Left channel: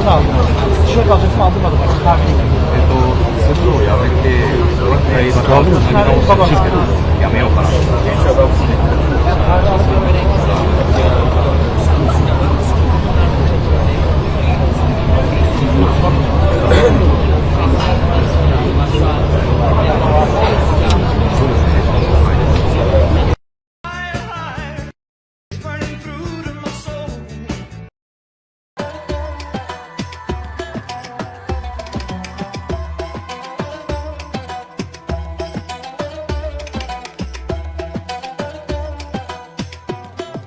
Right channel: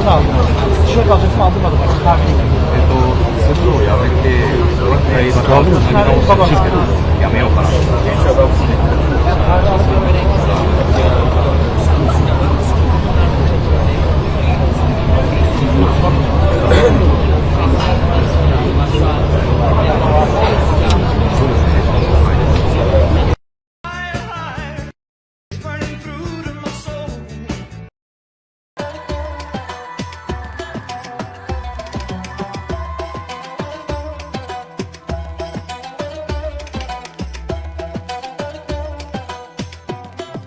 tişört aldım. Tişört alacaksın aldırmadım. Tahmin ettim. セブをやめて、もう一回また何直すんですけど、やめようかなと。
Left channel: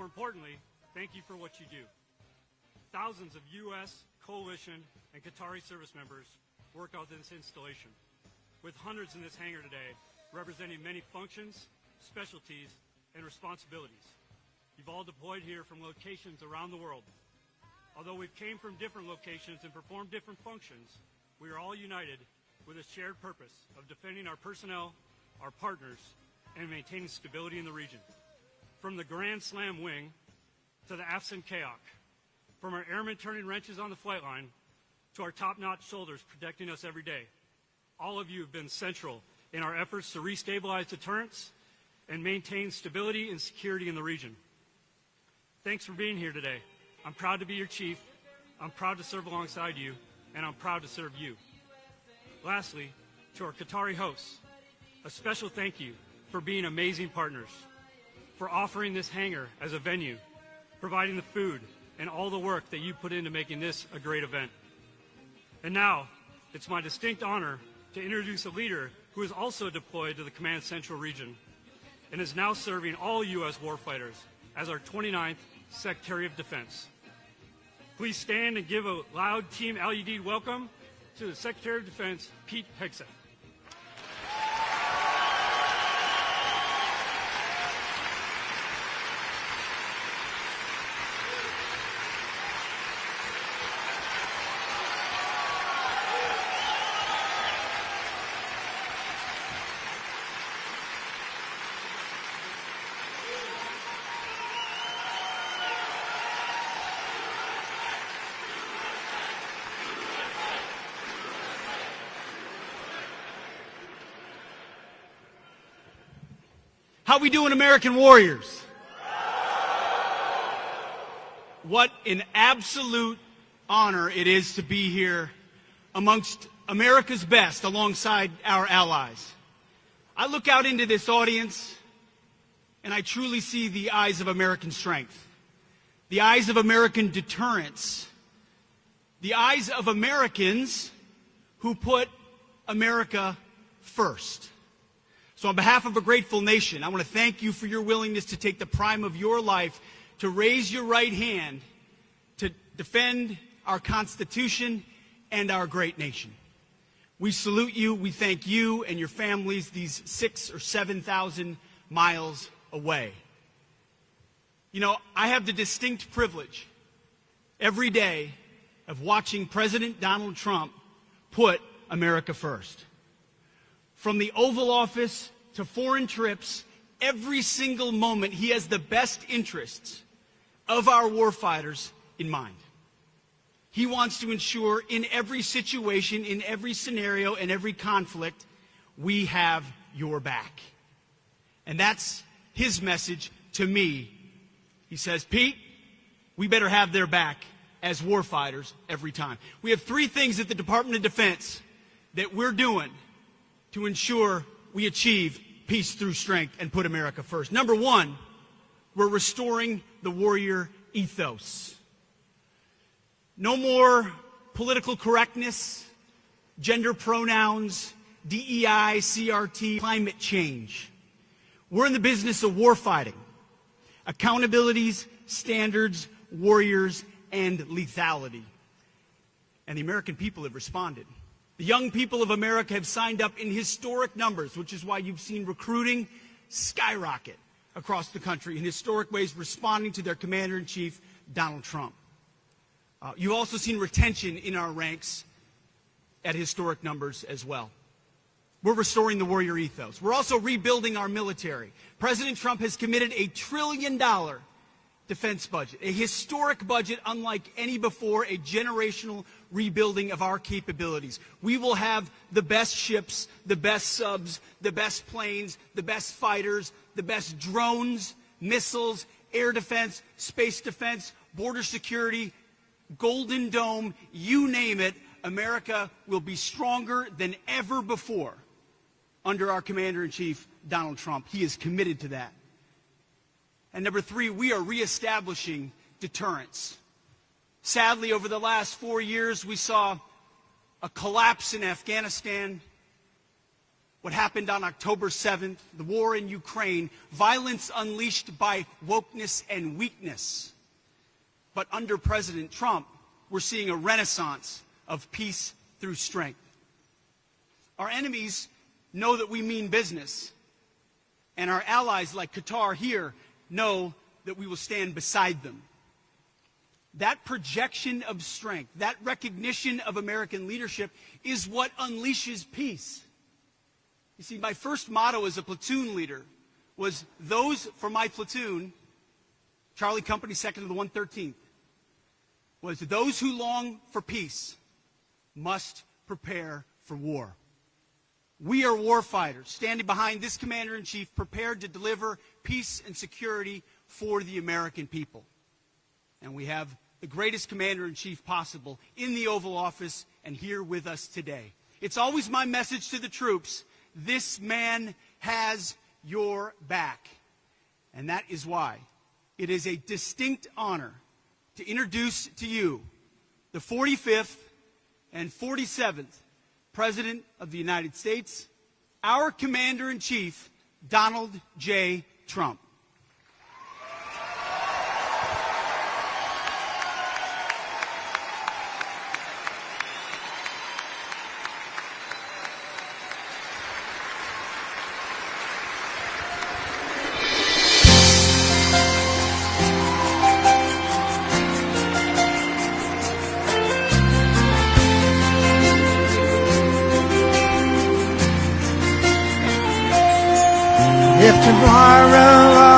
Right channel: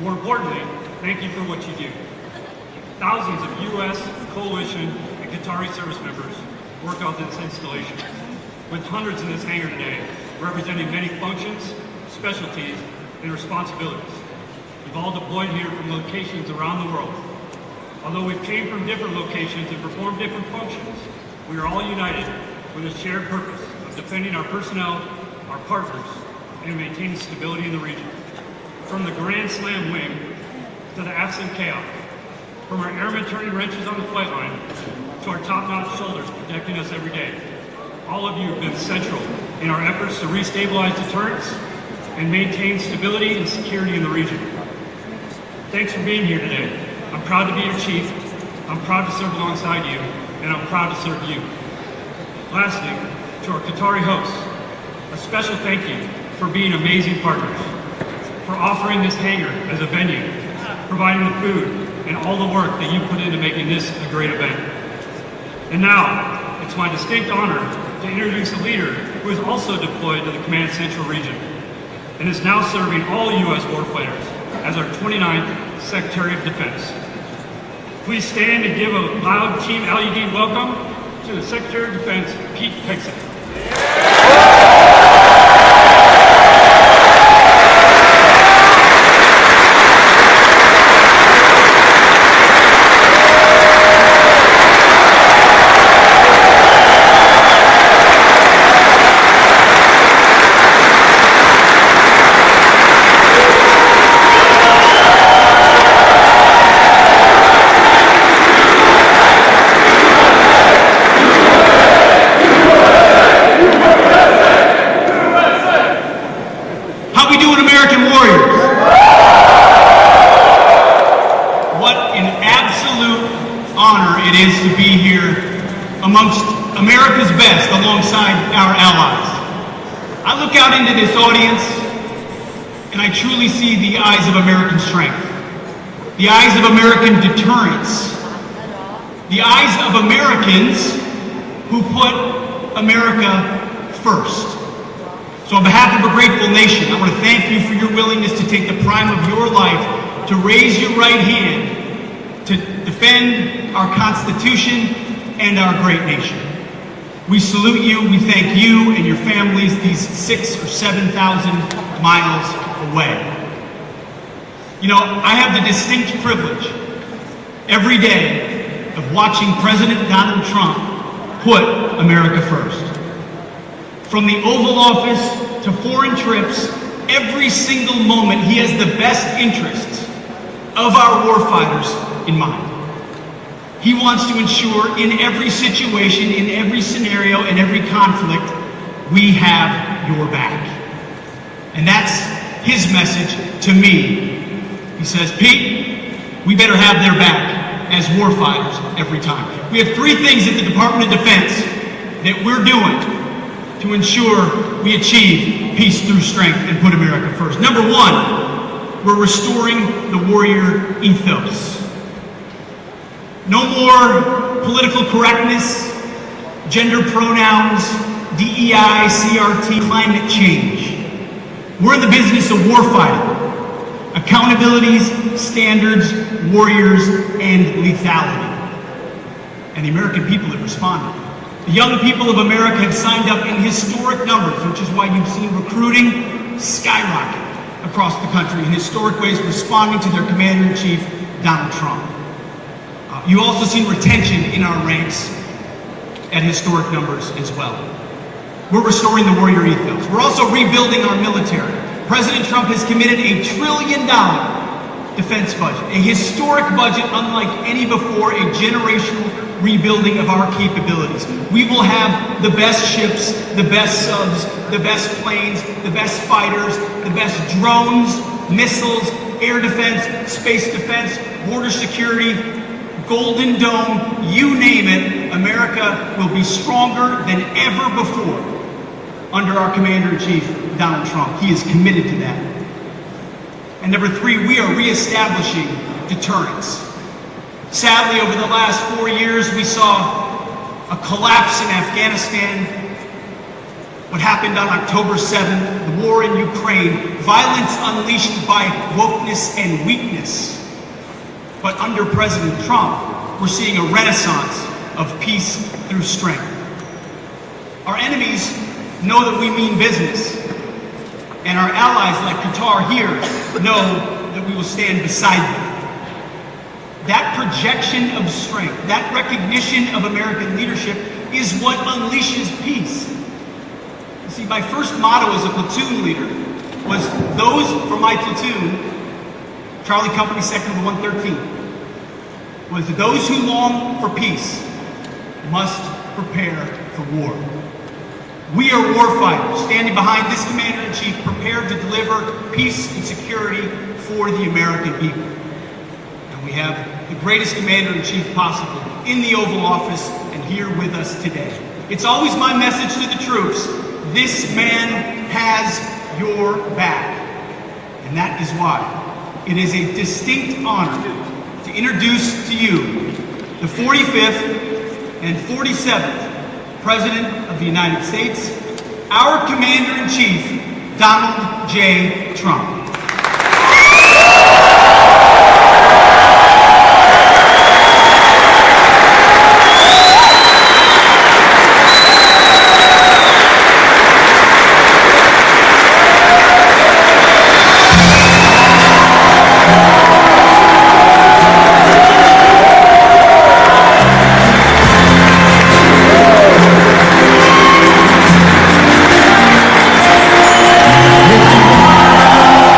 More importantly, thank you for what you do. Thousands of U.S., coalition, and Qatari service members work on this installation, with hundreds in this hangar today, representing many functions, specialties, and responsibilities. We've all deployed here from locations around the world. Although we've came from different locations and performed different functions, we are all united with a shared purpose of defending our personnel, our partners, and maintaining stability in the region. From the Grand Slam wing to the absent chaos, from our airmen turning wrenches on the flight line to our top-notch soldiers protecting us every day, all of you have been central in our efforts to restabilize deterrence and maintain stability and security in the region. Thanks for being here today. I'm proud to be your chief, I'm proud to serve alongside you, and I'm proud to serve you. Lastly, to our Qatari hosts, a special thank you for being amazing partners, for offering this hangar as a venue, providing the food, and all the work that you put into making this a great event. And now, it's my distinct honor to introduce a leader who is also deployed to the Command Central region and is now serving all U.S. warfighters as our 29th Secretary of Defense. Please stand and give a loud Team LED welcome to the Secretary of Defense, Pete Hegseth. We salute you, we thank you and your families these 6,000 or 7,000 miles away. You know, I have the distinct privilege every day of watching President Donald Trump put America first. From the Oval Office to foreign trips, every single moment he has the best interests of our warfighters in mind. He wants to ensure in every situation, in every scenario, in every conflict, we have your back. And that's his message to me. He says, Pete, we better have their back as warfighters every time. We have three things at the Department of Defense that we're doing to ensure we achieve peace through strength and put America first. Number one, we're restoring the warrior ethos. No more political correctness, gender pronouns, DEI, CRT, climate change. We're in the business of warfighting, accountabilities, standards, warriors, and lethality. And the American people have responded. The young people of America have signed up in historic numbers, which is why you've seen recruiting skyrocket across the country in historic ways, responding to their commander-in-chief, Donald Trump. You also see retention in our ranks at historic numbers as well. We're restoring the warrior ethos. We're also rebuilding our military. President Trump has committed $1 trillion defense budget, a historic budget unlike any before, a generational rebuilding of our capabilities. We will have the best ships, the best subs, the best planes, the best fighters, the best drones, missiles, air defense, space defense, border security, Golden Dome, you name it. America will be stronger than ever before under our Commander-in-Chief, Donald Trump. He is committed to that. And number three, we are reestablishing deterrence. Sadly, over the last 4 years, we saw a collapse in Afghanistan, what happened on October 7th, the war in Ukraine, violence unleashed by wokeness and weakness. But under President Trump, we're seeing a renaissance of peace through strength. Our enemies know that we mean business, and our allies like Qatar here know that we will stand beside them. That projection of strength, that recognition of American leadership is what unleashes peace. You see, my first motto as a platoon leader was those for my platoon, Charlie Company Sector 113, was those who long for peace must prepare for war. We are warfighters, standing behind this Commander-in-Chief, prepared to deliver peace and security for the American people. And we have the greatest Commander-in-Chief possible in the Oval Office and here with us today. It's always my message to the troops, this man has your back. And that is why it is a distinct honor to introduce to you the 45th and 47th President of the United States, our Commander-in-Chief, Donald J. Trump.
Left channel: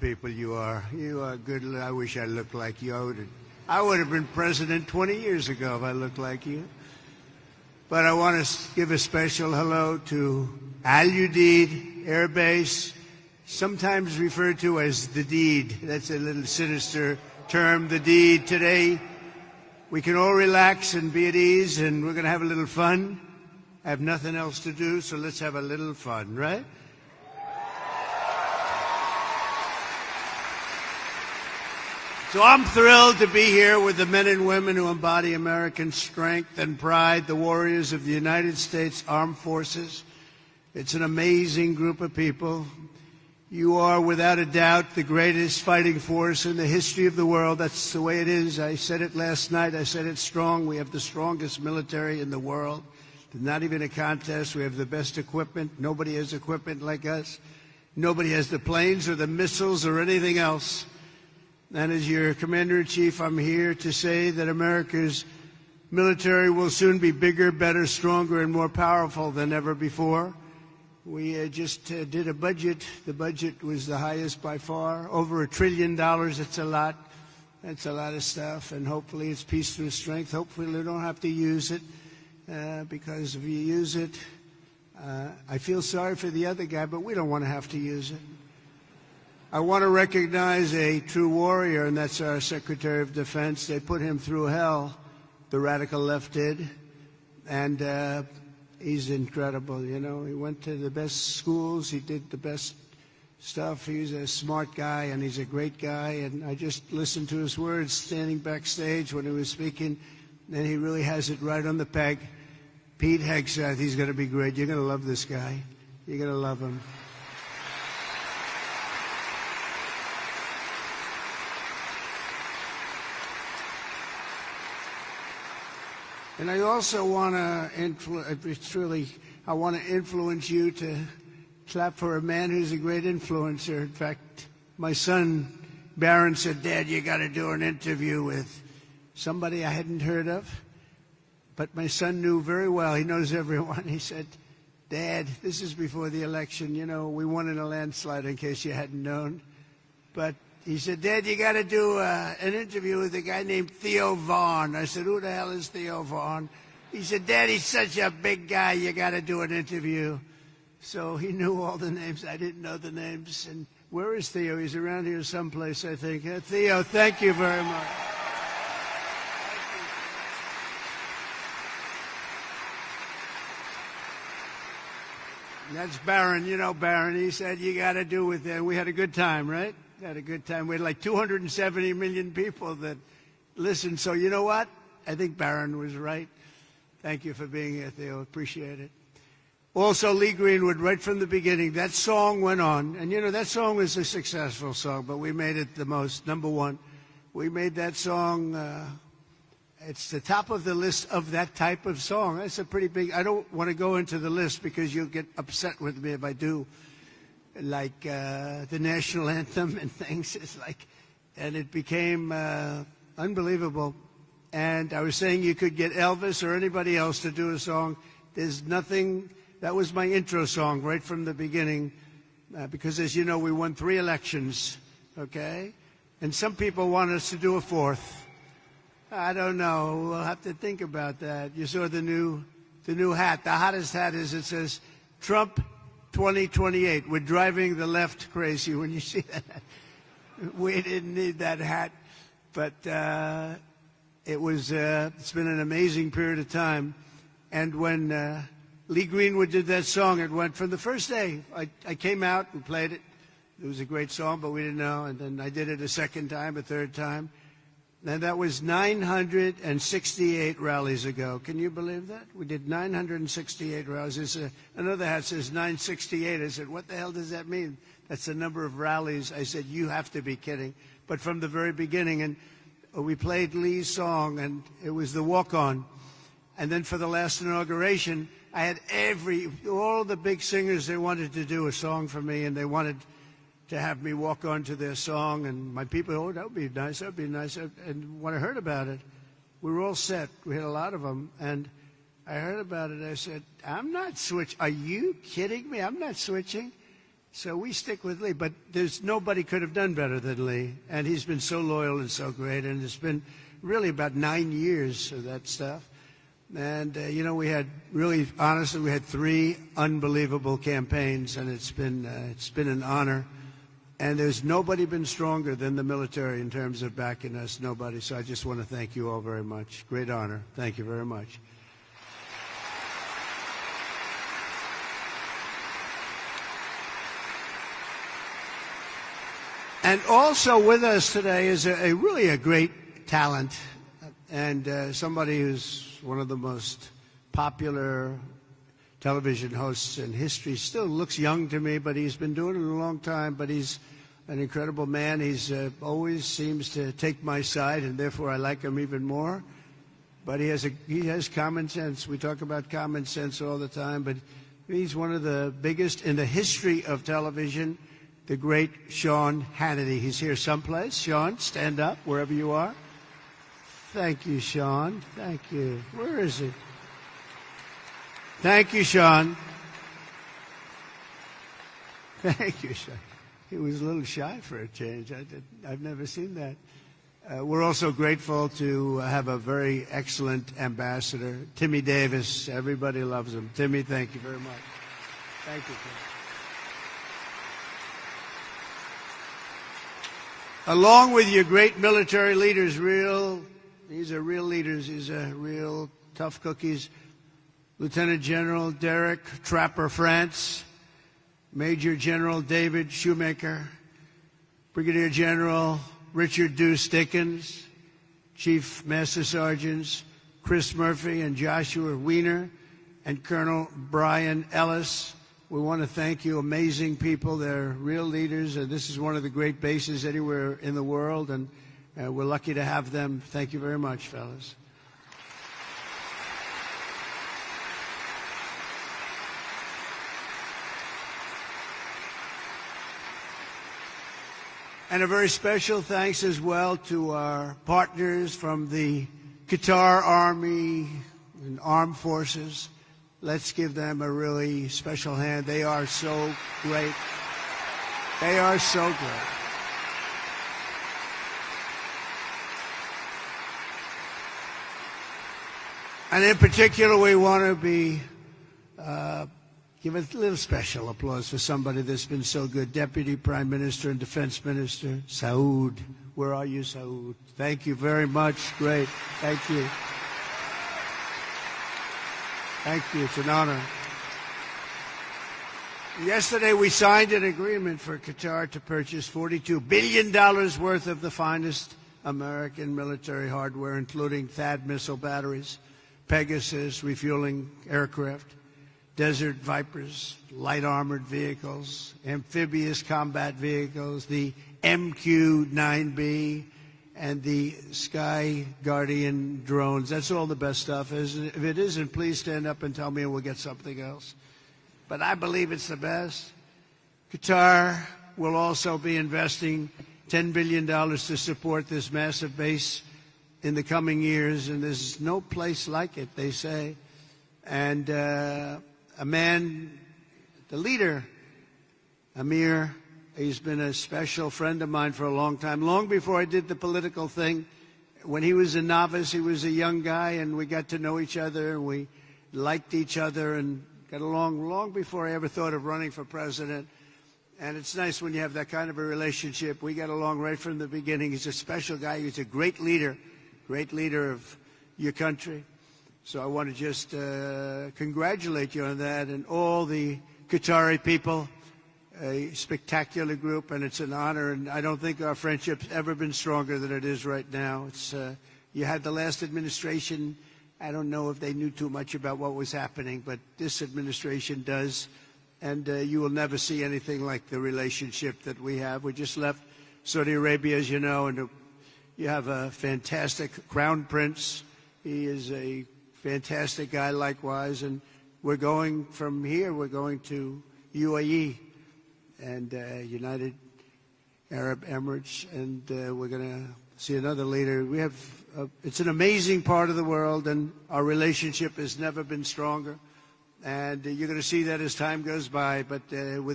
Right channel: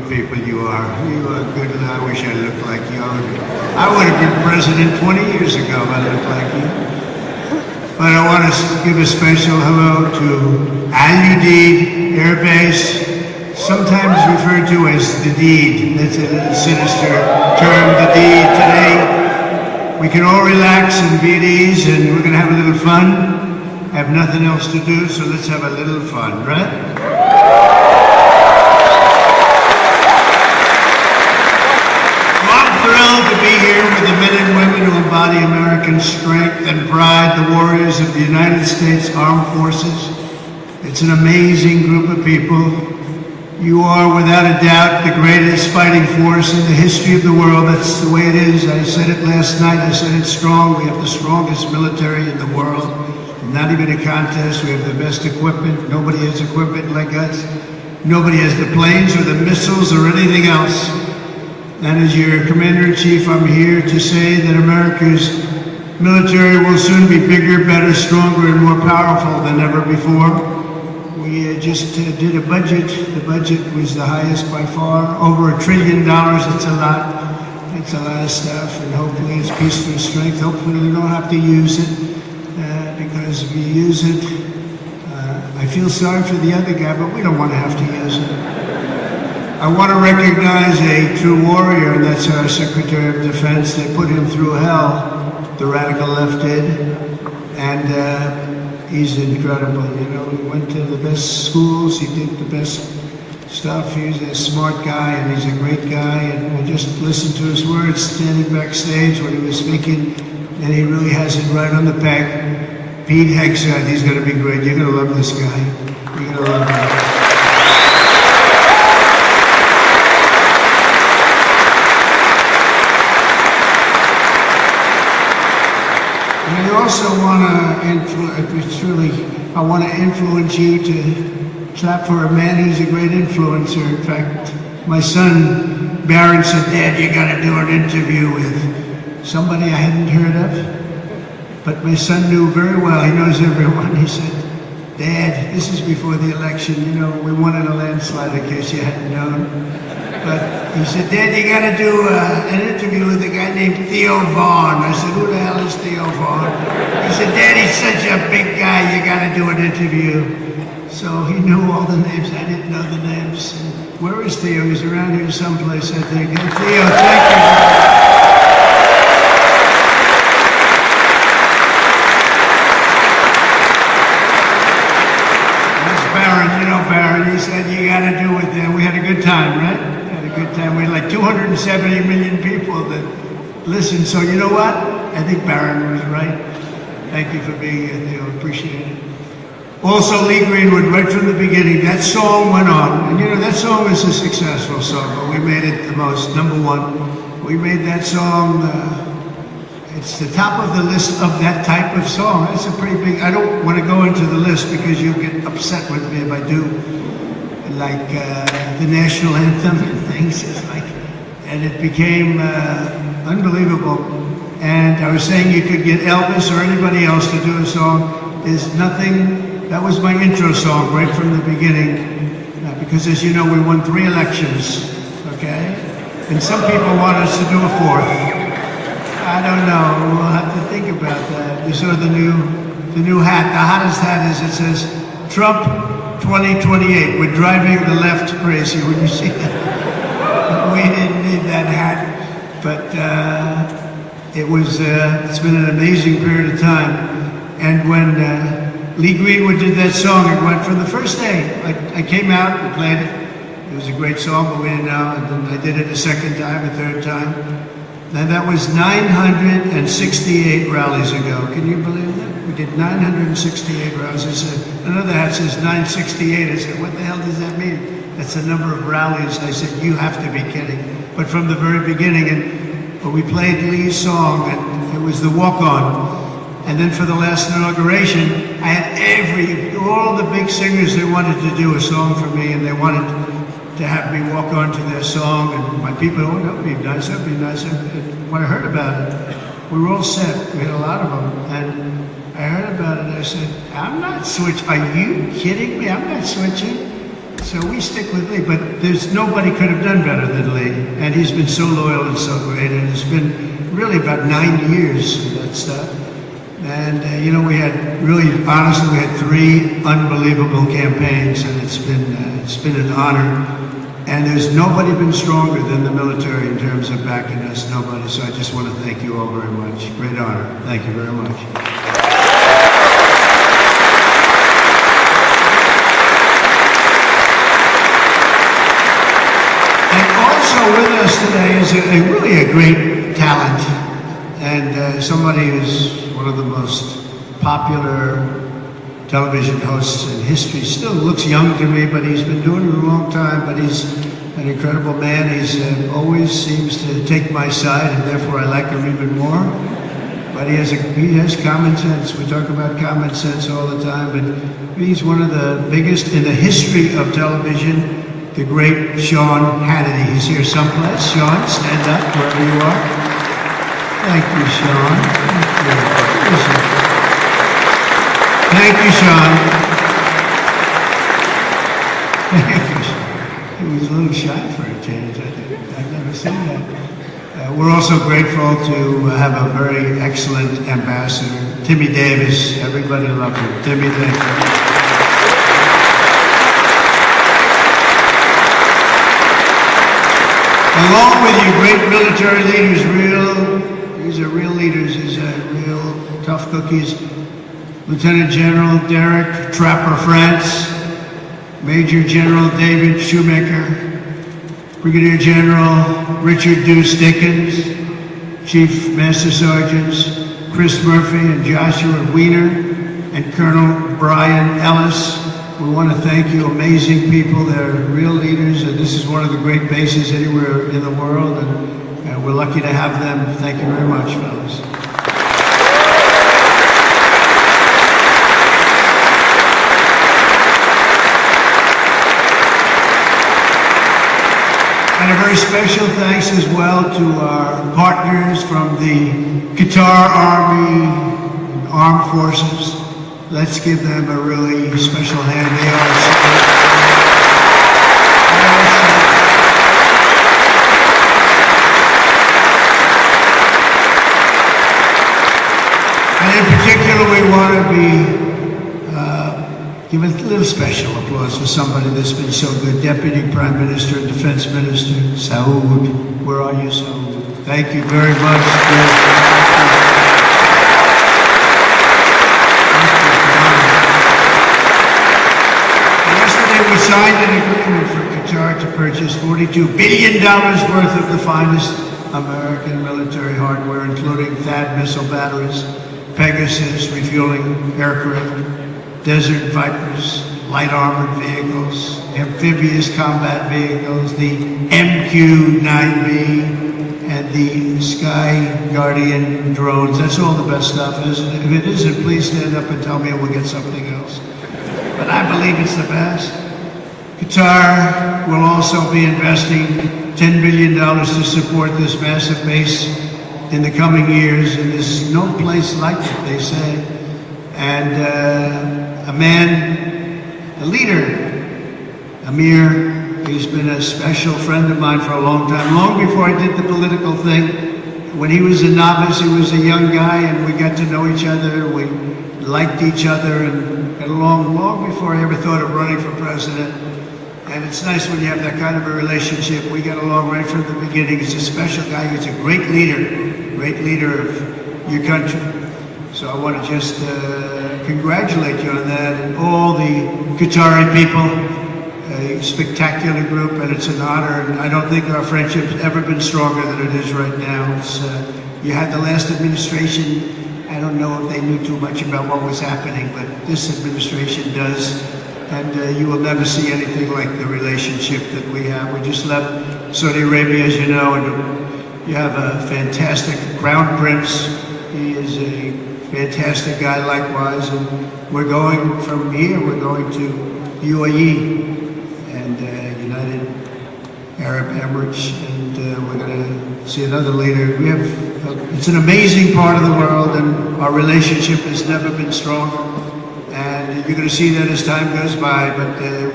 of people you are. You are good. I wish I looked like you. I would have been president 20 years ago if I looked like you. But I want to give a special hello to Udeid Air Base, sometimes referred to as the deed. That's a sinister term, the deed. Today, we can all relax and be at ease, and we're going to have a little fun. I have nothing else to do, so let's have a little fun, right? I'm thrilled to be here with the men and women who embody American strength and pride, the warriors of the United States Armed Forces. It's an amazing group of people. You are, without a doubt, the greatest fighting force in the history of the world. That's the way it is. I said it last night. I said it strong. We have the strongest military in the world. Not even a contest. We have the best equipment. Nobody has equipment like us. Nobody has the planes or the missiles or anything else. And as your Commander-in-Chief, I'm here to say that America's military will soon be bigger, better, stronger, and more powerful than ever before. We just did a budget. The budget was the highest by far, over $1 trillion. It's a lot. It's a lot of stuff, and hopefully it's peace through strength. Hopefully we don't have to use it, because we use it. I feel sorry for the other guy, but we don't want to have to use it. I want to recognize a true warrior, and that's our Secretary of Defense. They put him through hell, the radical left did, and he's incredible. You know, he went to the best schools, he did the best stuff. He's a smart guy, and he's a great guy, and we just listened to his words standing backstage when he was speaking, and he really has it right on the peg. Pete Hegseth, he's going to be great. You're going to love this guy. You're going to love him. And I also want to influence you to clap for a man who's a great influencer. In fact, my son, Barron, said, Dad, you got to do an interview with somebody I hadn't heard of. But my son knew very well, he knows everyone. He said, Dad, this is before the election, you know, we won in a landslide in case you hadn't known. But he said, Dad, you got to do an interview with a guy named Theo Vaughn. I said, who the hell is Theo Vaughn? He said, Dad, he's such a big guy, you got to do an interview. So he knew all the names, I didn't know the names. Where is Theo? He's around here someplace, I think. And Theo, thank you. He said, you got to do it there. We had a good time, right? We had a good time. We had like 270 million people that listened. So you know what? I think Barron was right. Thank you for being here, Theo. Appreciate it. Also, Lee Greenwood, right from the beginning, that song went on. And you know, that song was a successful song, but we made it the most, #1. We made that song, it's the top of the list of that type of song. That's a pretty big, I don't want to go into the list because you'll get upset with me if I do. Like the national anthem and things, and it became unbelievable. And I was saying you could get Elvis or anybody else to do a song. There's nothing, that was my intro song right from the beginning, because as you know, we won 3 elections, okay? And some people want us to do a 4th. I don't know, we'll have to think about that. You saw the new hat, the hottest hat is, it says, Trump 2028. We're driving the left crazy when you see that. We didn't need that hat, but it's been an amazing period of time. And when Lee Greenwood did that song, it went from the first day. I came out and played it. It was a great song, but we didn't know. And then I did it a second time, a third time. And that was 968 rallies ago. Can you believe that? We did 968 rallies. I said, another hat says 968. I said, what the hell does that mean? That's the number of rallies. I said, you have to be kidding. But from the very beginning, and when we played Lee's song, and it was the walk-on. And then for the last inauguration, I had all the big singers, they wanted to do a song for me, and they wanted to have me walk on to their song. And my people, oh, that would be nice, that would be nice. And when I heard about it, we were all set. We had a lot of them. And I heard about it, and I said, I'm not switching. Are you kidding me? I'm not switching. So we stick with Lee, but nobody could have done better than Lee. And he's been so loyal and so great, and it's been really about 9 years of that stuff. And, you know, we had honestly, we had 3 unbelievable campaigns, and it's been an honor. And there's nobody been stronger than the military in terms of backing us, nobody. So I just want to thank you all very much. Great honor. Thank you very much. And also with us today is really a great talent, and somebody who's one of the most popular television hosts in history. Still looks young to me, but he's been doing it a long time, but he's an incredible man. He's always seems to take my side, and therefore I like him even more. But he has common sense. We talk about common sense all the time, but he's one of the biggest in the history of television. The great Sean Hannity. He's here someplace. Sean, stand up wherever you are. Thank you, Sean. Thank you, Sean. Thank you, Sean. He was a little shy for a change, I think. I've never seen that. We're also grateful to have a very excellent ambassador, Timmy Davis. Everybody loves him. Timmy, thank you. Along with you great military leaders, these are real leaders, these are real tough cookies. Lieutenant General Derek Trapper France, Major General David Shoemaker, Brigadier General Richard Deuce Dickens, Chief Master Sergeants Chris Murphy and Joshua Wiener, and Colonel Brian Ellis. We want to thank you, amazing people. They're real leaders, and this is one of the great bases anywhere in the world, and we're lucky to have them. Thank you very much, fellas. And a very special thanks as well to our partners from the Qatar Army, Armed Forces. Let's give them a really special hand. They are and in particular, we want to give a little special applause to somebody that's been so good. Deputy Prime Minister and Defense Minister, Saud. Where are you, Saud? Thank you very much. We signed an agreement for Qatar to purchase $42 billion worth of the finest American military hardware, including THAAD missile batteries, Pegasus refueling aircraft, Desert Vipers, light armored vehicles, amphibious combat vehicles, the MQ-9B, and the Sky Guardian drones. That's all the best stuff. If it isn't, please stand up and tell me we'll get something else. But I believe it's the best. Qatar will also be investing $10 billion to support this massive base in the coming years, and there's no place like it, they say. And a leader, Amir, he's been a special friend of mine for a long time, long before I did the political thing. When he was a novice, he was a young guy, and we got to know each other, we liked each other, and got along long before I ever thought of running for president. And it's nice when you have that kind of a relationship. We got along right from the beginning. He's a special guy. He's a great leader of your country. So I want to just congratulate you on that, and all the Qatari people, a spectacular group, and it's an honor. And I don't think our friendship has ever been stronger than it is right now. You had the last administration. I don't know if they knew too much about what was happening, but this administration does. And you will never see anything like the relationship that we have. We just left Saudi Arabia, as you know, and we have a fantastic Crown Prince. He is a fantastic guy likewise. And we're going from here, we're going to UAE and United Arab Emirates, and we're going to see another leader. It's an amazing part of the world, and our relationship has never been stronger. And you're going to see that as time goes by, but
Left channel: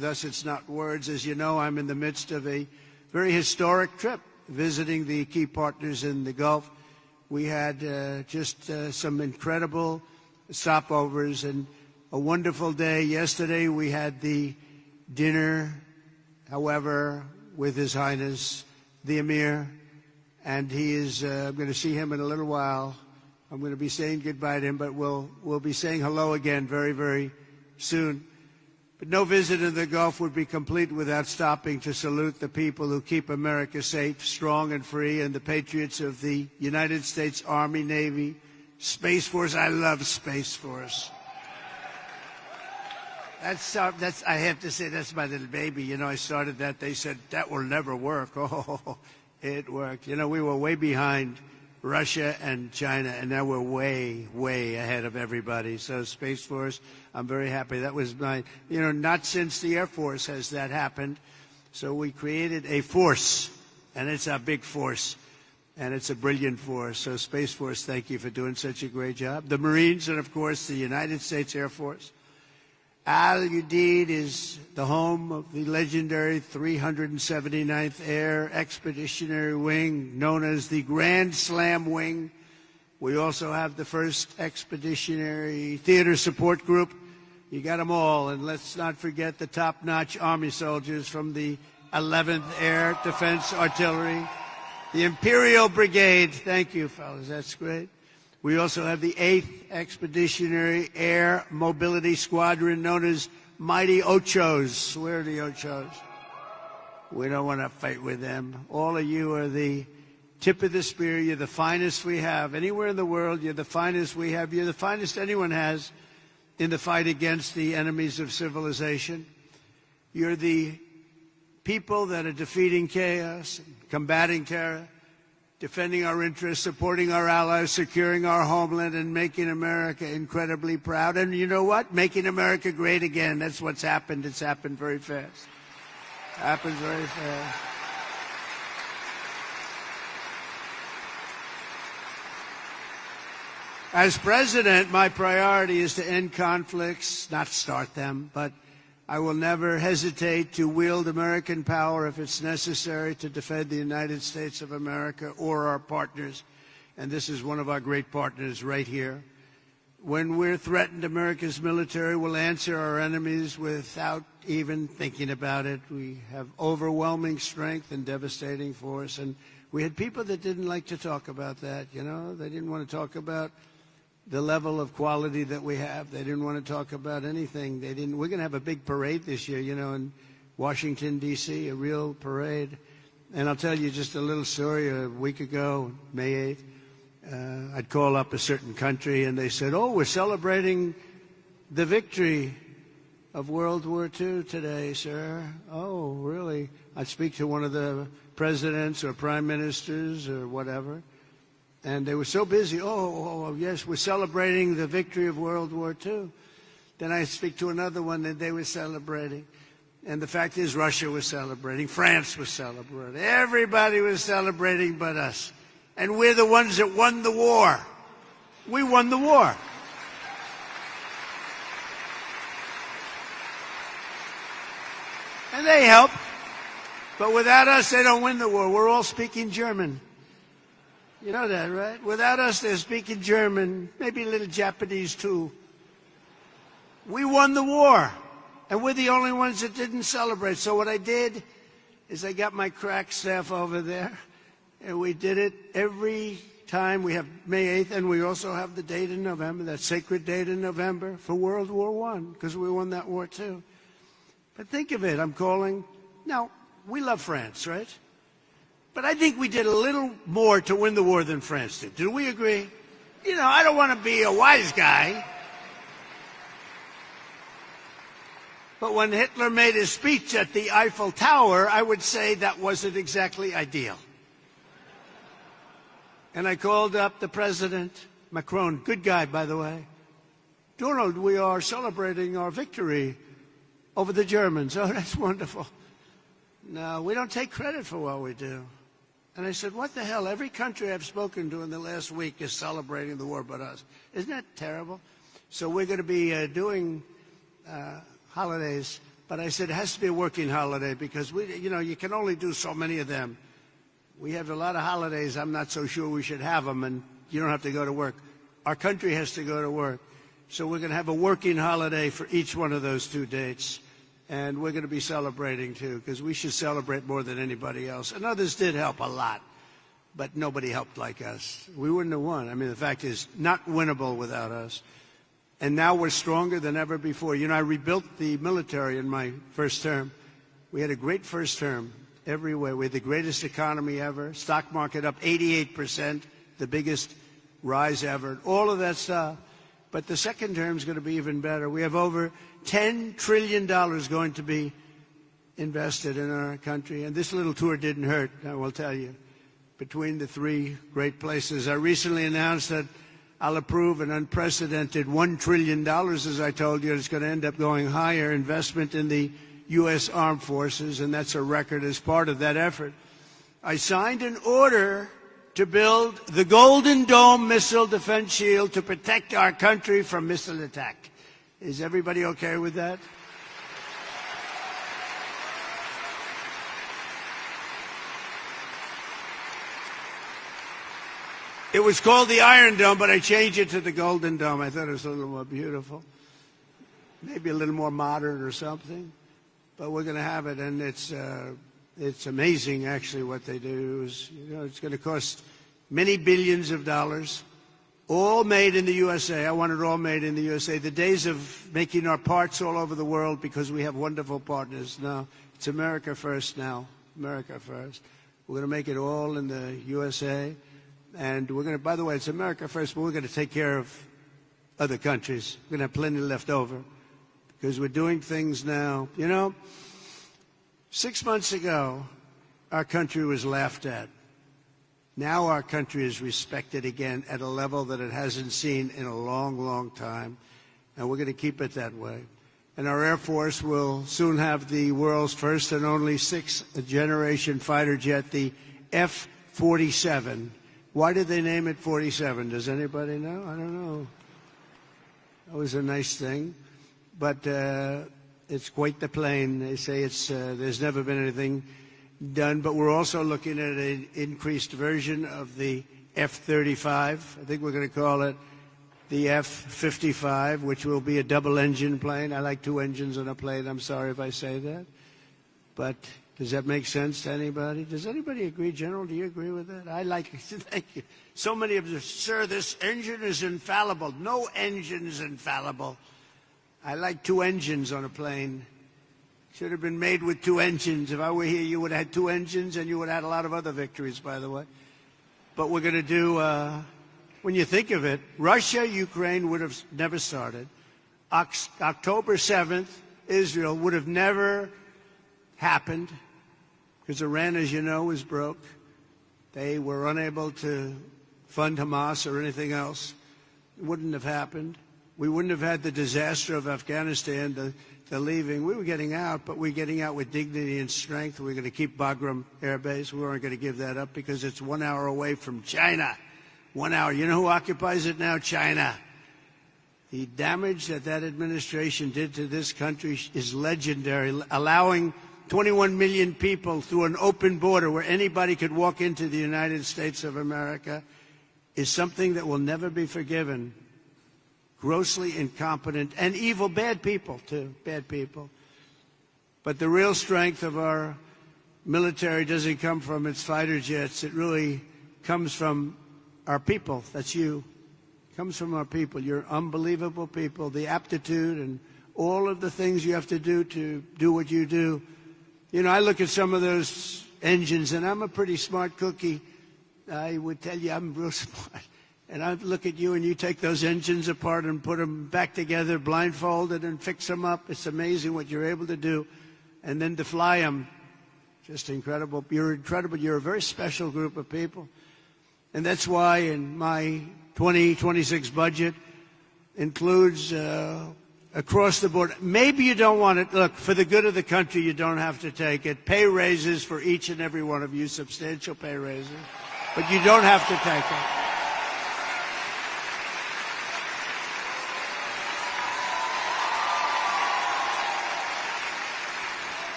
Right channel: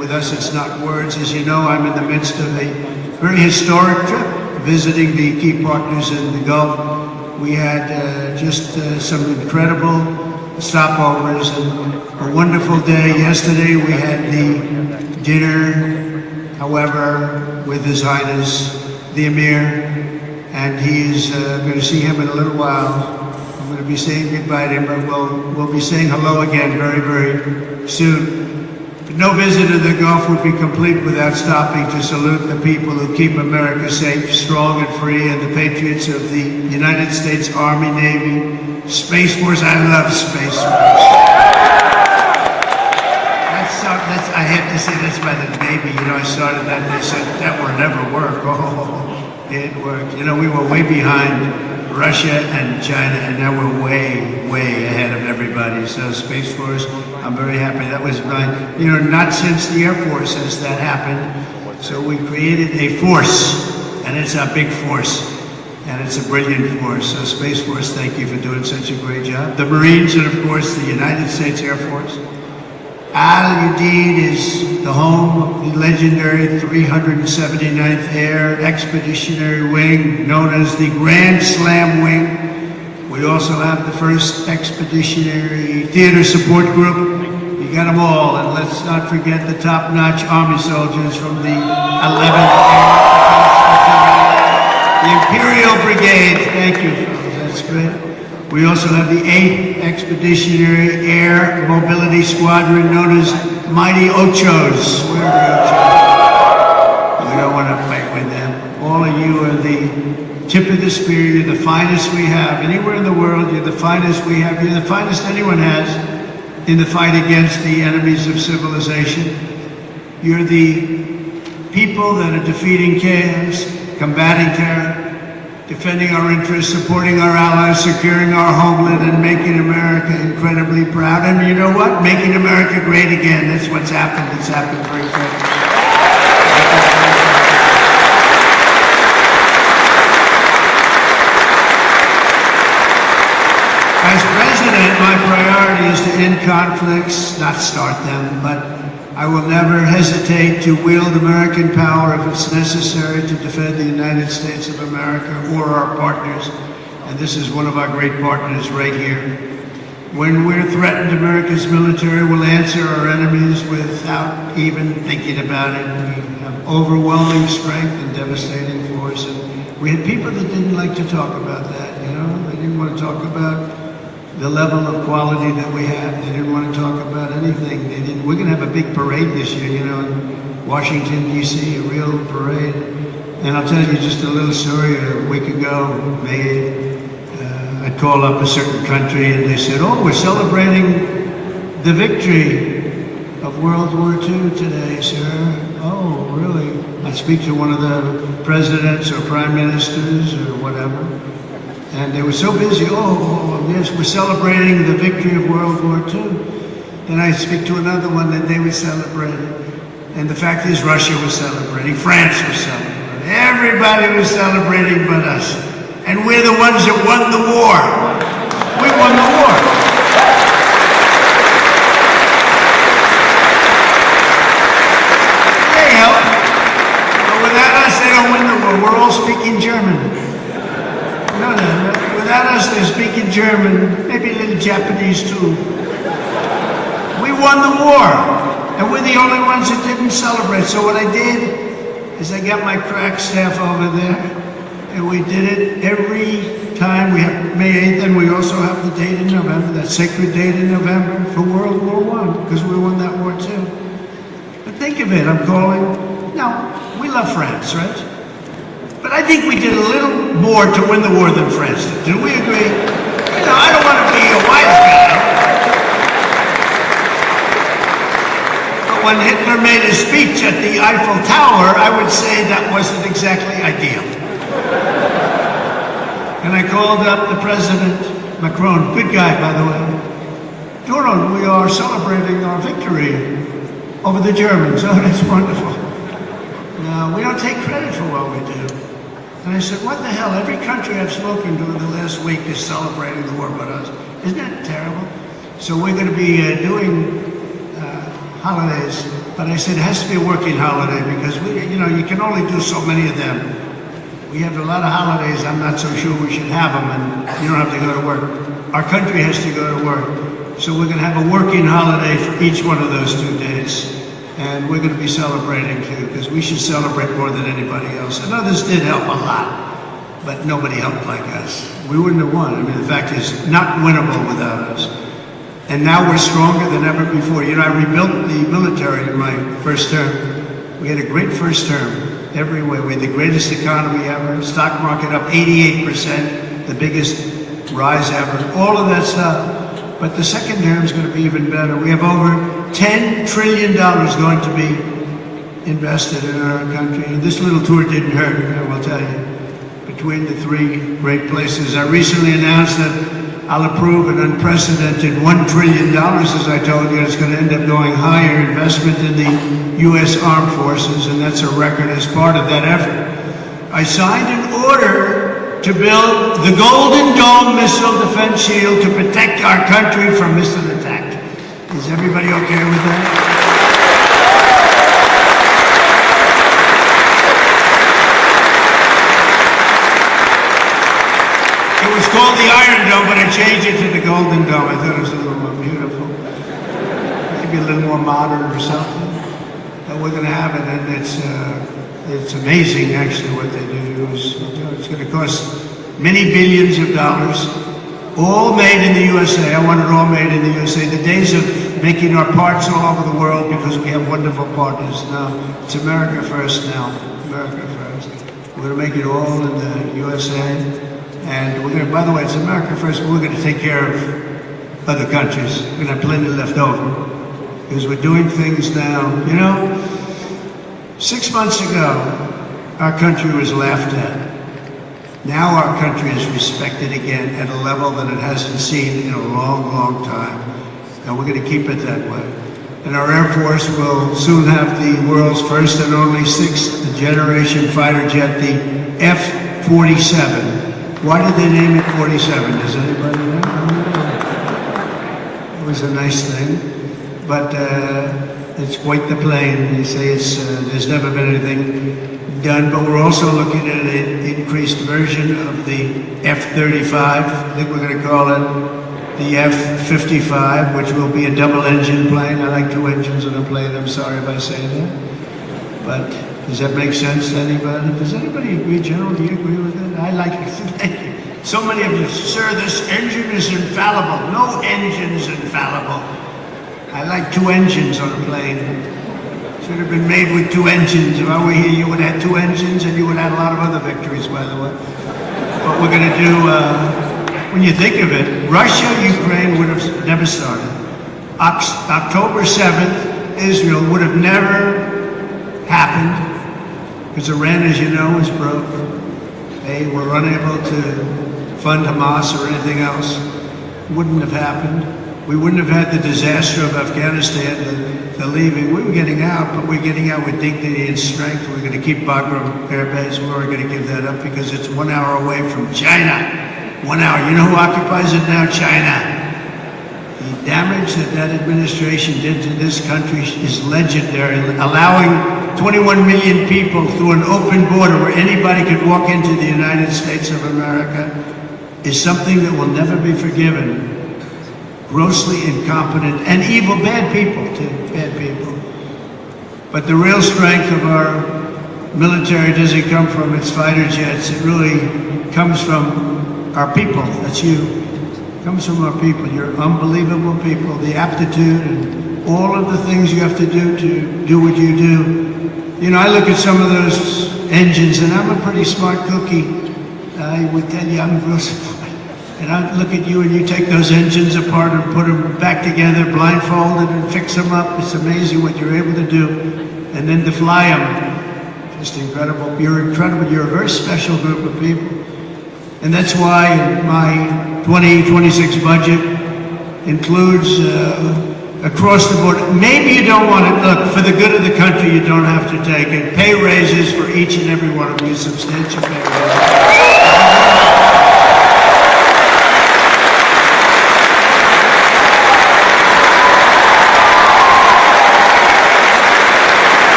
with us. It's not words. As you know, I'm in the midst of a very historic trip, visiting the key partners in the Gulf. We had just some incredible stopovers and a wonderful day. Yesterday we had the dinner, however, with His Highness the Emir, and he's going to see him in a little while. I'm going to be saying goodbye to him, but we'll be saying hello again very, very soon. No visit to the Gulf would be complete without stopping to salute the people who keep America safe, strong, and free, and the patriots of the United States Army, Navy, Space Force. I love Space Force. I have to say that's by the Navy. You know, I started that and they said that will never work. Oh, it worked. You know, we were way behind Russia and China, and now we're way, way ahead of everybody. So Space Force, I'm very happy. That was not since the Air Force has that happened. So we created a force, and it's a big force, and it's a brilliant force. So Space Force, thank you for doing such a great job. The Marines, and of course the United States Air Force. Udeid is the home of the legendary 379th Air Expeditionary Wing, known as the Grand Slam Wing. We also have the 1st Expeditionary Theater Support Group. You got them all, and let's not forget the top-notch Army soldiers from the 11th Air. The Imperial Brigade, thank you, that's great. We also have the 8th Expeditionary Air Mobility Squadron, known as Mighty Ochos. Where are the Ochos? We don't want to fight with them. All of you are the tip of the spear. You're the finest we have. Anywhere in the world, you're the finest we have. You're the finest anyone has in the fight against the enemies of civilization. You're the people that are defeating chaos, combating terror, defending our interests, supporting our allies, securing our homeland, and making America incredibly proud. And you know what? Making America great again. That's what's happened. It's happened very quickly. As president, my priority is to end conflicts, not start them, but I will never hesitate to wield American power if it's necessary to defend the United States of America or our partners. And this is one of our great partners right here. When we're threatened, America's military will answer our enemies without even thinking about it. We have overwhelming strength and devastating force. And we had people that didn't like to talk about that, you know? They didn't want to talk about the level of quality that we have. They didn't want to talk about anything. We're going to have a big parade this year, you know, in Washington, D.C., a real parade. And I'll tell you just a little story. A week ago, I called up a certain country and they said, oh, we're celebrating the victory of World War II today, sir. Oh, really? I speak to one of the presidents or prime ministers or whatever. And they were so busy, yes, we're celebrating the victory of World War II. Then I speak to another one that they were celebrating. And the fact is, Russia was celebrating, France was celebrating. Everybody was celebrating but us. And we're the ones that won the war. We won the war. They helped. But without us, they don't win the war. We're all speaking German. No. Without us, they're speaking German, maybe a little Japanese too. We won the war, and we're the only ones that didn't celebrate. So what I did is I got my crack staff over there, and we did it every time. We have May 8th, and we also have the date in November, that sacred date in November for World War I, because we won that war too. But think of it, I'm calling, we love France, right? But I think we did a little more to win the war than France did. Do we agree? I don't want to be a wise guy. But when Hitler made his speech at the Eiffel Tower, I would say that wasn't exactly ideal. And I called up the President, Macron, good guy, by the way. No, we are celebrating our victory over the Germans. Oh, that's wonderful. We don't take credit for what we do. And I said, what the hell? Every country I've spoken to in the last week is celebrating the war with us. Isn't that terrible? So we're going to be doing holidays But I said it has to be a working holiday because you can only do so many of them. We have a lot of holidays. I'm not so sure we should have them, and you don't have to go to work. Our country has to go to work, so we're going to have a working holiday for each one of those 2 days, and we're going to be celebrating too because we should celebrate more than anybody else. And others did help a lot, but nobody helped like us. We wouldn't have won. I mean, the fact is, not winnable without us. And now we're stronger than ever before. I rebuilt the military in my first term. We had a great first term every way. We had the greatest economy ever, stock market up 88%, the biggest rise ever, all of that stuff. But the second term is going to be even better. We have over $10 trillion going to be invested in our country. And this little tour didn't hurt, I will tell you. Between the 3 great places, I recently announced that I'll approve an unprecedented $1 trillion, as I told you. It's going to end up going higher investment in the U.S. Armed Forces, and that's a record as part of that effort. I signed an order to build the Golden Dome missile defense shield to protect our country from missile attack. Is everybody okay with that? Called the Iron Dome, but I changed it to the Golden Dome. I thought it was a little more beautiful. Maybe a little more modern or something. But we're going to have it, and it's amazing actually what they do. It's going to cost many billions of dollars, all made in the USA. I want it all made in the USA. The days of making our parts all over the world because we have wonderful partners. Now, it's America first now. America first. We're going to make it all in the USA. And we're going to, by the way, it's America first, but we're going to take care of other countries. We're going to have plenty left over. Because we're doing things now. 6 months ago, our country was laughed at. Now our country is respected again at a level that it hasn't seen in a long, long time. And we're going to keep it that way. And our Air Force will soon have the world's first and only 6th generation fighter jet, the F-47. Why did they name it 47? Does anybody know? It was a nice thing, but it's quite the plane. They say there's never been anything done, but we're also looking at an increased version of the F-35. I think we're going to call it the F-55, which will be a double-engine plane. I like 2 engines on a plane. I'm sorry if I say that, but does that make sense to anybody? Does anybody agree, General? Do you agree with that? I like it. Thank you. So many of you, sir, this engine is infallible. No engine is infallible. I like 2 engines on a plane. Should have been made with 2 engines. If I were here, you would have 2 engines, and you would have a lot of other victories, by the way. What we're going to do, when you think of it, Russia, Ukraine would have never started. October 7th, Israel would have never happened. Because Iran, as you know, is broke. They were unable to fund Hamas or anything else. It wouldn't have happened. We wouldn't have had the disaster of Afghanistan, the leaving. We were getting out, but we're getting out with dignity and strength. We're going to keep Bagram Air Base. We're going to give that up because it's 1 hour away from China. 1 hour. You know who occupies it now? China. The damage that administration did to this country is legendary, allowing 21 million people through an open border where anybody could walk into the United States of America is something that will never be forgiven. Grossly incompetent and evil, bad people too, bad people. But the real strength of our military doesn't come from its fighter jets. It really comes from our people. That's you. It comes from our people. You're unbelievable people. The aptitude and all of the things you have to do what you do. I look at some of those engines, and I'm a pretty smart cookie. I would tell you I'm real smart. And I look at you, and you take those engines apart and put them back together, blindfolded, and fix them up. It's amazing what you're able to do. And then to fly them, just incredible. You're incredible. You're a very special group of people. And that's why my 2026 budget includes across the board. Maybe you don't want to, look, for the good of the country, you don't have to take it. Pay raises for each and every one of you, substantial pay raises.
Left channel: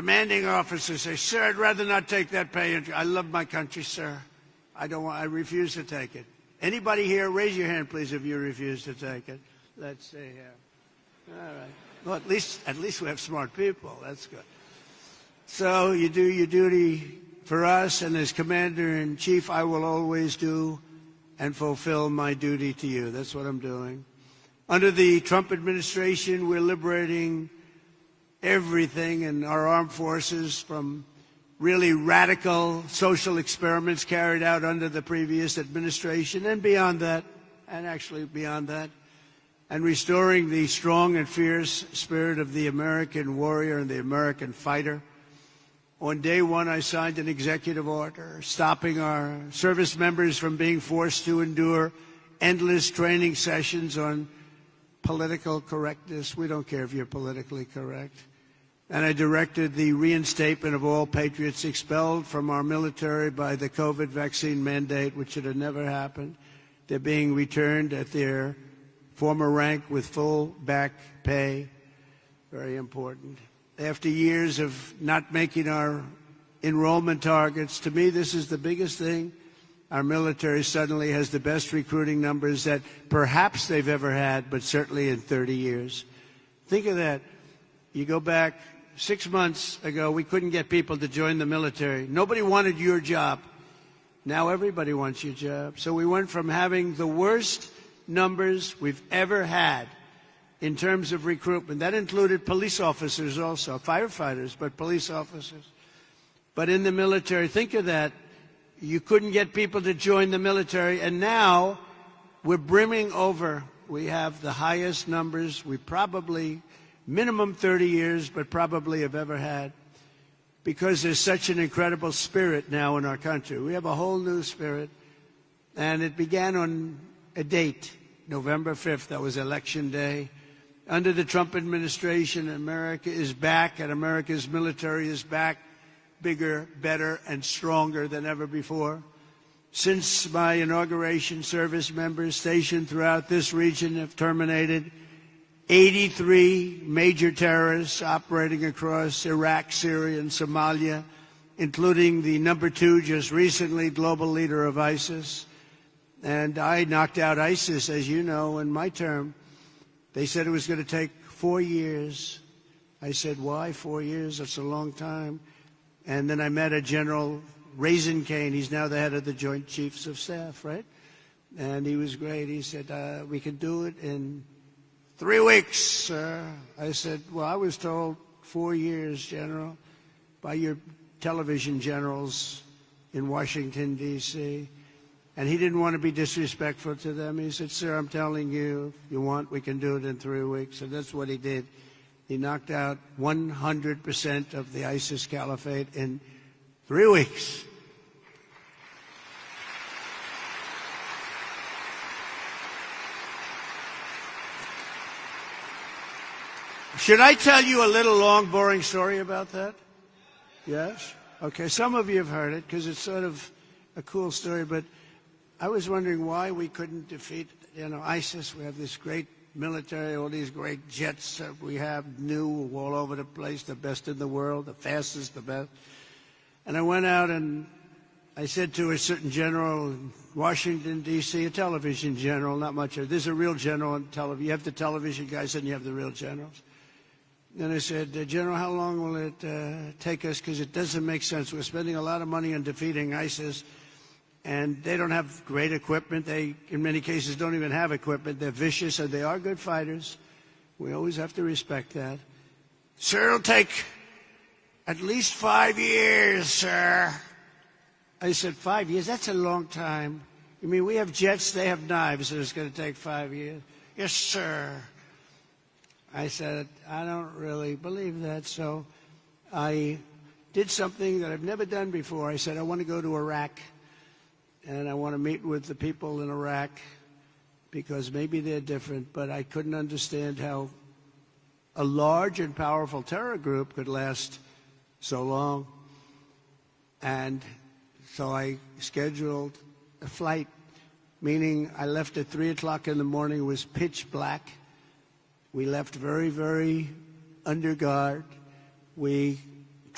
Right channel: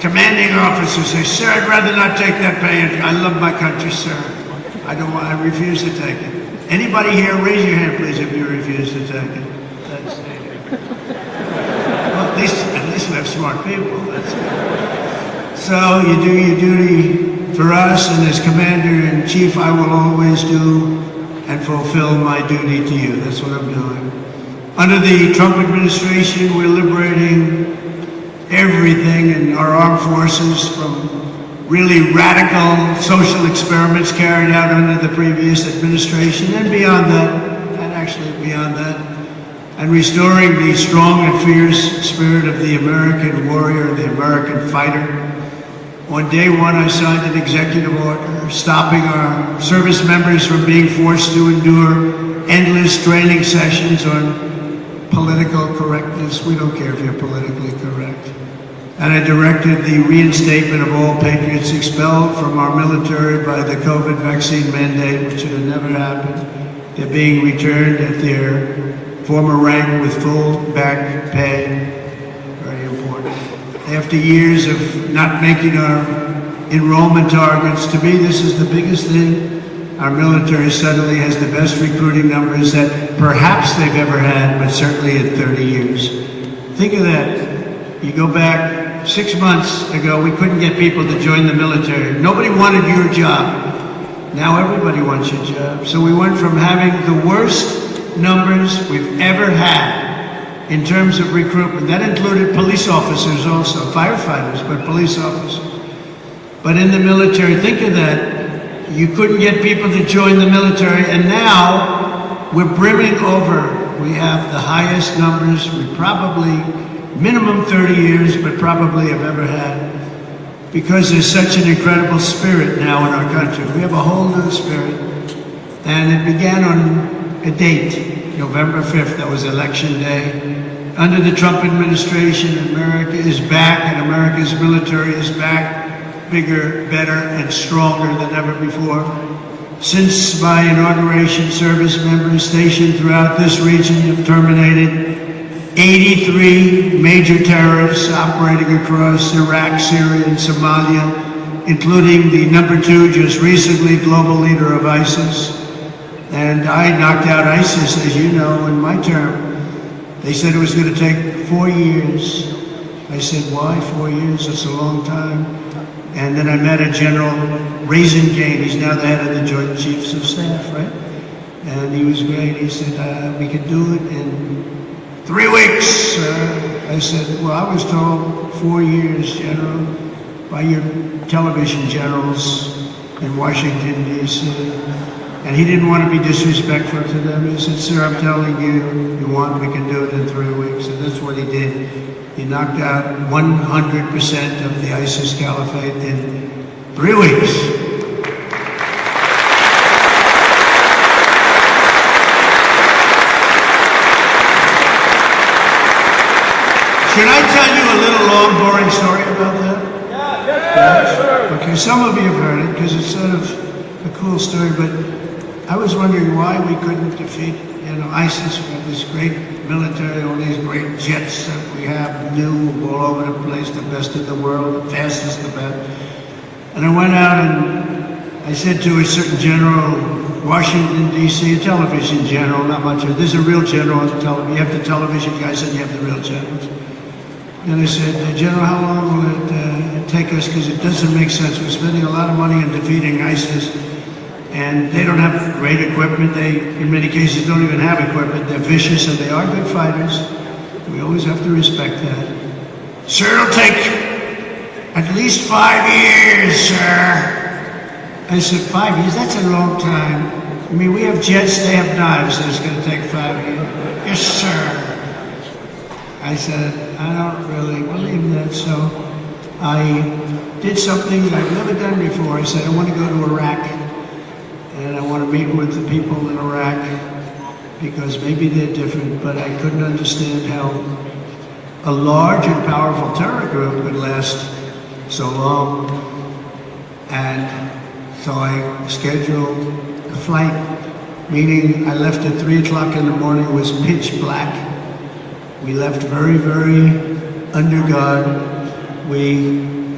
commanding officer says, sir, I'd rather not take that pay. I love my country, sir. I don't want to refuse to take it. Anybody here, raise your hand, please, if you refuse to take it. Well, at least we have smart people. So you do your duty for us, and as Commander-in-Chief, I will always do and fulfill my duty to you. That's what I'm doing. Under the Trump administration, we're liberating everything in our armed forces from really radical social experiments carried out under the previous administration and beyond that, and actually beyond that, and restoring the strong and fierce spirit of the American warrior, the American fighter. On day one, I signed an executive order stopping our service members from being forced to endure endless training sessions on political correctness. We don't care if you're politically correct. And I directed the reinstatement of all patriots expelled from our military by the COVID vaccine mandate, which should have never happened. They're being returned at their former rank with full back pay. Very important. After years of not making our enrollment targets, to me this is the biggest thing. Our military suddenly has the best recruiting numbers that perhaps they've ever had, but certainly in 30 years. Think of that. You go back 6 months ago, we couldn't get people to join the military. Nobody wanted your job. Now everybody wants your job. So we went from having the worst numbers we've ever had in terms of recruitment. That included police officers also, firefighters, but police officers. But in the military, think of that. You couldn't get people to join the military, and now we're brimming over. We have the highest numbers we probably minimum 30 years, but probably have ever had, because there's such an incredible spirit now in our country. We have a whole new spirit, and it began on a date, November 5th, that was election day. Under the Trump administration, America is back, and America's military is back, bigger, better, and stronger than ever before. Since my inauguration, service members stationed throughout this region have terminated 83 major terrorists operating across Iraq, Syria, and Somalia, including the #2, just recently, global leader of ISIS. And I knocked out ISIS, as you know, in my term. They said it was going to take 4 years. I said, why 4 years? It's a long time. And then I met a General Raisingane. He's now the head of the Joint Chiefs of Staff, right? And he was great. He said, we could do it in 3 weeks. I said, well, I was told 4 years, General, by your television generals in Washington, D.C. And he didn't want to be disrespectful to them. He said, sir, I'm telling you, you want, we can do it in 3 weeks. And that's what he did. He knocked out 100% of the ISIS caliphate in 3 weeks. Can I tell you a little long, boring story about that? Yeah, sure. Okay, some of you have heard it because it's sort of a cool story, but I was wondering why we couldn't defeat, ISIS with this great military, all these great jets that we have, new all over the place, the best in the world, the fastest, the best. And I went out and I said to a certain general, Washington, D.C., a television general, not much of it. There's a real general on the television. You have the television guys and you have the real generals. And I said, General, how long will it take us? Because it doesn't make sense. We're spending a lot of money on defeating ISIS, and they don't have great equipment. They, in many cases, don't even have equipment. They're vicious, and they are good fighters. We always have to respect that. Sir, it'll take at least 5 years, sir. I said, 5 years? That's a long time. I mean, we have jets, they have knives, and it's going to take 5 years. Yes, sir. I said, I don't really believe that, so I did something that I've never done before. I said, I want to go to Iraq, and I want to meet with the people in Iraq, because maybe they're different, but I couldn't understand how a large and powerful terror group could last so long. And so I scheduled a flight, meaning I left at 3 o'clock in the morning. It was pitch black. We left very, very under guard. We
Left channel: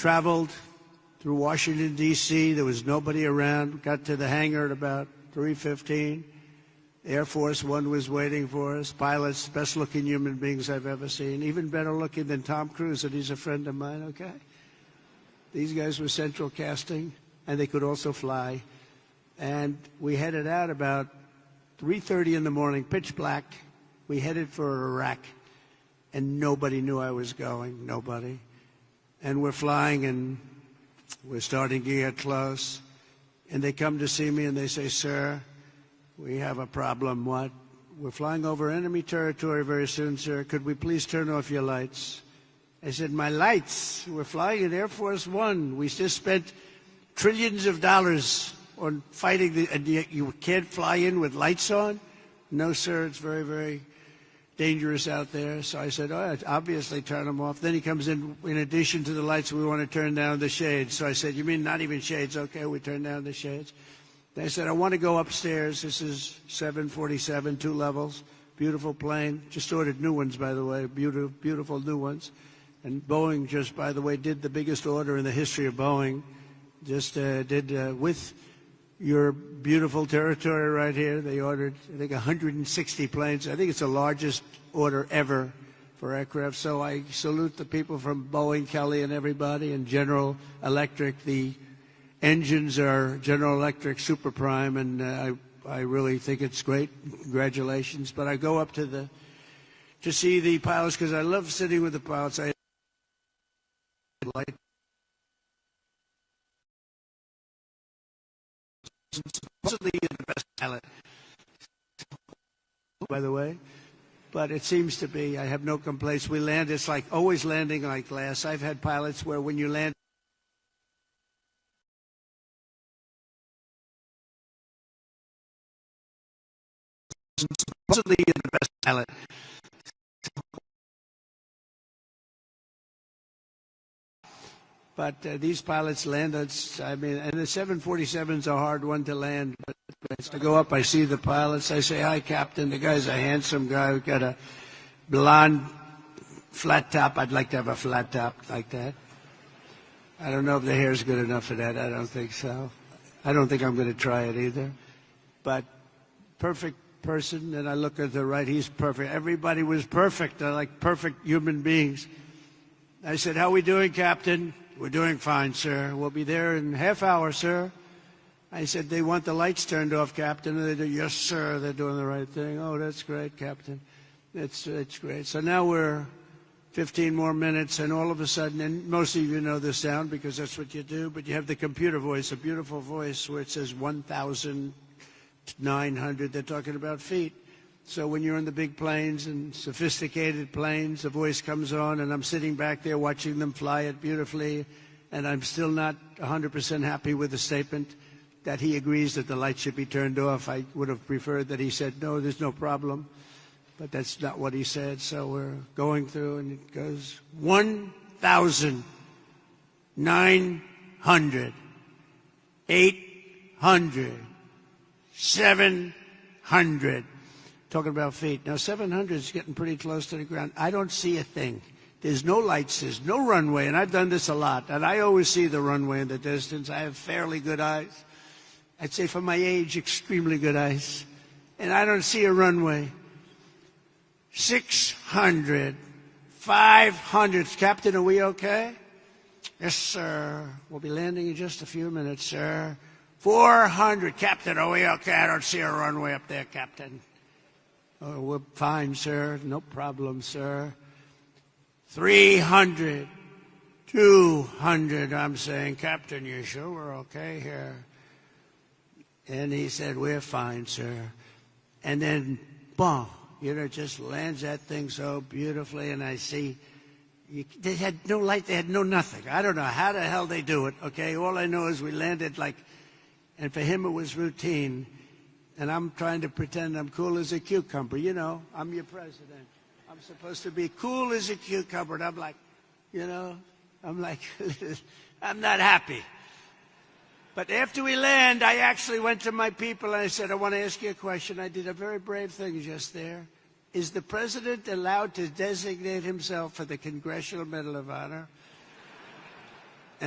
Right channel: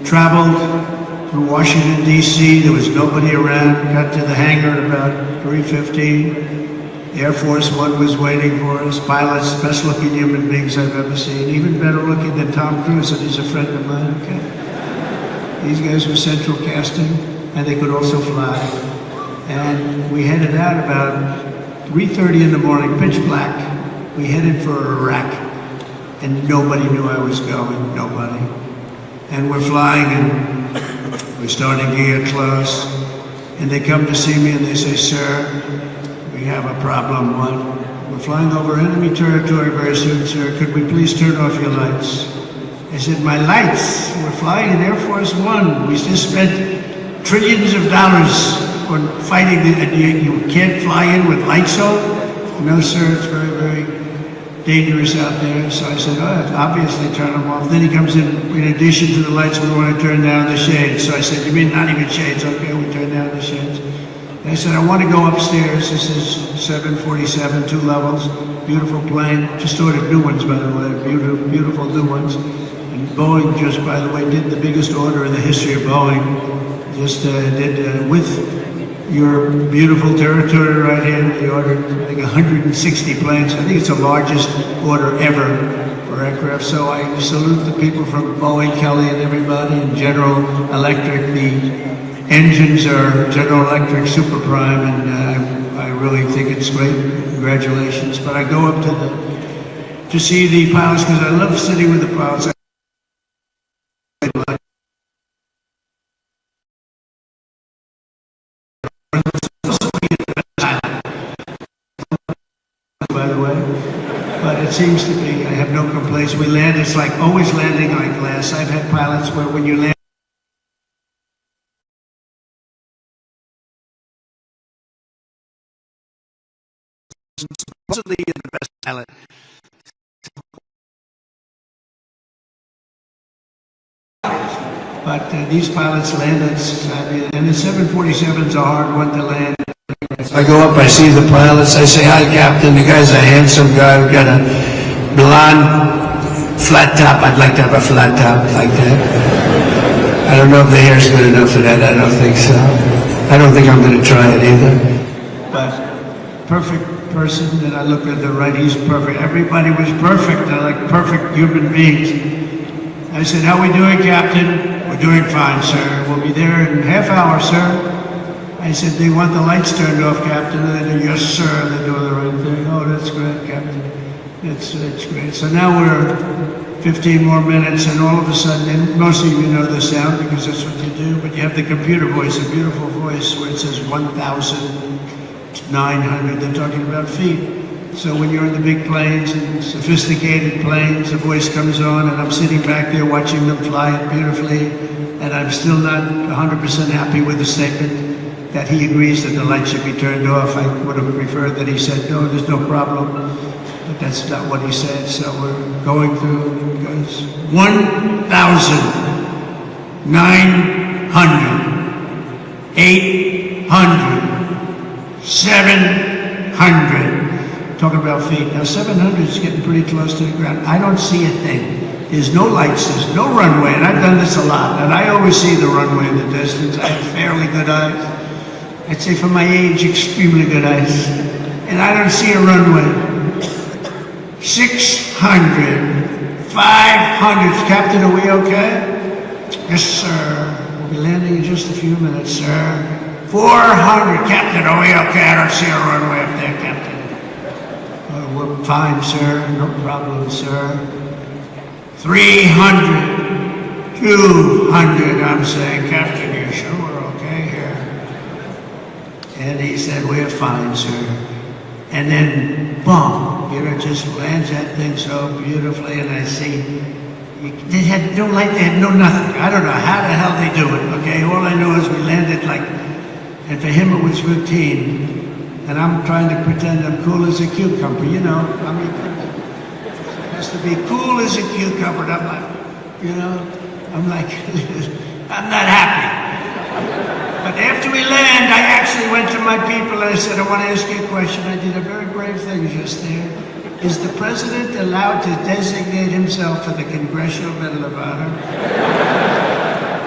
traveled to Washington, D.C. There was nobody around. Got to the hangar at about 3:15. Air Force One was waiting for us. Pilots, best looking human beings I've ever seen. Even better looking than Tom Cruise, and he's a friend of mine. Okay. These guys were central casting, and they could also fly. And we headed out about 3:30 in the morning, pitch black. We headed for Iraq, and nobody knew I was going, nobody. And we're flying, and we're starting to get close. And they come to see me, and they say, "Sir, we have a problem." What? "We're flying over enemy territory very soon, sir. Could we please turn off your lights?" I said, "My lights? We're flying in Air Force One. We just spent trillions of dollars on fighting, and you can't fly in with lights on?" "No, sir, it's very, very dangerous out there." So I said, "Oh, obviously turn them off." Then he comes in addition to the lights, we want to turn down the shades. So I said, "You mean not even shades?" "Okay, we turn down the shades." And I said, "I want to go upstairs." This is 747, 2 levels, beautiful plane. Just ordered new ones, by the way, beautiful new ones. And Boeing just, by the way, did the biggest order in the history of Boeing. Just did with your beautiful territory right here. They ordered, I think, 160 planes. I think it's the largest order ever for aircraft. So I salute the people from Boeing, Kelly, and everybody, and General Electric. The engines are General Electric Super Prime, and I really think it's great. Congratulations. But I go up to see the pilots because I love sitting with the pilots. By the way, but it seems to be, I have no complaints. We land, it's like always landing on glass. I've had pilots where when you land, supposedly you're the best pilot. But these pilots land, and the 747's a hard one to land. I go up, I see the pilots, I say, "Hi, Captain." The guy's a handsome guy. We've got a blonde flat top. I'd like to have a flat top like that. I don't know if the hair's good enough for that. I don't think so. I don't think I'm going to try it either. But perfect person, and I look at the right, he's perfect. Everybody was perfect. I like perfect human beings. I said, "How we doing, Captain?" "We're doing fine, sir. We'll be there in a half hour, sir." I said, "Do you want the lights turned off, Captain?" And they do, "Yes, sir." They're doing the right thing. "Oh, that's great, Captain. It's great." So now we're 15 more minutes, and all of a sudden, and most of you know the sound because that's what you do, but you have the computer voice, a beautiful voice where it says 1,900. They're talking about feet. So when you're in the big planes and sophisticated planes, the voice comes on, and I'm sitting back there watching them fly it beautifully, and I'm still not 100% happy with the statement that he agrees that the lights should be turned off. I would have preferred that he said, "No, there's no problem." But that's not what he said. So we're going through, because 1,900, 800, 700. Talking about feet. Now 700 is getting pretty close to the ground. I don't see a thing. There's no lights, there's no runway, and I've done this a lot, and I always see the runway in the distance. I have fairly good eyes. I'd say for my age, extremely good eyes. And I don't see a runway. 600, 500. Captain, are we okay? "Yes, sir. We'll be landing in just a few minutes, sir." 400. "Captain, are we okay? I don't see a runway up there, Captain." "Oh, we're fine, sir. No problem, sir." 300, 200. I'm saying, "Captain, you sure we're okay here?" And he said, "We're fine, sir." And then, boom, it just lands that thing so beautifully, and I see, they had no light, they had no nothing. I don't know how the hell they do it, okay? All I know is we landed like, and for him it was routine. And I'm trying to pretend I'm cool as a cucumber, you know? I mean, it has to be cool as a cucumber, and I'm like, you know? I'm like, I'm not happy. But after we land, I actually went to my people and I said, "I want to ask you a question." I did a very brave thing just there. Is the president allowed to designate himself for the Congressional Medal of Honor?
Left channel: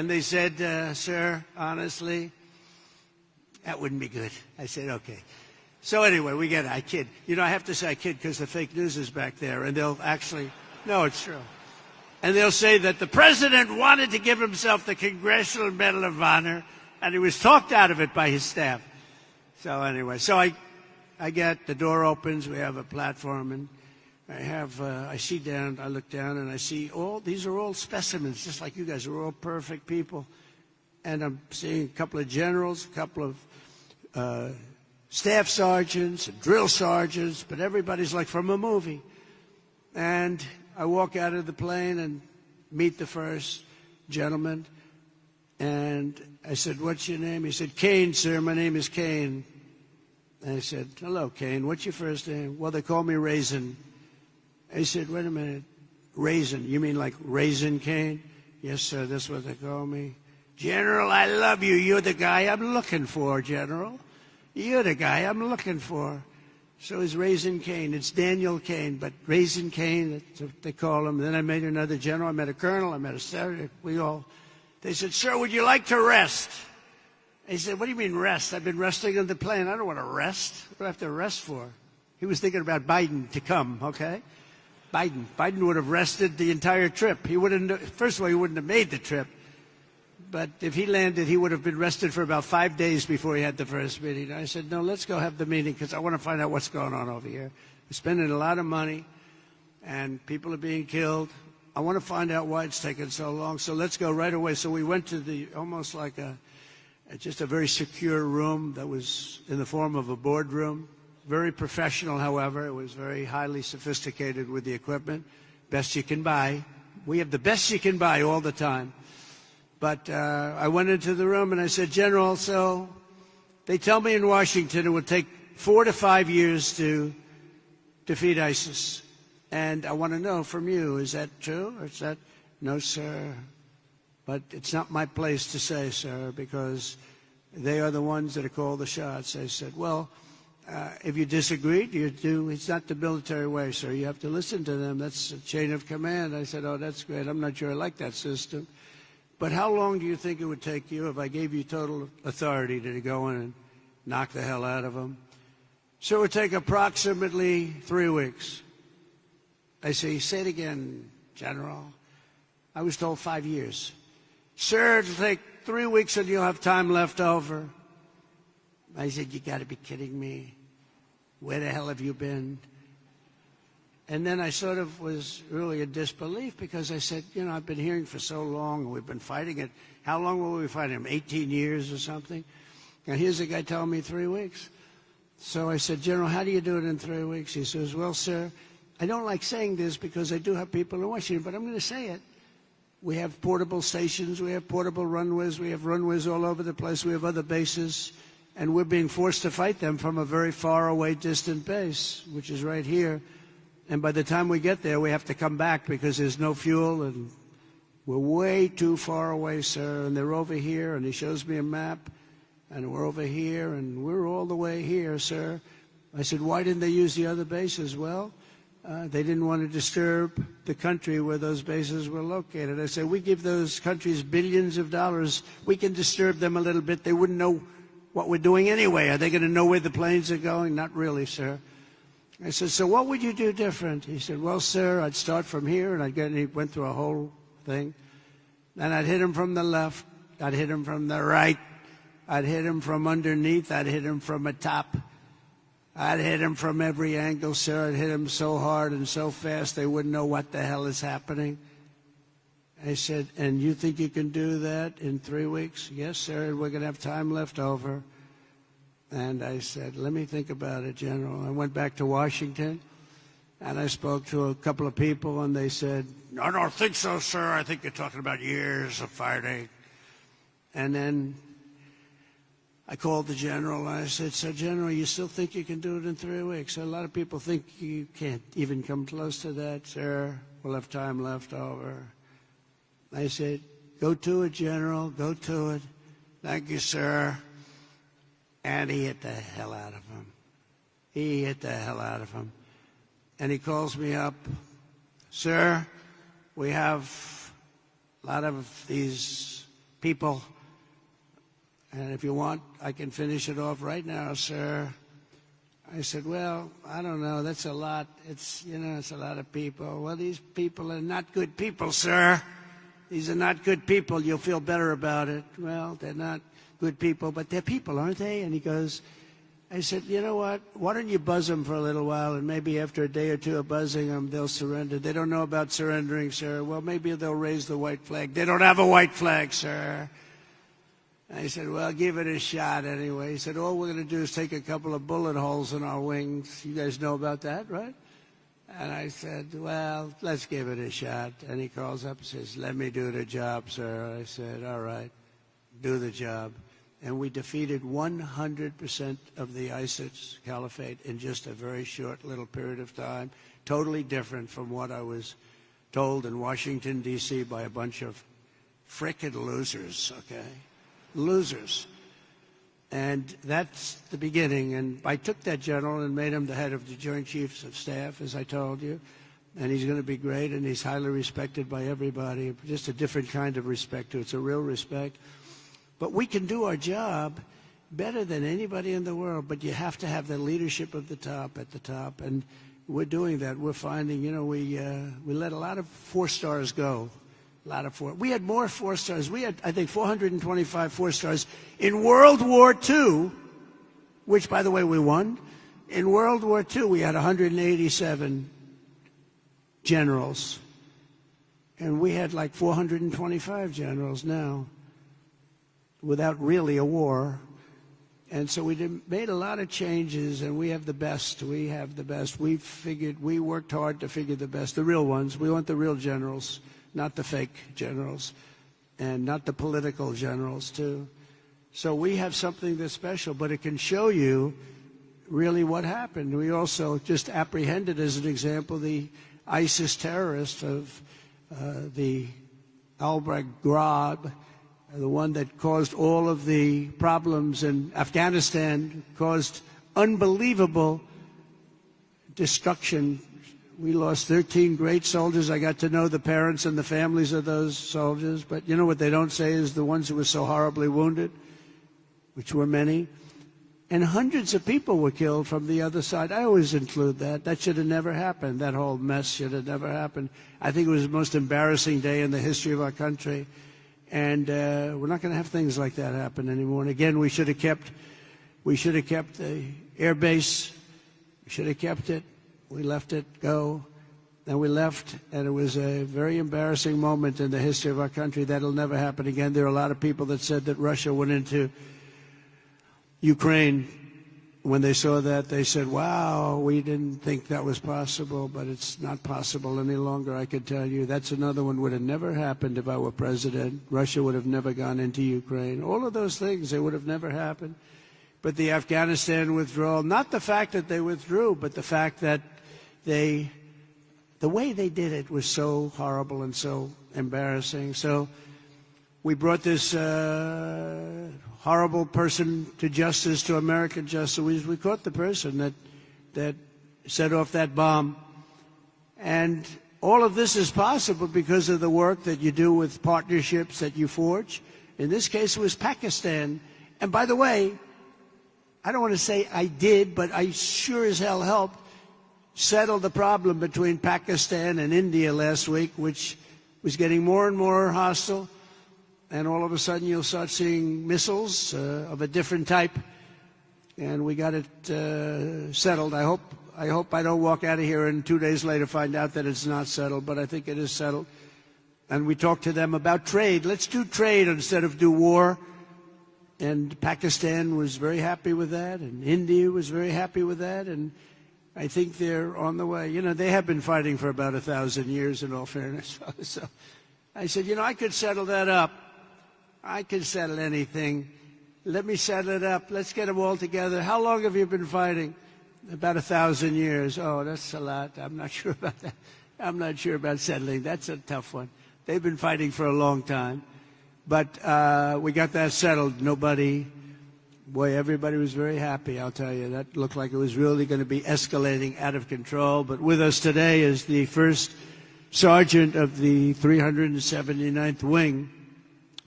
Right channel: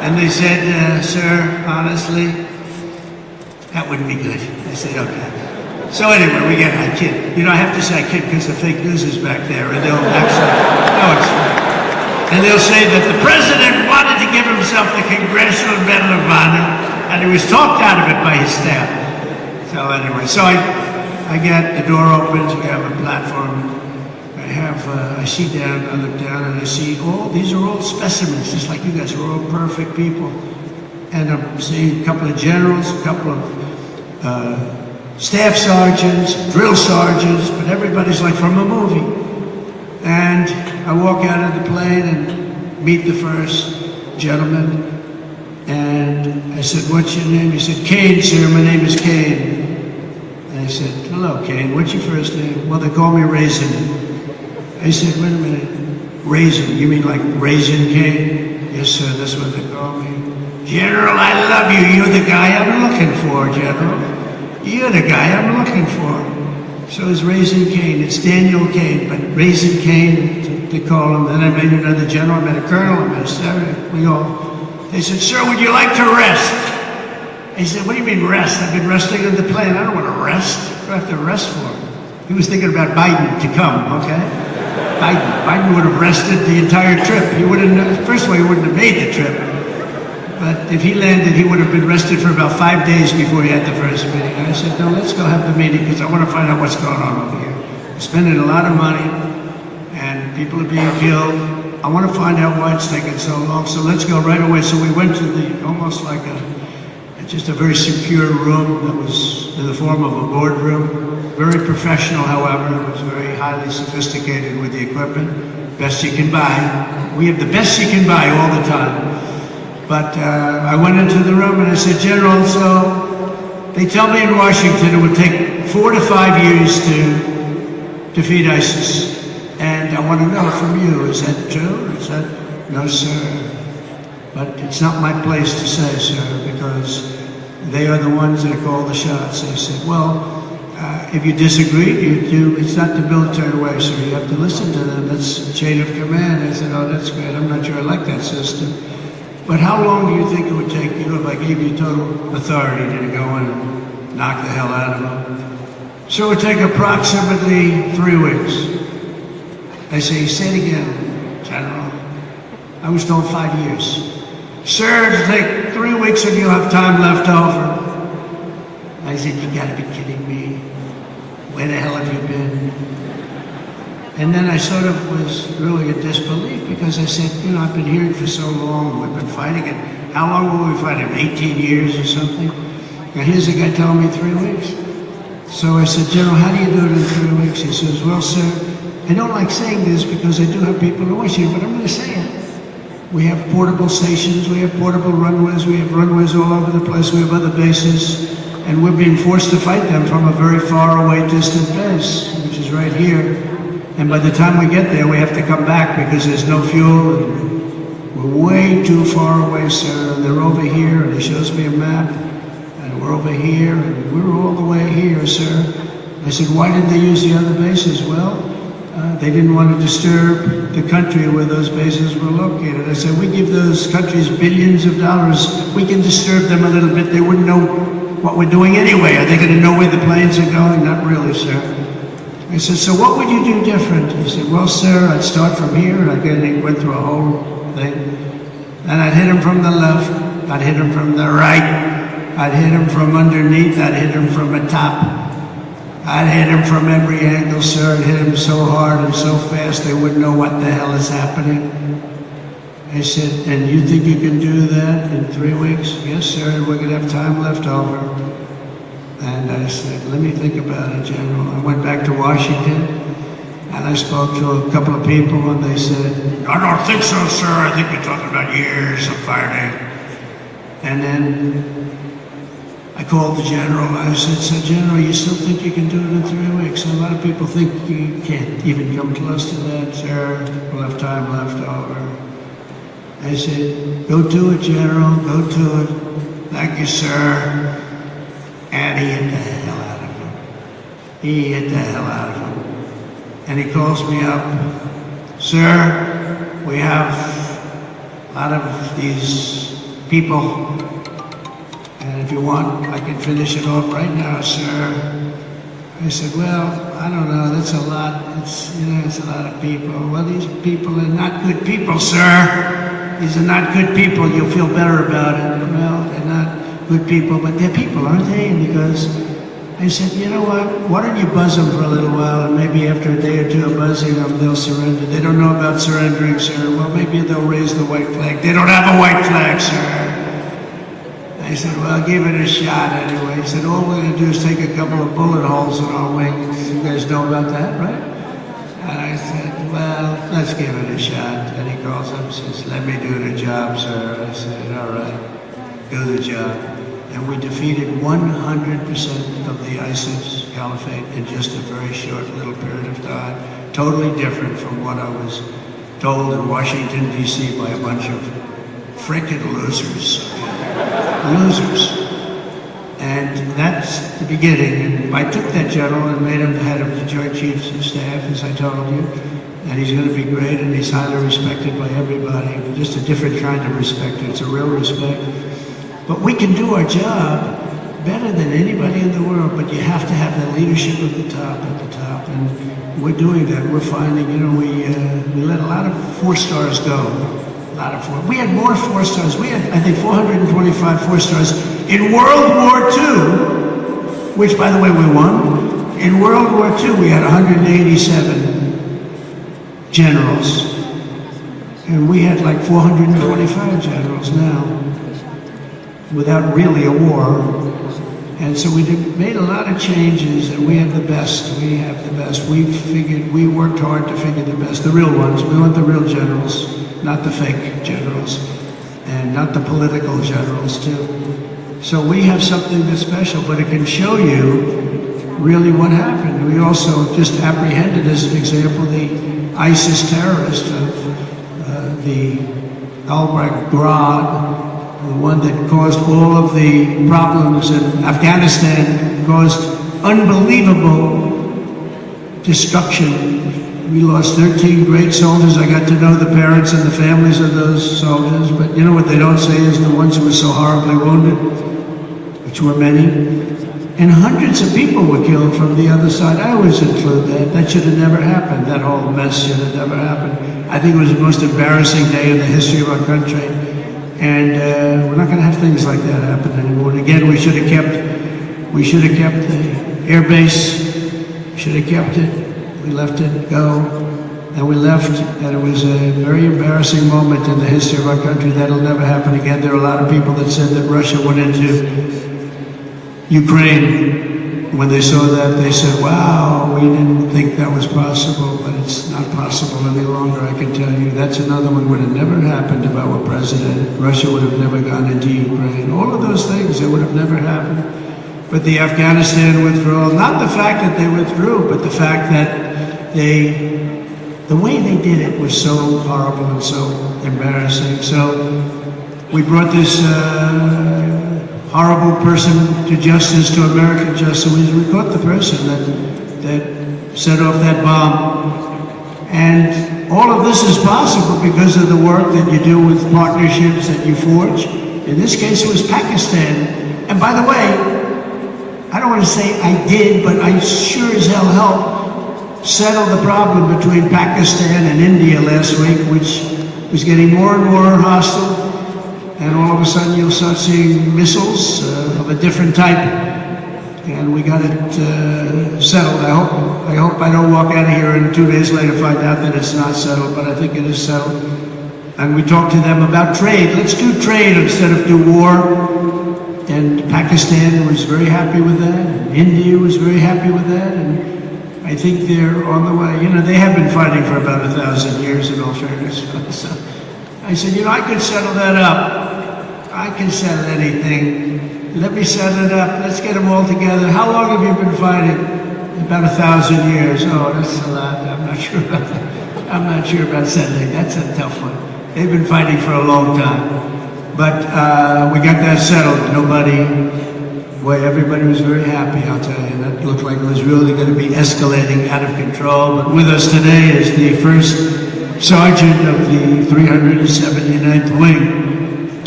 And they said, sir, honestly, that wouldn't be good. I said, okay. So anyway, we get I kid. You know, I have to say I kid because the fake news is back there, and they'll actually, no, it's and they'll say that the president wanted to give himself the Congressional Medal of Honor, and he was talked out of it by his staff. So anyway, so I get the door opens, we have a platform. I see down, I look down, and I see these are all specimens, just like you guys are all perfect people. And I'm seeing a couple of generals, a couple of staff sergeants, drill sergeants, but everybody's like from a movie. And I walk out of the plane and meet the first gentleman. And I said, what's your name? He said, Kane, sir, my name is Kane. And I said, hello, Kane, what's your first name? Well, they call me Raisin. I said, wait a minute, Raisin, you mean like Raisin King? Yes, sir, that's what they call me. General, I love you. You're the guy I'm looking for, General. You're the guy I'm looking for. So it's Raisin Kane. It's Daniel Kane, but Raisin Kane, they call him. Then I met another general, I met a colonel, I met a sergeant. We go, they said, sir, would you like to rest? He said, what do you mean rest? I've been resting in the plane. I don't want to rest. What do I have to rest for? He was thinking about Biden to come, okay? Biden would have rested the entire trip. He wouldn't. First of all, he wouldn't have made the trip. But if he landed, he would have been rested for about 5 days before he had the first meeting. And I said, no, let's go have the meeting because I want to find out what's going on over here. We're spending a lot of money, and people are being killed. I want to find out why it's taking so long. So let's go right away. So we went to almost like just a very secure room that was in the form of a boardroom. Very professional, however. It was very highly sophisticated with the equipment. Best you can buy. We have the best you can buy all the time. But I went into the room and I said, General, so they tell me in Washington it would take 4 to 5 years to defeat ISIS. And I want to know from you, is that true? Is that, no, sir. But it's not my place to say, sir, because they are the ones that call the shots. I said, well, if you disagree, it's not the military way, so you have to listen to them. That's the chain of command. I said, oh, that's great. I'm not sure I like that system. But how long do you think it would take you if I gave you total authority to go and knock the hell out of them? So it would take approximately 3 weeks. I say, say it again, General. I was told 5 years. Sir, it'll take 3 weeks and you'll have time left over. I said, you gotta be kidding me. Where the hell have you been? And then I sort of was really in disbelief because I said, you know, I've been here for so long, we've been fighting it. How long will we fight him? 18 years or something? And here's a guy telling me 3 weeks. So I said, General, how do you do it in 3 weeks? He says, well, sir, I don't like saying this because I do have people who wish you, but I'm going to say it. We have portable stations, we have portable runways, we have runways all over the place, we have other bases, and we're being forced to fight them from a very far away distant base, which is right here. And by the time we get there, we have to come back because there's no fuel, and we're way too far away, sir, and they're over here, and he shows me a map, and we're over here, and we're all the way here, sir. I said, why didn't they use the other bases? Well, they didn't want to disturb the country where those bases were located. I said, we give those countries billions of dollars. We can disturb them a little bit. They wouldn't know what we're doing anyway. Are they going to know where the planes are going? Not really, sir. I said, so what would you do different? He said, well, sir, I'd start from here, and I went through a whole thing. And I'd hit him from the left. I'd hit him from the right. I'd hit him from underneath. I'd hit him from the top. I'd hit him from every angle, sir. I'd hit him so hard and so fast they wouldn't know what the hell is happening. He said, and you think you can do that in 3 weeks? Yes, sir, we're going to have time left over. And I said, let me think about it, General. I went back to Washington, and I spoke to a couple of people, and they said, I don't think so, sir. I think you're talking about years of fighting. And then I called the general. I said, so General, you still think you can do it in 3 weeks? And a lot of people think you can't even come close to that, sir. We'll have time left over. I said, go do it, General. Go do it. Thank you, sir. And he hit the hell out of him. He hit the hell out of him. And he calls me up. Sir, we have, out of these people. And if you want, I can finish it off right now, sir. I said, well, I don't know, that's a lot. It's a lot of people. Well, these people are not good people, sir. These are not good people. You'll feel better about it. Well, they're not good people, but they're people, aren't they? And he goes, I said, you know what? Why don't you buzz them for a little while, and maybe after a day or two of buzzing them, they'll surrender. They don't know about surrendering, sir. Well, maybe they'll raise the white flag. They don't have a white flag, sir. I said, well, I'll give it a shot anyway. He said, all we're going to do is take a couple of bullet holes in our wings. You guys know about that, right? And I said, well, let's give it a shot. And he calls up and says, let me do the job, sir. I said, all right, do the job. And we defeated 100% of the ISIS caliphate in just a very short little period of time. Totally different from what I was told in Washington, D.C. by a bunch of frickin' losers. Losers. And that's the beginning. And I took that general and made him the head of the Joint Chiefs of Staff, as I told you. And he's going to be great, and he's highly respected by everybody. Just a different kind of respect. It's a real respect. But we can do our job better than anybody in the world, but you have to have the leadership at the top, and we're doing that. We're finding, we let a lot of 4 stars go. A lot of 4. We had more 4 stars. We had, I think, 425 4 stars in World War II, which, by the way, we won. In World War II, we had 187 generals, and we had like 425 generals now, without really a war. And so we made a lot of changes, and we have the best. We have the best. We worked hard to figure the best, the real ones. We want the real generals, not the fake generals, and not the political generals too. So we have something that's special, but it can show you really what happened. We also just apprehended, as an example, the ISIS terrorist of the Al-Baghdad, the one that caused all of the problems in Afghanistan, caused unbelievable destruction. We lost 13 great soldiers. I got to know the parents and the families of those soldiers, but you know what they don't say is the ones who were so horribly wounded, which were many. And hundreds of people were killed from the other side. I always include that. That should have never happened. That whole mess should have never happened. I think it was the most embarrassing day in the history of our country. And we're not going to have things like that happen anymore. And again, we should have kept the air base. Should have kept it. We let it go. And we left, and it was a very embarrassing moment in the history of our country. That'll never happen again. There are a lot of people that said that Russia went into Ukraine. When they saw that, they said, wow, we didn't think that was possible, but it's not possible any longer, I can tell you. That's another one would have never happened if I were president. Russia would have never gone into Ukraine. All of those things, it would have never happened. But the Afghanistan withdrawal, not the fact that they withdrew, but the fact that the way they did it was so horrible and so embarrassing. So we brought this horrible person to justice, to American justice. We caught the person that set off that bomb. And all of this is possible because of the work that you do with partnerships that you forge. In this case, it was Pakistan. And by the way, I don't want to say I did, but I sure as hell helped settle the problem between Pakistan and India last week, which was getting more and more hostile. And all of a sudden you'll start seeing missiles of a different type. And we got it settled. I hope I don't walk out of here and 2 days later find out that it's not settled, but I think it is settled. And we talked to them about trade. Let's do trade instead of do war. And Pakistan was very happy with that. And India was very happy with that. And I think they're on the way. You know, they have been fighting for about 1,000 years in all fairness. So I said, I could settle that up. I can settle anything. Let me settle it up. Let's get them all together. How long have you been fighting? About 1,000 years. Oh, that's a lot. I'm not sure about that. I'm not sure about settling. That's a tough one. They've been fighting for a long time. But we got that settled. Everybody was very happy, I'll tell you. That looked like it was really going to be escalating out of control. But with us today is the first sergeant of the 379th Wing,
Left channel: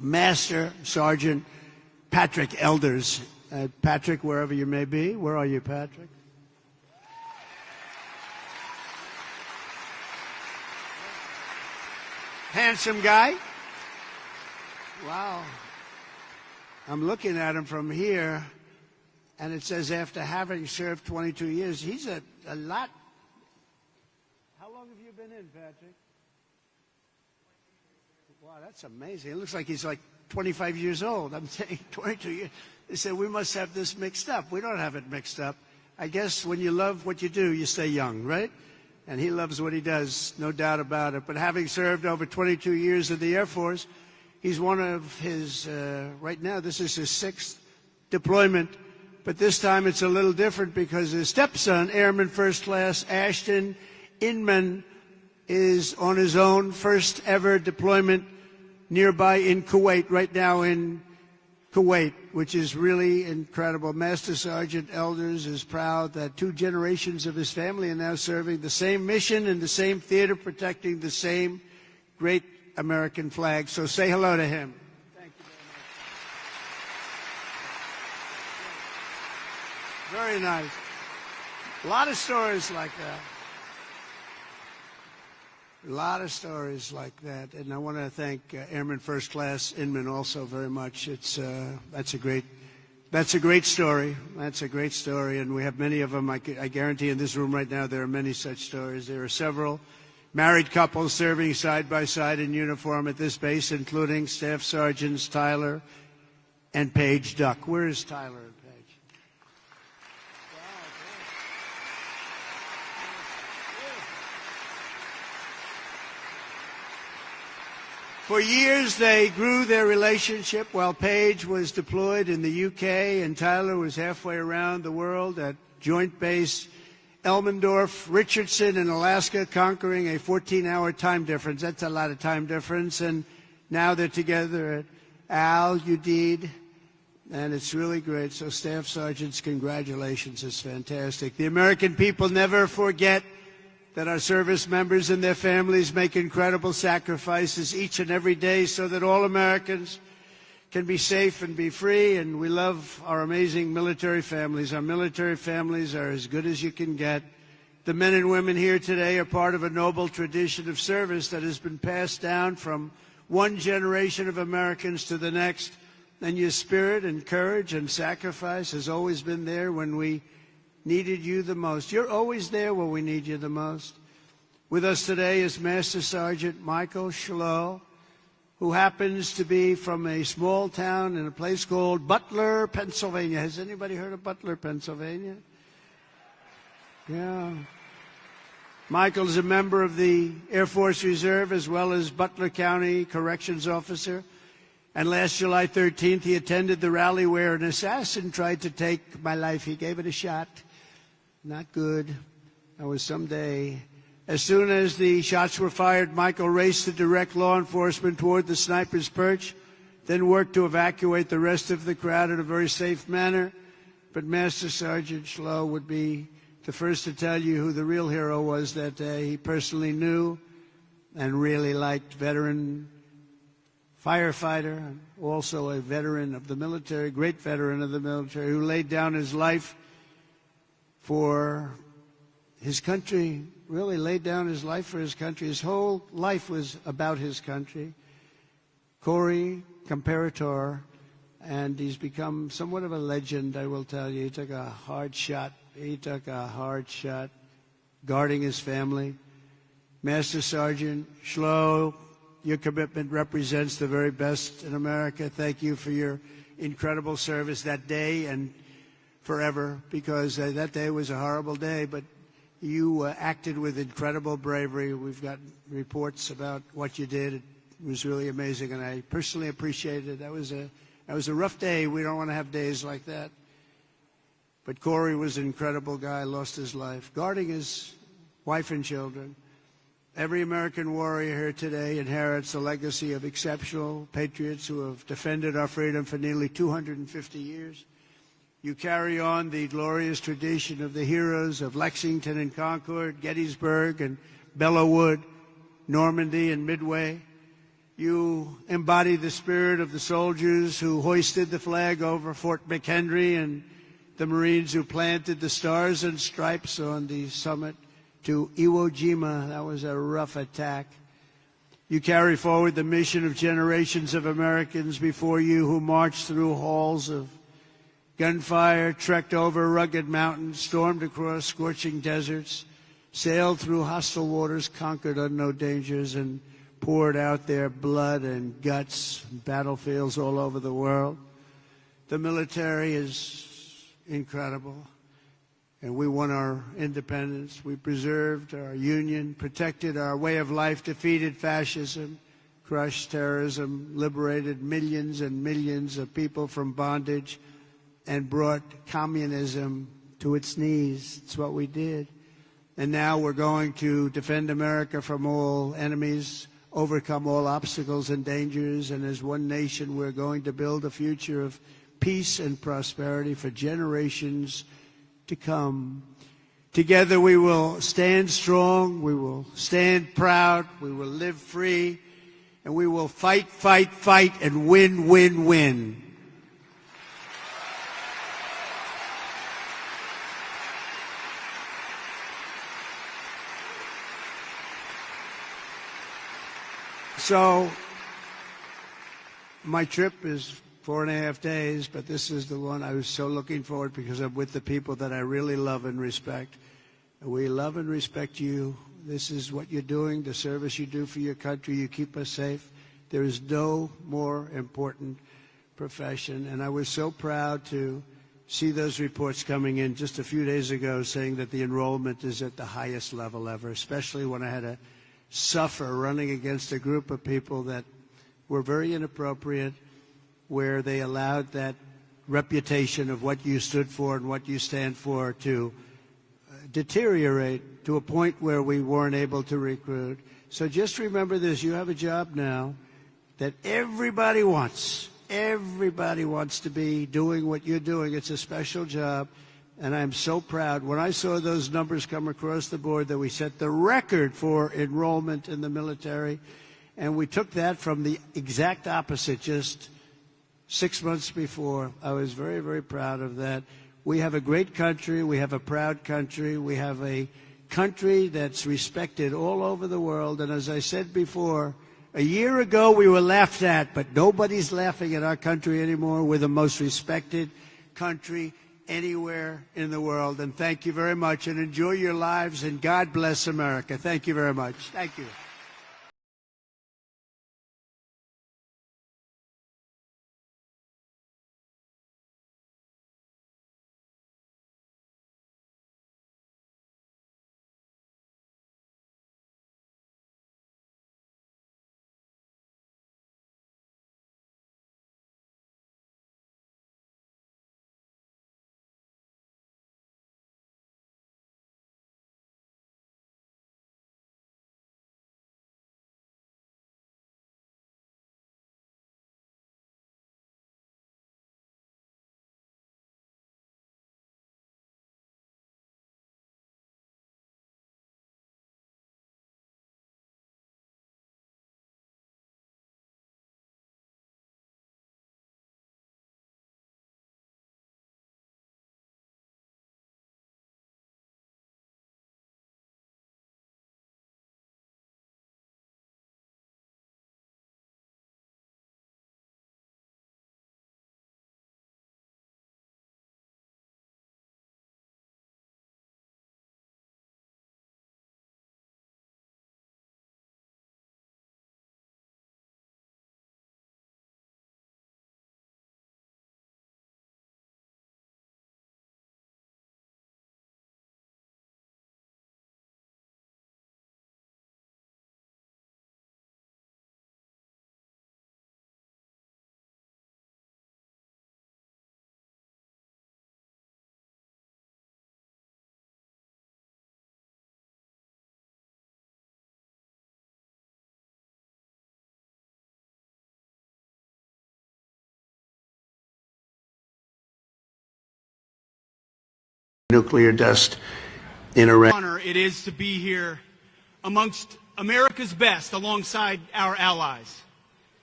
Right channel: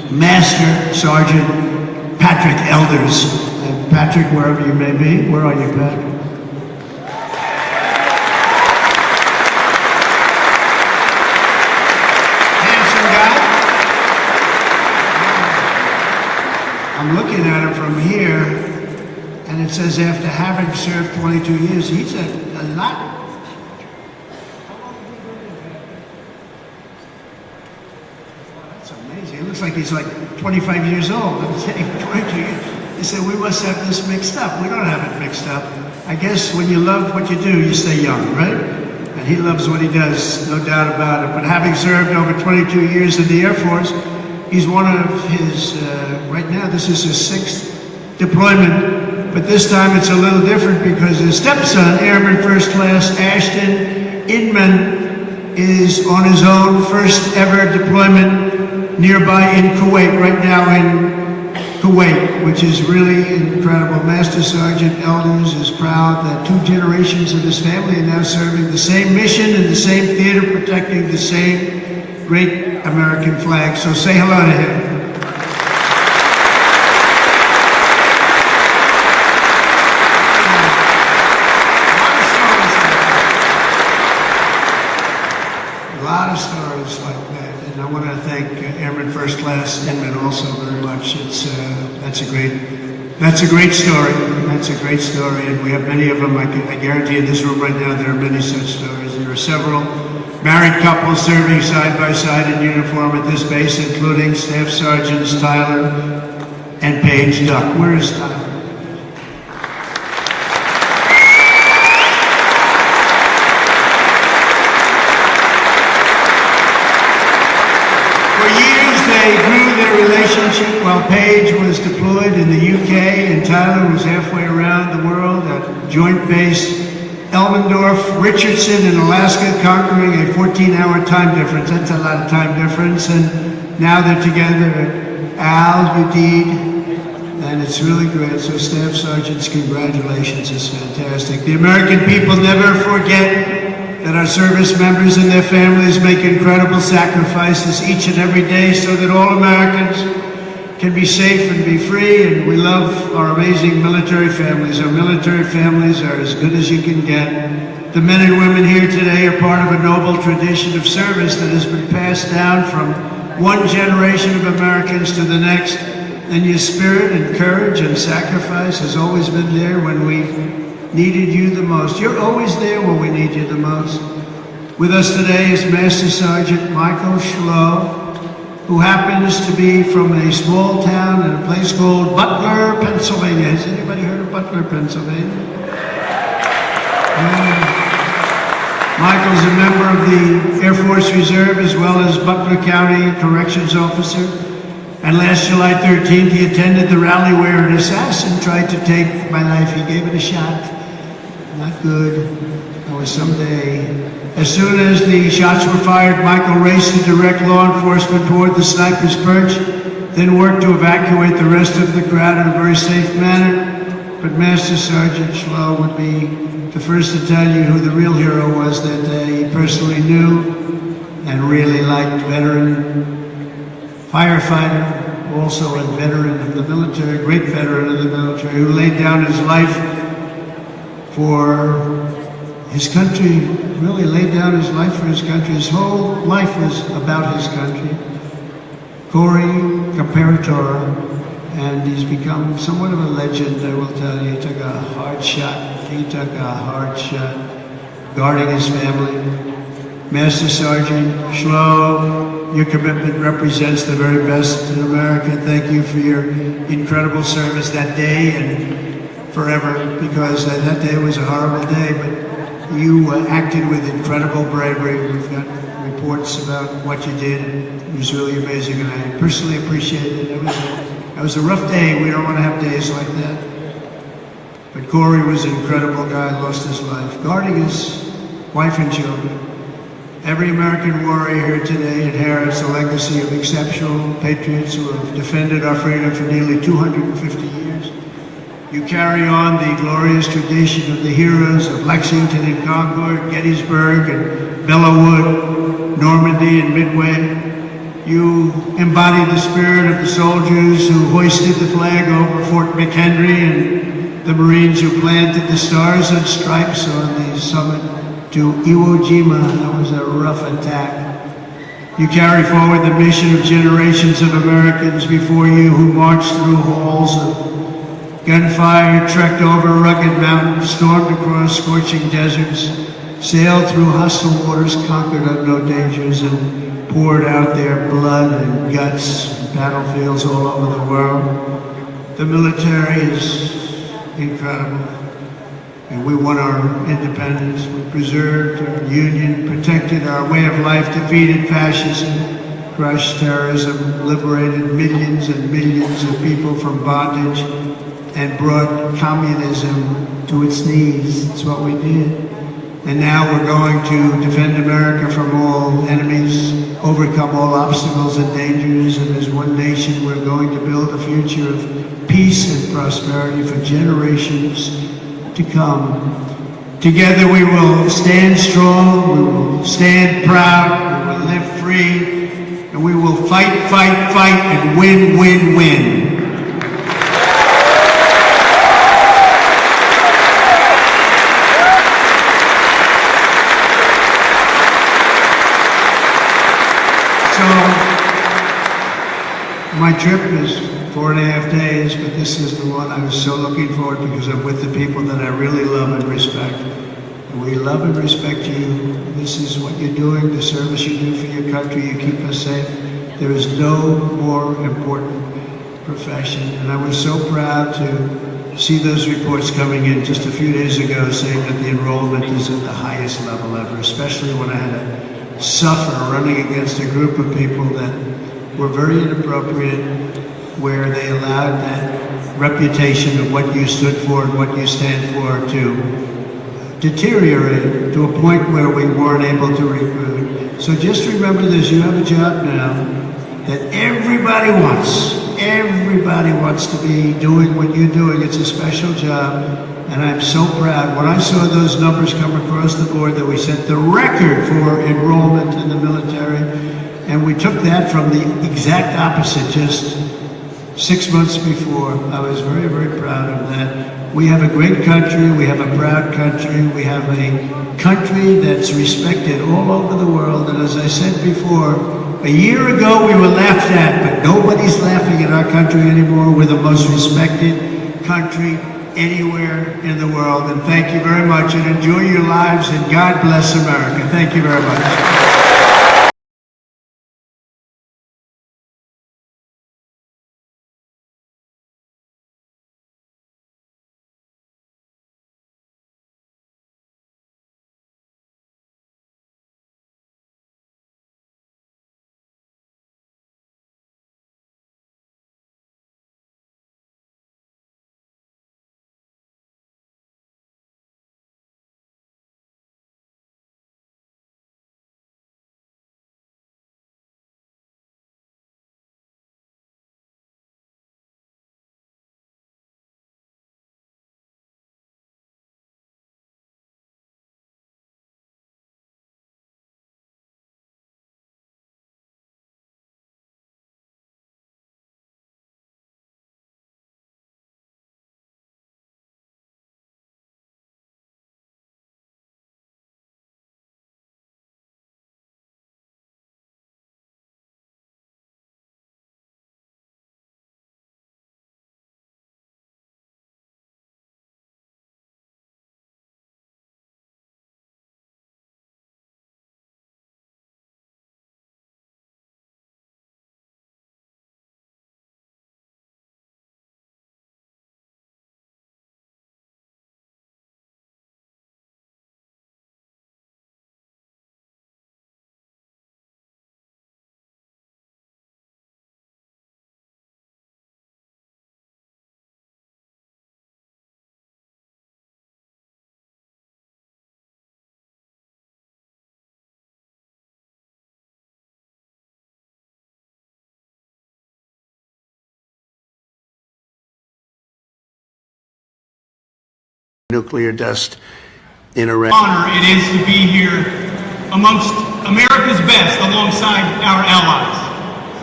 Master Sergeant Patrick Elders. And Patrick, wherever you may be, where are you, Patrick? Handsome guy. I'm looking at him from here, and it says after having served 22 years, he's a lot. Like he's like 25 years old. I'm saying 22 years. He said, we must have this mixed up. We don't have it mixed up. I guess when you love what you do, you stay young, right? And he loves what he does, no doubt about it. But having served over 22 years in the Air Force, he's one of his, right now, this is his 6th deployment. But this time it's a little different because his stepson, Airman First Class Ashton Inman, is on his own first ever deployment nearby in Kuwait, right now in Kuwait, which is really incredible. Master Sergeant Elders is proud that 2 generations of his family are now serving the same mission in the same theater, protecting the same great American flag. So say hello to him. A lot of stories like that, and I want to thank Airman First Class Inman also very much. That's a great story. That's a great story, and we have many of them. I guarantee in this room right now there are many such stories. There are several married couples serving side by side in uniform at this base, including Staff Sergeants Tyler and Paige Duck. Where is Tyler? While Paige was deployed in the UK and Tyler was halfway around the world at Joint Base Elmendorf, Richardson in Alaska, conquering a 14-hour time difference. That's a lot of time difference. And now they're together at Al Udeid, and it's really great. So Staff Sergeants, congratulations. It's fantastic. The American people never forget that our service members and their families make incredible sacrifices each and every day so that all Americans can be safe and be free, and we love our amazing military families. Our military families are as good as you can get. The men and women here today are part of a noble tradition of service that has been passed down from one generation of Americans to the next, and your spirit and courage and sacrifice has always been there when we needed you the most. You're always there when we need you the most. With us today is Master Sergeant Michael Schlow, who happens to be from a small town in a place called Butler, Pennsylvania. Has anybody heard of Butler, Pennsylvania? Michael's a member of the Air Force Reserve as well as Butler County Corrections Officer. And last July 13th, he attended the rally where an assassin tried to take my life. He gave it a shot. Not good. Or someday. As soon as the shots were fired, Michael raced to direct law enforcement toward the sniper's perch, then worked to evacuate the rest of the crowd in a very safe manner. But Master Sergeant Schlow would be the first to tell you who the real hero was that day. He personally knew and really liked veteran firefighter, also a veteran of the military, great veteran of the military, who laid down his life for his country, really laid down his life for his country. His whole life was about his country. Corey Comparator, and he's become somewhat of a legend, I will tell you. He took a hard shot. He took a hard shot guarding his family. Master Sergeant Schlow, your commitment represents the very best in America. Thank you for your incredible service that day and forever, because that day was a horrible day, but you acted with incredible bravery. We've got reports about what you did. It was really amazing, and I personally appreciate it. It was a rough day. We don't want to have days like that. But Corey was an incredible guy, lost his life, guarding his wife and children. Every American warrior here today inherits a legacy of exceptional patriots who have defended our freedom for nearly 250 years. You carry on the glorious tradition of the heroes of Lexington and Concord, Gettysburg and Belleau Wood, Normandy and Midway. You embodied the spirit of the soldiers who hoisted the flag over Fort McHenry and the Marines who planted the stars and stripes on the summit to Iwo Jima. That was a rough attack. You carry forward the mission of generations of Americans before you who marched through halls of gunfire, trekked over rugged mountains, stormed across scorching deserts, sailed through hostile waters, conquered unknown dangers, and poured out their blood and guts in battlefields all over the world. The military is incredible. And we won our independence. We preserved our union, protected our way of life, defeated fascism, crushed terrorism, liberated millions and millions of people from bondage, and brought communism to its knees. That's what we did. And now we're going to defend America from all enemies, overcome all obstacles and dangers, and as one nation we're going to build a future of peace and prosperity for generations to come. Together we will stand strong, we will stand proud, we will live free, and we will fight, fight, fight, and win, win, win. My trip is 4.5 days, but this is the one I was so looking forward because I'm with the people that I really love and respect. We love and respect you. This is what you're doing, the service you do for your country. You keep us safe. There is no more important profession. And I was so proud to see those reports coming in just a few days ago saying that the enrollment is at the highest level ever, especially when I had to suffer running against a group of people that were very inappropriate, where they allowed that reputation of what you stood for and what you stand for to deteriorate to a point where we weren't able to recruit. So just remember this, you have a job now that everybody wants. Everybody wants to be doing what you're doing. It's a special job, and I'm so proud. When I saw those numbers come across the board that we set the record for enrollment in the military, and we took that from the exact opposite just 6 months before. I was very, very proud of that. We have a great country. We have a proud country. We have a country that's respected all over the world. And as I said before, a year ago we were laughed at, but nobody's laughing at our country anymore. We're the most respected country anywhere in the world. And thank you very much, and enjoy your lives, and God bless America. Thank you very much. Nuclear dust in Iran. Honor it is to be here amongst America's best alongside our allies.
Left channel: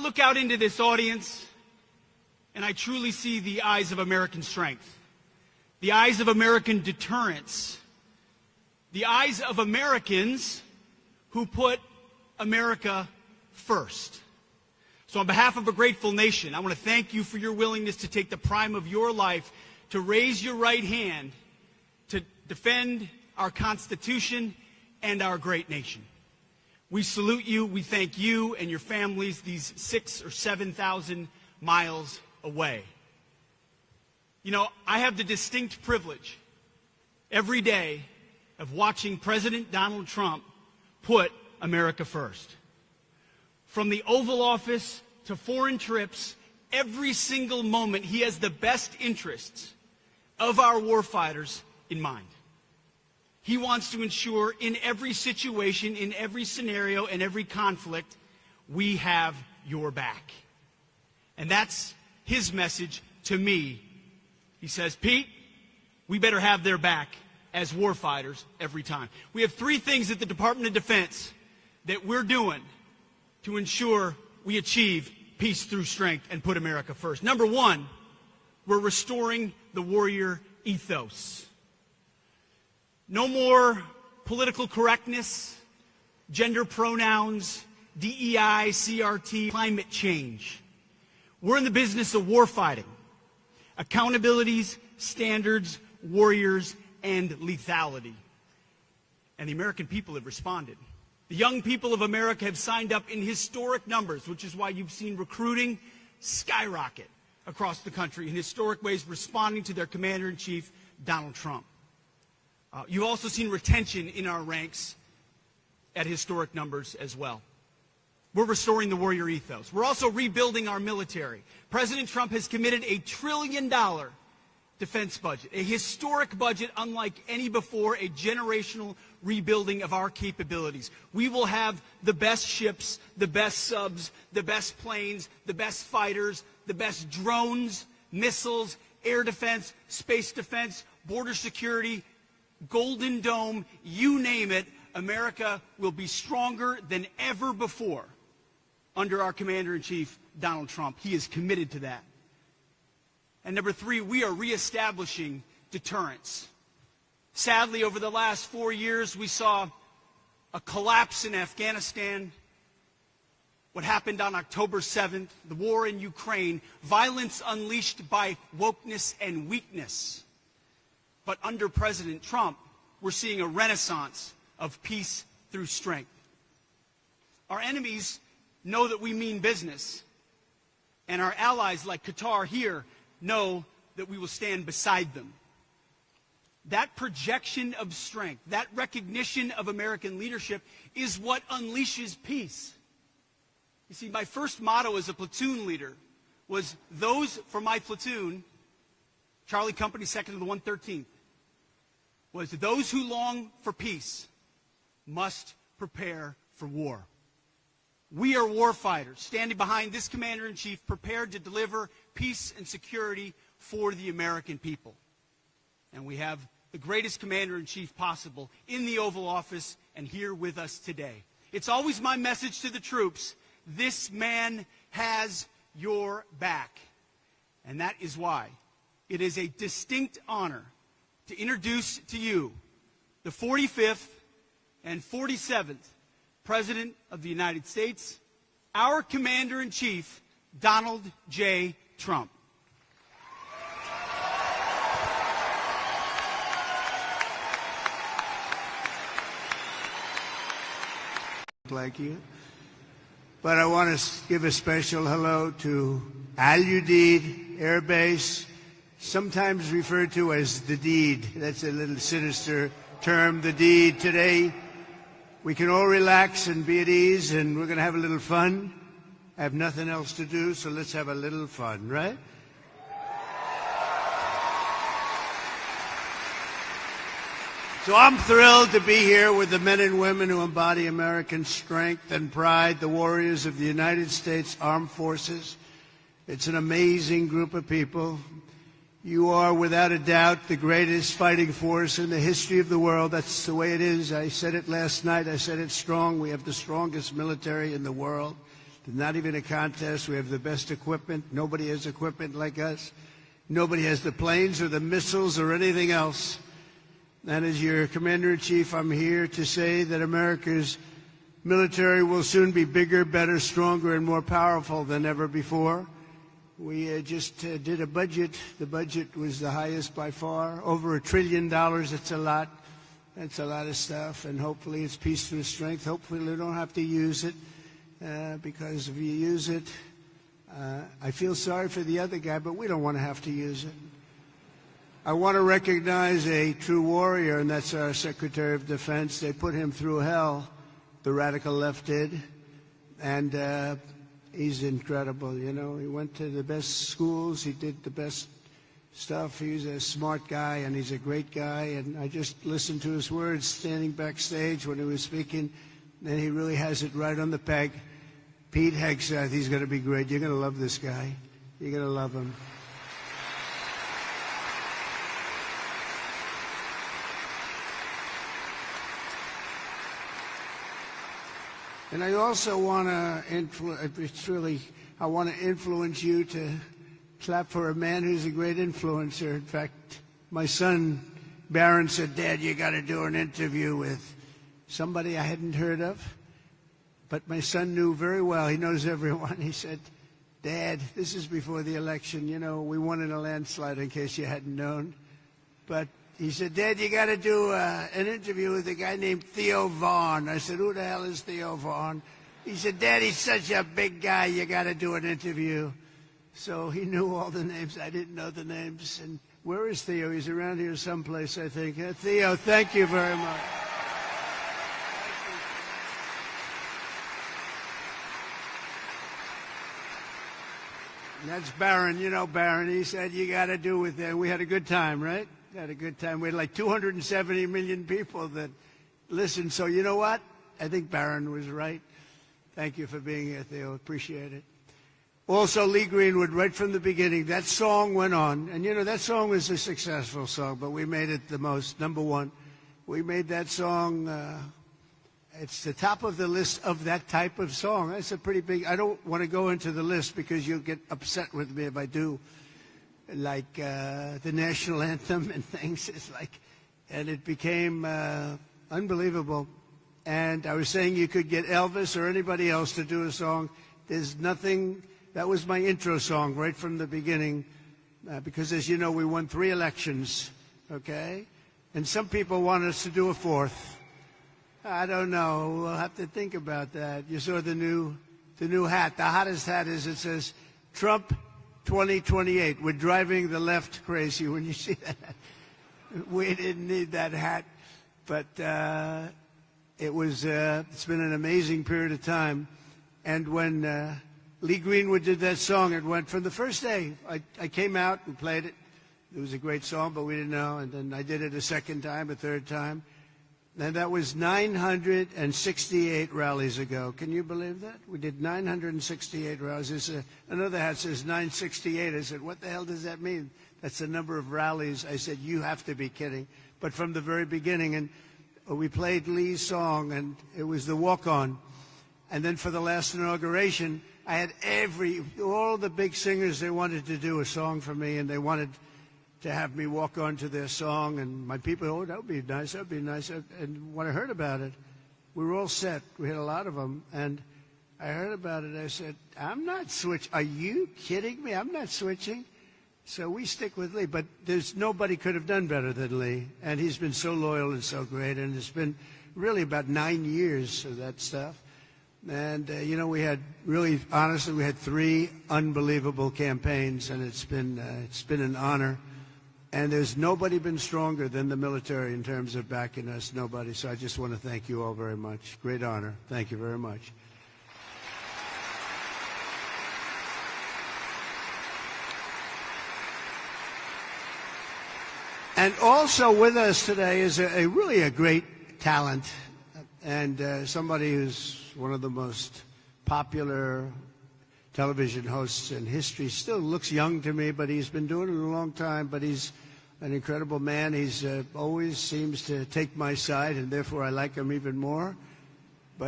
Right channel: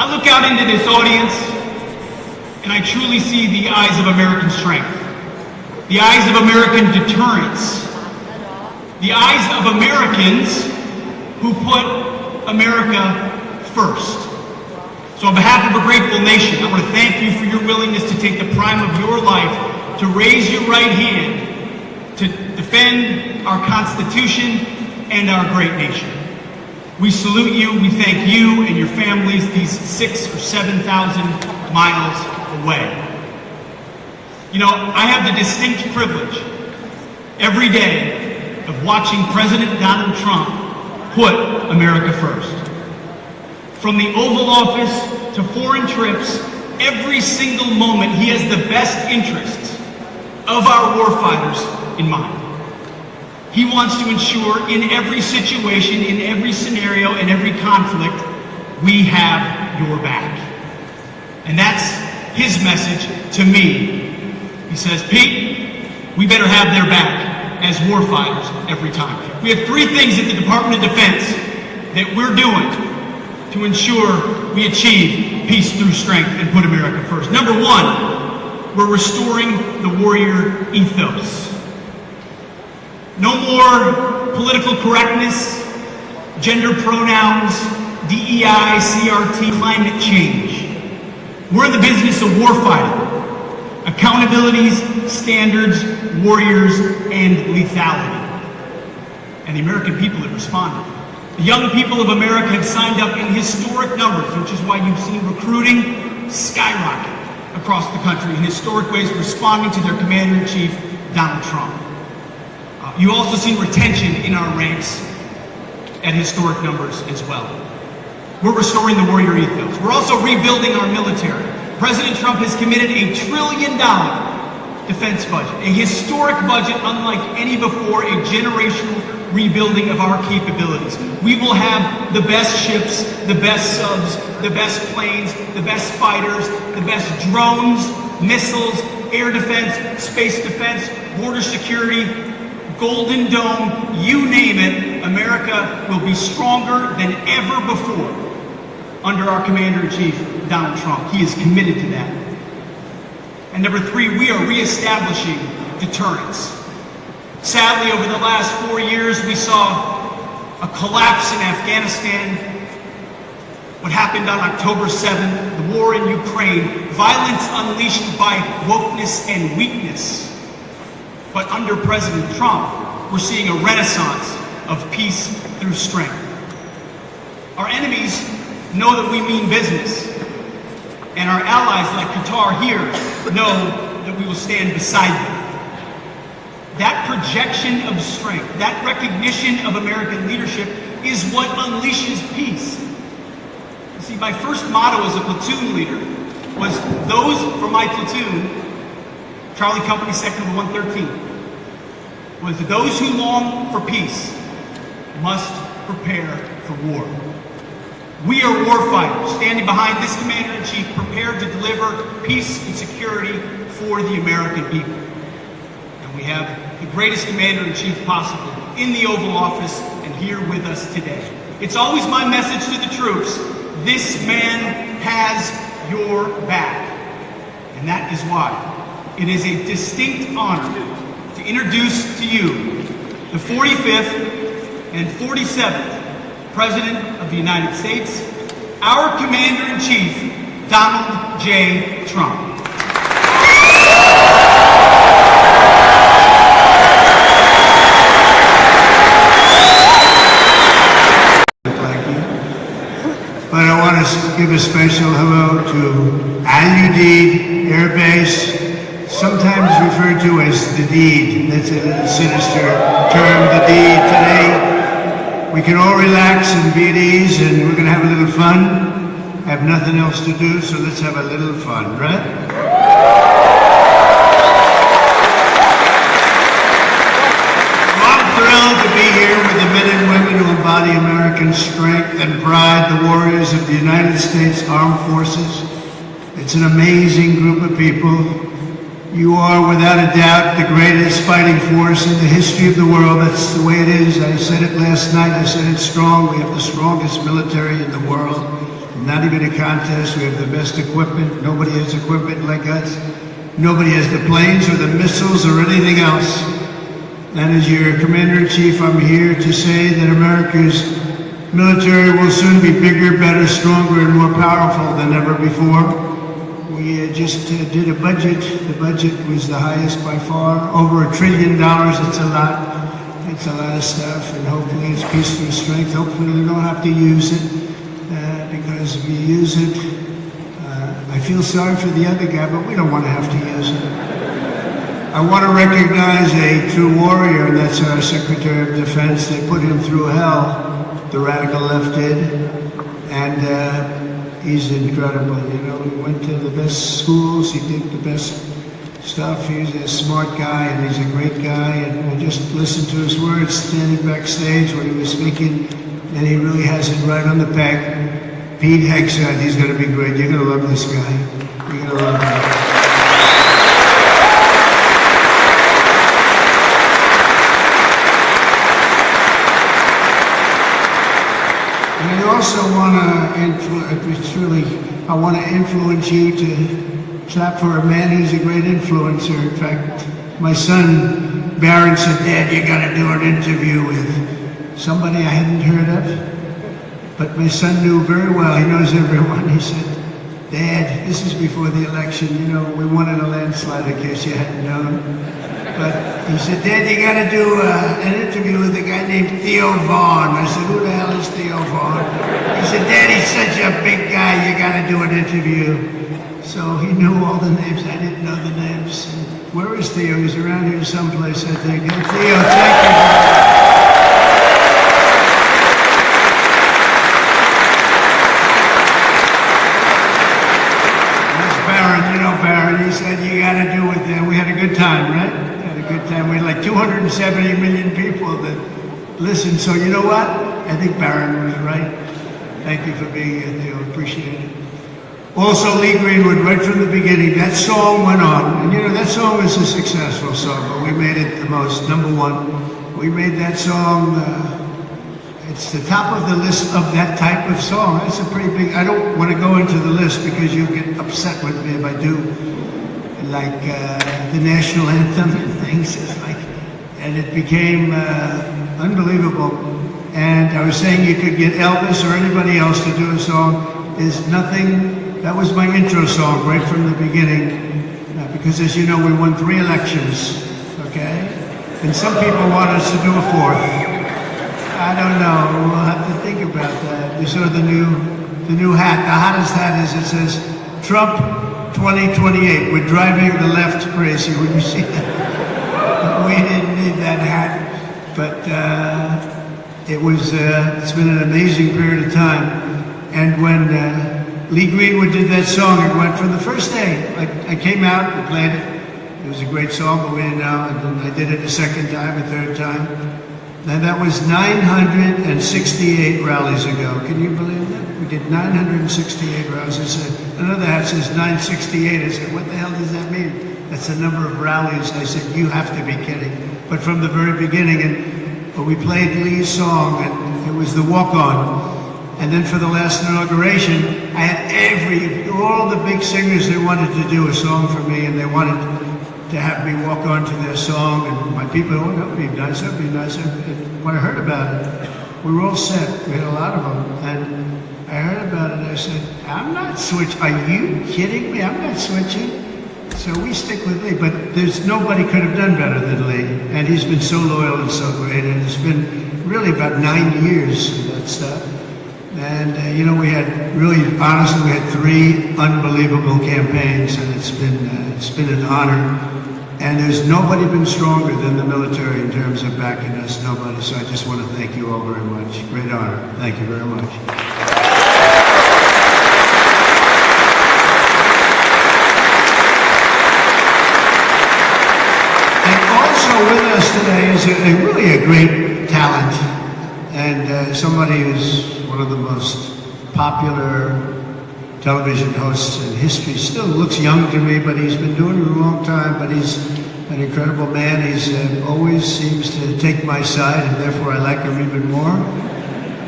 I look out into this audience and I truly see the eyes of American strength, the eyes of American deterrence, the eyes of Americans who put America first. So on behalf of a grateful nation, I want to thank you for your willingness to take the prime of your life to raise your right hand to defend our Constitution and our great nation. We salute you, we thank you and your families these 6,000 or 7,000 miles away. You know, I have the distinct privilege every day of watching President Donald Trump put America first. From the Oval Office to foreign trips, every single moment he has the best interests of our warfighters in mind. He wants to ensure in every situation, in every scenario, in every conflict, we have your back. And that's his message to me. He says, Pete, we better have their back as warfighters every time. We have three things at the Department of Defense that we're doing to ensure we achieve peace through strength and put America first. Number one, we're restoring the warrior ethos. No more political correctness, gender pronouns, DEI, CRT, climate change. We're in the business of warfighting, accountabilities, standards, warriors, and lethality. And the American people have responded. The young people of America have signed up in historic numbers, which is why you've seen recruiting skyrocket across the country in historic ways, responding to their Commander-in-Chief, Donald Trump. You also see retention in our ranks at historic numbers as well. We're restoring the warrior ethos. We're also rebuilding our military. President Trump has committed $1 trillion defense budget, a historic budget unlike any before, a generational rebuilding of our capabilities. We will have the best ships, the best subs, the best planes, the best fighters, the best drones, missiles, air defense, space defense, border security, Golden Dome, you name it. America will be stronger than ever before under our Commander-in-Chief, Donald Trump. He is committed to that. And number three, we are reestablishing deterrence. Sadly, over the last 4 years, we saw a collapse in Afghanistan, what happened on October 7th, the war in Ukraine, violence unleashed by wokeness and weakness. But under President Trump, we're seeing a renaissance of peace through strength. Our enemies know that we mean business, and our allies like Qatar here know that we will stand beside them. That projection of strength, that recognition of American leadership is what unleashes peace. You see, my first motto as a platoon leader was those for my platoon, Charlie Company Sector 113, was those who long for peace must prepare for war. We are warfighters, standing behind this Commander-in-Chief, prepared to deliver peace and security for the American people. And we have the greatest Commander-in-Chief possible in the Oval Office and here with us today. It's always my message to the troops, this man has your back. And that is why it is a distinct honor to introduce to you the 45th and 47th President of the United States, our Commander-in-Chief, Donald J. Trump. And I want to give a special hello to Udeid Air Base, sometimes referred to as the deed. That's a sinister term, the deed. Today, we can all relax and be at ease, and we're going to have a little fun. I have nothing else to do, so let's have a little fun, right? I'm thrilled to be here with the men and women who embody American strength and pride, the warriors of the United States Armed Forces. It's an amazing group of people. You are, without a doubt, the greatest fighting force in the history of the world. That's the way it is. I said it last night. I said it's strong. We have the strongest military in the world. not even a contest. We have the best equipment. Nobody has equipment like us. Nobody has the planes or the missiles or anything else. And as your Commander-in-Chief, I'm here to say that America's military will soon be bigger, better, stronger, and more powerful than ever before. We just did a budget. The budget was the highest by far, over $1 trillion. It's a lot. It's a lot of stuff, and hopefully it's peace through strength. Hopefully we don't have to use it, because we use it. I feel sorry for the other guy, but we don't want to have to use it. I want to recognize a true warrior, and that's our Secretary of Defense. They put him through hell, the radical left did, and he's incredible. You know, he went to the best schools, he did the best stuff. He's a smart guy, and he's a great guy, and we just listened to his words standing backstage when he was speaking, and he really has it right on the peg. Pete Hegseth, he's going to be great. You're going to love this guy. You're going to love him. And I also want to I want to influence you to clap for a man who's a great influencer. In fact, my son Barron said, "Dad, you got to do an interview with somebody I hadn't heard of." But my son knew very well, he knows everyone. He said, "Dad, this is before the election, you know, we won in a landslide in case you hadn't known." But he said, "Dad, you got to do an interview with a guy named Theo Vaughn." I said, "Who the hell is Theo Vaughn?" He said, "Dad, he's such a big guy, you got to do an interview." So he knew all the names, I didn't know the names. Where is Theo? He's around here someplace, I think. Hey, Theo, thank you. He said, "You got to do it there." We had a good time, right? We had a good time. We had like 270 million people that listened. So you know what? I think Barron was right. Thank you for being here, Theo. Appreciate it. Also, Lee Greenwood, right from the beginning, that song went on. And you know, that song was a successful song, but we made it the most, number one. We made that song, it's the top of the list of that type of song. That's a pretty big, I don't want to go into the list because you'll get upset with me if I do. Like the national anthem and things, and it became unbelievable. And I was saying you could get Elvis or anybody else to do a song. There's nothing, that was my intro song right from the beginning, because as you know, we won 3 elections, okay? And some people want us to do a 4th. I don't know, we'll have to think about that. You saw the new hat, the hottest hat is, it says, Trump 2028. We're driving the left crazy. Would you see that? We didn't need that hat, but it's been an amazing period of time. And when Lee Greenwood did that song, it went from the first day. I came out and played it. It was a great song, but we didn't know. And then I did it the second time, a third time. And that was 968 rallies ago. Can you believe that? We did 968 rallies. I said, another hat says 968. I said, what the hell does that mean? That's the number of rallies. I said, you have to be kidding. But from the very beginning, and we played Lee's song, and it was the walk-on. And then for the last inauguration, I had all the big singers, they wanted to do a song for me, and they wanted to have me walk on to their song. And my people, oh, that would be nice, that would be nice. And when I heard about it, we were all set. We had a lot of them. And I heard about it, I said, I'm not switching. Are you kidding me? I'm not switching. So we stick with Lee, but nobody could have done better than Lee. And he's been so loyal and so great, and it's been really about 9 years of that stuff. And, you know, we had honestly, we had 3 unbelievable campaigns, and it's been an honor. And there's nobody been stronger than the military in terms of backing us, nobody. So I just want to thank you all very much. Great honor. Thank you very much. With us today is really a great talent, and somebody who's one of the most popular television hosts in history. Still looks young to me, but he's been doing it a long time, but he's an incredible man. He's always seems to take my side, and therefore I like him even more.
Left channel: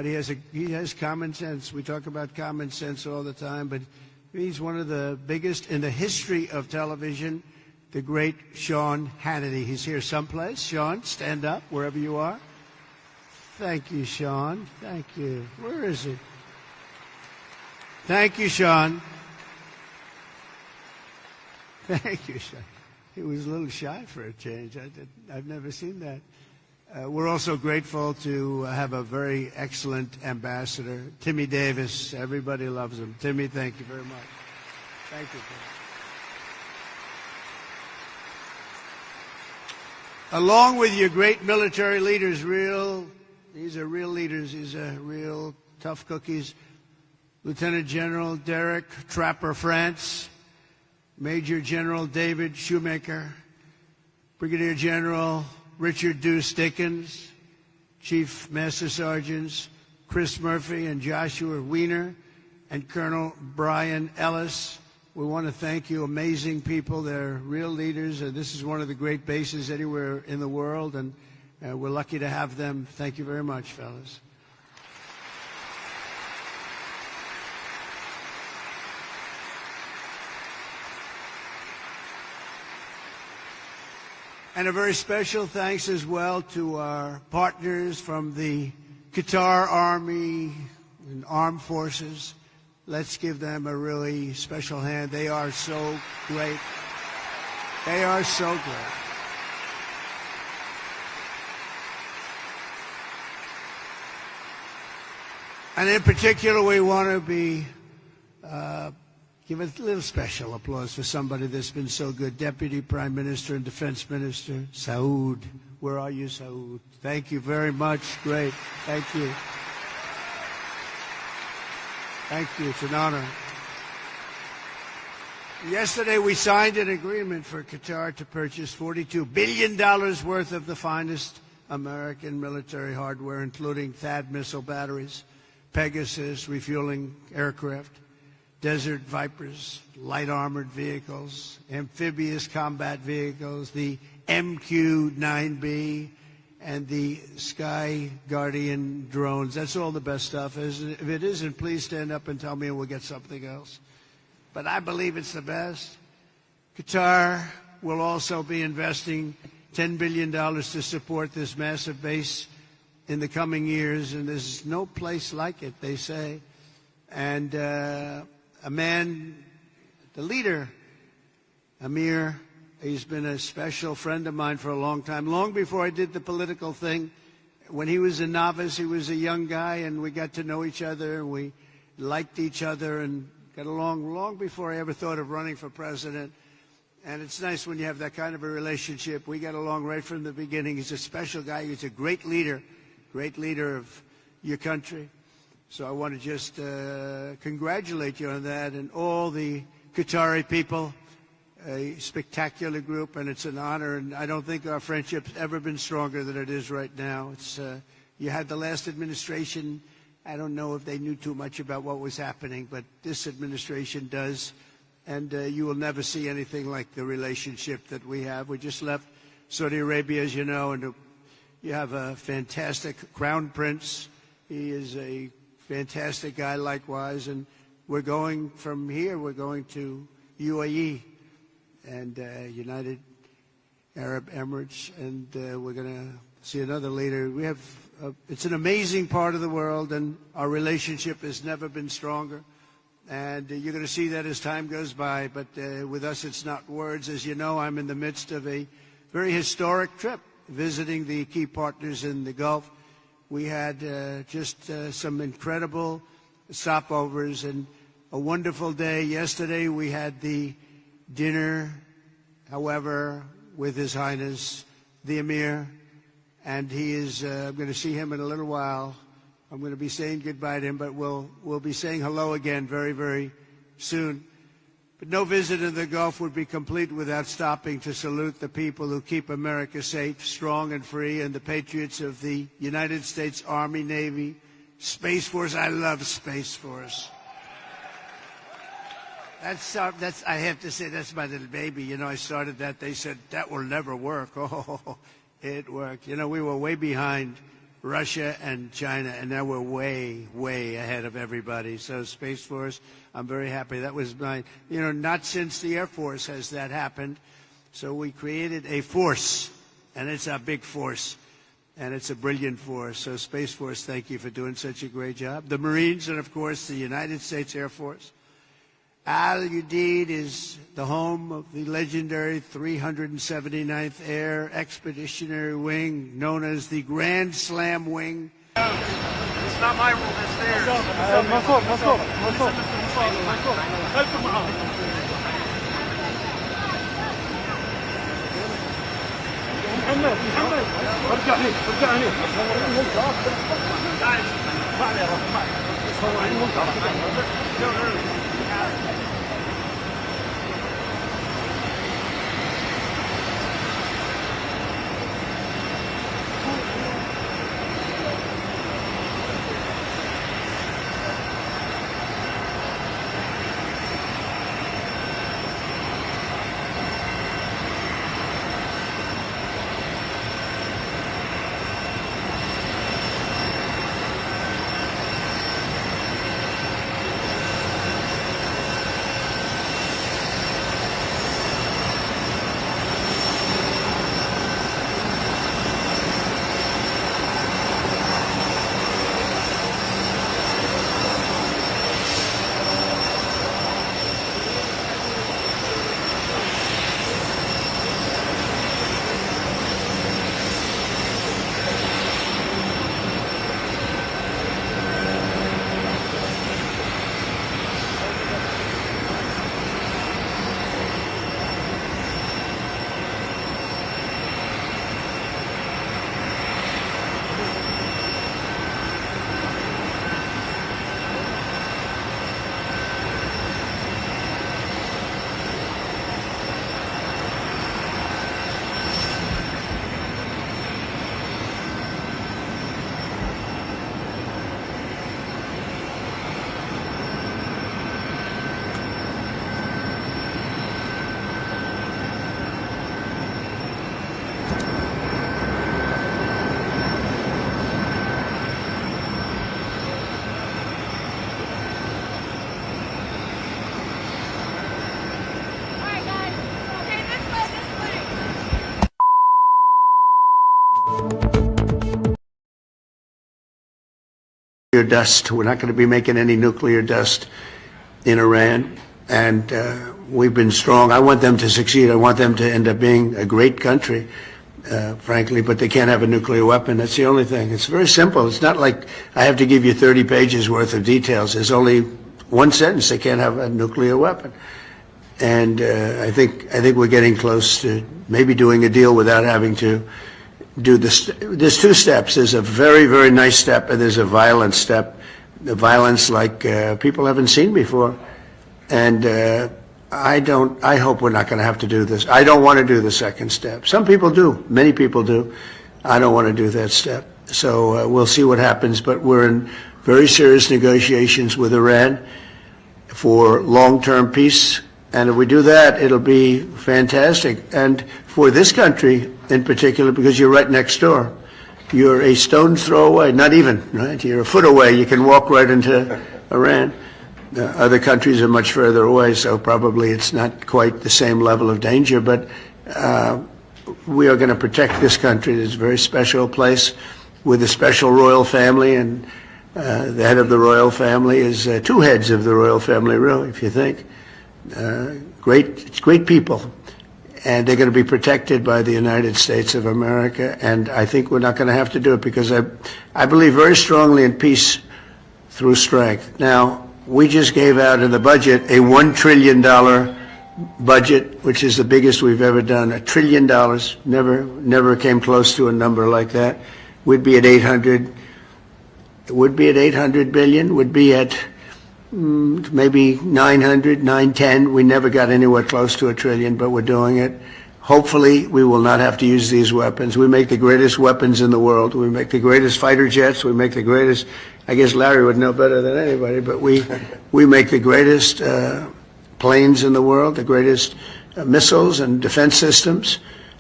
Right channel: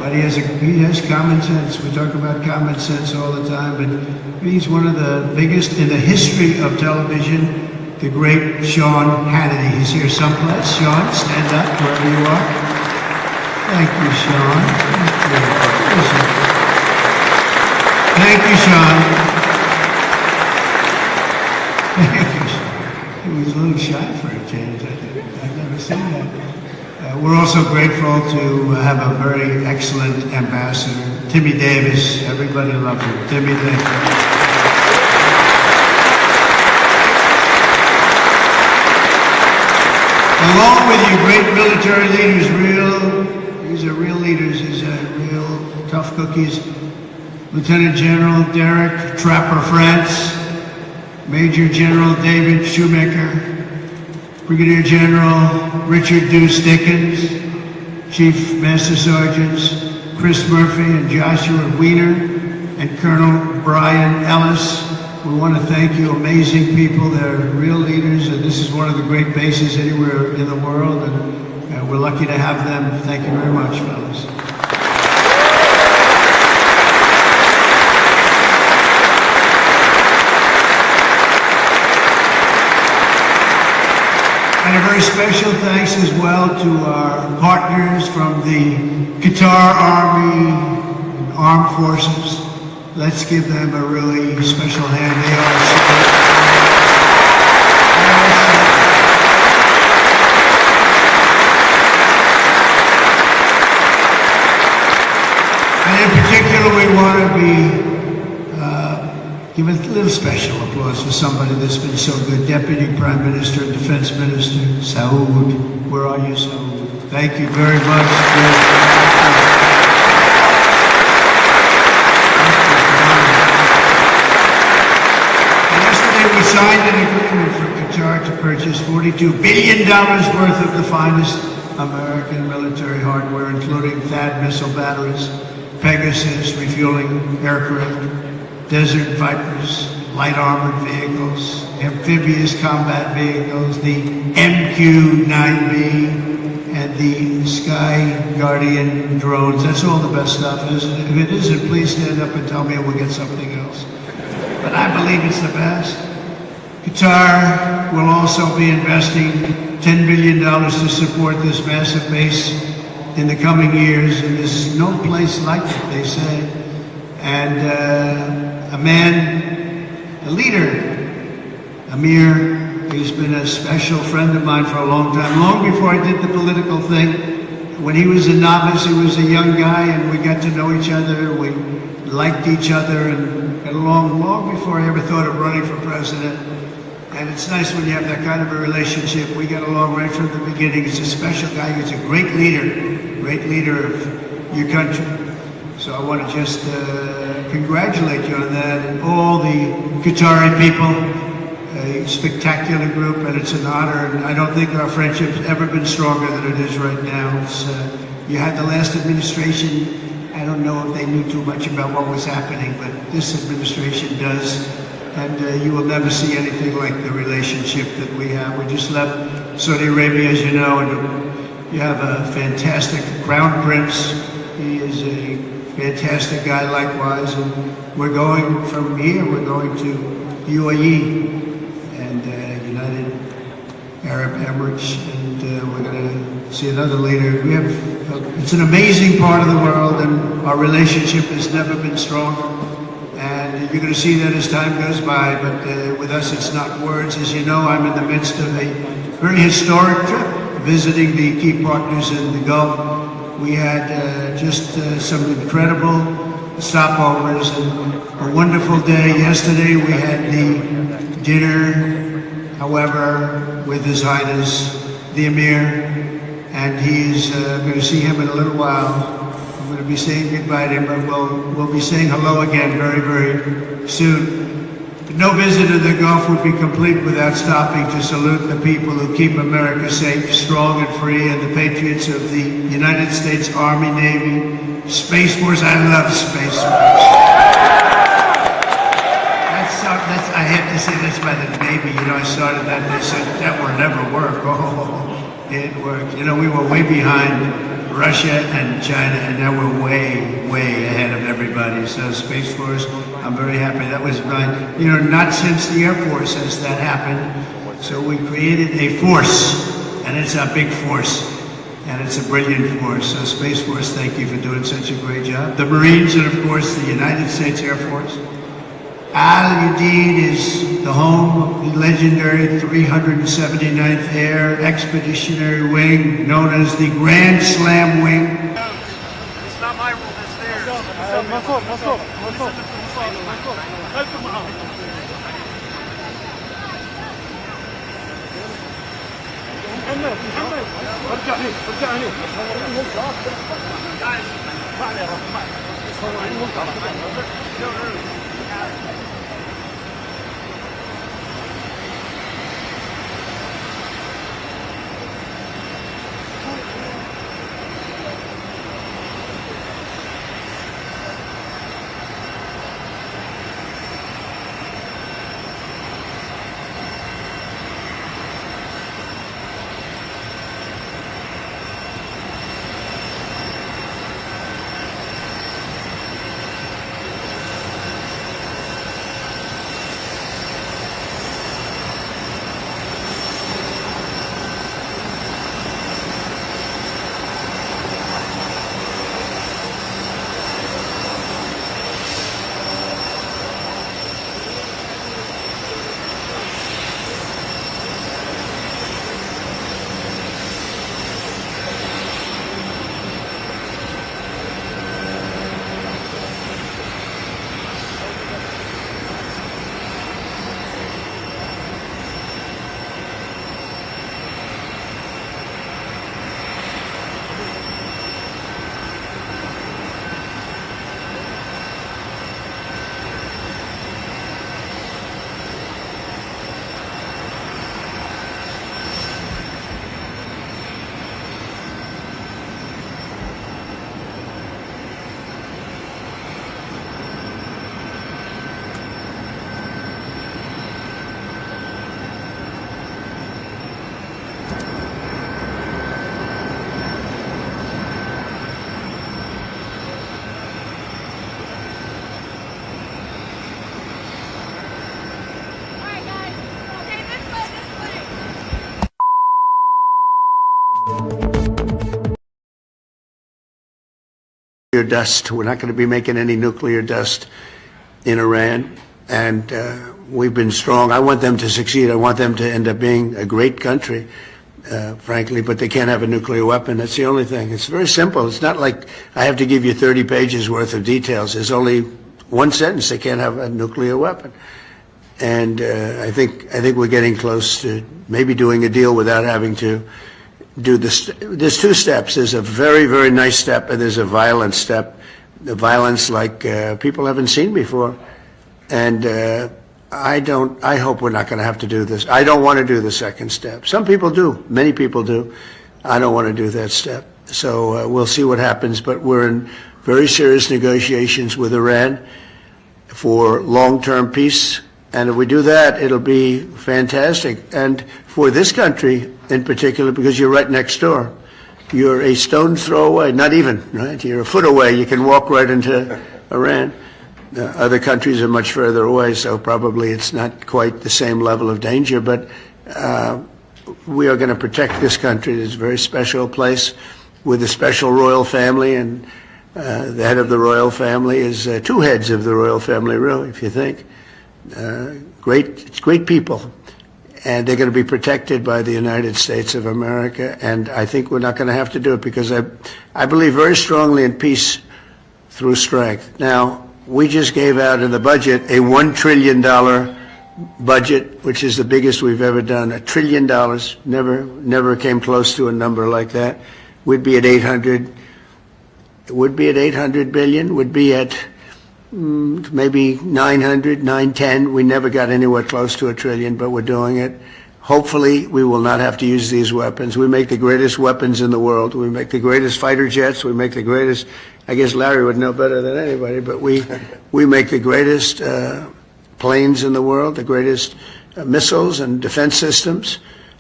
but he has common sense. We talk about common sense all the time, but he's one of the biggest in the history of television, the great Sean Hannity. He's here someplace. Sean, stand up wherever you are. Thank you, Sean. Thank you, Sean. He was a little shy for a change. I've never seen that. We're also grateful to have a very excellent ambassador, Timmy Davis. Everybody loves him. Timmy Davis. Along with you great military leaders, these are real leaders, these are real tough cookies. Lieutenant General Derek Trapper France, Major General David Shoemaker, Brigadier General Richard Deuce Dickens, Chief Master Sergeants Chris Murphy and Joshua Wiener, and Colonel Brian Ellis. We want to thank you, amazing people. They're real leaders, and this is one of the great bases anywhere in the world, and we're lucky to have them. Thank you very much, fellas. And a very special thanks as well to our partners from the Qatar Army, Armed Forces. Let's give them a really special hand. They are and in particular, we want to give a little special applause to somebody that's been so good. Deputy Prime Minister and Defense Minister, Saud. Where are you, Saud? Thank you very much. Yesterday we signed an agreement for Qatar to purchase $42 billion worth of the finest American military hardware, including THAAD missile batteries, Pegasus refueling aircraft, Desert Vipers, light armored vehicles, amphibious combat vehicles, the MQ-9B, and the Sky Guardian drones. That's all the best stuff. If it isn't, please stand up and tell me and we'll get something else. But I believe it's the best. Qatar will also be investing $10 billion to support this massive base in the coming years. And there's no place like it, they say. And a man, a leader, Amir, he's been a special friend of mine for a long time, long before I did the political thing. When he was a novice, he was a young guy, and we got to know each other, we liked each other, and got along long before I ever thought of running for president. And it's nice when you have that kind of a relationship. We got along right from the beginning. He's a special guy, he's a great leader of your country. So I want to just congratulate you on that, and all the Qatari people, a spectacular group, and it's an honor. And I don't think our friendship's ever been stronger than it is right now. You had the last administration. I don't know if they knew too much about what was happening, but this administration does. And you will never see anything like the relationship that we have. We just left Saudi Arabia, as you know, and we have a fantastic Crown Prince. He is a fantastic guy likewise, and we're going from here, we're going to UAE and United Arab Emirates, and we're going to see another leader. It's an amazing part of the world, and our relationship has never been stronger, and you're going to see that as time goes by, but with us it's not words. As you know, I'm in the midst of a very historic trip, visiting the key partners in the Gulf. We had just some incredible stopovers and a wonderful day. Yesterday we had the dinner, however, with His Highness the Emir, and he's going to see him in a little while. I'm going to be saying goodbye to him, but we'll be saying hello again very, very soon. No visit to the Gulf would be complete without stopping to salute the people who keep America safe, strong, and free, and the patriots of the United States Army, Navy, Space Force. I love Space Force. I have to say that's by the Navy. You know, I started that, and they said that will never work. Oh, it worked. You know, we were way behind Russia and China, and now we're way ahead of everybody. So Space Force, I'm very happy. That was not since the Air Force has that happened. So we created a force, and it's a big force, and it's a brilliant force. So Space Force, thank you for doing such a great job. The Marines, and of course the United States Air Force. Udeid is the home of the legendary 379th Air Expeditionary Wing, known as the Grand Slam Wing. It's not my rule, it's theirs. محمد ارجع هنا guys اسمعني يا رب صورين ممتع dust. We're not going to be making any nuclear dust in Iran, and we've been strong. I want them to succeed. I want them to end up being a great country, frankly, but they can't have a nuclear weapon. That's the only thing. It's very simple. It's not like I have to give you 30 pages worth of details. There's only one sentence. They can't have a nuclear weapon. And I think we're getting close to maybe doing a deal without having to do this. There's two steps. There's a very, very nice step, and there's a violent step. The violence like people haven't seen before. And I hope we're not going to have to do this. I don't want to do the second step. Some people do. Many people do. I don't want to do that step. So we'll see what happens. But we're in very serious negotiations with Iran for long-term peace. And if we do that, it'll be fantastic. And for this country in particular, because you're right next door. You're a stone's throw away, not even, right? You're a foot away. You can walk right into Iran. Other countries are much further away, so probably it's not quite the same level of danger. But we are going to protect this country. It's a very special place with a special royal family, and the head of the royal family is two heads of the royal family, really, if you think. Great people, and they're going to be protected by the United States of America, and I think we're not going to have to do it because I believe very strongly in peace through strength. Now, we just gave out in the budget a $1 trillion budget, which is the biggest we've ever done. $1 trillion, never came close to a number like that. We'd be at 800 billion, would be at maybe 900, 910. We never got anywhere close to $1 trillion, but we're doing it. Hopefully, we will not have to use these weapons. We make the greatest weapons in the world. We make the greatest fighter jets. We make the greatest, I guess Larry would know better than anybody, but we make the greatest planes in the world, the greatest missiles and defense systems.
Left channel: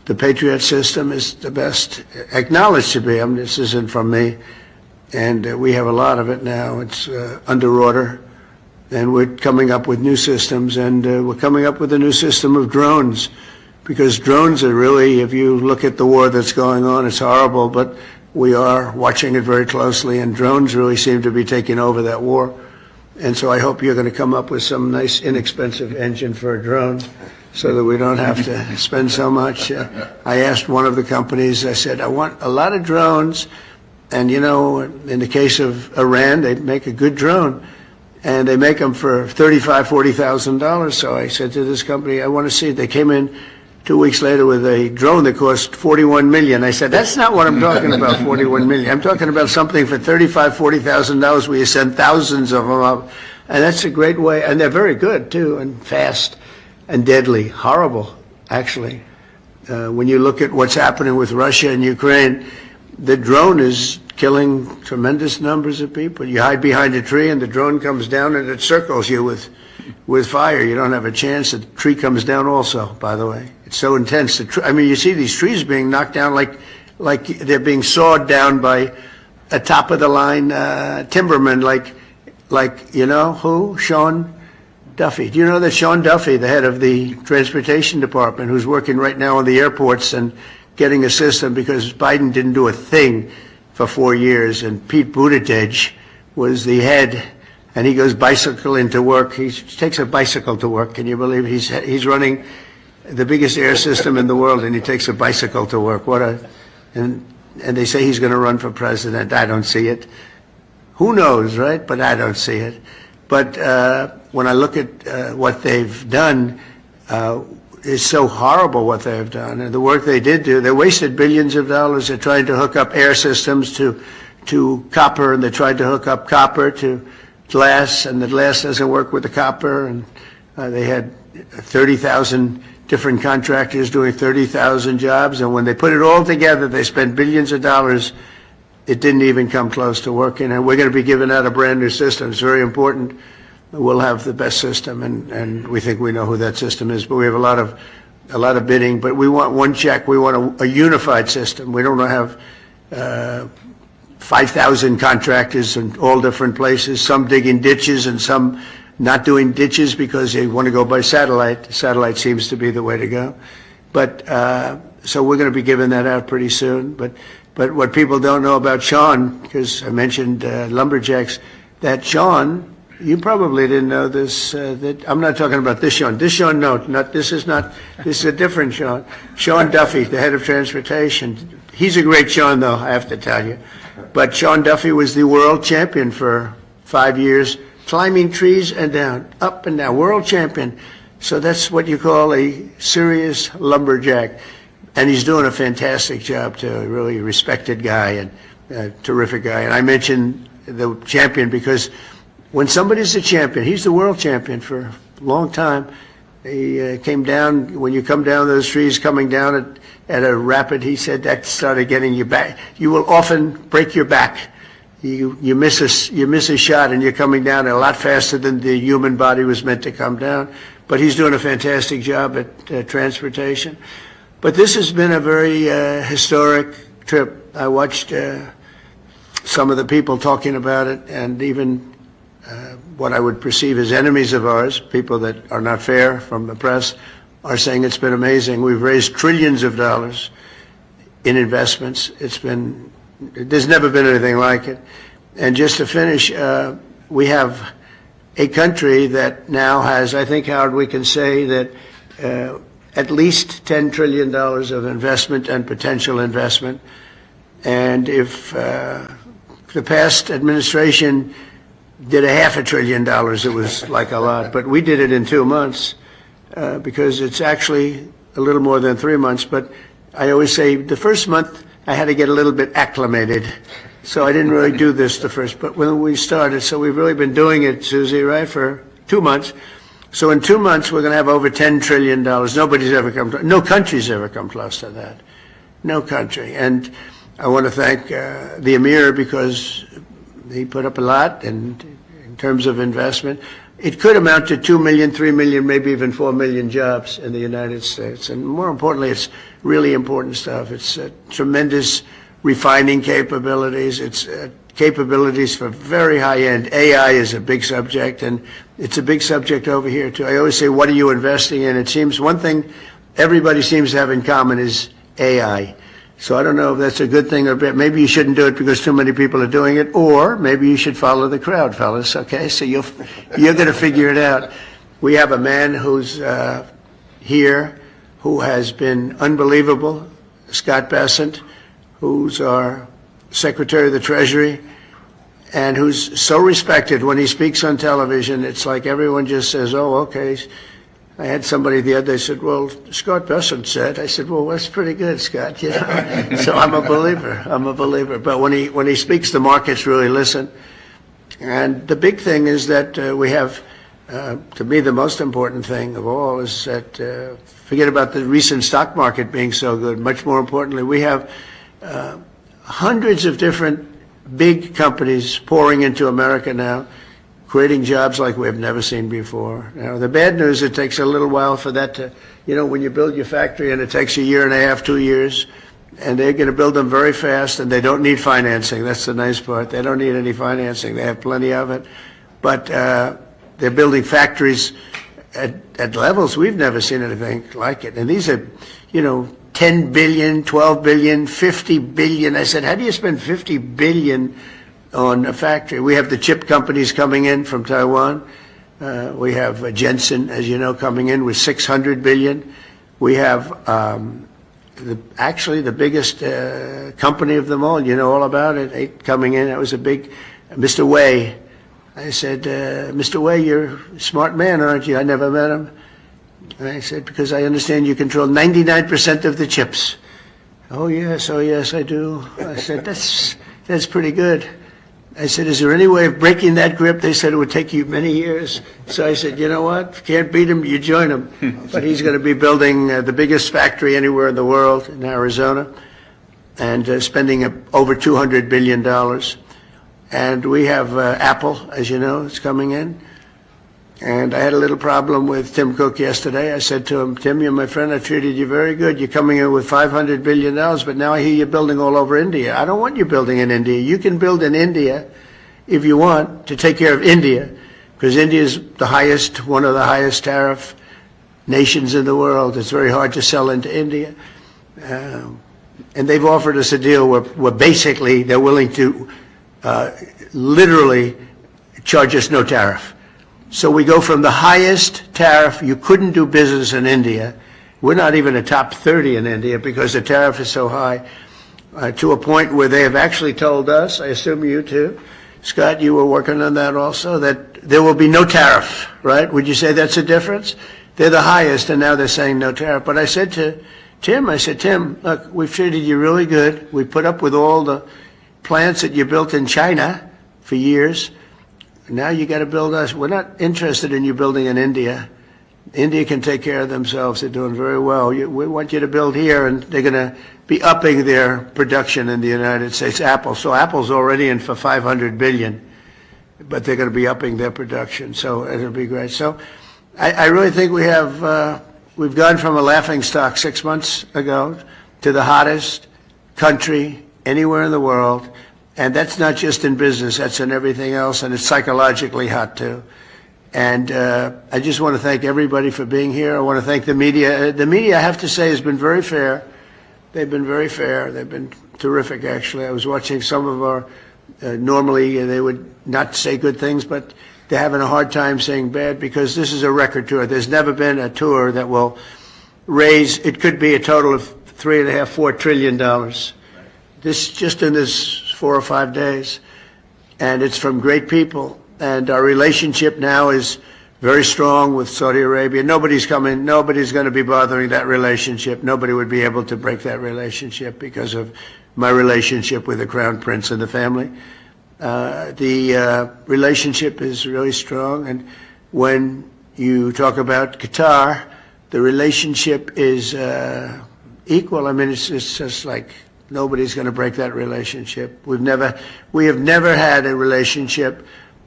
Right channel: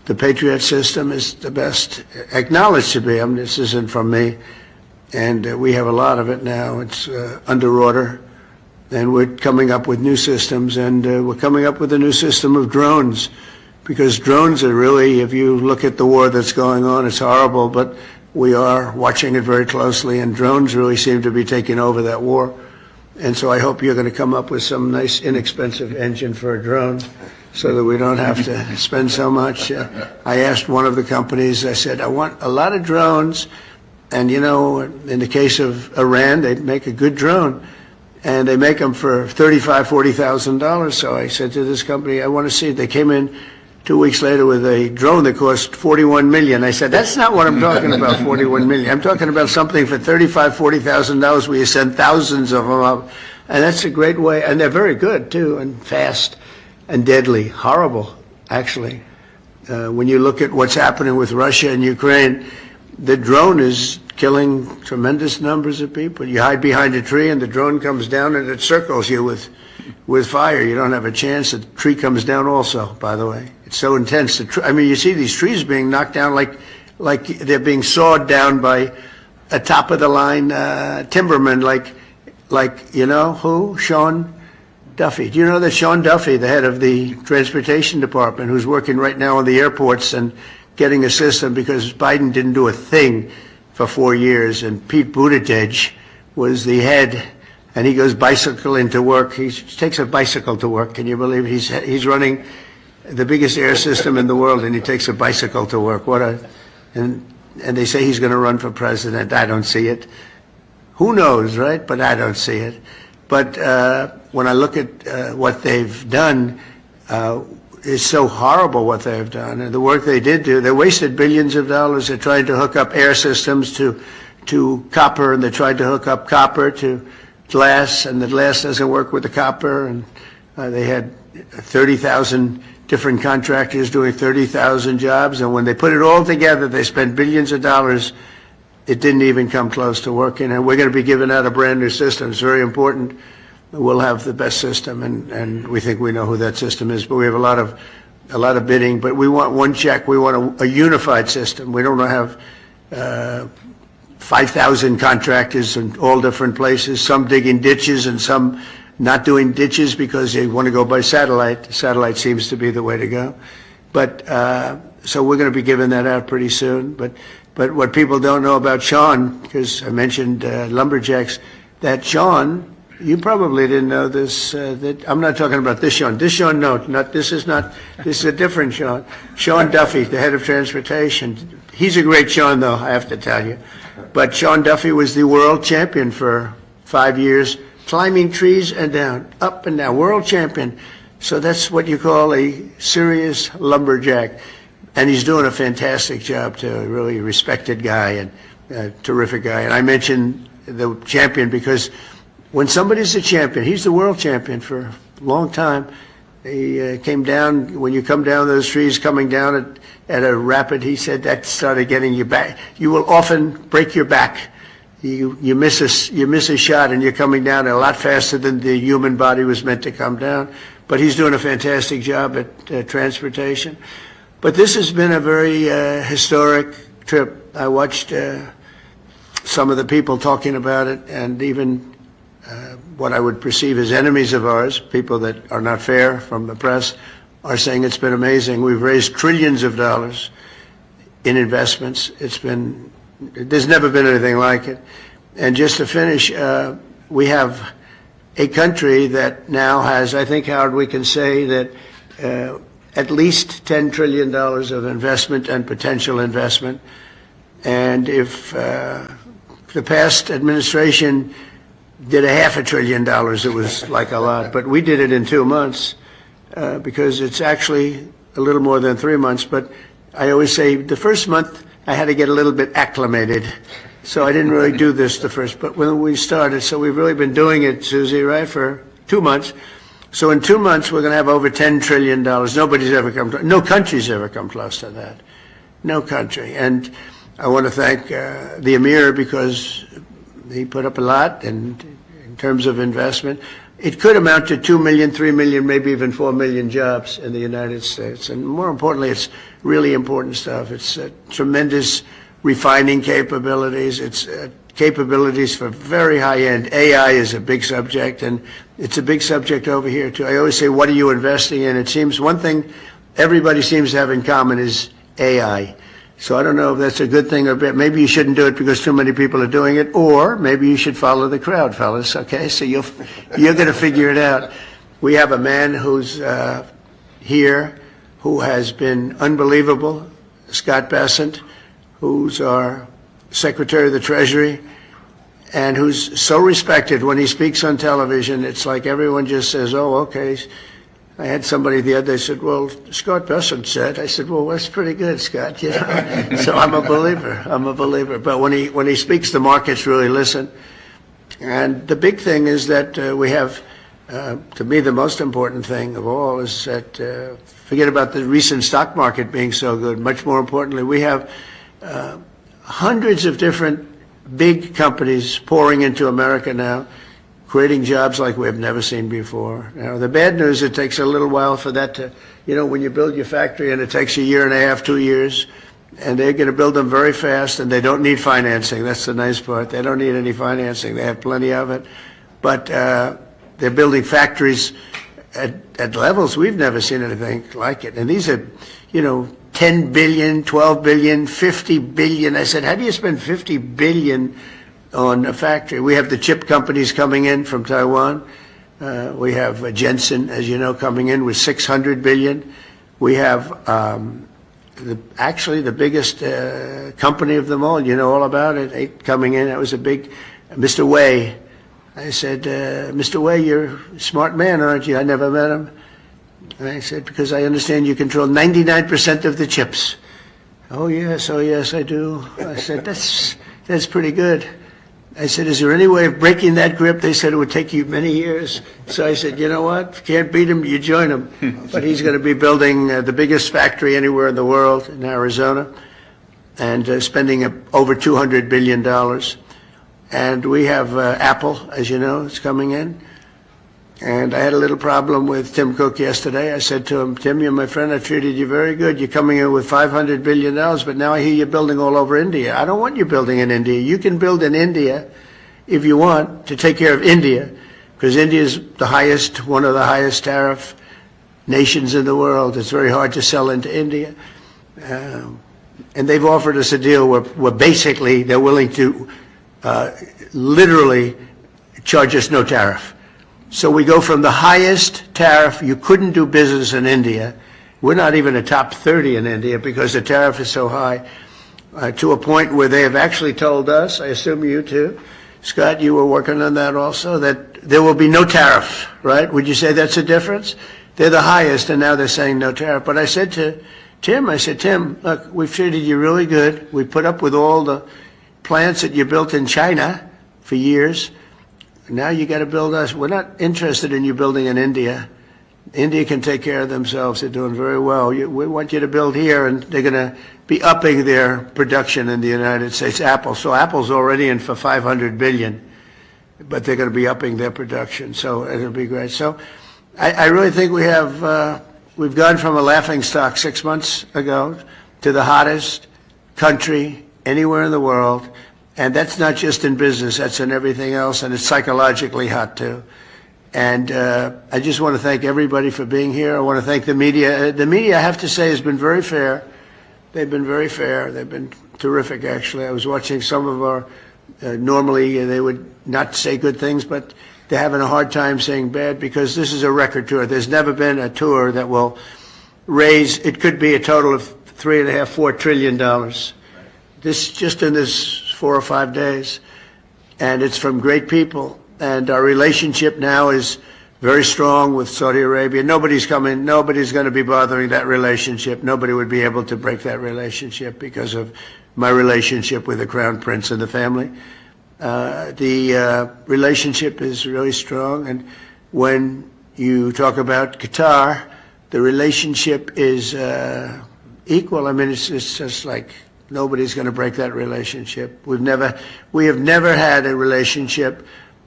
The Patriot system is the best, acknowledged to be. I mean, this isn't from me, and we have a lot of it now. It's under order, and we're coming up with new systems, and we're coming up with a new system of drones, because drones are really, if you look at the war that's going on, it's horrible, but we are watching it very closely, and drones really seem to be taking over that war. And so I hope you're going to come up with some nice inexpensive engine for a drone so that we don't have to spend so much. I asked one of the companies, I said, I want a lot of drones. And, you know, in the case of Iran, they make a good drone. And they make them for $35,000, $40,000. So I said to this company, I want to see it. They came in 2 weeks later with a drone that cost $41 million. I said, that's not what I'm talking about, $41 million. I'm talking about something for $35,000, $40,000 where you send thousands of them up. And that's a great way. And they're very good, too, and fast and deadly. Horrible, actually. When you look at what's happening with Russia and Ukraine, the drone is killing tremendous numbers of people. You hide behind a tree and the drone comes down and it circles you with fire. You don't have a chance. The tree comes down also, by the way. It's so intense. I mean, you see these trees being knocked down like they're being sawed down by a top-of-the-line timberman, like you know who? Sean Duffy. Do you know that Sean Duffy, the head of the transportation department, who's working right now on the airports and getting a system because Biden didn't do a thing for 4 years, and Pete Buttigieg was the head, and he goes bicycling to work. He takes a bicycle to work. Can you believe he's running the biggest air system in the world, and he takes a bicycle to work? And they say he's going to run for president. I don't see it. Who knows, right? But I don't see it. But when I look at what they've done, it's so horrible what they've done. And the work they did do, they wasted billions of dollars. They're trying to hook up air systems to copper, and they tried to hook up copper to glass, and the glass doesn't work with the copper. And they had 30,000 different contractors doing 30,000 jobs. And when they put it all together, they spent billions of dollars. It didn't even come close to working. And we're going to be giving out a brand new system. It's very important. We'll have the best system, and we think we know who that system is. But we have a lot of bidding. But we want one check. We want a unified system. We don't want to have 5,000 contractors in all different places. Some digging ditches and some not doing ditches because they want to go by satellite. Satellite seems to be the way to go. But so we're going to be giving that out pretty soon. But what people don't know about Sean, because I mentioned lumberjacks, that Sean. You probably didn't know this. That I'm not talking about this Sean. This Sean, no, this is a different Sean. Sean Duffy, the head of transportation. He's a great Sean, though, I have to tell you. But Sean Duffy was the world champion for 5 years, climbing trees and down, up and down, world champion. So that's what you call a serious lumberjack. And he's doing a fantastic job, too. A really respected guy and a terrific guy. And I mentioned the champion because when somebody's a champion, he's the world champion for a long time. He came down, when you come down those trees, coming down at a rapid, he said that started getting you back. You will often break your back. You miss a shot and you're coming down a lot faster than the human body was meant to come down. But he's doing a fantastic job at transportation. But this has been a very historic trip. I watched some of the people talking about it, and even what I would perceive as enemies of ours, people that are not fair from the press, are saying it's been amazing. We've raised trillions of dollars in investments. There's never been anything like it. And just to finish, we have a country that now has, I think, Howard, we can say that at least $10 trillion of investment and potential investment. And if the past administration did $500 billion, it was like a lot. But we did it in 2 months because it's actually a little more than 3 months. But I always say the first month I had to get a little bit acclimated. So I didn't really do this the first. But when we started, so we've really been doing it, Susie, right, for 2 months. So in 2 months, we're going to have over $10 trillion. No country's ever come close to that. No country. And I want to thank the Emir because he put up a lot in terms of investment. it could amount to 2 million, 3 million, maybe even 4 million jobs in the United States. And more importantly, it's really important stuff. It's tremendous refining capabilities. It's capabilities for very high-end. AI is a big subject, and it's a big subject over here, too. I always say, what are you investing in? It seems one thing everybody seems to have in common is AI. So I don't know if that's a good thing or bad. Maybe you shouldn't do it because too many people are doing it, or maybe you should follow the crowd, fellas, okay? So you're going to figure it out. We have a man who's here who has been unbelievable, Scott Bessent, who's our Secretary of the Treasury, and who's so respected. When he speaks on television, it's like everyone just says, oh, okay. I had somebody the other day said, well, Scott Bessent said. I said, well, that's pretty good, Scott. You know? So I'm a believer. But when he speaks, the markets really listen. And the big thing is that we have, to me, the most important thing of all is that, forget about the recent stock market being so good. Much more importantly, we have hundreds of different big companies pouring into America now, creating jobs like we have never seen before. Now, the bad news, it takes a little while for that to, you know, when you build your factory and it takes 1.5 years, 2 years, and they're going to build them very fast, and they don't need financing. That's the nice part. They don't need any financing. They have plenty of it. But they're building factories at levels we've never seen anything like it. And these are, you know, 10 billion, 12 billion, 50 billion. I said, how do you spend 50 billion on a factory? We have the chip companies coming in from Taiwan. We have Jensen, as you know, coming in with 600 billion. We have actually the biggest company of them all. You know all about it. Coming in. That was a big Mr. Wei. I said, Mr. Wei, you're a smart man, aren't you? I never met him. And I said, because I understand you control 99% of the chips. Oh, yes, I do. I said, that's pretty good. I said, is there any way of breaking that grip? They said it would take you many years. So I said, you know what? If you can't beat him, you join him. But he's going to be building the biggest factory anywhere in the world in Arizona, and spending over $200 billion. And we have Apple, as you know, is coming in. And I had a little problem with Tim Cook yesterday. I said to him, Tim, you're my friend. I treated you very good. You're coming in with $500 billion, but now I hear you're building all over India. I don't want you building in India. You can build in India if you want to take care of India, because India is the highest, one of the highest tariff nations in the world. It's very hard to sell into India. And they've offered us a deal where basically they're willing to literally charge us no tariff. So we go from the highest tariff, you couldn't do business in India. We're not even a top 30 in India because the tariff is so high, to a point where they have actually told us, I assume you too, Scott, you were working on that also, that there will be no tariff, right? Would you say that's a difference? They're the highest, and now they're saying no tariff. But I said to Tim, look, we've treated you really good. We put up with all the plants that you built in China for years. Now you got to build us. We're not interested in you building in India. India can take care of themselves. They're doing very well. We want you to build here, and they're going to be upping their production in the United States. Apple. So Apple's already in for $500 billion, but they're going to be upping their production. So it'll be great. So I really think we've gone from a laughingstock 6 months ago to the hottest country anywhere in the world. And that's not just in business, that's in everything else, and it's psychologically hot too. And I just want to thank everybody for being here. I want to thank the media. The media, I have to say, has been very fair. They've been very fair. They've been terrific, actually. I was watching some of our, normally they would not say good things, but they're having a hard time saying bad, because this is a record tour. There's never been a tour that will raise, it could be a total of $3.5–4 trillion. This, just in this 4 or 5 days, and it's from great people. And our relationship now is very strong with Saudi Arabia. Nobody's going to be bothering that relationship. Nobody would be able to break that relationship because of my relationship with the Crown Prince and the family. The relationship is really strong, and when you talk about Qatar, the relationship is equal. I mean, it's just like, nobody's going to break that relationship. We have never had a relationship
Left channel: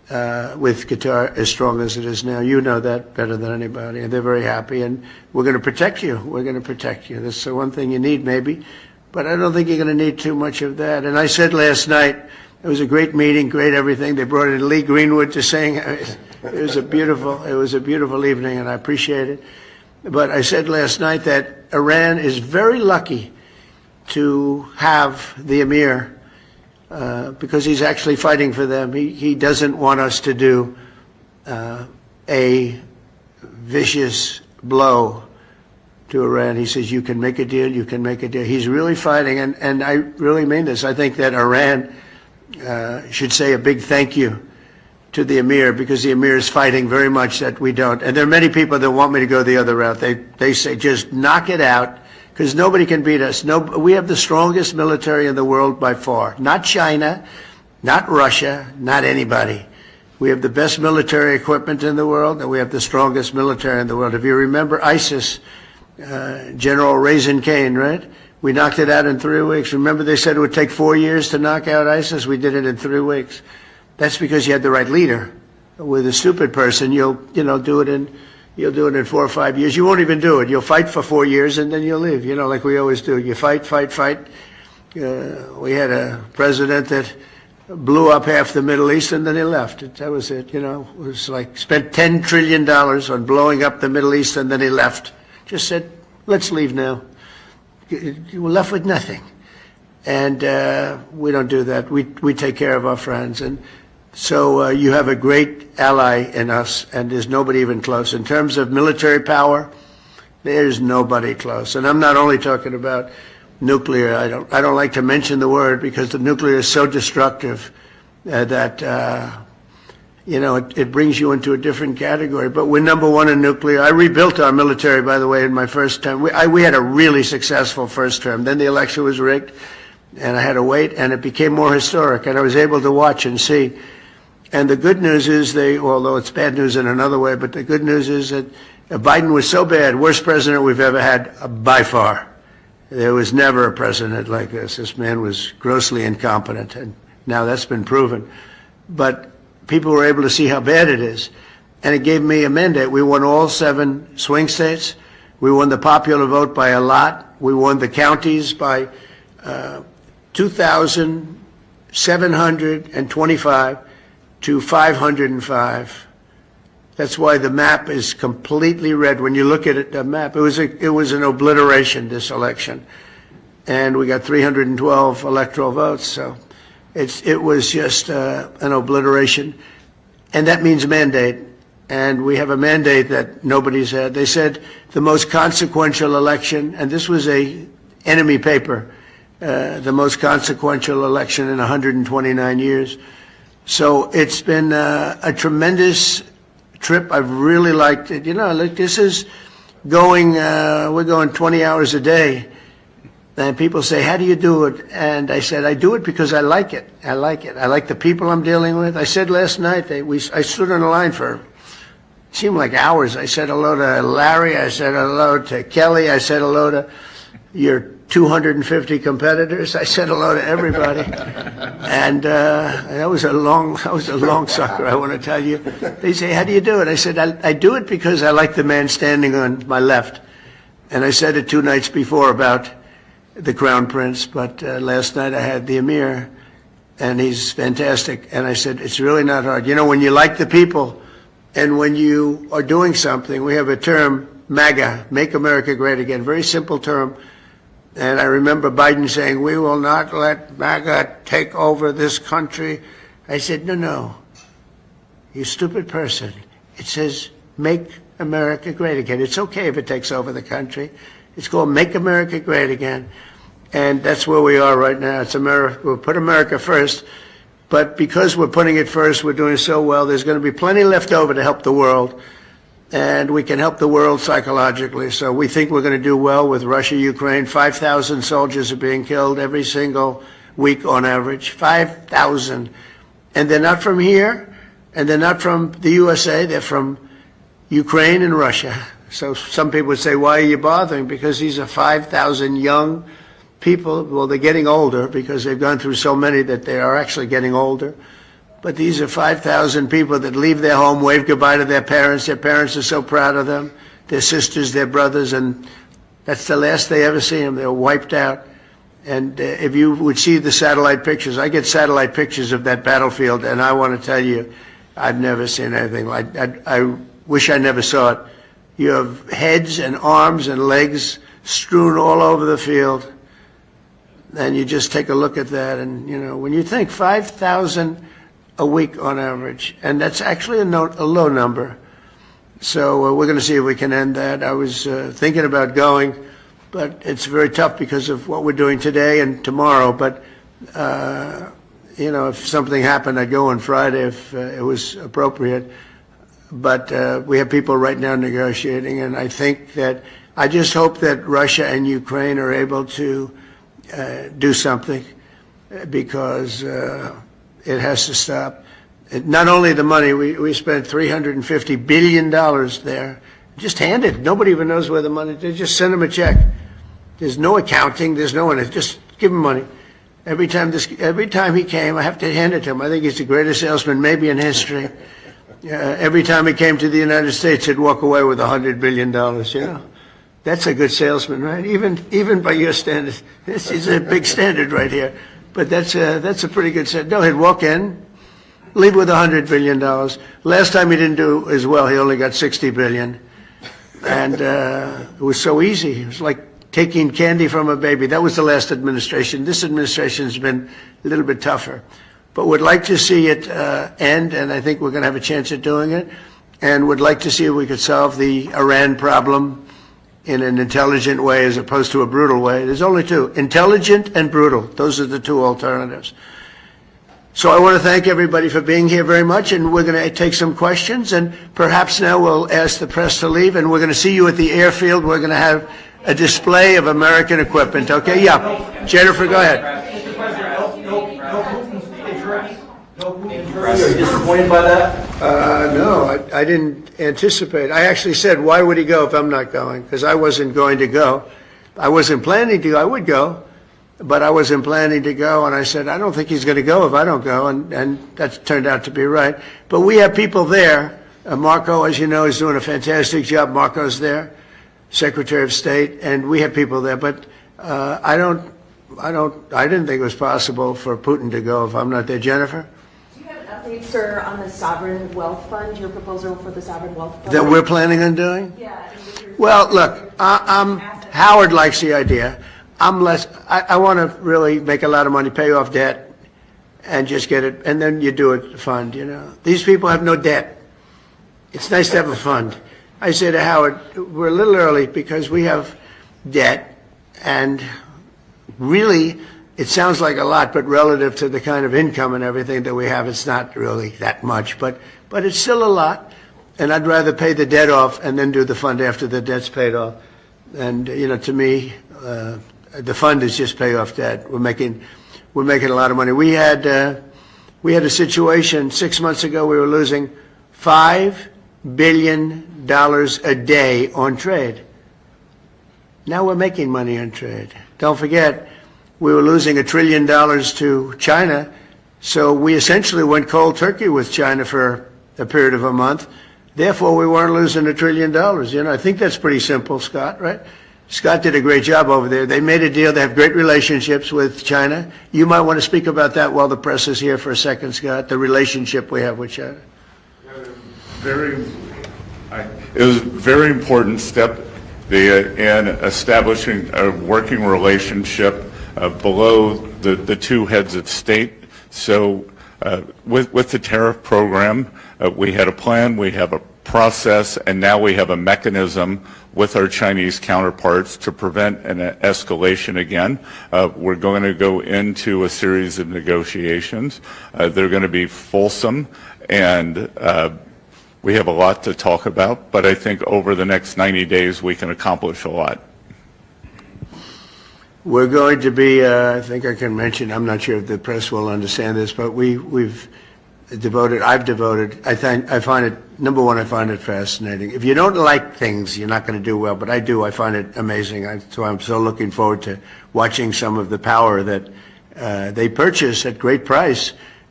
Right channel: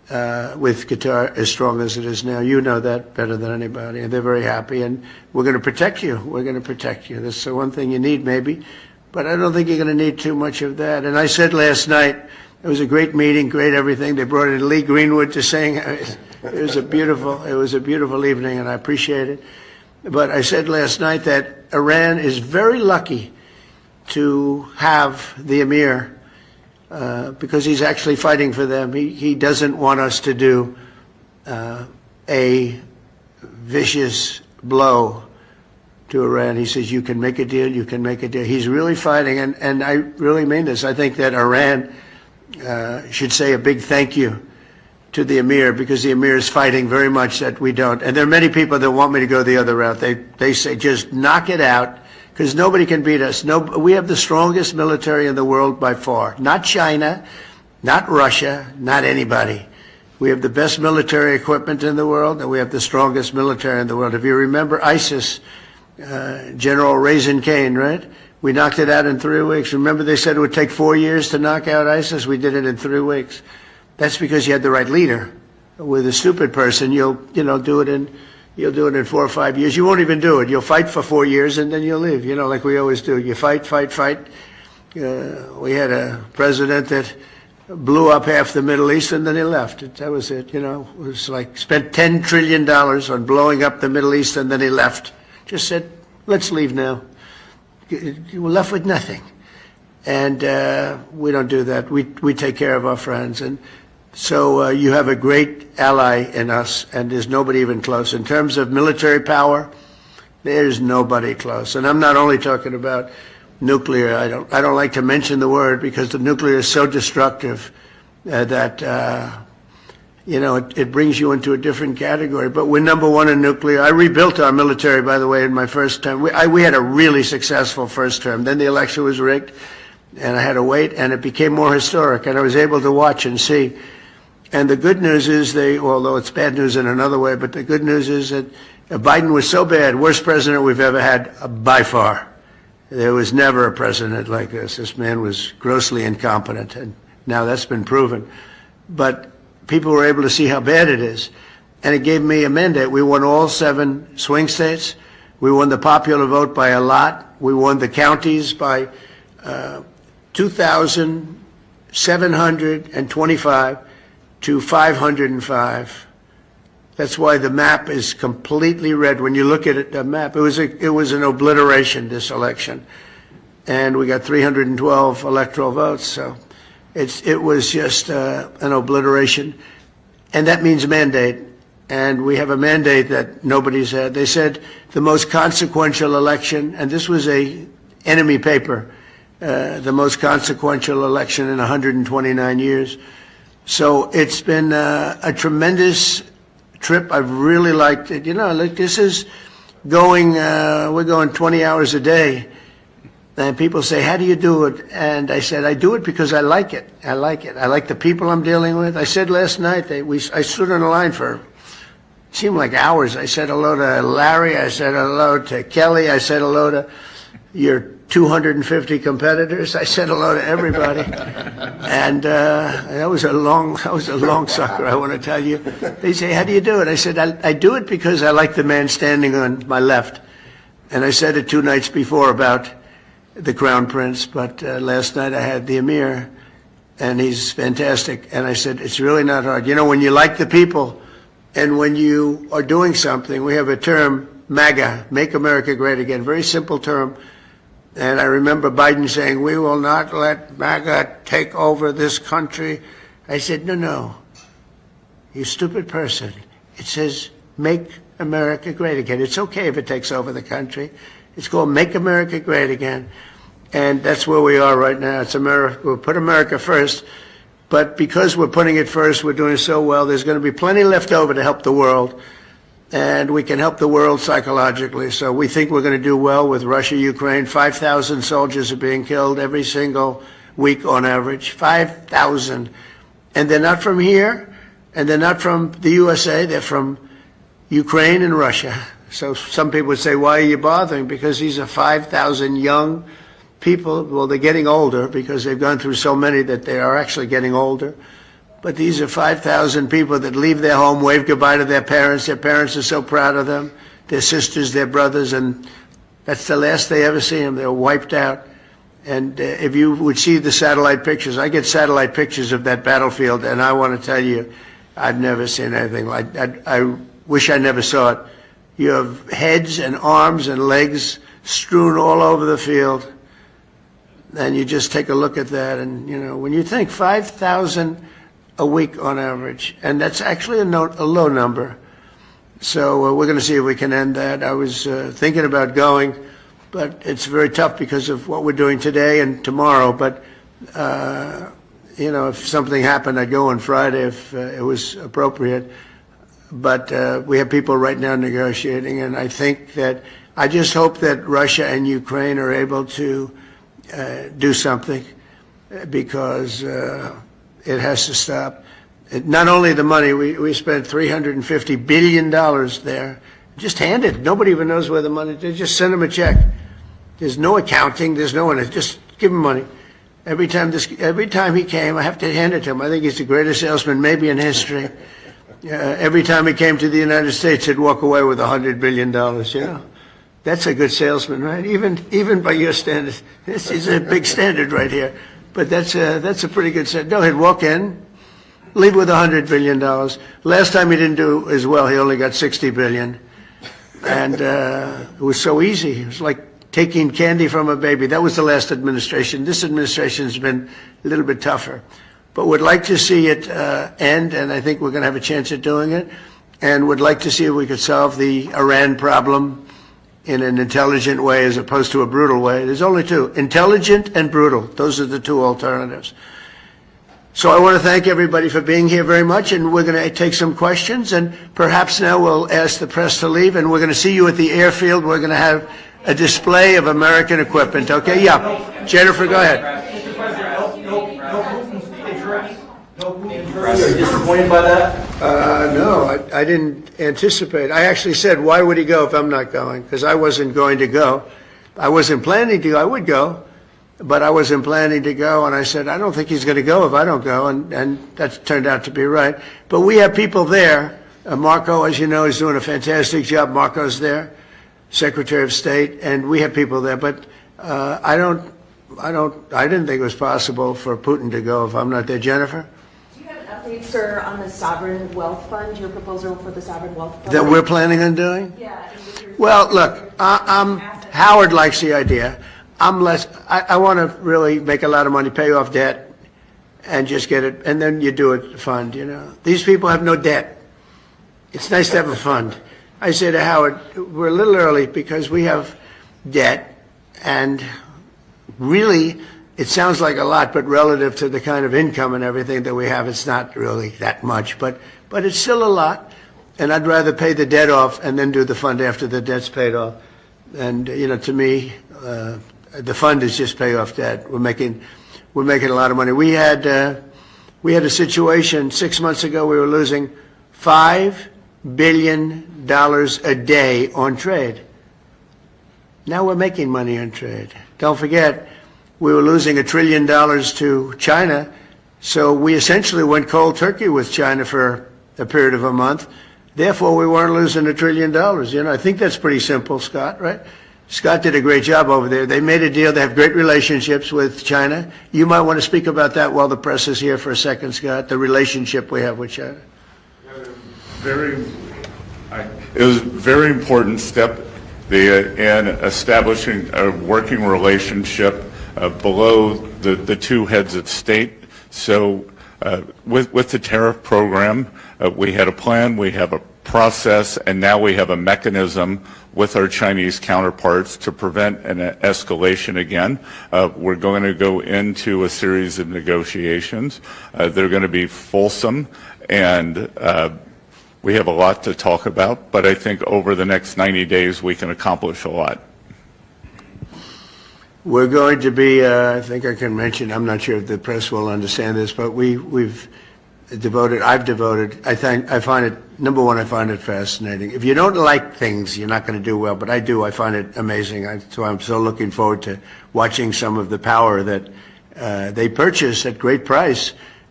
with Qatar as strong as it is now. You know that better than anybody, and they're very happy, and we're going to protect you. We're going to protect you. That's the one thing you need, maybe, but I don't think you're going to need too much of that. And I said last night, it was a great meeting, great everything. They brought in Lee Greenwood to sing. It was a beautiful evening, and I appreciate it. But I said last night that Iran is very lucky to have the Emir, because he's actually fighting for them. He doesn't want us to do a vicious blow to Iran. He says, you can make a deal, you can make a deal. He's really fighting, and I really mean this. I think that Iran should say a big thank you to the Emir, because the Emir is fighting very much that we don't. And there are many people that want me to go the other route. They say, just knock it out, because nobody can beat us. We have the strongest military in the world by far. Not China, not Russia, not anybody. We have the best military equipment in the world, and we have the strongest military in the world. If you remember ISIS, General Raisin Kane, right? We knocked it out in 3 weeks. Remember they said it would take 4 years to knock out ISIS? We did it in 3 weeks. That's because you had the right leader. With a stupid person, you'll do it in 4 or 5 years. You won't even do it. You'll fight for 4 years and then you'll leave. Like we always do. You fight. We had a president that blew up half the Middle East and then he left. That was it. It was like spent $10 trillion on blowing up the Middle East and then he left. Just said, let's leave now. You were left with nothing. And we don't do that. We take care of our friends. And so you have a great ally in us, and there's nobody even close. In terms of military power, there's nobody close. And I'm not only talking about nuclear. I don't like to mention the word because the nuclear is so destructive that it brings you into a different category. But we're number one in nuclear. I rebuilt our military, by the way, in my first term. We had a really successful first term. Then the election was rigged, and I had to wait, and it became more historic, and I was able to watch and see. And the good news is although it's bad news in another way, but the good news is that Biden was so bad, worst president we've ever had by far. There was never a president like this. This man was grossly incompetent, and now that's been proven. But people were able to see how bad it is, and it gave me a mandate. We won all 7 swing states. We won the popular vote by a lot. We won the counties by 2,725 to 505. That's why the map is completely red. When you look at it, the map, it was an obliteration, this election. And we got 312 electoral votes, so it was just an obliteration. And that means mandate. And we have a mandate that nobody's had. They said the most consequential election, and this was a enemy paper, the most consequential election in 129 years. So it's been a tremendous trip. I've really liked it. This is we're going 20 hours a day. And people say, how do you do it? And I said, I do it because I like it. I like it. I like the people I'm dealing with. I said last night, I stood on the line for, it seemed like hours. I said hello to Larry. I said hello to Kelly. I said hello to your 250 competitors. I said hello to everybody. And that was a long sucker, I want to tell you. They say, how do you do it? I said, I do it because I like the man standing on my left. And I said it 2 nights before about the Crown Prince, but last night I had the Emir, and he's fantastic. And I said, it's really not hard. When you like the people, and when you are doing something, we have a term, MAGA, Make America Great Again, very simple term. And I remember Biden saying, we will not let MAGA take over this country. I said, no, you stupid person. It says, Make America Great Again. It's okay if it takes over the country. It's called Make America Great Again. And that's where we are right now. It's America. We'll put America first. But because we're putting it first, we're doing so well, there's going to be plenty left over to help the world. And we can help the world psychologically. So we think we're going to do well with Russia, Ukraine. 5,000 soldiers are being killed every single week on average. 5,000. And they're not from here, and they're not from the USA. They're from Ukraine and Russia. So some people would say, why are you bothering? Because these are 5,000 young people. Well, they're getting older because they've gone through so many that they are actually getting older. But these are 5,000 people that leave their home, wave goodbye to their parents. Their parents are so proud of them, their sisters, their brothers, and that's the last they ever see them. They're wiped out. And if you would see the satellite pictures, I get satellite pictures of that battlefield, and I want to tell you, I've never seen anything like that. I wish I never saw it. You have heads and arms and legs strewn all over the field, and you just take a look at that, and, you know, when you think 5,000 a week on average, and that's actually a low number. So we're going to see if we can end that. I was thinking about going, but it's very tough because of what we're doing today and tomorrow. But, you know, if something happened, I'd go on Friday if it was appropriate. But we have people right now negotiating, and I think that I just hope that Russia and Ukraine are able to do something, because it has to stop. Not only the money, we spent $350 billion there, just handed. Nobody even knows where the money, they just send them a check. There's no accounting, there's no one, just give him money. Every time he came, I have to hand it to him. I think he's the greatest salesman maybe in history. Every time he came to the United States, he'd walk away with $100 billion, you know. That's a good salesman, right? Even by your standards. This is a big standard right here. But that's a pretty good standard. No, he'd walk in, leave with $100 billion. Last time he didn't do as well. He only got $60 billion. And it was so easy. It was like taking candy from a baby. That was the last administration. This administration's been a little bit tougher. But would like to see it end, and I think we're going to have a chance at doing it. And would like to see if we could solve the Iran problem in an intelligent way as opposed to a brutal way. There's only two, intelligent and brutal. Those are the two alternatives. So I want to thank everybody for being here very much, and we're going to take some questions, and perhaps now we'll ask the press to leave, and we're going to see you at the airfield. We're going to have a display of American equipment, okay? Yeah. Jennifer, go ahead. Mr. President, no Putin's interest? No Putin's interest? Are you disappointed by that? No, I didn't anticipate. I actually said, why would he go if I'm not going? Because I wasn't going to go. I wasn't planning to go. I would go, but I wasn't planning to go. And I said, I don't think he's going to go if I don't go. And that turned out to be right. But we have people there. Marco, as you know, is doing a fantastic job. Marco's there, Secretary of State, and we have people there. But I didn't think it was possible for Putin to go if I'm not there. Jennifer? Update, sir, on the sovereign wealth fund, your proposal for the sovereign wealth fund That we're planning on doing? Yeah. Well, look, Howard likes the idea. I want to really make a lot of money, pay off debt, and just get it, and then you do it fund, you know. These people have no debt. It's nice to have a fund. I say to Howard, we're a little early because we have debt, and really, it sounds like a lot, but relative to the kind of income and everything that we have, it's not really that much. But it's still a lot, and I'd rather pay the debt off and then do the fund after the debt's paid off. And you know, to me, the fund is just pay off debt. We're making a lot of money. We had a situation 6 months ago. We were losing $5 billion a day on trade. Now we're making money on trade. Don't forget, we were losing $1 trillion to China, so we essentially went cold turkey with China for a period of a month. Therefore, we weren't losing $1 trillion. You know, I think that's pretty simple, Scott, right? Scott did a great job over there. They made a deal. They have great relationships with China. You might want to speak about that while the press is here for a second, Scott, the relationship we have with China. It was a very important step in establishing a working relationship below the two heads of state. So with the tariff program, we had a plan, we have a process, and now we have a mechanism with our Chinese counterparts to prevent an escalation again. We're going to go into a series of negotiations. They're going to be fulsome, and we have a lot to talk about, but I think over the next 90 days we can accomplish a lot. We're going to be, I think I can mention, I'm not sure if the press will understand this, but I've devoted, I find it, number one, I find it fascinating. If you don't like things, you're not going to do well, but I do. I find it amazing. So I'm so looking forward to watching some of the power that they purchase at great price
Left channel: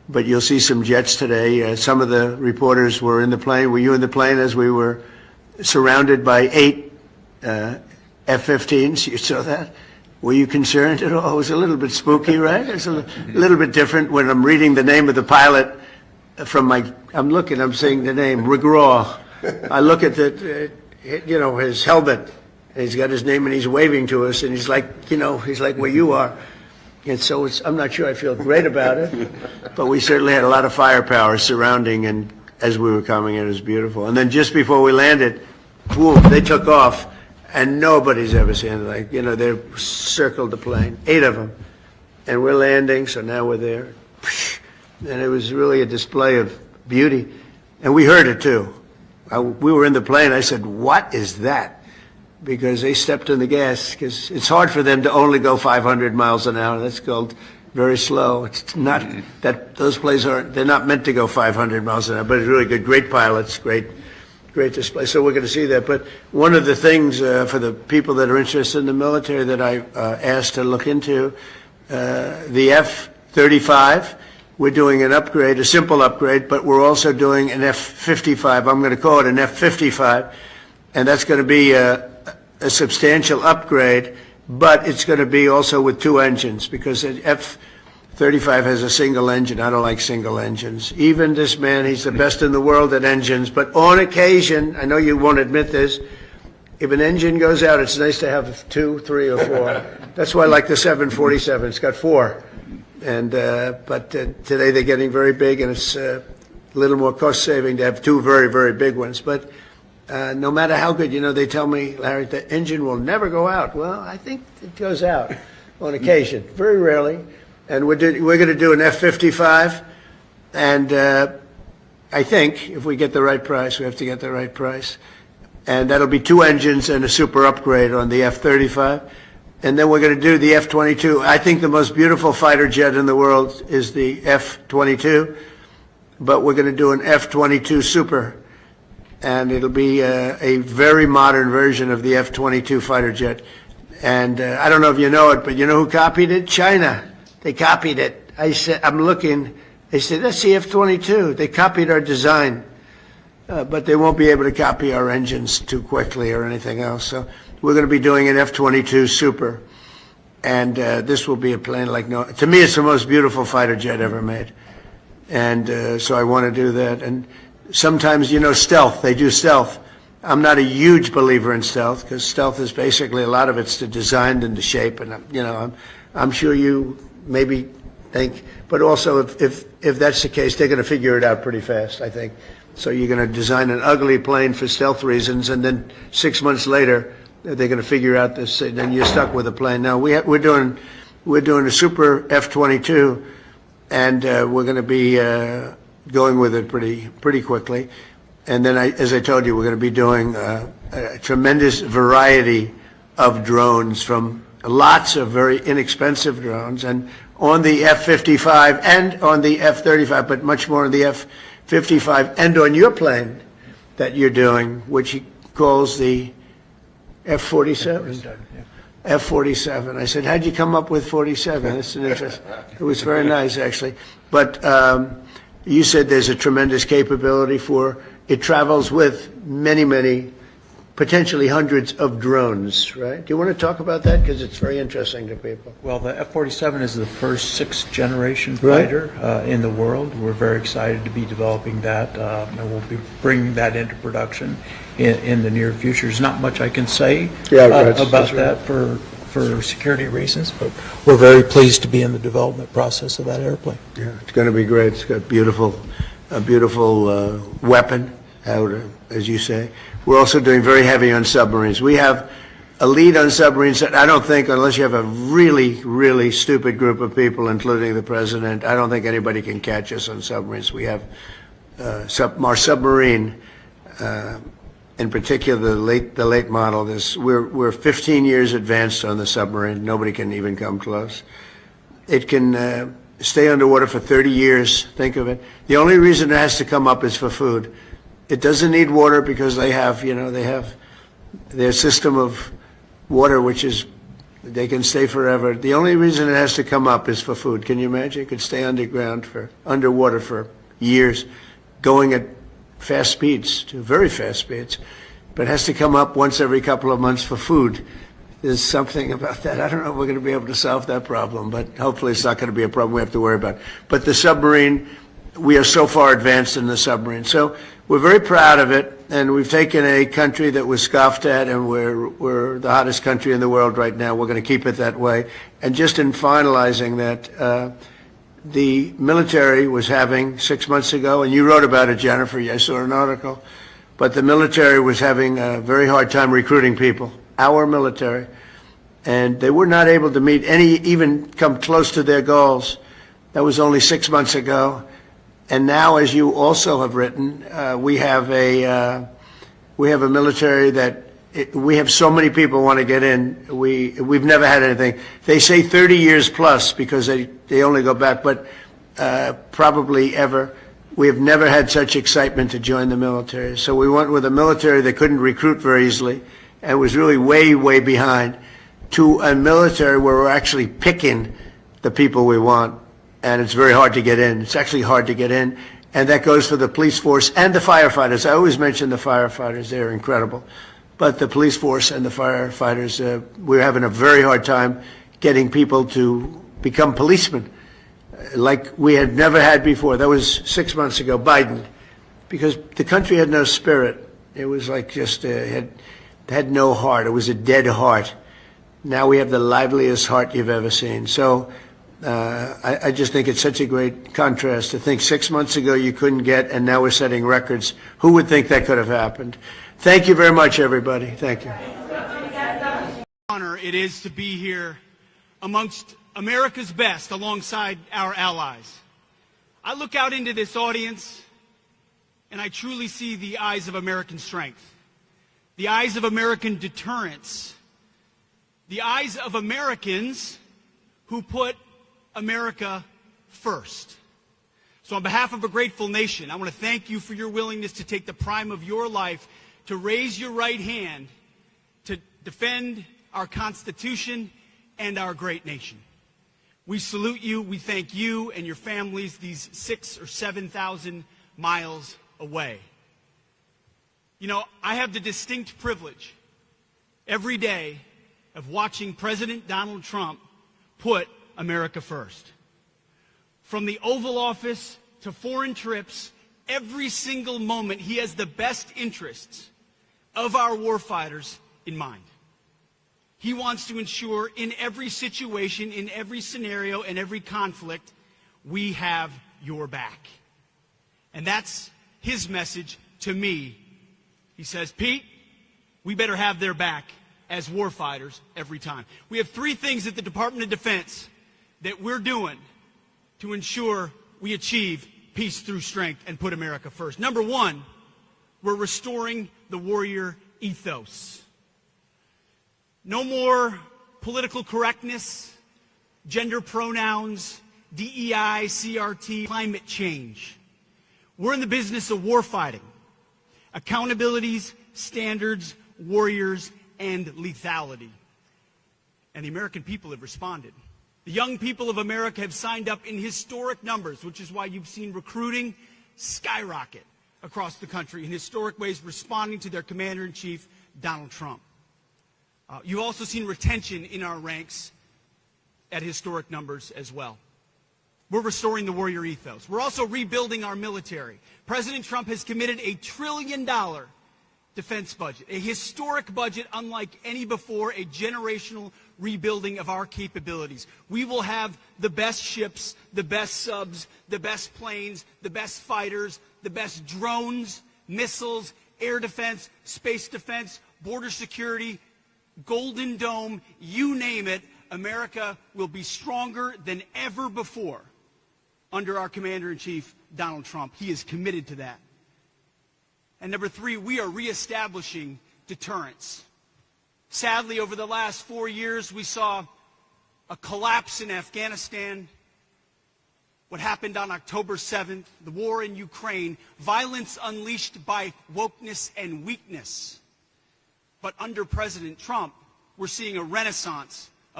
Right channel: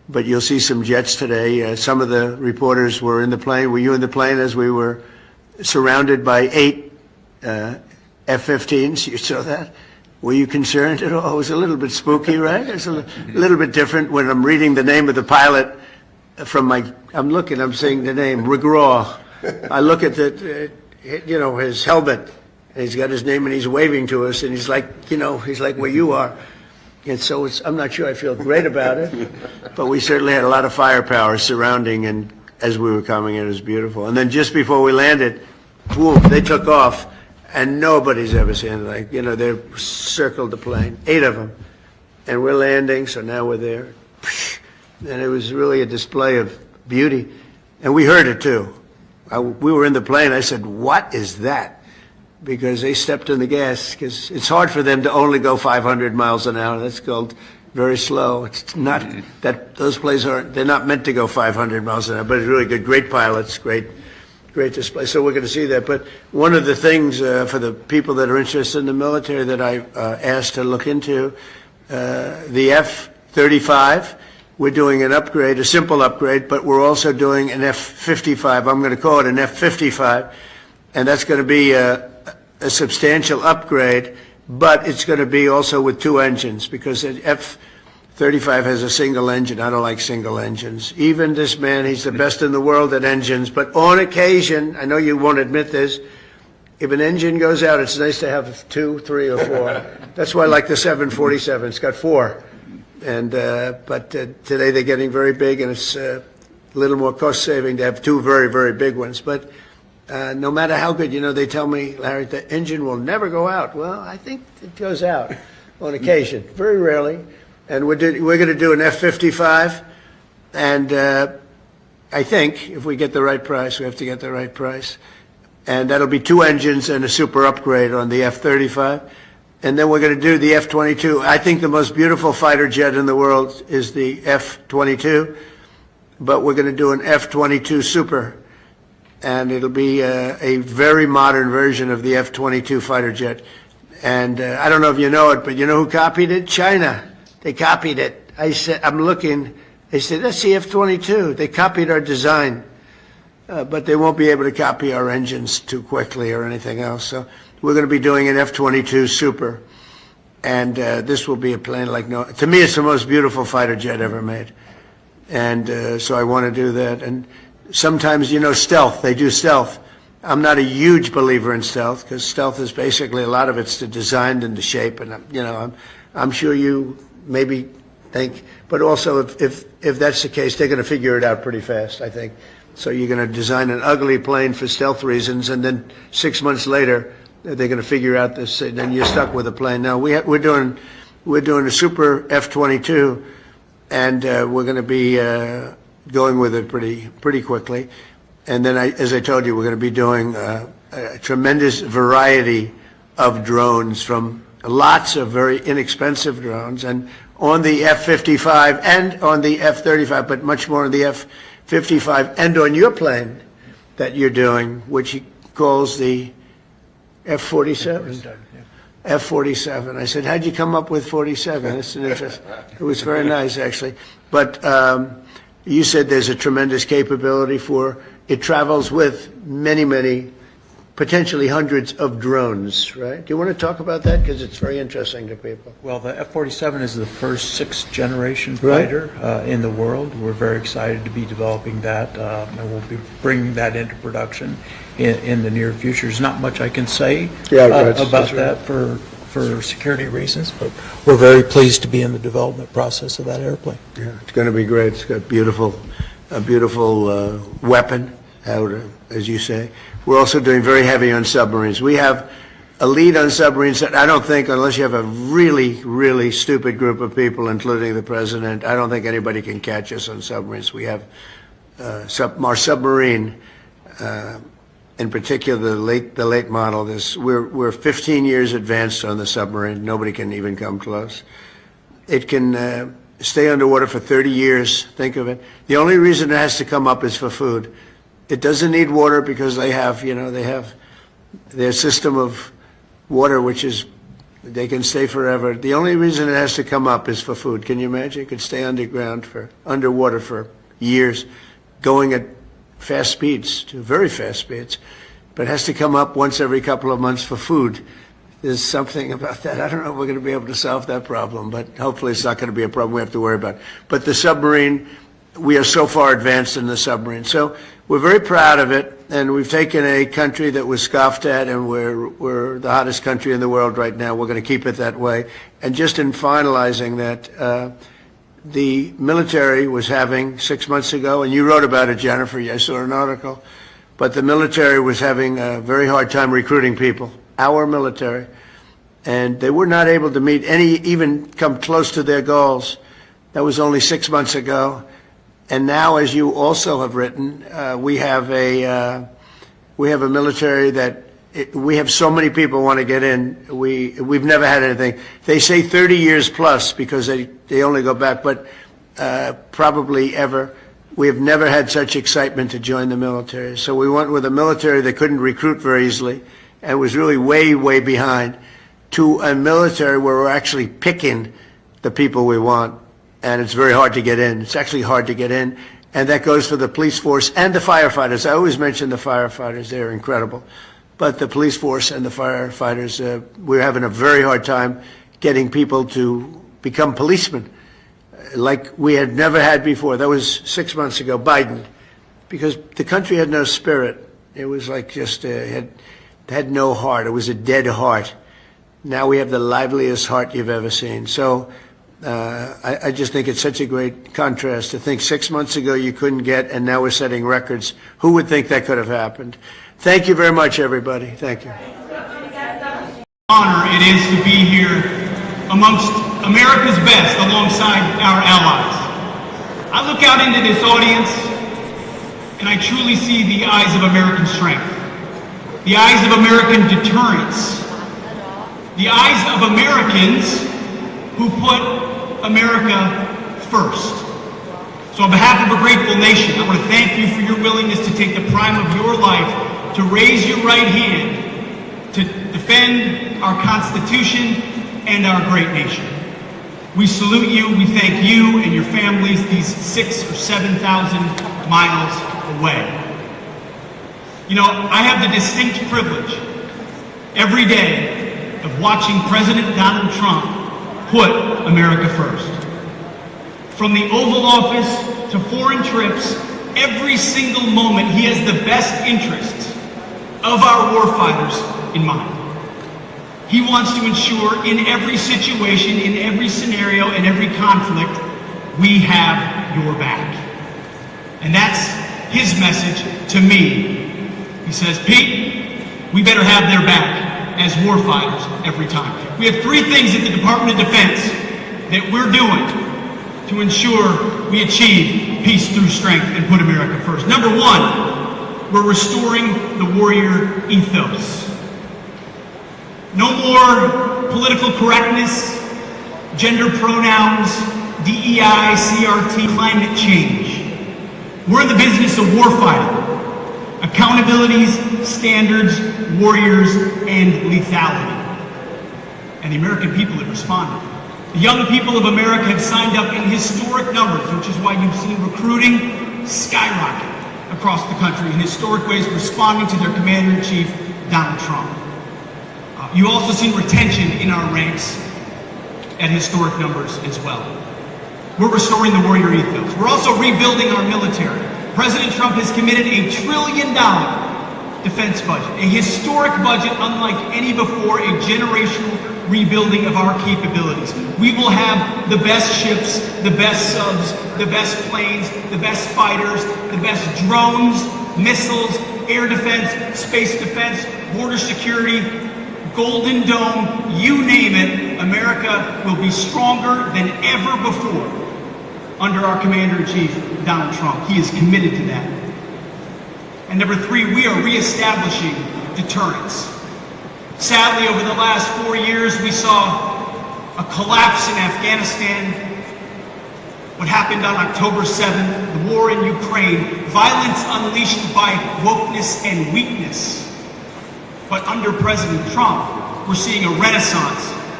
but you'll see some jets today. Some of the reporters were in the plane. Were you in the plane as we were surrounded by 8 F-15s? You saw that? Were you concerned at all? It was a little bit spooky, right? It's a little bit different when I'm reading the name of the pilot from I'm seeing the name, Regraw. I look at his helmet, and he's got his name, and he's waving to us, and he's like where you are. And so I'm not sure I feel great about it, but we certainly had a lot of firepower surrounding, and as we were coming in, it was beautiful. And then just before we landed, boom, they took off, and nobody's ever seen it. They circled the plane, 8 of them, and we're landing, so now we're there. And it was really a display of beauty, and we heard it too. We were in the plane. I said, "What is that?" Because they stepped on the gas, because it's hard for them to only go 500 miles an hour. That's called very slow. It's not that those planes they're not meant to go 500 miles an hour, but it's really good. Great pilots, great display. So we're going to see that. But one of the things for the people that are interested in the military that I asked to look into, the F-35, we're doing an upgrade, a simple upgrade, but we're also doing an F-55. I'm going to call it an F-55, and that's going to be a substantial upgrade, but it's going to be also with 2 engines, because the F-35 has a single engine. I don't like single engines. Even this man, he's the best in the world at engines, but on occasion, I know you won't admit this, if an engine goes out, it's nice to have 2, 3, or 4. That's why I like the 747. It's got 4. And but today they're getting very big, and it's a little more cost-saving to have 2 very, very big ones. But no matter how good, they tell me, Larry, the engine will never go out. Well, I think it goes out on occasion, very rarely. And we're going to do an F-55, and I think if we get the right price, we have to get the right price. And that'll be 2 engines and a super upgrade on the F-35. And then we're going to do the F-22. I think the most beautiful fighter jet in the world is the F-22, but we're going to do an F-22 Super, and it'll be a very modern version of the F-22 fighter jet. And I don't know if you know it, but you know who copied it? China. They copied it. I said, I'm looking. They said, that's the F-22. They copied our design, but they won't be able to copy our engines too quickly or anything else. So we're going to be doing an F-22 Super, and this will be a plane like no. To me, it's the most beautiful fighter jet ever made, and so I want to do that. And sometimes, stealth. They do stealth. I'm not a huge believer in stealth, because stealth is basically a lot of it's the design and the shape, and I'm sure you maybe think, but also if that's the case, they're going to figure it out pretty fast, I think. So you're going to design an ugly plane for stealth reasons, and then 6 months later, they're going to figure out this, and then you're stuck with a plane. Now we're doing a super F-22, and we're going to be going with it pretty quickly. And then, as I told you, we're going to be doing a tremendous variety of drones, from lots of very inexpensive drones, and on the F-55 and on the F-35, but much more on the F-55 and on your plane that you're doing, which he calls the F-47. F-47. I said, how'd you come up with 47? That's an interest. It was very nice, actually. But you said there's a tremendous capability for it. Travels with many, potentially hundreds of drones, right? Do you want to talk about that? Because it's very interesting to people. Well, the F-47 is the first 6th generation fighter in the world. We're very excited to be developing that, and we'll be bringing that into production in the near future. There's not much I can say about that for security reasons, but we're very pleased to be in the development process of that airplane. Yeah, it's going to be great. It's got a beautiful weapon, as you say. We're also doing very heavy on submarines. We have a lead on submarines that I don't think, unless you have a really stupid group of people, including the president, I don't think anybody can catch us on submarines. We have our submarine, in particular the late model. We're 15 years advanced on the submarine. Nobody can even come close. It can stay underwater for 30 years. Think of it. The only reason it has to come up is for food. It doesn't need water, because they have their system of water, which is, They can stay forever. The only reason it has to come up is for food. Can you imagine? It could stay underwater for years, going at fast speeds, to very fast speeds, but it has to come up once every couple of months for food. There's something about that. I don't know if we're going to be able to solve that problem, but hopefully it's not going to be a problem we have to worry about. But the submarine, we are so far advanced in the submarine. So we're very proud of it, and we've taken a country that was scoffed at, and we're the hottest country in the world right now. We're going to keep it that way. And just in finalizing that, the military was having 6 months ago, and you wrote about it, Jennifer. I saw an article. But the military was having a very hard time recruiting people, our military. And they were not able to meet even come close to their goals. That was only 6 months ago. And now, as you also have written, we have a military that we have so many people want to get in. We've never had anything. They say 30 years plus because they only go back, but probably ever. We have never had such excitement to join the military. So we went with a military that couldn't recruit very easily and was really way, way behind, to a military where we're actually picking the people we want. And it's very hard to get in. It's actually hard to get in. And that goes for the police force and the firefighters. I always mention the firefighters. They're incredible. But the police force and the firefighters, we're having a very hard time getting people to become policemen like we had never had before. That was 6 months ago, Biden, because the country had no spirit. It was like just had no heart. It was a dead heart. Now we have the liveliest heart you've ever seen. So I just think it's such a great contrast to think 6 months ago you couldn't get, and now we're setting records. Who would think that could have happened? Thank you very much, everybody. Thank you. Honor it is to be here amongst America's best alongside our allies. I look out into this audience and I truly see the eyes of American strength, the eyes of American deterrence, the eyes of Americans who put America first. So on behalf of a grateful nation, I want to thank you for your willingness to take the prime of your life to raise your right hand to defend our Constitution and our great nation. We salute you, we thank you and your families these 6,000 or 7,000 miles away. You know, I have the distinct privilege every day of watching President Donald Trump put America first. From the Oval Office to foreign trips, every single moment he has the best interests of our warfighters in mind. He wants to ensure in every situation, in every scenario, in every conflict, we have your back. And that's his message to me. He says, Pete, we better have their back as warfighters every time. We have three things at the Department of Defense that we're doing to ensure we achieve peace through strength and put America first. Number one, we're restoring the warrior ethos. No more political correctness, gender pronouns, DEI, CRT, climate change. We're in the business of warfighting. Accountabilities, standards, warriors, and lethality. And the American people have responded. The young people of America have signed up in historic numbers, which is why you've seen recruiting skyrocket across the country in historic ways, responding to their Commander-in-Chief, Donald Trump. You also see retention in our ranks at historic numbers as well. We're restoring the warrior ethos. We're also rebuilding our military. President Trump has committed $1 trillion defense budget, a historic budget unlike any before, a generational rebuilding of our capabilities. We will have the best ships, the best subs, the best planes, the best fighters, the best drones, missiles, air defense, space defense, border security, Golden Dome, you name it. America will be stronger than ever before under our Commander-in-Chief, Donald Trump. He is committed to that. And number three, we are reestablishing deterrence. Sadly, over the last 4 years, we saw a collapse in Afghanistan, what happened on October 7th, the war in Ukraine, violence unleashed by wokeness and weakness. But under President Trump, we're seeing a renaissance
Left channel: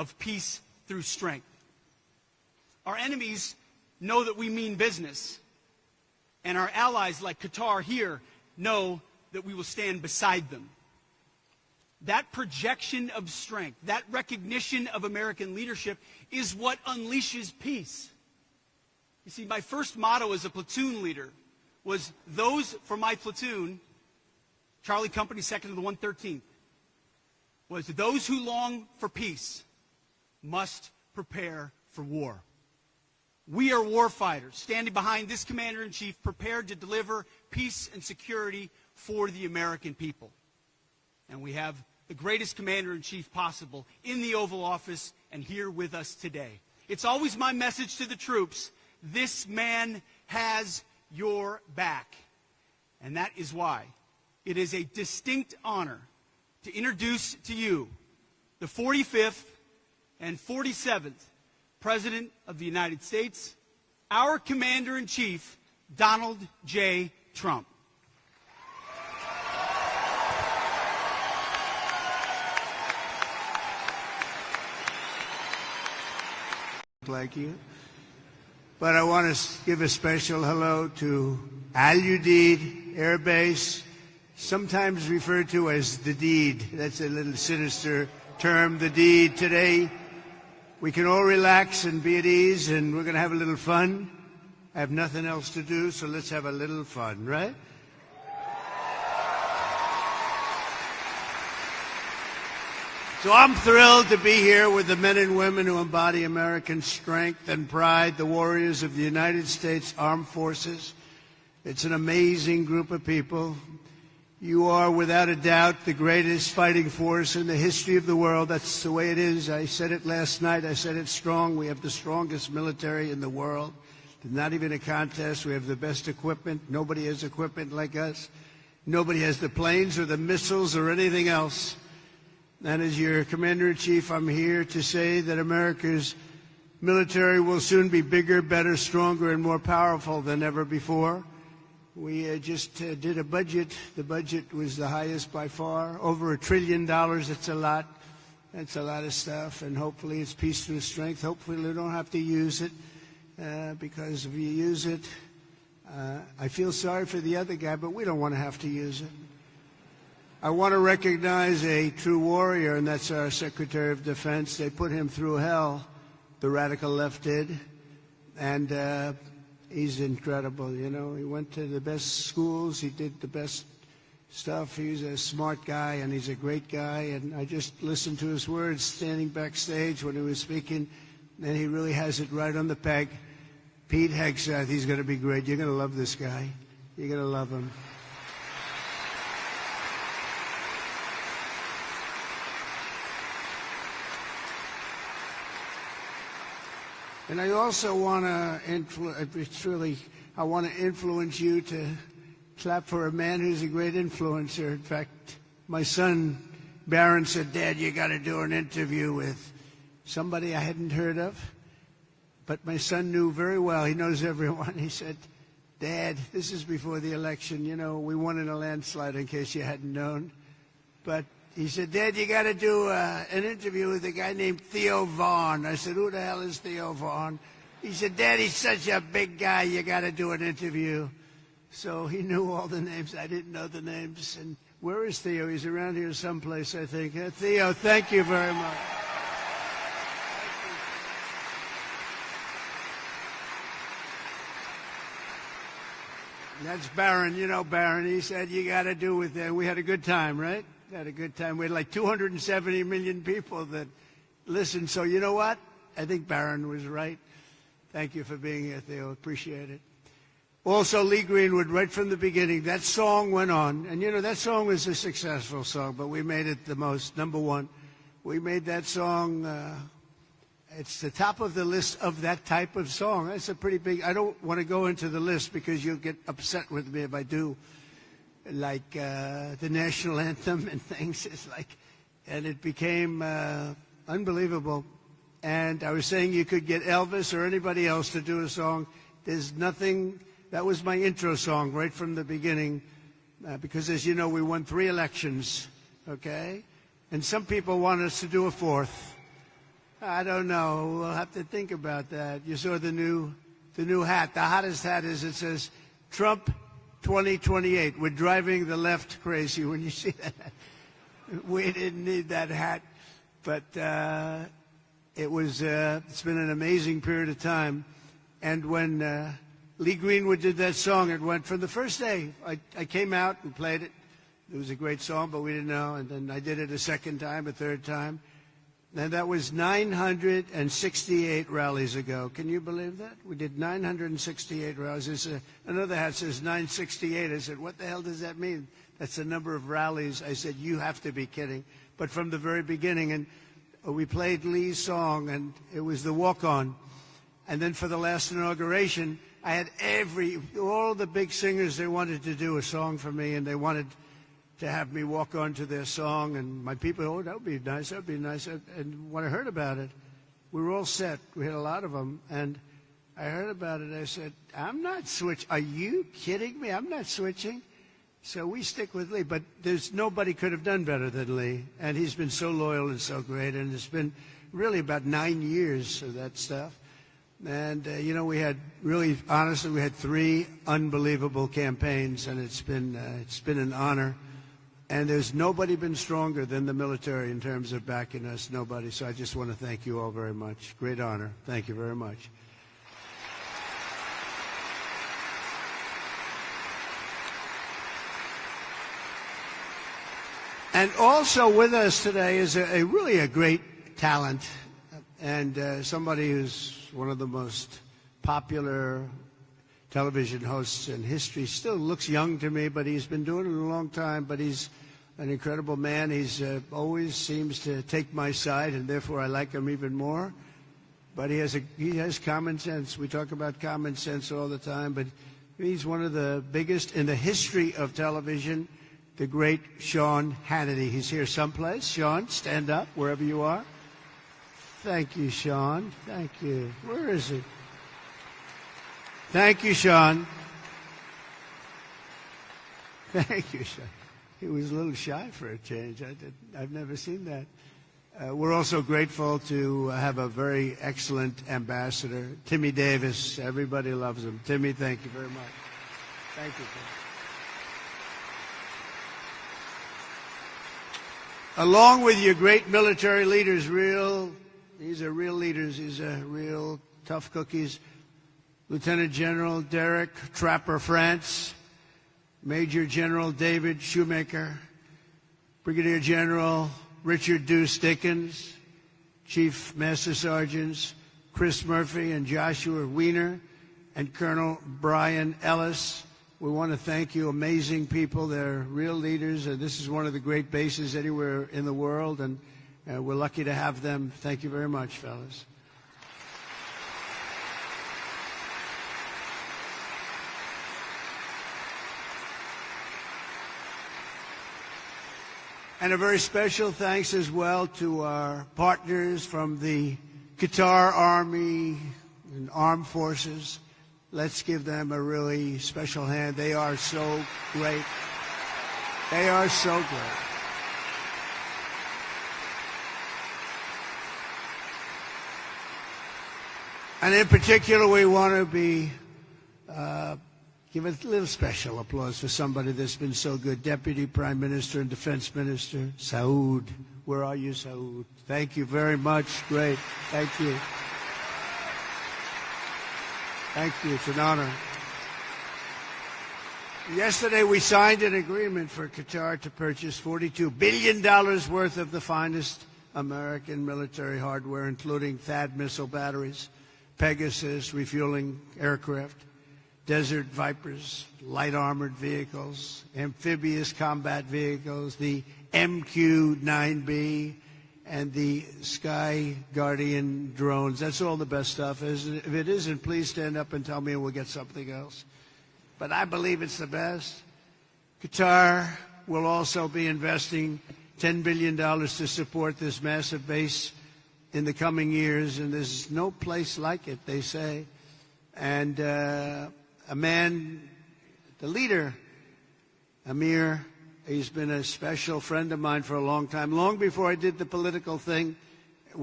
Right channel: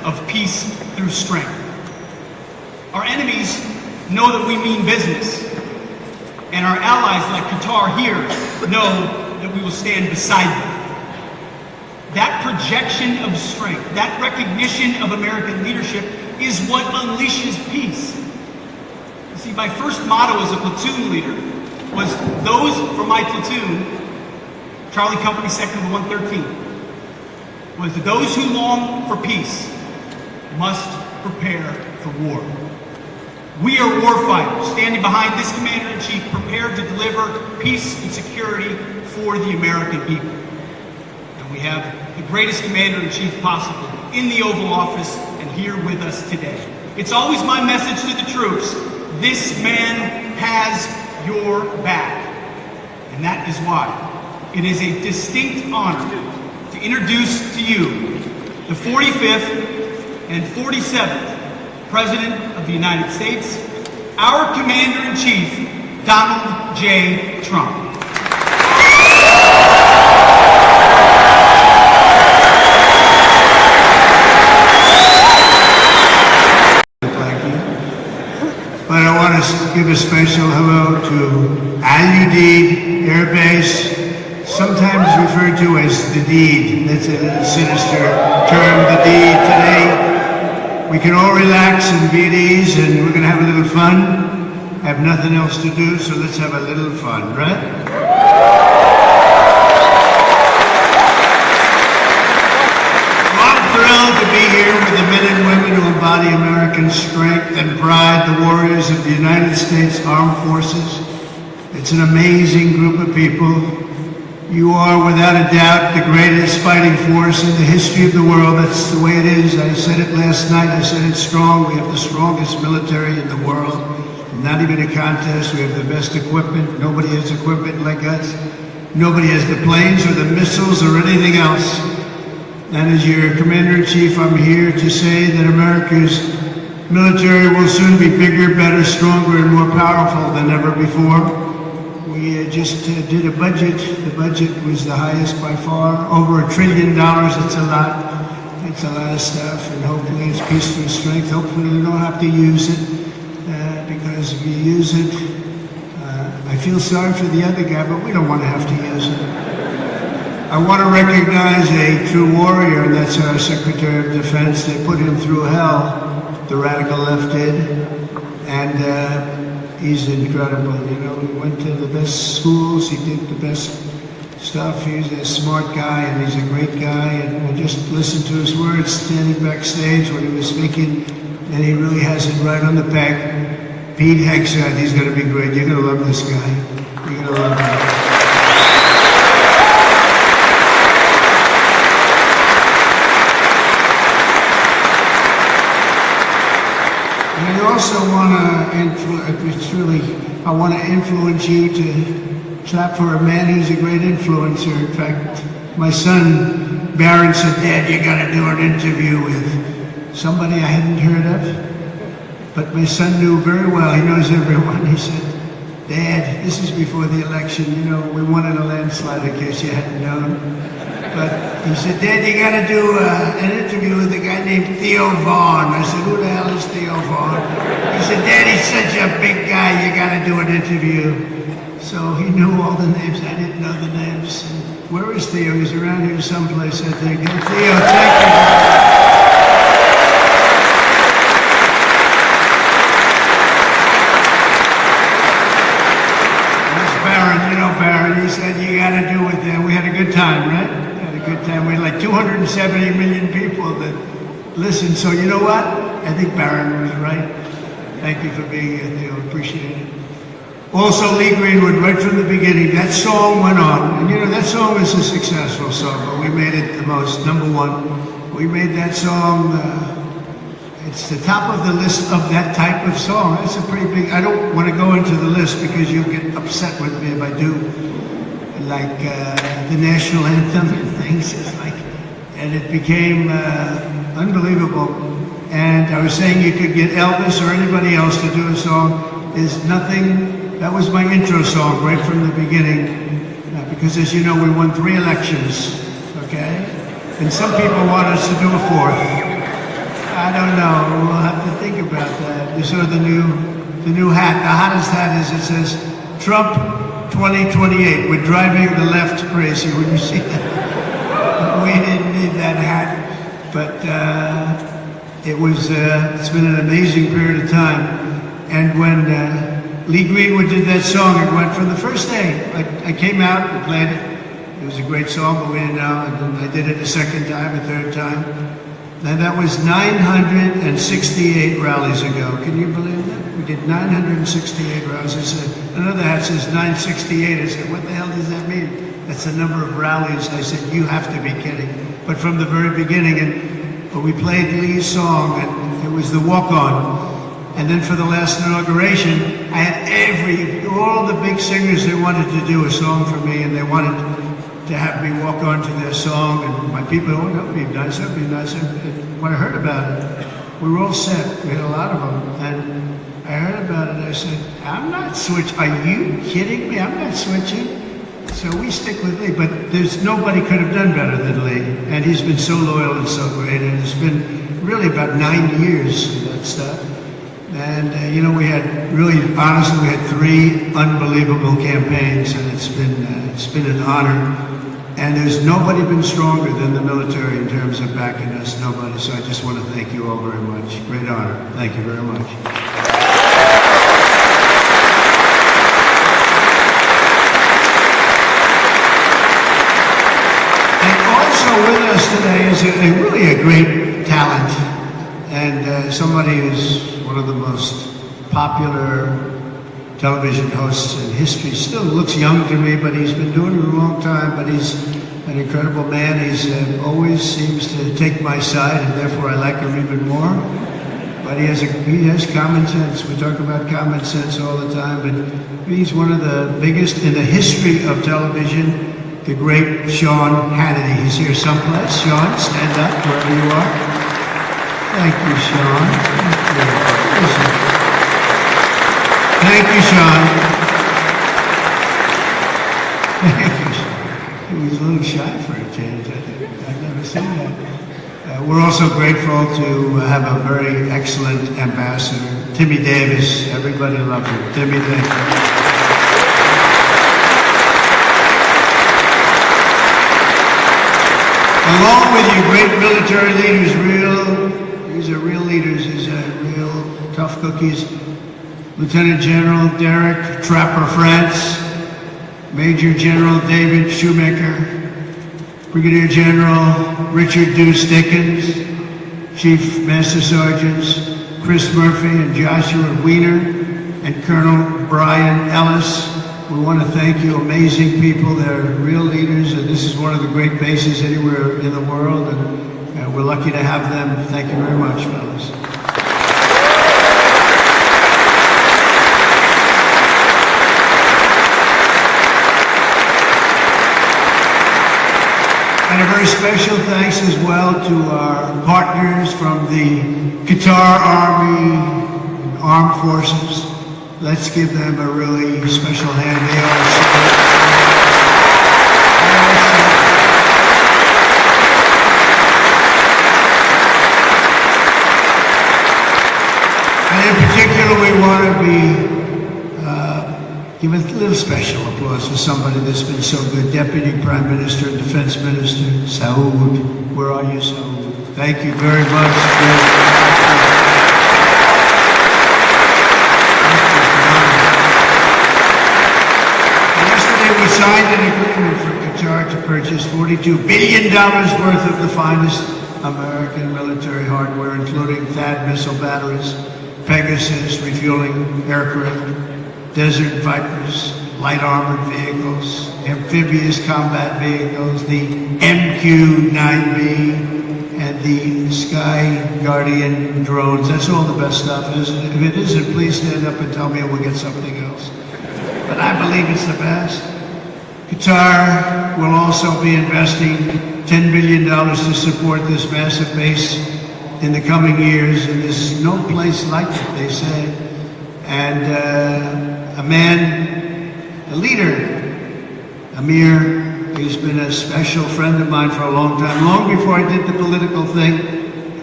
of peace through strength. Our enemies know that we mean business, and our allies like Qatar here know that we will stand beside them. That projection of strength, that recognition of American leadership is what unleashes peace. You see, my first motto as a platoon leader was those from my platoon, Charlie Company Sector 113, was those who long for peace must prepare for war. We are warfighters, standing behind this Commander-in-Chief, prepared to deliver peace and security for the American people. And we have the greatest Commander-in-Chief possible in the Oval Office and here with us today. It's always my message to the troops, this man has your back. And that is why it is a distinct honor to introduce to you the 45th and 47th President of the United States, our Commander-in-Chief, Donald J. Trump. And I want to give a special hello to Udeid Air Base, sometimes referred to as the deed. That's a sinister term, the deed. Today, we can all relax and be at ease, and we're going to have a little fun. I have nothing else to do, so let's have a little fun, right? I'm thrilled to be here with the men and women who embody American strength and pride, the warriors of the United States Armed Forces. It's an amazing group of people. You are, without a doubt, the greatest fighting force in the history of the world. That's the way it is. I said it last night. I said it's strong. We have the strongest military in the world. Not even a contest. We have the best equipment. Nobody has equipment like us. Nobody has the planes or the missiles or anything else. And as your Commander-in-Chief, I'm here to say that America's military will soon be bigger, better, stronger, and more powerful than ever before. We just did a budget. The budget was the highest by far, over $1 trillion. It's a lot. It's a lot of stuff, and hopefully it's peace through strength. Hopefully we don't have to use it, because if we use it, I feel sorry for the other guy, but we don't want to have to use it. I want to recognize a true warrior, and that's our Secretary of Defense. They put him through hell, the radical left did, and he's incredible. You know, he went to the best schools, he did the best stuff. He's a smart guy, and he's a great guy, and we just listened to his words standing backstage when he was speaking, and he really has it right on the peg. Pete Hegseth, he's going to be great. You're going to love this guy. You're going to love him. I also want to influence you to clap for a man who's a great influencer. In fact, my son Barron said, "Dad, you got to do an interview with somebody I hadn't heard of." But my son knew very well. He knows everyone. He said, "Dad, this is before the election. You know, we won in a landslide. In case you hadn't known." But he said, "Dad, you got to do an interview with a guy named Theo Vaughn." I said, "Who the hell is Theo Vaughn?" He said, "Dad, he's such a big guy. You got to do an interview." So he knew all the names. I didn't know the names. And where is Theo? He's around here someplace, I think. Theo, thank you. He said, "You got to do it there." We had a good time, right? Had a good time. We had like 270 million people that listened. So you know what? I think Barron was right. Thank you for being here, Theo. Appreciate it. Also, Lee Greenwood, right from the beginning, that song went on. And you know, that song is a successful song, but we made it the most, number one. We made that song, it's the top of the list of that type of song. That's a pretty big, I don't want to go into the list because you'll get upset with me if I do. Like the national anthem and things, and it became unbelievable. And I was saying you could get Elvis or anybody else to do a song. There's nothing. That was my intro song right from the beginning, because as you know, we won 3 elections, okay? And some people want us to do a 4th. I don't know. We'll have to think about that. You saw the new hat. The hottest hat is, it says, Trump 2028. We're driving the left crazy. Would you see that? We didn't need that hat. But it's been an amazing period of time. And when Lee Greenwood did that song, it went from the first day. I came out and played it. It was a great song, but we didn't know. And I did it the second time, the third time. And that was 968 rallies ago. Can you believe that? We did 968 rallies. I said, another hat says 968. I said, what the hell does that mean? That's the number of rallies. I said, you have to be kidding. But from the very beginning, and we played Lee's song, and it was the walk-on. And then for the last inauguration, I had all the big singers, they wanted to do a song for me, and they wanted to have me walk on to their song, and my people, oh, that would be nice, that would be nice. And when I heard about it, we were all set. We had a lot of them, and I heard about it, and I said, I'm not switching. Are you kidding me? I'm not switching. So we stick with Lee, but nobody could have done better than Lee, and he's been so loyal and so great, and it's been really about 9 years of that stuff. And we had honestly, we had 3 unbelievable campaigns, and it's been an honor. And there's nobody been stronger than the military in terms of backing us, nobody. So I just want to thank you all very much. Great honor. Thank you very much. And also with us today is really a great talent, and somebody who's one of the most popular television hosts in history. Still looks young to me, but he's been doing it a long time. But he's an incredible man. He's always seems to take my side, and therefore I like him even more. But he has common sense. We talk about common sense all the time. But he's one of the biggest in the history of television. The great Sean Hannity. He's here someplace. Sean, stand up wherever you are. Thank you, Sean. Thank you. Thank you, Sean. Thank you, Sean. He was a little shy for a change, I think. I've never seen that. We're also grateful to have a very excellent ambassador, Timmy Davis. Everybody loves him. Timmy Davis. Along with you, great military leaders, these are real leaders. These are real tough cookies. Lieutenant General Derek Trapper France, Major General David Shoemaker, Brigadier General Richard Deuce Dickens, Chief Master Sergeants Chris Murphy and Joshua Wiener, and Colonel Brian Ellis. We want to thank you, amazing people. They're real leaders, and this is one of the great bases anywhere in the world, and we're lucky to have them. Thank you very much, fellas. And a very special thanks as well to our partners from the Qatar Army, Armed Forces. Let's give them a really special hand. They and in particular, we want to give a little special applause to somebody that's been so good. Deputy Prime Minister and Defense Minister, Saud. Where are you, Saud? Thank you very much. Yesterday we signed an agreement for Qatar to purchase $42 billion worth of the finest American military hardware, including THAAD missile batteries, Pegasus refueling aircraft, Desert Vipers, light armored vehicles, amphibious combat vehicles, the MQ-9B, and the Sky Guardian drones. That's all the best stuff. If it isn't, please stand up and tell me we'll get something else. But I believe it's the best. Qatar will also be investing $10 billion to support this massive base in the coming years, and there's no place like it, they say. And a man, a leader, Amir, he's been a special friend of mine for a long time, long before I did the political thing.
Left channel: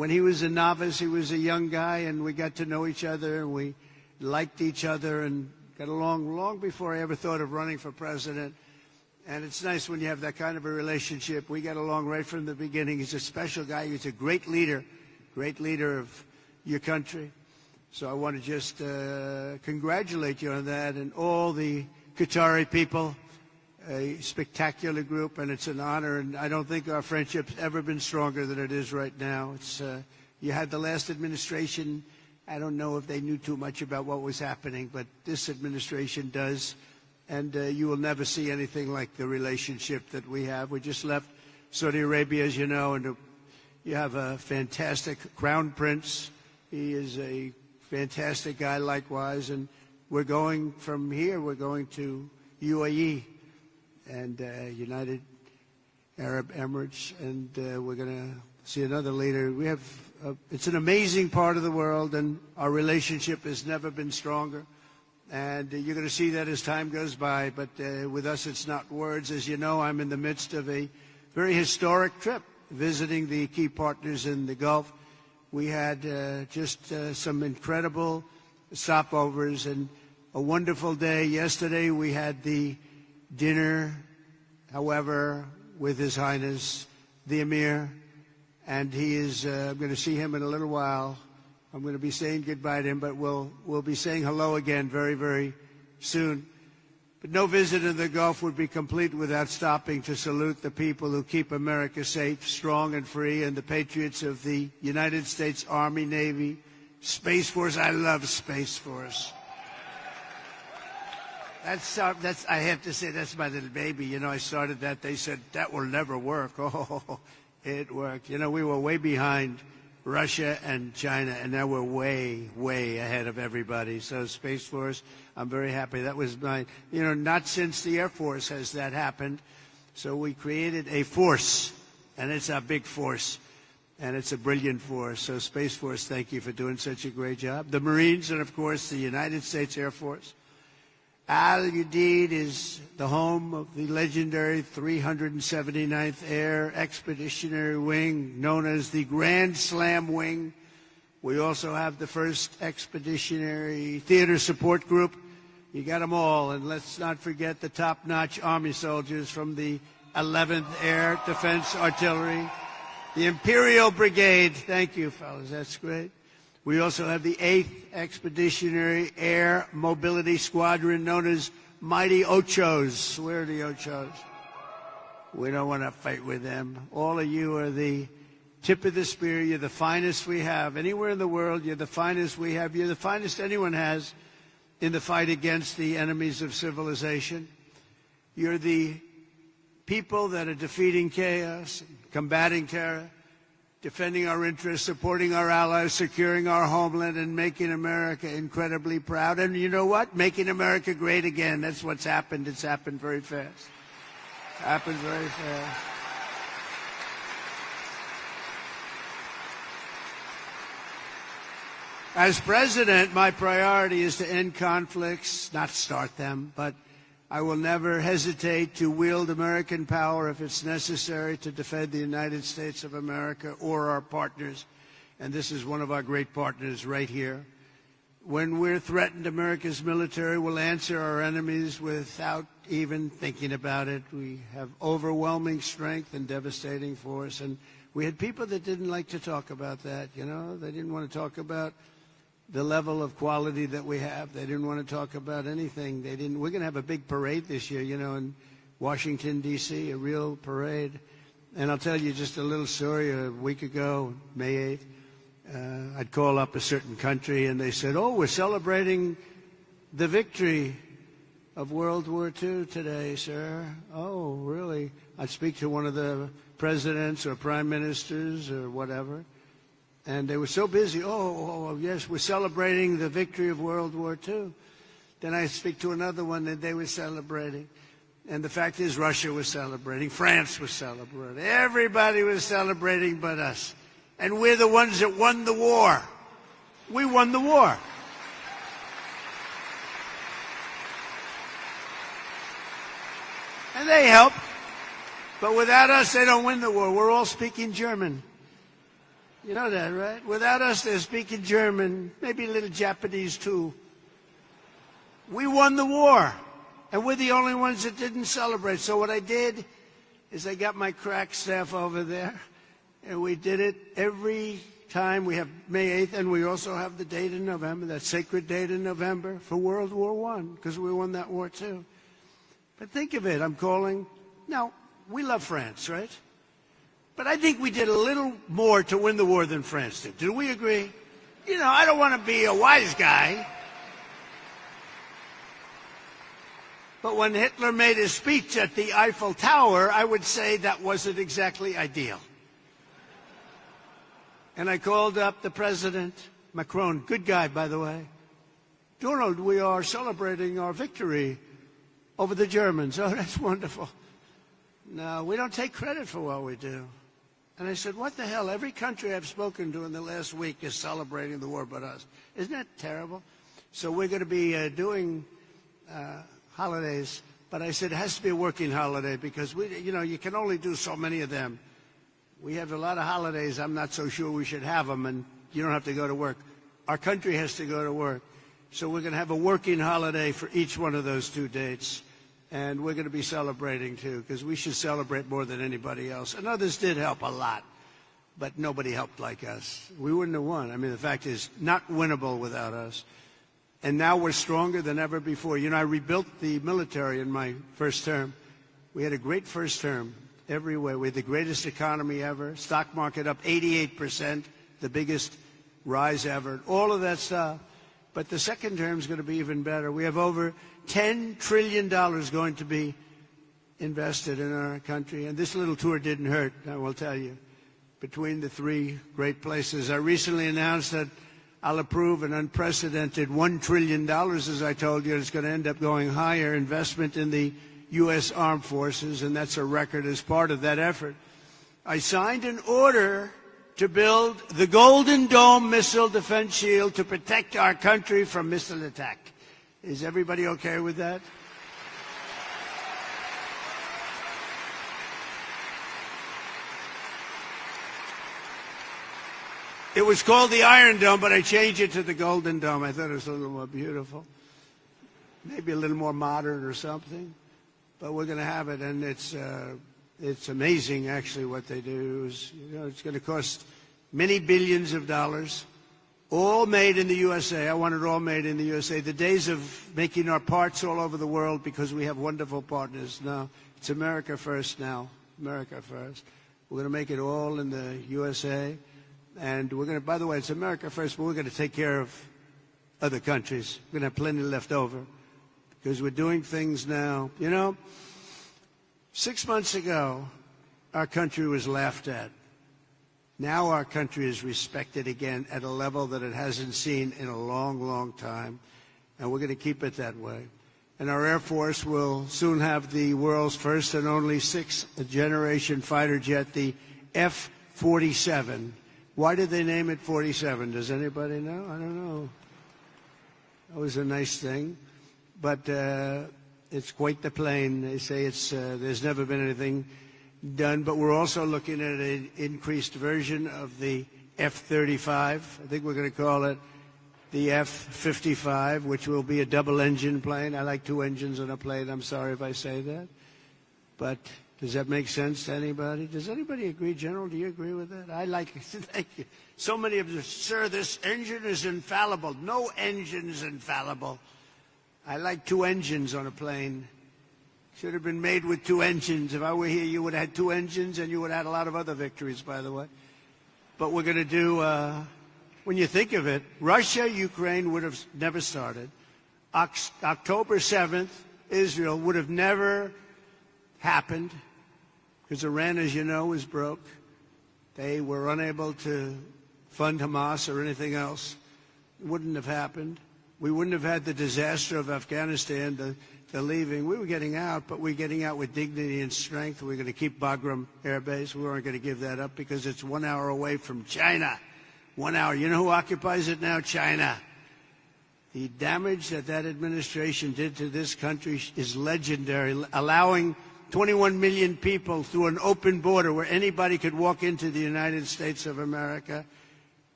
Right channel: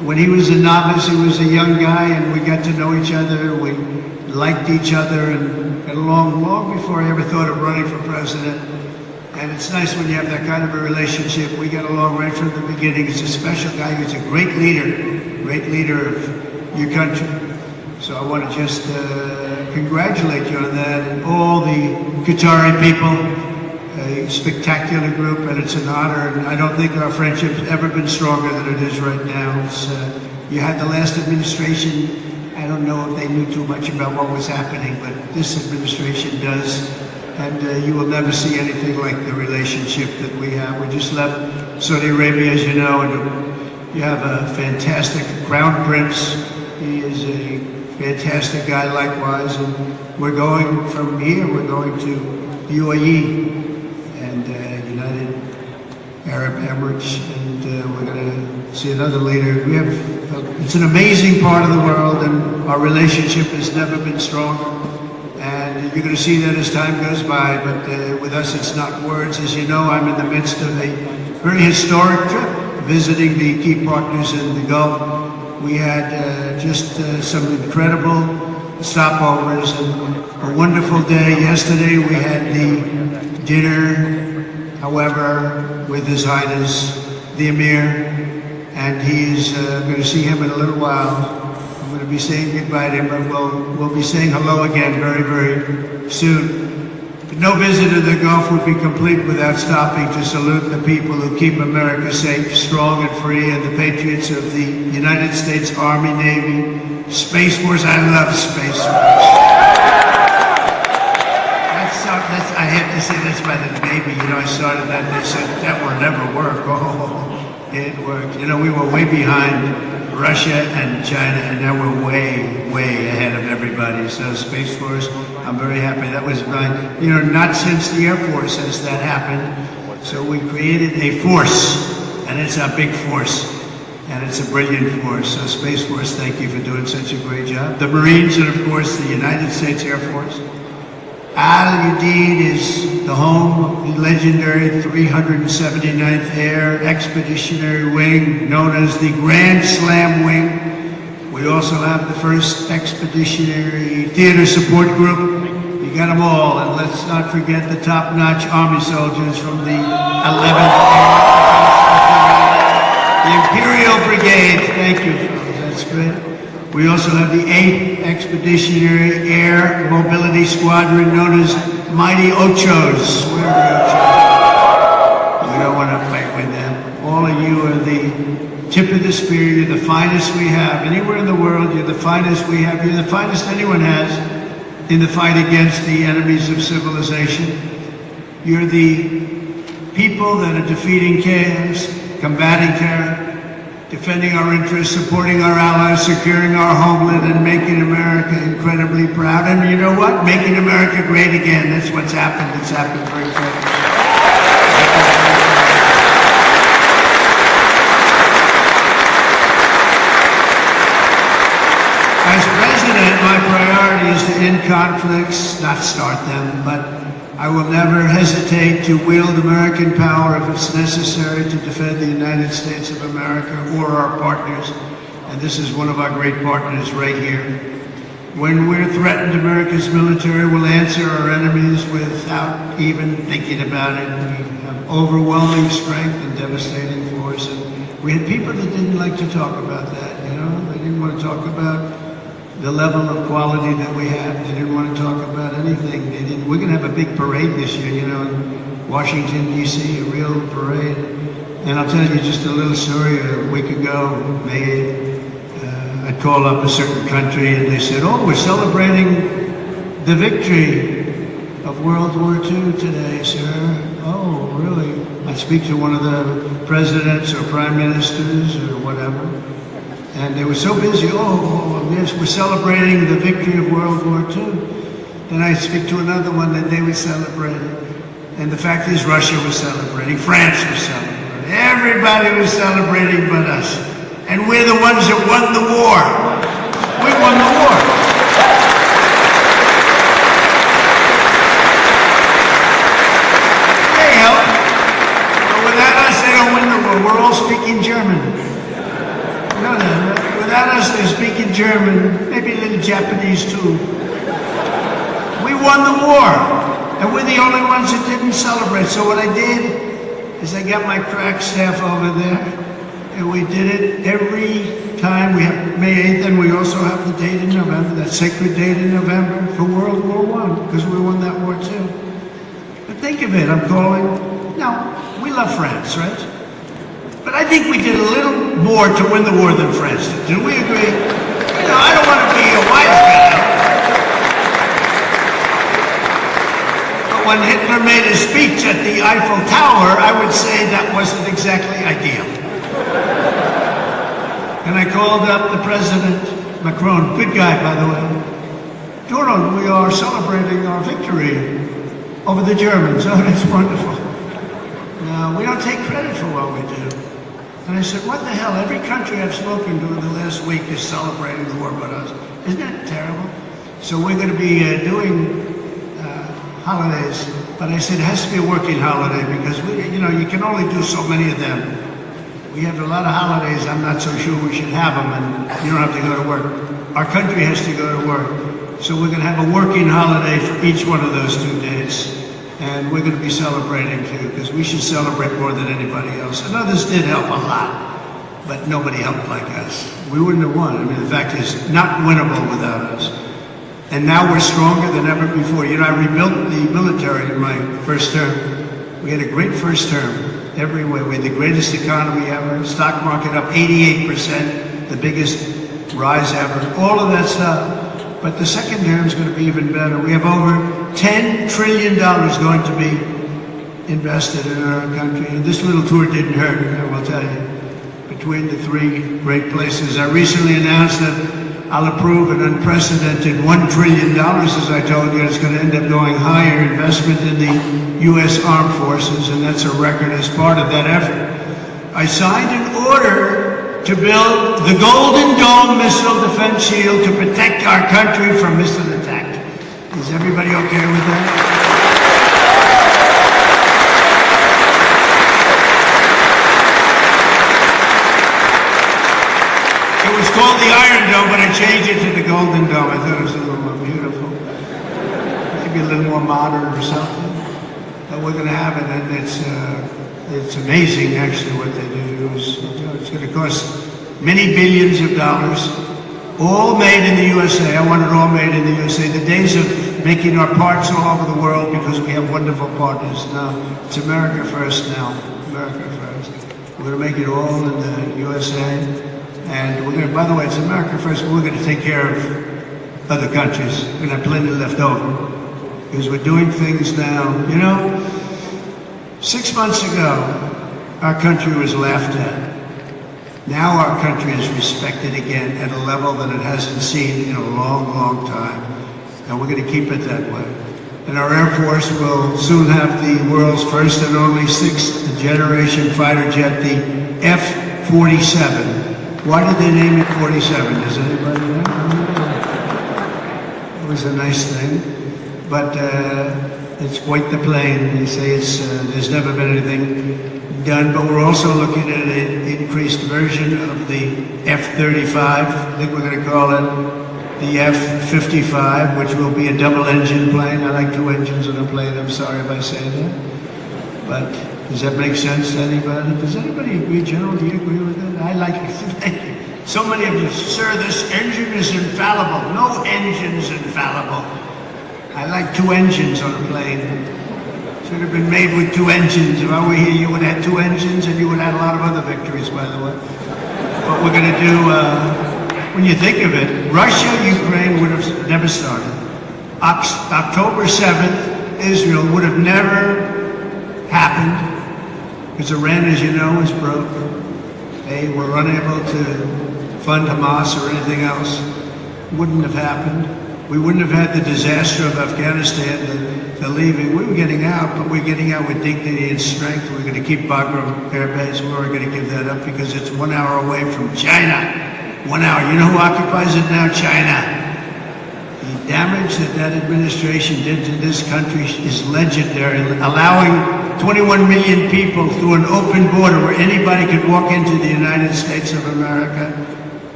when he was a novice, he was a young guy, and we got to know each other. We liked each other and got along long before I ever thought of running for president. And it's nice when you have that kind of a relationship. We got along right from the beginning. He's a special guy. He's a great leader of your country. So I want to just congratulate you on that, and all the Qatari people. A spectacular group, and it's an honor. And I don't think our friendship's ever been stronger than it is right now. It's, you had the last administration. I don't know if they knew too much about what was happening, but this administration does. And you will never see anything like the relationship that we have. We just left Saudi Arabia, as you know, and we have a fantastic Crown Prince. He is a fantastic guy likewise. And we're going from here, we're going to UAE and United Arab Emirates, and we're going to see another leader. We have, it's an amazing part of the world, and our relationship has never been stronger. And you're going to see that as time goes by, but with us it's not words. As you know, I'm in the midst of a very historic trip, visiting the key partners in the Gulf. We had just some incredible stopovers and a wonderful day. Yesterday we had the dinner, however, with His Highness, the Emir, and he's going to see him in a little while. I'm going to be saying goodbye to him, but we'll be saying hello again very, very soon. No visit to the Gulf would be complete without stopping to salute the people who keep America safe, strong, and free, and the patriots of the United States Army, Navy, Space Force. I love Space Force. I have to say that's by the Navy. You know, I started that and they said, that will never work. Oh, it worked. You know, we were way behind Russia and China, and now we're way, way ahead of everybody. So Space Force, I'm very happy. That was you know, not since the Air Force has that happened. So we created a force, and it's a big force, and it's a brilliant force. So Space Force, thank you for doing such a great job. The Marines, and of course the United States Air Force. Udeid is the home of the legendary 379th Air Expeditionary Wing, known as the Grand Slam Wing. We also have the 1st Expeditionary Theater Support Group. You got them all, and let's not forget the top-notch Army soldiers from the 11th Air, the Imperial Brigade. Thank you, that's good. We also have the 8th Expeditionary Air Mobility Squadron, known as Mighty Ochos. Where are the Ochos? We don't want to fight with them. All of you are the tip of the spear. You're the finest we have. Anywhere in the world, you're the finest we have. You're the finest anyone has in the fight against the enemies of civilization. You're the people that are defeating chaos, combating terror, defending our interests, supporting our allies, securing our homeland, and making America incredibly proud. And you know what? Making America great again. That's what's happened. It's happened very quickly. As president, my priority is to end conflicts, not start them, but I will never hesitate to wield American power if it's necessary to defend the United States of America or our partners. And this is one of our great partners right here. When we're threatened, America's military will answer our enemies without even thinking about it. We have overwhelming strength and devastating force. And we had people that didn't like to talk about that, you know? They didn't want to talk about the level of quality that we have. They didn't want to talk about anything. We're going to have a big parade this year, you know, in Washington, D.C., a real parade. And I'll tell you just a little story. A week ago, I called up a certain country, and they said, oh, we're celebrating the victory of World War II today, sir. Oh, really? I'd speak to one of the presidents or prime ministers or whatever. And they were so busy, yes, we're celebrating the victory of World War II. Then I speak to another one that they were celebrating. And the fact is, Russia was celebrating, France was celebrating. Everybody was celebrating but us. And we're the ones that won the war. We won the war. They help. But without us, they don't win the war. We're all speaking German. No. without us, they speak in German, maybe a little Japanese too. We won the war, and we're the only ones that didn't celebrate. So what I did is I got my crack staff over there, and we did it every time. We have May 8th, and we also have the date in November, that sacred date in November for World War I, because we won that war too. But think of it, I'm calling, we love France, right? But I think we did a little more to win the war than France did. Do we agree? I don't want to be a wise guy. But when Hitler made a speech at the Eiffel Tower, I would say that wasn't exactly ideal. And I called up the President, Macron, good guy, by the way. Donald, we are celebrating our victory over the Germans. Oh, that's wonderful. We don't take credit for what we do. And I said, what the hell? Every country I've spoken to in the last week is celebrating the war with us. Isn't that terrible? So we're going to be doing holidays. But I said, it has to be a working holiday because, you can only do so many of them. We have a lot of holidays. I'm not so sure we should have them, and you don't have to go to work. Our country has to go to work. So we're going to have a working holiday for each one of those 2 days. And we're going to be celebrating too, because we should celebrate more than anybody else. And others did help a lot, but nobody helped like us. We wouldn't have won. I mean, the fact is, not winnable without us. And now we're stronger than ever before. I rebuilt the military in my first term. We had a great first term every way. We had the greatest economy ever. Stock market up 88%, the biggest rise ever. All of that stuff. But the second term is going to be even better. We have over $10 trillion going to be invested in our country. And this little tour didn't hurt, I will tell you. Between the 3 great places. I recently announced that I'll approve an unprecedented $1 trillion, as I told you. It's going to end up going higher investment in the U.S. Armed Forces, and that's a record as part of that effort. I signed an order to build the Golden Dome missile defense shield to protect our country from missile attack. Is everybody okay with that? It was called the Iron Dome, but I changed it to the Golden Dome. I thought it was a little more beautiful. Maybe a little more modern or something. But we're going to have it, and it's amazing actually what they do. It's going to cost many billions of dollars, all made in the USA. I want it all made in the USA. The days of making our parts all over the world because we have wonderful partners now. It's America first now. America first. We're going to make it all in the USA. And we're going to, by the way, it's America first, but we're going to take care of other countries. We're going to have plenty left over. Because we're doing things now. 6 months ago, our country was laughed at. Now our country is respected again at a level that it hasn't seen in a long, long time. And we're going to keep it that way. And our Air Force will soon have the world's first and only 6th generation fighter jet, the F-47. Why did they name it 47? Does anybody know? It was a nice thing. But it's quite the plane. They say there's never been anything done, but we're also looking at an increased version of the F-35. I think we're going to call it the F-55, which will be a double-engine plane. I like 2 engines on a plane. I'm sorry if I say that. But does that make sense to anybody? Does anybody agree, General? Do you agree with that? I like it. Thank you. So many of you, sir, this engine is infallible. No engine's infallible. I like 2 engines on a plane. Should have been made with 2 engines. If I were here, you would have had 2 engines, and you would have had a lot of other victories, by the way. What we're going to do, when you think of it, Russia, Ukraine would have never started. October 7th, Israel would have never happened, because Iran, as you know, is broke. They were unable to fund Hamas or anything else. It wouldn't have happened. We wouldn't have had the disaster of Afghanistan, the leaving. We were getting out, but we're getting out with dignity and strength. We're going to keep Bagram Air Base. We weren't going to give that up because it's 1 hour away from China. 1 hour. You know who occupies it now? China. The damage that administration did to this country is legendary. Allowing 21 million people through an open border where anybody could walk into the United States of America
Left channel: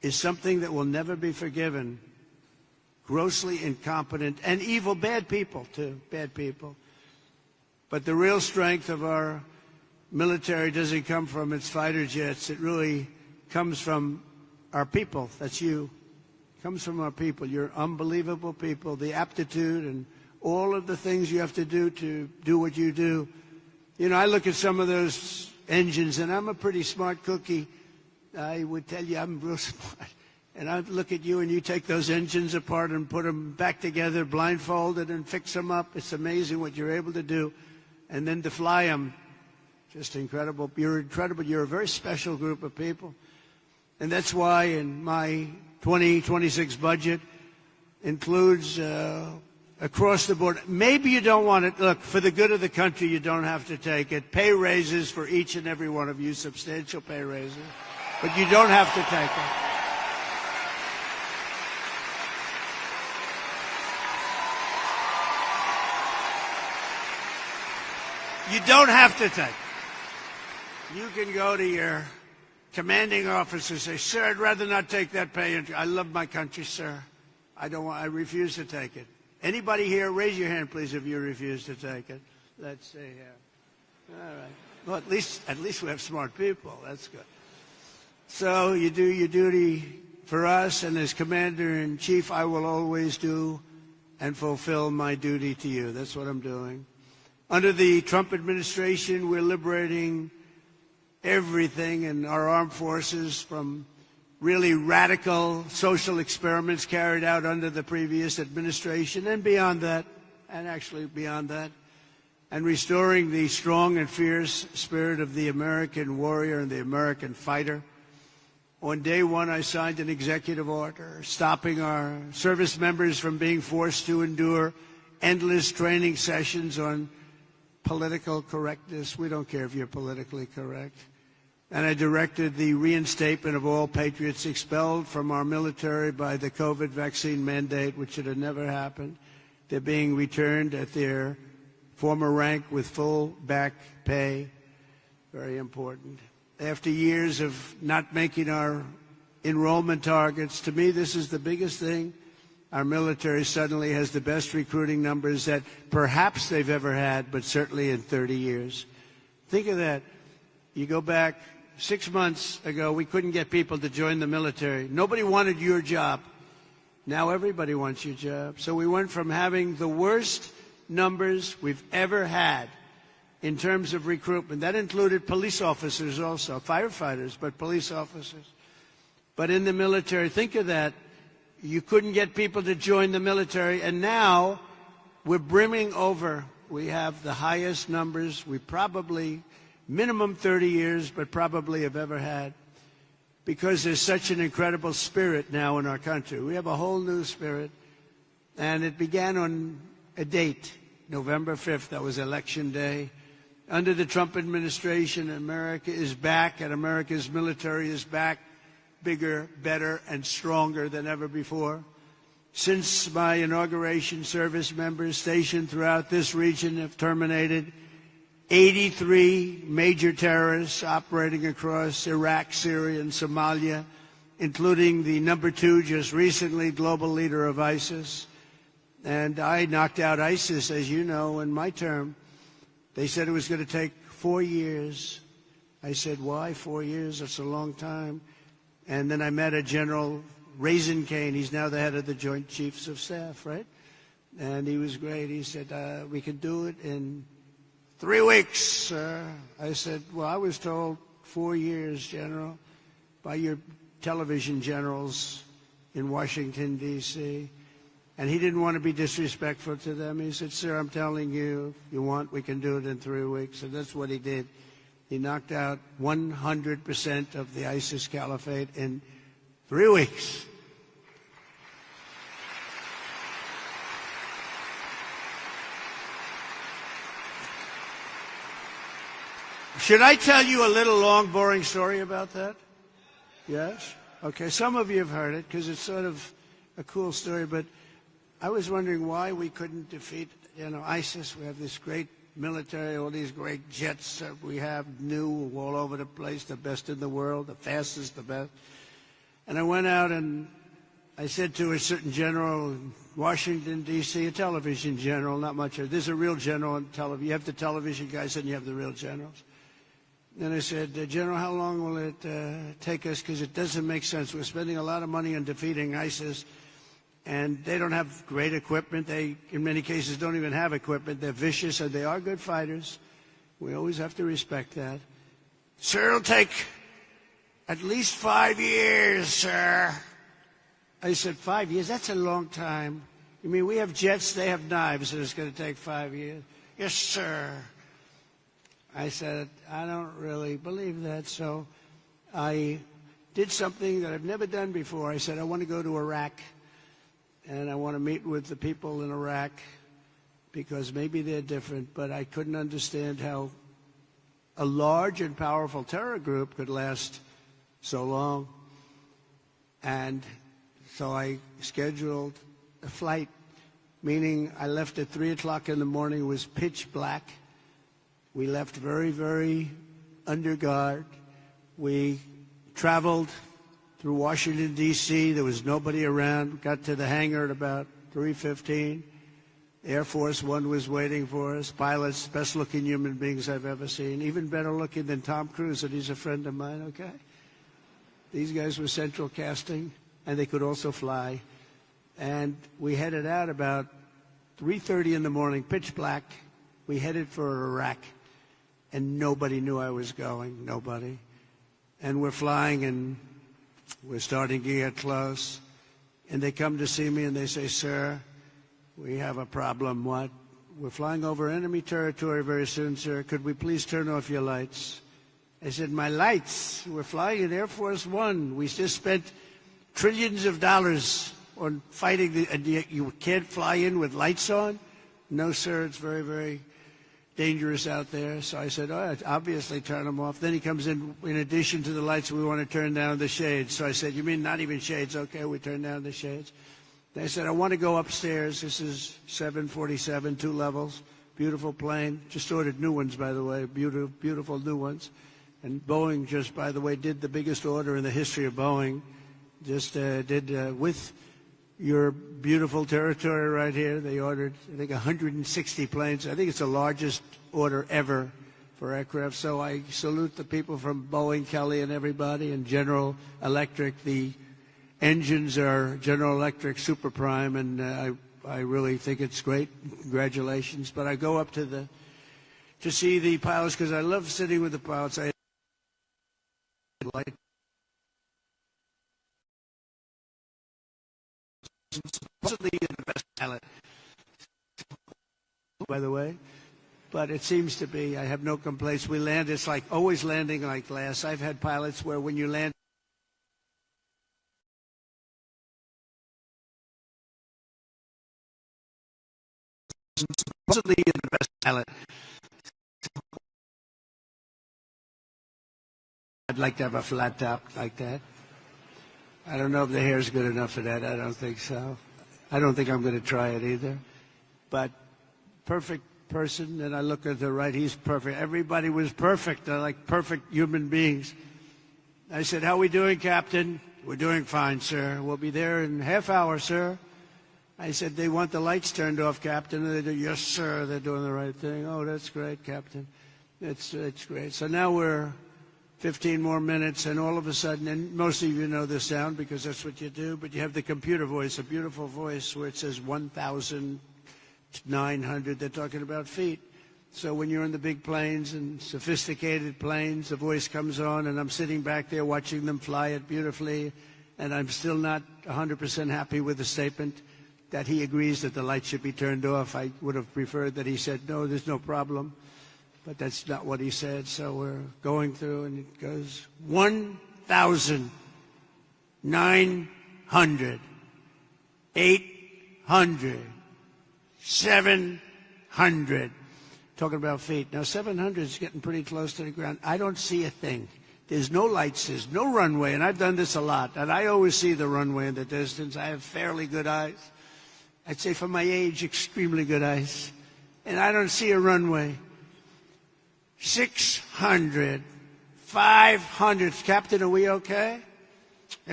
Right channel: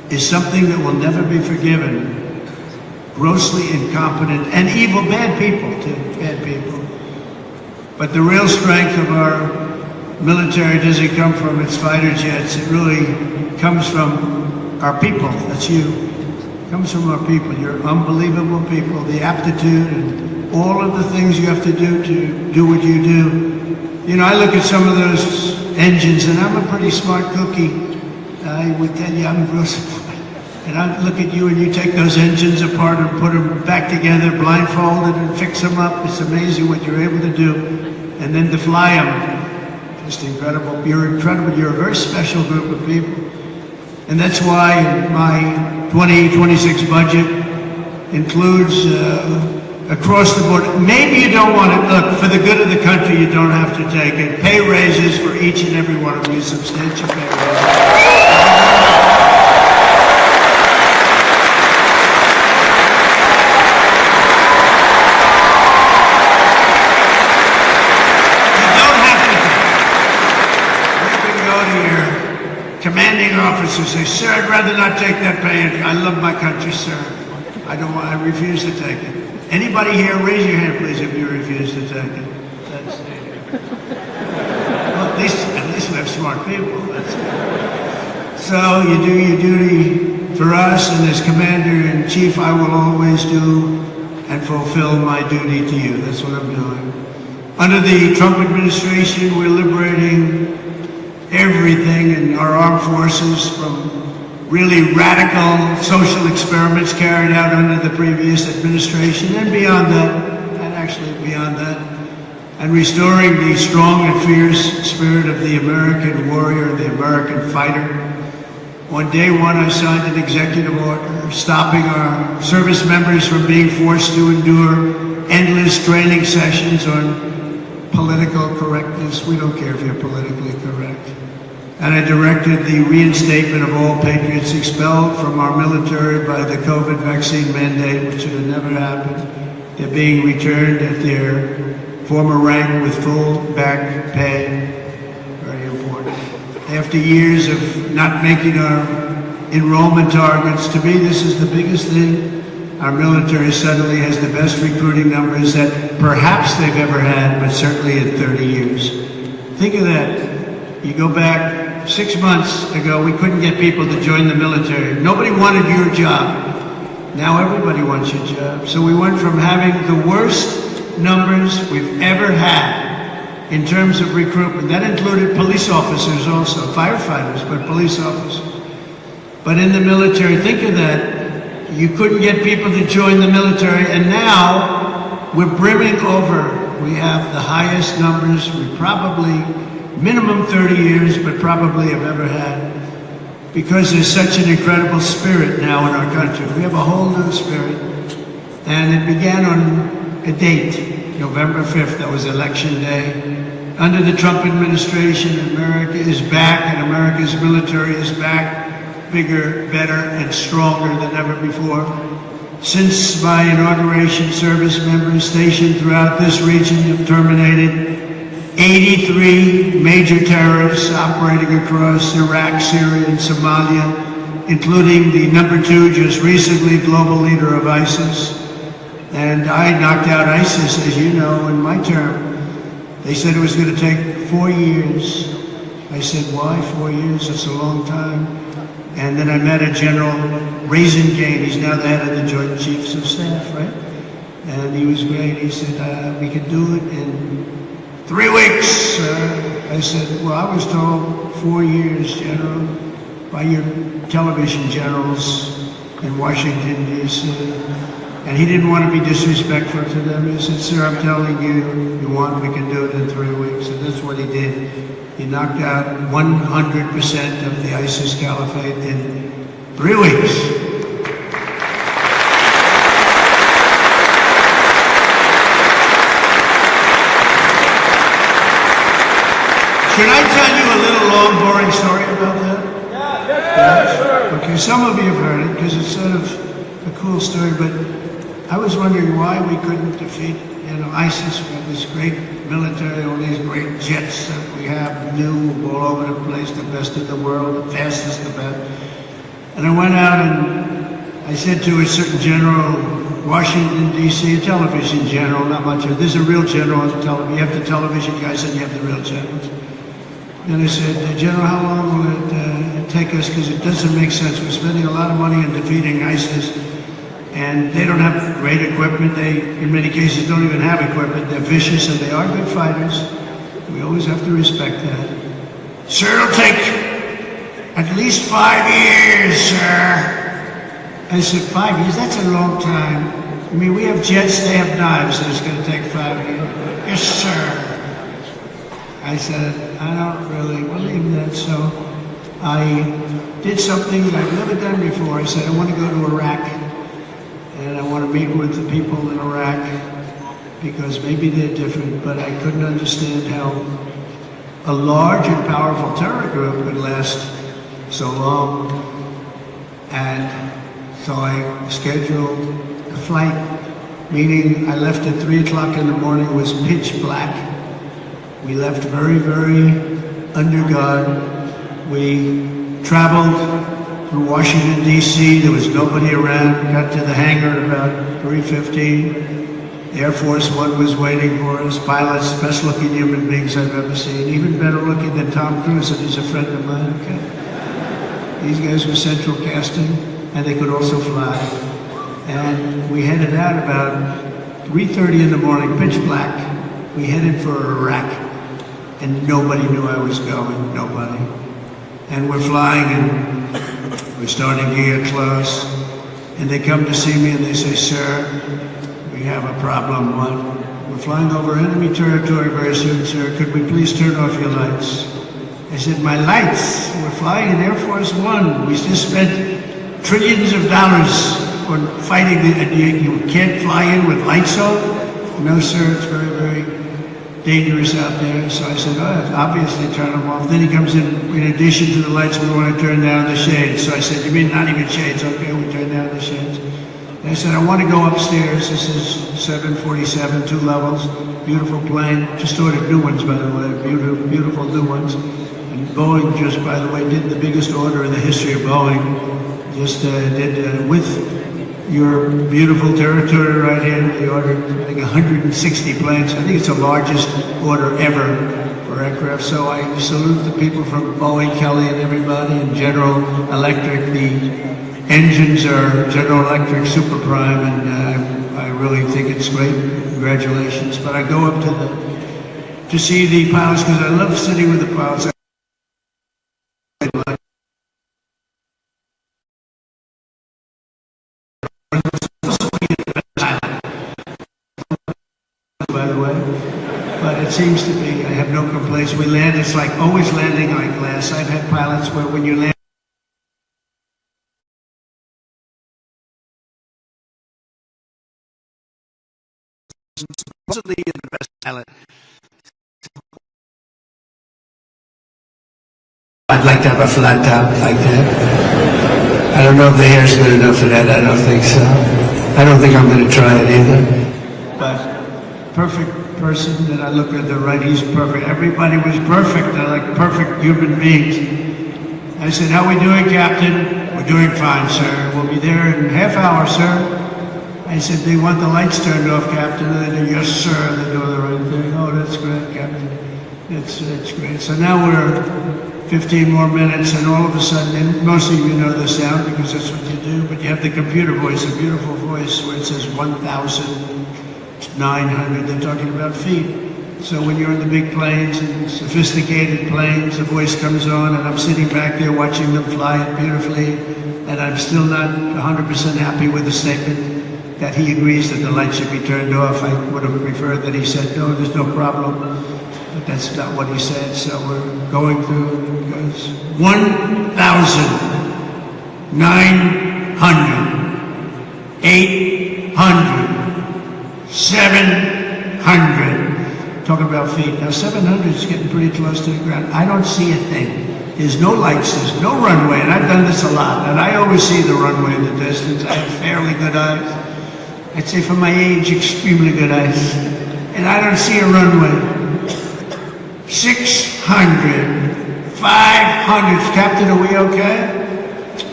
is something that will never be forgiven. Grossly incompetent and evil, bad people too, bad people. But the real strength of our military doesn't come from its fighter jets. It really comes from our people. That's you. It comes from our people. You're unbelievable people. The aptitude and all of the things you have to do what you do. You know, I look at some of those engines, and I'm a pretty smart cookie. I would tell you I'm real smart. And I look at you, and you take those engines apart and put them back together, blindfolded, and fix them up. It's amazing what you're able to do. And then to fly them, just incredible. You're incredible. You're a very special group of people. And that's why my 2026 budget includes across the board. Maybe you don't want to, look, for the good of the country, you don't have to take it. Pay raises for each and every one of you, substantial pay raises. Commanding officers say, sir, I'd rather not take that pay. I love my country, sir. I don't want, I refuse to take it. Anybody here, raise your hand, please, if you refuse to take it. Well, at least we have smart people. So you do your duty for us, and as Commander-in-Chief, I will always do and fulfill my duty to you. That's what I'm doing. Under the Trump administration, we're liberating everything in our armed forces from really radical social experiments carried out under the previous administration and beyond that, and actually beyond that, and restoring the strong and fierce spirit of the American warrior, the American fighter. On day one, I signed an executive order stopping our service members from being forced to endure endless training sessions on political correctness. We don't care if you're politically correct. And I directed the reinstatement of all patriots expelled from our military by the COVID vaccine mandate, which should have never happened. They're being returned at their former rank with full back pay. Very important. After years of not making our enrollment targets, to me this is the biggest thing. Our military suddenly has the best recruiting numbers that perhaps they've ever had, but certainly in 30 years. Think of that. You go back 6 months ago, we couldn't get people to join the military. Nobody wanted your job. Now everybody wants your job. So we went from having the worst numbers we've ever had in terms of recruitment. That included police officers also, firefighters, but police officers. But in the military, think of that. You couldn't get people to join the military, and now we're brimming over. We have the highest numbers we probably minimum 30 years, but probably have ever had, because there's such an incredible spirit now in our country. We have a whole new spirit, and it began on a date, November 5th, that was election day. Under the Trump administration, America is back, and America's military is back, bigger, better, and stronger than ever before. Since my inauguration, service members stationed throughout this region have terminated 83 major terrorists operating across Iraq, Syria, and Somalia, including the #2, just recently global leader of ISIS. And I knocked out ISIS, as you know, in my term. They said it was going to take 4 years. I said, why 4 years? It's a long time. And then I met a General Raisingane. He's now the head of the Joint Chiefs of Staff, right? And he was great. He said, we could do it in 3 weeks. I said, well, I was told 4 years, General, by your television generals in Washington, D.C. And he didn't want to be disrespectful to them. He said, sir, I'm telling you, you want, we can do it in 3 weeks. And that's what he did. He knocked out 100% of the ISIS caliphate in 3 weeks. Can I tell you a little long, boring story about that? Yeah. Okay, some of you have heard it because it's sort of a cool story, but I was wondering why we couldn't defeat, ISIS with this great military, all these great jets that we have, new all over the place, the best in the world, the fastest, the best. And I went out and I said to a certain general, Washington, D.C., a television general, not much of it. There's a real general on the television. You have the television guys and you have the real generals. And I said, General, how long will it take us? Because it doesn't make sense. We're spending a lot of money on defeating ISIS. And they don't have great equipment. They, in many cases, don't even have equipment. They're vicious and they are good fighters. We always have to respect that. Sir, it'll take at least 5 years, sir. I said, 5 years? That's a long time. I mean, we have jets, they have knives, and it's going to take 5 years. Yes, sir. I said, I don't really believe that, so I did something that I've never done before. I said, I want to go to Iraq, and I want to meet with the people in Iraq, because maybe they're different, but I couldn't understand how a large and powerful terror group could last so long. And so I scheduled a flight, meaning I left at 3 o'clock in the morning. It was pitch black. We left very, very under guard. We traveled through Washington, D.C. There was nobody around. Got to the hangar at about 3:15. Air Force One was waiting for us. Pilots, best looking human beings I've ever seen. Even better looking than Tom Cruise, and he's a friend of mine. Okay? These guys were central casting, and they could also fly. And we headed out about 3:30 in the morning, pitch black. We headed for Iraq, and nobody knew I was going, nobody. And we're flying, and we're starting to get close. And they come to see me, and they say, sir, we have a problem. What? We're flying over enemy territory very soon, sir. Could we please turn off your lights? I said, my lights? We're flying in Air Force One. We just spent trillions of dollars on fighting. You can't fly in with lights on? No, sir, it's very, very dangerous out there. So I said, obviously turn them off. Then he comes in addition to the lights, we want to turn down the shades. So I said, you mean not even shades? Okay, we turn down the shades. And I said, I want to go upstairs. This is 747, 2 levels, beautiful plane. Just ordered new ones, by the way, beautiful new ones. And Boeing just, by the way, did the biggest order in the history of Boeing. Just did with your beautiful territory right here. They ordered, I think, 160 planes. I think it's the largest order ever for aircraft. So I salute the people from Boeing, Kelly, and everybody, and General Electric. The engines are General Electric Super Prime, and I really think it's great. Congratulations. But I go up to see the pilots because I love sitting with the pilots. By the way, but it seems to be, I have no complaints. We land, it's like always landing on glass. I've had pilots where when you land, supposedly you're the best pilot. I'd like to have a flat top like that. I don't know if the hair's good enough for that. I don't think so. I don't think I'm going to try it either. But perfect person that I look at the right, he's perfect. Everybody was perfect. They're like perfect human beings. I said, how are we doing, Captain? We're doing fine, sir. We'll be there in a half hour, sir. I said, they want the lights turned off, Captain. And they do, yes, sir. They're doing the right thing. Oh, that's great, Captain. It's great. So now we're 15 more minutes, and all of a sudden, and most of you know the sound because that's what you do, but you have the computer voice, a beautiful voice where it says 1,900. They're talking about feet. So when you're in the big planes and sophisticated planes, the voice comes on, and I'm sitting back there watching them fly it beautifully, and I'm still not 100% happy with the statement that he agrees that the lights should be turned off. I would have preferred that he said, no, there's no problem. But that's not what he said, so we're going through. 1,900, 800, 700. Talking about feet. Now 700 is getting pretty close to the ground. I don't see a thing. There's no lights, there's no runway, and I've done this a lot, and I always see the runway in the distance. I have fairly good eyes. I'd say for my age, extremely good eyes. And I don't see a runway. 600, 500. Captain, are we okay?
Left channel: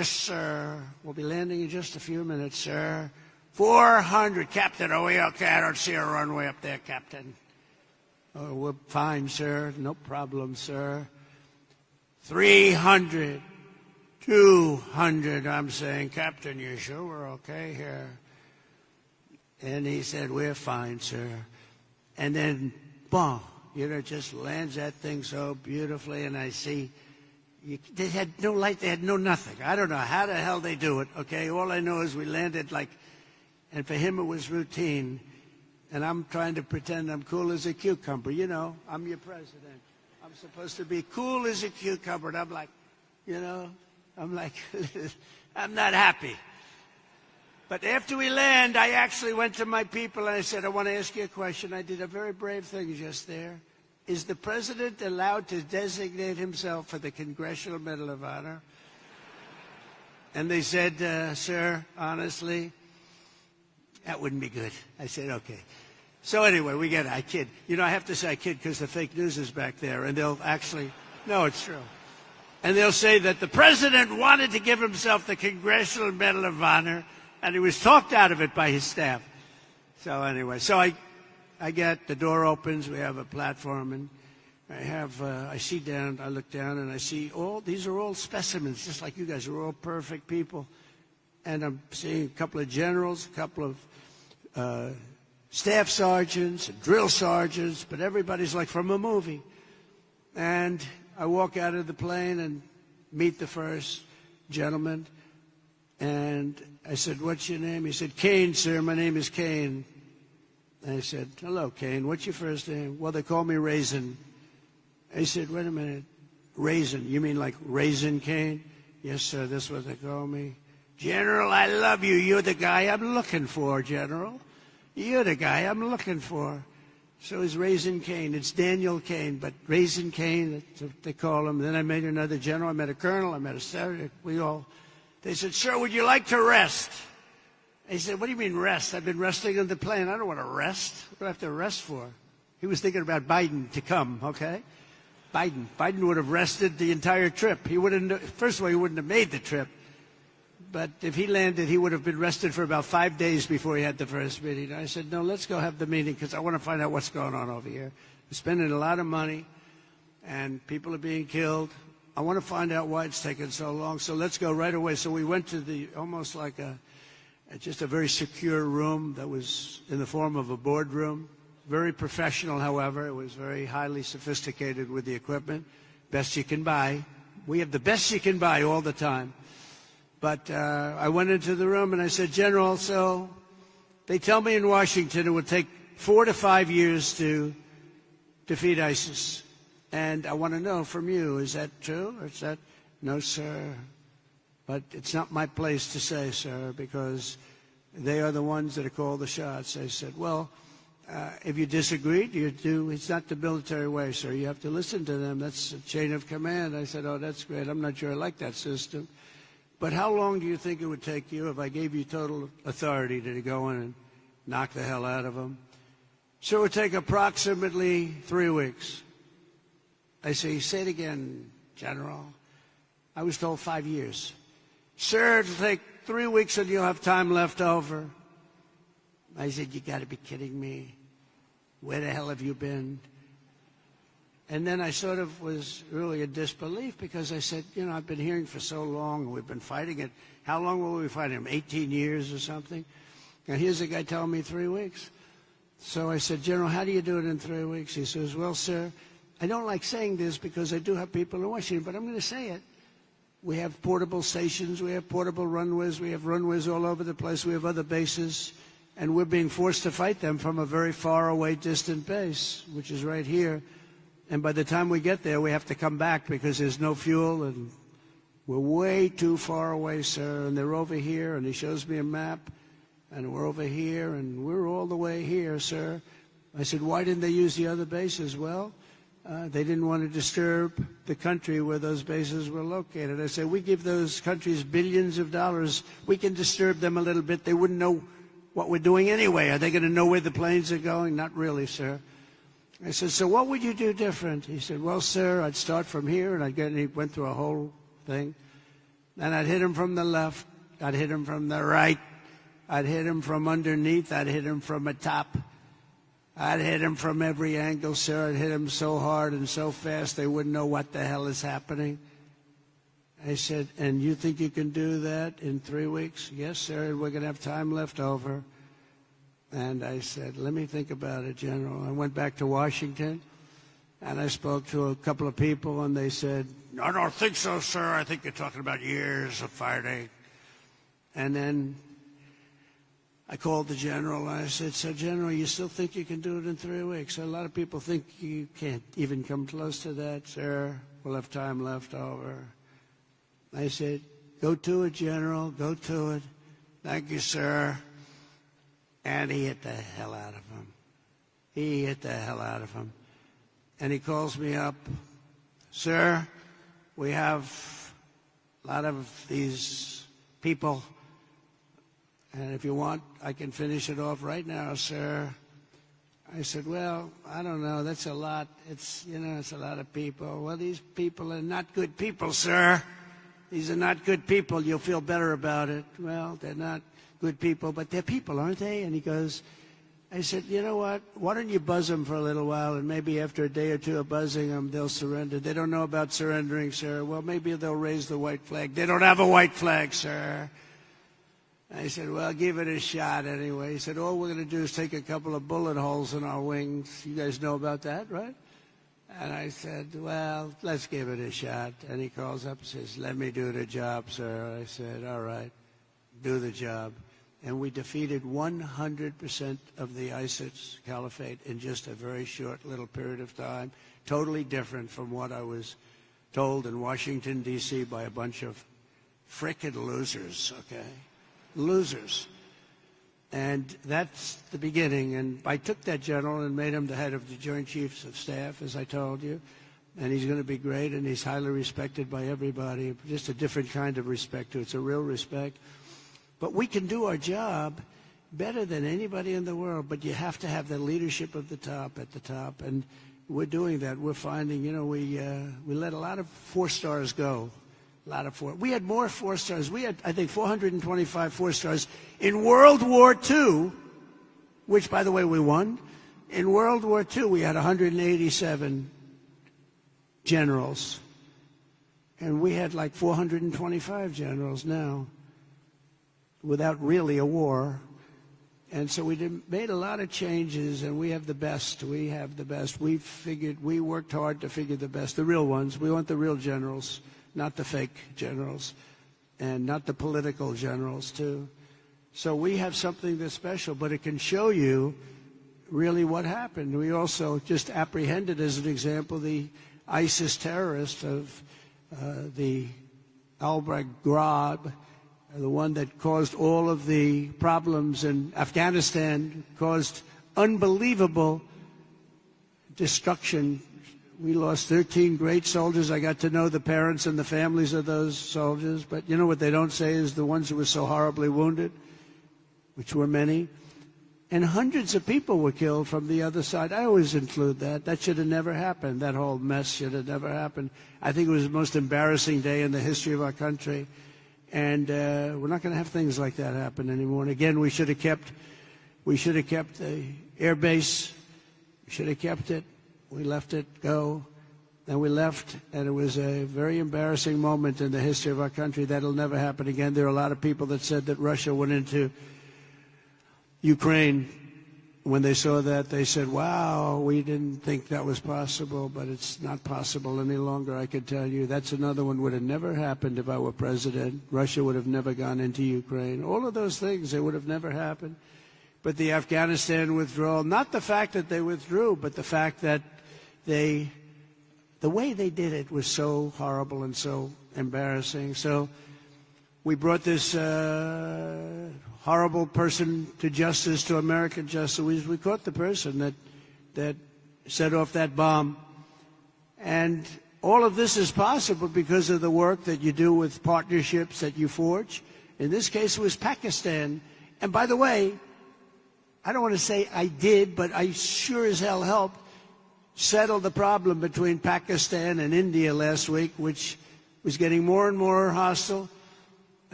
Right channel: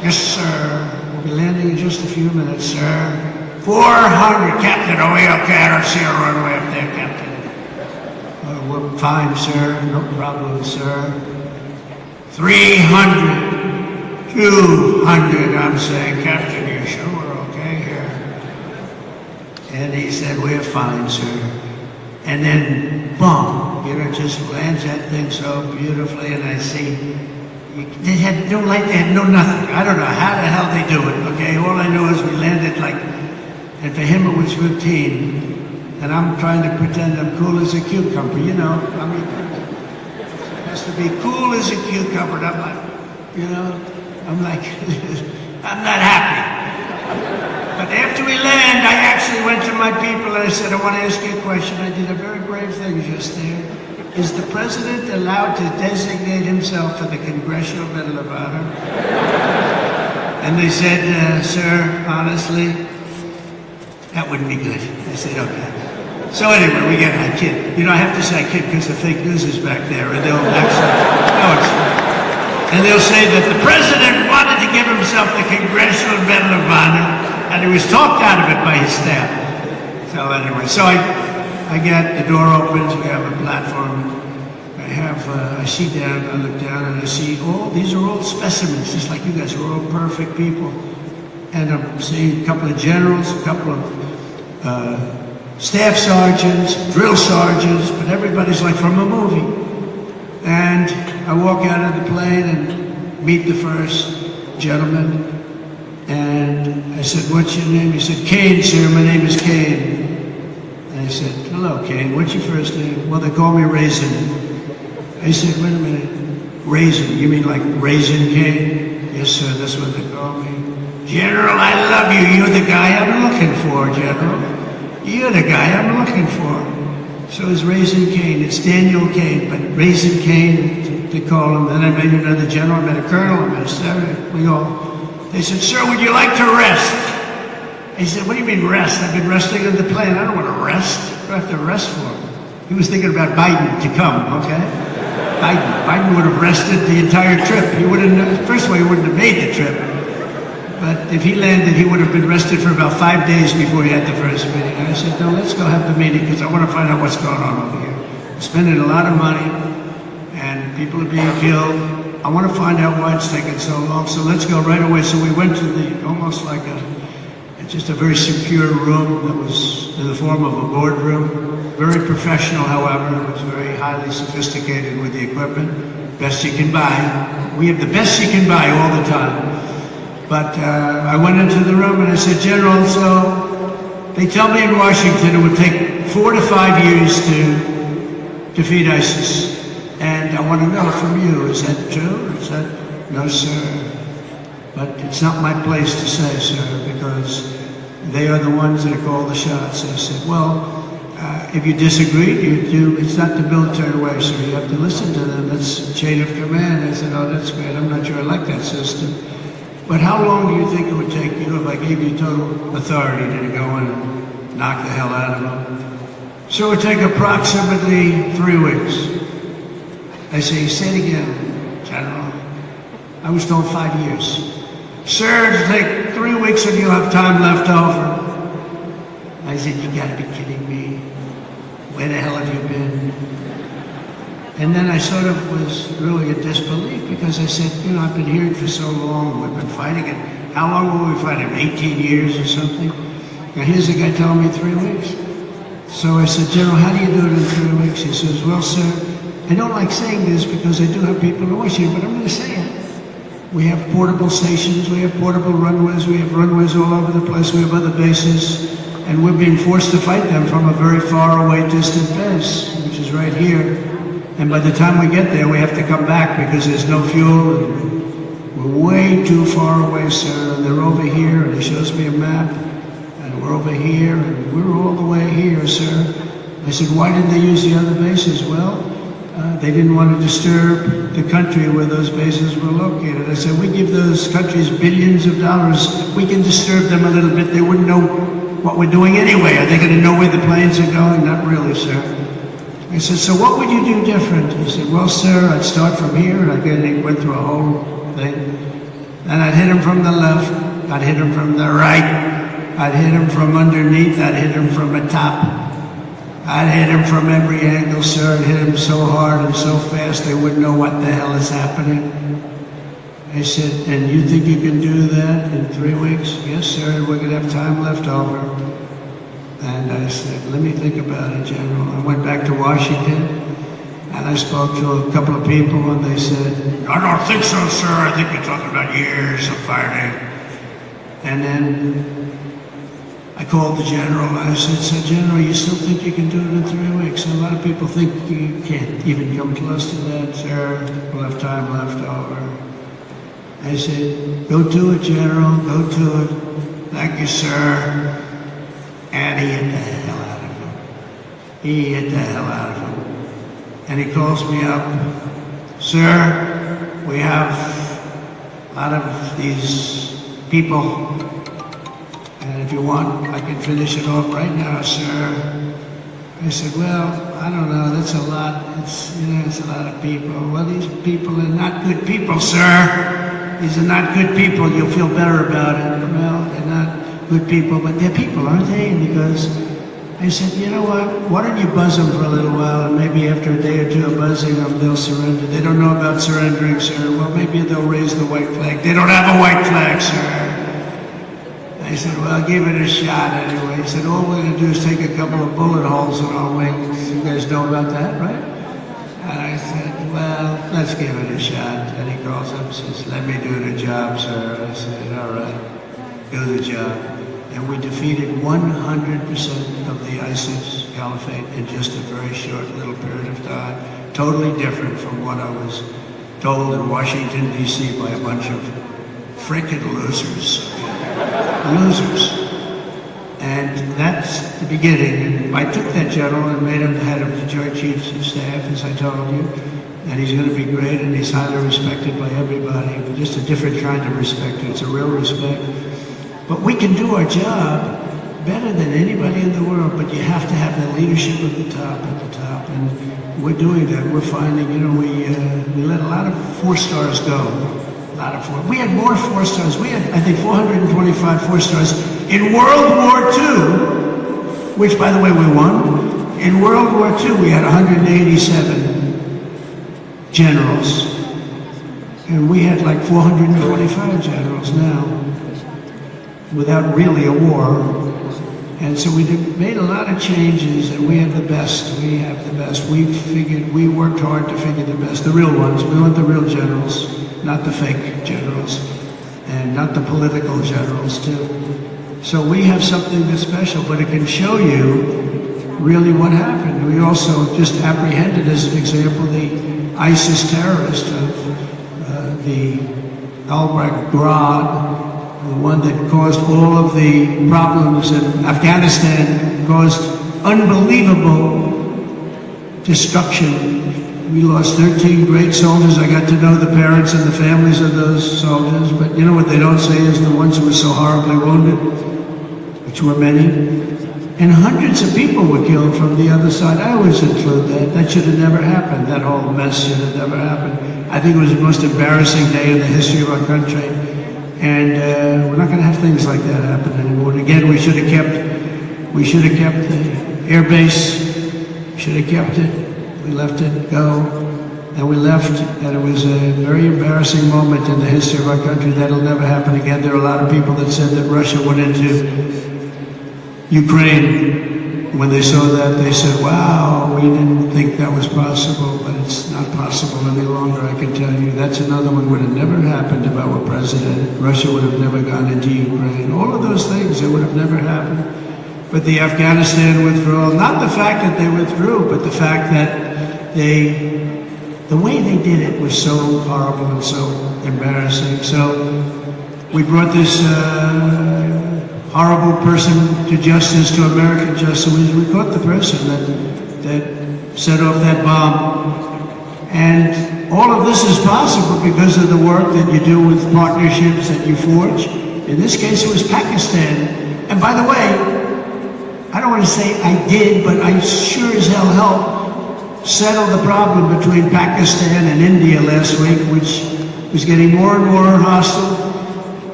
Yes, sir. We'll be landing in just a few minutes, sir. 400, Captain. Are we okay? I don't see a runway up there, Captain. We're fine, sir. No problem, sir. 300. 200, I'm saying, Captain, you sure we're okay here? And he said, we're fine, sir. And then, boom, just lands that thing so beautifully, and I see, they had no light, they had no nothing. I don't know how the hell they do it, okay? All I know is we landed like at the Himmelwitz 15, and I'm trying to pretend I'm cool as a cucumber, you know? I mean, it has to be cool as a cucumber, and I'm like, you know? I'm like, I'm not happy. But after we land, I actually went to my people and I said, I want to ask you a question. I did a very brave thing just there. Is the president allowed to designate himself for the Congressional Medal of Honor? And they said, sir, honestly, that wouldn't be good. I said, okay. So anyway, we get that kid. You know, I have to say kid because the fake news is back there. And they'll actually, and they'll say that the president wanted to give himself the Congressional Medal of Honor, and he was talked out of it by his staff. So anyway, so I get the door opens, we have a platform, I see down, I look down, and I see these are all specimens, just like you guys are all perfect people. And I'm seeing a couple of generals, a couple of staff sergeants, drill sergeants, but everybody's like from a movie. And I walk out of the plane and meet the first gentleman. And I said, what's your name? He said, Kane, sir. My name is Kane. And I said, hello, Kane. What's your first name? Well, they call me Raisin. He said, wait a minute. Raisin? You mean like Raisin Kane? Yes, sir. That's what they call me. General, I love you. You're the guy I'm looking for, General. You're the guy I'm looking for. So it's Raisin Kane. It's Daniel Kane, but Raisin Kane, they call him. Then I met another general, I met a colonel, I met a sergeant. We all, they said, sir, would you like to rest? He said, what do you mean rest? I've been resting in the plane. I don't want to rest. What do I have to rest for? He was thinking about Biden to come, okay? Biden would have rested the entire trip. He wouldn't, first of all, he wouldn't have made the trip. But if he landed, he would have been rested for about 5 days before he had the first meeting. And I said, no, let's go have the meeting because I want to find out what's going on over here. We're spending a lot of money and people are being killed. I want to find out why it's taking so long. So let's go right away. So we went to almost like just a very secure room that was in the form of a boardroom. Very professional, however. It was very highly sophisticated with the equipment. Best you can buy. We have the best you can buy all the time. But I went into the room and I said, General, so they tell me in Washington it would take 4 to 5 years to defeat ISIS. And I want to know from you, is that true? Is that, no, sir. But it's not my place to say, sir, because they are the ones that call the shots. I said, well, if you disagree, it's not the military way, sir. You have to listen to them. That's chain of command. I said, oh, that's great. I'm not sure I like that system. But how long do you think it would take you if I gave you total authority to go and knock the hell out of them? So it would take approximately 3 weeks. I say, say it again, General. I was told 5 years. Sir, it'll take 3 weeks and you'll have time left over. I said, you gotta be kidding me. Where the hell have you been? And then I sort of was really in disbelief because I said, you know, I've been here for so long, we've been fighting it. How long were we fighting? 18 years or something? And here's the guy telling me 3 weeks. So I said, General, how do you do it in 3 weeks? He says, well, sir, I don't like saying this because I do have people in Washington, but I'm going to say it. We have portable stations, we have portable runways, we have runways all over the place, we have other bases, and we're being forced to fight them from a very far away distant base, which is right here. And by the time we get there, we have to come back because there's no fuel. We're way too far away, sir. They're over here, and he shows me a map, and we're over here, and we're all the way here, sir. I said, why didn't they use the other bases? Well, they didn't want to disturb the country where those bases were located. I said, we give those countries billions of dollars. We can disturb them a little bit. They wouldn't know what we're doing anyway. Are they going to know where the planes are going? Not really, sir. I said, so what would you do different? He said, well, sir, I'd start from here. And again, he went through a whole thing. And I'd hit him from the left, I'd hit him from the right, I'd hit him from underneath, I'd hit him from the top. I'd hit him from every angle, sir. I'd hit him so hard and so fast they wouldn't know what the hell is happening. They said, and you think you can do that in 3 weeks? Yes, sir, we're going to have time left over. And I said, let me think about it, General. I went back to Washington, and I spoke to a couple of people, and they said, I don't think so, sir. I think you're talking about years of fighting. And then I called the General, and I said, so General, you still think you can do it in 3 weeks? A lot of people think you can't even come close to that, sir. We'll have time left over. They said, go do it, General, go do it. Thank you, sir. And he hit the hell out of him. He hit the hell out of him. And he calls me up, sir, we have, out of these people, and if you want, I can finish it off right now, sir. I said, well, I don't know, that's a lot. It's a lot of people. Well, these people are not good people, sir. These are not good people. You'll feel better about it. Well, they're not good people, but they're people, aren't they? Because I said, you know what? Why don't you buzz them for a little while, and maybe after a day or two of buzzing them, they'll surrender. They don't know about surrendering, sir. Well, maybe they'll raise the white flag. They don't have a white flag, sir. I said, well, I'll give it a shot anyway. He said, all we're going to do is take a couple of bullet holes in our wings. You guys know about that, right? And I said, well, let's give it a shot. And he calls up and says, let me do the job, sir. I said, all right, do the job. And we defeated 100% of the ISIS caliphate in just a very short little period of time. Totally different from what I was told in Washington, D.C. by a bunch of frickin' losers. Losers. And that's the beginning. And I took that general and made him the head of the Joint Chiefs of Staff, as I told you. And he's going to be great, and he's highly respected by everybody. But just a different kind of respect. It's a real respect. But we can do our job better than anybody in the world, but you have to have the leadership at the top, and we're doing that. We're finding, we let a lot of 4 stars go. We had more 4 stars. We had, I think, 425 4 stars. In World War II, which, by the way, we won, in World War II, we had 187 generals. And we had like 425 generals now, without really a war. And so we made a lot of changes, and we have the best. We have the best. We worked hard to figure the best, the real ones. We want the real generals. Not the fake generals, and not the political generals, too. So we have something that's special, but it can show you really what happened. We also just apprehended, as an example, the ISIS terrorist of the al-Baghdad, the one that caused all of the problems in Afghanistan, caused unbelievable destruction. We lost 13 great soldiers. I got to know the parents and the families of those soldiers, but you know what they don't say is the ones who were so horribly wounded, which were many. And hundreds of people were killed from the other side. I always include that. That should have never happened. That whole mess should have never happened. I think it was the most embarrassing day in the history of our country. And we're not going to have things like that happen anymore. And again, we should have kept the air base. Should have kept it. We let it go, and we left, and it was a very embarrassing moment in the history of our country. That'll never happen again. There are a lot of people that said that Russia went into Ukraine. When they saw that, they said, wow, we didn't think that was possible, but it's not possible any longer, I can tell you. That's another one would have never happened if I were president. Russia would have never gone into Ukraine. All of those things, it would have never happened. But the Afghanistan withdrawal, not the fact that they withdrew, but the fact that the way they did it was so horrible and so embarrassing. So we brought this horrible person to justice, to American justice. We caught the person that set off that bomb. And all of this is possible because of the work that you do with partnerships that you forge. In this case, it was Pakistan. And by the way, I don't want to say I did, but I sure as hell helped settle the problem between Pakistan and India last week, which was getting more and more hostile.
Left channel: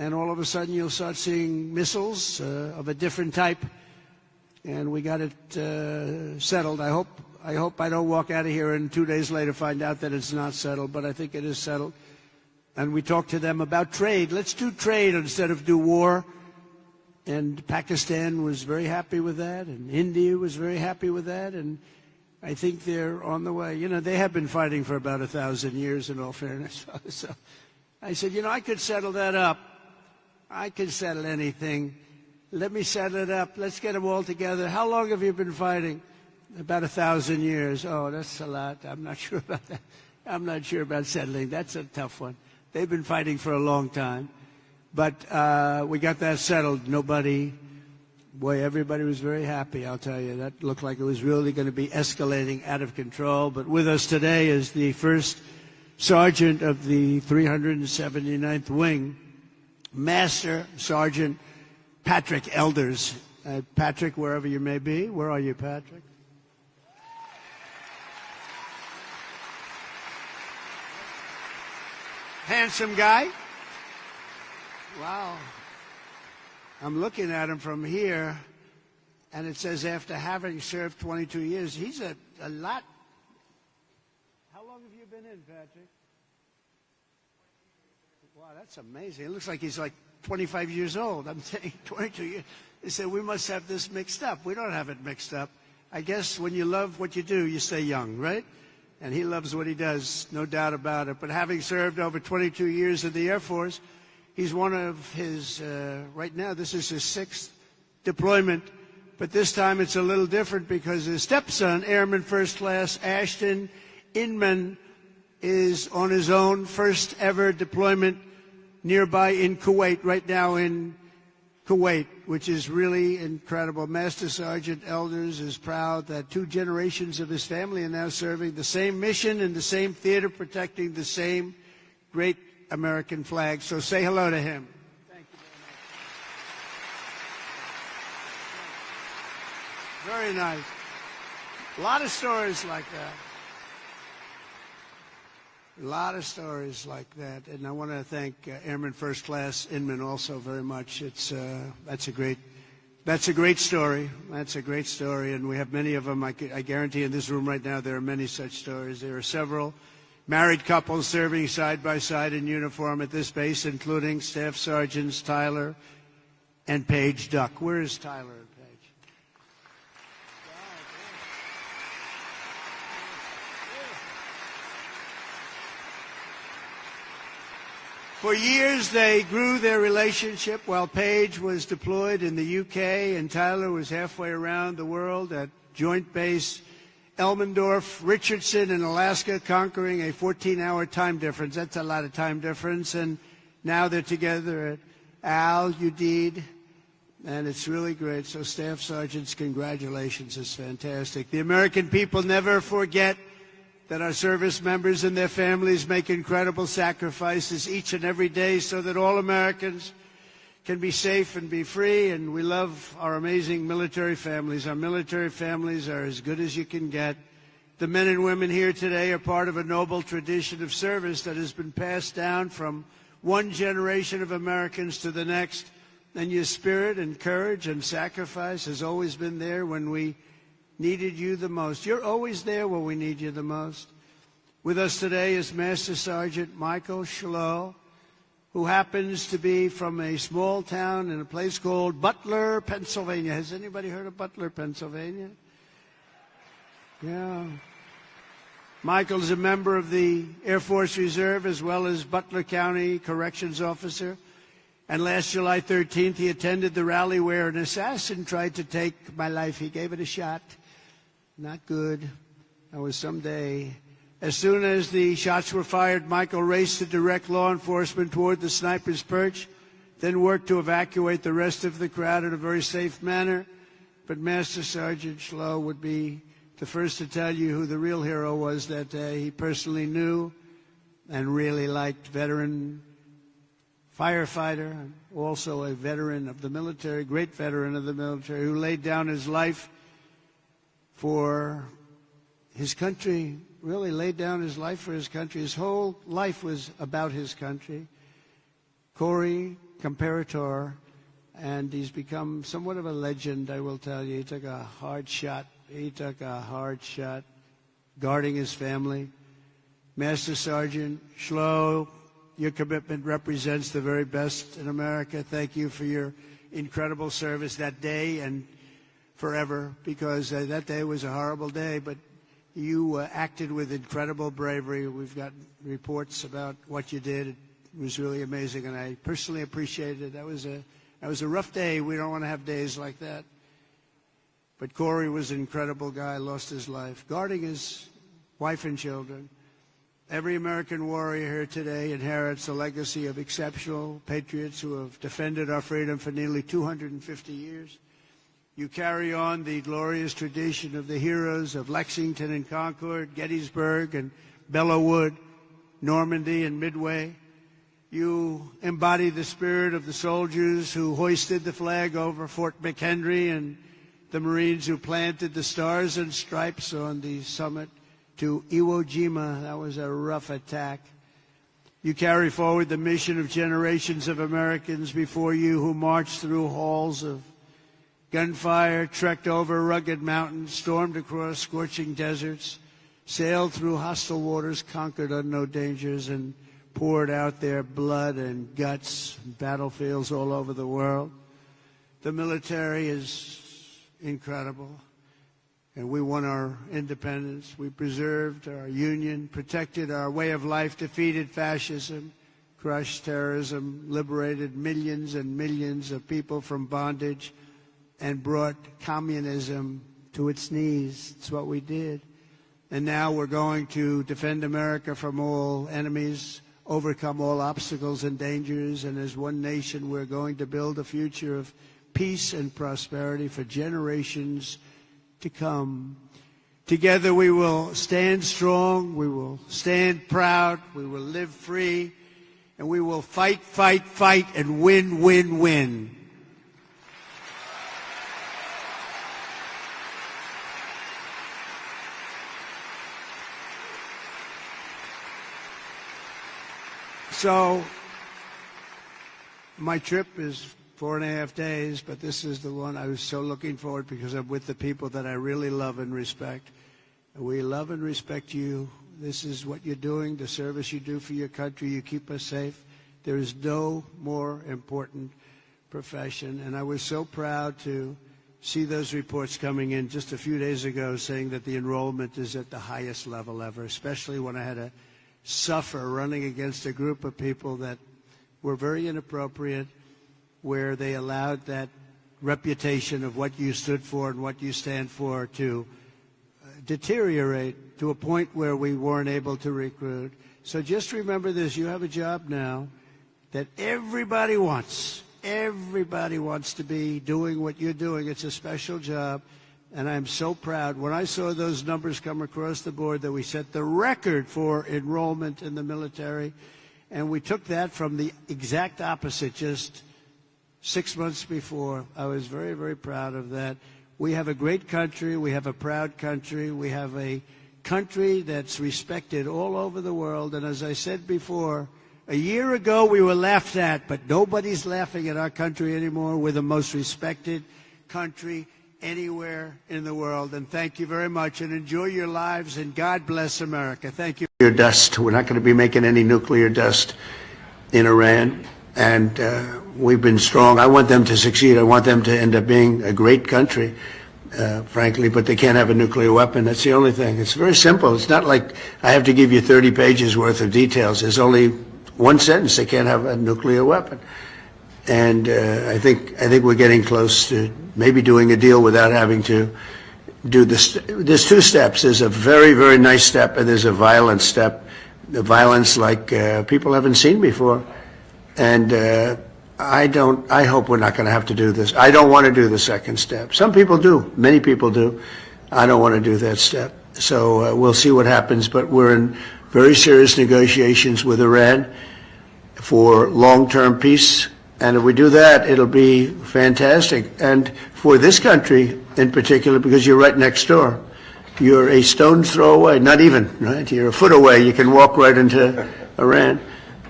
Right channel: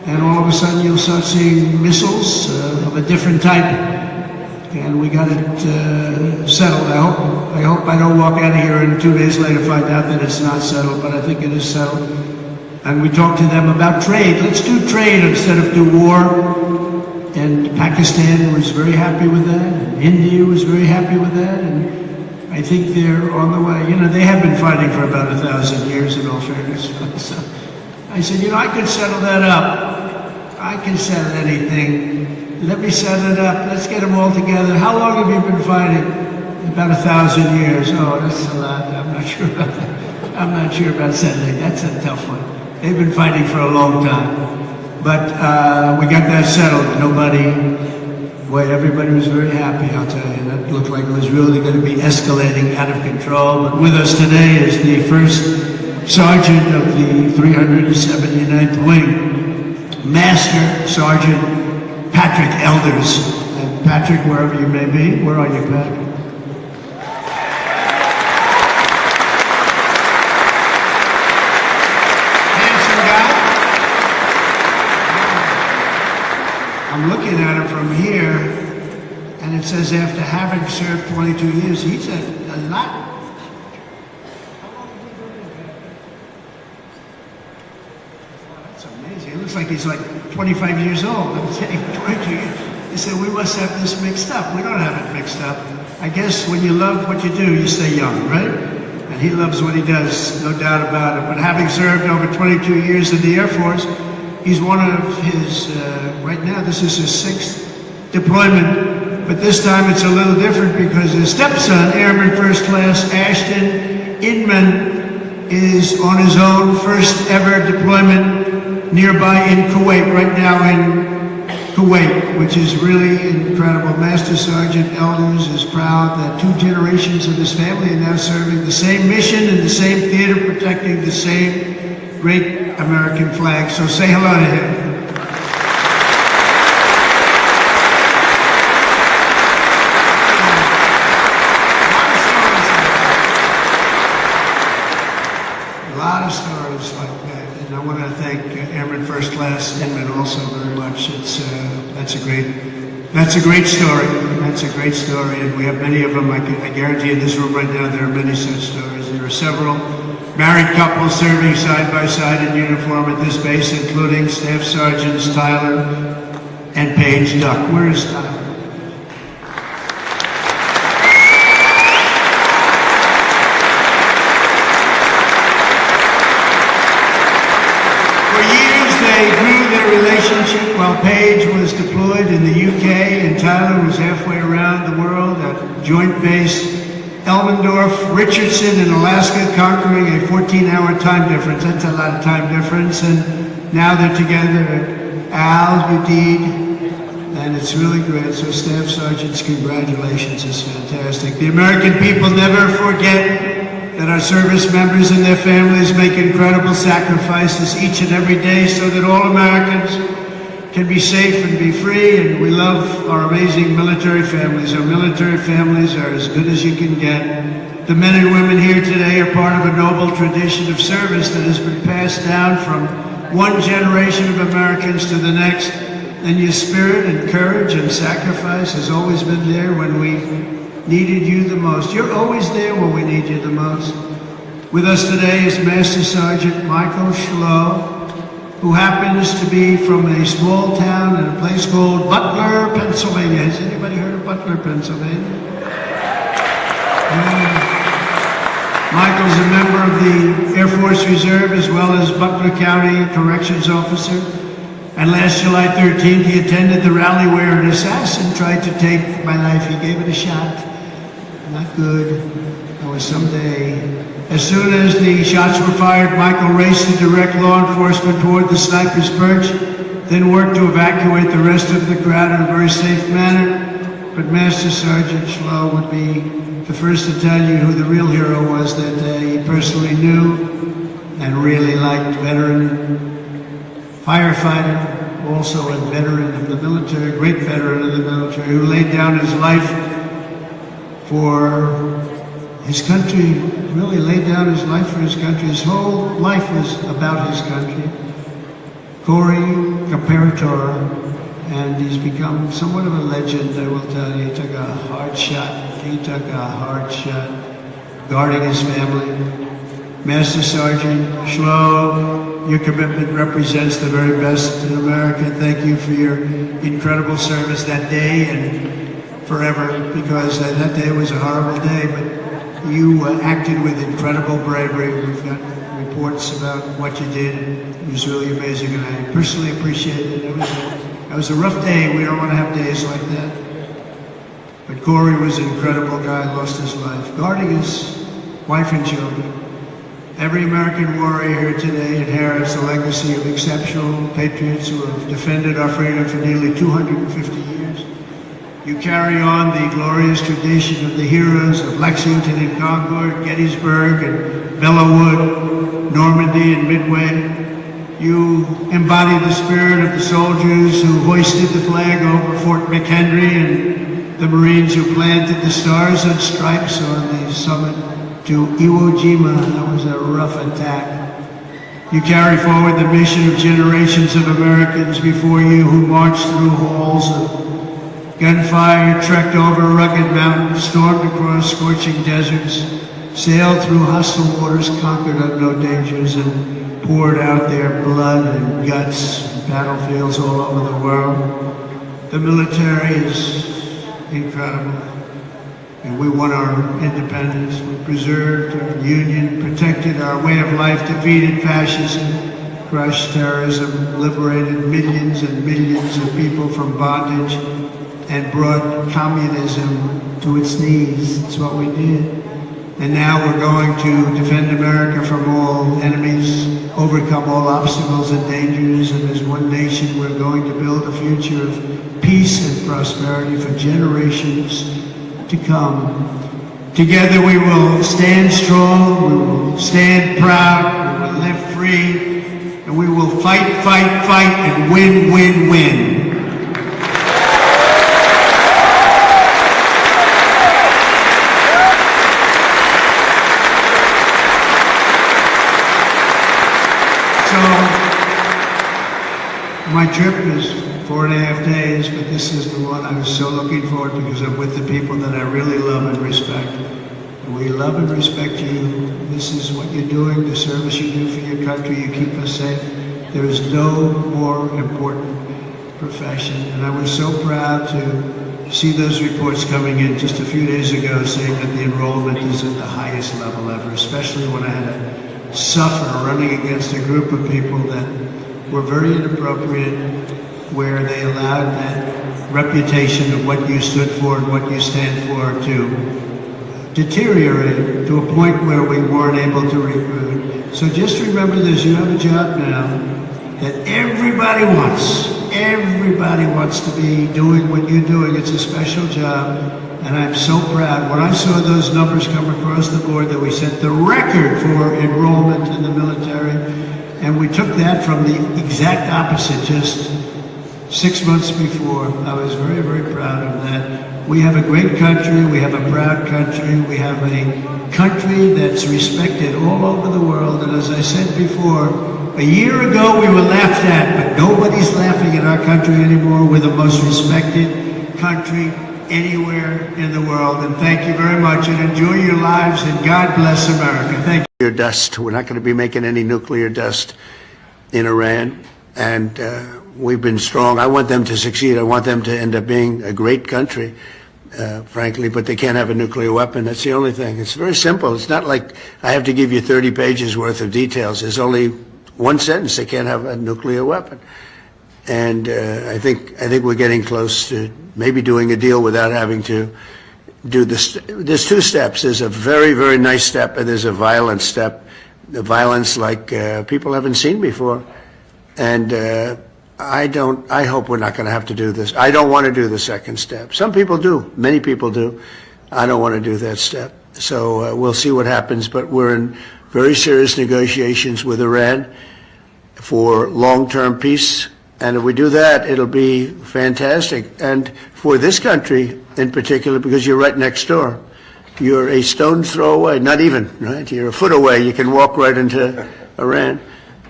and all of a sudden you'll start seeing missiles of a different type. And we got it settled. I hope I don't walk out of here and 2 days later find out that it's not settled, but I think it is settled. And we talked to them about trade. Let's do trade instead of do war. And Pakistan was very happy with that. And India was very happy with that. And I think they're on the way. You know, they have been fighting for about 1,000 years in all fairness. So I said, you know, I could settle that up. I can settle anything. Let me set it up. Let's get them all together. How long have you been fighting? About 1,000 years. Oh, that's a lot. I'm not sure about that. I'm not sure about settling. That's a tough one. They've been fighting for a long time. But we got that settled. Everybody was very happy, I'll tell you. That looked like it was really going to be escalating out of control. But with us today is the first sergeant of the 379th Wing, Master Sergeant Patrick Elders. And Patrick, wherever you may be, where are you, Patrick? I'm looking at him from here, and it says after having served 22 years, he's a lot. That's amazing. It looks like he's like 25 years old. I'm saying 22 years. He said, we must have this mixed up. We don't have it mixed up. I guess when you love what you do, you stay young, right? And he loves what he does, no doubt about it. But having served over 22 years in the Air Force, he's one of his, right now, this is his 6th deployment, but this time it's a little different because his stepson, Airman First Class Ashton Inman, is on his own first ever deployment nearby in Kuwait, right now in Kuwait, which is really incredible. Master Sergeant Elders is proud that 2 generations of his family are now serving the same mission in the same theater, protecting the same great American flag. So say hello to him. A lot of stories like that. And I want to thank Airman First Class Inman also very much. That's a great story. That's a great story. And we have many of them. I guarantee in this room right now there are many such stories. There are several married couples serving side by side in uniform at this base, including Staff Sergeants Tyler and Paige Duck. Where is Tyler? For years they grew their relationship while Paige was deployed in the UK and Tyler was halfway around the world at Joint Base Elmendorf, Richardson in Alaska, conquering a 14-hour time difference. That's a lot of time difference. And now they're together at Udeid, and it's really great. So Staff Sergeants, congratulations. It's fantastic. The American people never forget that our service members and their families make incredible sacrifices each and every day so that all Americans can be safe and be free, and we love our amazing military families. Our military families are as good as you can get. The men and women here today are part of a noble tradition of service that has been passed down from one generation of Americans to the next, and your spirit and courage and sacrifice has always been there when we needed you the most. You're always there when we need you the most. With us today is Master Sergeant Michael Schlow, who happens to be from a small town in a place called Butler, Pennsylvania. Has anybody heard of Butler, Pennsylvania? Michael's a member of the Air Force Reserve as well as Butler County Corrections Officer. And last July 13th, he attended the rally where an assassin tried to take my life. He gave it a shot. Not good. Or someday. As soon as the shots were fired, Michael raced to direct law enforcement toward the sniper's perch, then worked to evacuate the rest of the crowd in a very safe manner. But Master Sergeant Schlow would be the first to tell you who the real hero was that day. He personally knew and really liked veteran firefighter, also a veteran of the military, great veteran of the military, who laid down his life for his country, really laid down his life for his country. His whole life was about his country. Corey imperator, and he's become somewhat of a legend, I will tell you. He took a hard shot. He took a hard shot guarding his family. Master Sergeant Schlo, your commitment represents the very best in America. Thank you for your incredible service that day and forever, because that day was a horrible day, but you acted with incredible bravery. We've got reports about what you did. It was really amazing, and I personally appreciate it. It was a rough day. We don't want to have days like that. But Corey was an incredible guy, lost his life, guarding his wife and children. Every American warrior here today inherits a legacy of exceptional patriots who have defended our freedom for nearly 250 years. You carry on the glorious tradition of the heroes of Lexington and Concord, Gettysburg and Belleau, Normandy and Midway. You embody the spirit of the soldiers who hoisted the flag over Fort McHenry and the Marines who planted the stars and stripes on the summit to Iwo Jima. That was a rough attack. You carry forward the mission of generations of Americans before you who marched through halls of gunfire, trekked over rugged mountains, stormed across scorching deserts, sailed through hostile waters, conquered unknown dangers, and poured out their blood and guts in battlefields all over the world. The military is incredible. And we won our independence. We preserved our union, protected our way of life, defeated fascism, crushed terrorism, liberated millions and millions of people from bondage, and brought communism to its knees. That's what we did. And now we're going to defend America from all enemies, overcome all obstacles and dangers, and as one nation we're going to build a future of peace and prosperity for generations to come. Together we will stand strong, we will stand proud, we will live free, and we will fight, fight, fight, and win, win, win. My trip is 4.5 days, but this is the one I was so looking forward to because I'm with the people that I really love and respect. We love and respect you. This is what you're doing, the service you do for your country. You keep us safe. There is no more important profession. And I was so proud to see those reports coming in just a few days ago saying that the enrollment is at the highest level ever, especially when I had to suffer running against a group of people that were very inappropriate, where they allowed that reputation of what you stood for and what you stand for to deteriorate to a point where we weren't able to recruit. So just remember this, you have a job now that everybody wants. Everybody wants to be doing what you're doing. It's a special job, and I'm so proud. When I saw those numbers come across the board that we set the record for enrollment in the military, and we took that from the exact opposite just 6 months before. I was very, very proud of that. We have a great country. We have a proud country. We have a country that's respected all over the world. And as I said before, a year ago we were laughed at, but nobody's laughing at our country anymore. We're the most respected country anywhere in the world. And thank you very much, and enjoy your lives, and God bless America. Thank you. Dust. We're not going to be making any nuclear dust in Iran, and we've been strong. I want them to succeed. I want them to end up being a great country, frankly, but they can't have a nuclear weapon. That's the only thing. It's very simple. It's not like I have to give you 30 pages worth of details. There's only one sentence. They can't have a nuclear weapon. And I think we're getting close to maybe doing a deal without having to do this. There's two steps. There's a very, very nice step, and there's a violent step. The violence like people haven't seen before. And I hope we're not going to have to do this. I don't want to do the second step. Some people do. Many people do. I don't want to do that step. So we'll see what happens. But we're in very serious negotiations with Iran for long-term peace. And if we do that, it'll be fantastic. And for this country in particular, because you're right next door. You're a stone's throw away, not even, right? You're a foot away. You can walk right into Iran.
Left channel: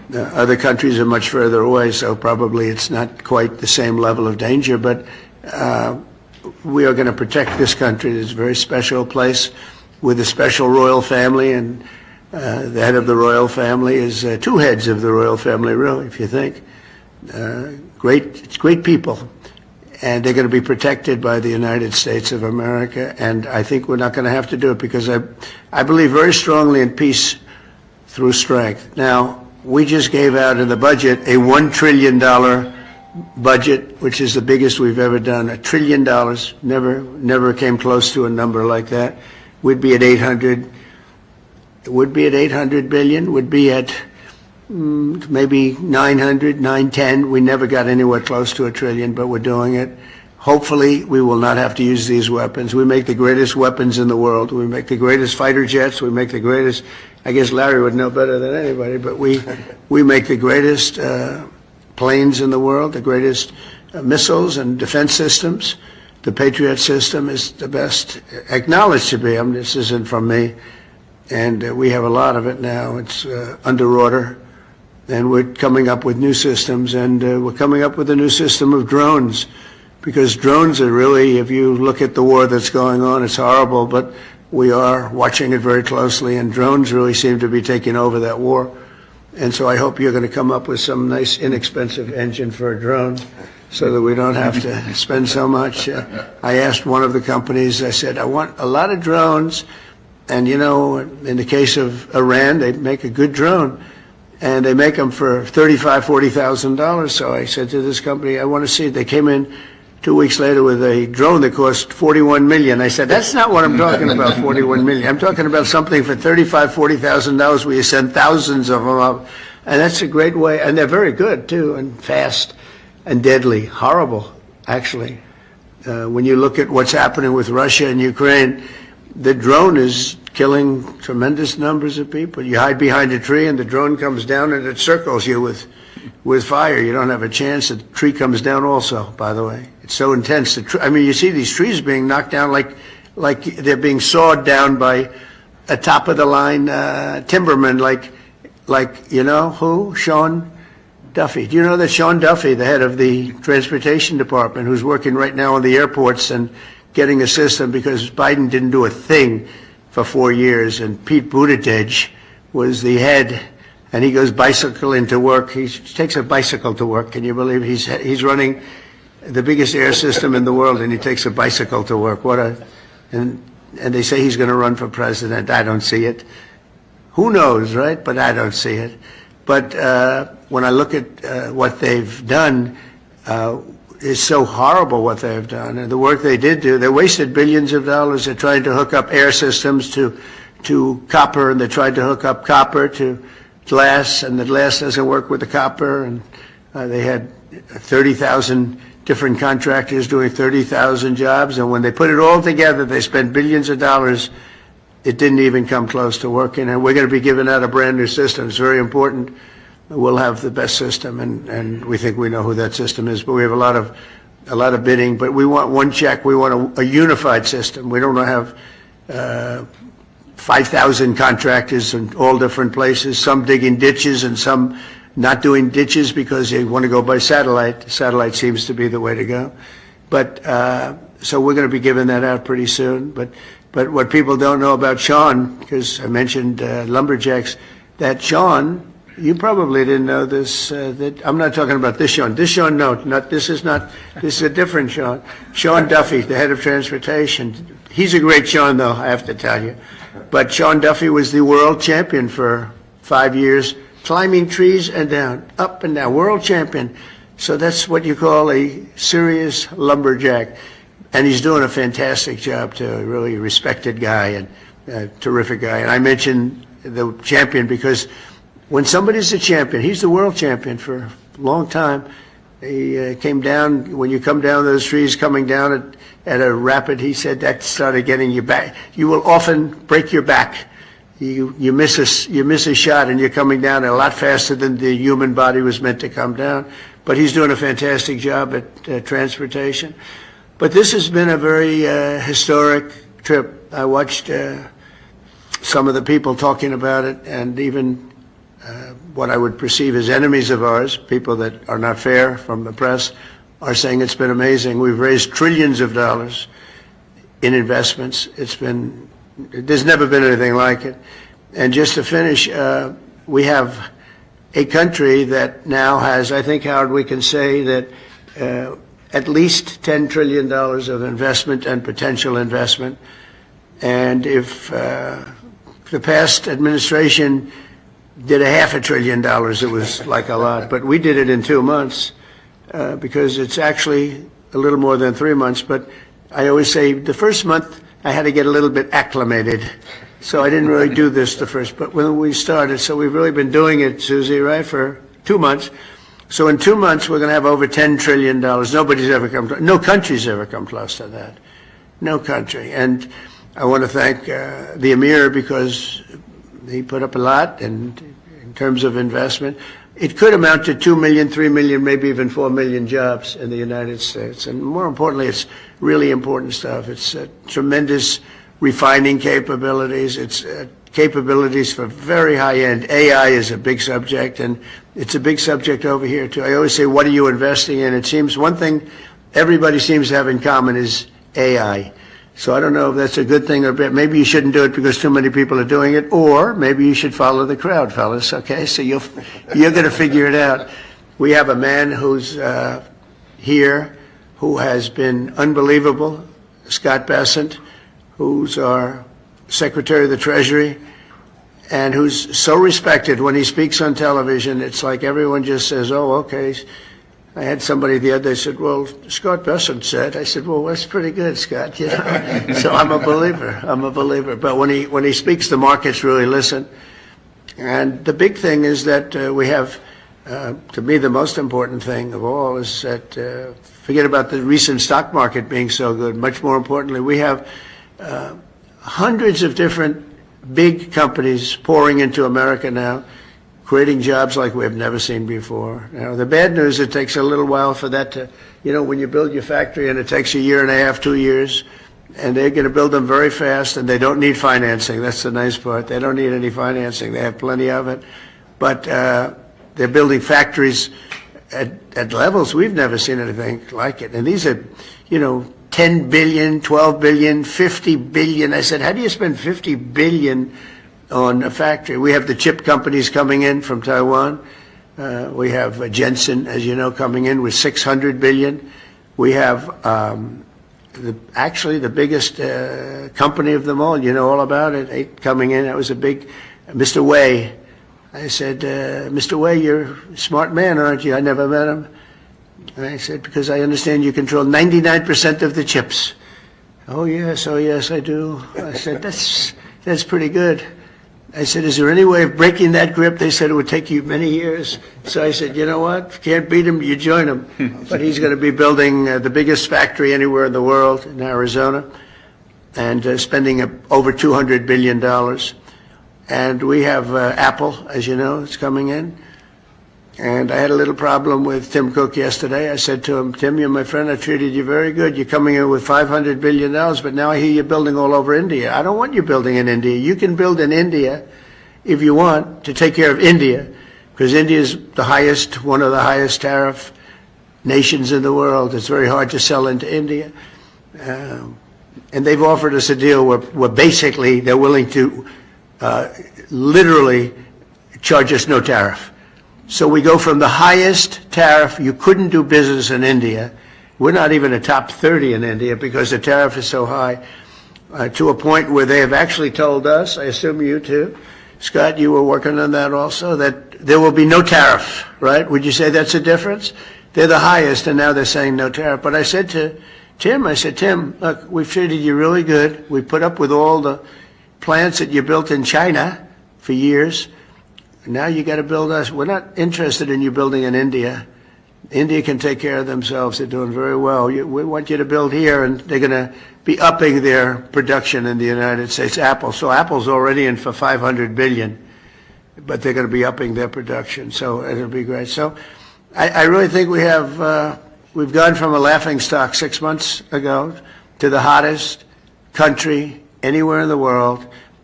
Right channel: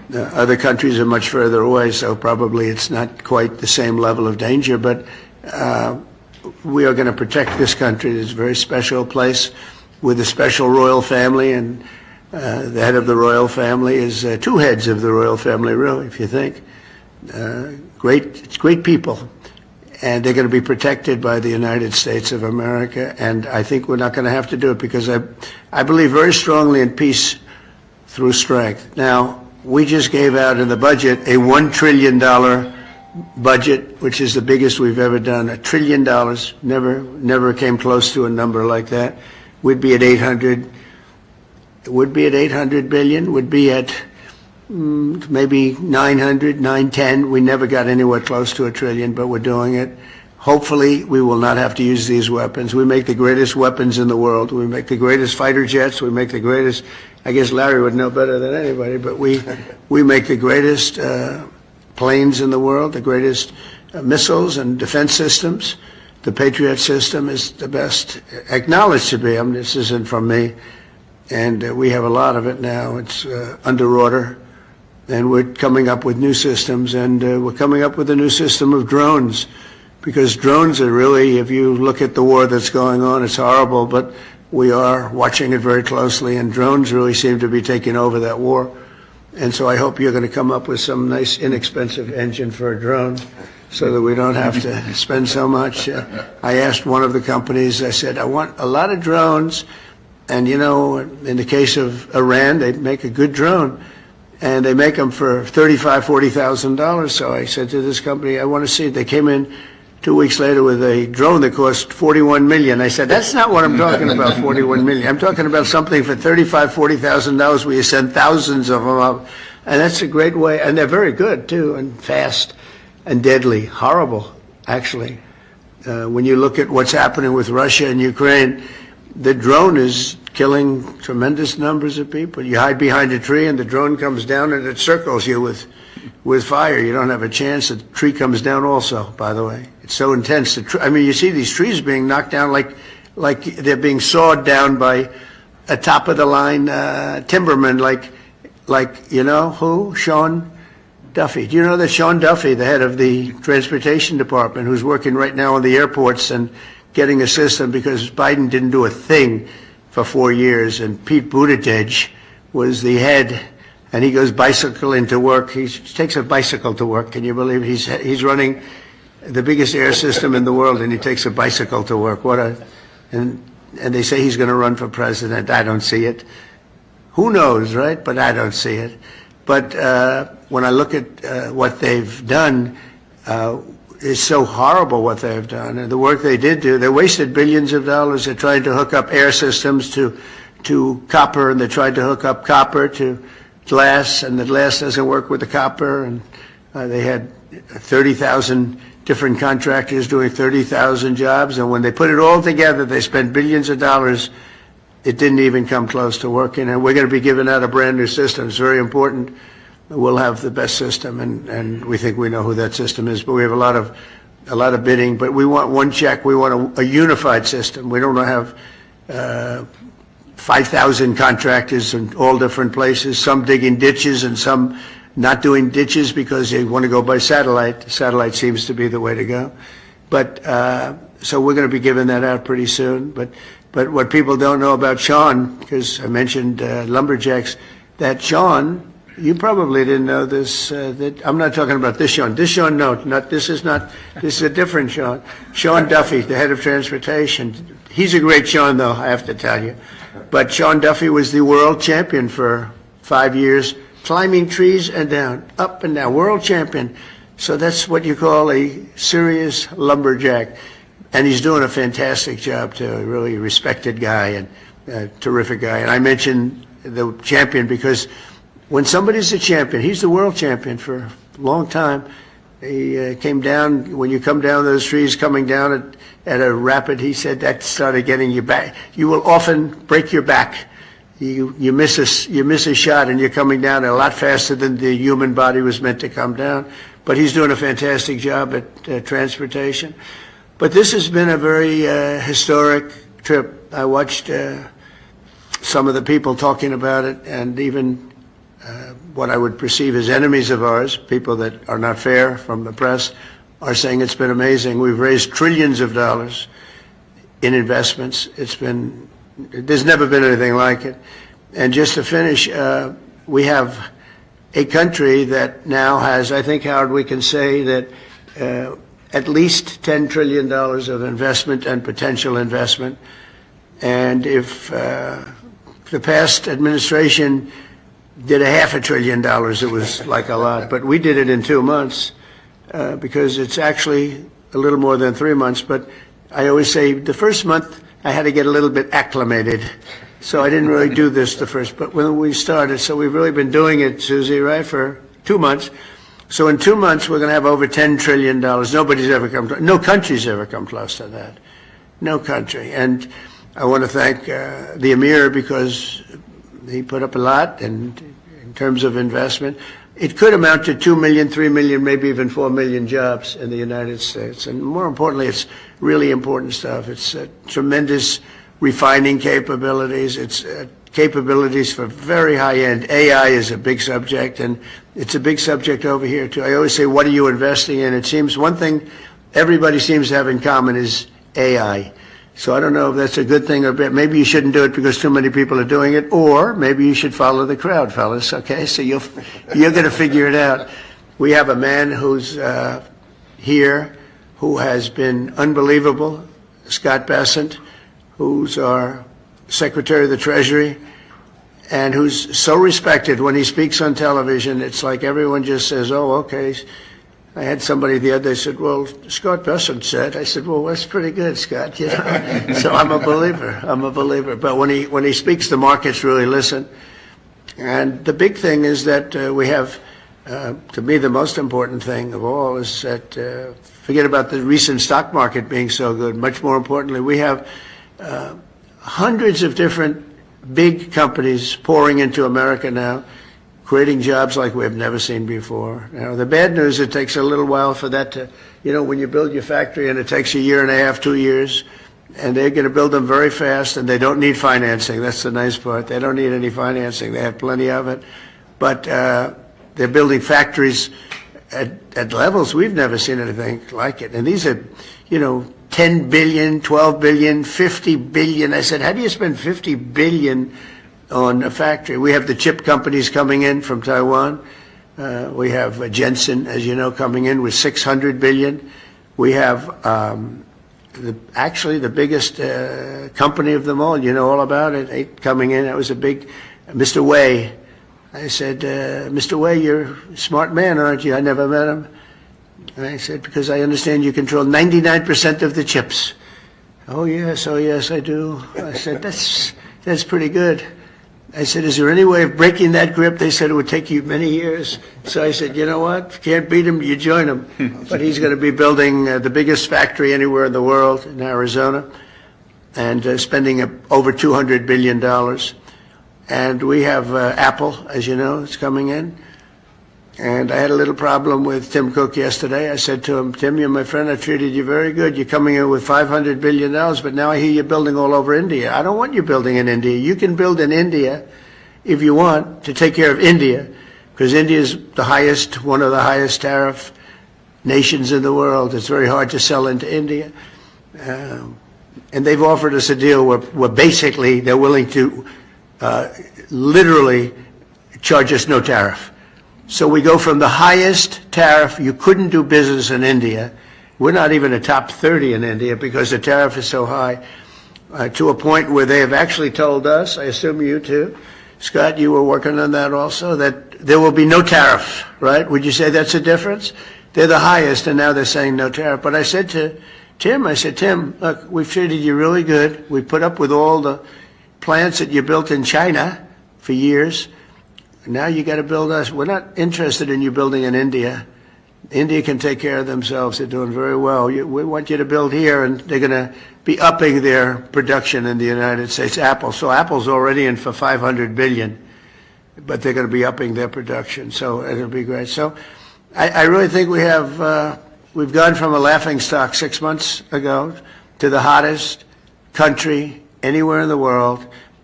Other countries are much further away, so probably it's not quite the same level of danger, but we are going to protect this country. It's a very special place with a special royal family, and the head of the royal family is two heads of the royal family, really, if you think. Great people, and they're going to be protected by the United States of America, and I think we're not going to have to do it because I believe very strongly in peace through strength. Now, we just gave out in the budget a $1 trillion budget, which is the biggest we've ever done. $1 trillion, never came close to a number like that. We'd be at 800 billion, would be at maybe 900, 910. We never got anywhere close to $1 trillion, but we're doing it. Hopefully, we will not have to use these weapons. We make the greatest weapons in the world. We make the greatest fighter jets. We make the greatest, I guess Larry would know better than anybody, but we make the greatest planes in the world, the greatest missiles and defense systems. The Patriot system is the best, acknowledged to be. I mean, this isn't from me. And we have a lot of it now. It's under order. And we're coming up with new systems, and we're coming up with a new system of drones. Because drones are really, if you look at the war that's going on, it's horrible, but we are watching it very closely, and drones really seem to be taking over that war. And so I hope you're going to come up with some nice, inexpensive engine for a drone so that we don't have to spend so much. I asked one of the companies, I said, I want a lot of drones, and you know, in the case of Iran, they make a good drone. And they make them for $35,000, $40,000. So I said to this company, I want to see it. They came in 2 weeks later with a drone that cost $41 million. I said, that's not what I'm talking about, $41 million. I'm talking about something for $35,000, $40,000 where you send thousands of them up. And that's a great way. And they're very good, too, and fast and deadly. Horrible, actually. When you look at what's happening with Russia and Ukraine, the drone is killing tremendous numbers of people. You hide behind a tree and the drone comes down and it circles you with fire. You don't have a chance. The tree comes down also, by the way. It's so intense. I mean, you see these trees being knocked down like they're being sawed down by a top-of-the-line timberman like, you know, who? Sean Duffy. Do you know that Sean Duffy, the head of the transportation department, who's working right now on the airports and getting a system because Biden didn't do a thing for 4 years, and Pete Buttigieg was the head, and he goes bicycling to work. He takes a bicycle to work. Can you believe he's running the biggest air system in the world, and he takes a bicycle to work? And they say he's going to run for president. I don't see it. Who knows, right? But I don't see it. But when I look at what they've done, it's so horrible what they've done. And the work they did do, they wasted billions of dollars. They're trying to hook up air systems to copper, and they tried to hook up copper to glass, and the glass doesn't work with the copper. And they had 30,000 different contractors doing 30,000 jobs. And when they put it all together, they spent billions of dollars. It didn't even come close to working. And we're going to be giving out a brand new system. It's very important. We'll have the best system, and we think we know who that system is. But we have a lot of bidding. But we want one check. We want a unified system. We don't want to have 5,000 contractors in all different places. Some digging ditches and some not doing ditches because they want to go by satellite. Satellite seems to be the way to go. But so we're going to be giving that out pretty soon. But what people don't know about Sean, because I mentioned lumberjacks, that Sean. You probably didn't know this. That I'm not talking about this Sean. This Sean, no, this is a different Sean. Sean Duffy, the head of transportation. He's a great Sean, though, I have to tell you. But Sean Duffy was the world champion for 5 years, climbing trees and down, up and down, world champion. So that's what you call a serious lumberjack. And he's doing a fantastic job, too. A really respected guy and a terrific guy. And I mentioned the champion because when somebody's a champion, he's the world champion for a long time. He came down, when you come down those trees, coming down at a rapid, he said that started getting you back. You will often break your back. You miss a shot and you're coming down a lot faster than the human body was meant to come down. But he's doing a fantastic job at transportation. But this has been a very historic trip. I watched some of the people talking about it, and even what I would perceive as enemies of ours, people that are not fair from the press, are saying it's been amazing. We've raised trillions of dollars in investments. There's never been anything like it. And just to finish, we have a country that now has, I think, Howard, we can say that at least $10 trillion of investment and potential investment. And if the past administration did $500 billion, it was like a lot. But we did it in 2 months because it's actually a little more than 3 months. But I always say the first month I had to get a little bit acclimated. So I didn't really do this the first, but when we started, so we've really been doing it, Susie, right, for 2 months. So in 2 months, we're going to have over $10 trillion. No country's ever come close to that. No country. And I want to thank the Emir because he put up a lot and in terms of investment. It could amount to 2 million, 3 million, maybe even 4 million jobs in the United States. And more importantly, it's really important stuff. It's tremendous refining capabilities. It's capabilities for very high-end. AI is a big subject, and it's a big subject over here, too. I always say, what are you investing in? It seems one thing everybody seems to have in common is AI. So I don't know if that's a good thing or bad. Maybe you shouldn't do it because too many people are doing it, or maybe you should follow the crowd, fellas, okay? So you're going to figure it out. We have a man who's here who has been unbelievable, Scott Bessent, who's our Secretary of the Treasury, and who's so respected when he speaks on television. It's like everyone just says, oh, okay. I had somebody the other day said, well, Scott Bessent said. I said, well, that's pretty good, Scott. You know? So I'm a believer. But when he speaks, the markets really listen. And the big thing is that we have, to me, the most important thing of all is that, forget about the recent stock market being so good. Much more importantly, we have hundreds of different big companies pouring into America now, creating jobs like we have never seen before. Now, the bad news, it takes a little while for that to, you know, when you build your factory and it takes 1.5 years, 2 years, and they're going to build them very fast, and they don't need financing. That's the nice part. They don't need any financing. They have plenty of it. But they're building factories at levels we've never seen anything like it. And these are, you know, 10 billion, 12 billion, 50 billion. I said, how do you spend 50 billion on a factory? We have the chip companies coming in from Taiwan. We have Jensen, as you know, coming in with 600 billion. We have actually the biggest company of them all. You know all about it. Coming in. That was a big, Mr. Wei. I said, Mr. Wei, you're a smart man, aren't you? I never met him. And I said, because I understand you control 99% of the chips. Oh, yes, I do. I said, that's pretty good. I said, is there any way of breaking that grip? They said it would take you many years. So I said, you know what? If you can't beat him, you join him. But he's going to be building the biggest factory anywhere in the world in Arizona and spending over $200 billion. And we have Apple, as you know, it's coming in. And I had a little problem with Tim Cook yesterday. I said to him, Tim, you're my friend. I treated you very good. You're coming in with $500 billion, but now I hear you're building all over India. I don't want you building in India. You can build in India if you want to take care of India, because India is one of the highest tariff nations in the world. It's very hard to sell into India. And they've offered us a deal where basically they're willing to literally charge us no tariff. So we go from the highest tariff, you couldn't do business in India. We're not even a top 30 in India because the tariff is so high, to a point where they have actually told us, I assume you too, Scott, you were working on that also, that there will be no tariff, right? Would you say that's a difference? They're the highest, and now they're saying no tariff. But I said to Tim, look, we've treated you really good. We put up with all the plants that you built in China for years. Now you got to build us. We're not interested in you building in India. India can take care of themselves. They're doing very well. We want you to build here, and they're going to be upping their production in the United States. Apple. So Apple's already in for $500 billion, but they're going to be upping their production. So it'll be great. So I really think we've gone from a laughingstock 6 months ago to the hottest country anywhere in the world.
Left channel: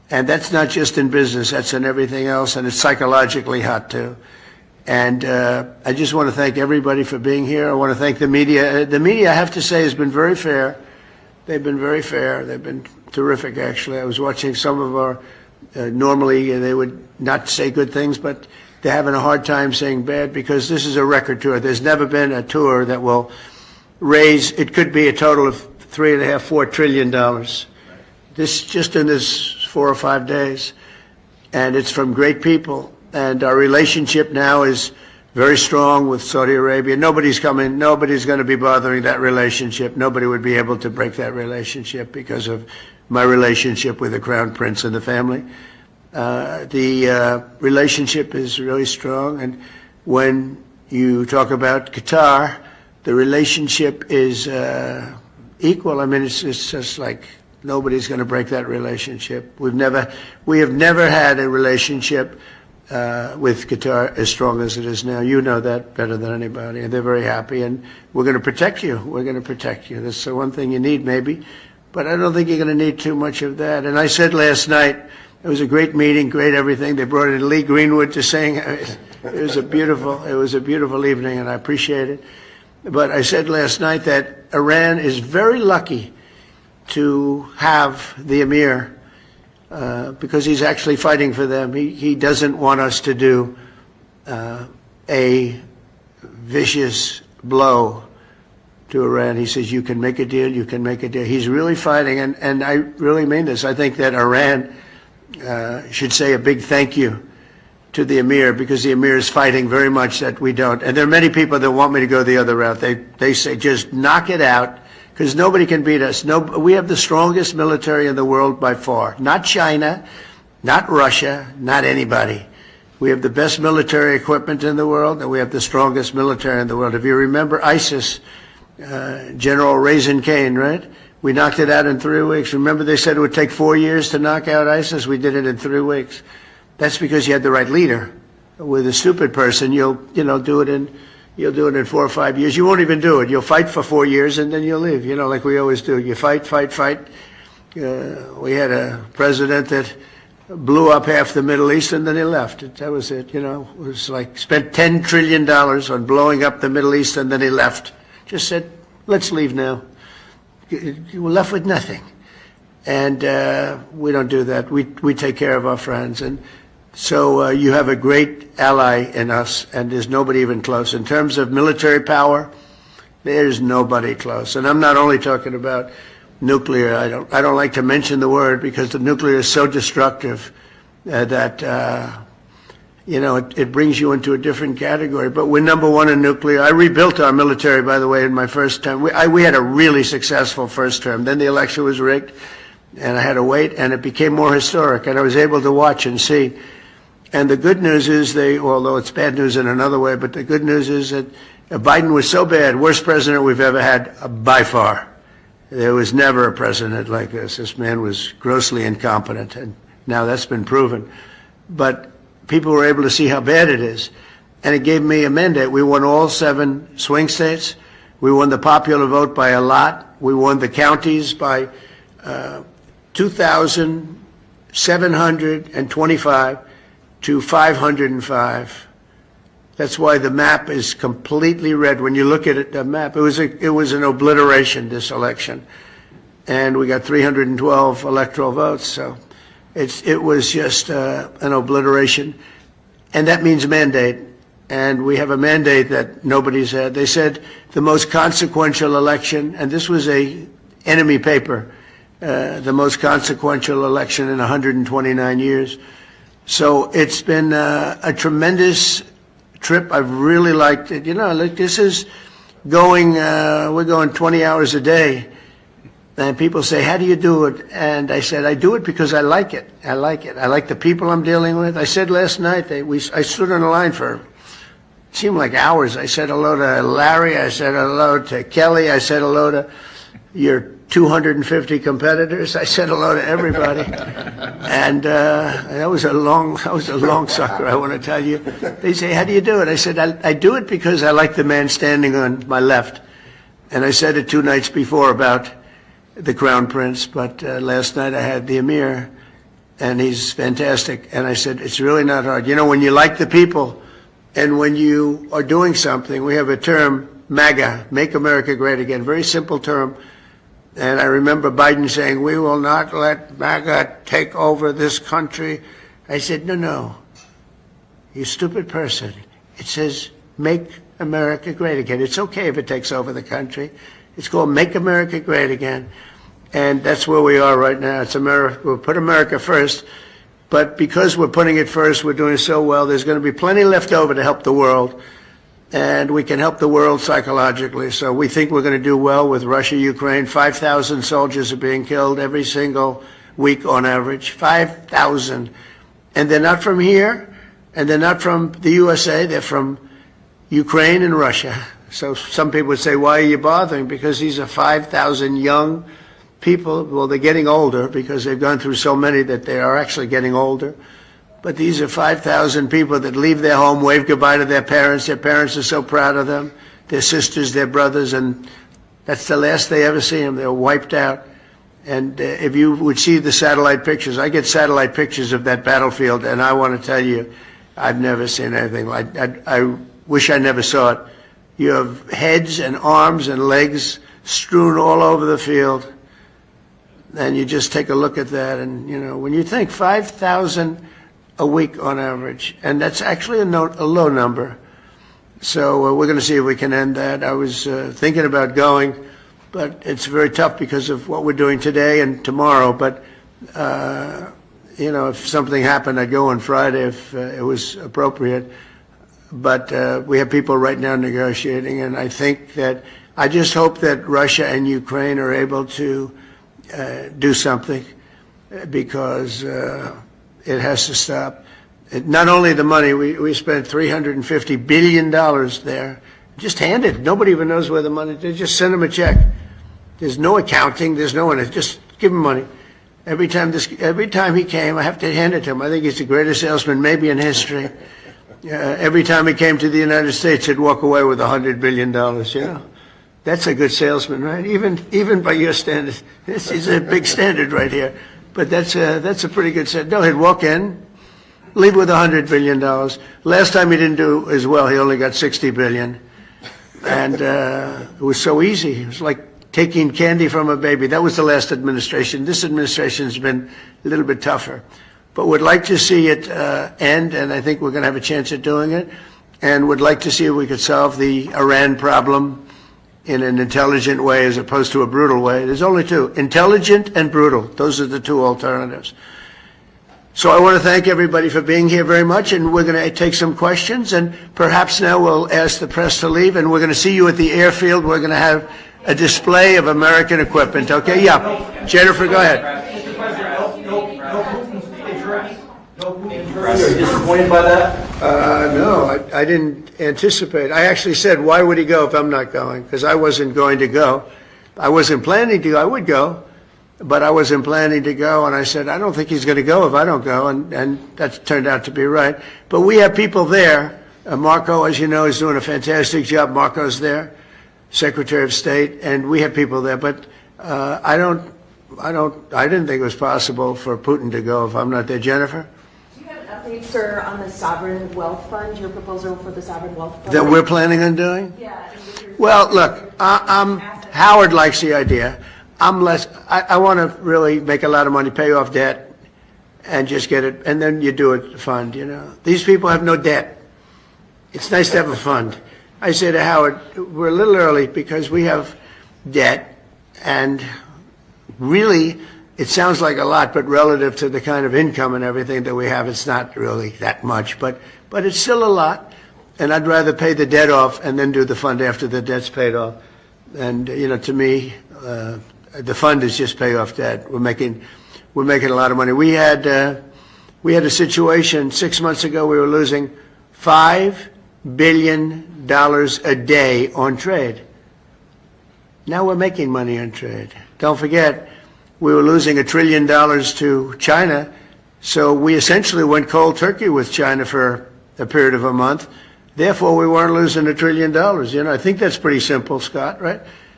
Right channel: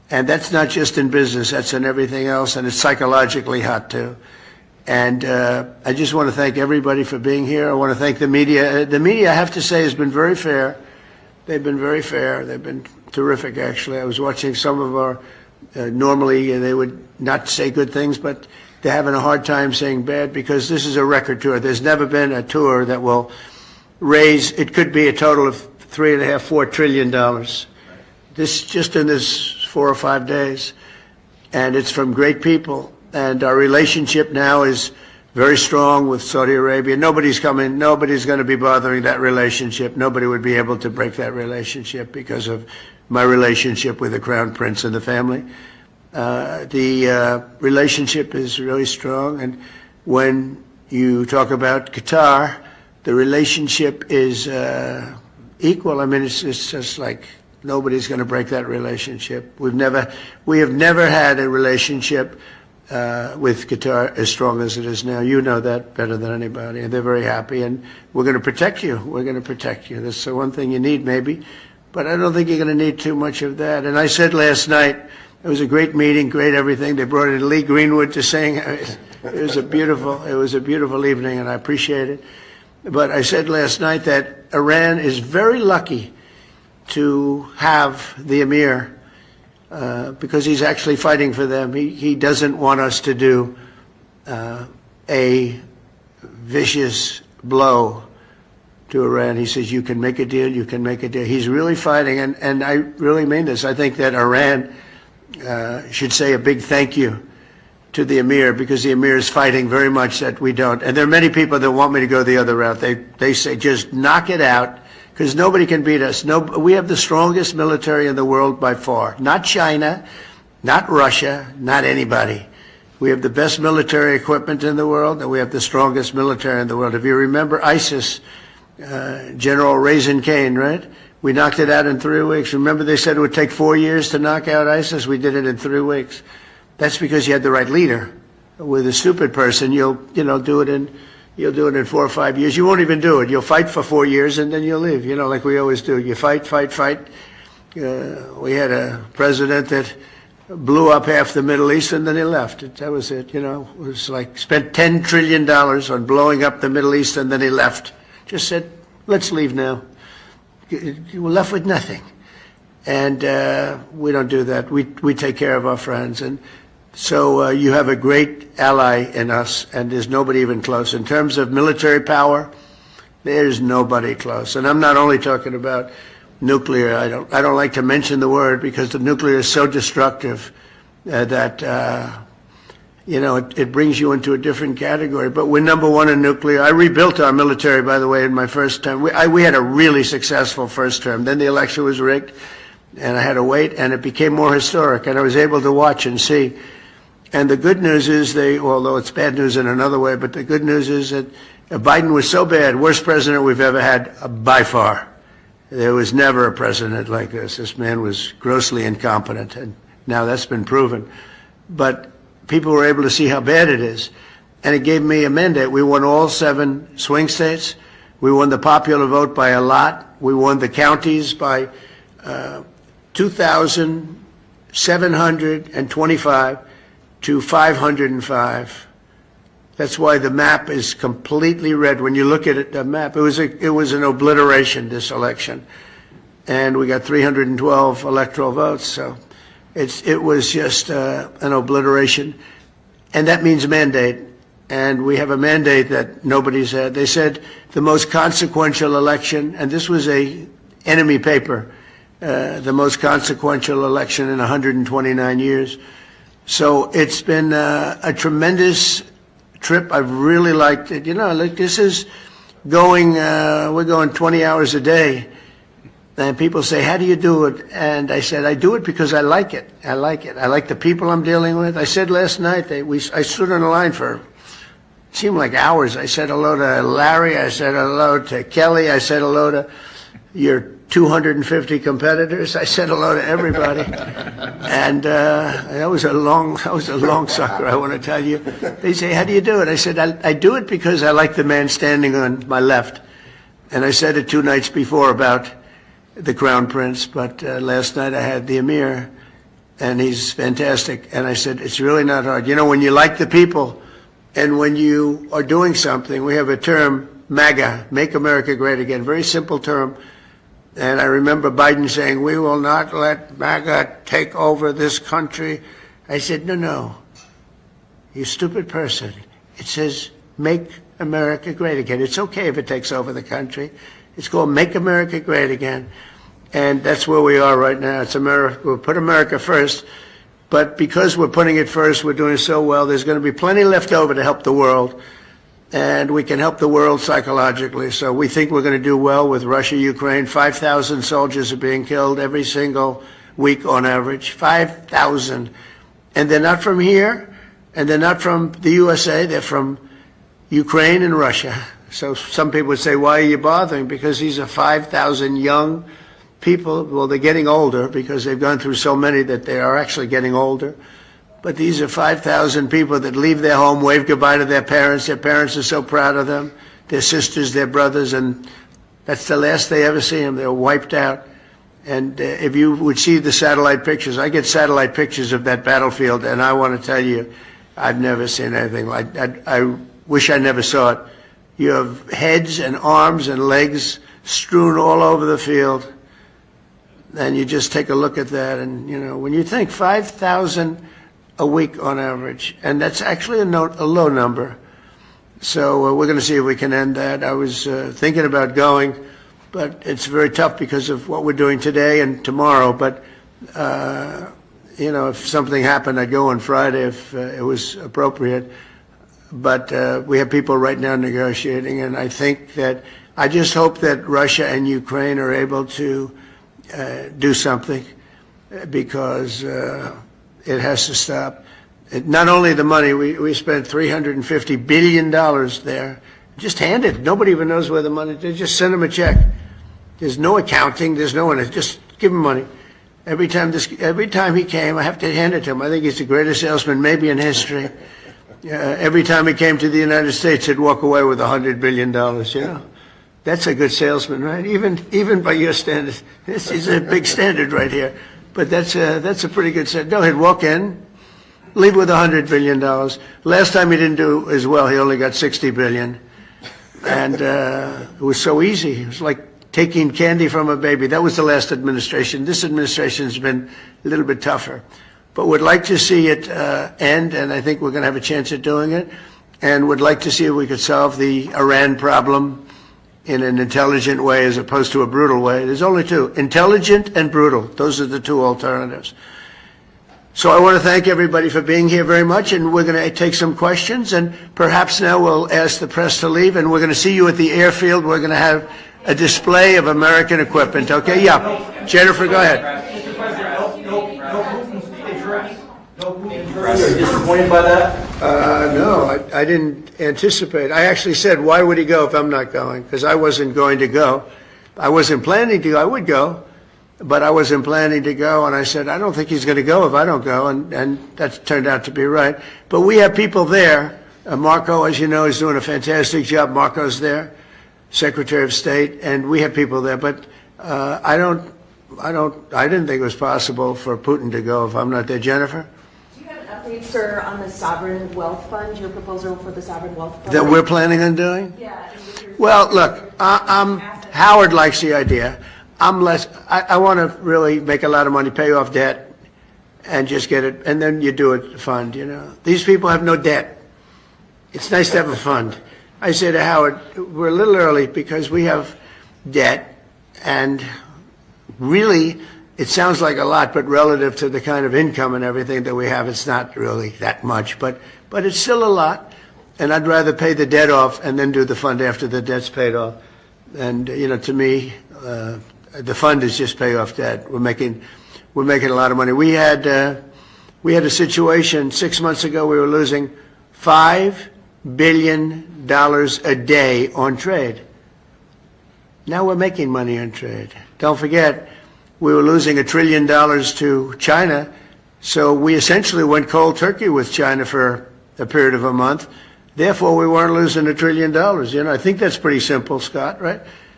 And that's not just in business, that's in everything else, and it's psychologically hot too. And I just want to thank everybody for being here. I want to thank the media. The media, I have to say, has been very fair. They've been very fair. They've been terrific, actually. I was watching some of our, normally they would not say good things, but they're having a hard time saying bad because this is a record tour. There's never been a tour that will raise, it could be a total of $3.5–4 trillion. This, just in this 4 or 5 days. And it's from great people. And our relationship now is very strong with Saudi Arabia. Nobody's going to be bothering that relationship. Nobody would be able to break that relationship because of my relationship with the Crown Prince and the family. The relationship is really strong. And when you talk about Qatar, the relationship is equal. I mean, it's just like nobody's going to break that relationship. We have never had a relationship with Qatar as strong as it is now. You know that better than anybody, and they're very happy, and we're going to protect you. We're going to protect you. That's the one thing you need, maybe, but I don't think you're going to need too much of that. And I said last night, it was a great meeting, great everything. They brought in Lee Greenwood to sing. It was a beautiful evening, and I appreciate it. But I said last night that Iran is very lucky to have the Emir, because he's actually fighting for them. He doesn't want us to do a vicious blow to Iran. He says, you can make a deal, you can make a deal. He's really fighting, and I really mean this. I think that Iran should say a big thank you to the Emir, because the Emir is fighting very much that we don't. And there are many people that want me to go the other route. They say, just knock it out, because nobody can beat us. We have the strongest military in the world by far. Not China, not Russia, not anybody. We have the best military equipment in the world, and we have the strongest military in the world. If you remember ISIS, General Raisin Kane, right? We knocked it out in 3 weeks. Remember they said it would take 4 years to knock out ISIS? We did it in 3 weeks. That's because you had the right leader. With a stupid person, you'll do it in 4 or 5 years. You won't even do it. You'll fight for 4 years and then you'll leave, like we always do. You fight. We had a president that blew up half the Middle East and then he left. That was it, It was like spent $10 trillion on blowing up the Middle East and then he left. Just said, let's leave now. You were left with nothing. And we don't do that. We take care of our friends. And so you have a great ally in us, and there's nobody even close. In terms of military power, there's nobody close. And I'm not only talking about nuclear. I don't like to mention the word because the nuclear is so destructive that it brings you into a different category. But we're number one in nuclear. I rebuilt our military, by the way, in my first term. We had a really successful first term. Then the election was rigged, and I had to wait, and it became more historic, and I was able to watch and see. And the good news is although it's bad news in another way, but the good news is that Biden was so bad, worst president we've ever had by far. There was never a president like this. This man was grossly incompetent, and now that's been proven. But people were able to see how bad it is, and it gave me a mandate. We won all 7 swing states. We won the popular vote by a lot. We won the counties by 2,725 to 505. That's why the map is completely red. When you look at it, the map, it was an obliteration, this election. And we got 312 electoral votes, so it was just an obliteration. And that means mandate. And we have a mandate that nobody's had. They said the most consequential election, and this was a enemy paper, the most consequential election in 129 years. So it's been a tremendous trip. I've really liked it. This is we're going 20 hours a day. And people say, how do you do it? And I said, I do it because I like it. I like it. I like the people I'm dealing with. I said last night, I stood on the line for, it seemed like hours. I said hello to Larry. I said hello to Kelly. I said hello to your 250 competitors. I said hello to everybody. And that was a long sucker, I want to tell you. They say, how do you do it? I said, I do it because I like the man standing on my left. And I said it 2 nights before about the Crown Prince, but last night I had the Emir. and he's fantastic. And I said, it's really not hard. You know, when you like the people and when you are doing something, we have a term, MAGA, Make America Great Again, very simple term. And I remember Biden saying, we will not let MAGA take over this country. I said, no, you stupid person. It says, Make America Great Again. It's okay if it takes over the country. It's called Make America Great Again. And that's where we are right now. It's America. We'll put America first. But because we're putting it first, we're doing so well, there's going to be plenty left over to help the world. And we can help the world psychologically. So we think we're going to do well with Russia, Ukraine. 5,000 soldiers are being killed every single week on average. 5,000. And they're not from here, and they're not from the USA. They're from Ukraine and Russia. So some people would say, why are you bothering? Because these are 5,000 young people. Well, they're getting older because they've gone through so many that they are actually getting older. But these are 5,000 people that leave their home, wave goodbye to their parents. Their parents are so proud of them, their sisters, their brothers, and that's the last they ever see them. They're wiped out. And if you would see the satellite pictures, I get satellite pictures of that battlefield, and I want to tell you, I've never seen anything like that. I wish I never saw it. You have heads and arms and legs strewn all over the field, and you just take a look at that, and, you know, when you think 5,000 a week on average, and that's actually a low number. So we're going to see if we can end that. I was thinking about going, but it's very tough because of what we're doing today and tomorrow. But, you know, if something happened, I'd go on Friday if it was appropriate. But we have people right now negotiating, and I think that I just hope that Russia and Ukraine are able to do something, because it has to stop. Not only the money, we spent $350 billion there, just handed. Nobody even knows where the money, they just send them a check. There's no accounting, there's no one, just give him money. Every time he came, I have to hand it to him. I think he's the greatest salesman maybe in history. Every time he came to the United States, he'd walk away with $100 billion, you know. That's a good salesman, right? Even by your standards. This is a big standard right here. But that's a pretty good set. No, he'd walk in, leave with $100 billion. Last time he didn't do as well. He only got $60 billion. And it was so easy. It was like taking candy from a baby. That was the last administration. This administration's been a little bit tougher. But would like to see it end, and I think we're going to have a chance at doing it. And would like to see if we could solve the Iran problem in an intelligent way as opposed to a brutal way. There's only two, intelligent and brutal. Those are the two alternatives. So I want to thank everybody for being here very much, and we're going to take some questions, and perhaps now we'll ask the press to leave, and we're going to see you at the airfield. We're going to have a display of American equipment, okay? Yeah. Jennifer, go ahead. Mr. President, no Putin's address. No Putin's address. Are you disappointed by that? No, I didn't anticipate. I actually said, why would he go if I'm not going? Because I wasn't going to go. I wasn't planning to go. I would go, but I wasn't planning to go. And I said, I don't think he's going to go if I don't go. And that turned out to be right. But we have people there. Marco, as you know, is doing a fantastic job. Marco's there, Secretary of State, and we have people there. But I didn't think it was possible for Putin to go if I'm not there. Jennifer? Sir, on the Sovereign Wealth Fund, your proposal for the Sovereign Wealth Fund? That we're planning on doing? Yeah. Well, look, Howard likes the idea. I want to really make a lot of money, pay off debt, and just get it, and then you do it, fund, you know. These people have no debt. It's nice to have a fund. I say to Howard, we're a little early because we have debt, and really, it sounds like a lot, but relative to the kind of income and everything that we have, it's not really that much. But it's still a lot, and I'd rather pay the debt off and then do the fund after the debt's paid off. And you know, to me, the fund is just pay off debt. We're making a lot of money. We had a situation 6 months ago. We were losing $5 billion a day on trade. Now we're making money on trade. Don't forget, we were losing $1 trillion to China, so we essentially went cold turkey with China for a period of a month. Therefore, we weren't losing $1 trillion. You know, I think that's pretty simple, Scott, right?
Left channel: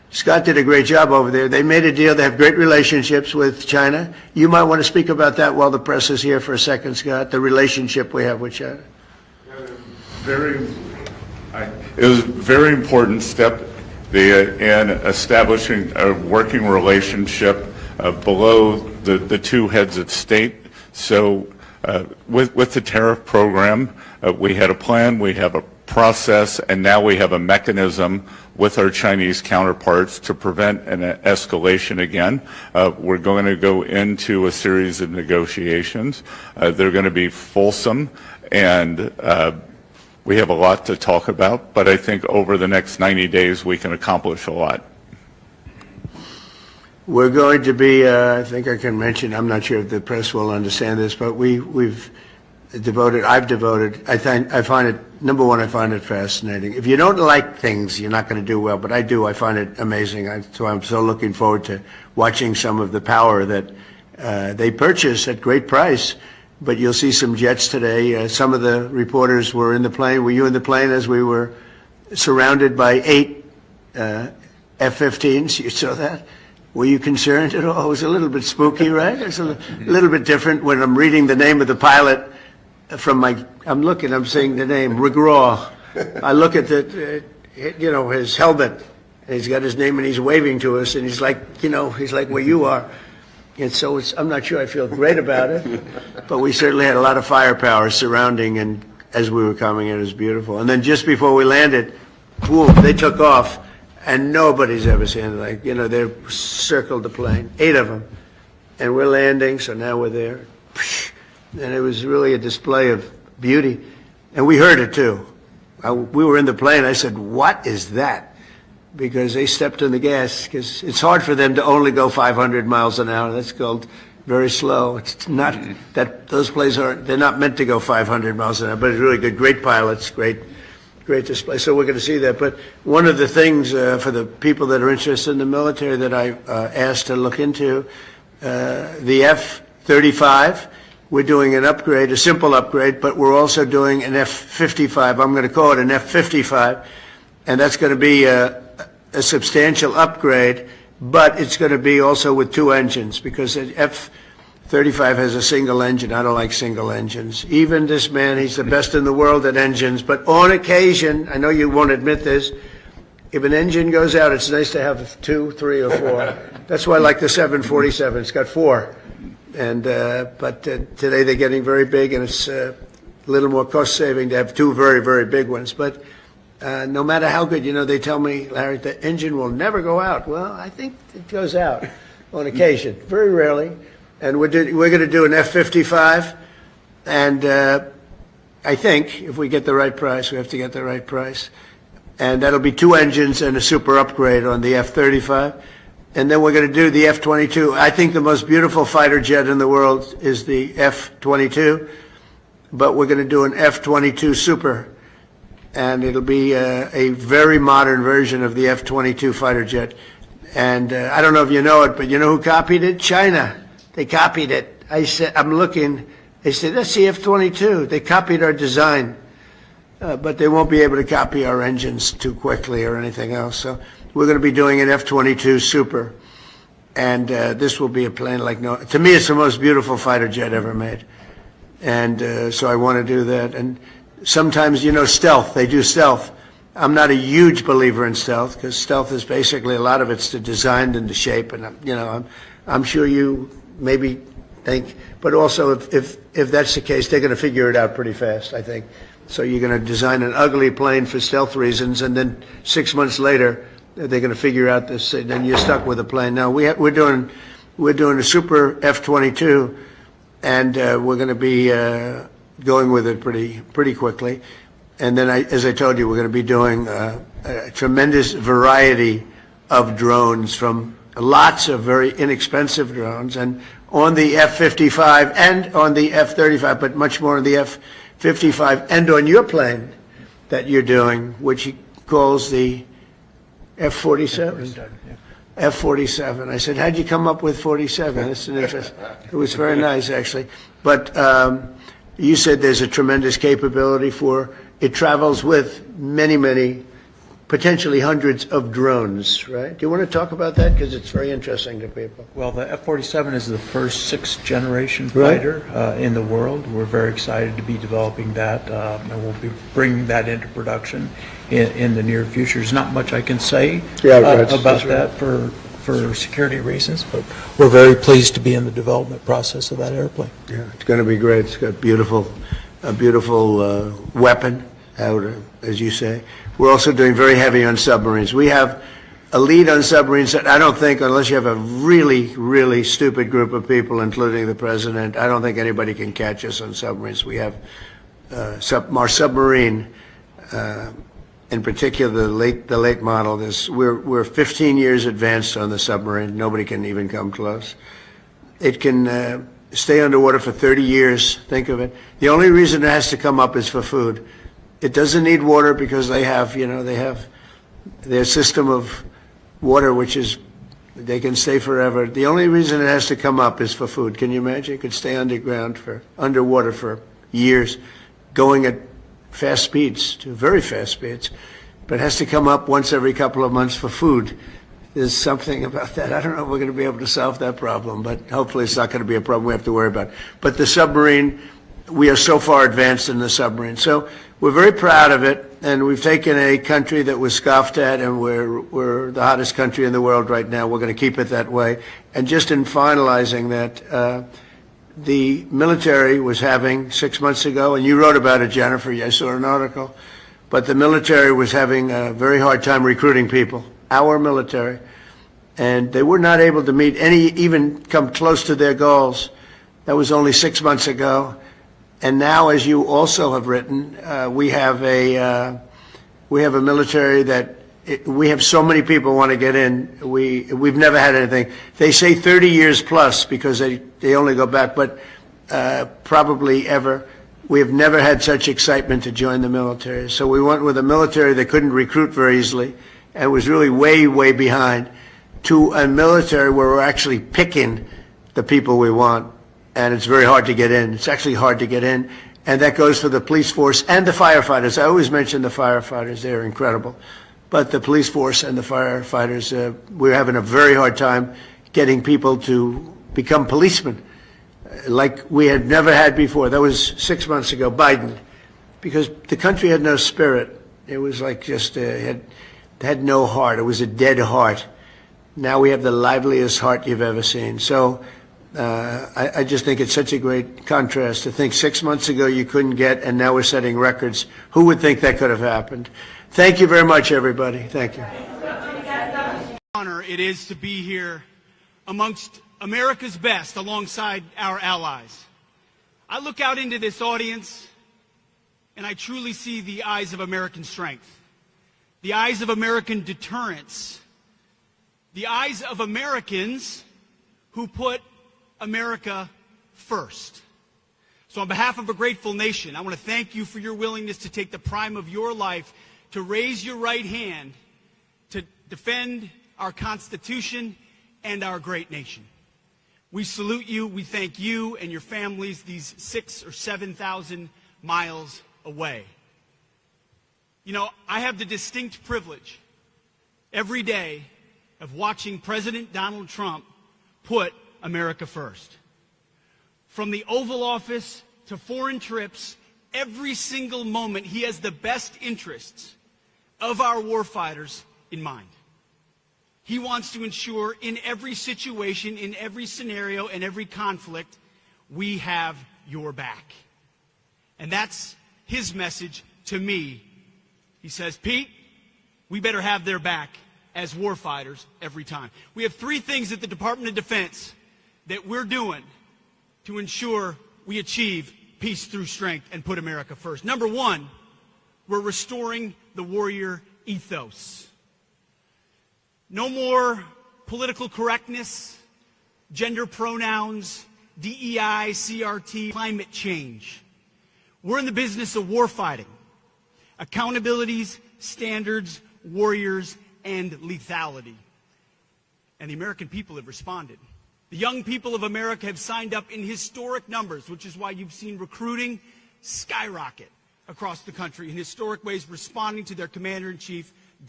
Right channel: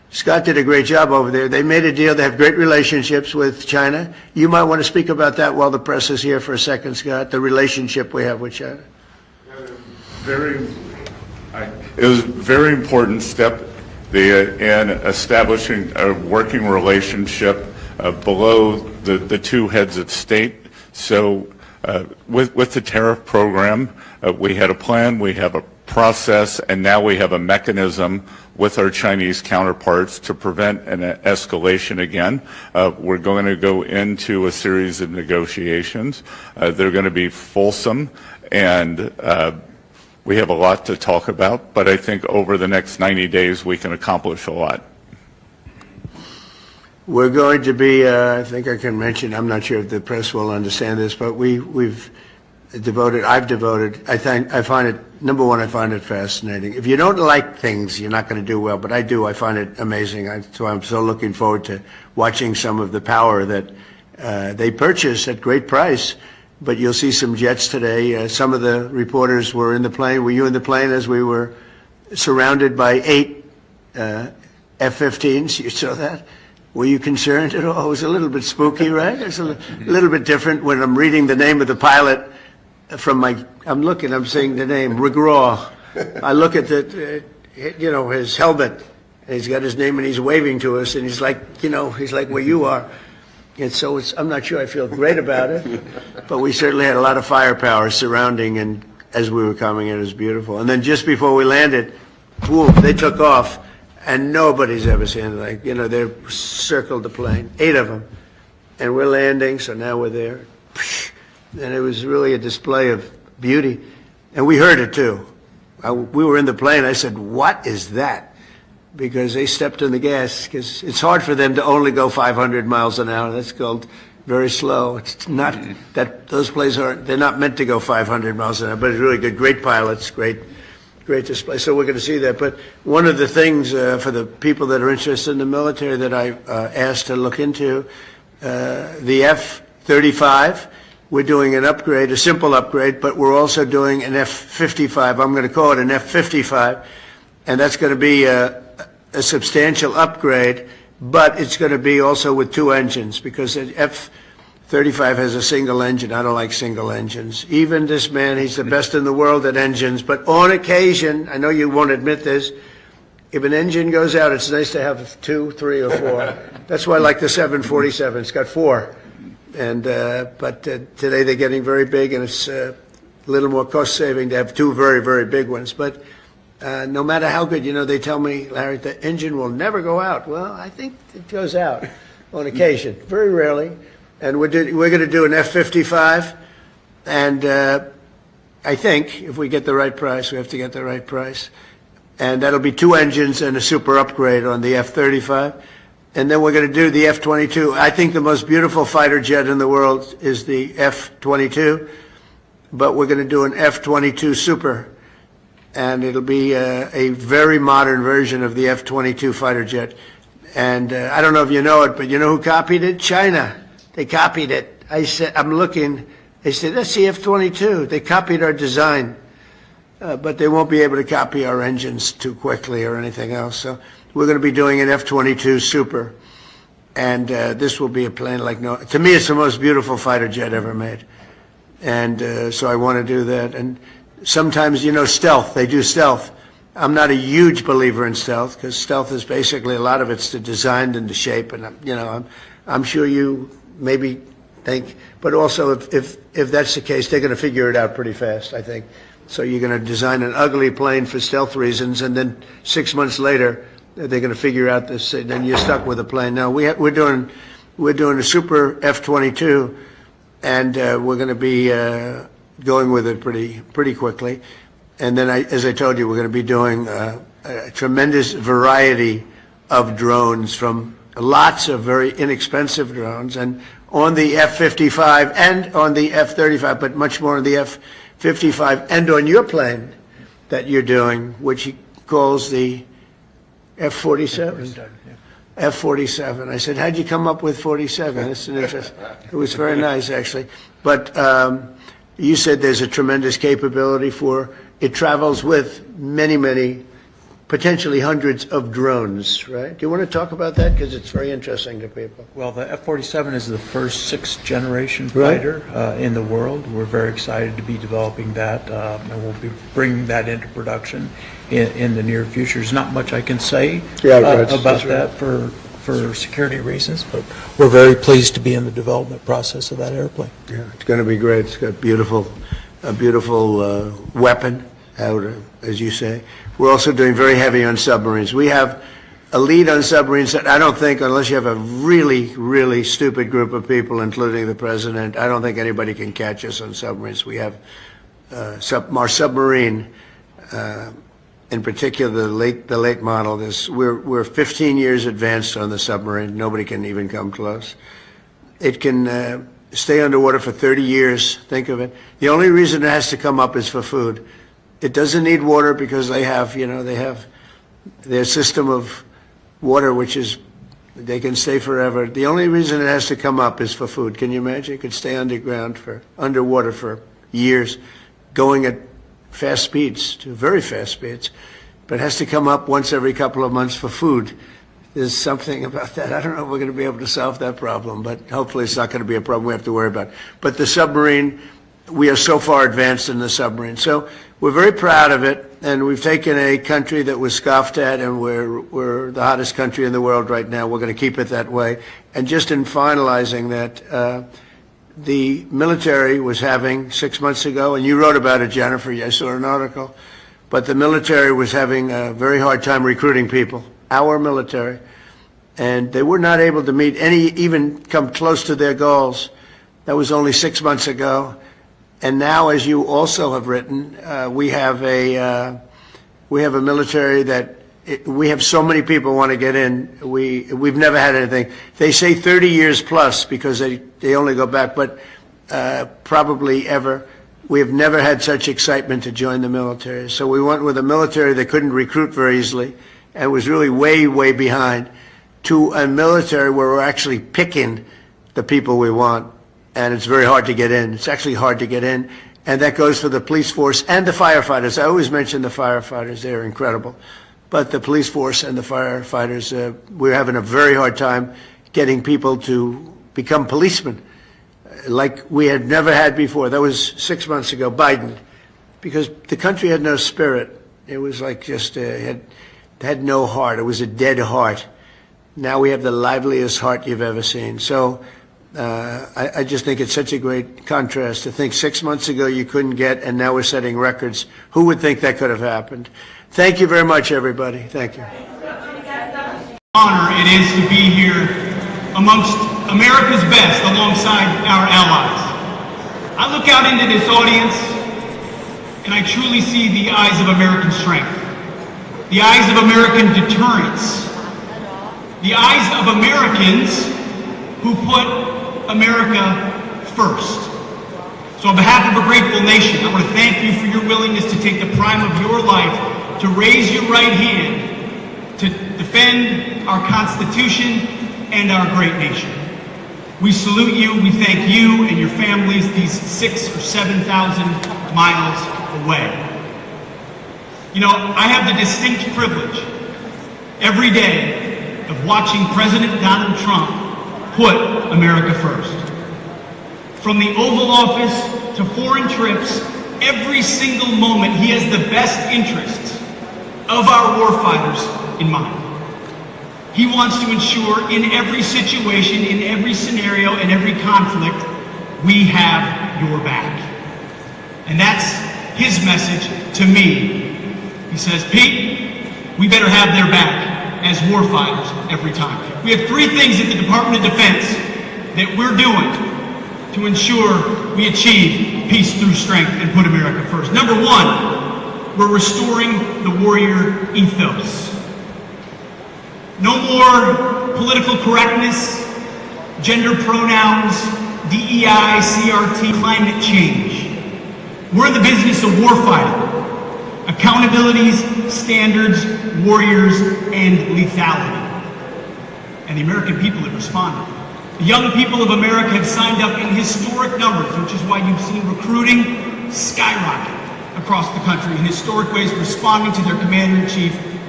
Scott did a great job over there. They made a deal. They have great relationships with China. You might want to speak about that while the press is here for a second, Scott, the relationship we have with China. It was a very important step in establishing a working relationship below the two heads of state. So with the tariff program, we had a plan, we have a process, and now we have a mechanism with our Chinese counterparts to prevent an escalation again. We're going to go into a series of negotiations. They're going to be fulsome, and we have a lot to talk about, but I think over the next 90 days we can accomplish a lot. We're going to be, I think I can mention, I'm not sure if the press will understand this, but I've devoted, I find it, number one, I find it fascinating. If you don't like things, you're not going to do well, but I do. I find it amazing. So I'm so looking forward to watching some of the power that they purchase at great price. But you'll see some jets today. Some of the reporters were in the plane. Were you in the plane as we were surrounded by 8 F-15s? You saw that? Were you concerned at all? It was a little bit spooky, right? It's a little bit different when I'm reading the name of the pilot from I'm saying the name, Regraw. I look at his helmet, and he's got his name, and he's waving to us, and he's like where you are. And so I'm not sure I feel great about it, but we certainly had a lot of firepower surrounding, and as we were coming in, it was beautiful. And then just before we landed, boom, they took off, and nobody's ever seen it. They circled the plane, 8 of them, and we're landing, so now we're there. And it was really a display of beauty, and we heard it too. We were in the plane. I said, "What is that?" Because they stepped on the gas, because it's hard for them to only go 500 miles an hour. That's called very slow. It's not that those planes they're not meant to go 500 miles an hour, but it's really good. Great pilots, great display. So we're going to see that. But one of the things for the people that are interested in the military that I asked to look into, the F-35, we're doing an upgrade, a simple upgrade, but we're also doing an F-55. I'm going to call it an F-55, and that's going to be a substantial upgrade, but it's going to be also with 2 engines, because the F-35 has a single engine. I don't like single engines. Even this man, he's the best in the world at engines, but on occasion, I know you won't admit this, if an engine goes out, it's nice to have 2, 3, or 4. That's why I like the 747. It's got 4. And but today they're getting very big, and it's a little more cost-saving to have 2 very, very big ones. But no matter how good, they tell me, Larry, the engine will never go out. Well, I think it goes out on occasion, very rarely. And we're going to do an F-55, and I think if we get the right price, we have to get the right price. And that'll be 2 engines and a super upgrade on the F-35. And then we're going to do the F-22. I think the most beautiful fighter jet in the world is the F-22, but we're going to do an F-22 Super, and it'll be a very modern version of the F-22 fighter jet. And I don't know if you know it, but you know who copied it? China. They copied it. I said, I'm looking. They said, that's the F-22. They copied our design, but they won't be able to copy our engines too quickly or anything else. So we're going to be doing an F-22 Super, and this will be a plane like no. To me, it's the most beautiful fighter jet ever made, and so I want to do that. And sometimes, stealth. They do stealth. I'm not a huge believer in stealth, because stealth is basically a lot of it's the design and the shape, and I'm sure you maybe think, but also if that's the case, they're going to figure it out pretty fast, I think. So you're going to design an ugly plane for stealth reasons, and then 6 months later, they're going to figure out this, and then you're stuck with a plane. Now we're doing a super F-22, and we're going to be going with it pretty quickly. And then, as I told you, we're going to be doing a tremendous variety of drones, from lots of very inexpensive drones, and on the F-55 and on the F-35, but much more on the F-55 and on your plane that you're doing, which he calls the F-47. F-47. I said, how'd you come up with 47? That's an interest. It was very nice, actually. But you said there's a tremendous capability for it. Travels with many, many potentially hundreds of drones, right? Do you want to talk about that? Because it's very interesting to people. Well, the F-47 is the first sixth-generation Right. fighter in the world. We're very excited to be developing that, and we'll be bringing that into production in the near future. There's not much I can say about that for security reasons, but we're very pleased to be in the development process of that airplane. Yeah, it's going to be great. It's got a beautiful weapon, as you say. We're also doing very heavy on submarines. We have a lead on submarines that I don't think, unless you have a really, really stupid group of people, including the president, I don't think anybody can catch us on submarines. We have our submarine, in particular the late model. We're 15 years advanced on the submarine. Nobody can even come close. It can stay underwater for 30 years. Think of it. The only reason it has to come up is for food. It doesn't need water because they have their system of water, which is they can stay forever. The only reason it has to come up is for food. Can you imagine? It could stay underwater for years, going at fast speeds, to very fast speeds, but it has to come up once every couple of months for food. There's something about that. I don't know if we're going to be able to solve that problem, but hopefully it's not going to be a problem we have to worry about. But the submarine, we are so far advanced in the submarine. So we're very proud of it, and we've taken a country that was scoffed at, and we're the hottest country in the world right now. We're going to keep it that way. And just in finalizing that, the military was having 6 months ago, and you wrote about it, Jennifer. I saw an article. But the military was having a very hard time recruiting people, our military. And they were not able to even come close to their goals. That was only 6 months ago. And now, as you also have written, we have a military that we have so many people want to get in. We've never had anything. They say 30 years plus because they only go back, but probably ever. We have never had such excitement to join the military. So we went with a military that couldn't recruit very easily and was really way, way behind, to a military where we're actually picking the people we want. And it's very hard to get in. It's actually hard to get in. And that goes for the police force and the firefighters. I always mention the firefighters. They're incredible. But the police force and the firefighters, we're having a very hard time getting people to become policemen like we had never had before. That was 6 months ago, Biden, because the country had no spirit. It was like just had no heart. It was a dead heart. Now we have the liveliest heart you've ever seen. So I just think it's such a great contrast to think 6 months ago you couldn't get, and now we're setting records. Who would think that could have happened? Thank you very much, everybody. Thank you. Honor it is to be here amongst America's best alongside our allies. I look out into this audience and I truly see the eyes of American strength, the eyes of American deterrence, the eyes of Americans who put America first. So on behalf of a grateful nation, I want to thank you for your willingness to take the prime of your life to raise your right hand to defend our Constitution and our great nation. We salute you, we thank you and your families these 6,000 or 7,000 miles away. You know, I have the distinct privilege every day of watching President Donald Trump put America first. From the Oval Office to foreign trips, every single moment he has the best interests of our warfighters in mind. He wants to ensure in every situation, in every scenario, in every conflict, we have your back. And that's his message to me. He says, Pete, we better have their back as warfighters every time. We have three things at the Department of Defense that we're doing to ensure we achieve peace through strength and put America first. Number one, we're restoring the warrior ethos. No more political correctness, gender pronouns, DEI, CRT, climate change. We're in the business of warfighting, accountabilities, standards, warriors, and lethality. And the American people have responded. The young people of America have signed up in historic numbers, which is why you've seen recruiting skyrocket across the country in historic ways, responding to their commander-in-chief,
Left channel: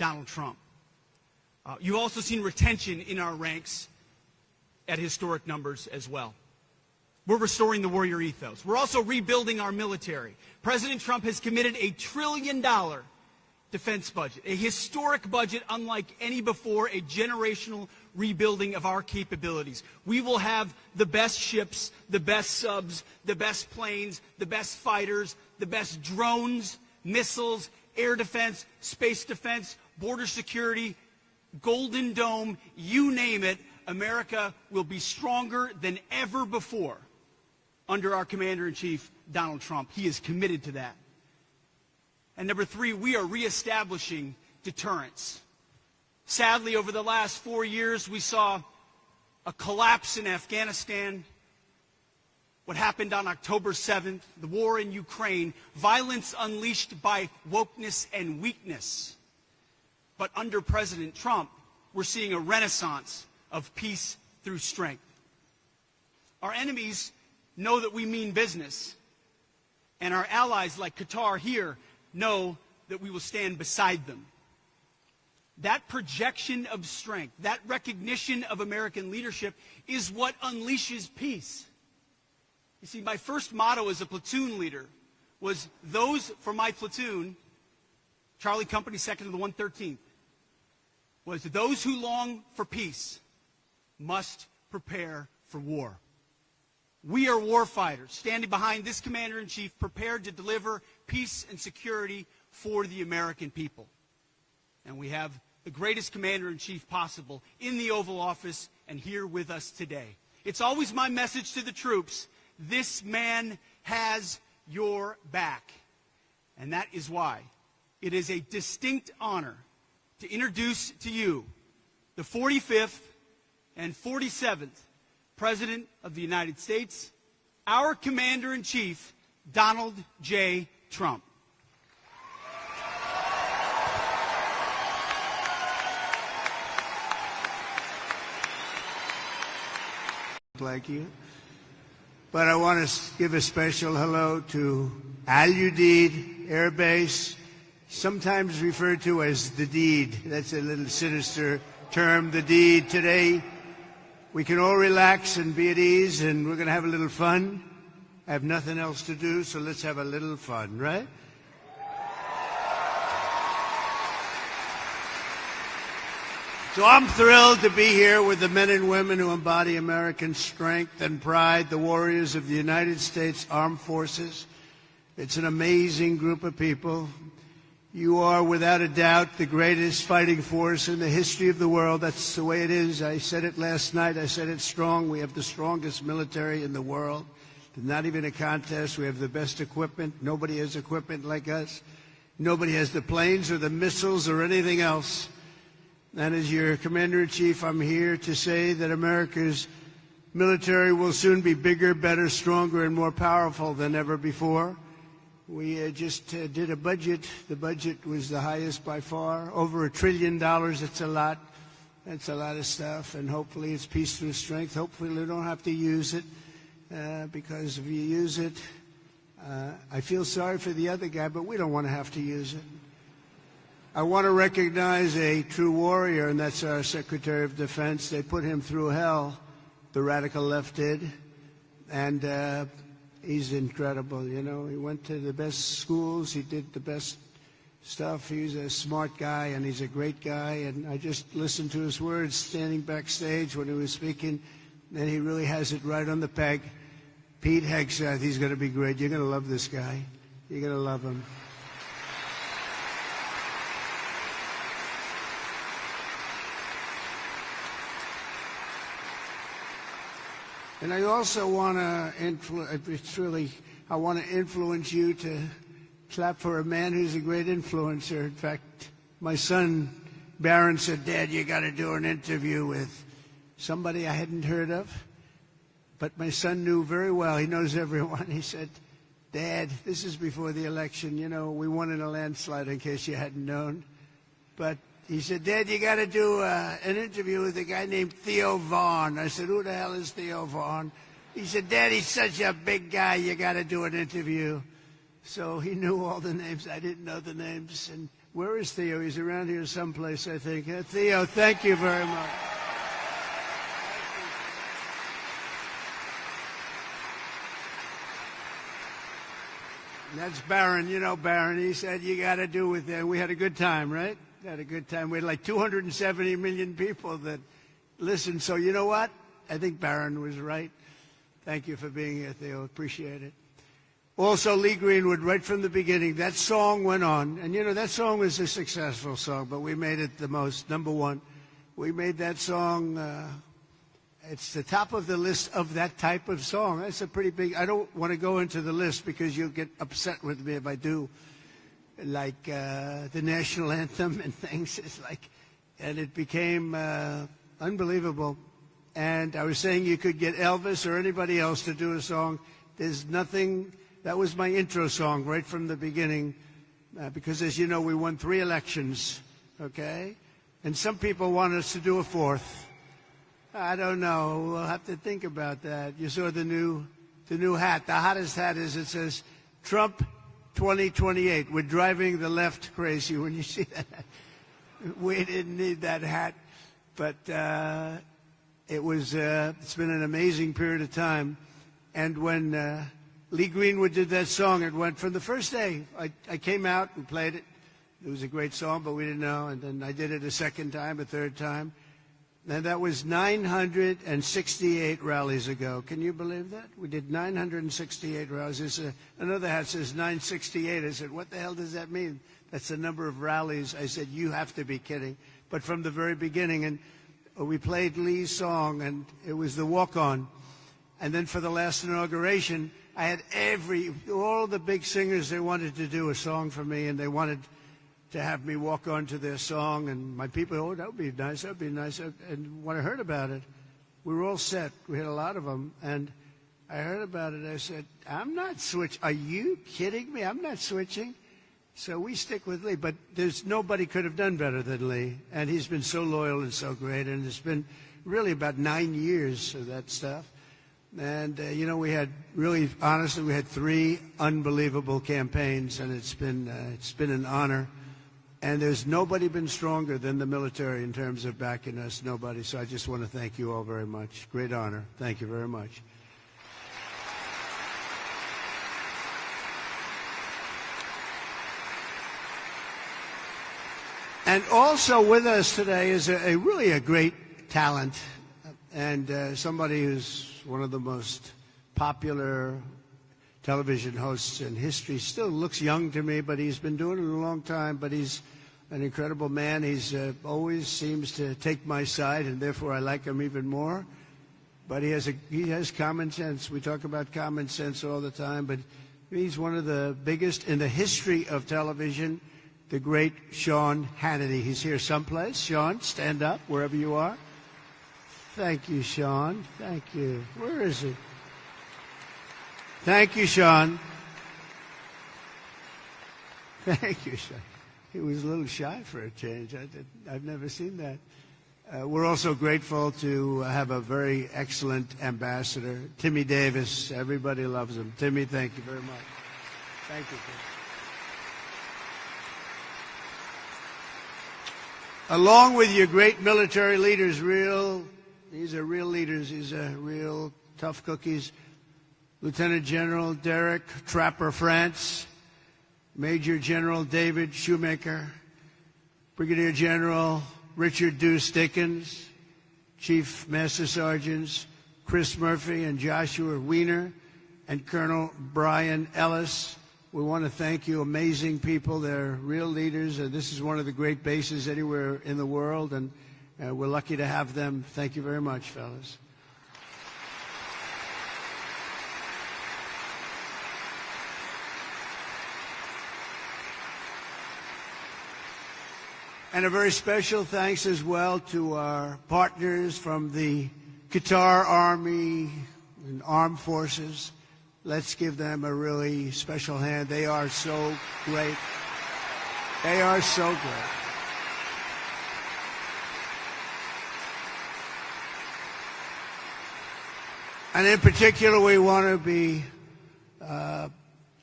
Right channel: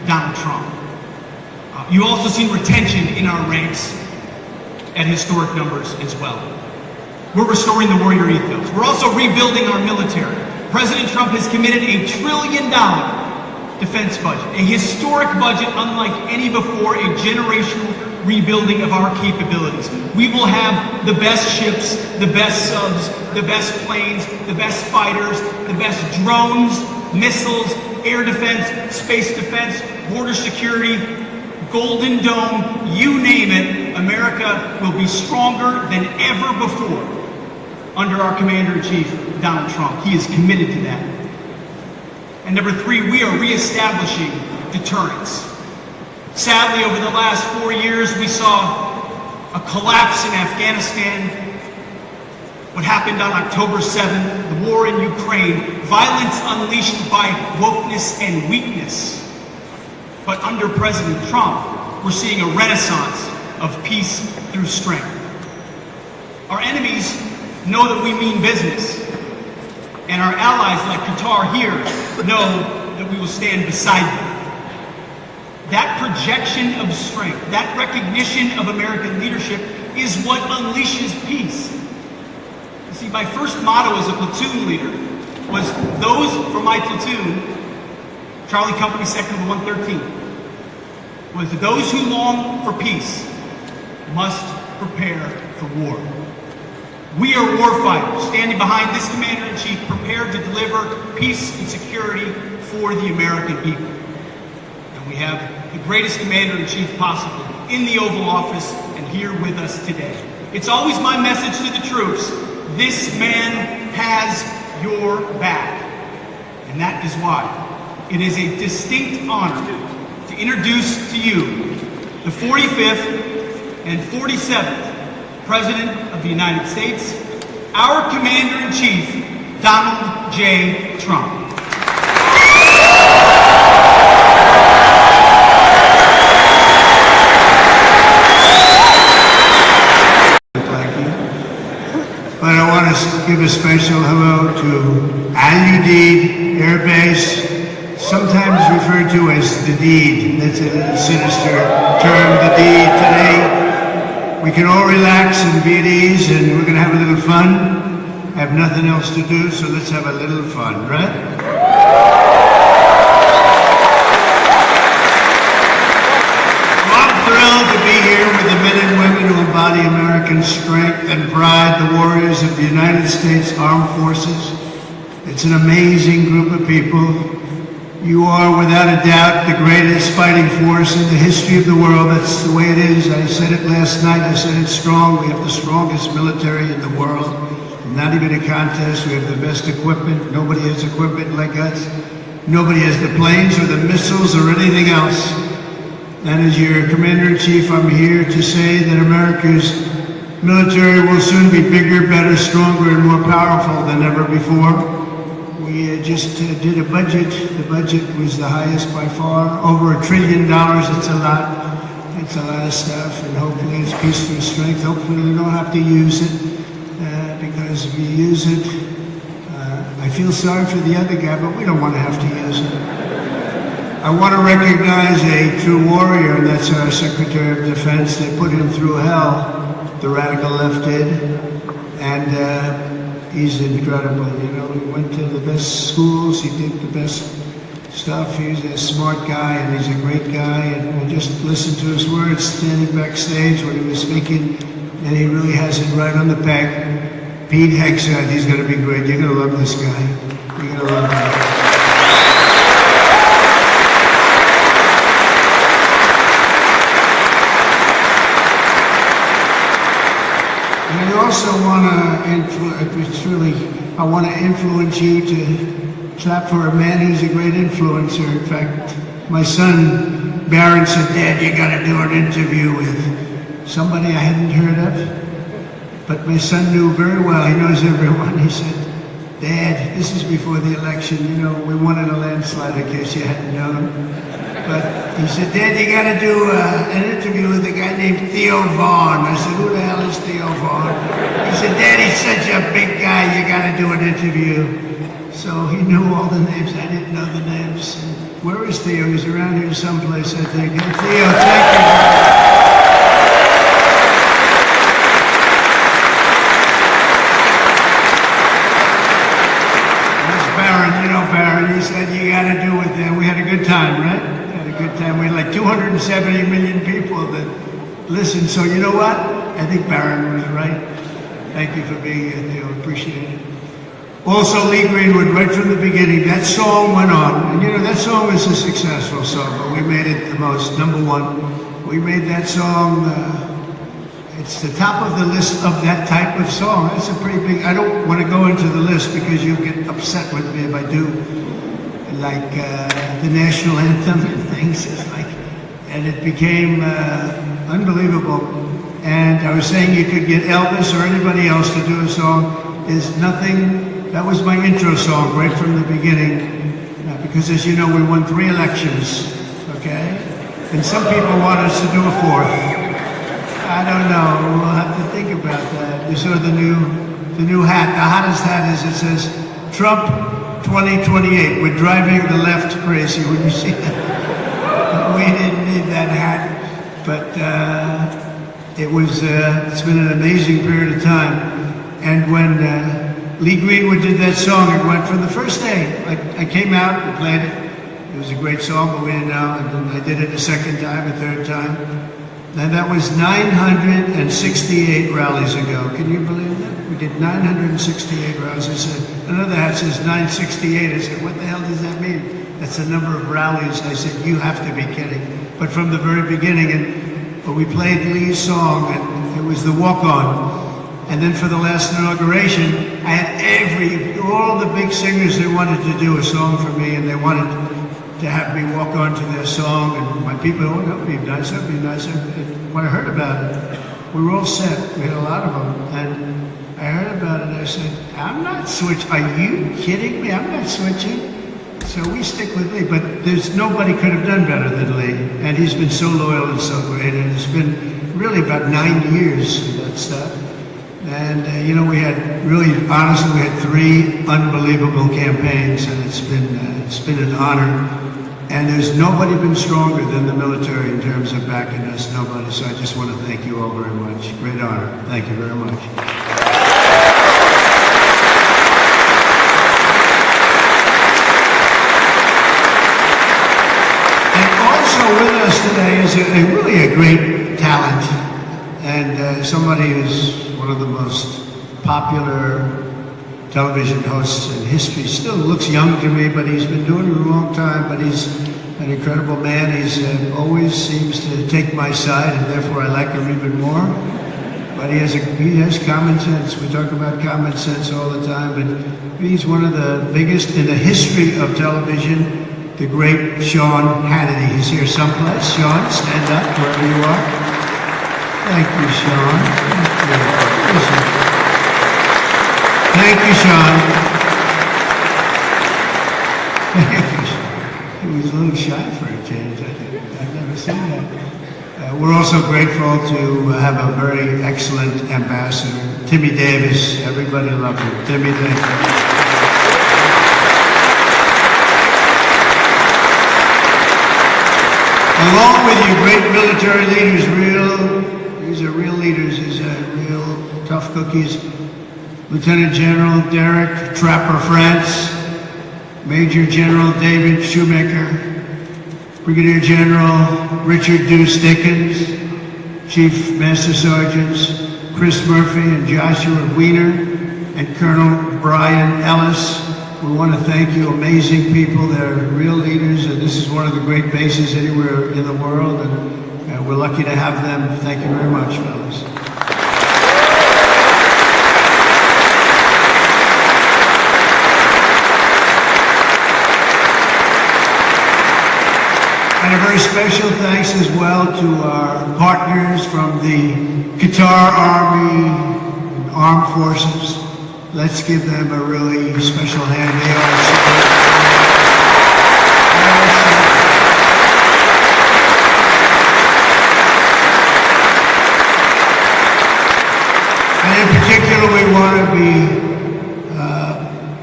Donald Trump. You also see retention in our ranks at historic numbers as well. We're restoring the warrior ethos. We're also rebuilding our military. President Trump has committed $1 trillion defense budget, a historic budget unlike any before, a generational rebuilding of our capabilities. We will have the best ships, the best subs, the best planes, the best fighters, the best drones, missiles, air defense, space defense, border security, Golden Dome, you name it. America will be stronger than ever before under our Commander-in-Chief, Donald Trump. He is committed to that. And number 3, we are reestablishing deterrence. Sadly, over the last 4 years, we saw a collapse in Afghanistan. What happened on October 7th, the war in Ukraine, violence unleashed by wokeness and weakness. But under President Trump, we're seeing a renaissance of peace through strength. Our enemies know that we mean business, and our allies like Qatar here know that we will stand beside them. That projection of strength, that recognition of American leadership is what unleashes peace. You see, my first motto as a platoon leader was those for my platoon, Charlie Company Sector 113, was those who long for peace must prepare for war. We are warfighters, standing behind this Commander-in-Chief, prepared to deliver peace and security for the American people. And we have the greatest Commander-in-Chief possible in the Oval Office and here with us today. It's always my message to the troops, this man has your back. And that is why it is a distinct honor to introduce to you the 45th and 47th President of the United States, our Commander-in-Chief, Donald J. Trump. And I want to give a special hello to Udeid Air Base, sometimes referred to as the deed. That's a sinister term, the deed. Today, we can all relax and be at ease, and we're going to have a little fun. I have nothing else to do, so let's have a little fun, right? I'm thrilled to be here with the men and women who embody American strength and pride, the warriors of the United States Armed Forces. It's an amazing group of people. You are, without a doubt, the greatest fighting force in the history of the world. That's the way it is. I said it last night. I said it's strong. We have the strongest military in the world. Not even a contest. We have the best equipment. Nobody has equipment like us. Nobody has the planes or the missiles or anything else. And as your Commander-in-Chief, I'm here to say that America's military will soon be bigger, better, stronger, and more powerful than ever before. We just did a budget. The budget was the highest by far, over $1 trillion. It's a lot. It's a lot of stuff, and hopefully it's peace through strength. Hopefully we don't have to use it, because we use it. I feel sorry for the other guy, but we don't want to have to use it. I want to recognize a true warrior, and that's our Secretary of Defense. They put him through hell, the radical left did, and he's incredible. You know, he went to the best schools, he did the best stuff. He's a smart guy, and he's a great guy, and we just listened to his words standing backstage when he was speaking, and he really has it right on the peg. Pete Hegseth, he's going to be great. You're going to love this guy. You're going to love him. And I also want to influence you to clap for a man who's a great influencer. In fact, my son Barron said, "Dad, you got to do an interview with somebody I hadn't heard of." But my son knew very well. He knows everyone. He said, "Dad, this is before the election. You know, we won in a landslide, in case you hadn't known." But he said, "Dad, you got to do an interview with a guy named Theo Vaughn." I said, "Who the hell is Theo Vaughn?" He said, "Dad, he's such a big guy. You got to do an interview." So he knew all the names. I didn't know the names. Where is Theo? He's around here someplace, I think. Hey, Theo, thank you. There's Barron, you know Barron. He said you got to do it there. We had a good time, right? Had a good time. We had like 270 million people that listened. So you know what? I think Barron was right. Thank you for being here, Theo. Appreciate it. Also, Lee Greenwood, right from the beginning, that song went on. And, you know, that song was a successful song, but we made it the most, number one. We made that song, it's the top of the list of that type of song. That's a pretty big, I don't want to go into the list because you'll get upset with me if I do. Like the national anthem and things, it's like, and it became unbelievable. And I was saying you could get Elvis or anybody else to do a song. There's nothing. That was my intro song right from the beginning, because as you know, we won 3 elections, okay? And some people want us to do a 4th. I don't know, we'll have to think about that. You saw the new hat, the hottest hat is, it says, Trump 2028, we're driving the left crazy. Would you see that? We didn't need that hat, but it's been an amazing period of time. And when Lee Greenwood did that song, it went from the first day. I came out and played it. It was a great song, but we didn't know. And then I did it the second time, a third time. And that was 968 rallies ago. Can you believe that? We did 968 rallies. I said, another hat says 968. I said, what the hell does that mean? That's the number of rallies. I said, you have to be kidding. But from the very beginning, and when we played Lee's song, and it was the walk-on. And then for the last inauguration, I had all the big singers, they wanted to do a song for me, and they wanted to have me walk on to their song. And my people, oh, that would be nice, that would be nice. And when I heard about it, we were all set. We had a lot of them. And I heard about it, and I said, I'm not switching. Are you kidding me? I'm not switching. So we stick with Lee. But nobody could have done better than Lee. And he's been so loyal and so great. And it's been really about 9 years of that stuff. And, you know, we had 3 unbelievable campaigns, and it's been an honor. And there's nobody been stronger than the military in terms of backing us, nobody. So I just want to thank you all very much. Great honor. Thank you very much. And also with us today is really a great talent, and somebody who's one of the most popular television hosts in history. Still looks young to me, but he's been doing it a long time, but he's an incredible man. He's always seems to take my side, and therefore I like him even more. But he has common sense. We talk about common sense all the time, but he's one of the biggest in the history of television, the great Sean Hannity. He's here someplace. Sean, stand up wherever you are. Thank you, Sean. Thank you, Sean. He was a little shy for a change, I think. I've never seen that. We're also grateful to have a very excellent ambassador, Timmy Davis. Everybody loves him. Timmy Davis. Along with you, great military leaders, these are real leaders, these are real tough cookies. Lieutenant General Derek Trapper France, Major General David Shoemaker, Brigadier General Richard Deuce Dickens, Chief Master Sergeants Chris Murphy and Joshua Wiener, and Colonel Brian Ellis. We want to thank you, amazing people. They're real leaders, and this is one of the great bases anywhere in the world, and we're lucky to have them. Thank you very much, fellas. And a very special thanks as well to our partners from the Qatar Army, Armed Forces. Let's give them a really special hand. They and in particular, we want to be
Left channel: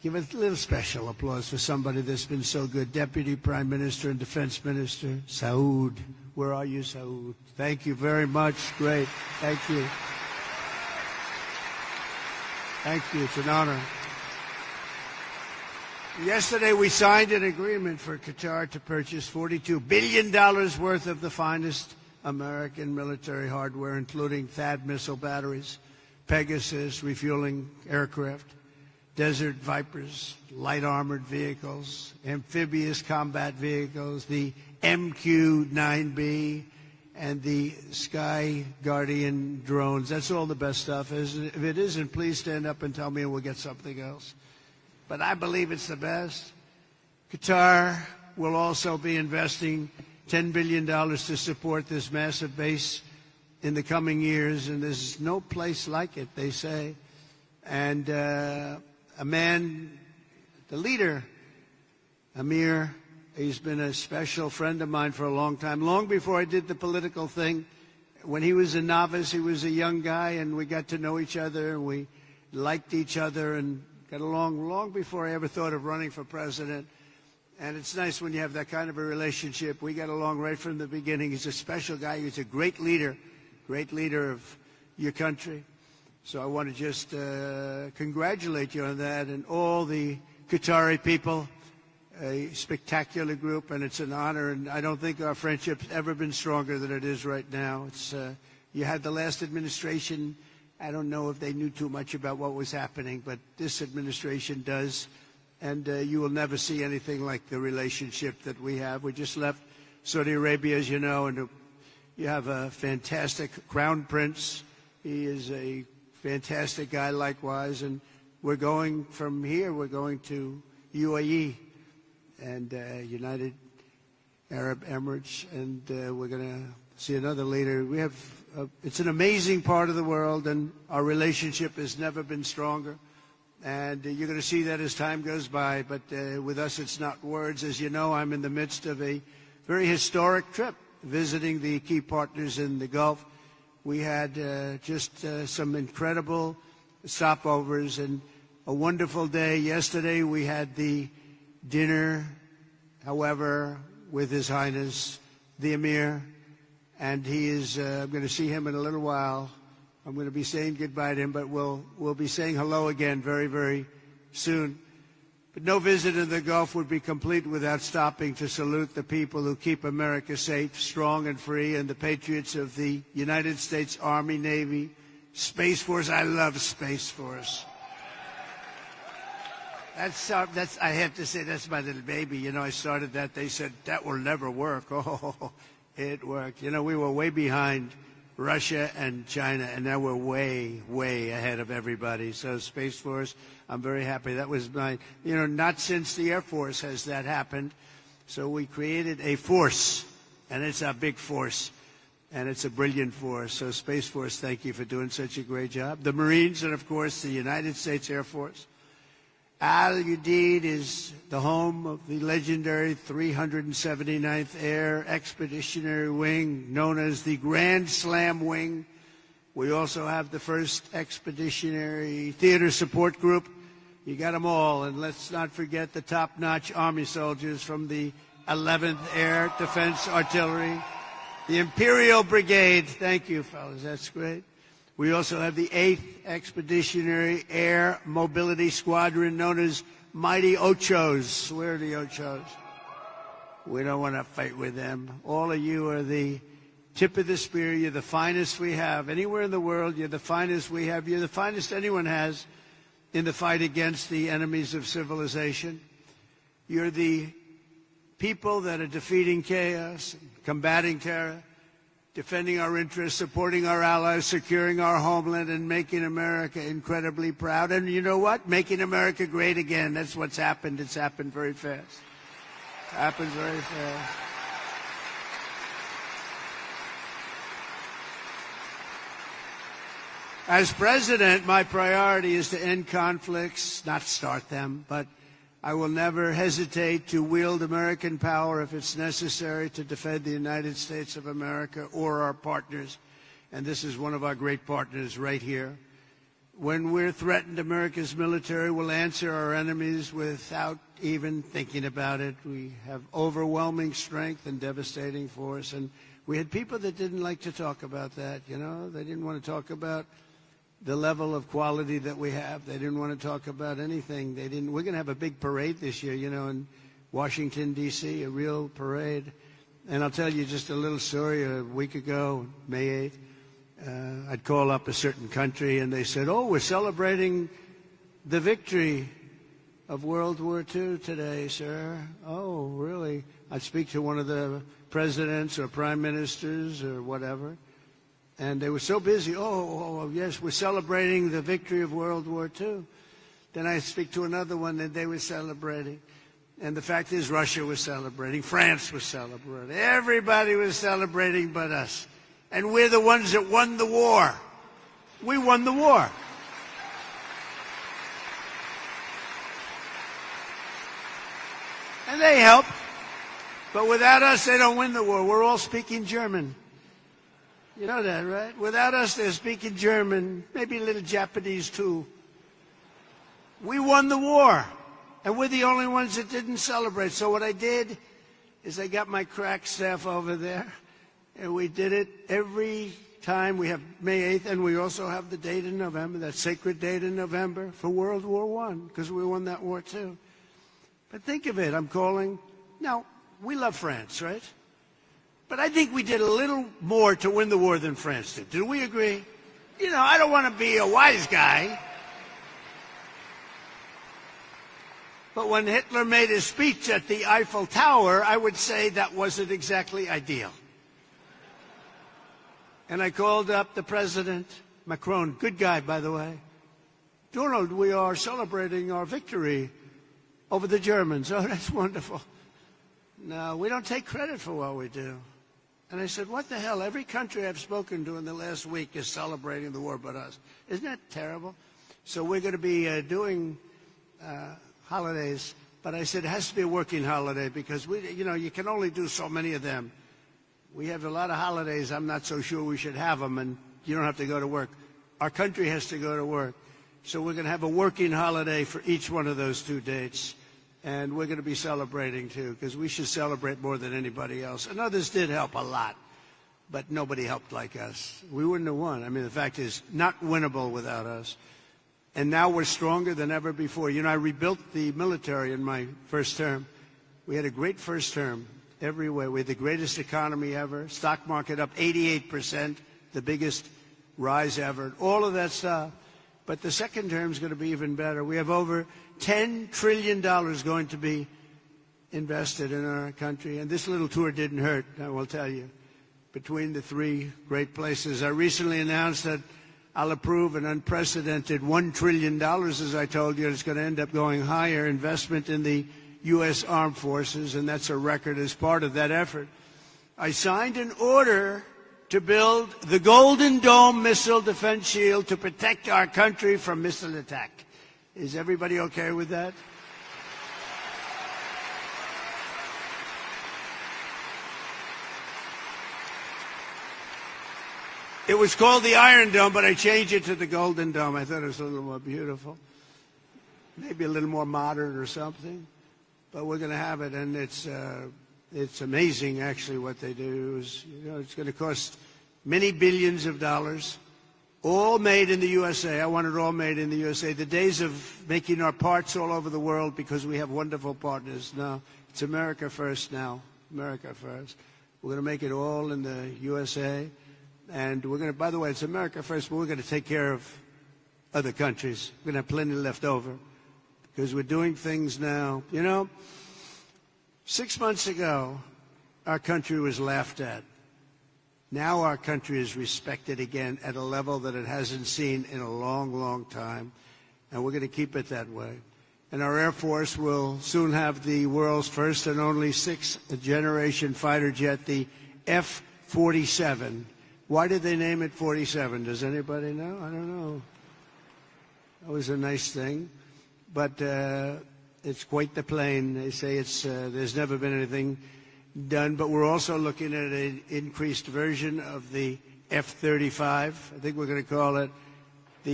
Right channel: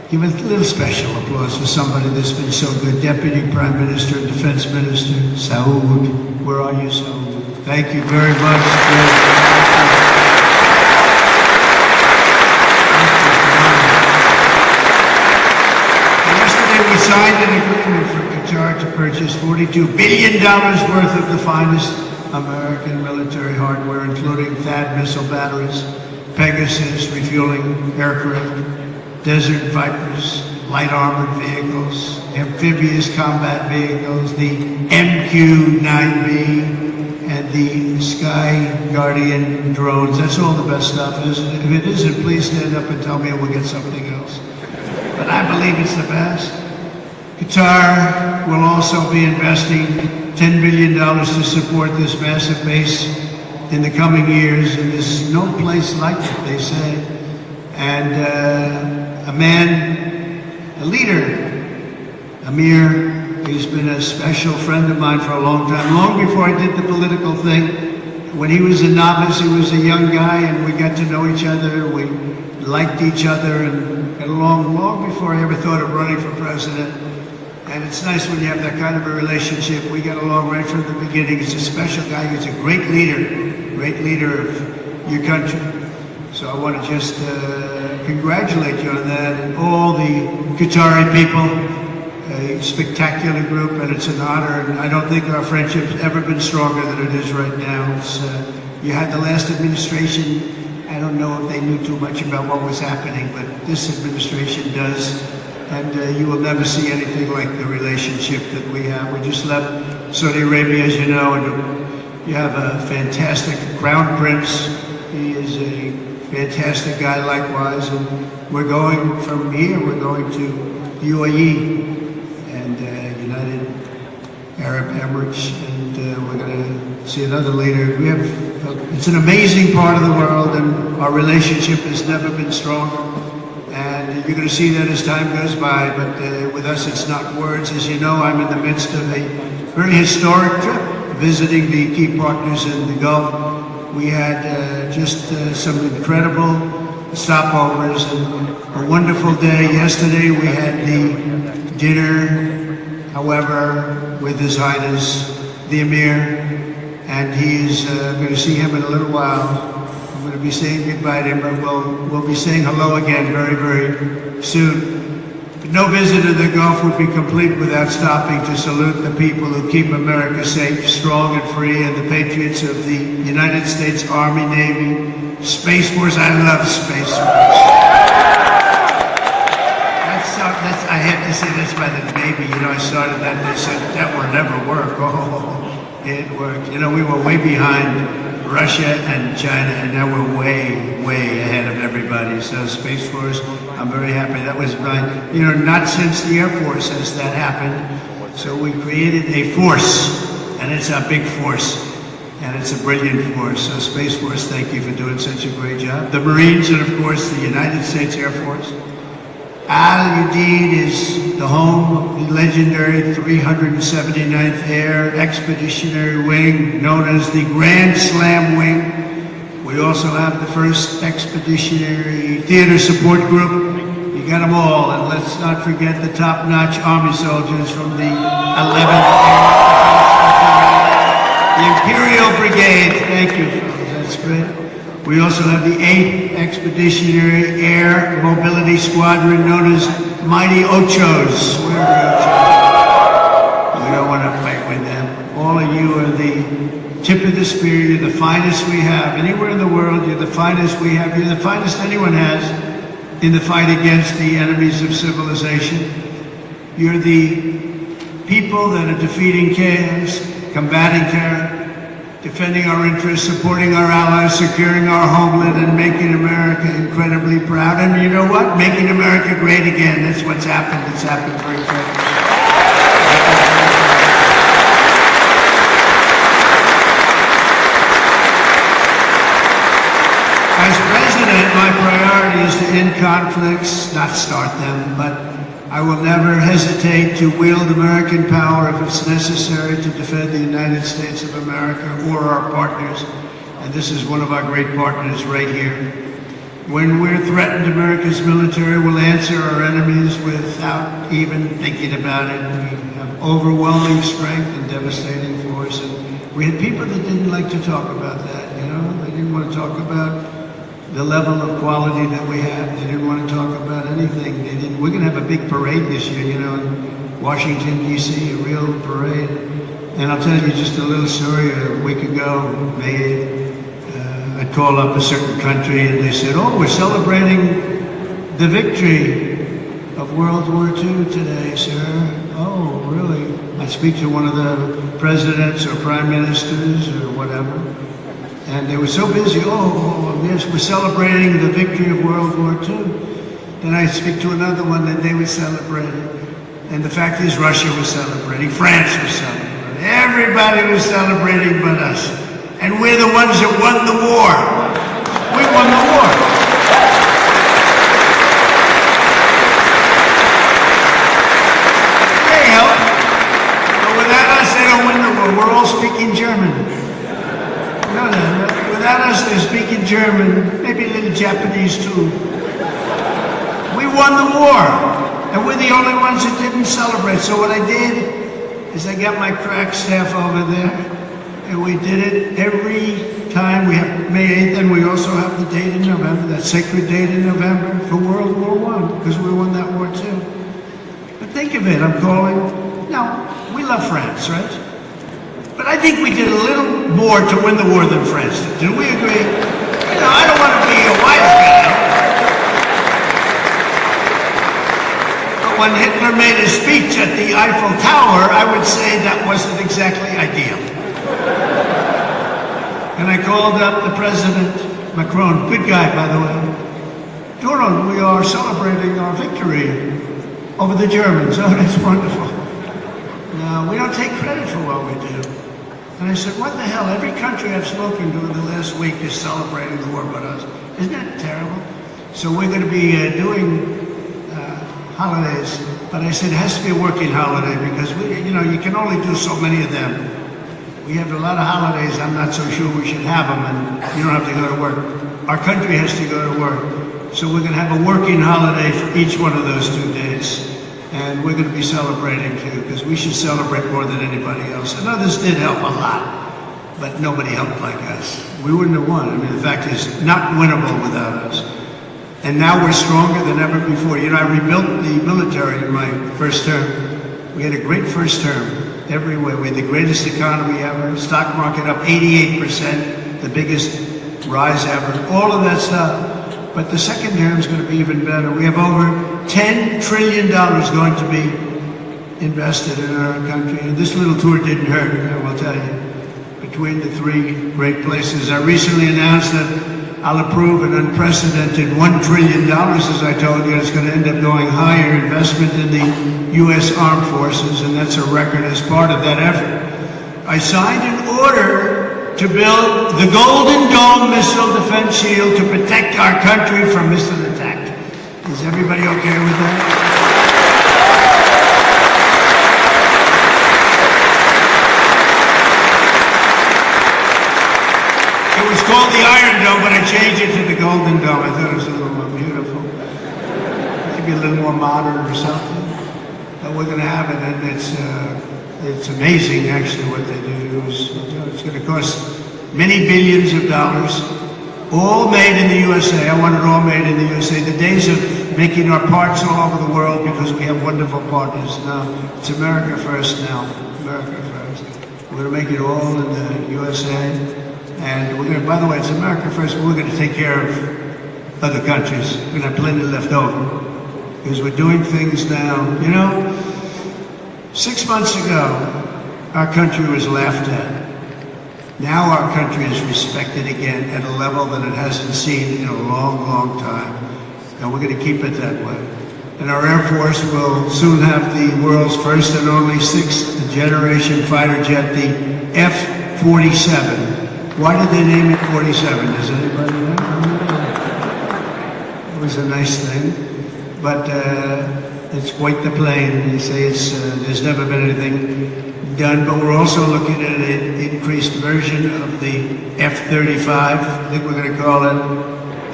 Give a little special applause for somebody that's been so good. Deputy Prime Minister, Defense Minister, Saud. Where are you, Saud? Thank you very much. Yesterday we signed an agreement for Qatar to purchase $42 billion worth of the finest American military hardware, including THAAD missile batteries, Pegasus refueling aircraft, Desert Vipers, light armored vehicles, amphibious combat vehicles, the MQ-9B, and the Sky Guardian drones. That's all the best stuff. If it isn't, please stand up and tell me we'll get something else. But I believe it's the best. Qatar will also be investing $10 billion to support this massive base in the coming years. And there's no place like it, they say. And a man, a leader, Amir, he's been a special friend of mine for a long time, long before I did the political thing. When he was a novice, he was a young guy, and we got to know each other. We liked each other and got along long before I ever thought of running for president. And it's nice when you have that kind of a relationship. We got along right from the beginning. He's a special guy. He's a great leader of your country. So I want to just congratulate you on that, and all the Qatari people, a spectacular group, and it's an honor. And I don't think our friendship's ever been stronger than it is right now. You had the last administration. I don't know if they knew too much about what was happening, but this administration does. And you will never see anything like the relationship that we have. We just left Saudi Arabia, as you know, and we have a fantastic Crown Prince. He is a fantastic guy likewise. And we're going from here, we're going to UAE and United Arab Emirates, and we're going to see another leader. It's an amazing part of the world, and our relationship has never been stronger. And you're going to see that as time goes by, but with us it's not words. As you know, I'm in the midst of a very historic trip, visiting the key partners in the Gulf. We had just some incredible stopovers and a wonderful day. Yesterday we had the dinner, however, with His Highness, the Emir, and he's going to see him in a little while. I'm going to be saying goodbye to him, but we'll be saying hello again very, very soon. No visit to the Gulf would be complete without stopping to salute the people who keep America safe, strong, and free, and the patriots of the United States Army, Navy, Space Force. I love Space Force. I had to say that's by the Navy. You know, I started that and they said that will never work. Oh, it worked. You know, we were way behind Russia and China, and now we're way, way ahead of everybody. So Space Force, I'm very happy. That was not since the Air Force has that happened. So we created a force, and it's a big force, and it's a brilliant force. So Space Force, thank you for doing such a great job. The Marines, and of course the United States Air Force. Udeid is the home of the legendary 379th Air Expeditionary Wing, known as the Grand Slam Wing. We also have the 1st Expeditionary Theater Support Group. You got them all, and let's not forget the top-notch Army soldiers from the 11th Air, the Imperial Brigade. Thank you, that's great. We also have the 8th Expeditionary Air Mobility Squadron, known as Mighty Ochos. Where are the Ochos? We don't want to fight with them. All of you are the tip of the spear. You're the finest we have. Anywhere in the world, you're the finest we have. You're the finest anyone has in the fight against the enemies of civilization. You're the people that are defeating chaos, combating terror, defending our interests, supporting our allies, securing our homeland, and making America incredibly proud. And you know what? Making America great again. That's what's happened. It's happened very quickly. As president, my priority is to end conflicts, not start them, but I will never hesitate to wield American power if it's necessary to defend the United States of America or our partners. And this is one of our great partners right here. When we're threatened, America's military will answer our enemies without even thinking about it. We have overwhelming strength and devastating force. And we had people that didn't like to talk about that, you know? They didn't want to talk about the level of quality that we have. They didn't want to talk about anything. We're going to have a big parade this year, you know, in Washington, D.C., a real parade. And I'll tell you just a little story. A week ago, I called up a certain country and they said, oh, we're celebrating the victory of World War II today, sir. Oh, really? I'd speak to one of the presidents or prime ministers or whatever. And they were so busy, oh, yes, we're celebrating the victory of World War II. Then I'd speak to another one that they were celebrating. And the fact is Russia was celebrating, France was celebrating. Everybody was celebrating but us. And we're the ones that won the war. We won the war. They help. But without us, they don't win the war. We're all speaking German. No. Without us, they're speaking German, maybe a little Japanese too. We won the war. And we're the only ones that didn't celebrate. So what I did is I got my crack staff over there. And we did it every time. We have May 8th, and we also have the date in November, that sacred date in November for World War I, because we won that war too. But think of it, I'm calling. No, we love France, right? But I think we did a little more to win the war than France did. Do we agree? You know, I don't want to be a wise guy. But when Hitler made a speech at the Eiffel Tower, I would say that wasn't exactly ideal. And I called up the President, Macron, good guy, by the way. Donald, we are celebrating our victory over the Germans. Oh, that's wonderful. No, we don't take credit for what we do. And I said, what the hell? Every country I've spoken to in the last week is celebrating the war but us. Isn't that terrible? So we're going to be doing holidays. But I said, it has to be a working holiday because, you can only do so many of them. We have a lot of holidays, I'm not so sure we should have them, and you don't have to go to work. Our country has to go to work. So we're going to have a working holiday for each one of those 2 days. And we're going to be celebrating too, because we should celebrate more than anybody else. And others did help a lot, but nobody helped like us. We wouldn't have won. I mean, the fact is, not winnable without us. And now we're stronger than ever before. You know, I rebuilt the military in my first term. We had a great first term. Everywhere. We had the greatest economy ever, stock market up 88%, the biggest rise ever, all of that stuff. But the second term is going to be even better. We have over $10 trillion going to be invested in our country. And this little tour didn't hurt, I will tell you. Between the 3 great places. I recently announced that I'll approve an unprecedented $1 trillion, as I told you. It's going to end up going higher investment in the U.S. Armed Forces, and that's a record as part of that effort. I signed an order to build the Golden Dome missile defense shield to protect our country from missile attack. Is everybody okay with that? It was called the Iron Dome, but I changed it to the Golden Dome. I thought it was a little more beautiful. Maybe a little more modern or something. But we're going to have it, and it's amazing, actually, what they do. It's going to cost many billions of dollars, all made in the USA. I want it all made in the USA. The days of making our parts all over the world because we have wonderful partners now. It's America first now. America first. We're going to make it all in the USA. And we're going to, by the way, it's America first, but we're going to take care of other countries. We're going to have plenty left over. Because we're doing things now. You know, 6 months ago, our country was laughed at. Now our country is respected again at a level that it hasn't seen in a long, long time. And we're going to keep it that way. And our Air Force will soon have the world's first and only 6th generation fighter jet, the F-47. Why did they name it 47? Does anybody know? It was a nice thing. But it's quite the plane. They say there's never been anything done, but we're also looking at an increased version of the F-35. I think we're going to call it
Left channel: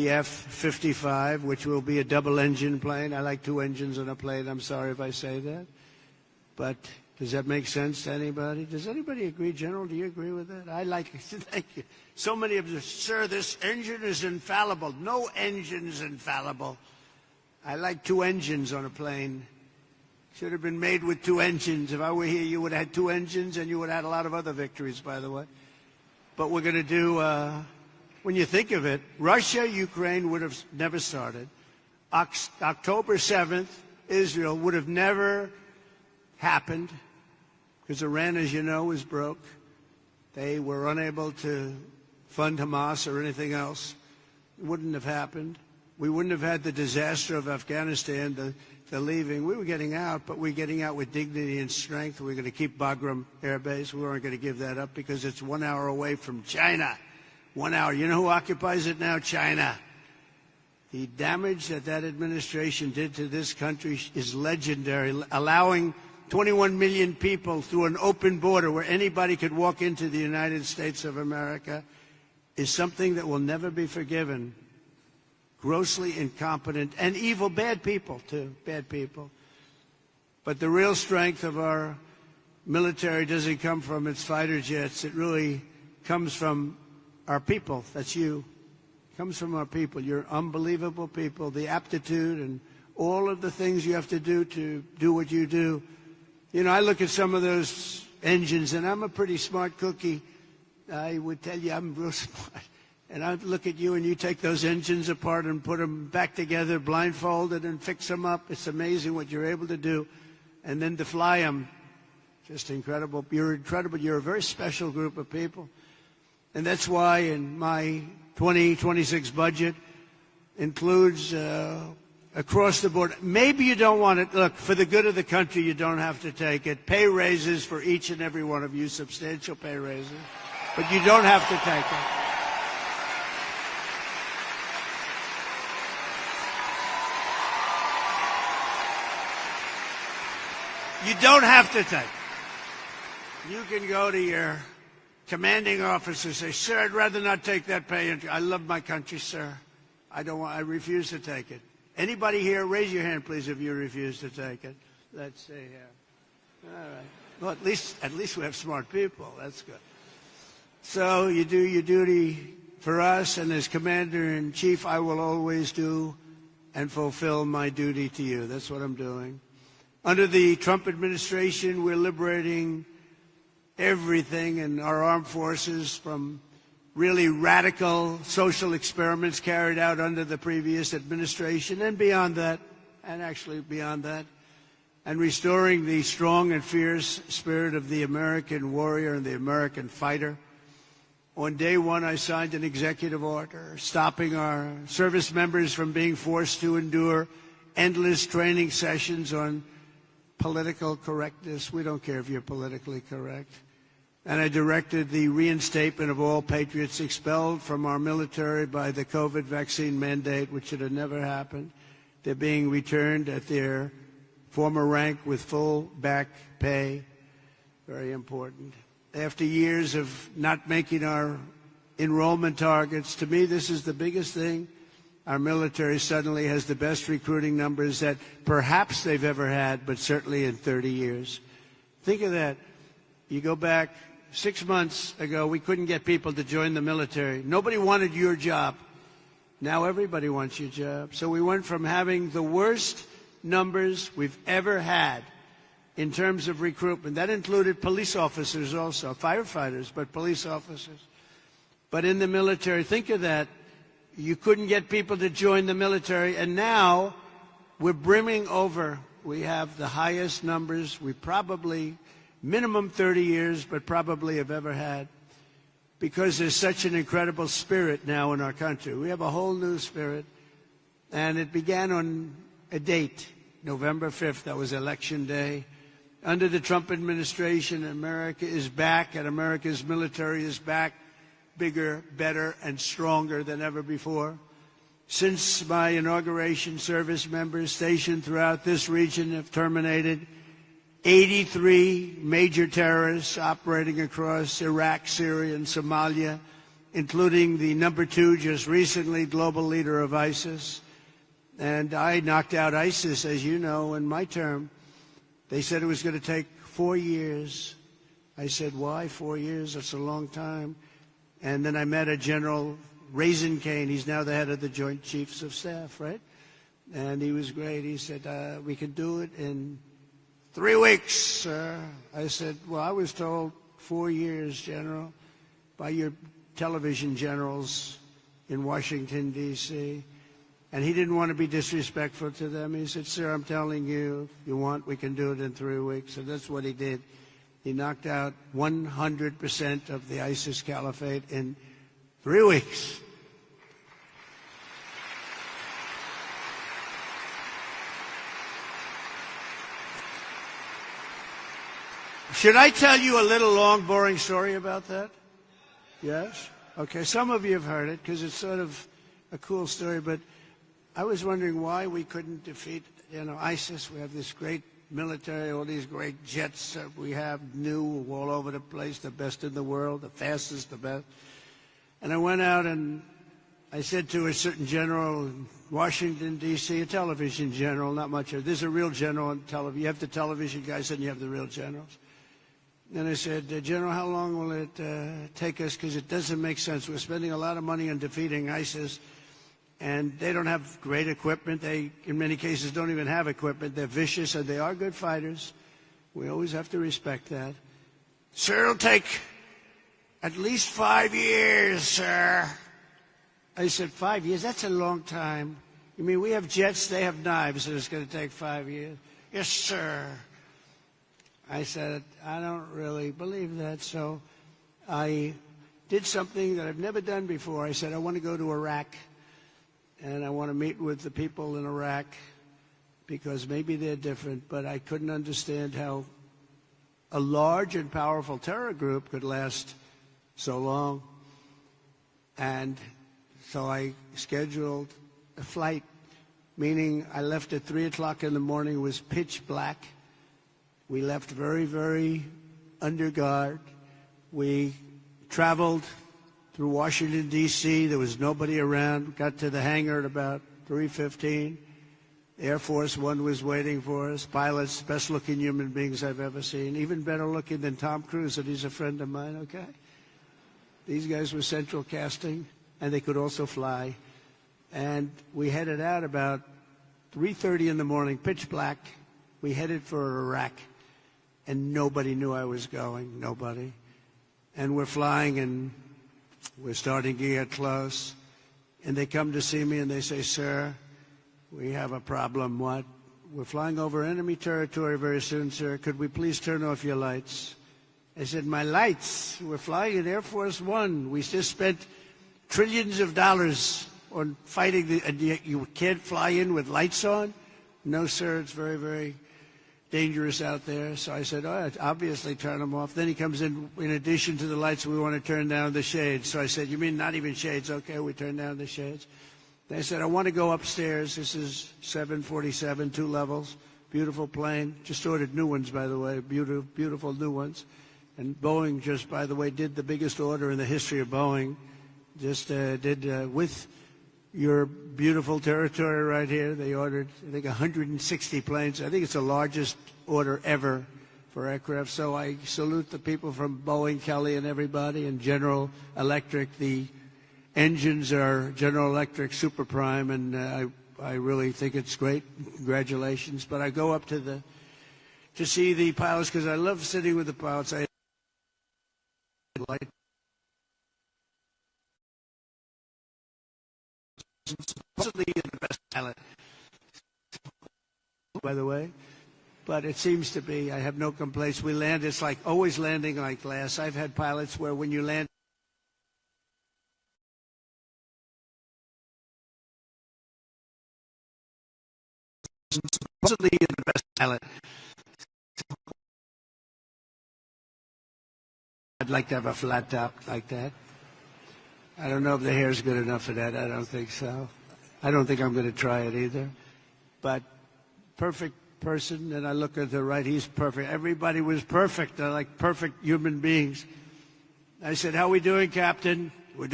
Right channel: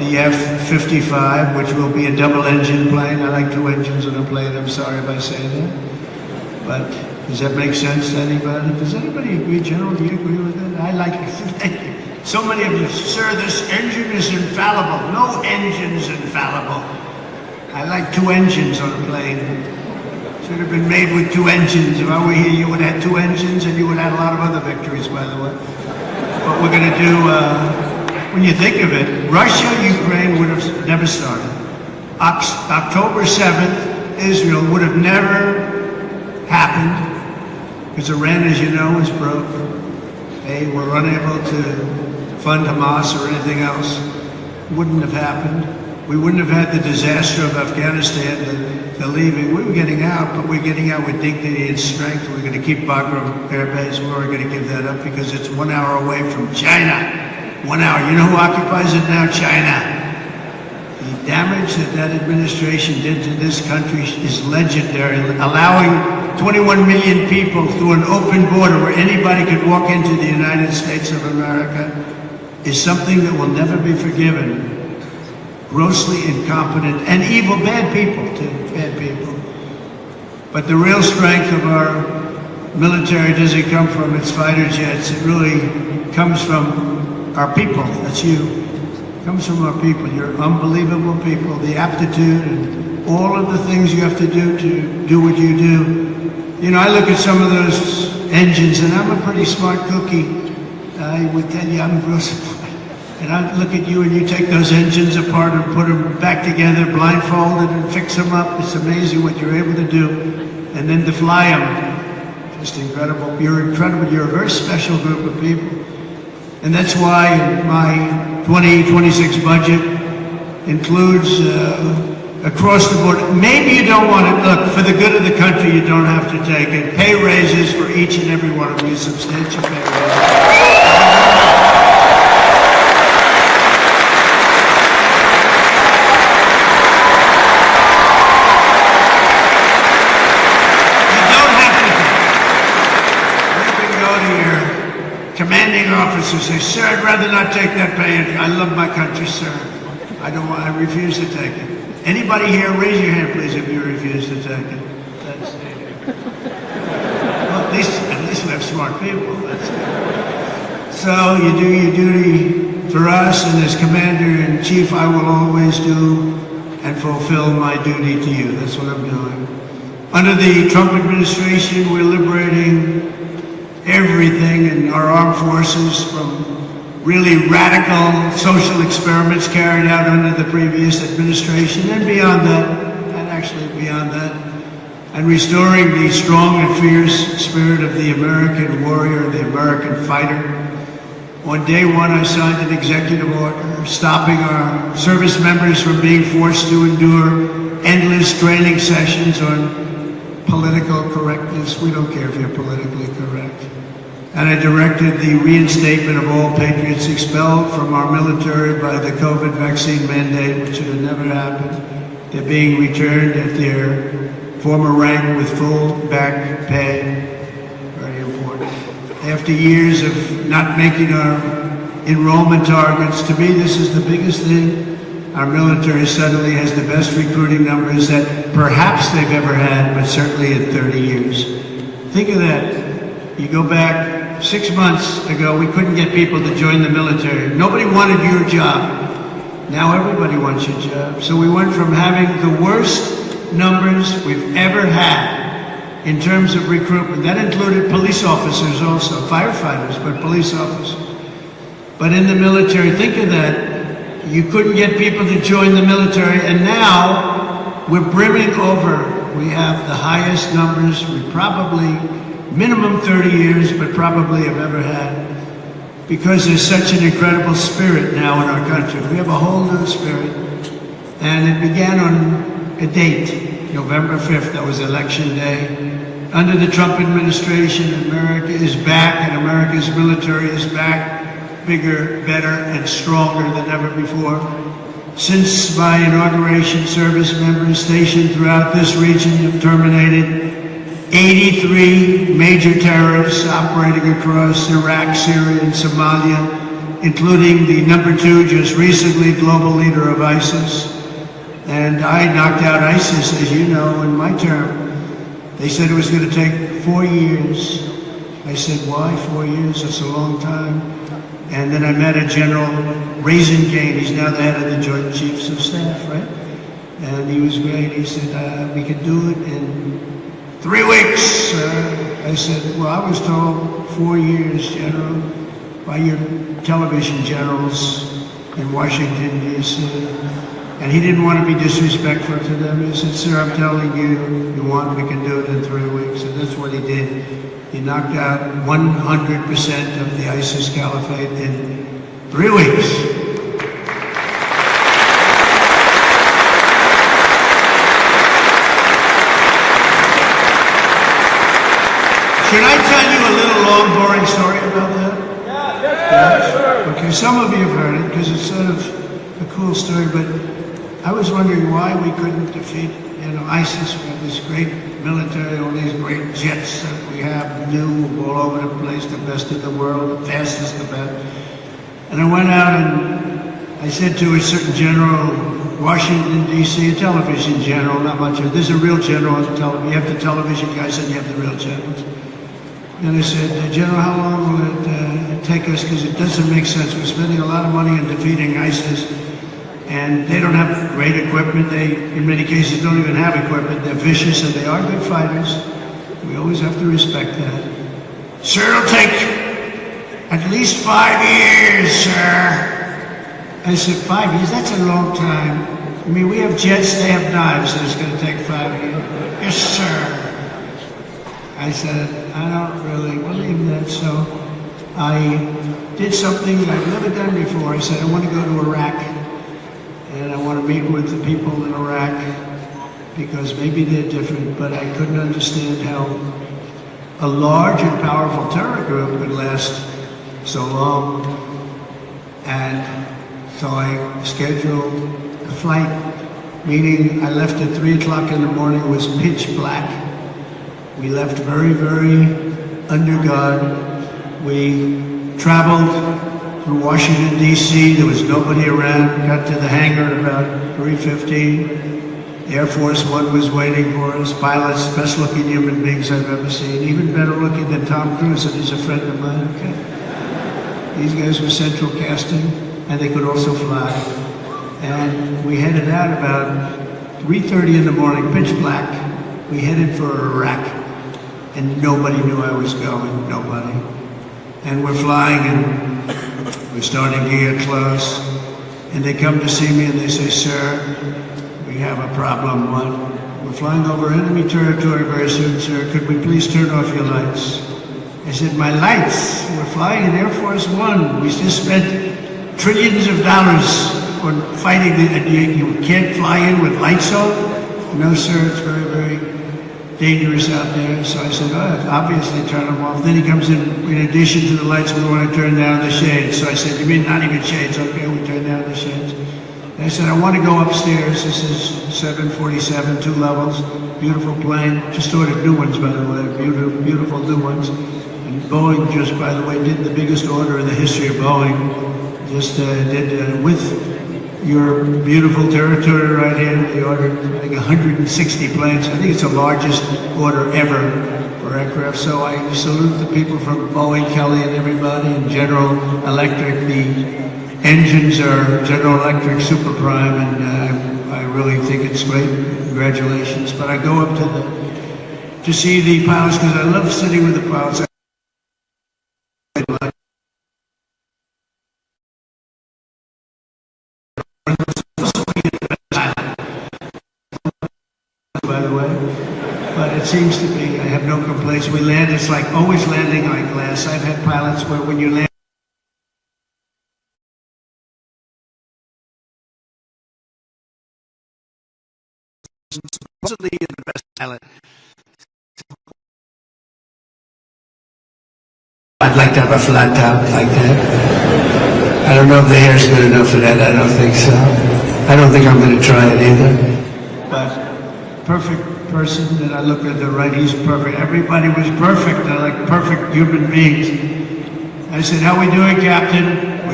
the F-55, which will be a double-engine plane. I like two engines on a plane. I'm sorry if I say that. But does that make sense to anybody? Does anybody agree, General? Do you agree with that? I like it. Thank you. So many of you, sir, this engine is infallible. No engine's infallible. I like two engines on a plane. Should have been made with two engines. If I were here, you would have had two engines, and you would have had a lot of other victories, by the way. What we're going to do, when you think of it, Russia-Ukraine would have never started. October 7th, Israel would have never happened, because Iran, as you know, is broke. They were unable to fund Hamas or anything else. It wouldn't have happened. We wouldn't have had the disaster of Afghanistan, the leaving. We were getting out, but we're getting out with dignity and strength. We're going to keep Bagram Air Base. We're going to give that up because it's 1 hour away from China. 1 hour. You know who occupies it now? China. The damage that administration did to this country is legendary. Allowing 21 million people through an open border where anybody could walk into the United States of America is something that will never be forgiven. Grossly incompetent and evil, bad people too, bad people. But the real strength of our military doesn't come from its fighter jets. It really comes from our people. That's you. It comes from our people. You're unbelievable people. The aptitude and all of the things you have to do what you do. You know, I look at some of those engines, and I'm a pretty smart cookie. I would tell you I'm real smart. And I look at you, and you take those engines apart and put them back together, blindfolded, and fix them up. It's amazing what you're able to do. And then to fly them, just incredible. You're incredible. You're a very special group of people. And that's why my 2026 budget includes across the board. Maybe you don't want to, look, for the good of the country, you don't have to take it. Pay raises for each and every one of you, substantial pay raises. Say, sir, I'd rather not take that pay. I love my country, sir. I don't want. I refuse to take it. Anybody here, raise your hand, please, if you refuse to take it. Well, at least we have smart people. So you do your duty for us, and as Commander-in-Chief, I will always do and fulfill my duty to you. That's what I'm doing. Under the Trump administration, we're liberating everything in our armed forces from really radical social experiments carried out under the previous administration and beyond that, and actually beyond that, and restoring the strong and fierce spirit of the American warrior, the American fighter. On day one, I signed an executive order stopping our service members from being forced to endure endless training sessions on political correctness. We don't care if you're politically correct. And I directed the reinstatement of all patriots expelled from our military by the COVID vaccine mandate, which should have never happened. They're being returned at their former rank with full back pay. Very important. After years of not making our enrollment targets, to me this is the biggest thing. Our military suddenly has the best recruiting numbers that perhaps they've ever had, but certainly in 30 years. Think of that. You go back 6 months ago, we couldn't get people to join the military. Nobody wanted your job. Now everybody wants your job. So we went from having the worst numbers we've ever had in terms of recruitment. That included police officers also, firefighters, but police officers. But in the military, think of that. You couldn't get people to join the military, and now we're brimming over. We have the highest numbers we probably minimum 30 years, but probably have ever had, because there's such an incredible spirit now in our country. We have a whole new spirit, and it began on a date, November 5th, that was election day. Under the Trump administration, America is back, and America's military is back, bigger, better, and stronger than ever before. Since my inauguration, service members stationed throughout this region have terminated 83 major terrorists operating across Iraq, Syria, and Somalia including the #2, just recently global leader of ISIS. And I knocked out ISIS, as you know, in my term. They said it was going to take 4 years. I said, why 4 years? That's a long time. And then I met a General Raisingane. He's now the head of the Joint Chiefs of Staff, right? And he was great. He said, we could do it in 3 weeks, sir. I said, well, I was told 4 years, General, by your television generals in Washington, D.C. And he didn't want to be disrespectful to them. He said, sir, I'm telling you, you want, we can do it in 3 weeks. And that's what he did. He knocked out 100% of the ISIS caliphate in 3 weeks. Can I tell you a little long, boring story about that? Yeah. Okay, some of you have heard it because it's sort of a cool story, but I was wondering why we couldn't defeat, ISIS. We have this great military, all these great jets that we have, new all over the place, the best in the world, the fastest, the best. And I went out and I said to a certain general, Washington, D.C., a television general, not much of it. There's a real general on the television. You have the television guys and you have the real generals. And I said, General, how long will it take us? Because it doesn't make sense. We're spending a lot of money on defeating ISIS. And they don't have great equipment. They, in many cases, don't even have equipment. They're vicious and they are good fighters. We always have to respect that. Sir, it'll take at least 5 years, sir. I said, 5 years? That's a long time. I mean, we have jets, they have knives, and it's going to take 5 years. Yes, sir. I said, I don't really believe that, so I did something that I've never done before. I said, I want to go to Iraq. And I want to meet with the people in Iraq because maybe they're different, but I couldn't understand how a large and powerful terror group could last so long. And so I scheduled a flight, meaning I left at 3 o'clock in the morning. It was pitch black. We left very, very under guard. We traveled through Washington, D.C. There was nobody around. Got to the hangar at about 3:15. Air Force One was waiting for us. Pilots, best looking human beings I've ever seen. Even better looking than Tom Cruise, and he's a friend of mine. Okay. These guys were central casting, and they could also fly. And we headed out about 3:30 in the morning, pitch black. We headed for Iraq, and nobody knew I was going. Nobody. And we're flying, and we're starting to get close, and they come to see me and they say, sir, we have a problem. What? We're flying over enemy territory very soon, sir. Could we please turn off your lights? I said, my lights? We're flying in Air Force One. We just spent trillions of dollars on fighting. You can't fly in with lights on? No, sir, it's very, very dangerous out there. So I said, obviously turn them off. Then he comes in addition to the lights, we want to turn down the shades. So I said, you mean not even shades? Okay, we turn down the shades. And I said, I want to go upstairs. This is 747, 2 levels, beautiful plane. Just ordered new ones, by the way, beautiful new ones. And Boeing just, by the way, did the biggest order in the history of Boeing. Just did with your beautiful territory right here. They ordered, I think, 160 planes. I think it's the largest order ever for aircraft. So I salute the people from Boeing, Kelly, and everybody, and General Electric. The engines are General Electric Super Prime, and I really think it's great. Congratulations. But I go up to see the pilots because I love sitting with the pilots. Seems to be, I have no complaints. We land, it's like always landing on glass. I've had pilots where when you land, supposedly you're the best pilot. I'd like to have a flat top like that. I don't know if the hair's good enough for that. I don't think so. I don't think I'm going to try it either. But perfect person that I look at the right, he's perfect. Everybody was perfect. I like perfect human beings. I said, how we doing, Captain? We're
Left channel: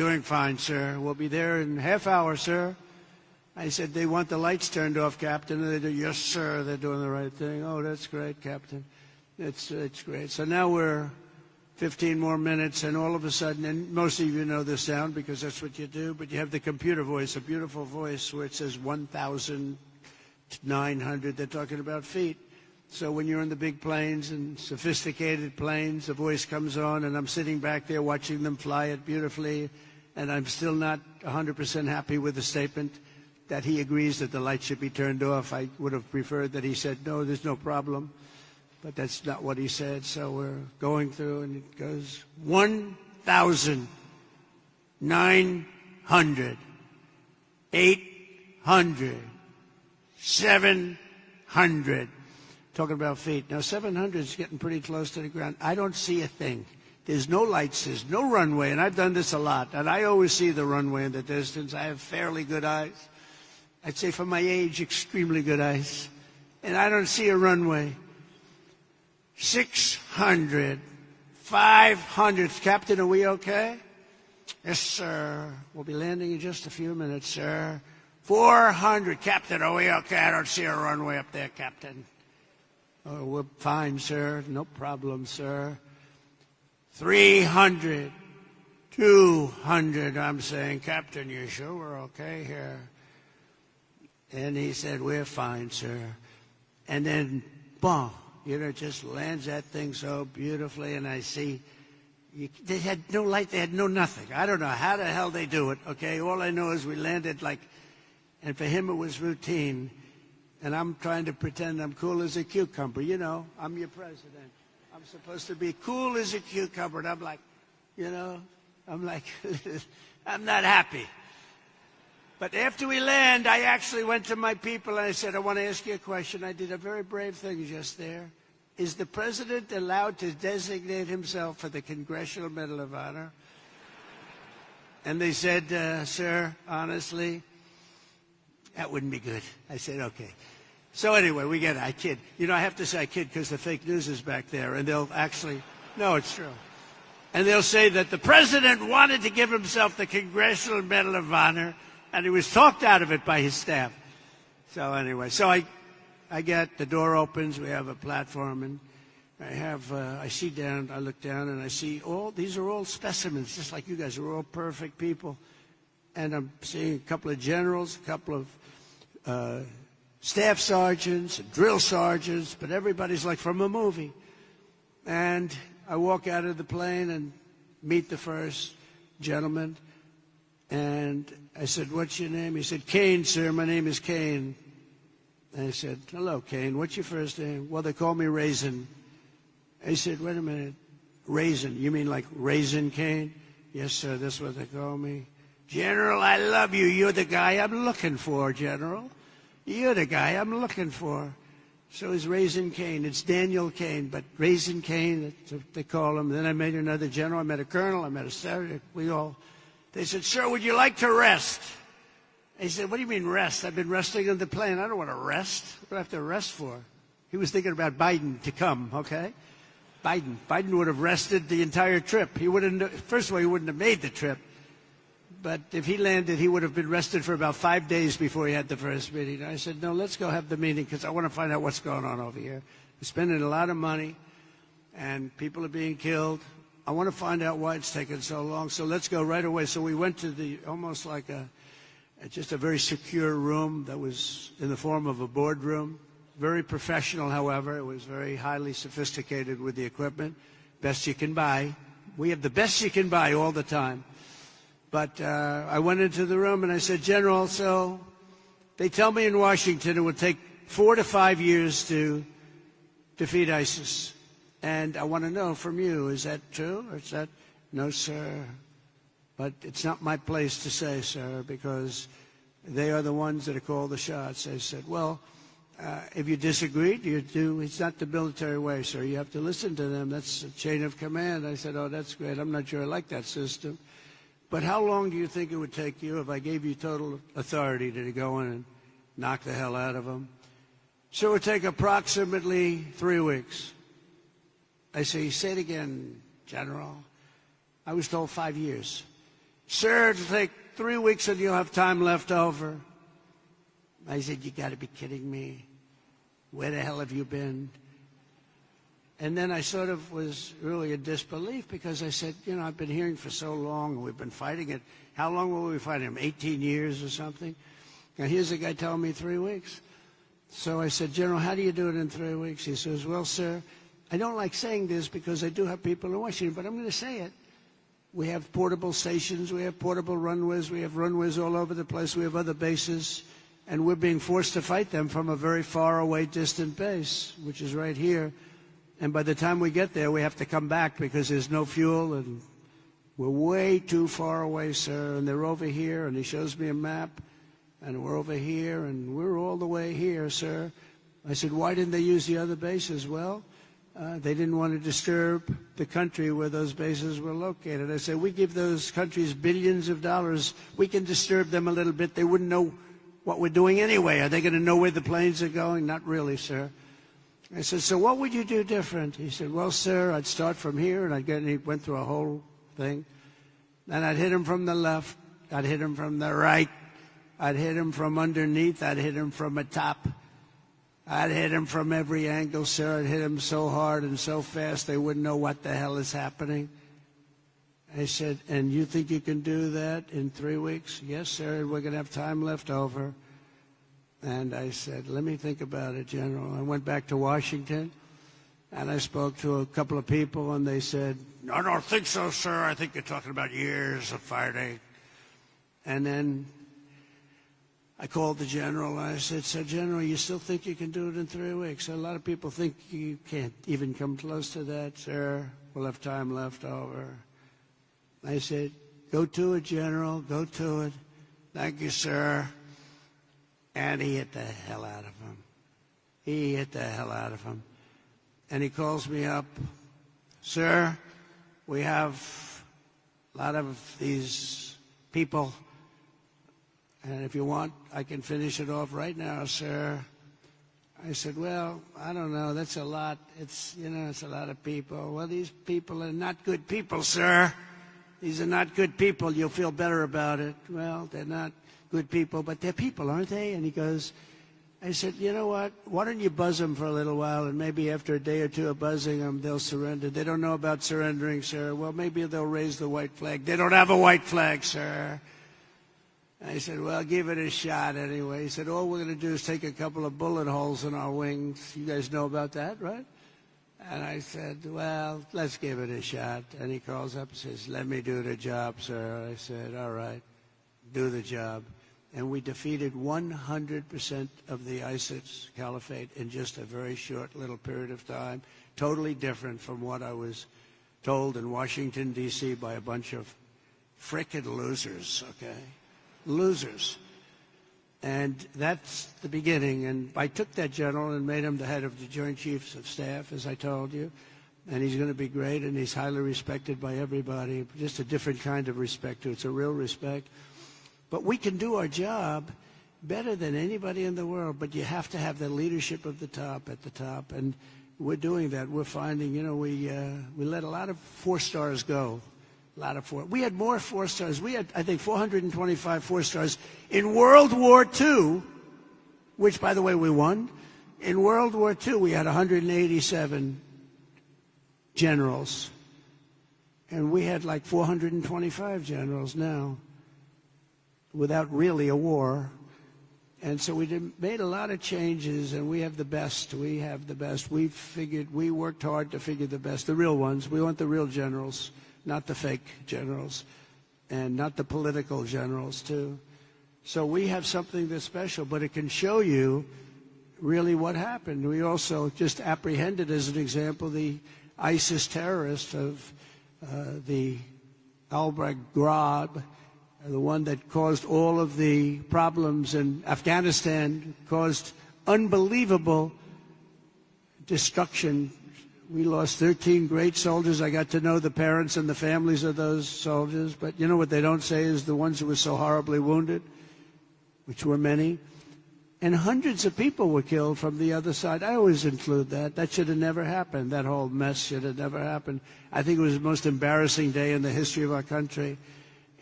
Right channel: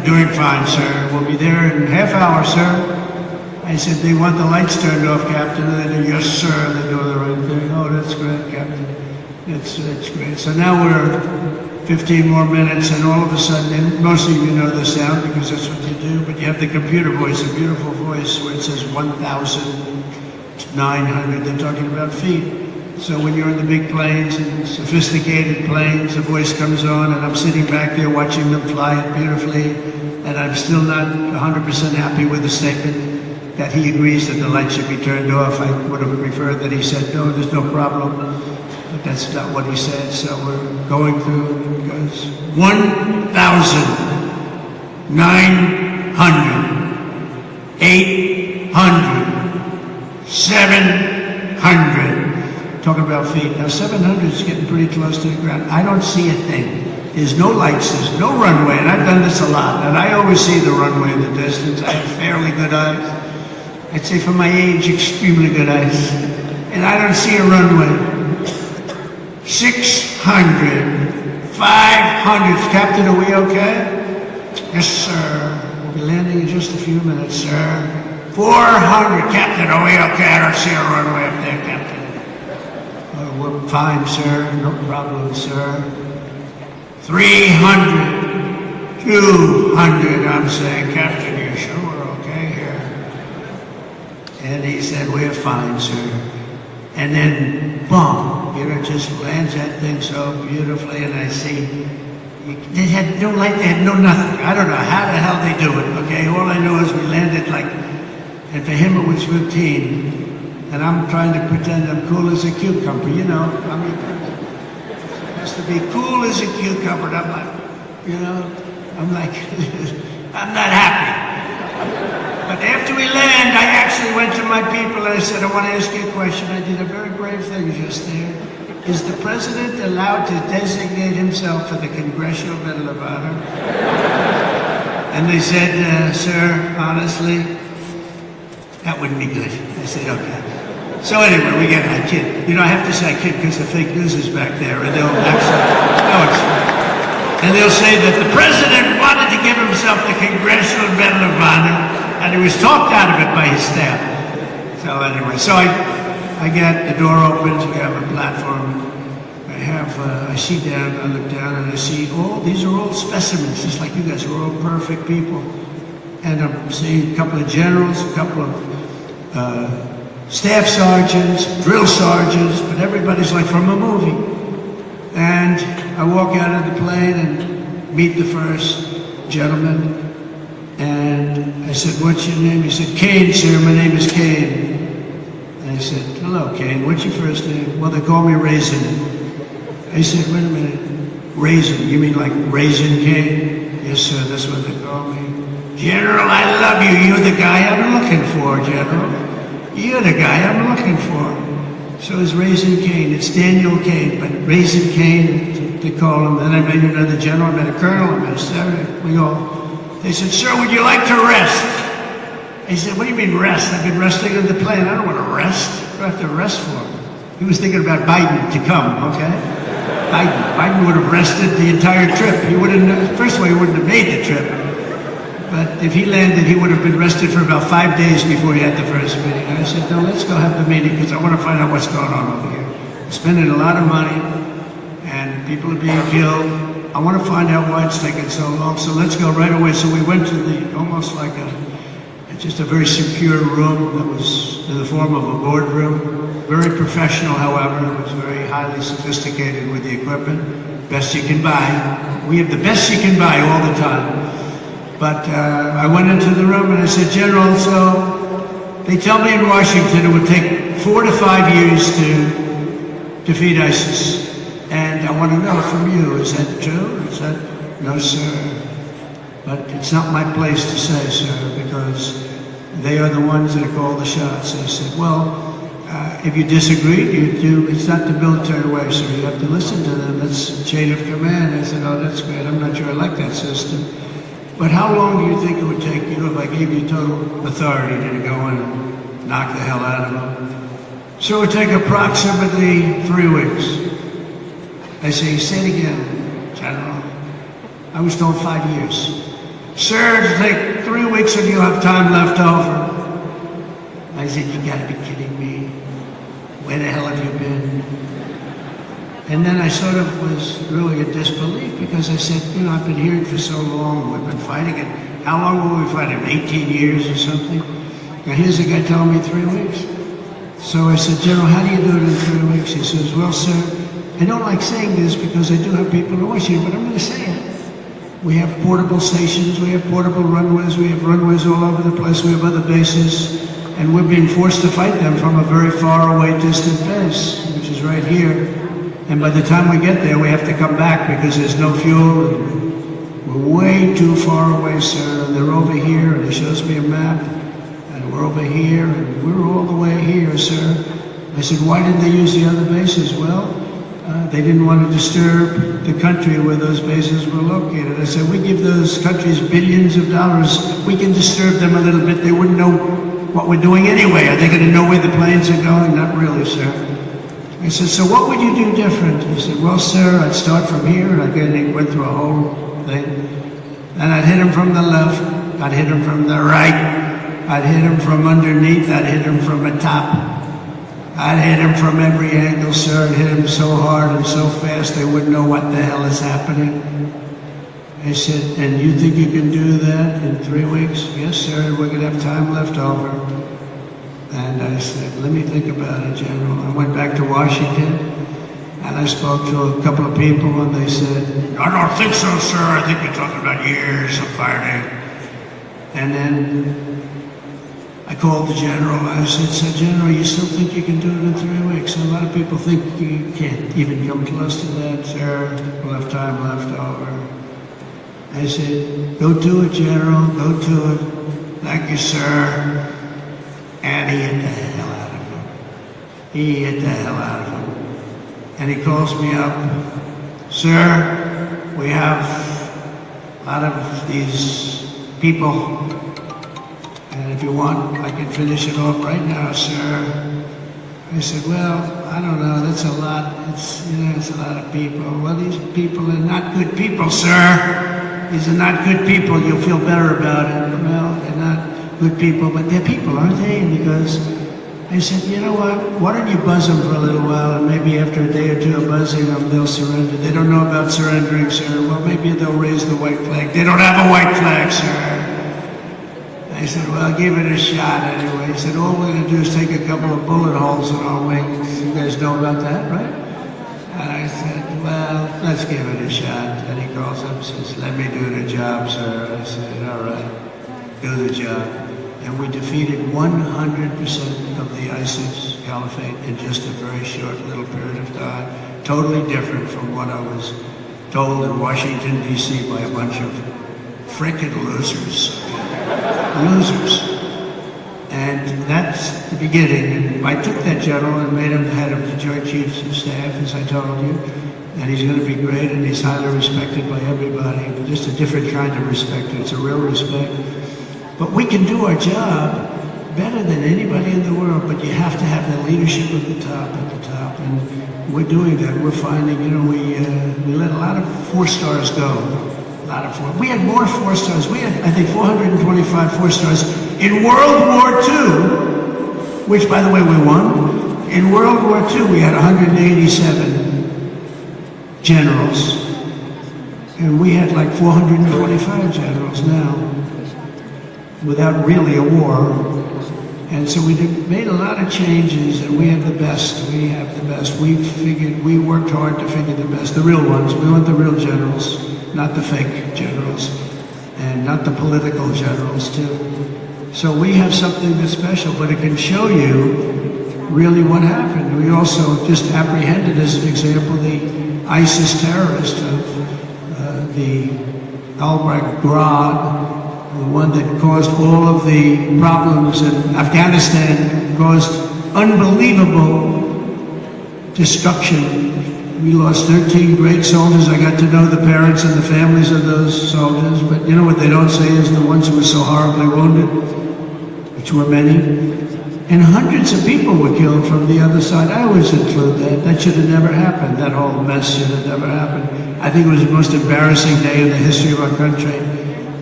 doing fine, sir. We'll be there in a half hour, sir. I said, they want the lights turned off, Captain. And they do, yes, sir. They're doing the right thing. Oh, that's great, Captain. It's great. So now we're 15 more minutes, and all of a sudden, and most of you know the sound because that's what you do, but you have the computer voice, a beautiful voice where it says 1,900. They're talking about feet. So when you're in the big planes and sophisticated planes, the voice comes on, and I'm sitting back there watching them fly it beautifully, and I'm still not 100% happy with the statement that he agrees that the lights should be turned off. I would have preferred that he said, no, there's no problem. But that's not what he said, so we're going through. It goes 1,900, 800, 700. Talking about feet. Now 700 is getting pretty close to the ground. I don't see a thing. There's no lights, there's no runway, and I've done this a lot, and I always see the runway in the distance. I have fairly good eyes. I'd say for my age, extremely good eyes. And I don't see a runway. 600, 500. Captain, are we okay? Yes, sir. We'll be landing in just a few minutes, sir. 400. Captain, are we okay? I don't see a runway up there, Captain. Oh, we're fine, sir. No problem, sir. 300, 200. I'm saying, Captain, you sure we're okay here? And he said, we're fine, sir. And then, boom. It just lands that thing so beautifully, and I see they had no light, they had no nothing. I don't know how the hell they do it, okay? All I know is we landed like, and for him it was routine, and I'm trying to pretend I'm cool as a cucumber, you know? I mean, just to be cool as a cucumber, and I'm like, you know, I'm like, I'm not happy. But after we land, I actually went to my people and I said, I want to ask you a question. I did a very brave thing just there. Is the president allowed to designate himself for the Congressional Medal of Honor? And they said, sir, honestly, that wouldn't be good. I said, okay. So anyway, we get my kid. You know, I have to say kid because the fake news is back there, and they'll and they'll say that the president wanted to give himself the Congressional Medal of Honor, and he was talked out of it by his staff. So anyway, so I get the door opens, we have a platform. I see down, I look down, and I see these are all specimens, just like you guys, we're all perfect people. And I'm seeing a couple of generals, a couple of staff sergeants, drill sergeants, but everybody's like from a movie. And I walk out of the plane and meet the first gentleman. And I said, what's your name? He said, Kane, sir, my name is Kane. And I said, hello, Kane, what's your first name? Well, they call me Raisin. He said, wait a minute, Raisin, you mean like Raisin Kane? Yes, sir, that's what they call me. General, I love you. You're the guy I'm looking for, General. You're the guy I'm looking for. So it's Raisin Kane. It's Daniel Kane, but Raisin Kane, they call him. Then I met another general, I met a colonel, I met a sergeant. We go, they said, sir, would you like to rest? He said, what do you mean rest? I've been resting in the plane. I don't want to rest. What do I have to rest for? He was thinking about Biden to come, okay? Biden would have rested the entire trip. He wouldn't, first of all, he wouldn't have made the trip. But if he landed, he would have been rested for about 5 days before he had the first meeting. And I said, no, let's go have the meeting because I want to find out what's going on over here. Spending a lot of money and people are being killed. I want to find out why it's taking so long. So let's go right away. So we went to almost like just a very secure room that was in the form of a boardroom. Very professional, however. It was very highly sophisticated with the equipment. Best you can buy. We have the best you can buy all the time. But I went into the room and I said, General, so they tell me in Washington it would take 4 to 5 years to defeat ISIS. And I want to know from you, is that true? Is that, no, sir. But it's not my place to say, sir, because they are the ones that call the shots. I said, well, if you disagree, it's not the military way, so you have to listen to them. That's the chain of command. I said, oh, that's great. I'm not sure I like that system. But how long do you think it would take you if I gave you total authority to go and knock the hell out of them? So it would take approximately 3 weeks. I say, say it again, General. I was told 5 years. sir, it'll take 3 weeks and you'll have time left over. I said, you gotta be kidding me. Where the hell have you been? And then I sort of was really in disbelief because I said, you know, I've been here for so long, we've been fighting it. How long were we fighting? 18 years or something? Now here's a guy telling me 3 weeks. So I said, General, how do you do it in 3 weeks? He says, well, sir, I don't like saying this because I do have people in Washington, but I'm going to say it. We have portable stations, we have portable runways, we have runways all over the place, we have other bases, and we're being forced to fight them from a very far away distant base, which is right here. And by the time we get there, we have to come back because there's no fuel. We're way too far away, sir. And they're over here, and he shows me a map, and we're over here, and we're all the way here, sir. I said, why didn't they use the other bases? Well, they didn't want to disturb the country where those bases were located. I said, we give those countries billions of dollars. We can disturb them a little bit. They wouldn't know what we're doing anyway. Are they going to know where the planes are going? Not really, sir. I said, so what would you do different? He said, well, sir, I'd start from here, and he went through a whole thing. And I'd hit him from the left, I'd hit him from the right, I'd hit him from underneath, I'd hit him from the top. I'd hit him from every angle, sir. I'd hit him so hard and so fast they wouldn't know what the hell is happening. He said, and you think you can do that in 3 weeks? Yes, sir, we're going to have time left over. And I said, let me think about it, General. I went back to Washington, and I spoke to a couple of people, and they said, I don't think so, sir. I think you're talking about years of fighting. And then I called the General. I said, General, you still think you can do it in 3 weeks? And a lot of people think you can't even come close to that, sir. We'll have time left over. I said, go do it, General. Go do it. Thank you, sir. And he hit the hell out of him. He hit the hell out of him. And he calls me up, sir, we have out of these people, and if you want, I can finish it off right now, sir. I said, well, I don't know, that's a lot. It's a lot of people. Well, these people are not good people, sir. These are not good people. You'll feel better about it. Well, they're not good people, but they're people, aren't they? Because I said, you know what? Why don't you buzz them for a little while, and maybe after a day or two of buzzing them, they'll surrender. They don't know about surrendering, sir. Well, maybe they'll raise the white flag. They don't have a white flag, sir. I said, well, I'll give it a shot anyway. He said, all we're going to do is take a couple of bullet holes in our wings. You guys know about that, right? And I said, well, let's give it a shot. And he calls up and says, let me do the job, sir. I said, all right, do the job. And we defeated 100% of the ISIS caliphate in just a very short little period of time. Totally different from what I was told in Washington, D.C. by a bunch of frickin' losers. Losers. And that's the beginning. And I took that general and made him the head of the Joint Chiefs of Staff, as I told you. And he's going to be great, and he's highly respected by everybody. Just a different kind of respect. It's a real respect. But we can do our job better than anybody in the world, but you have to have the leadership at the top, and we're doing that. We're finding, we let a lot of 4 stars go. A lot of 4. We had more 4 stars. We had, I think, 425 4 stars in World War II, which, by the way, we won. In World War II, we had 187 generals, and we had like 425 generals now, without really a war. And so we made a lot of changes, and we have the best. We have the best. We worked hard to figure the best, the real ones. We want the real generals, not the fake generals, and not the political generals, too. So we have something that's special, but it can show you really what happened. We also just apprehended, as an example, the ISIS terrorist of the Al-Baghdad, the one that caused all of the problems in Afghanistan, caused unbelievable destruction. We lost 13 great soldiers. I got to know the parents and the families of those soldiers, but you know what they don't say is the ones who were so horribly wounded, which were many. And hundreds of people were killed from the other side. I always include that. That should have never happened. That whole mess should have never happened. I think it was the most embarrassing day in the history of our country.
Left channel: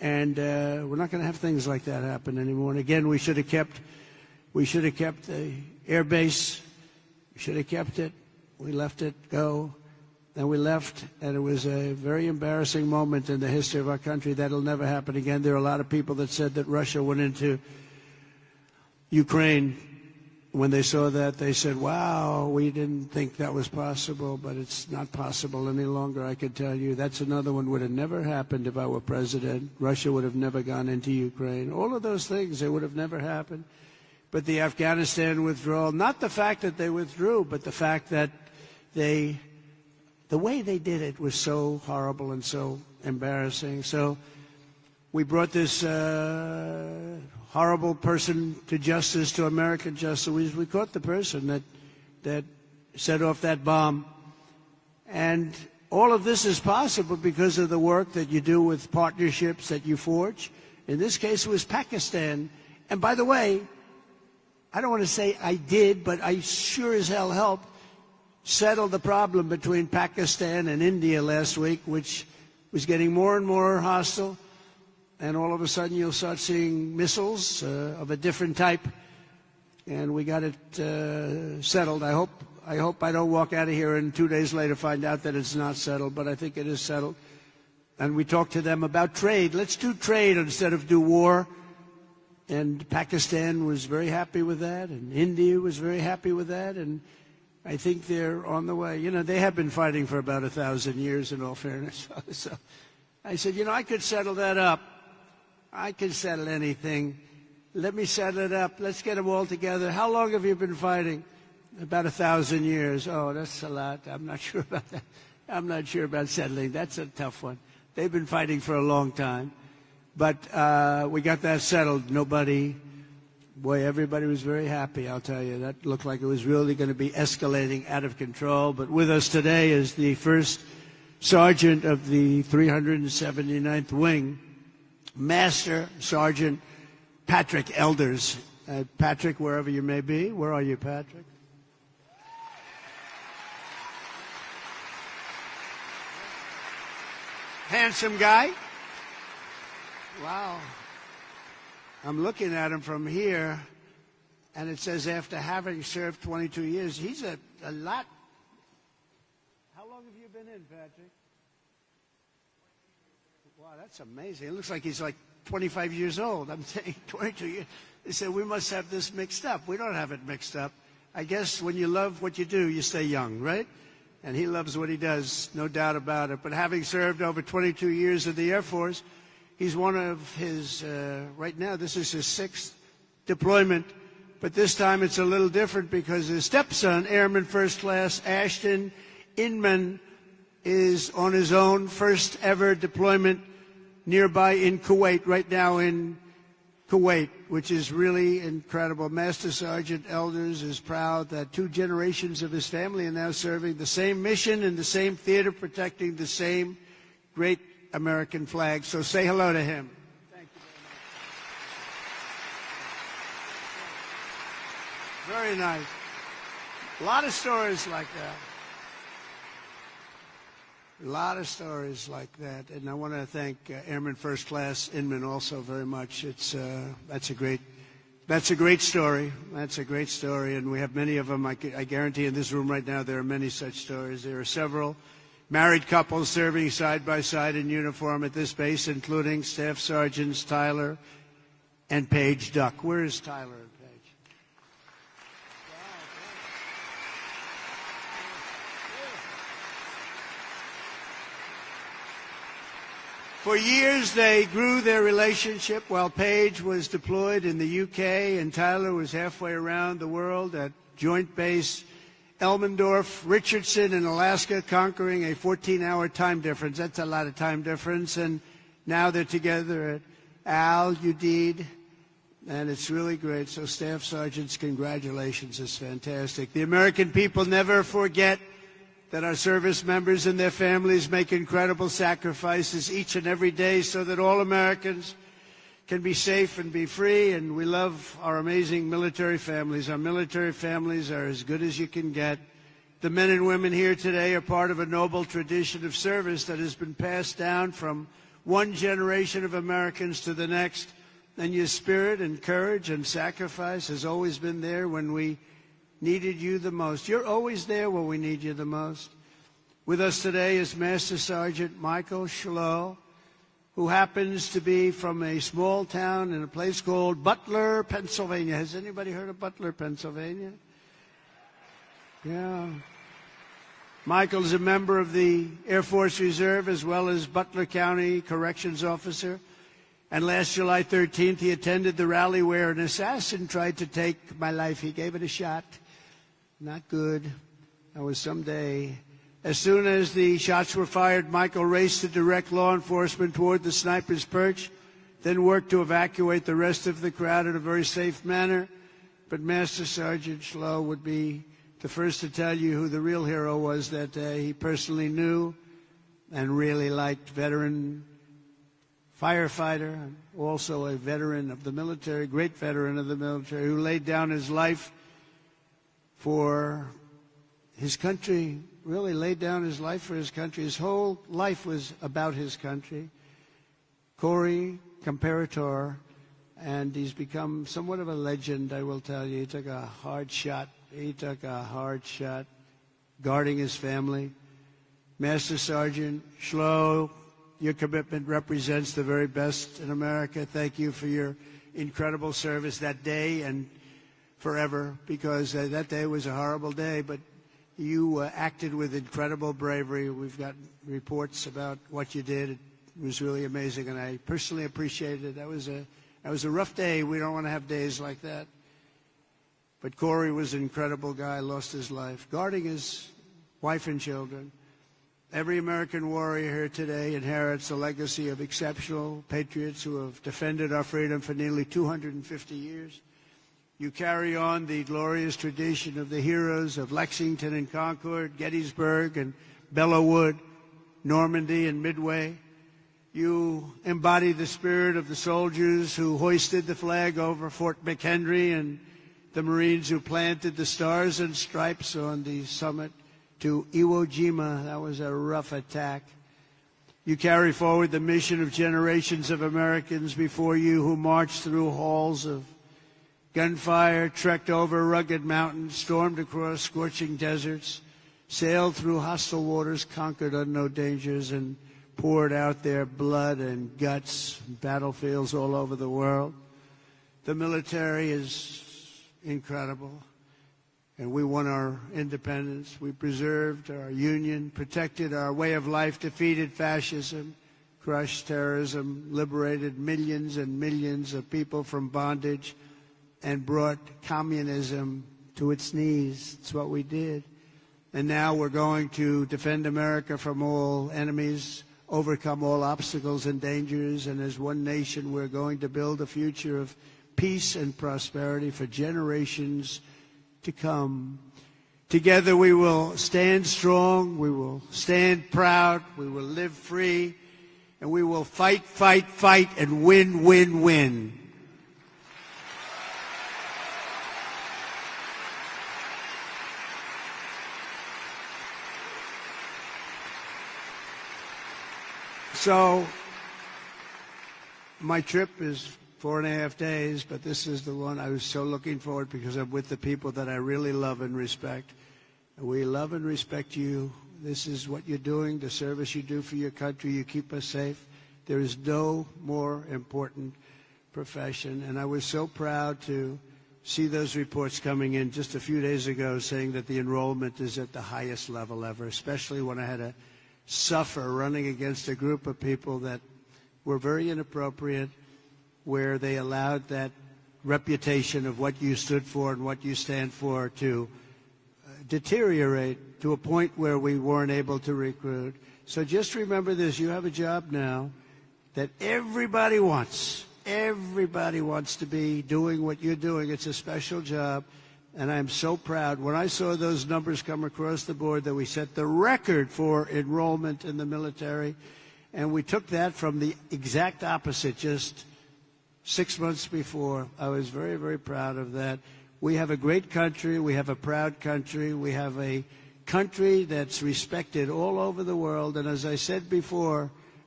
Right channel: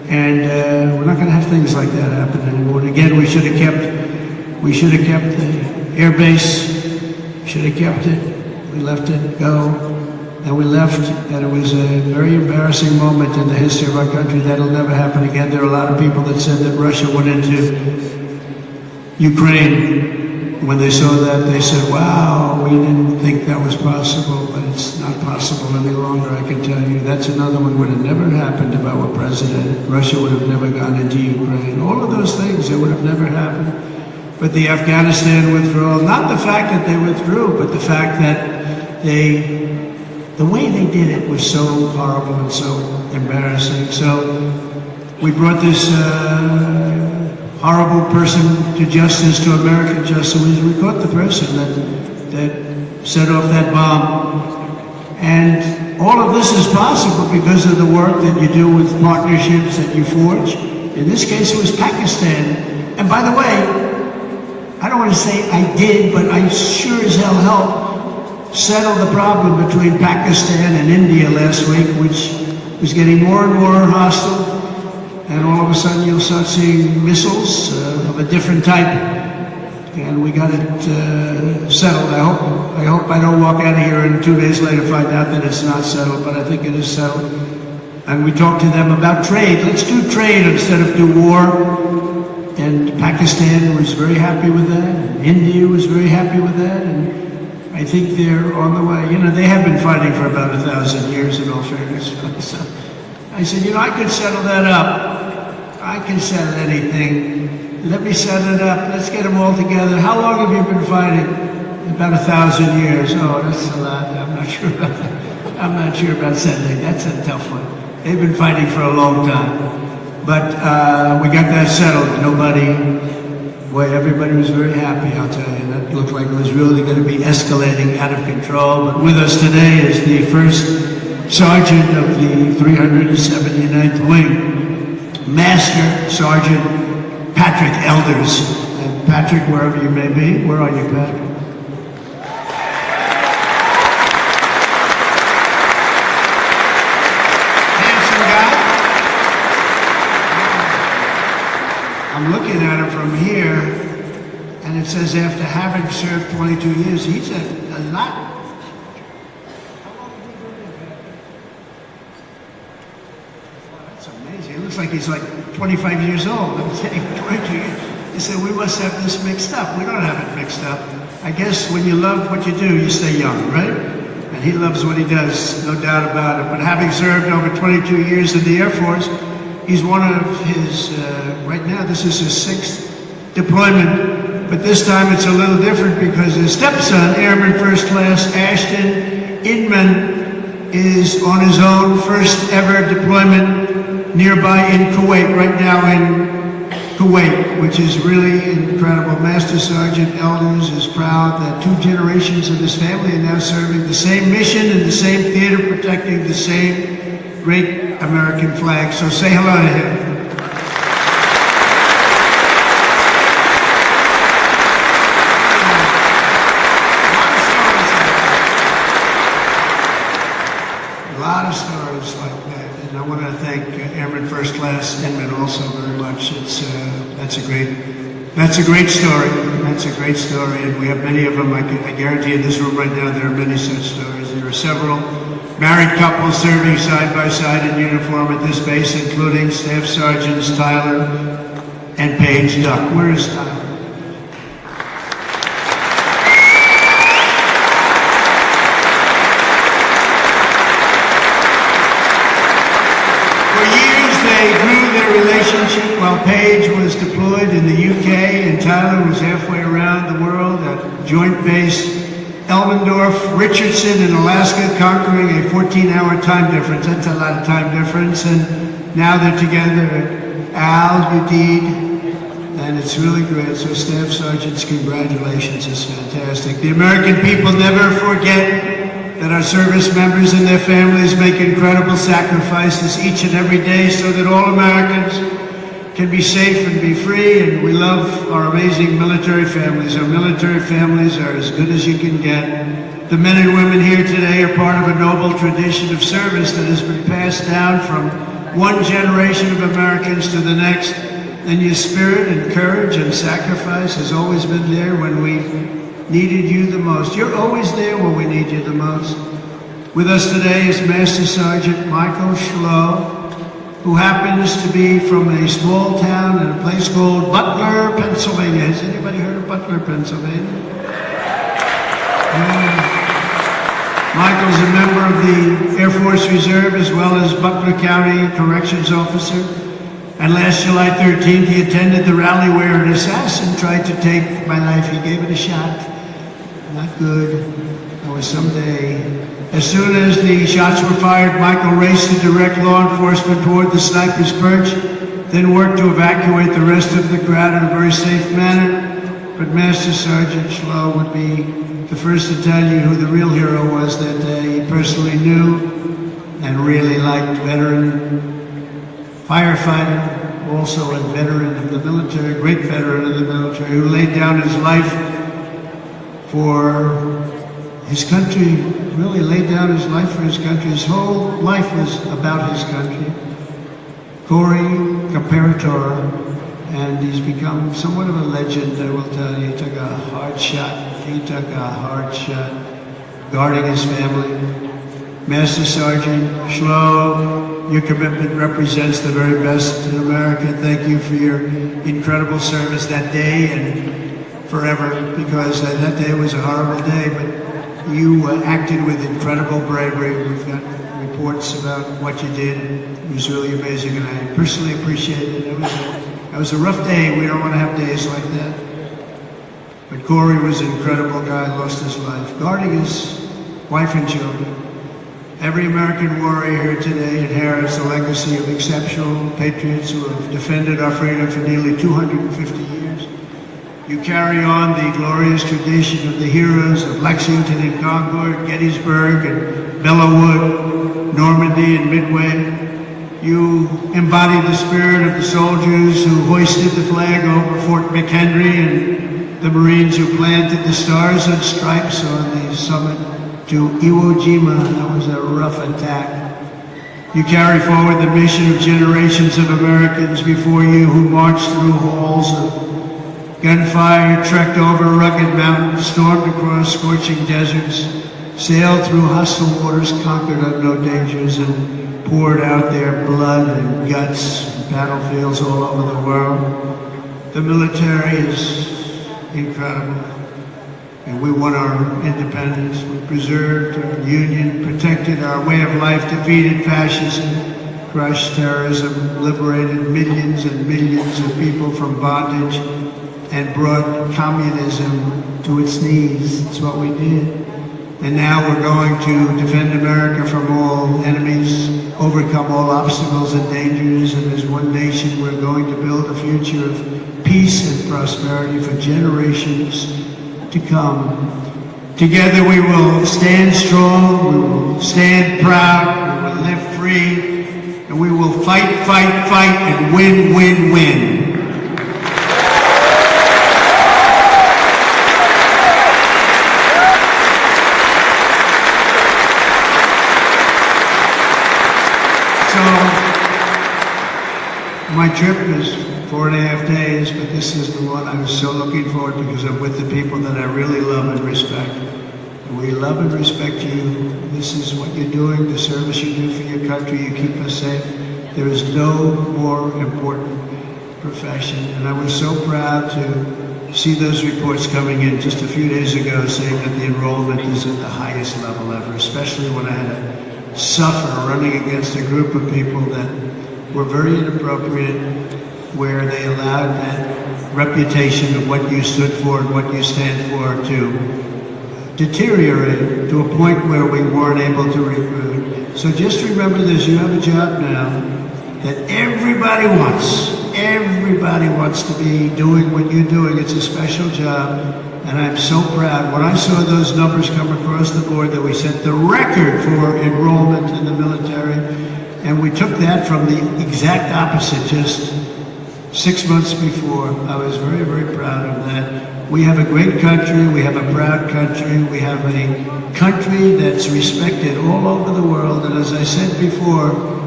And we're not going to have things like that happen anymore. And again, we should have kept the air base. Should have kept it. We let it go. And we left, and it was a very embarrassing moment in the history of our country. That'll never happen again. There are a lot of people that said that Russia went into Ukraine. When they saw that, they said, wow, we didn't think that was possible, but it's not possible any longer, I can tell you. That's another one would have never happened if I were president. Russia would have never gone into Ukraine. All of those things, it would have never happened. But the Afghanistan withdrawal, not the fact that they withdrew, but the fact that the way they did it was so horrible and so embarrassing. So we brought this horrible person to justice, to American justice. We caught the person that set off that bomb. And all of this is possible because of the work that you do with partnerships that you forge. In this case, it was Pakistan. And by the way, I don't want to say I did, but I sure as hell helped settle the problem between Pakistan and India last week, which was getting more and more hostile. And all of a sudden you'll start seeing missiles of a different type. And we got it settled. I hope I don't walk out of here and 2 days later find out that it's not settled, but I think it is settled. And we talked to them about trade. Let's do trade instead of do war. And Pakistan was very happy with that. And India was very happy with that. And I think they're on the way. You know, they have been fighting for about 1,000 years in all fairness. So I said, you know, I could settle that up. I can settle anything. Let me set it up. Let's get them all together. How long have you been fighting? About 1,000 years. Oh, that's a lot. I'm not sure about that. I'm not sure about settling. That's a tough one. They've been fighting for a long time. But we got that settled. Everybody was very happy, I'll tell you. That looked like it was really going to be escalating out of control. But with us today is the first sergeant of the 379th Wing, Master Sergeant Patrick Elders. And Patrick, wherever you may be, where are you, Patrick? Handsome guy. I'm looking at him from here, and it says after having served 22 years, he's a lot. Like he's like 25 years old. I'm saying 22 years. He said, we must have this mixed up. We don't have it mixed up. I guess when you love what you do, you stay young, right? And he loves what he does, no doubt about it. But having served over 22 years in the Air Force, he's one of his, right now, this is his 6th deployment. But this time it's a little different because his stepson, Airman First Class Ashton Inman, is on his own first ever deployment nearby in Kuwait, right now in Kuwait, which is really incredible. Master Sergeant Elders is proud that 2 generations of his family are now serving the same mission in the same theater, protecting the same great American flag. So say hello to him. A lot of stories like that, and I want to thank Airman First Class Inman also very much. That's a great story. That's a great story, and we have many of them. I guarantee in this room right now there are many such stories. There are several married couples serving side by side in uniform at this base, including Staff Sergeants Tyler and Paige Duck. Where is Tyler? While Paige was deployed in the UK and Tyler was halfway around the world at Joint Base Elmendorf, Richardson in Alaska, conquering a 14-hour time difference. That's a lot of time difference. And now they're together at Udeid, and it's really great. So Staff Sergeants, congratulations. It's fantastic. The American people never forget that our service members and their families make incredible sacrifices each and every day so that all Americans can be safe and be free, and we love our amazing military families. Our military families are as good as you can get. The men and women here today are part of a noble tradition of service that has been passed down from one generation of Americans to the next, and your spirit and courage and sacrifice has always been there when we needed you the most. You're always there when we need you the most. With us today is Master Sergeant Michael Schlow, who happens to be from a small town in a place called Butler, Pennsylvania. Has anybody heard of Butler, Pennsylvania? Michael's a member of the Air Force Reserve as well as Butler County Corrections Officer. And last July 13th, he attended the rally where an assassin tried to take my life. He gave it a shot. Not good. Or someday. As soon as the shots were fired, Michael raced to direct law enforcement toward the sniper's perch, then worked to evacuate the rest of the crowd in a very safe manner. But Master Sergeant Schlow would be the first to tell you who the real hero was that day. He personally knew and really liked veteran firefighter, also a veteran of the military, a great veteran of the military, who laid down his life for his country, really laid down his life for his country. His whole life was about his country. Corey Comparator, and he's become somewhat of a legend, I will tell you. He took a hard shot. He took a hard shot guarding his family. Master Sergeant Schlow, your commitment represents the very best in America. Thank you for your incredible service that day and forever, because that day was a horrible day, but you acted with incredible bravery. We've got reports about what you did. It was really amazing, and I personally appreciate it. It was a rough day. We don't want to have days like that. But Corey was an incredible guy, lost his life, guarding his wife and children. Every American warrior here today inherits a legacy of exceptional patriots who have defended our freedom for nearly 250 years. You carry on the glorious tradition of the heroes of Lexington and Concord, Gettysburg and Belleau Wood, Normandy and Midway. You embody the spirit of the soldiers who hoisted the flag over Fort McHenry and the Marines who planted the stars and stripes on the summit to Iwo Jima. That was a rough attack. You carry forward the mission of generations of Americans before you who marched through halls of gunfire, trekked over rugged mountains, stormed across scorching deserts, sailed through hostile waters, conquered unknown dangers, and poured out their blood and guts in battlefields all over the world. The military is incredible. And we won our independence. We preserved our union, protected our way of life, defeated fascism, crushed terrorism, liberated millions and millions of people from bondage, and brought communism to its knees. That's what we did. And now we're going to defend America from all enemies, overcome all obstacles and dangers, and as one nation we're going to build a future of peace and prosperity for generations to come. Together we will stand strong, we will stand proud, we will live free, and we will fight, fight, fight, and win, win, win. My trip is 4.5 days, but this is the one I was so looking forward to because I'm with the people that I really love and respect. We love and respect you. This is what you're doing, the service you do for your country. You keep us safe. There is no more important profession. And I was so proud to see those reports coming in just a few days ago saying that the enrollment is at the highest level ever, especially when I had to suffer running against a group of people that were very inappropriate, where they allowed that reputation of what you stood for and what you stand for to deteriorate to a point where we weren't able to recruit. So just remember this, you have a job now that everybody wants. Everybody wants to be doing what you're doing. It's a special job, and I'm so proud. When I saw those numbers come across the board that we set the record for enrollment in the military, and we took that from the exact opposite just 6 months before. I was very, very proud of that. We have a great country. We have a proud country. We have a country that's respected all over the world. And as I said before,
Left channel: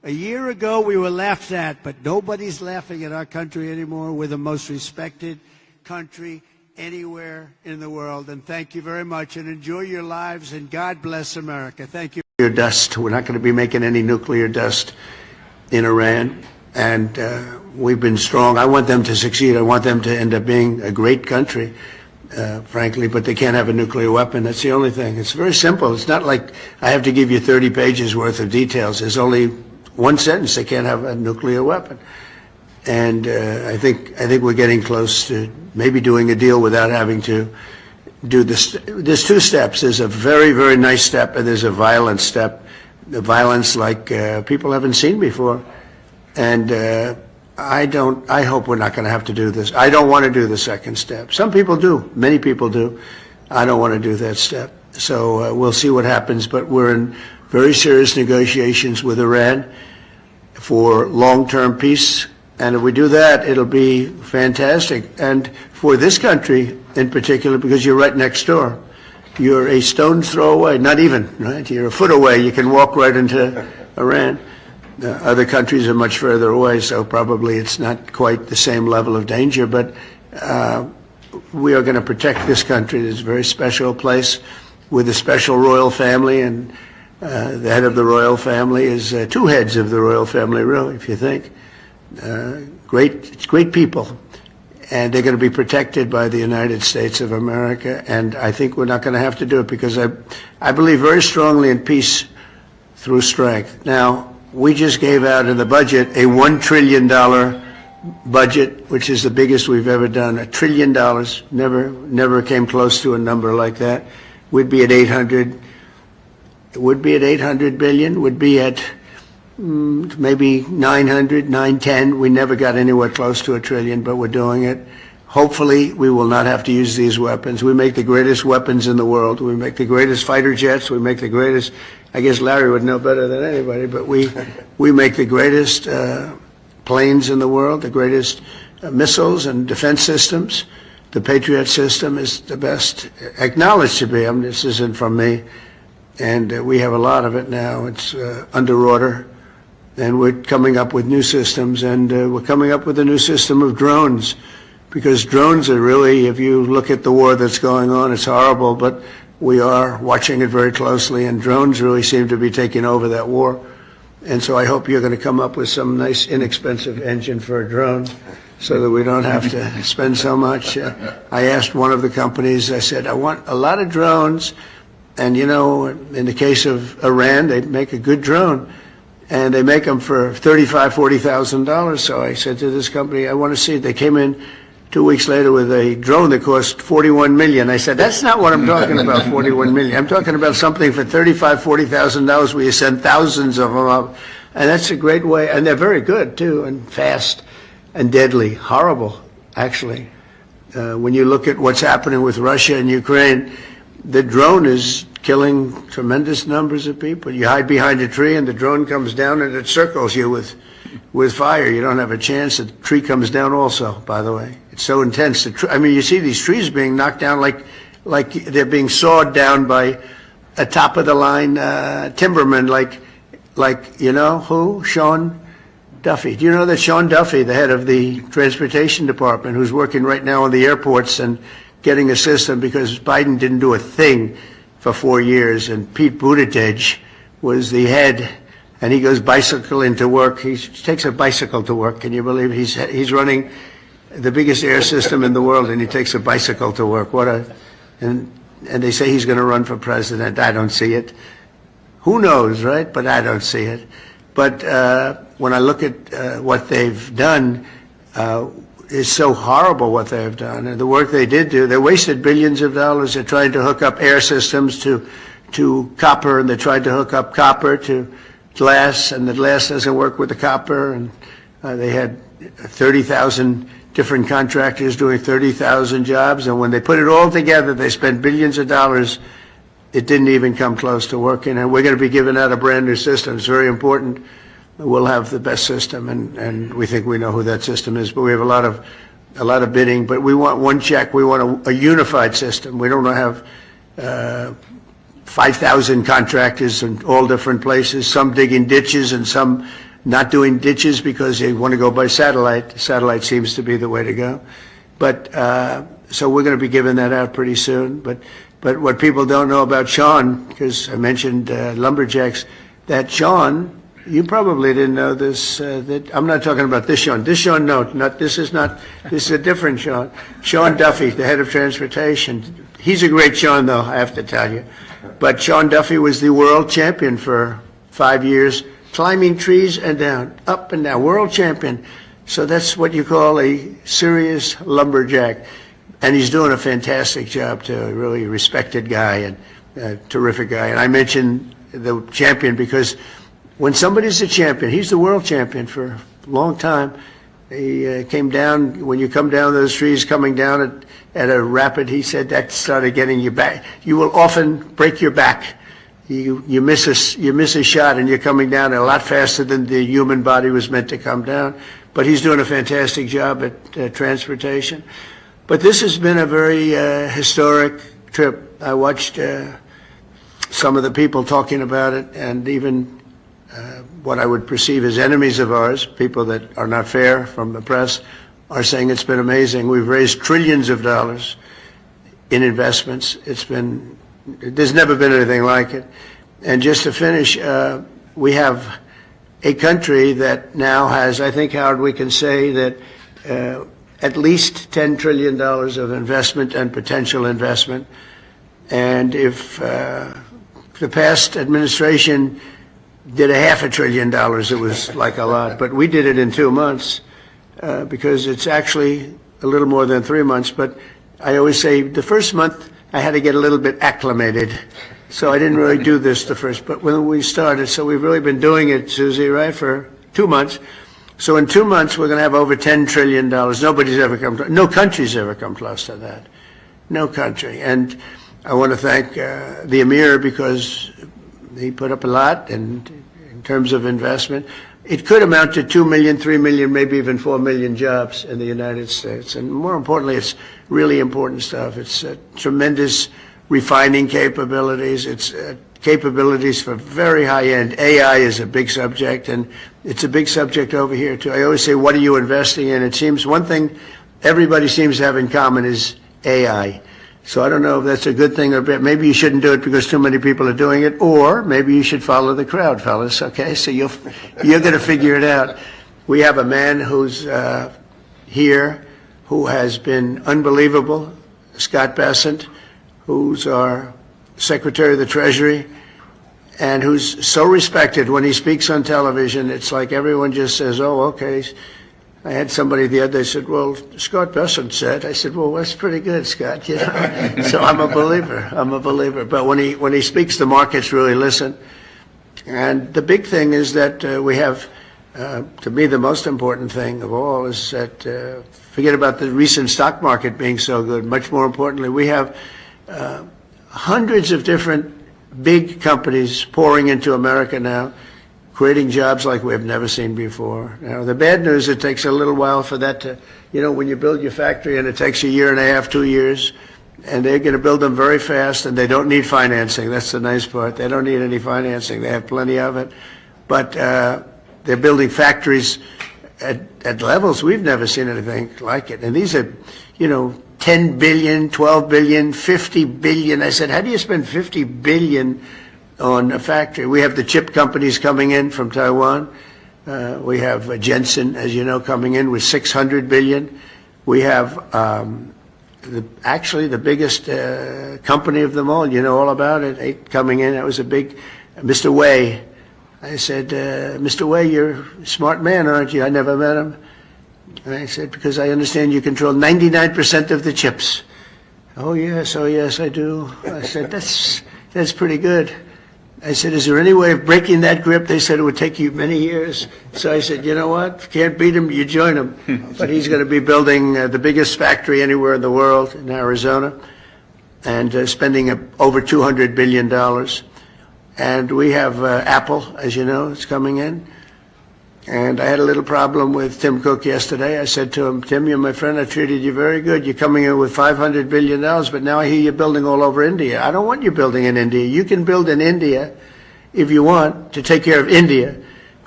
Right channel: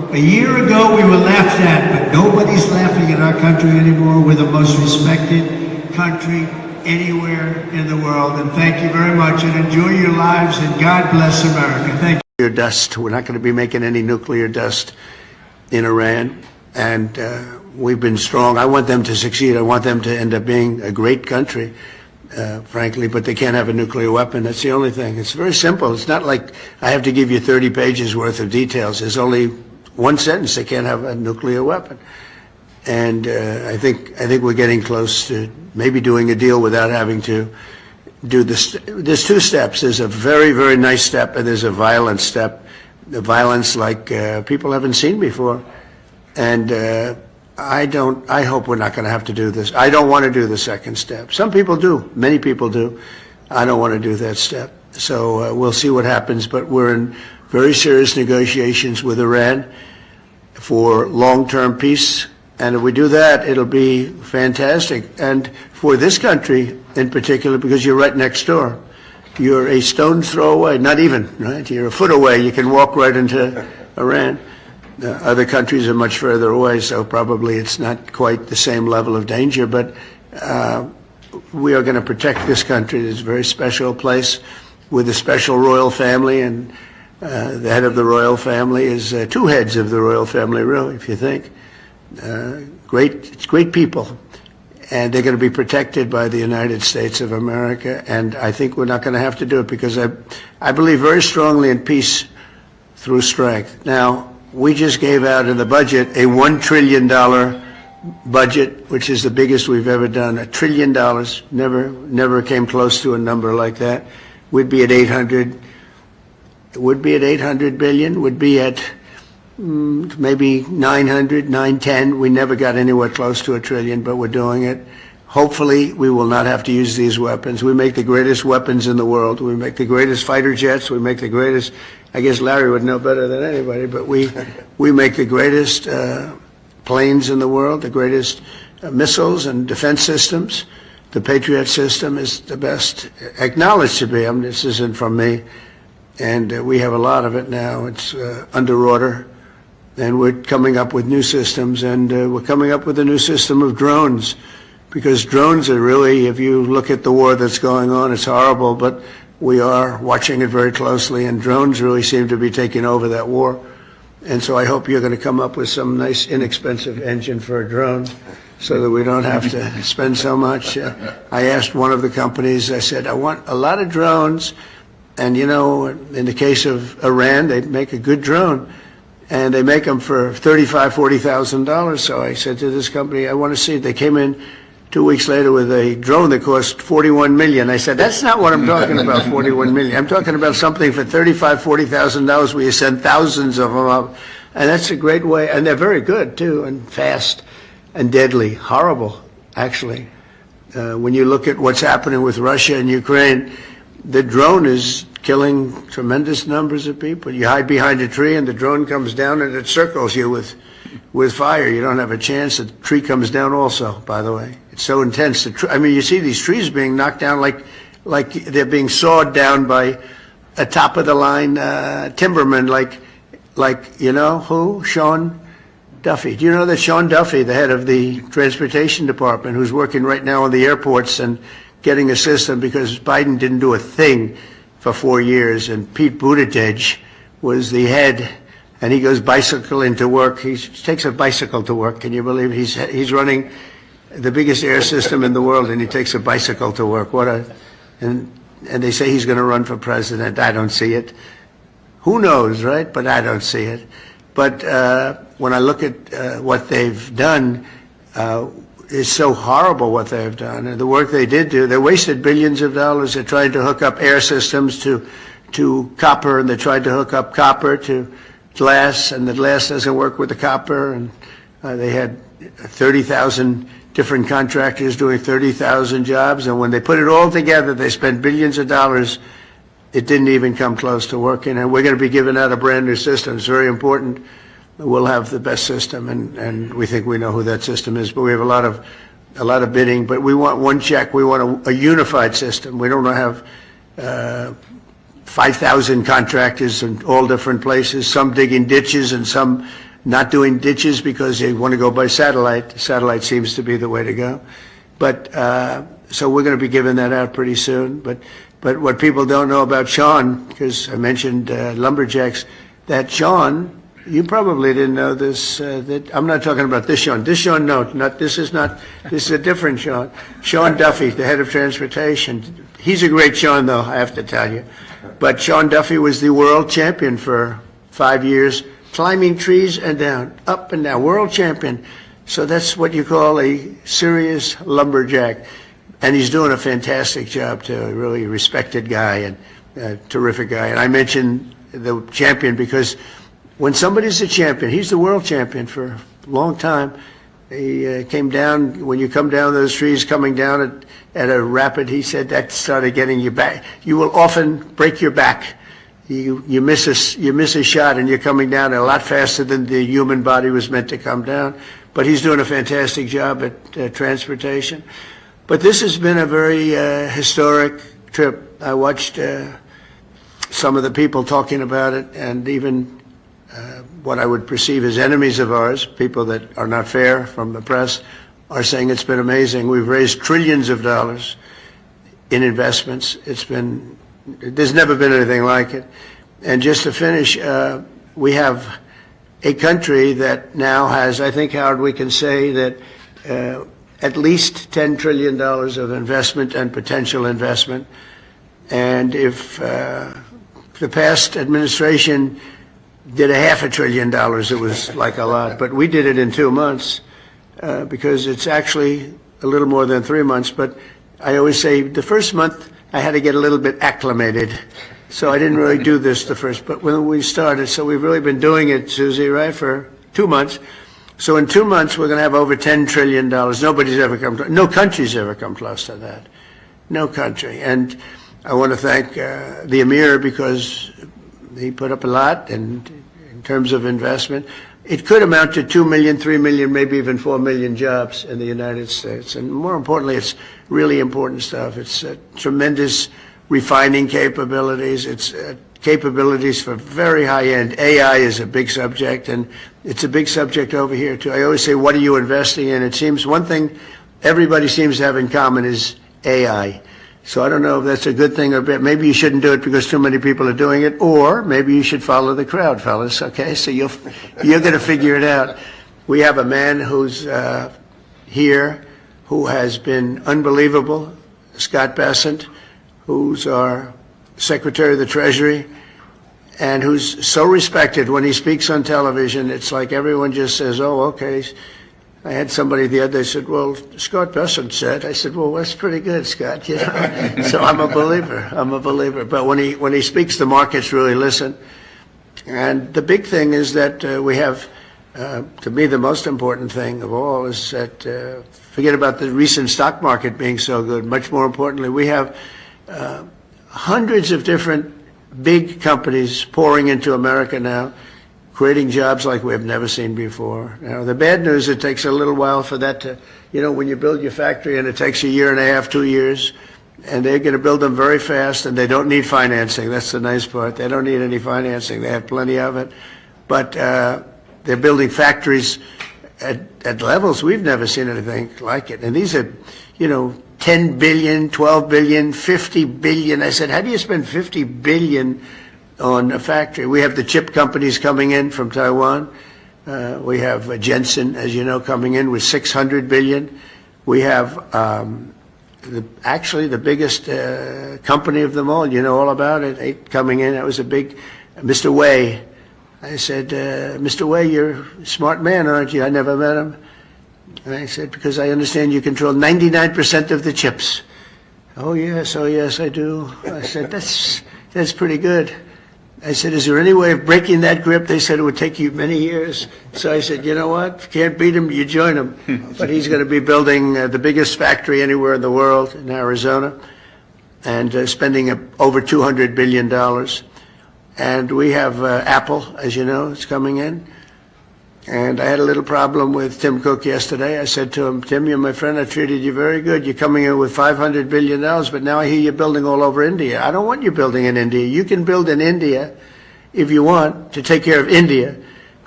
A year ago, we were laughed at, but nobody's laughing at our country anymore. We're the most respected country anywhere in the world. And thank you very much, and enjoy your lives, and God bless America. Thank you. Dust. We're not going to be making any nuclear dust in Iran, and we've been strong. I want them to succeed. I want them to end up being a great country, frankly, but they can't have a nuclear weapon. That's the only thing. It's very simple. It's not like I have to give you 30 pages worth of details. There's only one sentence: they can't have a nuclear weapon. And I think we're getting close to maybe doing a deal without having to do this. There's two steps. There's a very, very nice step, and there's a violent step. The violence like people haven't seen before. And I hope we're not going to have to do this. I don't want to do the second step. Some people do. Many people do. I don't want to do that step. So we'll see what happens. But we're in very serious negotiations with Iran for long-term peace. And if we do that, it'll be fantastic. And for this country in particular, because you're right next door. You're a stone's throw away, not even, right? You're a foot away. You can walk right into Iran. Other countries are much further away, so probably it's not quite the same level of danger. But we are going to protect this country. It's a very special place with a special royal family, and the head of the royal family is two heads of the royal family, really, if you think. Great people. And they're going to be protected by the United States of America. And I think we're not going to have to do it because I believe very strongly in peace through strength. Now, we just gave out in the budget a $1 trillion budget, which is the biggest we've ever done. $1 trillion. Never came close to a number like that. We'd be at 800. It would be at 800 billion. Would be at maybe 900, 910. We never got anywhere close to $1 trillion, but we're doing it. Hopefully, we will not have to use these weapons. We make the greatest weapons in the world. We make the greatest fighter jets. We make the greatest, I guess Larry would know better than anybody, but we make the greatest planes in the world, the greatest missiles and defense systems. The Patriot system is the best, acknowledged to be. I mean, this isn't from me. And we have a lot of it now. It's under order. And we're coming up with new systems, and we're coming up with a new system of drones, because drones are really, if you look at the war that's going on, it's horrible, but we are watching it very closely, and drones really seem to be taking over that war. And so I hope you're going to come up with some nice, inexpensive engine for a drone so that we don't have to spend so much. I asked one of the companies, I said, I want a lot of drones, and you know, in the case of Iran, they make a good drone. And they make them for $35,000, $40,000. So I said to this company, I want to see it. They came in 2 weeks later with a drone that cost $41 million. I said, that's not what I'm talking about, $41 million. I'm talking about something for $35,000, $40,000 where you send thousands of them up. And that's a great way. And they're very good, too, and fast and deadly. Horrible, actually. When you look at what's happening with Russia and Ukraine, the drone is killing tremendous numbers of people. You hide behind a tree and the drone comes down and it circles you with fire. You don't have a chance. The tree comes down also, by the way. It's so intense. I mean, you see these trees being knocked down like they're being sawed down by a top-of-the-line timberman like, you know, who? Sean Duffy. Do you know that Sean Duffy, the head of the transportation department, who's working right now on the airports and getting a system because Biden didn't do a thing for 4 years, and Pete Buttigieg was the head, and he goes bicycling to work. He takes a bicycle to work. Can you believe it? He's running the biggest air system in the world, and he takes a bicycle to work. And they say he's going to run for president. I don't see it. Who knows, right? But I don't see it. But when I look at what they've done, it's so horrible what they've done. And the work they did do, they wasted billions of dollars. They're trying to hook up air systems to copper, and they tried to hook up copper to glass, and the glass doesn't work with the copper. And they had 30,000 different contractors doing 30,000 jobs. And when they put it all together, they spent billions of dollars. It didn't even come close to working. And we're going to be giving out a brand new system. It's very important. We'll have the best system, and we think we know who that system is. But we have a lot of bidding. But we want one check. We want a unified system. We don't want to have 5,000 contractors in all different places. Some digging ditches and some not doing ditches because they want to go by satellite. Satellite seems to be the way to go. But so we're going to be giving that out pretty soon. But what people don't know about Sean, because I mentioned lumberjacks, that Sean, you probably didn't know this. That I'm not talking about this Sean. This Sean, no, this is a different Sean. Sean Duffy, the head of transportation. He's a great Sean, though, I have to tell you. But Sean Duffy was the world champion for 5 years, climbing trees and down, up and down, world champion. So that's what you call a serious lumberjack. And he's doing a fantastic job, too, a really respected guy and a terrific guy. And I mentioned the champion because when somebody's a champion, he's the world champion for a long time. He came down, when you come down those trees, coming down at a rapid, he said that started getting you back. You will often break your back. You miss a shot and you're coming down a lot faster than the human body was meant to come down. But he's doing a fantastic job at transportation. But this has been a very historic trip. I watched some of the people talking about it, and even what I would perceive as enemies of ours, people that are not fair from the press, are saying it's been amazing. We've raised trillions of dollars in investments. There's never been anything like it. And just to finish, we have a country that now has, I think, Howard, we can say that at least $10 trillion of investment and potential investment. And if the past administration did $500 billion, it was like a lot. But we did it in 2 months because it's actually a little more than 3 months. But I always say the first month I had to get a little bit acclimated. So I didn't really do this the first, but when we started, so we've really been doing it, Susie, right, for 2 months. So in 2 months, we're going to have over $10 trillion. No country's ever come close to that. No country. And I want to thank the Emir because he put up a lot, and in terms of investment, it could amount to 2 million, 3 million, maybe even 4 million jobs in the United States. And more importantly, it's really important stuff. It's tremendous refining capabilities. It's capabilities for very high-end. AI is a big subject, and it's a big subject over here, too. I always say, what are you investing in? It seems one thing everybody seems to have in common is AI. So I don't know if that's a good thing or bad. Maybe you shouldn't do it because too many people are doing it, or maybe you should follow the crowd, fellas, okay? So you're going to figure it out. We have a man who's here who has been unbelievable, Scott Bessent, who's our Secretary of the Treasury, and who's so respected when he speaks on television. It's like everyone just says, oh, okay. I had somebody the other day said, well, Scott Bessent said. I said, well, that's pretty good, Scott. You know? So I'm a believer. But when he speaks, the markets really listen. And the big thing is that we have, to me, the most important thing of all is that, forget about the recent stock market being so good. Much more importantly, we have hundreds of different big companies pouring into America now, creating jobs like we have never seen before. Now, the bad news, it takes a little while for that to, when you build your factory and it takes 1.5 years, 2 years, and they're going to build them very fast, and they don't need financing. That's the nice part. They don't need any financing. They have plenty of it. But they're building factories at levels we've never seen anything like it. And these are, 10 billion, 12 billion, 50 billion. I said, how do you spend 50 billion on a factory? We have the chip companies coming in from Taiwan. We have Jensen, as you know, coming in with 600 billion. We have actually the biggest company of them all. You know all about it. Coming in. That was a big, Mr. Wei. I said, Mr. Wei, you're a smart man, aren't you? I never met him. And I said, because I understand you control 99% of the chips. Oh, yes, I do. I said, that's pretty good. I said, is there any way of breaking that grip? They said it would take you many years. So I said, you know what? If you can't beat him, you join him. But he's going to be building the biggest factory anywhere in the world in Arizona, and spending over $200 billion. And we have Apple, as you know, is coming in. And I had a little problem with Tim Cook yesterday. I said to him, Tim, you're my friend. I treated you very good. You're coming in with $500 billion, but now I hear you're building all over India. I don't want you building in India. You can build in India if you want to take care of India,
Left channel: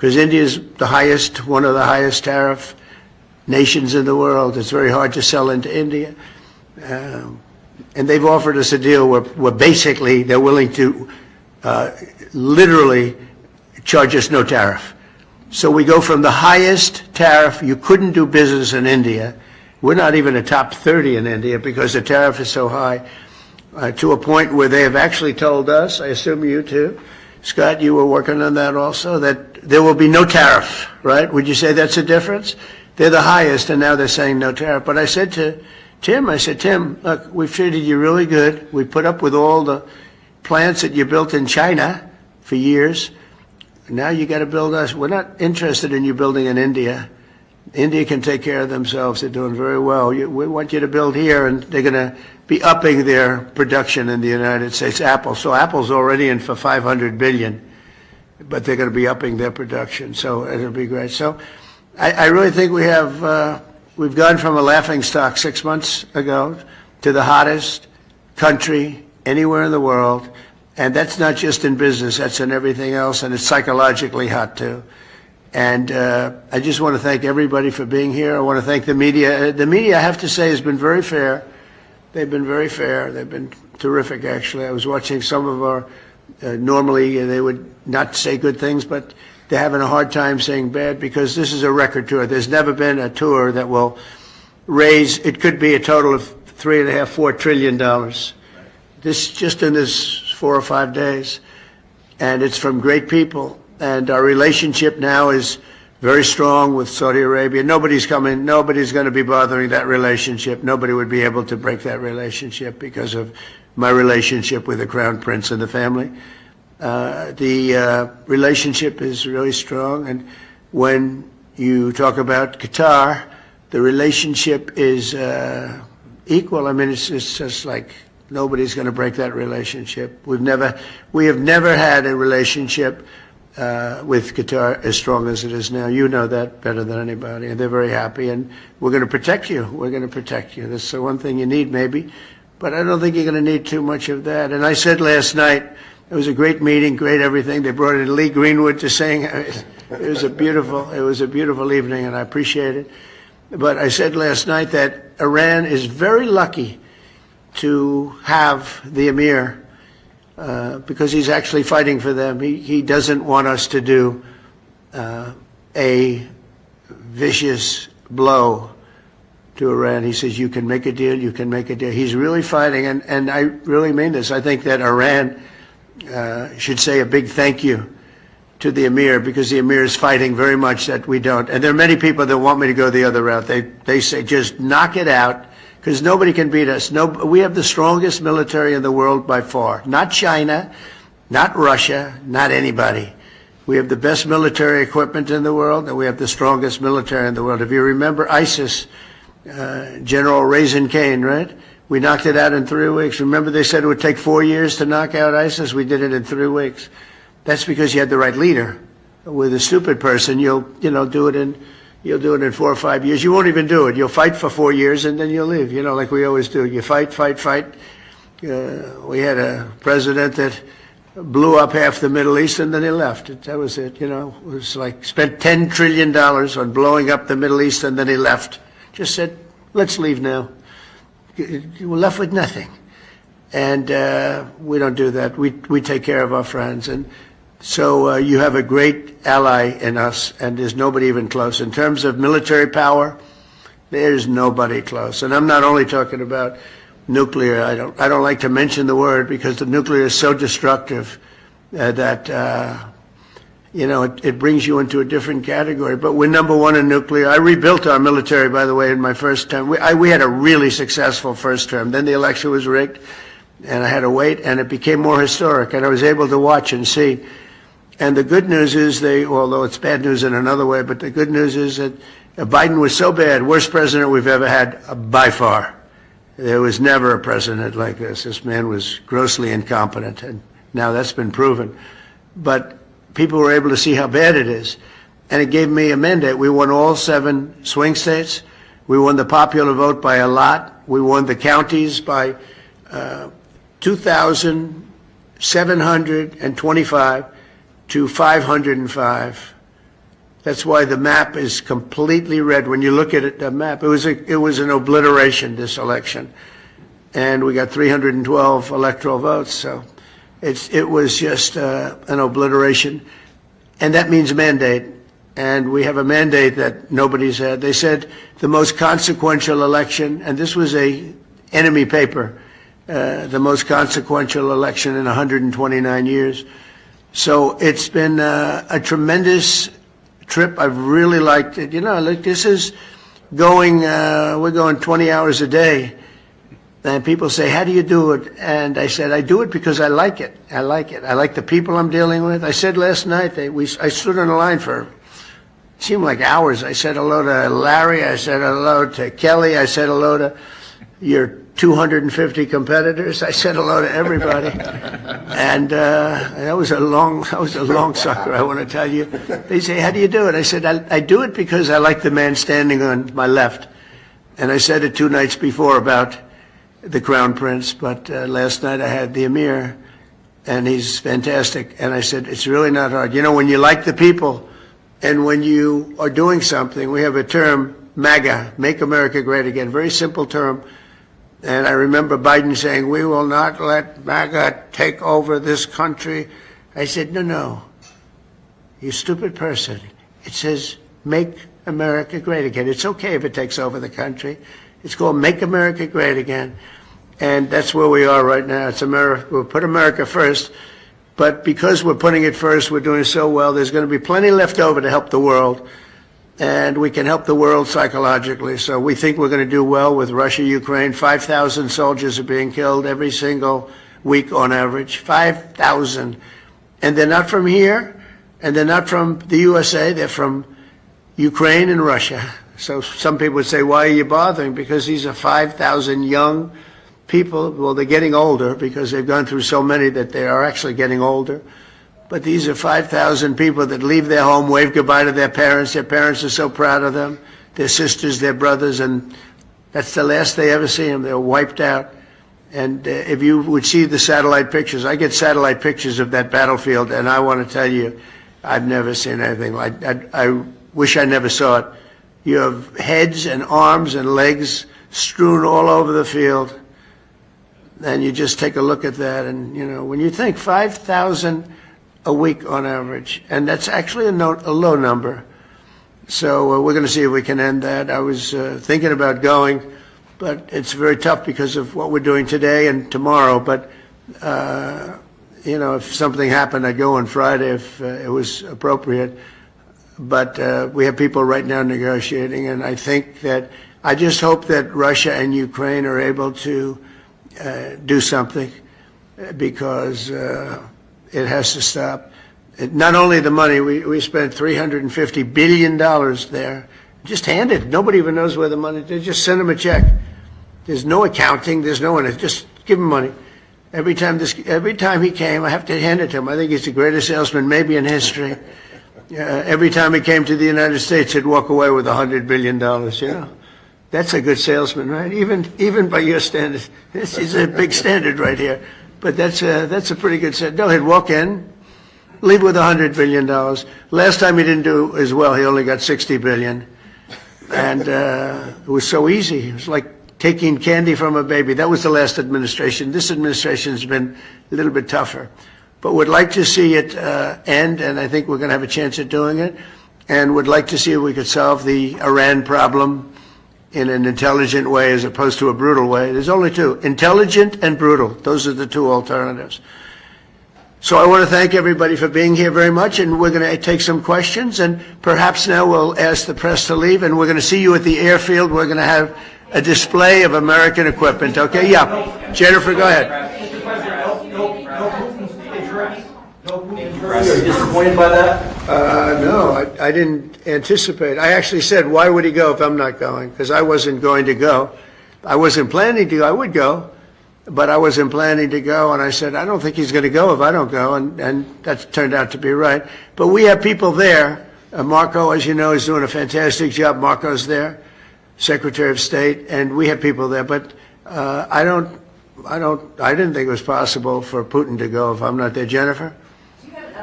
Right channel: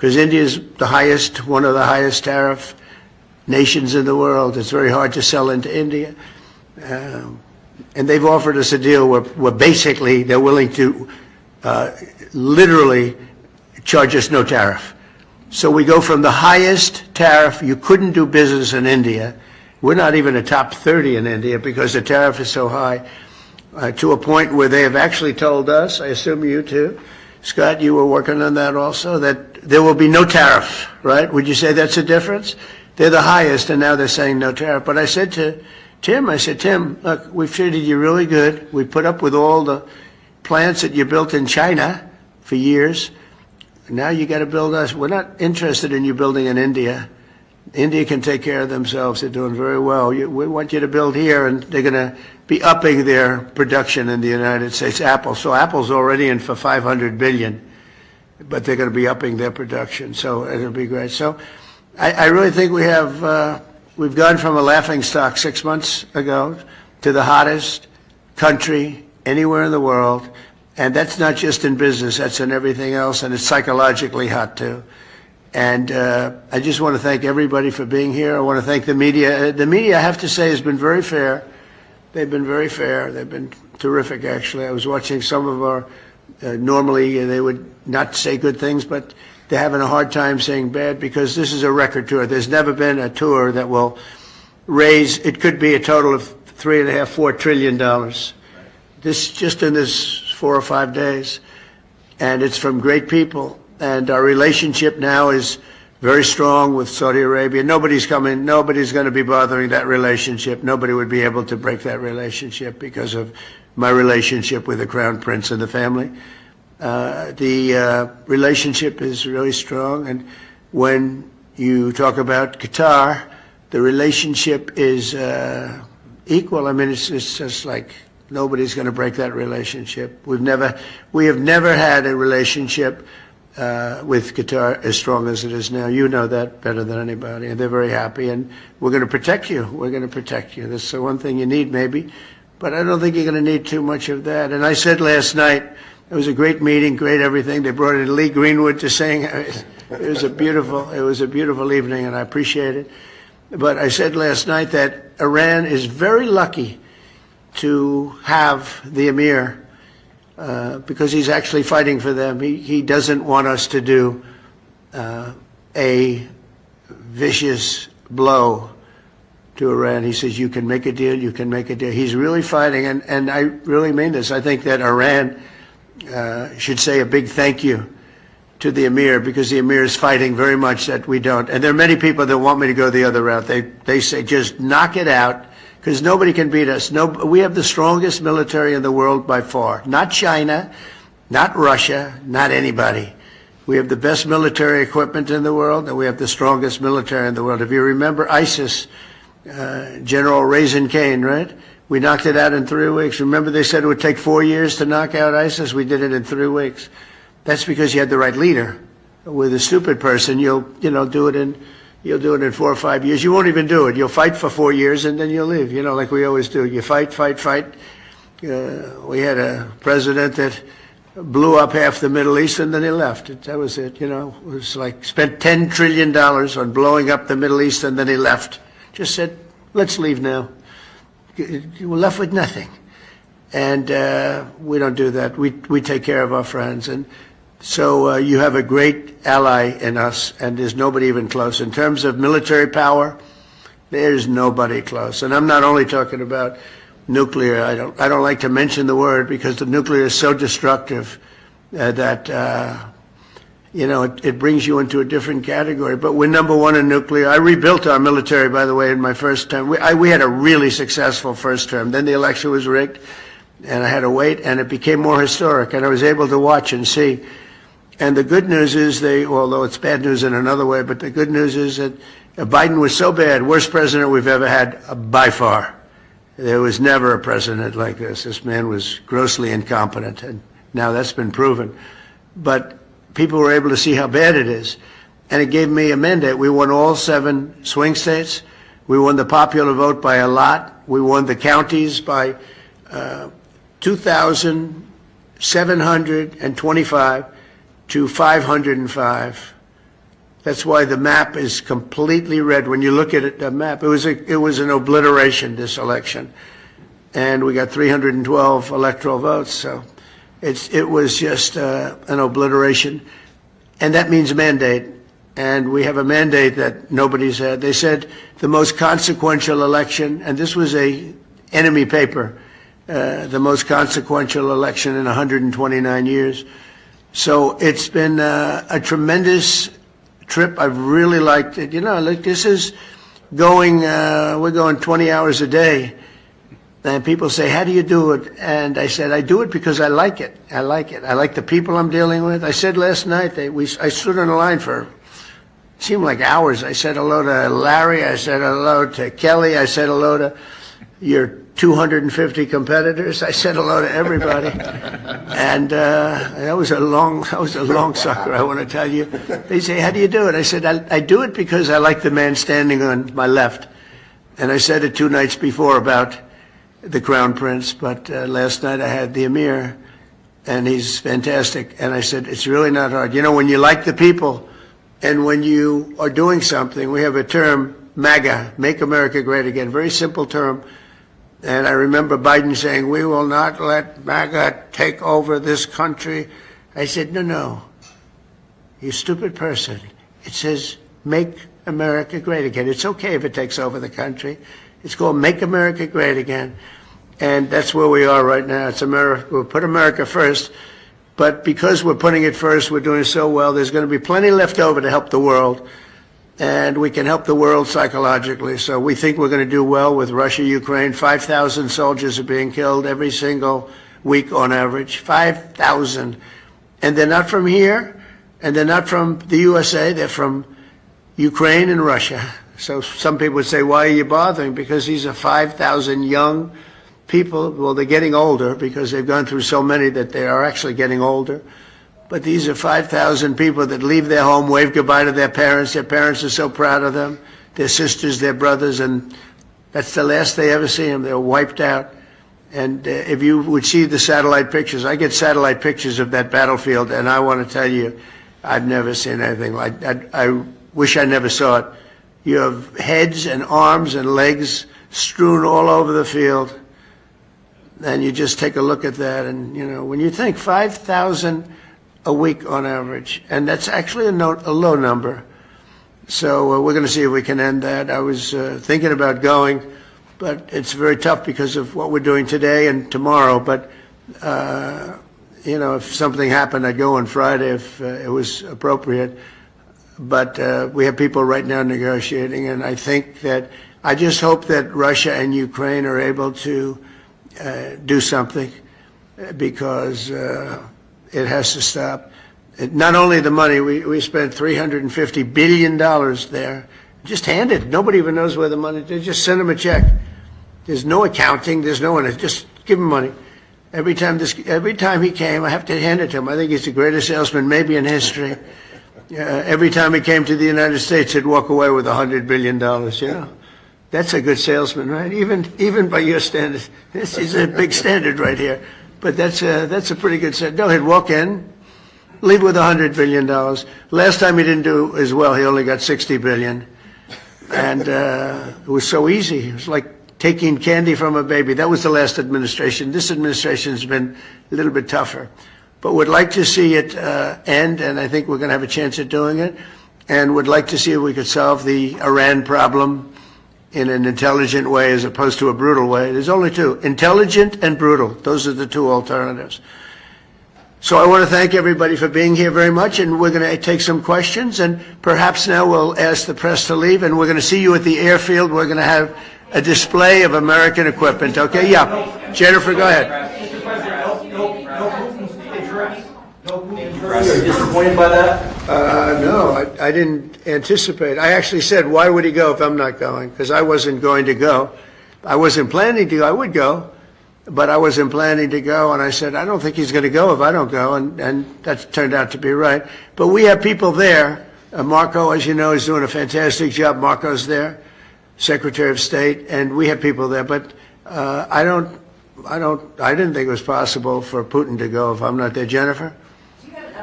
because India is one of the highest tariff nations in the world. It's very hard to sell into India. And they've offered us a deal where basically they're willing to literally charge us no tariff. So we go from the highest tariff, you couldn't do business in India. We're not even a top 30 in India because the tariff is so high, to a point where they have actually told us, I assume you too, Scott, you were working on that also, that there will be no tariff, right? Would you say that's a difference? They're the highest, and now they're saying no tariff. But I said to Tim, Tim, look, we've treated you really good. We put up with all the plants that you built in China for years. Now you got to build us. We're not interested in you building in India. India can take care of themselves. They're doing very well. We want you to build here, and they're going to be upping their production in the United States. Apple. So Apple's already in for $500 billion, but they're going to be upping their production. So it'll be great. So I really think we've gone from a laughingstock 6 months ago to the hottest country anywhere in the world. And that's not just in business, that's in everything else, and it's psychologically hot too. And I just want to thank everybody for being here. I want to thank the media. The media, I have to say, has been very fair. They've been very fair. They've been terrific, actually. I was watching some of our, normally they would not say good things, but they're having a hard time saying bad because this is a record tour. There's never been a tour that will raise, it could be a total of $3.5–4 trillion. This, just in this 4 or 5 days. And it's from great people. And our relationship now is very strong with Saudi Arabia. Nobody's going to be bothering that relationship. Nobody would be able to break that relationship because of my relationship with the Crown Prince and the family. The relationship is really strong. And when you talk about Qatar, the relationship is equal. I mean, it's just like nobody's going to break that relationship. We have never had a relationship with Qatar as strong as it is now. You know that better than anybody, and they're very happy, and we're going to protect you. We're going to protect you. That's the one thing you need, maybe, but I don't think you're going to need too much of that. And I said last night, it was a great meeting, great everything. They brought in Lee Greenwood to sing. It was a beautiful evening, and I appreciate it. But I said last night that Iran is very lucky to have the Emir, because he's actually fighting for them. He doesn't want us to do a vicious blow to Iran. He says, you can make a deal, you can make a deal. He's really fighting, and I really mean this. I think that Iran should say a big thank you to the Emir, because the Emir is fighting very much that we don't. And there are many people that want me to go the other route. They say, just knock it out, because nobody can beat us. We have the strongest military in the world by far. Not China, not Russia, not anybody. We have the best military equipment in the world, and we have the strongest military in the world. If you remember ISIS, General Raisin Kane, right? We knocked it out in 3 weeks. Remember they said it would take 4 years to knock out ISIS? We did it in 3 weeks. That's because you had the right leader. With a stupid person, you'll do it in 4 or 5 years. You won't even do it. You'll fight for 4 years and then you'll leave, like we always do. You fight. We had a president that blew up half the Middle East and then he left. That was it, It was like spent $10 trillion on blowing up the Middle East and then he left. Just said, let's leave now. We're left with nothing. And we don't do that. We take care of our friends. And so you have a great ally in us, and there's nobody even close. In terms of military power, there's nobody close. And I'm not only talking about nuclear. I don't like to mention the word because the nuclear is so destructive that it brings you into a different category. But we're number one in nuclear. I rebuilt our military, by the way, in my first term. We had a really successful first term. Then the election was rigged, and I had to wait, and it became more historic, and I was able to watch and see. And the good news is although it's bad news in another way, but the good news is that Biden was so bad, worst president we've ever had by far. There was never a president like this. This man was grossly incompetent, and now that's been proven. But people were able to see how bad it is, and it gave me a mandate. We won all 7 swing states. We won the popular vote by a lot. We won the counties by 2,725 to 505 That's why the map is completely red. When you look at it, the map, it was an obliteration, this election. And we got 312 electoral votes, so it was just an obliteration. And that means mandate. And we have a mandate that nobody's had. They said the most consequential election, and this was a enemy paper, the most consequential election in 129 years. So it's been a tremendous trip. I've really liked it. You know, like this is going, we're going 20 hours a day. And people say, how do you do it? And I said, I do it because I like it. I like it. I like the people I'm dealing with. I said last night, I stood on the line for, it seemed like hours. I said hello to Larry. I said hello to Kelly. I said hello to your 250 competitors. I said hello to everybody. And that was a long sucker, I want to tell you. They say, how do you do it? I said, I do it because I like the man standing on my left. And I said it 2 nights before about the Crown Prince, but last night I had the Emir, and he's fantastic. And I said, it's really not hard. You know, when you like the people, and when you are doing something, we have a term, MAGA, Make America Great Again, very simple term. And I remember Biden saying, we will not let MAGA take over this country. I said, no, you stupid person. It says, Make America Great Again. It's okay if it takes over the country. It's called Make America Great Again. And that's where we are right now. It's America. We'll put America first. But because we're putting it first, we're doing so well, there's going to be plenty left over to help the world. And we can help the world psychologically. So we think we're going to do well with Russia, Ukraine. 5,000 soldiers are being killed every single week on average. 5,000. And they're not from here, and they're not from the USA. They're from Ukraine and Russia. So some people would say, why are you bothering? Because these are 5,000 young people. Well, they're getting older because they've gone through so many that they are actually getting older. But these are 5,000 people that leave their home, wave goodbye to their parents. Their parents are so proud of them, their sisters, their brothers, and that's the last they ever see them. They're wiped out. And if you would see the satellite pictures, I get satellite pictures of that battlefield, and I want to tell you, I've never seen anything like that. I wish I never saw it. You have heads and arms and legs strewn all over the field. And you just take a look at that. And, you know, when you think 5,000 a week on average, and that's actually a low number. So we're going to see if we can end that. I was thinking about going, but it's very tough because of what we're doing today and tomorrow. But, you know, if something happened, I'd go on Friday if it was appropriate. But we have people right now negotiating, and I think that I just hope that Russia and Ukraine are able to do something, because it has to stop. Not only the money, we spent $350 billion there, just handed. Nobody even knows where the money, they just send them a check. There's no accounting, there's no one, just give him money. Every time he came, I have to hand it to him. I think he's the greatest salesman maybe in history. Every time he came to the United States, he'd walk away with $100 billion, you know. That's a good salesman, right? Even by your standards. This is a big standard right here. But that's a pretty good set. No, he'd walk in, leave with $100 billion. Last time he didn't do as well. He only got $60 billion. And it was so easy. It was like taking candy from a baby. That was the last administration. This administration's been a little bit tougher. But would like to see it end, and I think we're going to have a chance at doing it. And would like to see if we could solve the Iran problem in an intelligent way as opposed to a brutal way. There's only two, intelligent and brutal. Those are the two alternatives. So I want to thank everybody for being here very much, and we're going to take some questions, and perhaps now we'll ask the press to leave, and we're going to see you at the airfield. We're going to have a display of American equipment, okay? Yeah. Jennifer, go ahead. Mr. President, no Putin's address. No Putin's address. Are you disappointed by that? No, I didn't anticipate. I actually said, why would he go if I'm not going? Because I wasn't going to go. I wasn't planning to go. I would go, but I wasn't planning to go. And I said, I don't think he's going to go if I don't go. And that turned out to be right. But we have people there. Marco, as you know, is doing a fantastic job. Marco's there, Secretary of State, and we have people there. But I didn't think it was possible for Putin to go if I'm not there. Jennifer? Do you have an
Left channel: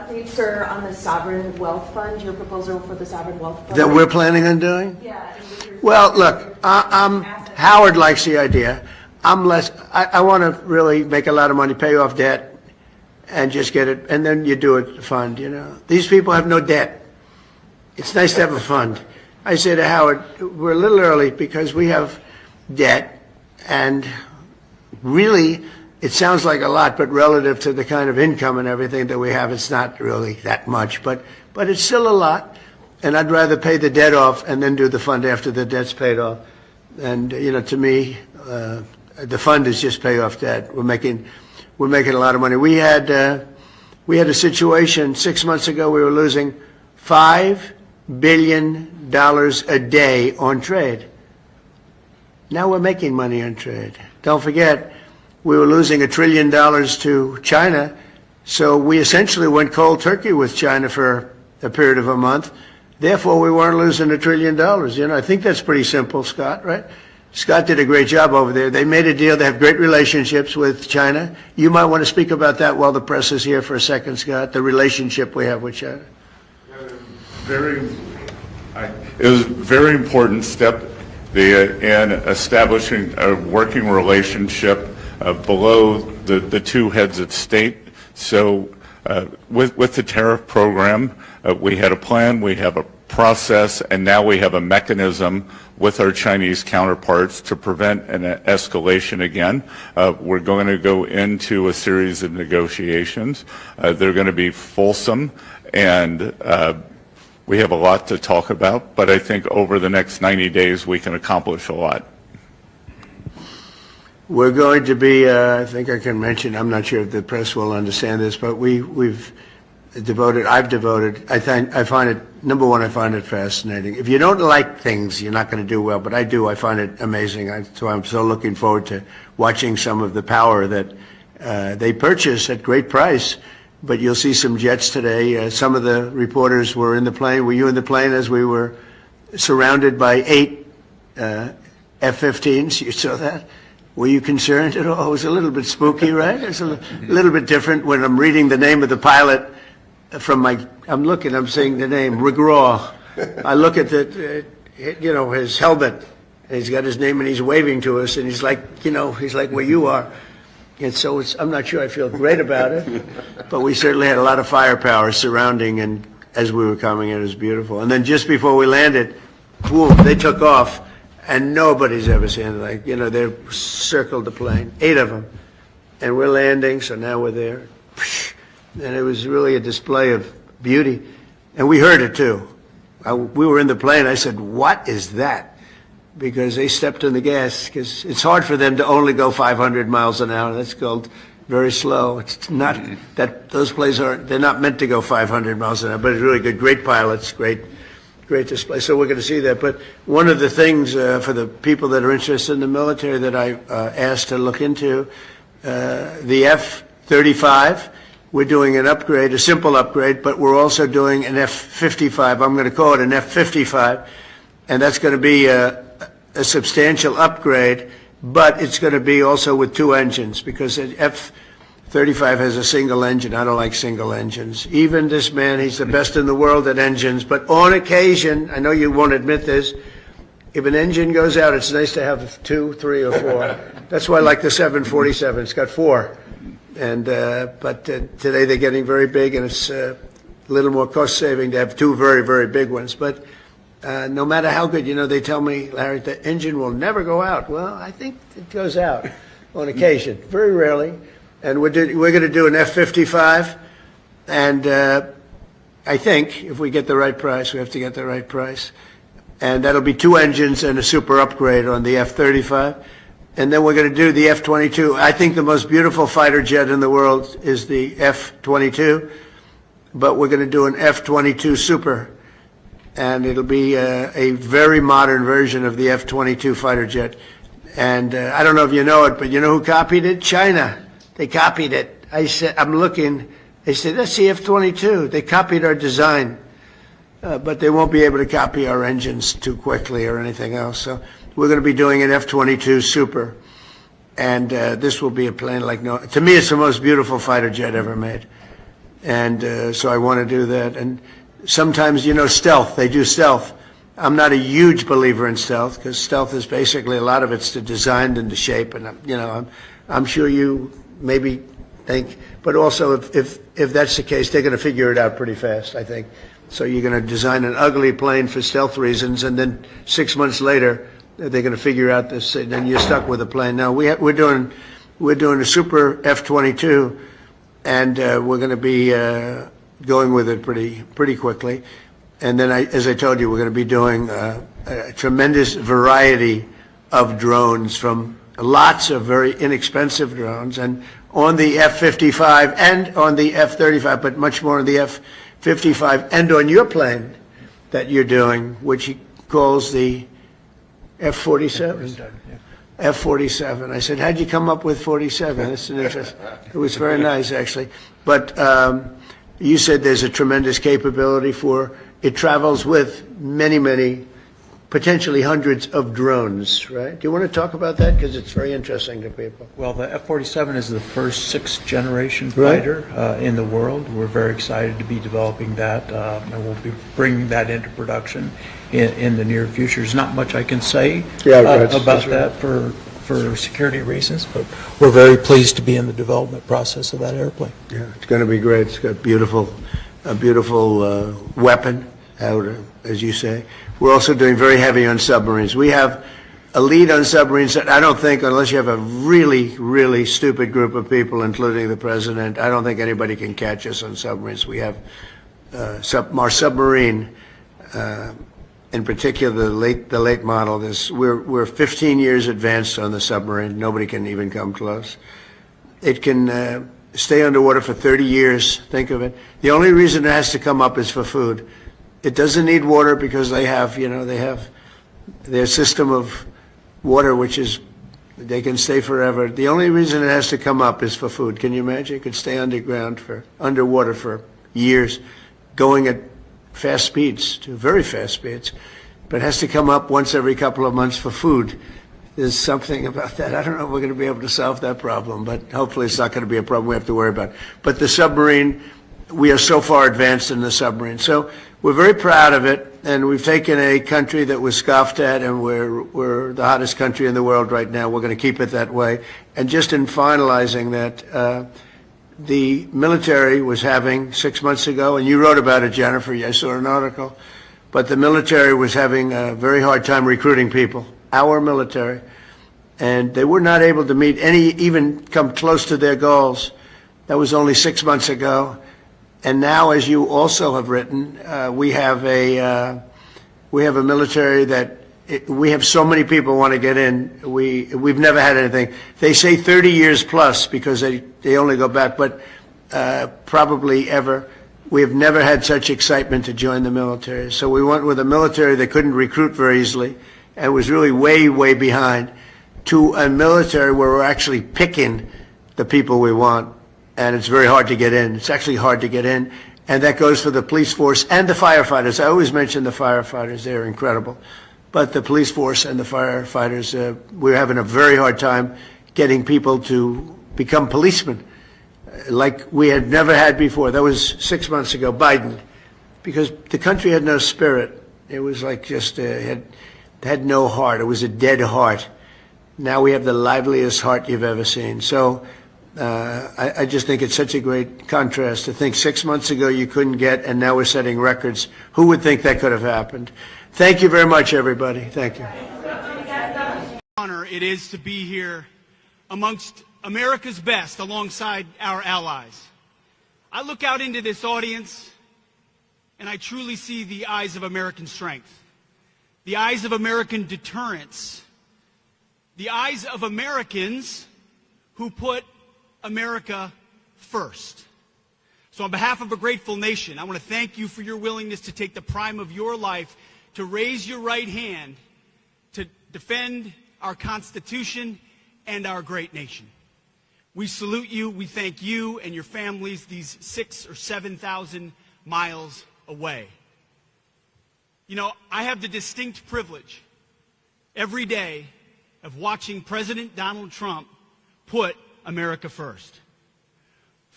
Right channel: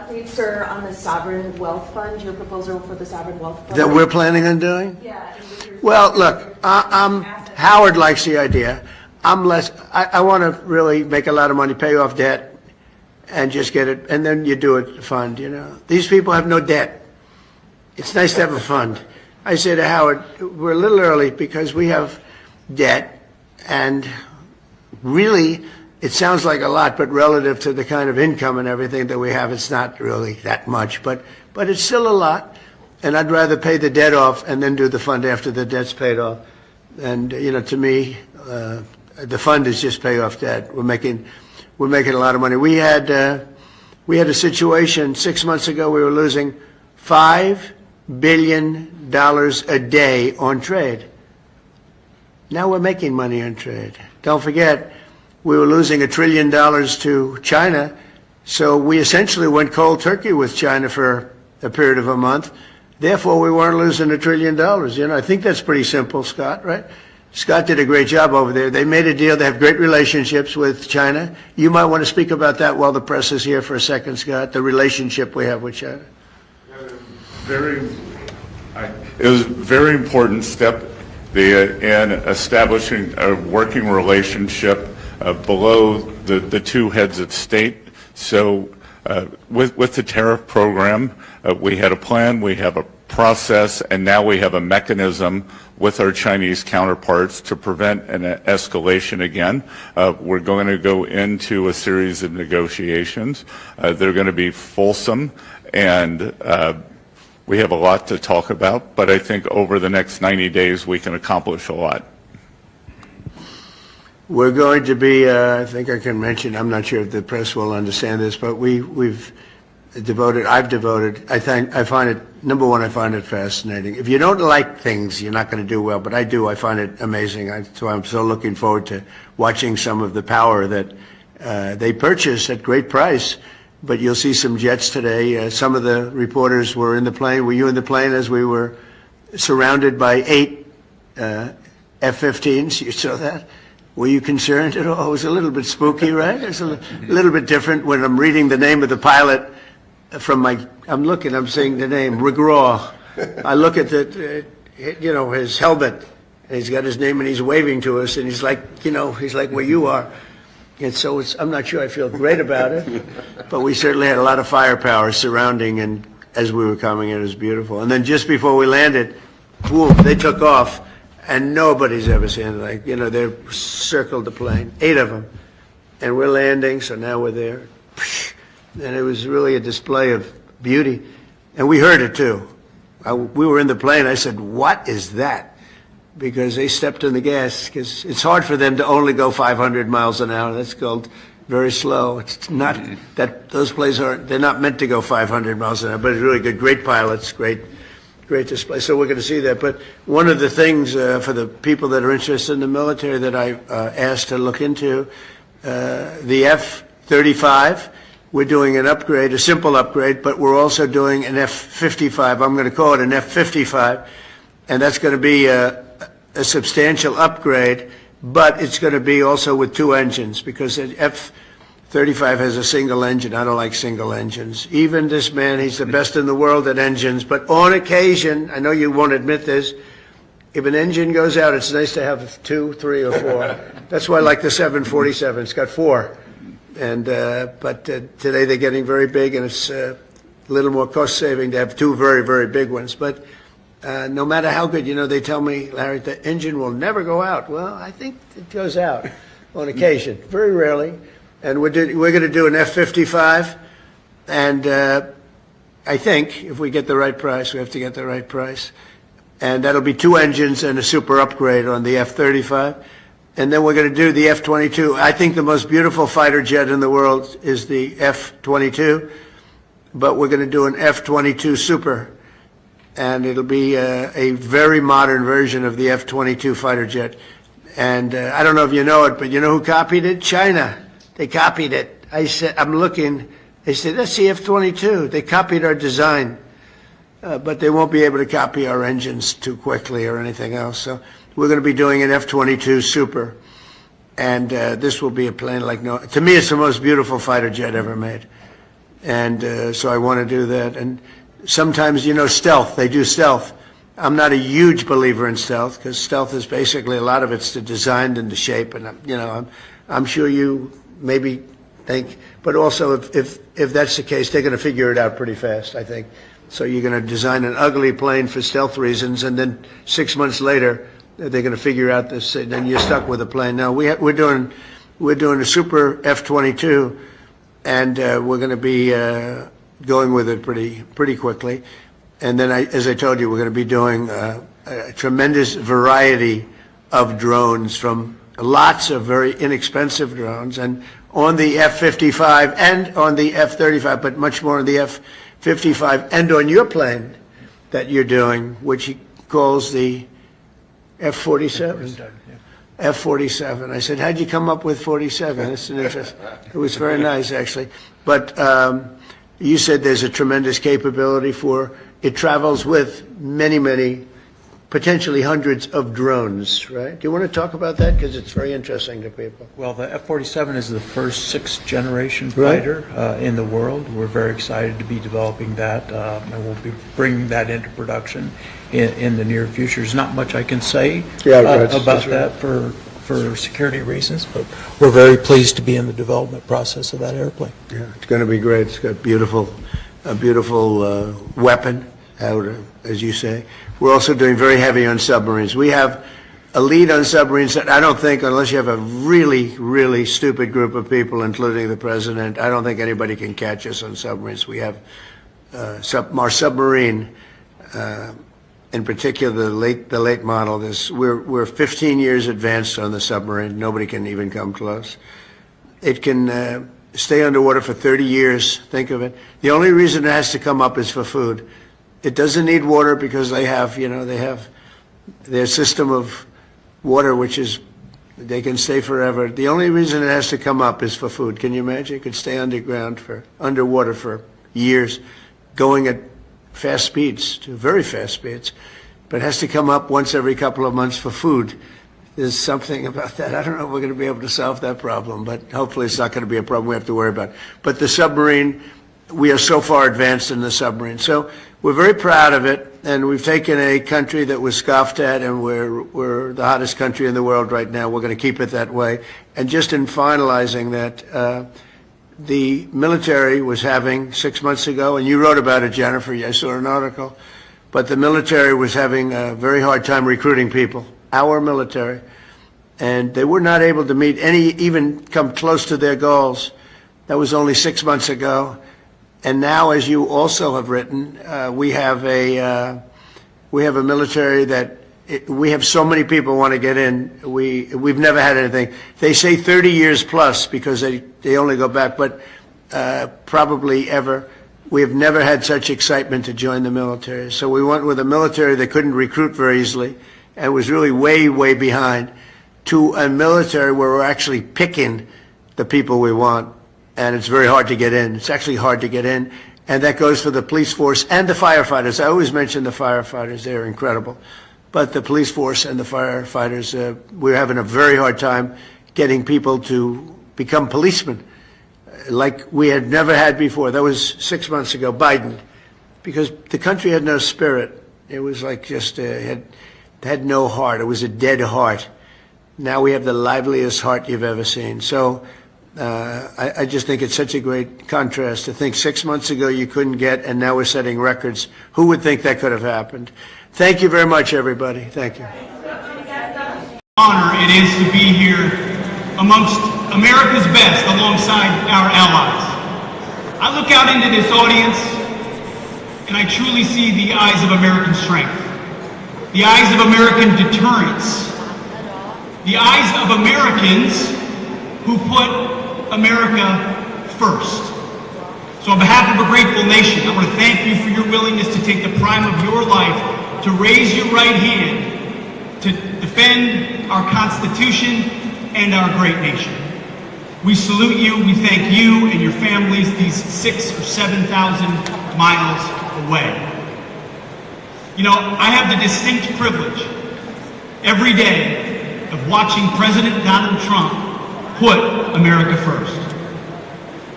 update, sir, on the sovereign wealth fund, your proposal for the sovereign wealth fund? That we're planning on doing? Yeah. Well, look, Howard likes the idea. I want to really make a lot of money, pay off debt, and just get it, and then you do it fund, you know. These people have no debt. It's nice to have a fund. I say to Howard, we're a little early because we have debt, and really, it sounds like a lot, but relative to the kind of income and everything that we have, it's not really that much, but it's still a lot. And I'd rather pay the debt off and then do the fund after the debt's paid off. And, you know, to me, the fund is just pay off debt. We're making a lot of money. We had a situation 6 months ago. We were losing $5 billion a day on trade. Now we're making money on trade. Don't forget, we were losing $1 trillion to China. So we essentially went cold turkey with China for a period of a month. Therefore, we weren't losing $1 trillion. You know, I think that's pretty simple, Scott, right? Scott did a great job over there. They made a deal. They have great relationships with China. You might want to speak about that while the press is here for a second, Scott, the relationship we have with China. It was a very important step in establishing a working relationship below the two heads of state. So with the tariff program, we had a plan, we have a process, and now we have a mechanism with our Chinese counterparts to prevent an escalation again. We're going to go into a series of negotiations. They're going to be fulsome, and we have a lot to talk about, but I think over the next 90 days we can accomplish a lot. We're going to be, I think I can mention, I'm not sure if the press will understand this, but I've devoted, I find it, number one, I find it fascinating. If you don't like things, you're not going to do well, but I do. I find it amazing. So I'm so looking forward to watching some of the power that they purchase at great price. But you'll see some jets today. Some of the reporters were in the plane. Were you in the plane as we were surrounded by 8 F-15s? You saw that? Were you concerned at all? It was a little bit spooky, right? It's a little bit different when I'm reading the name of the pilot from I'm saying the name, Rigraw. I look at his helmet, and he's got his name, and he's waving to us, and he's like where you are. And so I'm not sure I feel great about it, but we certainly had a lot of firepower surrounding, and as we were coming in, it was beautiful. And then just before we landed, boom, they took off, and nobody's ever seen it. They circled the plane, 8 of them, and we're landing, so now we're there. And it was really a display of beauty, and we heard it too. We were in the plane. I said, "What is that?" Because they stepped on the gas, because it's hard for them to only go 500 miles an hour. That's called very slow. It's not that those planes they're not meant to go 500 miles an hour, but it's really good. Great pilots, great display. So we're going to see that. But one of the things for the people that are interested in the military that I asked to look into, the F-35, we're doing an upgrade, a simple upgrade, but we're also doing an F-55. I'm going to call it an F-55, and that's going to be a substantial upgrade, but it's going to be also with 2 engines, because the F-35 has a single engine. I don't like single engines. Even this man, he's the best in the world at engines, but on occasion, I know you won't admit this, if an engine goes out, it's nice to have 2, 3, or 4. That's why I like the 747. It's got 4. And but today they're getting very big, and it's a little more cost-saving to have 2 very, very big ones. But no matter how good, they tell me, Larry, the engine will never go out. Well, I think it goes out on occasion, very rarely. And we're going to do an F-55, and I think if we get the right price, we have to get the right price. And that'll be 2 engines and a super upgrade on the F-35. And then we're going to do the F-22. I think the most beautiful fighter jet in the world is the F-22, but we're going to do an F-22 Super, and it'll be a very modern version of the F-22 fighter jet. And I don't know if you know it, but you know who copied it? China. They copied it. I said, I'm looking. They said, that's the F-22. They copied our design, but they won't be able to copy our engines too quickly or anything else. So we're going to be doing an F-22 Super, and this will be a plane like no. To me, it's the most beautiful fighter jet ever made. And so I want to do that. And sometimes, you know, stealth, they do stealth. I'm not a huge believer in stealth, because stealth is basically, a lot of it's the design and the shape. And, you know, I'm sure you maybe think, but also if that's the case, they're going to figure it out pretty fast, I think. So you're going to design an ugly plane for stealth reasons, and then 6 months later, they're going to figure out this, and then you're stuck with a plane. Now, we're doing a super F-22, and we're going to be going with it pretty quickly. And then, as I told you, we're going to be doing a tremendous variety of drones, from lots of very inexpensive drones, and on the F-55 and on the F-35, but much more on the F-55 and on your plane that you're doing, which he calls the F-47. F-47. I said, how'd you come up with 47? That's an interest. It was very nice, actually. But you said there's a tremendous capability for, it travels with many, potentially hundreds of drones, right? Do you want to talk about that? Because it's very interesting to people. Well, the F-47 is the first sixth-generation fighter in the world. We're very excited to be developing that, and we'll be bringing that into production in the near future. There's not much I can say about that for security reasons, but we're very pleased to be in the development process of that airplane. Yeah, it's going to be great. It's got a beautiful weapon, as you say. We're also doing very heavy on submarines. We have a lead on submarines that I don't think, unless you have a really stupid group of people, including the president, I don't think anybody can catch us on submarines. We have our submarine, in particular the late model. We're 15 years advanced on the submarine. Nobody can even come close. It can stay underwater for 30 years. Think of it. The only reason it has to come up is for food. It doesn't need water, because they have their system of water, which is, they can stay forever. The only reason it has to come up is for food. Can you imagine? It could stay underwater for years, going at fast speeds, to very fast speeds, but it has to come up once every couple of months for food. There's something about that. I don't know if we're going to be able to solve that problem, but hopefully it's not going to be a problem we have to worry about. But the submarine, we are so far advanced in the submarine. So we're very proud of it, and we've taken a country that was scoffed at, and we're the hottest country in the world right now. We're going to keep it that way. And just in finalizing that, the military was having 6 months ago, and you wrote about it, Jennifer, I saw an article, but the military was having a very hard time recruiting people, our military, and they were not able to even come close to their goals. That was only 6 months ago. And now, as you also have written, we have a military that we have so many people want to get in. We've never had anything. They say 30 years plus, because they only go back, but probably ever. We have never had such excitement to join the military. So we went with a military that couldn't recruit very easily and was really way behind, to a military where we're actually picking the people we want. And it's very hard to get in. It's actually hard to get in. And that goes for the police force and the firefighters. I always mention the firefighters. They're incredible. But the police force and the firefighters, we're having a very hard time getting people to become policemen, like we had never had before. That was 6 months ago, Biden, because the country had no spirit. It was like just, had no heart. It was a dead heart. Now we have the liveliest heart you've ever seen. So I just think it's such a great contrast to think 6 months ago you couldn't get, and now we're setting records. Who would think that could have happened? Thank you very much, everybody. Thank you. Honor it is to be here amongst America's best alongside our allies. I look out into this audience and I truly see the eyes of American strength, the eyes of American deterrence, the eyes of Americans who put America first. So on behalf of a grateful nation, I want to thank you for your willingness to take the prime of your life to raise your right hand to defend our Constitution and our great nation. We salute you, we thank you and your families these 6,000 or 7,000 miles away. You know, I have the distinct privilege every day of watching President Donald Trump put America first.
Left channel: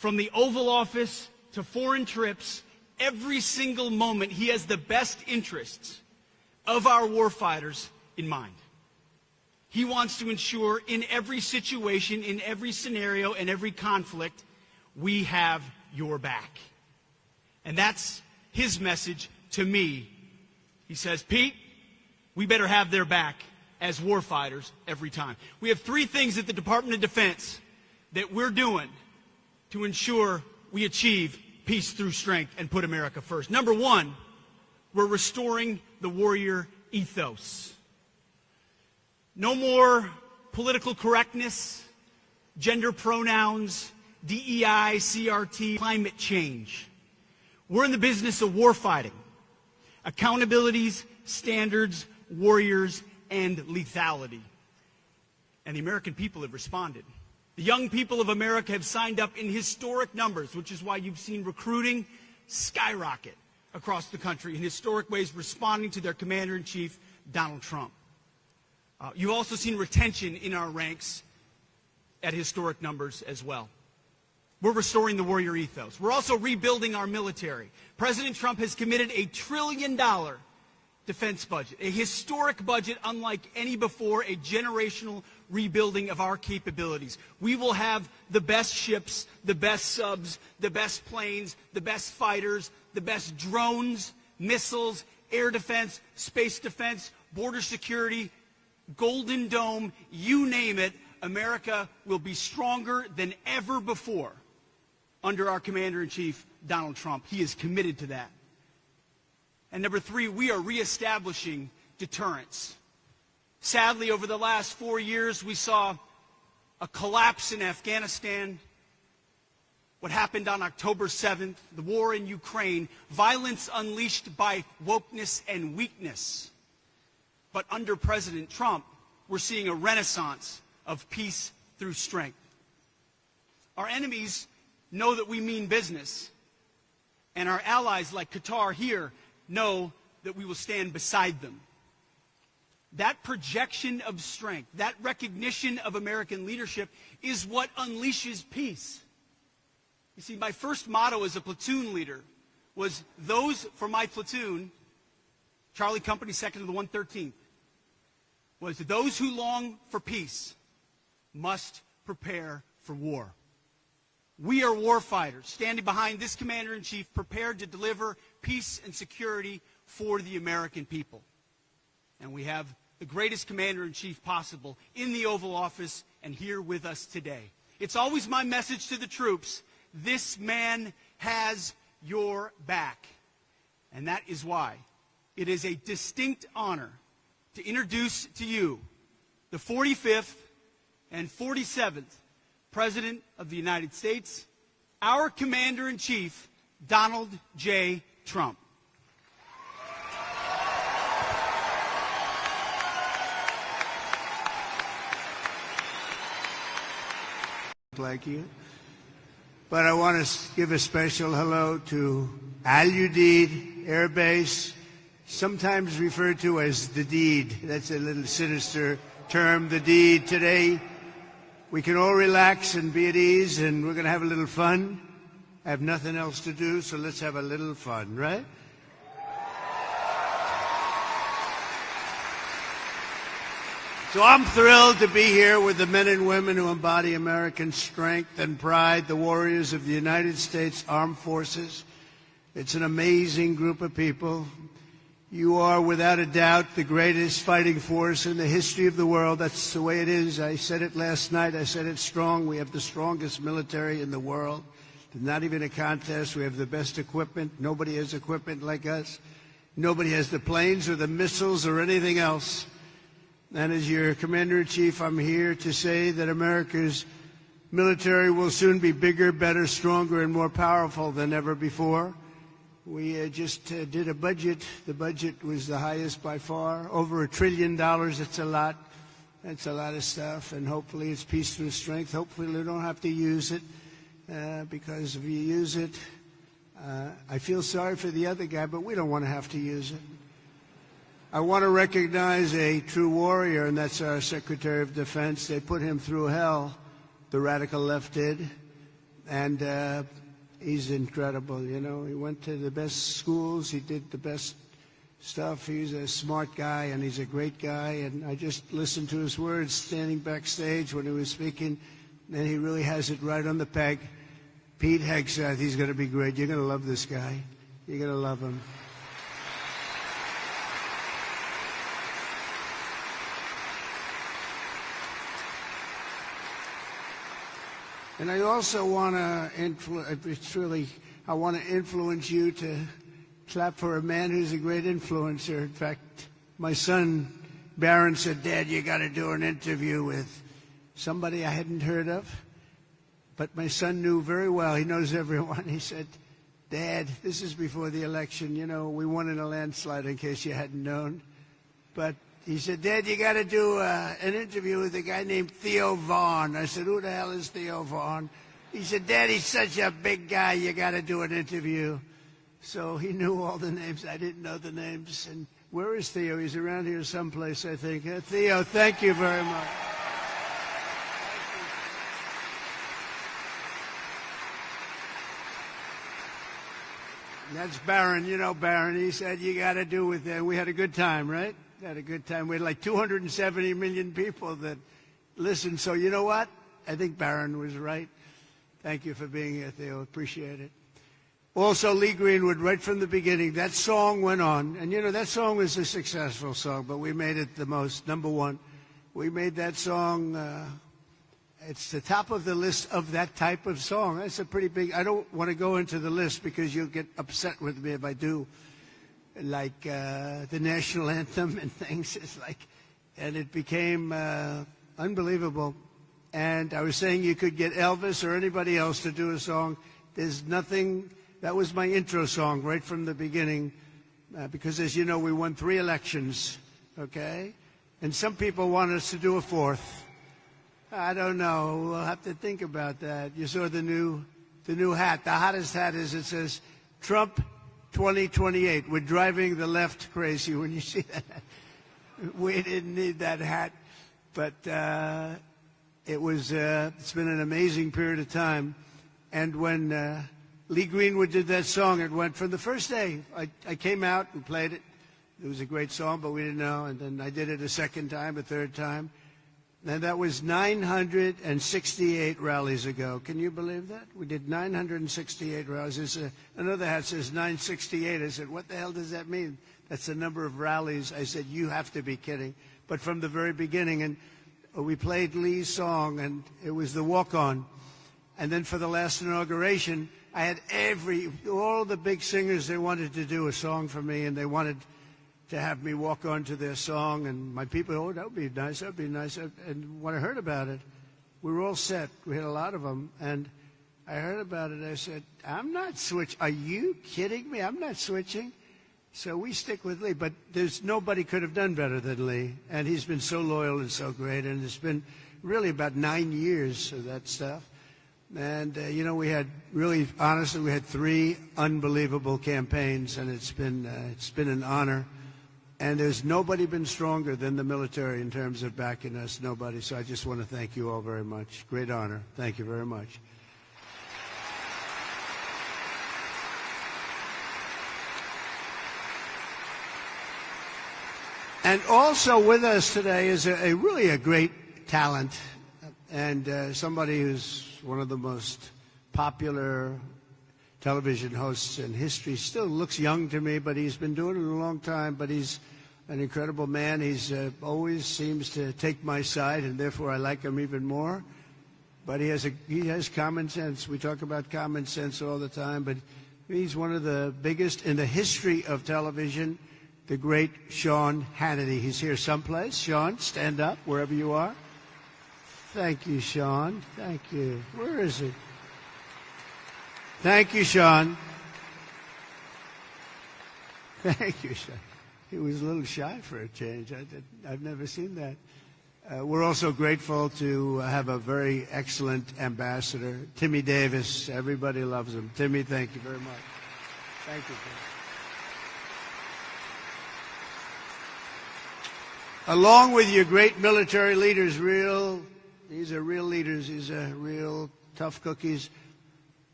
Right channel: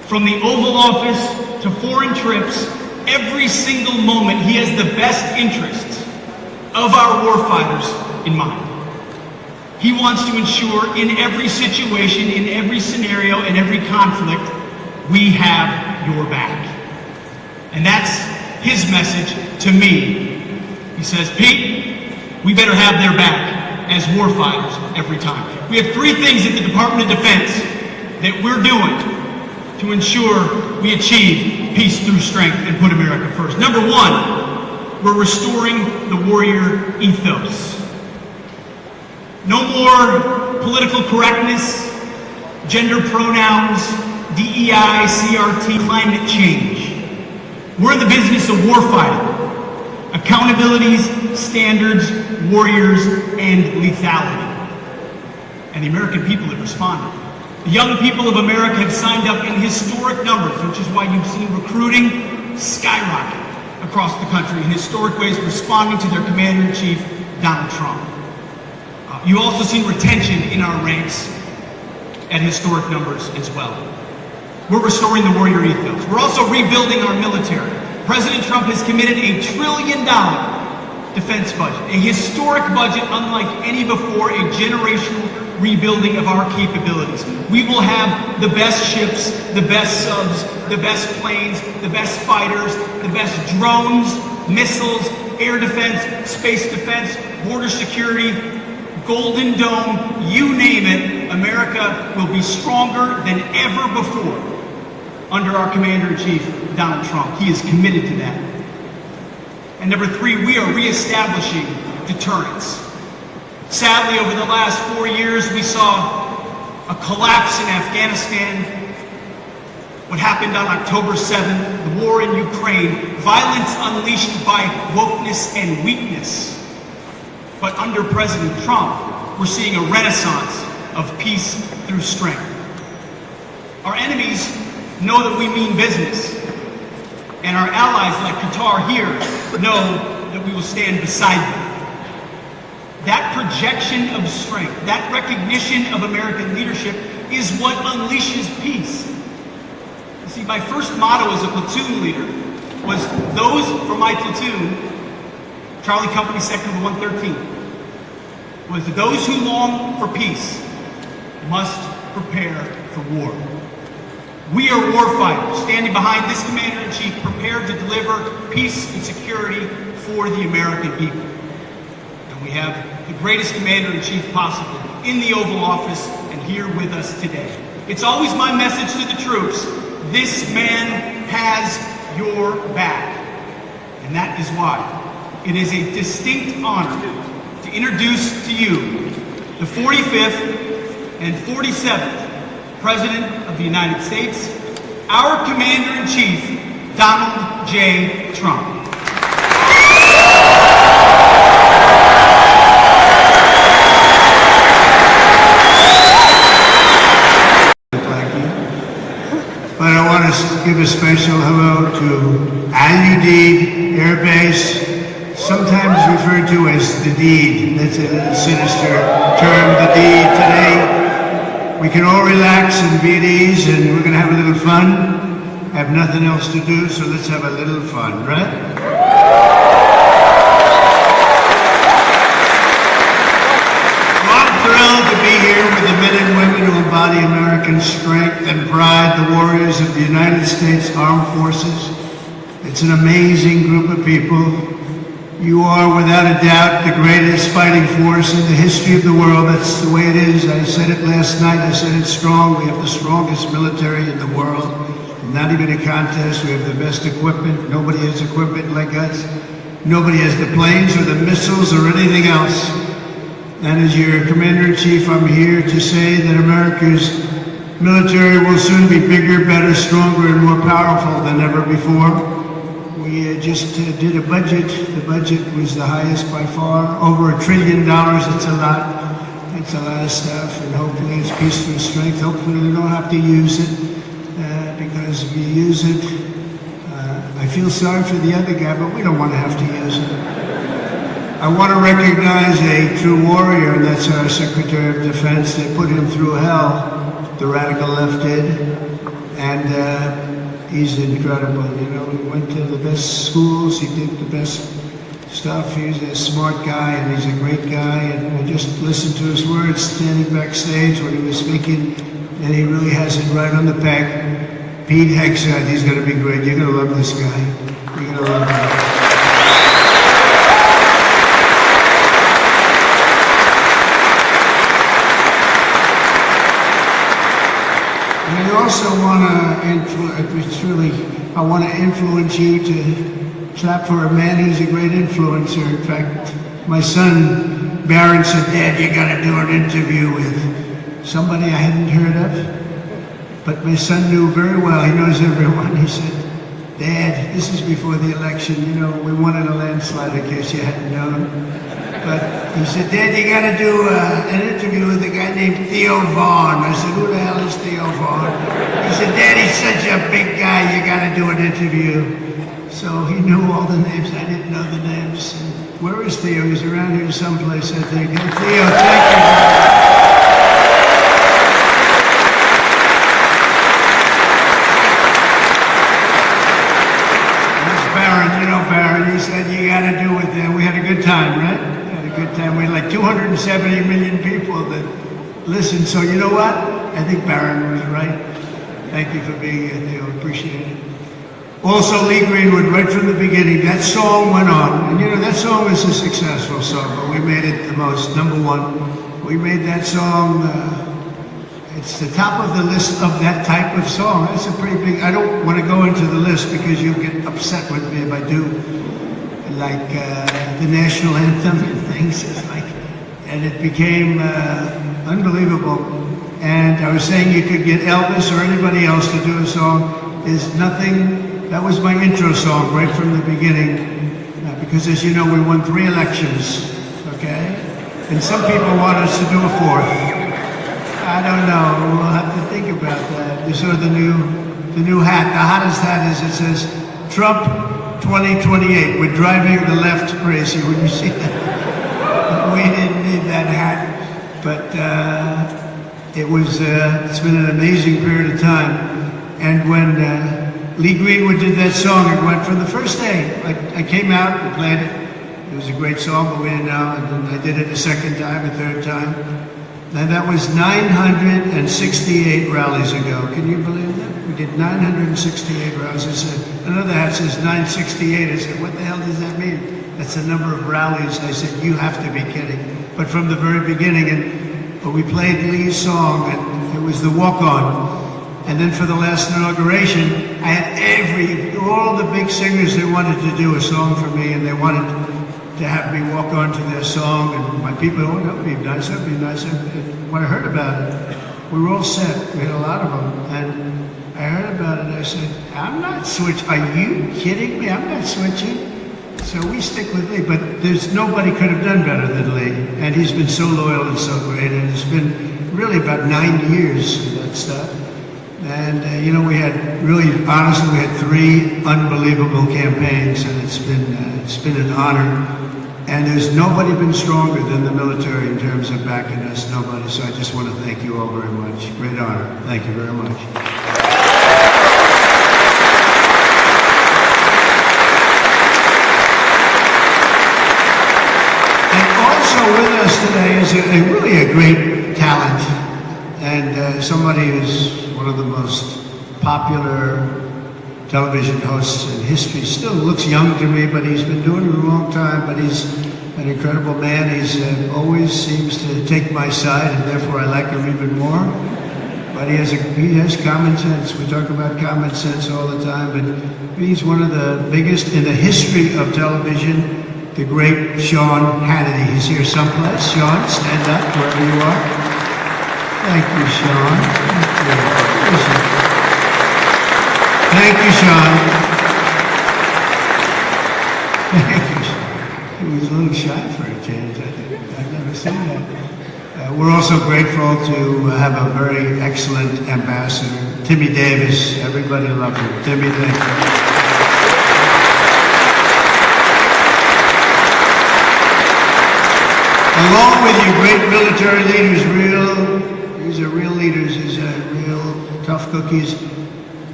From the Oval Office to foreign trips, every single moment he has the best interests of our warfighters in mind. He wants to ensure in every situation, in every scenario, in every conflict, we have your back. And that's his message to me. He says, Pete, we better have their back as warfighters every time. We have three things at the Department of Defense that we're doing to ensure we achieve peace through strength and put America first. Number one, we're restoring the warrior ethos. No more political correctness, gender pronouns, DEI, CRT, climate change. We're in the business of warfighting, accountabilities, standards, warriors, and lethality. And the American people have responded. The young people of America have signed up in historic numbers, which is why you've seen recruiting skyrocket across the country in historic ways, responding to their commander-in-chief, Donald Trump. You've also seen retention in our ranks at historic numbers as well. We're restoring the warrior ethos. We're also rebuilding our military. President Trump has committed $1 trillion defense budget, a historic budget unlike any before, a generational rebuilding of our capabilities. We will have the best ships, the best subs, the best planes, the best fighters, the best drones, missiles, air defense, space defense, border security, Golden Dome, you name it. America will be stronger than ever before under our Commander-in-Chief, Donald Trump. He is committed to that. And number three, we are reestablishing deterrence. Sadly, over the last 4 years, we saw a collapse in Afghanistan. What happened on October 7th, the war in Ukraine, violence unleashed by wokeness and weakness. But under President Trump, we're seeing a renaissance of peace through strength. Our enemies know that we mean business, and our allies like Qatar here know that we will stand beside them. That projection of strength, that recognition of American leadership is what unleashes peace. You see, my first motto as a platoon leader was those for my platoon, Charlie Company Sector 113, was those who long for peace must prepare for war. We are warfighters, standing behind this Commander-in-Chief, prepared to deliver peace and security for the American people. And we have the greatest Commander-in-Chief possible in the Oval Office and here with us today. It's always my message to the troops, this man has your back. And that is why it is a distinct honor to introduce to you the 45th and 47th President of the United States, our Commander-in-Chief, Donald J. Trump. Thank you. And I want to give a special hello to Udeid Air Base, sometimes referred to as the deed. That's a sinister term, the deed today. We can all relax and be at ease, and we're going to have a little fun. I have nothing else to do, so let's have a little fun, right? I'm thrilled to be here with the men and women who embody American strength and pride, the warriors of the United States Armed Forces. It's an amazing group of people. You are, without a doubt, the greatest fighting force in the history of the world. That's the way it is. I said it last night. I said it strong. We have the strongest military in the world. Not even a contest. We have the best equipment. Nobody has equipment like us. Nobody has the planes or the missiles or anything else. And as your Commander-in-Chief, I'm here to say that America's military will soon be bigger, better, stronger, and more powerful than ever before. We just did a budget. The budget was the highest by far, over $1 trillion. It's a lot. It's a lot of stuff, and hopefully it's peace through strength. Hopefully we don't have to use it, because if we use it, I feel sorry for the other guy, but we don't want to have to use it. I want to recognize a true warrior, and that's our Secretary of Defense. They put him through hell, the radical left did. And he's incredible. You know, he went to the best schools, he did the best stuff. He's a smart guy, and he's a great guy. And we just listened to his words standing backstage when he was speaking, and he really has it right on the peg. Pete Hegseth, he's going to be great. You're going to love this guy. You're going to love him. And I also want to influence you to clap for a man who's a great influencer. In fact, my son Barron said, "Dad, you got to do an interview with somebody I hadn't heard of." But my son knew very well, he knows everyone. He said, "Dad, this is before the election, you know, we won in a landslide in case you hadn't known." But he said, "Dad, you got to do an interview with a guy named Theo Vaughn." I said, "Who the hell is Theo Vaughn?" He said, "Dad, he's such a big guy, you got to do an interview." So he knew all the names, I didn't know the names. Where is Theo? He's around here someplace, I think. Hey, Theo, thank you. He said, "You got to do it there." We had a good time, right? We had a good time. We had like 270 million people that listened. So you know what? I think Barron was right. Thank you for being here, Theo. Appreciate it. Also, Lee Greenwood, right from the beginning, that song went on. And you know, that song was a successful song, but we made it the most, #1. We made that song, it's the top of the list of that type of song. That's a pretty big, I don't want to go into the list because you'll get upset with me if I do. Like the national anthem and things, and it became unbelievable. And I was saying you could get Elvis or anybody else to do a song. There's nothing, that was my intro song right from the beginning, because as you know, we won 3 elections, okay? And some people want us to do a 4th. I don't know, we'll have to think about that. You saw the new hat, the hottest hat is, it says, Trump 2028. We're driving the left crazy. When you see that, we didn't need that hat, but it's been an amazing period of time. And when Lee Greenwood did that song, it went from the first day. I came out and played it. It was a great song, but we didn't know. And then I did it the second time, a third time, and that was 968 rallies ago. Can you believe that? We did 968 rallies. I said, another hat says 968. I said, what the hell does that mean? That's the number of rallies. I said, you have to be kidding. But from the very beginning, and when we played Lee's song, and it was the walk-on. And then for the last inauguration, I had all the big singers, they wanted to do a song for me, and they wanted to have me walk on to their song. And my people, oh, that would be nice, that would be nice. When I heard about it, we were all set. We had a lot of them. And I heard about it, and I said, I'm not switching. Are you kidding me? I'm not switching. So we stick with Lee, but nobody could have done better than Lee. And he's been so loyal and so great, and it's been really about 9 years of that stuff. And, you know, we had honestly, we had 3 unbelievable campaigns, and it's been an honor. And there's nobody been stronger than the military in terms of backing us, nobody. So I just want to thank you all very much. Great honor. Thank you very much. With us today is really a great talent, and somebody who's one of the most popular television hosts in history. Still looks young to me, but he's been doing it a long time, but he's an incredible man. He's always seems to take my side, and therefore I like him even more. But he has common sense. We talk about common sense all the time, but he's one of the biggest in the history of television. The great Sean Hannity. He's here someplace. Sean, stand up wherever you are. Thank you, Sean. Thank you, Sean. Thank you, Sean. He was a little shy for a change, I think. I've never seen that. We're also grateful to have a very excellent ambassador, Timmy Davis. Everybody loves him. Timmy, thank you. Along with you great military leaders, these are real leaders, these are real tough cookies.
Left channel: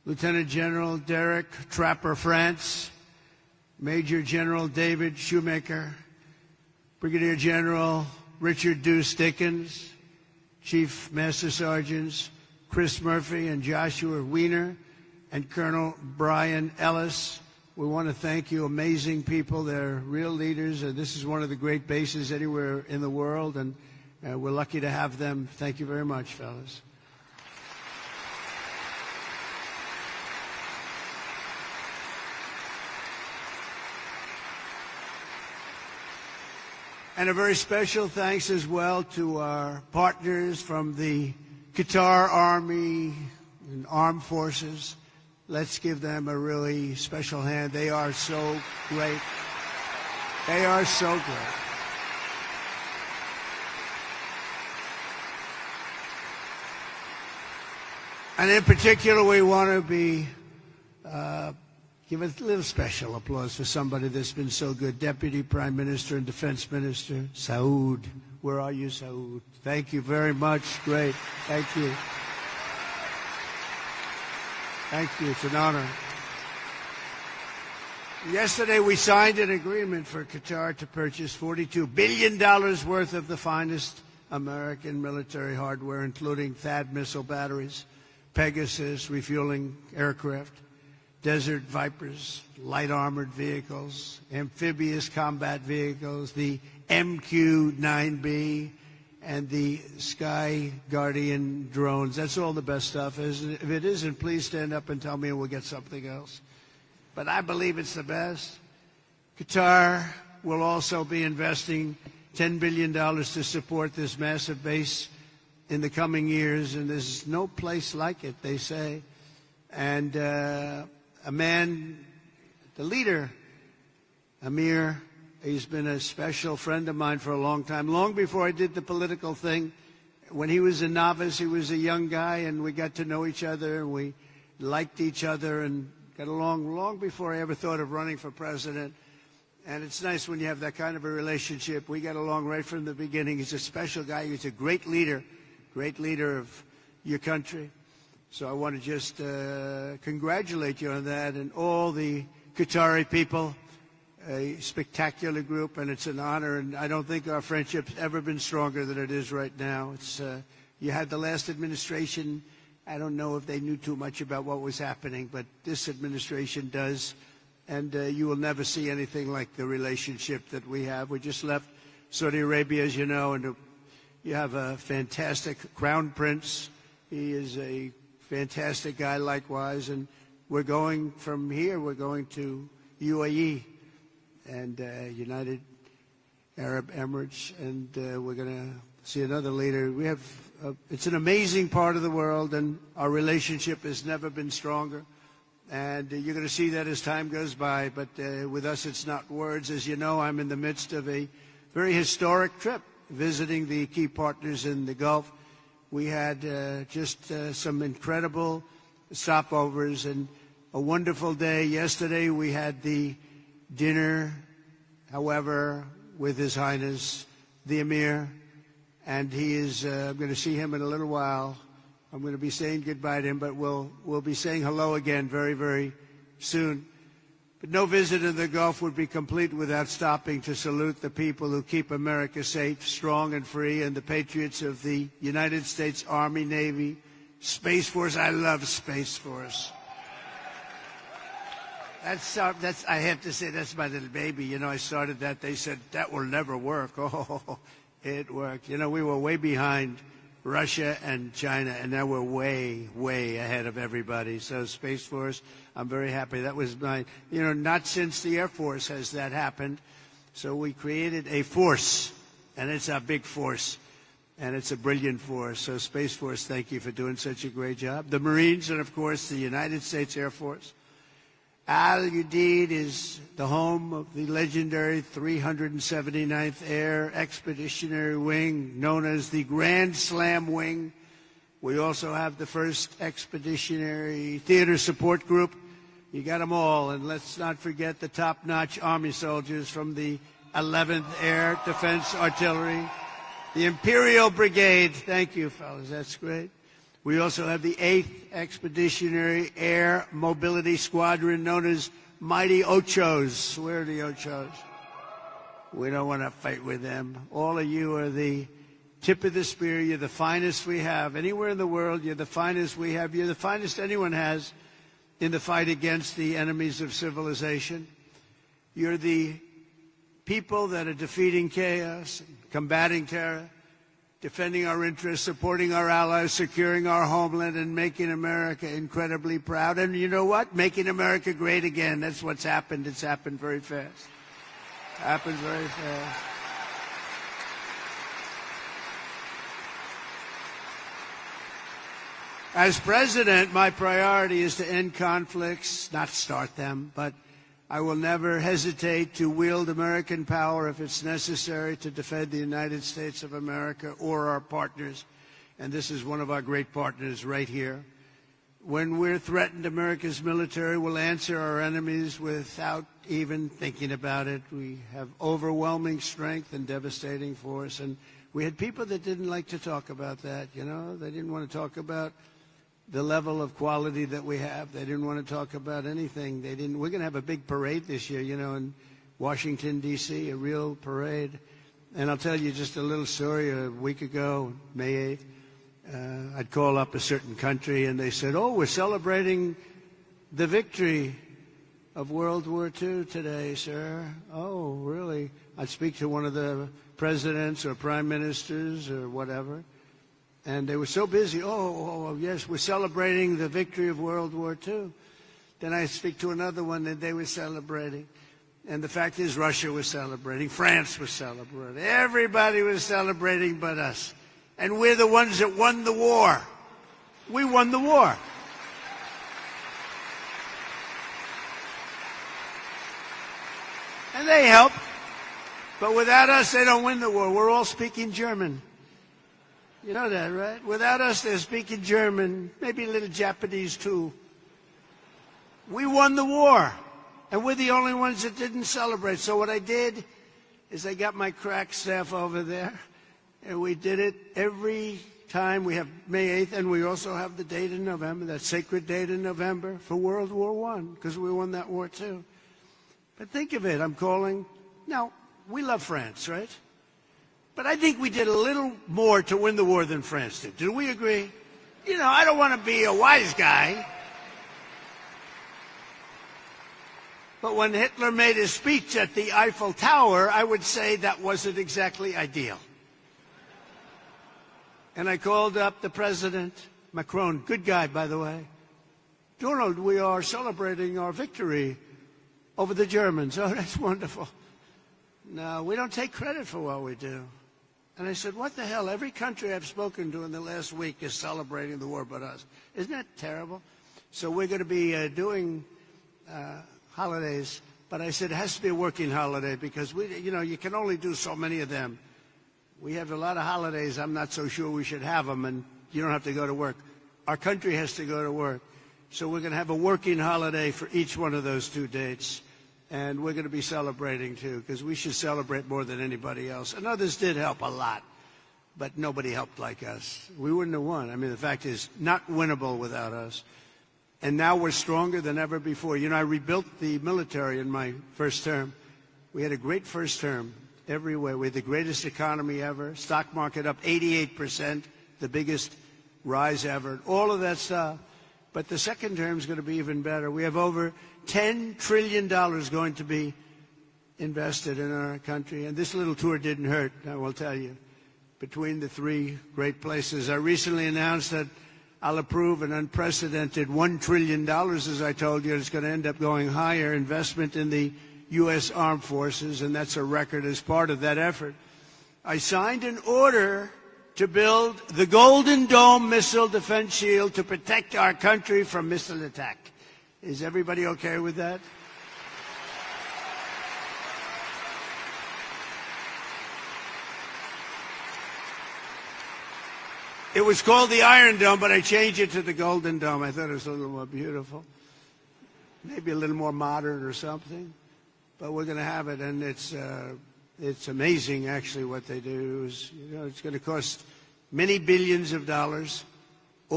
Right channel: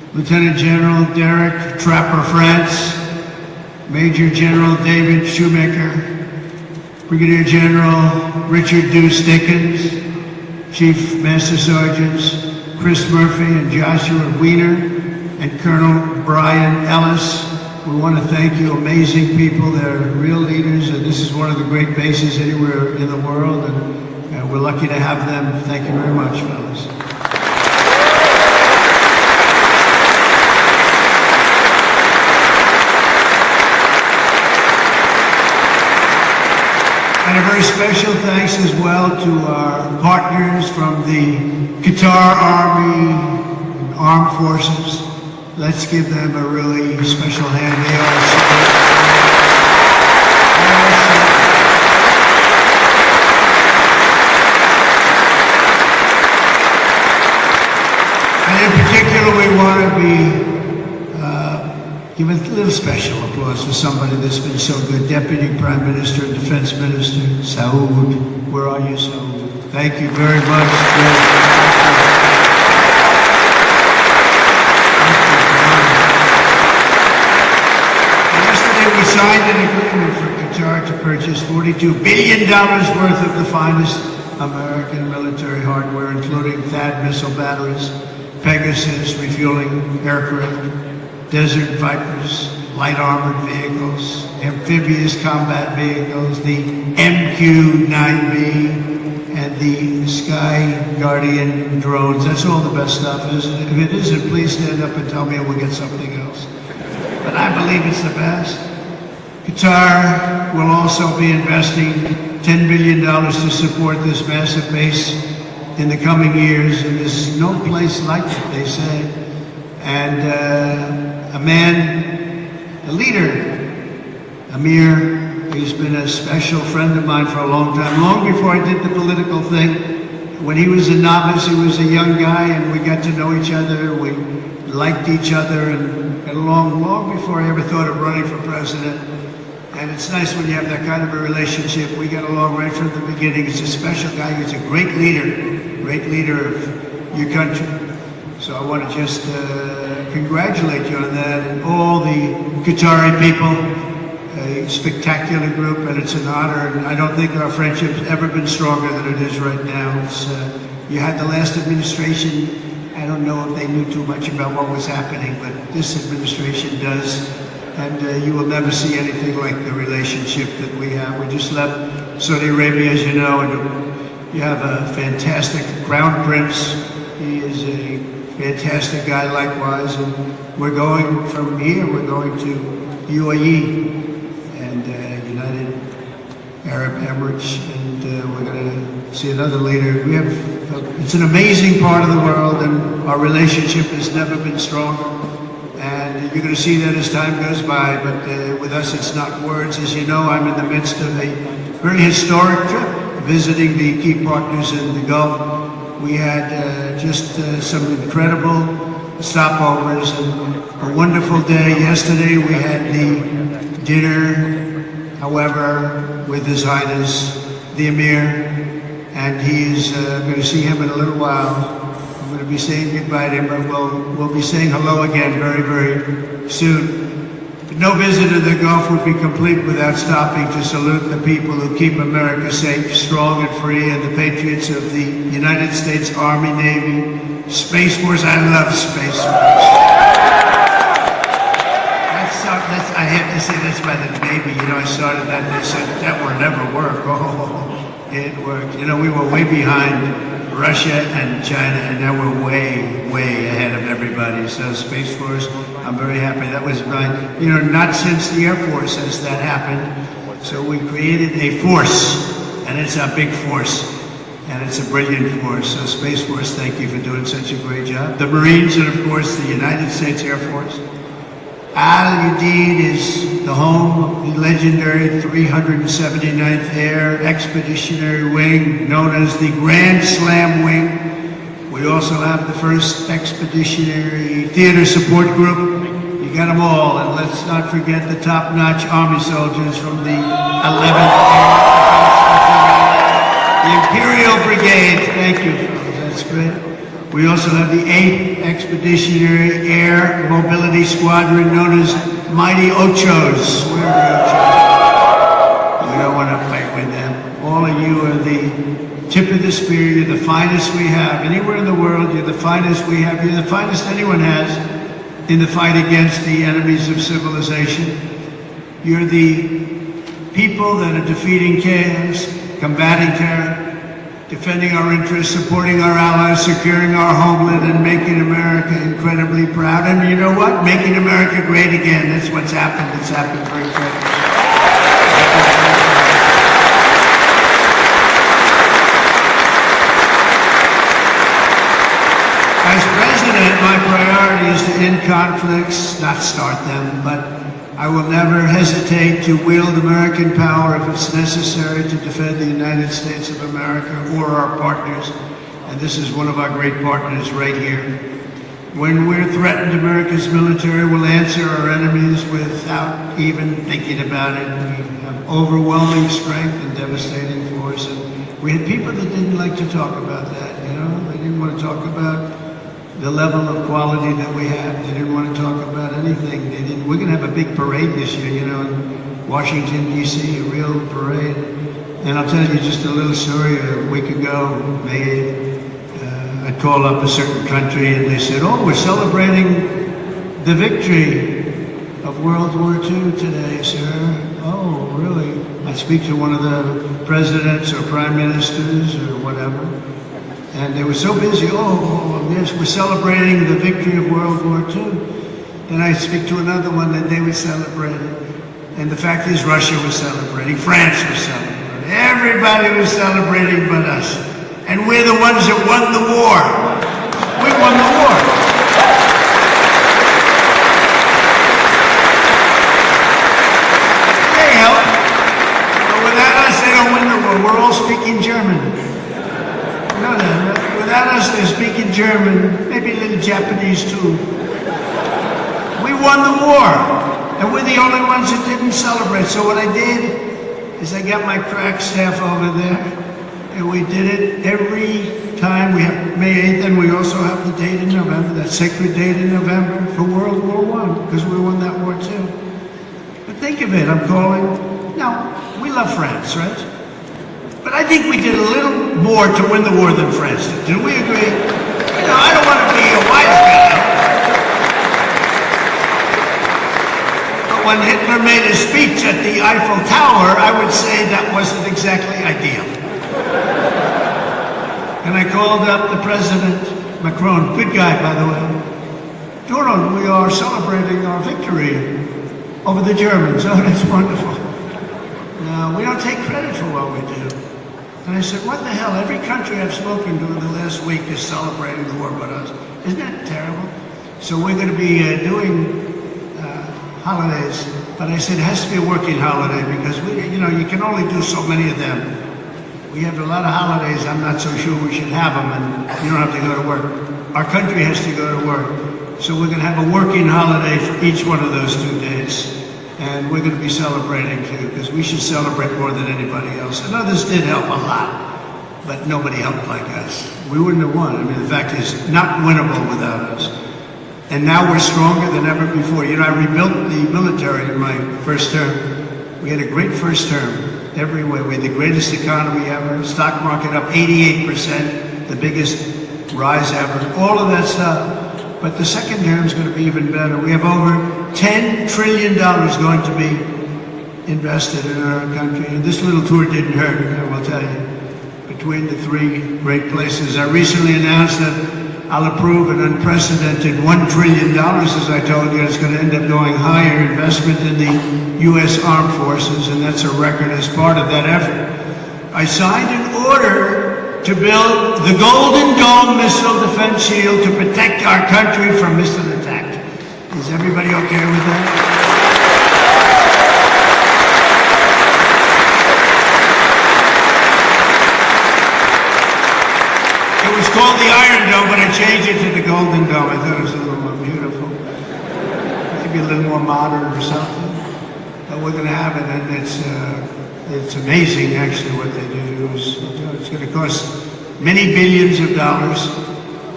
Lieutenant General Derek Trapper France, Major General David Shoemaker, Brigadier General Richard Deuce Dickens, Chief Master Sergeants Chris Murphy and Joshua Wiener, and Colonel Brian Ellis. We want to thank you, amazing people. They're real leaders, and this is one of the great bases anywhere in the world, and we're lucky to have them. Thank you very much, fellas. And a very special thanks as well to our partners from the Qatar Army, Armed Forces. Let's give them a really special hand. They are and in particular, we want to be give a little special applause to somebody that's been so good. Deputy Prime Minister and Defense Minister, Saud. Where are you, Saud? Thank you very much. Yesterday we signed an agreement for Qatar to purchase $42 billion worth of the finest American military hardware, including THAAD missile batteries, Pegasus refueling aircraft, Desert Vipers, light armored vehicles, amphibious combat vehicles, the MQ-9B, and the Sky Guardian drones. That's all the best stuff. If it isn't, please stand up and tell me we'll get something else. But I believe it's the best. Qatar will also be investing $10 billion to support this massive base in the coming years, and there's no place like it, they say. And a man, a leader, Amir, he's been a special friend of mine for a long time, long before I did the political thing. When he was a novice, he was a young guy, and we got to know each other, we liked each other, and got along long before I ever thought of running for president. And it's nice when you have that kind of a relationship. We got along right from the beginning. He's a special guy, he's a great leader of your country. So I want to just congratulate you on that, and all the Qatari people, a spectacular group, and it's an honor. And I don't think our friendship's ever been stronger than it is right now. You had the last administration. I don't know if they knew too much about what was happening, but this administration does. And you will never see anything like the relationship that we have. We just left Saudi Arabia, as you know, and we have a fantastic Crown Prince. He is a fantastic guy likewise, and we're going from here, we're going to UAE and United Arab Emirates, and we're going to see another leader. It's an amazing part of the world, and our relationship has never been stronger, and you're going to see that as time goes by, but with us it's not words. As you know, I'm in the midst of a very historic trip, visiting the key partners in the Gulf. We had just some incredible stopovers and a wonderful day. Yesterday we had the dinner, however, with His Highness the Emir, and he's going to see him in a little while. I'm going to be saying goodbye to him, but we'll be saying hello again very, very soon. No visit to the Gulf would be complete without stopping to salute the people who keep America safe, strong, and free, and the patriots of the United States Army, Navy, Space Force. I love Space Force. I have to say that's by the Navy. You know, I started that and they said that would never work. Oh, it worked. You know, we were way behind Russia and China, and now we're way, way ahead of everybody. So Space Force, I'm very happy. That was not since the Air Force has that happened. So we created a force, and it's a big force, and it's a brilliant force. So Space Force, thank you for doing such a great job. The Marines, and of course the United States Air Force. Udeid is the home of the legendary 379th Air Expeditionary Wing, known as the Grand Slam Wing. We also have the 1st Expeditionary Theater Support Group. You got them all, and let's not forget the top-notch Army soldiers from the 11th Air. The Imperial Brigade, thank you, that's great. We also have the 8th Expeditionary Expeditionary Air Mobility Squadron known as Mighty Ochos. We're Ochos. You don't want to fight with them. All of you are the tip of the spear. You're the finest we have. Anywhere in the world, you're the finest we have. You're the finest anyone has in the fight against the enemies of civilization. You're the people that are defeating chaos, combating terror, defending our interests, supporting our allies, securing our homeland, and making America incredibly proud. And you know what? Making America great again. That's what's happened. It's happened very quickly. As president, my priority is to end conflicts, not start them, but I will never hesitate to wield American power if it's necessary to defend the United States of America or our partners. And this is one of our great partners right here. When we're threatened, America's military will answer our enemies without even thinking about it. We have overwhelming strength and devastating force. And we had people that didn't like to talk about that, you know? They didn't want to talk about the level of quality that we have. They didn't want to talk about anything. We're going to have a big parade this year, you know, in Washington, D.C., a real parade. And I'll tell you just a little story. A week ago, I called up a certain country and they said, oh, we're celebrating the victory of World War II today, sir. Oh, really? I'd speak to one of the presidents or prime ministers or whatever. And they were so busy, yes, we're celebrating the victory of World War II. And I speak to another one that they were celebrating. And the fact is Russia was celebrating, France was celebrating. Everybody was celebrating but us. And we're the ones that won the war. We won the war. They help. But without us, they don't win the war. We're all speaking German. No. Without us, they're speaking German, maybe a little Japanese too. We won the war, and we're the only ones that didn't celebrate. So what I did is I got my crack staff over there, and we did it every time. We have May 8th, and we also have the date in November, that sacred date in November for World War I, because we won that war too. But think of it, I'm calling, we love France, right? But I think we did a little more to win the war than France did. Did we agree? You know, I don't want to be a wise guy. But when Hitler made a speech at the Eiffel Tower, I would say that wasn't exactly ideal. And I called up the President, Macron, good guy, by the way. Donald, we are celebrating our victory over the Germans. Oh, that's wonderful. No, we don't take credit for what we do. And I said, what the hell? Every country I've spoken to in the last week is celebrating the war but us. Isn't that terrible? So we're going to be doing holidays. But I said it has to be a working holiday because, you can only do so many of them. We have a lot of holidays. I'm not so sure we should have them, and you don't have to go to work. Our country has to go to work. So we're going to have a working holiday for each one of those 2 days. And we're going to be celebrating too, because we should celebrate more than anybody else. And others did help a lot, but nobody helped like us. We wouldn't have won. I mean, the fact is, not winnable without us. And now we're stronger than ever before. You know, I rebuilt the military in my first term. We had a great first term everywhere. We had the greatest economy ever. Stock market up 88%, the biggest rise ever. All of that stuff. But the second term is going to be even better. We have over $10 trillion going to be invested in our country. And this little tour didn't hurt, I will tell you. Between the 3 great places. I recently announced that I'll approve an unprecedented $1 trillion, as I told you. It's going to end up going higher investment in the U.S. Armed Forces, and that's a record as part of that effort. I signed an order to build the Golden Dome missile defense shield to protect our country from missile attack. Is everybody okay with that? It was called the Iron Dome, but I changed it to the Golden Dome. I thought it was a little more beautiful. Maybe a little more modern or something. But we're going to have it, and it's amazing, actually, what they do. It's going to cost many billions of dollars.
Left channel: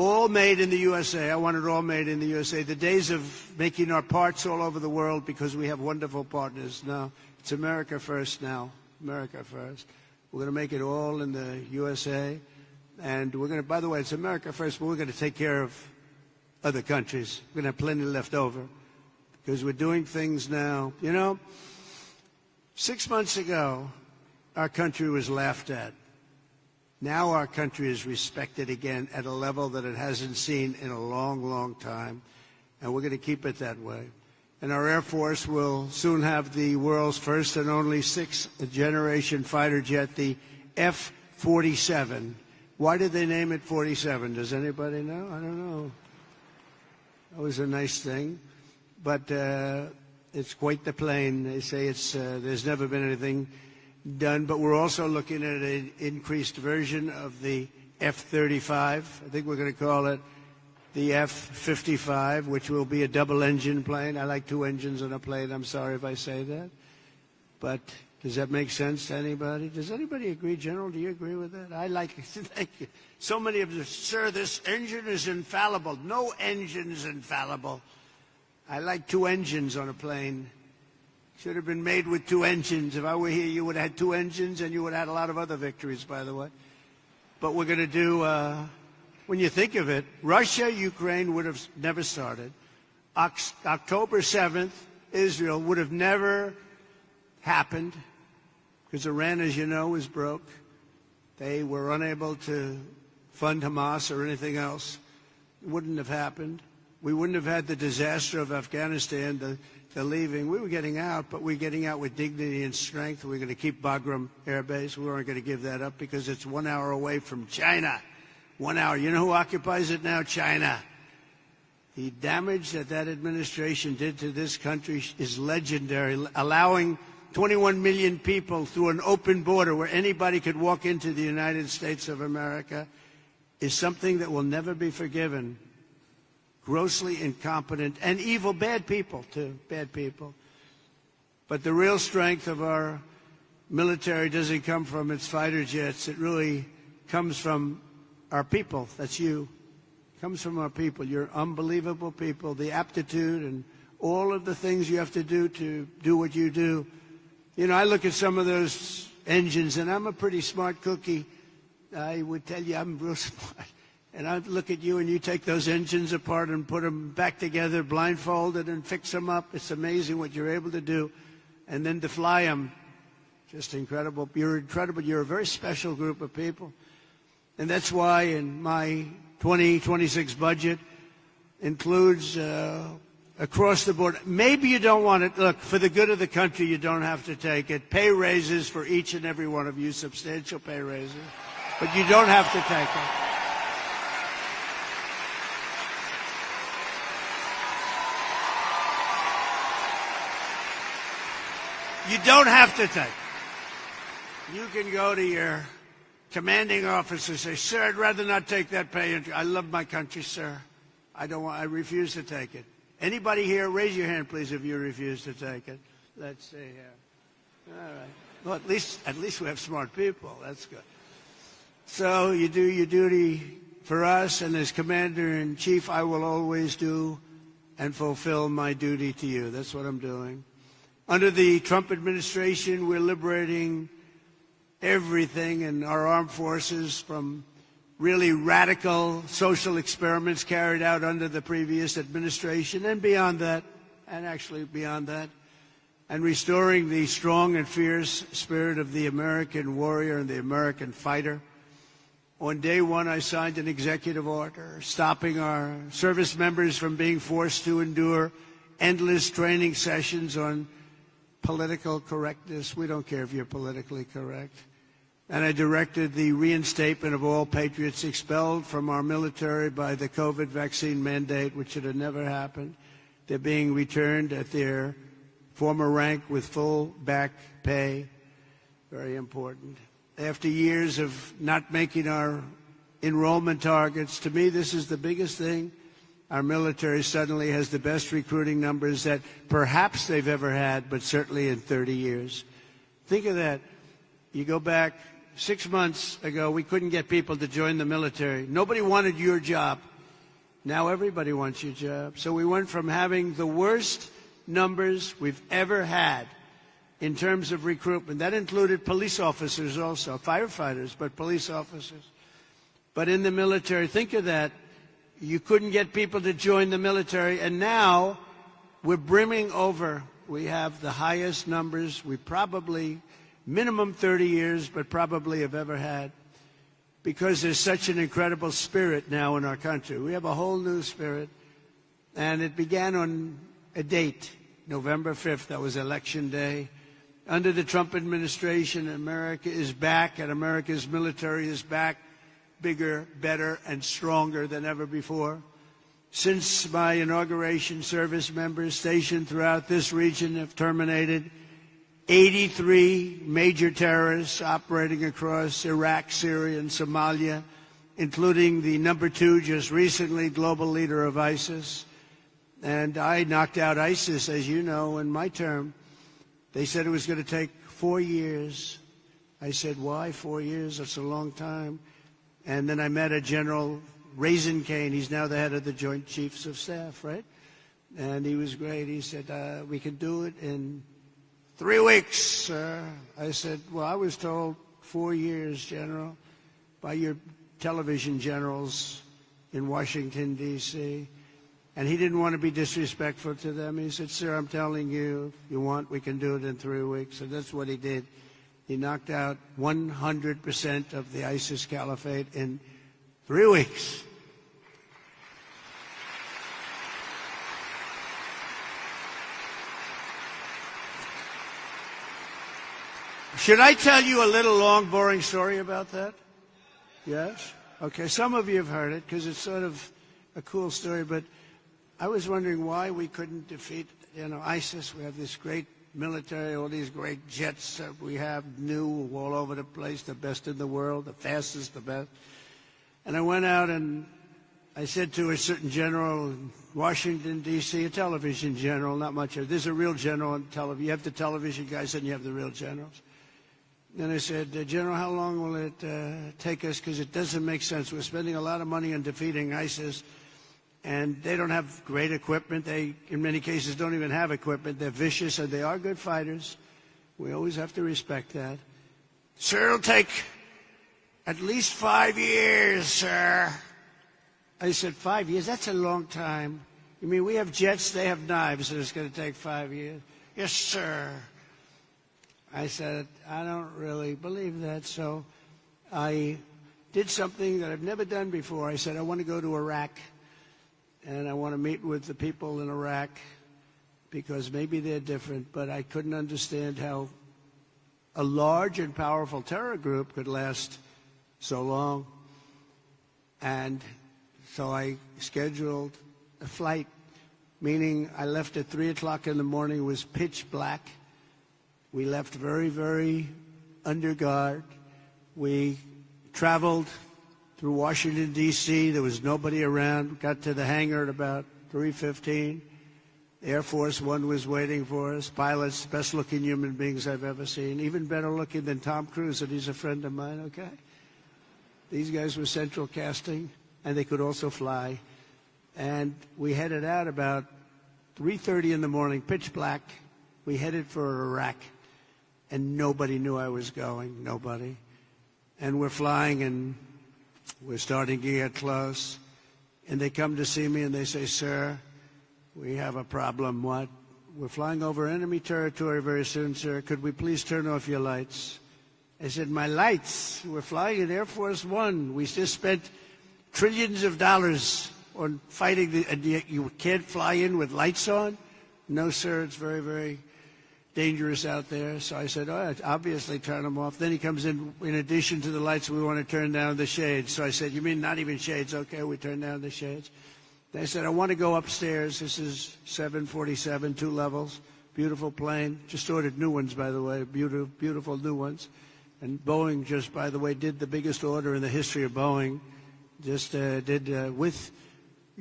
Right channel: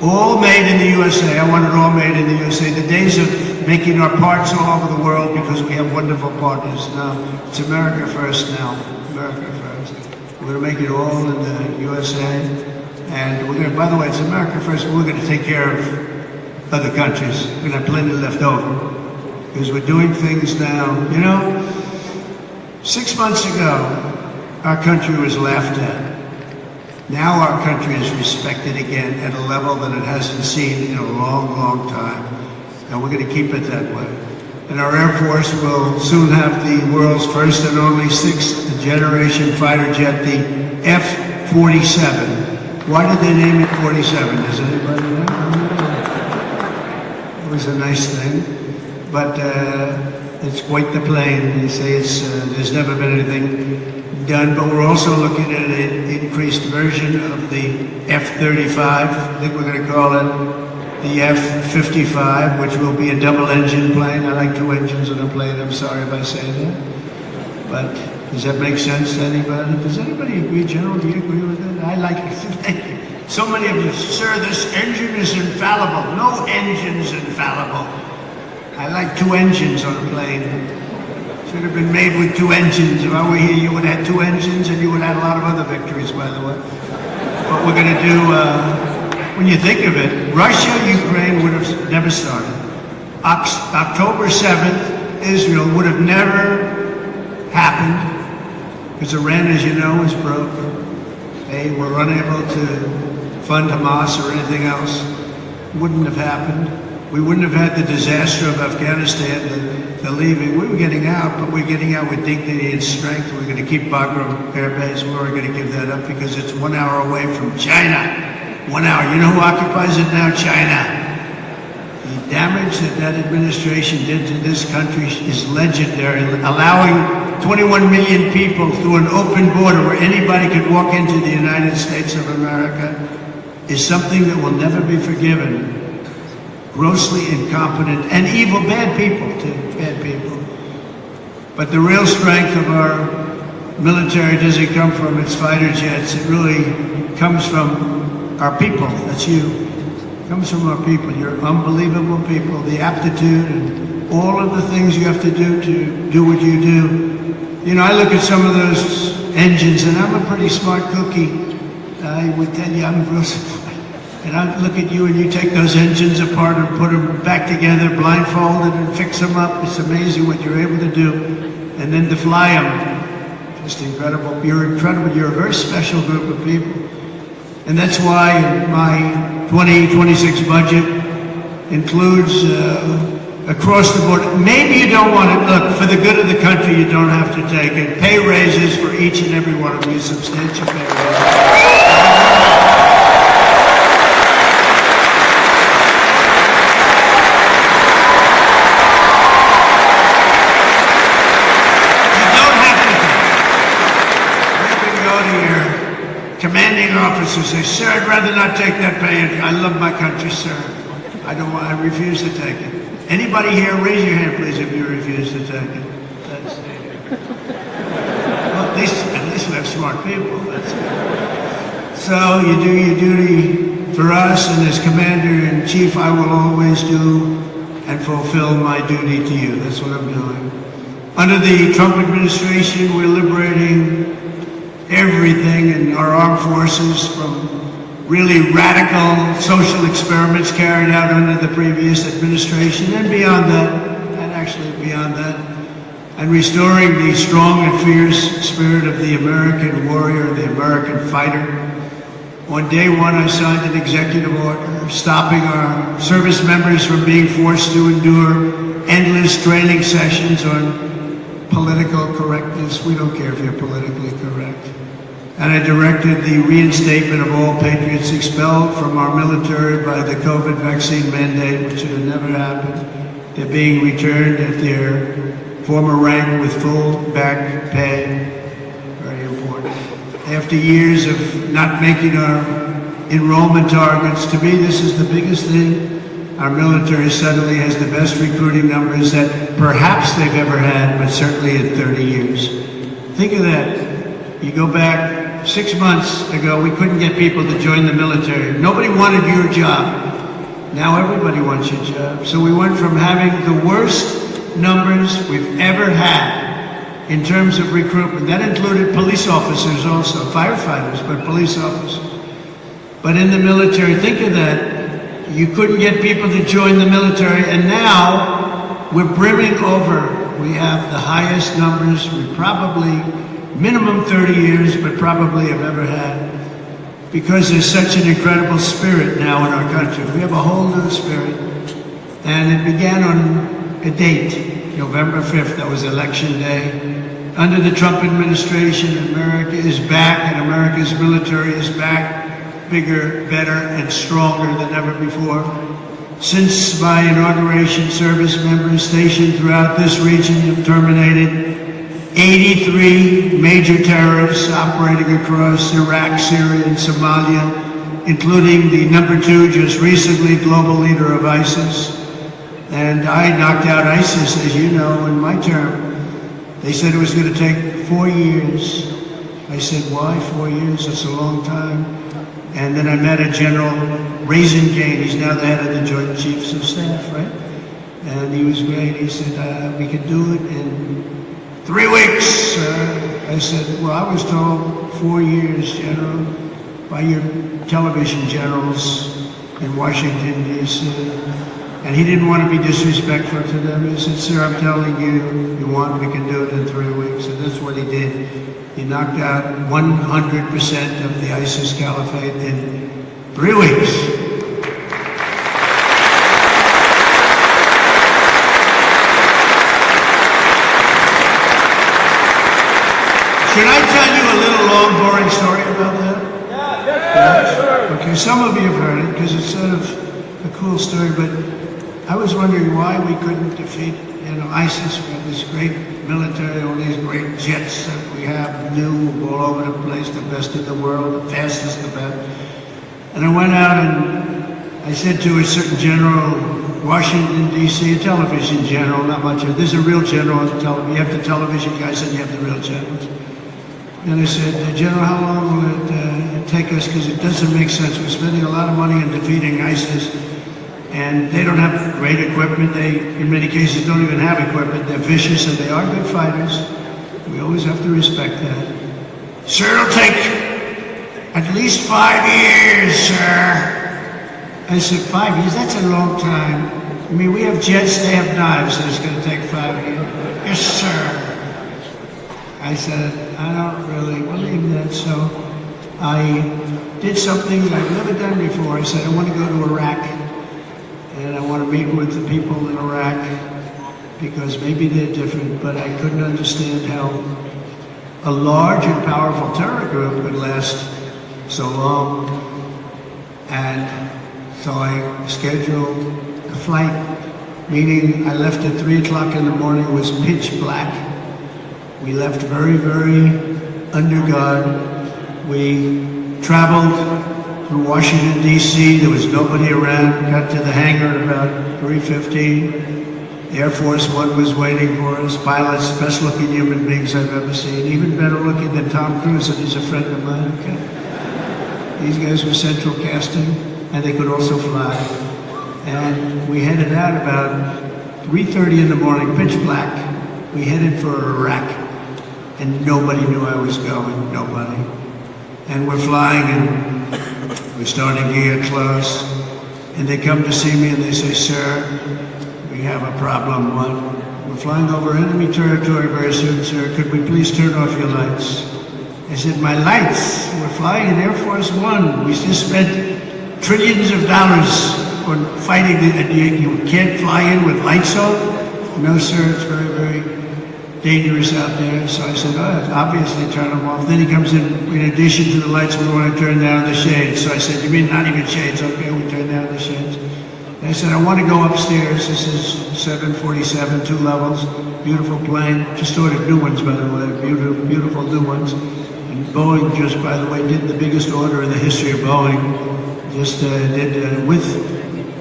All made in the USA. I want it all made in the USA. The days of making our parts all over the world because we have wonderful partners. Now, it's America first now. America first. We're going to make it all in the USA. And we're going to, by the way, it's America first, but we're going to take care of other countries. We're going to have plenty left over. Because we're doing things now. You know, 6 months ago, our country was laughed at. Now our country is respected again at a level that it hasn't seen in a long, long time. And we're going to keep it that way. And our Air Force will soon have the world's first and only sixth-generation fighter jet, the F-47. Why did they name it 47? Does anybody know? It was a nice thing. But it's quite the plane. They say there's never been anything done, but we're also looking at an increased version of the F-35. I think we're going to call it the F-55, which will be a double-engine plane. I like 2 engines on a plane. I'm sorry if I say that. But does that make sense to anybody? Does anybody agree, General? Do you agree with that? I like it. Thank you. So many of you, sir, this engine is infallible. No engine is infallible. I like 2 engines on a plane. Should have been made with 2 engines. If I were here, you would have 2 engines, and you would have a lot of other victories, by the way. What we're going to do, when you think of it, Russia-Ukraine would have never started. October 7th, Israel would have never happened, because Iran, as you know, is broke. They were unable to fund Hamas or anything else. Wouldn't have happened. We wouldn't have had the disaster of Afghanistan, the leaving. We were getting out, but we're getting out with dignity and strength. We're going to keep Bagram Air Base. We're going to give that up because it's 1 hour away from China. 1 hour. You know who occupies it now? China. The damage that administration did to this country is legendary. Allowing 21 million people through an open border where anybody could walk into the United States of America is something that will never be forgiven. Grossly incompetent and evil, bad people too, bad people. But the real strength of our military doesn't come from its fighter jets. It really comes from our people. That's you. It comes from our people. You're unbelievable people. The aptitude and all of the things you have to do what you do. You know, I look at some of those engines, and I'm a pretty smart cookie. I would tell you I'm gross. And I look at you and you take those engines apart and put them back together, blindfolded, and fix them up. It's amazing what you're able to do. And then to fly them, just incredible. You're incredible. You're a very special group of people. And that's why my 2026 budget includes across the board. Maybe you don't want to, look, for the good of the country, you don't have to take it. Pay raises for each and every one of you, substantial pay raises. Officers say, sir, I'd rather not take that pay. I love my country, sir. I don't want. I refuse to take it. Anybody here, raise your hand, please, if you refuse to take it. Well, at least we have smart people. So you do your duty for us, and as Commander-in-Chief, I will always do and fulfill my duty to you. That's what I'm doing. Under the Trump administration, we're liberating everything in our armed forces from really radical social experiments carried out under the previous administration and beyond that, and actually beyond that, and restoring the strong and fierce spirit of the American warrior, the American fighter. On day one, I signed an executive order stopping our service members from being forced to endure endless training sessions on political correctness. We don't care if you're politically correct. And I directed the reinstatement of all patriots expelled from our military by the COVID vaccine mandate, which had never happened. They're being returned at their former rank with full back pay. Very important. After years of not making our enrollment targets, to me this is the biggest thing. Our military suddenly has the best recruiting numbers that perhaps they've ever had, but certainly in 30 years. Think of that. You go back 6 months ago, we couldn't get people to join the military. Nobody wanted your job. Now everybody wants your job. So we went from having the worst numbers we've ever had in terms of recruitment. That included police officers also, firefighters, but police officers. But in the military, think of that. You couldn't get people to join the military, and now we're brimming over. We have the highest numbers we probably, minimum 30 years, but probably have ever had. Because there's such an incredible spirit now in our country. We have a whole new spirit. And it began on a date, November 5th, that was election day. Under the Trump administration, America is back, and America's military is back, bigger, better, and stronger than ever before. Since my inauguration, service members stationed throughout this region have terminated 83 major terrorists operating across Iraq, Syria, and Somalia, including the #2, just recently, global leader of ISIS. And I knocked out ISIS, as you know, in my term. They said it was going to take 4 years. I said, why 4 years? That's a long time. And then I met a General Kane. He's now the head of the Joint Chiefs of Staff, right? And he was great. He said, we could do it in 3 weeks. I said, well, I was told 4 years, General, by your television generals in Washington, D.C. And he didn't want to be disrespectful to them. He said, sir, I'm telling you, you want, we can do it in 3 weeks. And that's what he did. He knocked out 100% of the ISIS caliphate in 3 weeks. Can I tell you a little long, boring story about that? Yeah. Okay, some of you have heard it because it's sort of a cool story, but I was wondering why we couldn't defeat, ISIS with this great military, all these great jets that we have, new all over the place, the best in the world, the fastest, the best. And I went out and I said to a certain general, Washington, D.C., a television general, not much of it. There's a real general on the television. You have the television guys and you have the real generals. And I said, General, how long will it take us? Because it doesn't make sense. We're spending a lot of money on defeating ISIS. And they don't have great equipment. They, in many cases, don't even have equipment. They're vicious and they are good fighters. We always have to respect that. Sir, it'll take at least 5 years, sir. I said, 5 years? That's a long time. I mean, we have jets, they have knives, so it's going to take 5 years. Yes, sir. I said, I don't really believe that, so I did something that I've never done before. I said, I want to go to Iraq. And I want to meet with the people in Iraq because maybe they're different, but I couldn't understand how a large and powerful terror group could last so long. And so I scheduled a flight, meaning I left at 3 o'clock in the morning. It was pitch black. We left very, very under guard. We traveled through Washington, D.C. There was nobody around. Got to the hangar at about 3:15. Air Force One was waiting for us. Pilots, best looking human beings I've ever seen. Even better looking than Tom Cruise, and he's a friend of mine. Okay. These guys were central casting, and they could also fly. And we headed out about 3:30 in the morning, pitch black. We headed for Iraq, and nobody knew I was going. Nobody. And we're flying, and we're starting to get close, and they come to see me and they say, sir, we have a problem. We're flying over enemy territory very soon, sir. Could we please turn off your lights? I said, my lights? We're flying in Air Force One. We just spent trillions of dollars on fighting it. You can't fly in with lights on? No, sir, it's very, very dangerous out there. So I said, obviously turn them off. Then he comes in addition to the lights, we want to turn down the shades. So I said, you mean not even shades? Okay, we turn down the shades. And I said, I want to go upstairs. This is 747, 2 levels, beautiful plane. Just ordered new ones, by the way, beautiful new ones. And Boeing just, by the way, did the biggest order in the history of Boeing. Just did with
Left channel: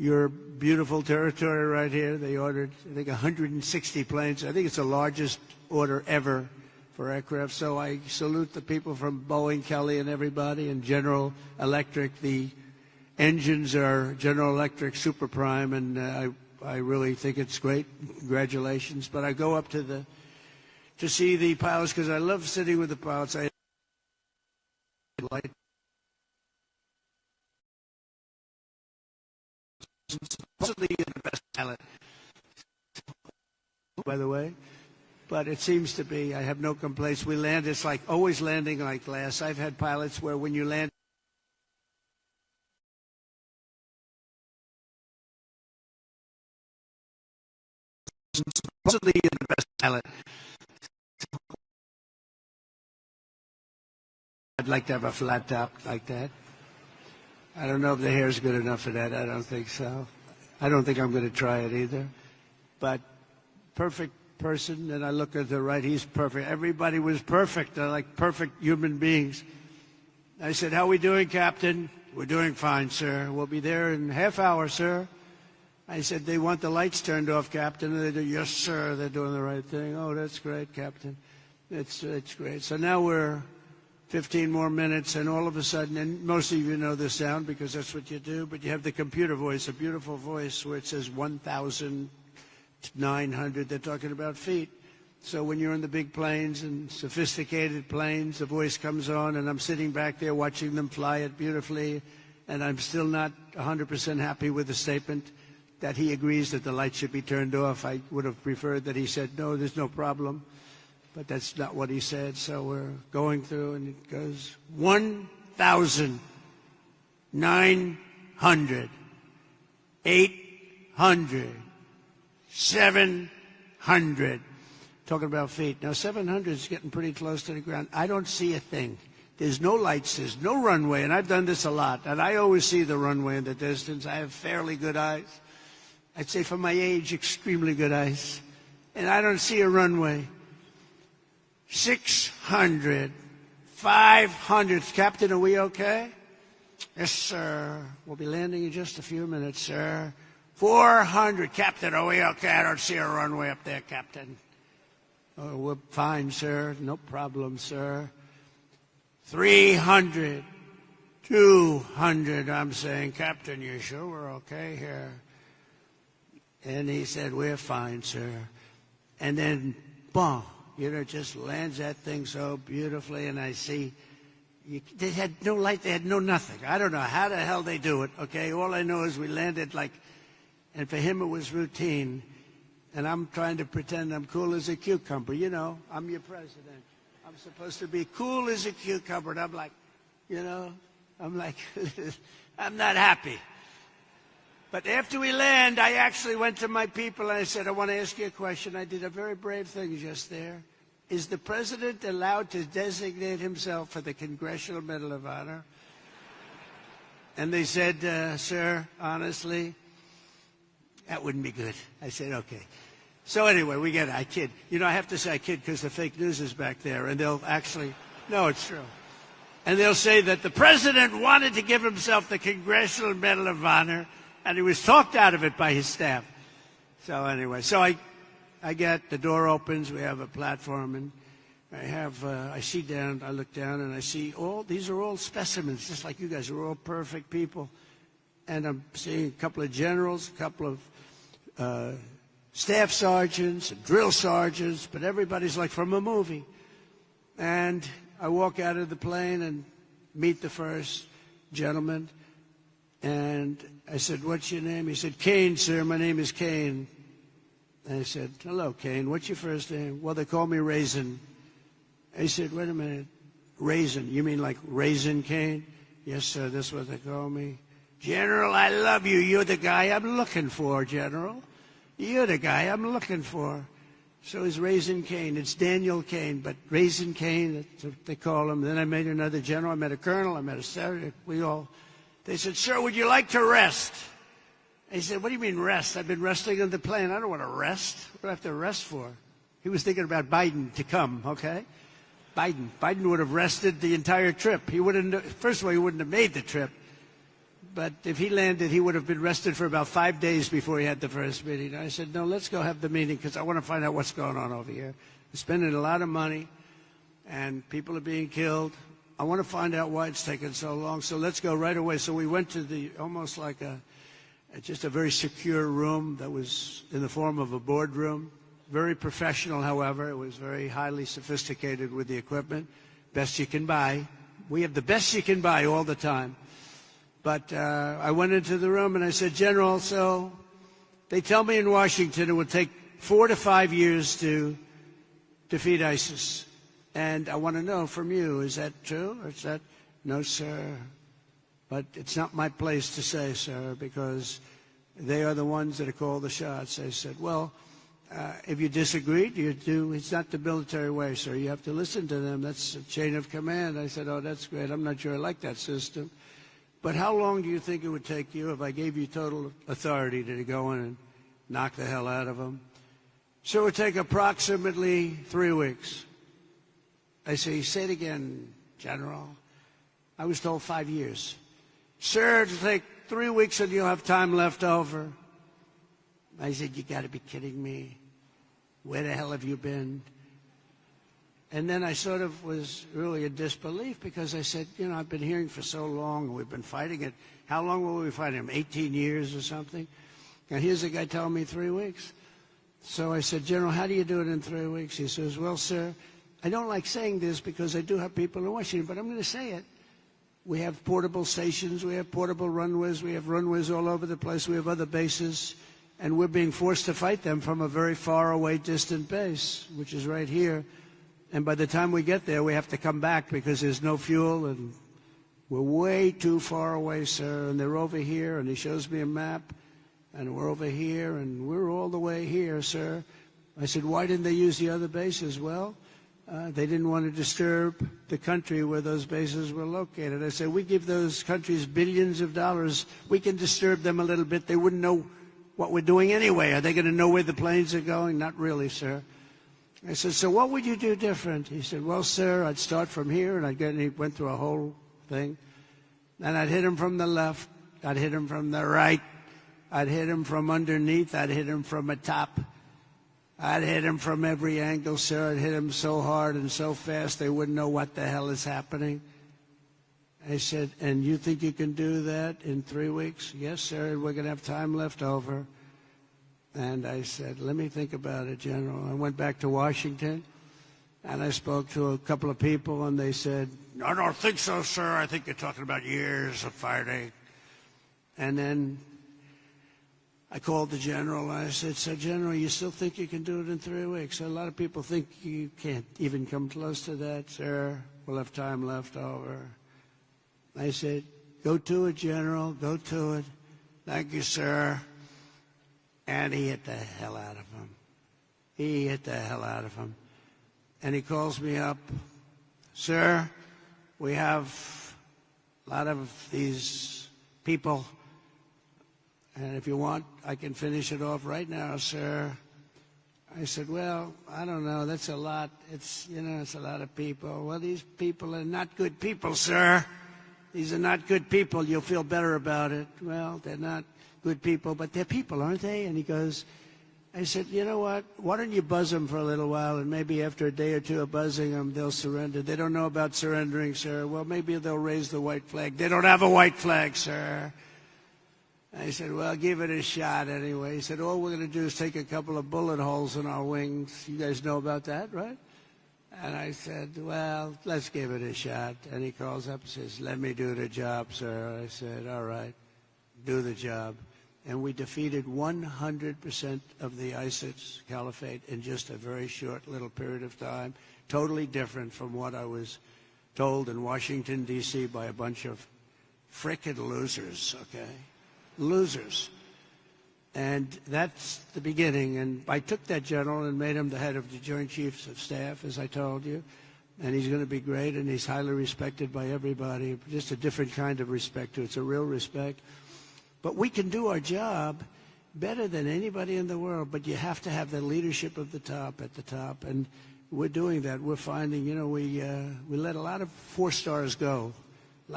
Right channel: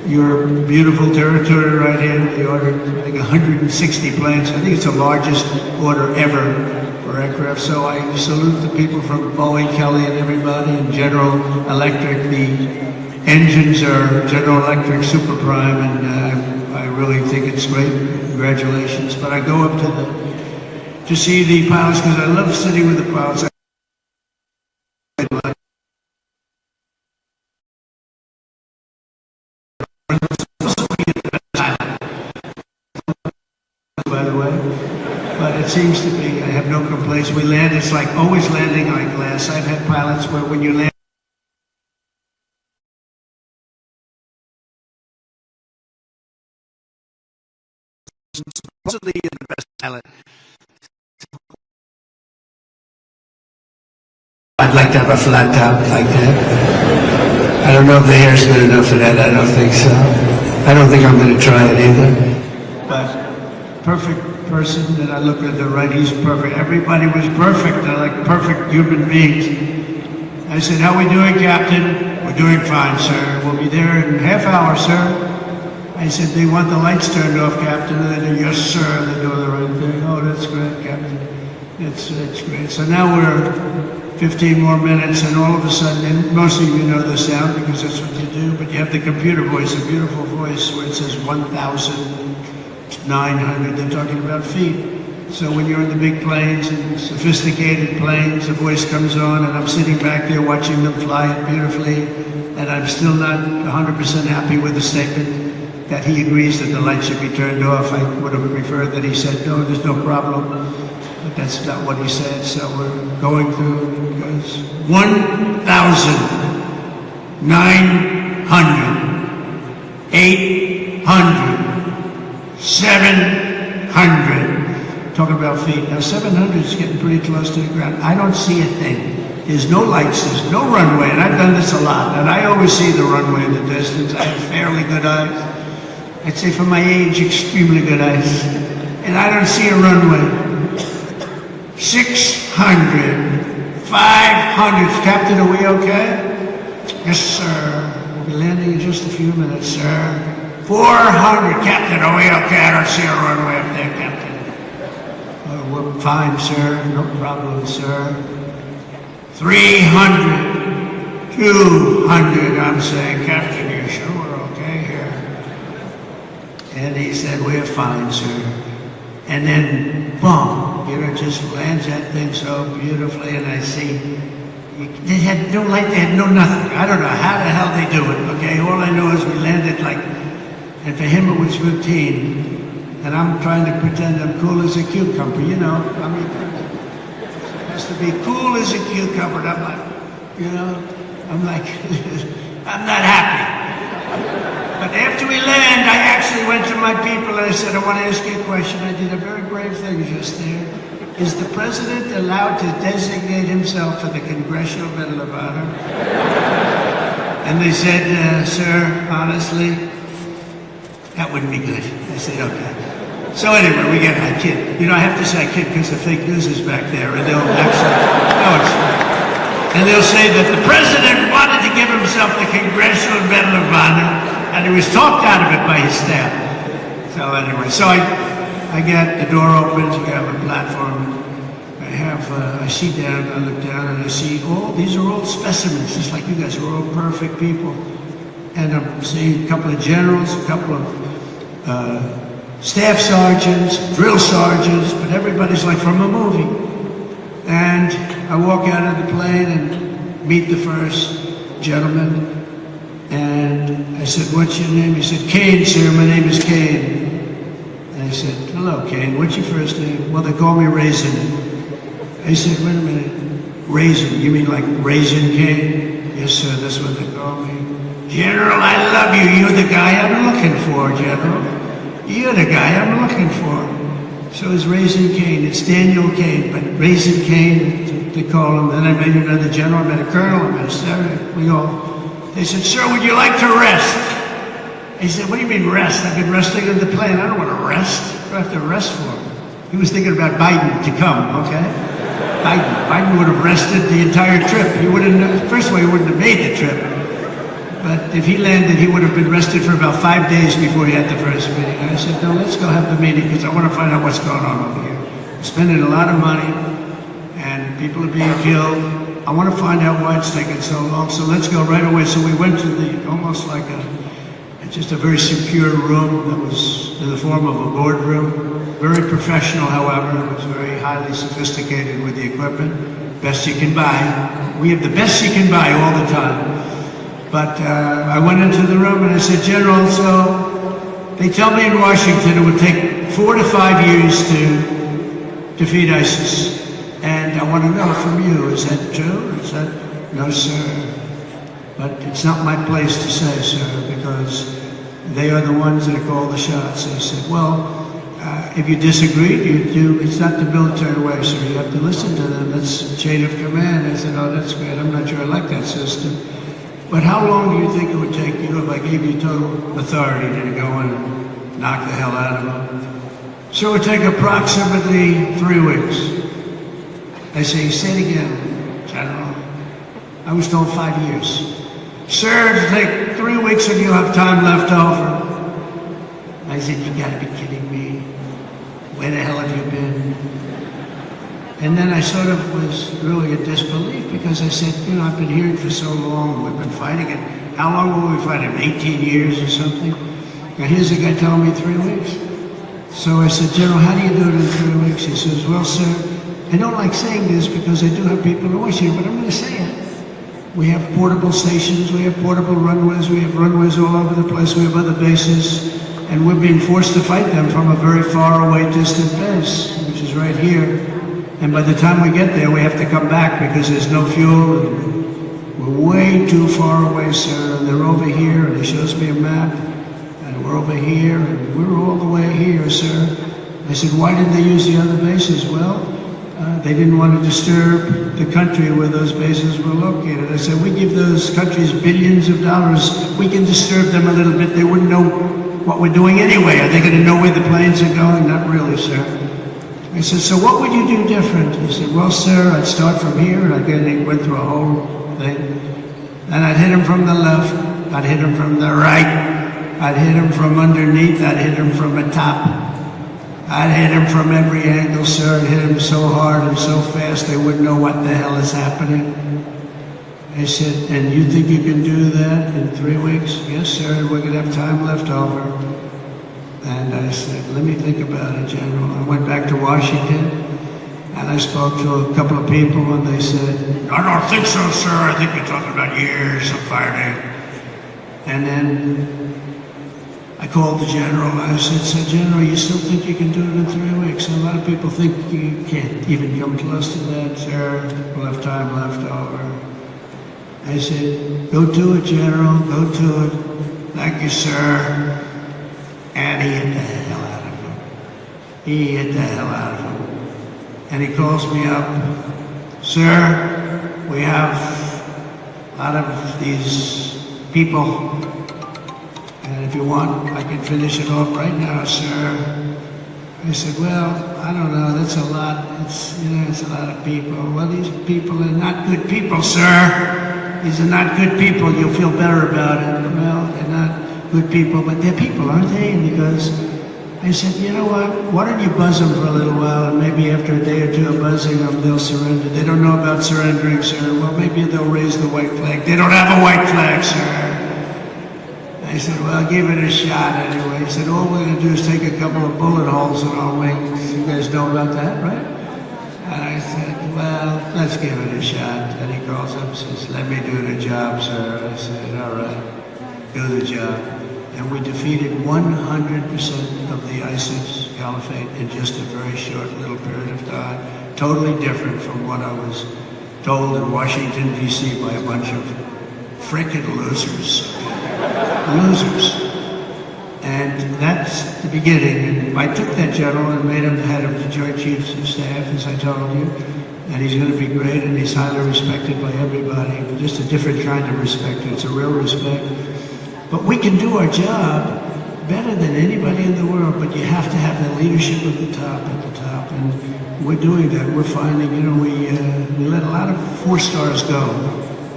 your beautiful territory right here. They ordered, I think, 160 planes. I think it's the largest order ever for aircraft. So I salute the people from Boeing, Kelly, and everybody, and General Electric. The engines are General Electric Super Prime, and I really think it's great. Congratulations. But I go up to see the pilots because I love sitting with the pilots. By the way, but it seems to be, I have no complaints. We land, it's like always landing on glass. I've had pilots where when you land, supposedly you're the best pilot. I'd like to have a flat top like that. I don't know if the hair's good enough for that. I don't think so. I don't think I'm going to try it either. But perfect person, and I look at the right, he's perfect. Everybody was perfect. I like perfect human beings. I said, how are we doing, Captain? We're doing fine, sir. We'll be there in a half hour, sir. I said, they want the lights turned off, Captain. And they do, yes, sir. They're doing the right thing. Oh, that's great, Captain. It's great. So now we're 15 more minutes, and all of a sudden, and most of you know the sound because that's what you do, but you have the computer voice, a beautiful voice where it says 1,900. They're talking about feet. So when you're in the big planes and sophisticated planes, the voice comes on, and I'm sitting back there watching them fly it beautifully, and I'm still not 100% happy with the statement that he agrees that the lights should be turned off. I would have preferred that he said, no, there's no problem. But that's not what he said, so we're going through 1,900, 800, 700. Talking about feet. Now 700 is getting pretty close to the ground. I don't see a thing. There's no lights, there's no runway, and I've done this a lot, and I always see the runway in the distance. I have fairly good eyes. I'd say for my age, extremely good eyes. And I don't see a runway. 600, 500. Captain, are we okay? Yes, sir. We'll be landing in just a few minutes, sir. 400. Captain, are we okay? I don't see a runway up there, Captain. Oh, we're fine, sir. No problem, sir. 300, 200. I'm saying, Captain, you sure we're okay here? And he said, we're fine, sir. And then, boom. It just lands that thing so beautifully, and I see they had no light, they had no nothing. I don't know how the hell they do it, okay? All I know is we landed like, and for him it was routine, and I'm trying to pretend I'm cool as a cucumber, you know? I mean, it has to be cool as a cucumber, and I'm like, I'm not happy. But after we land, I actually went to my people and I said, I want to ask you a question. I did a very brave thing just there. Is the president allowed to designate himself for the Congressional Medal of Honor? And they said, sir, honestly, that wouldn't be good. I said, okay. So anyway, we get I kid. I have to say I kid because the fake news is back there, and they'll and they'll say that the president wanted to give himself the Congressional Medal of Honor, and he was talked out of it by his staff. So anyway, so I get the door opens, we have a platform. I see down, I look down, and I see these are all specimens, just like you guys, we're all perfect people. And I'm seeing a couple of generals, a couple of staff sergeants, drill sergeants, but everybody's like from a movie. And I walk out of the plane and meet the first gentleman. And I said, what's your name? He said, Kane, sir, my name is Kane. And I said, hello, Kane, what's your first name? Well, they call me Raisin. He said, wait a minute, Raisin, you mean like Raisin Kane? Yes, sir, that's what they call me. General, I love you. You're the guy I'm looking for, General. You're the guy I'm looking for. So it's Raisin Kane. It's Daniel Kane, but Raisin Kane, they call him. Then I met another general, I met a colonel, I met a senator. He said, sir, would you like to rest? He said, what do you mean rest? I've been resting in the plane. I don't want to rest. What do I have to rest for? He was thinking about Biden to come, okay? Biden would have rested the entire trip. He wouldn't, first of all, he wouldn't have made the trip. But if he landed, he would have been rested for about 5 days before he had the first meeting. I said, no, let's go have the meeting because I want to find out what's going on over here. Spending a lot of money and people are being killed. I want to find out why it's taking so long. So let's go right away. So we went to almost like just a very secure room that was in the form of a boardroom. Very professional, however. It was very highly sophisticated with the equipment. Best you can buy. We have the best you can buy all the time. But I went into the room and I said, General, so they tell me in Washington it would take 4 to 5 years to defeat ISIS. And I want to know from you, is that true? Is that, no, sir. But it's not my place to say, sir, because they are the ones that call the shots. I said, well, if you disagree, it's not the military way, sir. You have to listen to them. That's the chain of command. I said, oh, that's great. I'm not sure I like that system. But how long do you think it would take you if I gave you total authority to go and knock the hell out of them? So it would take approximately 3 weeks. I say, say it again, General. I was told 5 years. Sir, it'll take 3 weeks and you'll have time left over. I said, you gotta be kidding me. Where the hell have you been? And then I sort of was really in disbelief because I said, you know, I've been here for so long, we've been fighting it. How long will we fight it? 18 years or something? And here's the guy telling me 3 weeks. So I said, General, how do you do it in 3 weeks? He says, well, sir, I don't like saying this because I do have people always here, but I'm going to say it. We have portable stations, we have portable runways, we have runways all over the place, we have other bases, and we're being forced to fight them from a very far away distant base, which is right here. And by the time we get there, we have to come back because there's no fuel. And we're way too far away, sir. And they're over here, and he shows me a map. And we're over here, and we're all the way here, sir. I said, why didn't they use the other bases? Well, they didn't want to disturb the country where those bases were located. I said, we give those countries billions of dollars. We can disturb them a little bit. They wouldn't know what we're doing anyway. Are they going to know where the planes are going? Not really, sir. I said, so what would you do different? He said, well, sir, I'd start from here, and he went through a whole thing. And I'd hit him from the left, I'd hit him from the right, I'd hit him from underneath, I'd hit him from the top. I'd hit him from every angle, sir. I'd hit him so hard and so fast they wouldn't know what the hell is happening. He said, and you think you can do that in 3 weeks? Yes, sir, we're going to have time left over. And I said, let me think about it, General. I went back to Washington, and I spoke to a couple of people, and they said, I don't think so, sir. I think you're talking about years of fighting. And then I called the General. I said, General, you still think you can do it in 3 weeks? And a lot of people think you can't even come close to that, sir. We'll have time left over. I said, go do it, General. Go do it. Thank you, sir. And he hit the hell out of him. He hit the hell out of him. And he calls me up, sir, we have out of these people, and if you want, I can finish it off right now, sir. I said, well, I don't know, that's a lot. It's a lot of people. Well, these people are not good people, sir. These are not good people. You'll feel better about it. Well, they're not good people, but they're people, aren't they? And he goes, I said, you know what? Why don't you buzz them for a little while, and maybe after a day or two of buzzing them, they'll surrender. They don't know about surrendering, sir. Well, maybe they'll raise the white flag. They don't have a white flag, sir. I said, well, I'll give it a shot anyway. He said, all we're going to do is take a couple of bullet holes in our wings. You guys know about that, right? And I said, well, let's give it a shot. And he calls up and says, let me do the job, sir. I said, all right, do the job. And we defeated 100% of the ISIS caliphate in just a very short little period of time. Totally different from what I was told in Washington, D.C. by a bunch of frickin' losers. Losers. And that's the beginning. And I took that general and made him the head of the Joint Chiefs of Staff, as I told you. And he's going to be great, and he's highly respected by everybody. Just a different kind of respect. It's a real respect. But we can do our job better than anybody in the world, but you have to have the leadership at the top. And we're doing that. We're finding, we let a lot of 4 stars go. A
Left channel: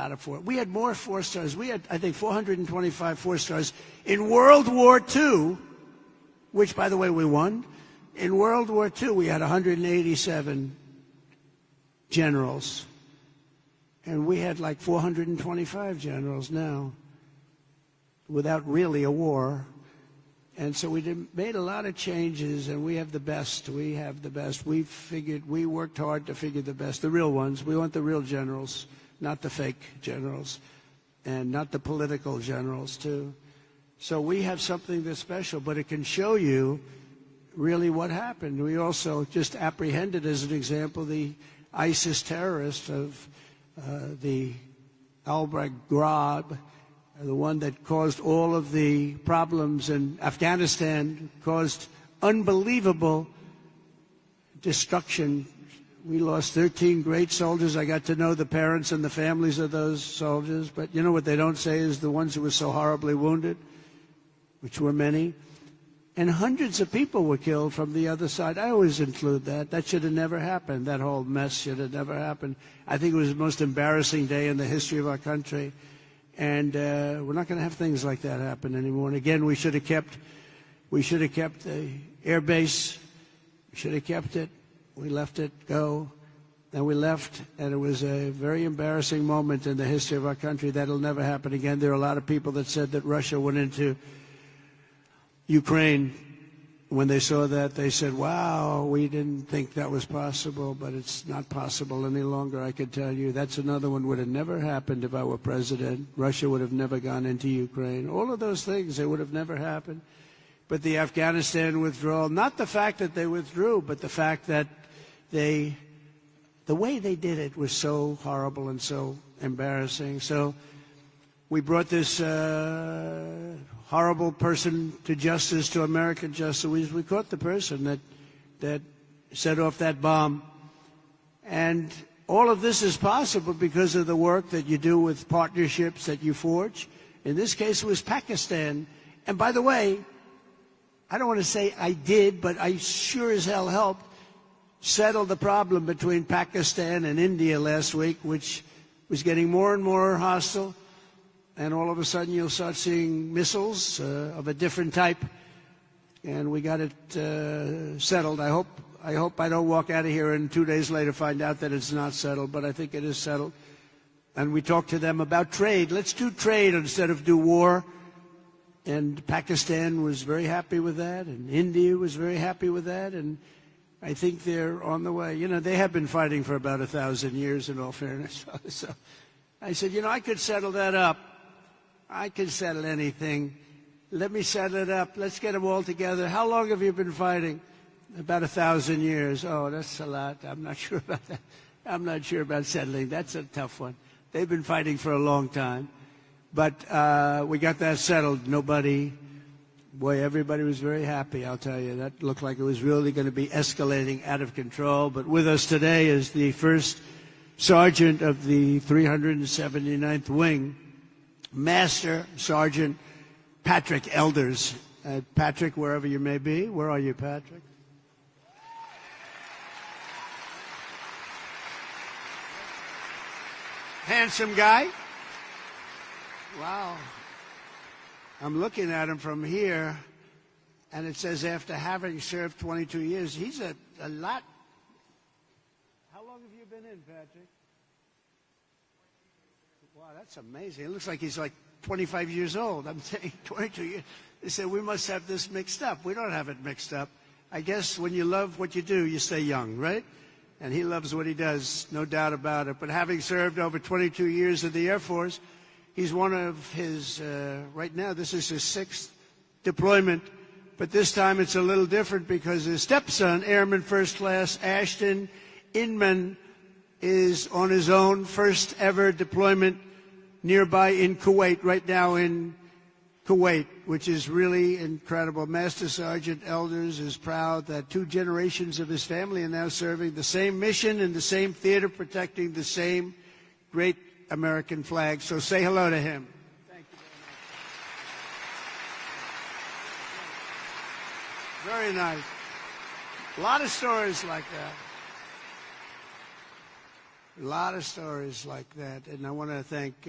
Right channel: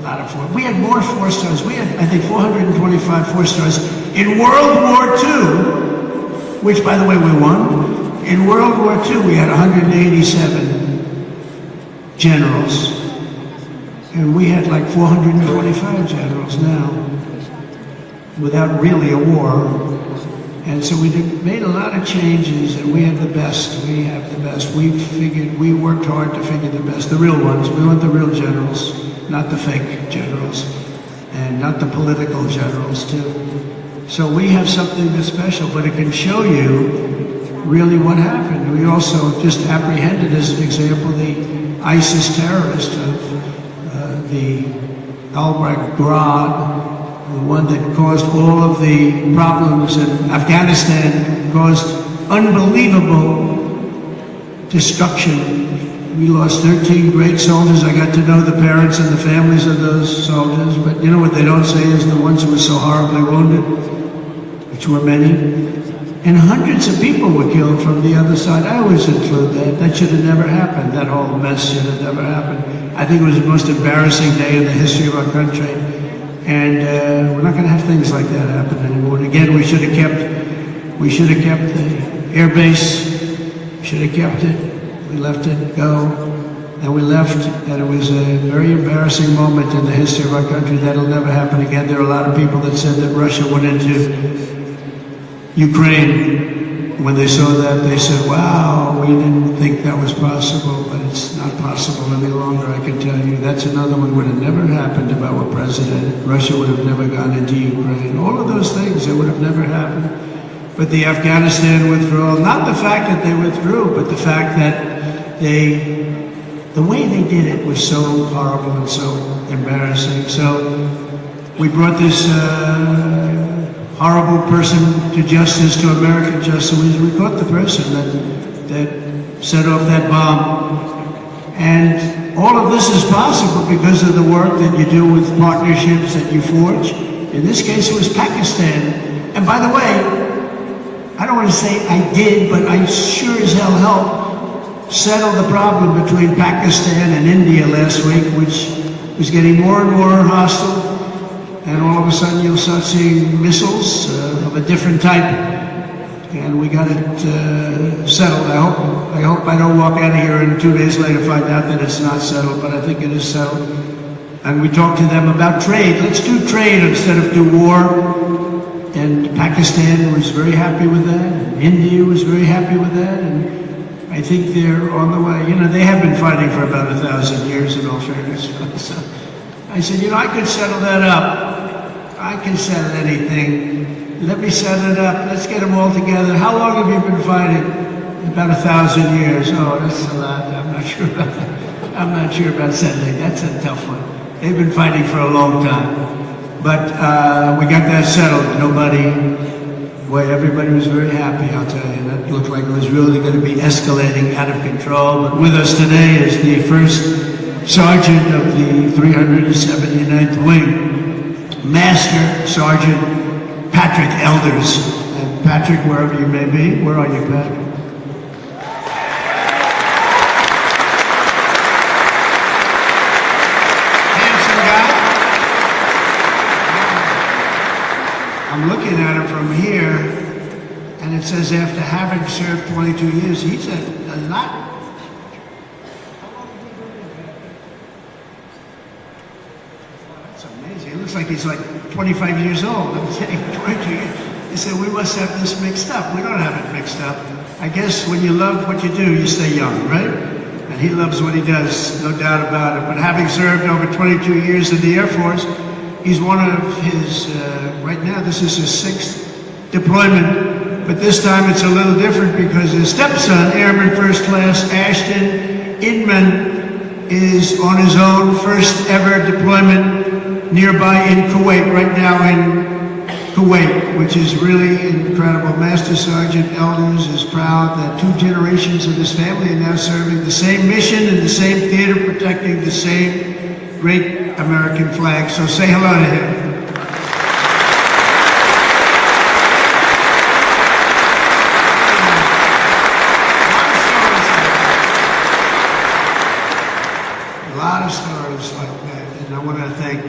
lot of four. We had more 4 stars. We had, I think, 425 4 stars. In World War II, which, by the way, we won, in World War II, we had 187 generals. And we had like 425 generals now, without really a war. And so we made a lot of changes, and we have the best. We have the best. We worked hard to figure the best, the real ones. We want the real generals, not the fake generals, and not the political generals, too. So we have something that's special, but it can show you really what happened. We also just apprehended, as an example, the ISIS terrorist of the Al-Baghdad, the one that caused all of the problems in Afghanistan, caused unbelievable destruction. We lost 13 great soldiers. I got to know the parents and the families of those soldiers, but you know what they don't say is the ones who were so horribly wounded, which were many. And hundreds of people were killed from the other side. I always include that. That should have never happened. That whole mess should have never happened. I think it was the most embarrassing day in the history of our country. And we're not going to have things like that happen anymore. And again, we should have kept the air base. Should have kept it. We let it go. Then we left, and it was a very embarrassing moment in the history of our country. That'll never happen again. There are a lot of people that said that Russia went into Ukraine. When they saw that, they said, wow, we didn't think that was possible, but it's not possible any longer, I can tell you. That's another one would have never happened if I were president. Russia would have never gone into Ukraine. All of those things, it would have never happened. But the Afghanistan withdrawal, not the fact that they withdrew, but the fact that the way they did it was so horrible and so embarrassing. So we brought this horrible person to justice, to American justice. We caught the person that set off that bomb. And all of this is possible because of the work that you do with partnerships that you forge. In this case, it was Pakistan. And by the way, I don't want to say I did, but I sure as hell helped settle the problem between Pakistan and India last week, which was getting more and more hostile. And all of a sudden you'll start seeing missiles of a different type. And we got it settled. I hope I don't walk out of here and 2 days later find out that it's not settled, but I think it is settled. And we talked to them about trade. Let's do trade instead of do war. And Pakistan was very happy with that. And India was very happy with that. And I think they're on the way. You know, they have been fighting for about 1,000 years in all fairness. So I said, you know, I could settle that up. I can settle anything. Let me set it up. Let's get them all together. How long have you been fighting? About 1,000 years. Oh, that's a lot. I'm not sure about that. I'm not sure about settling. That's a tough one. They've been fighting for a long time. But we got that settled. Everybody was very happy, I'll tell you. That looked like it was really going to be escalating out of control. But with us today is the first sergeant of the 379th Wing, Master Sergeant Patrick Elders. And Patrick, wherever you may be, where are you, Pat? Handsome guy. I'm looking at him from here, and it says after having served 22 years, he's a lot. That's amazing. It looks like he's like 25 years old. I'm saying 22 years. He said, we must have this mixed up. We don't have it mixed up. I guess when you love what you do, you stay young, right? And he loves what he does, no doubt about it. But having served over 22 years in the Air Force, he's one of his, right now, this is his 6th deployment. But this time it's a little different because his stepson, Airman First Class Ashton Inman, is on his own first ever deployment nearby in Kuwait, right now in Kuwait, which is really incredible. Master Sergeant Elders is proud that 2 generations of his family are now serving the same mission in the same theater, protecting the same great American flag. So say hello to him. A lot of stories like that, and I want to thank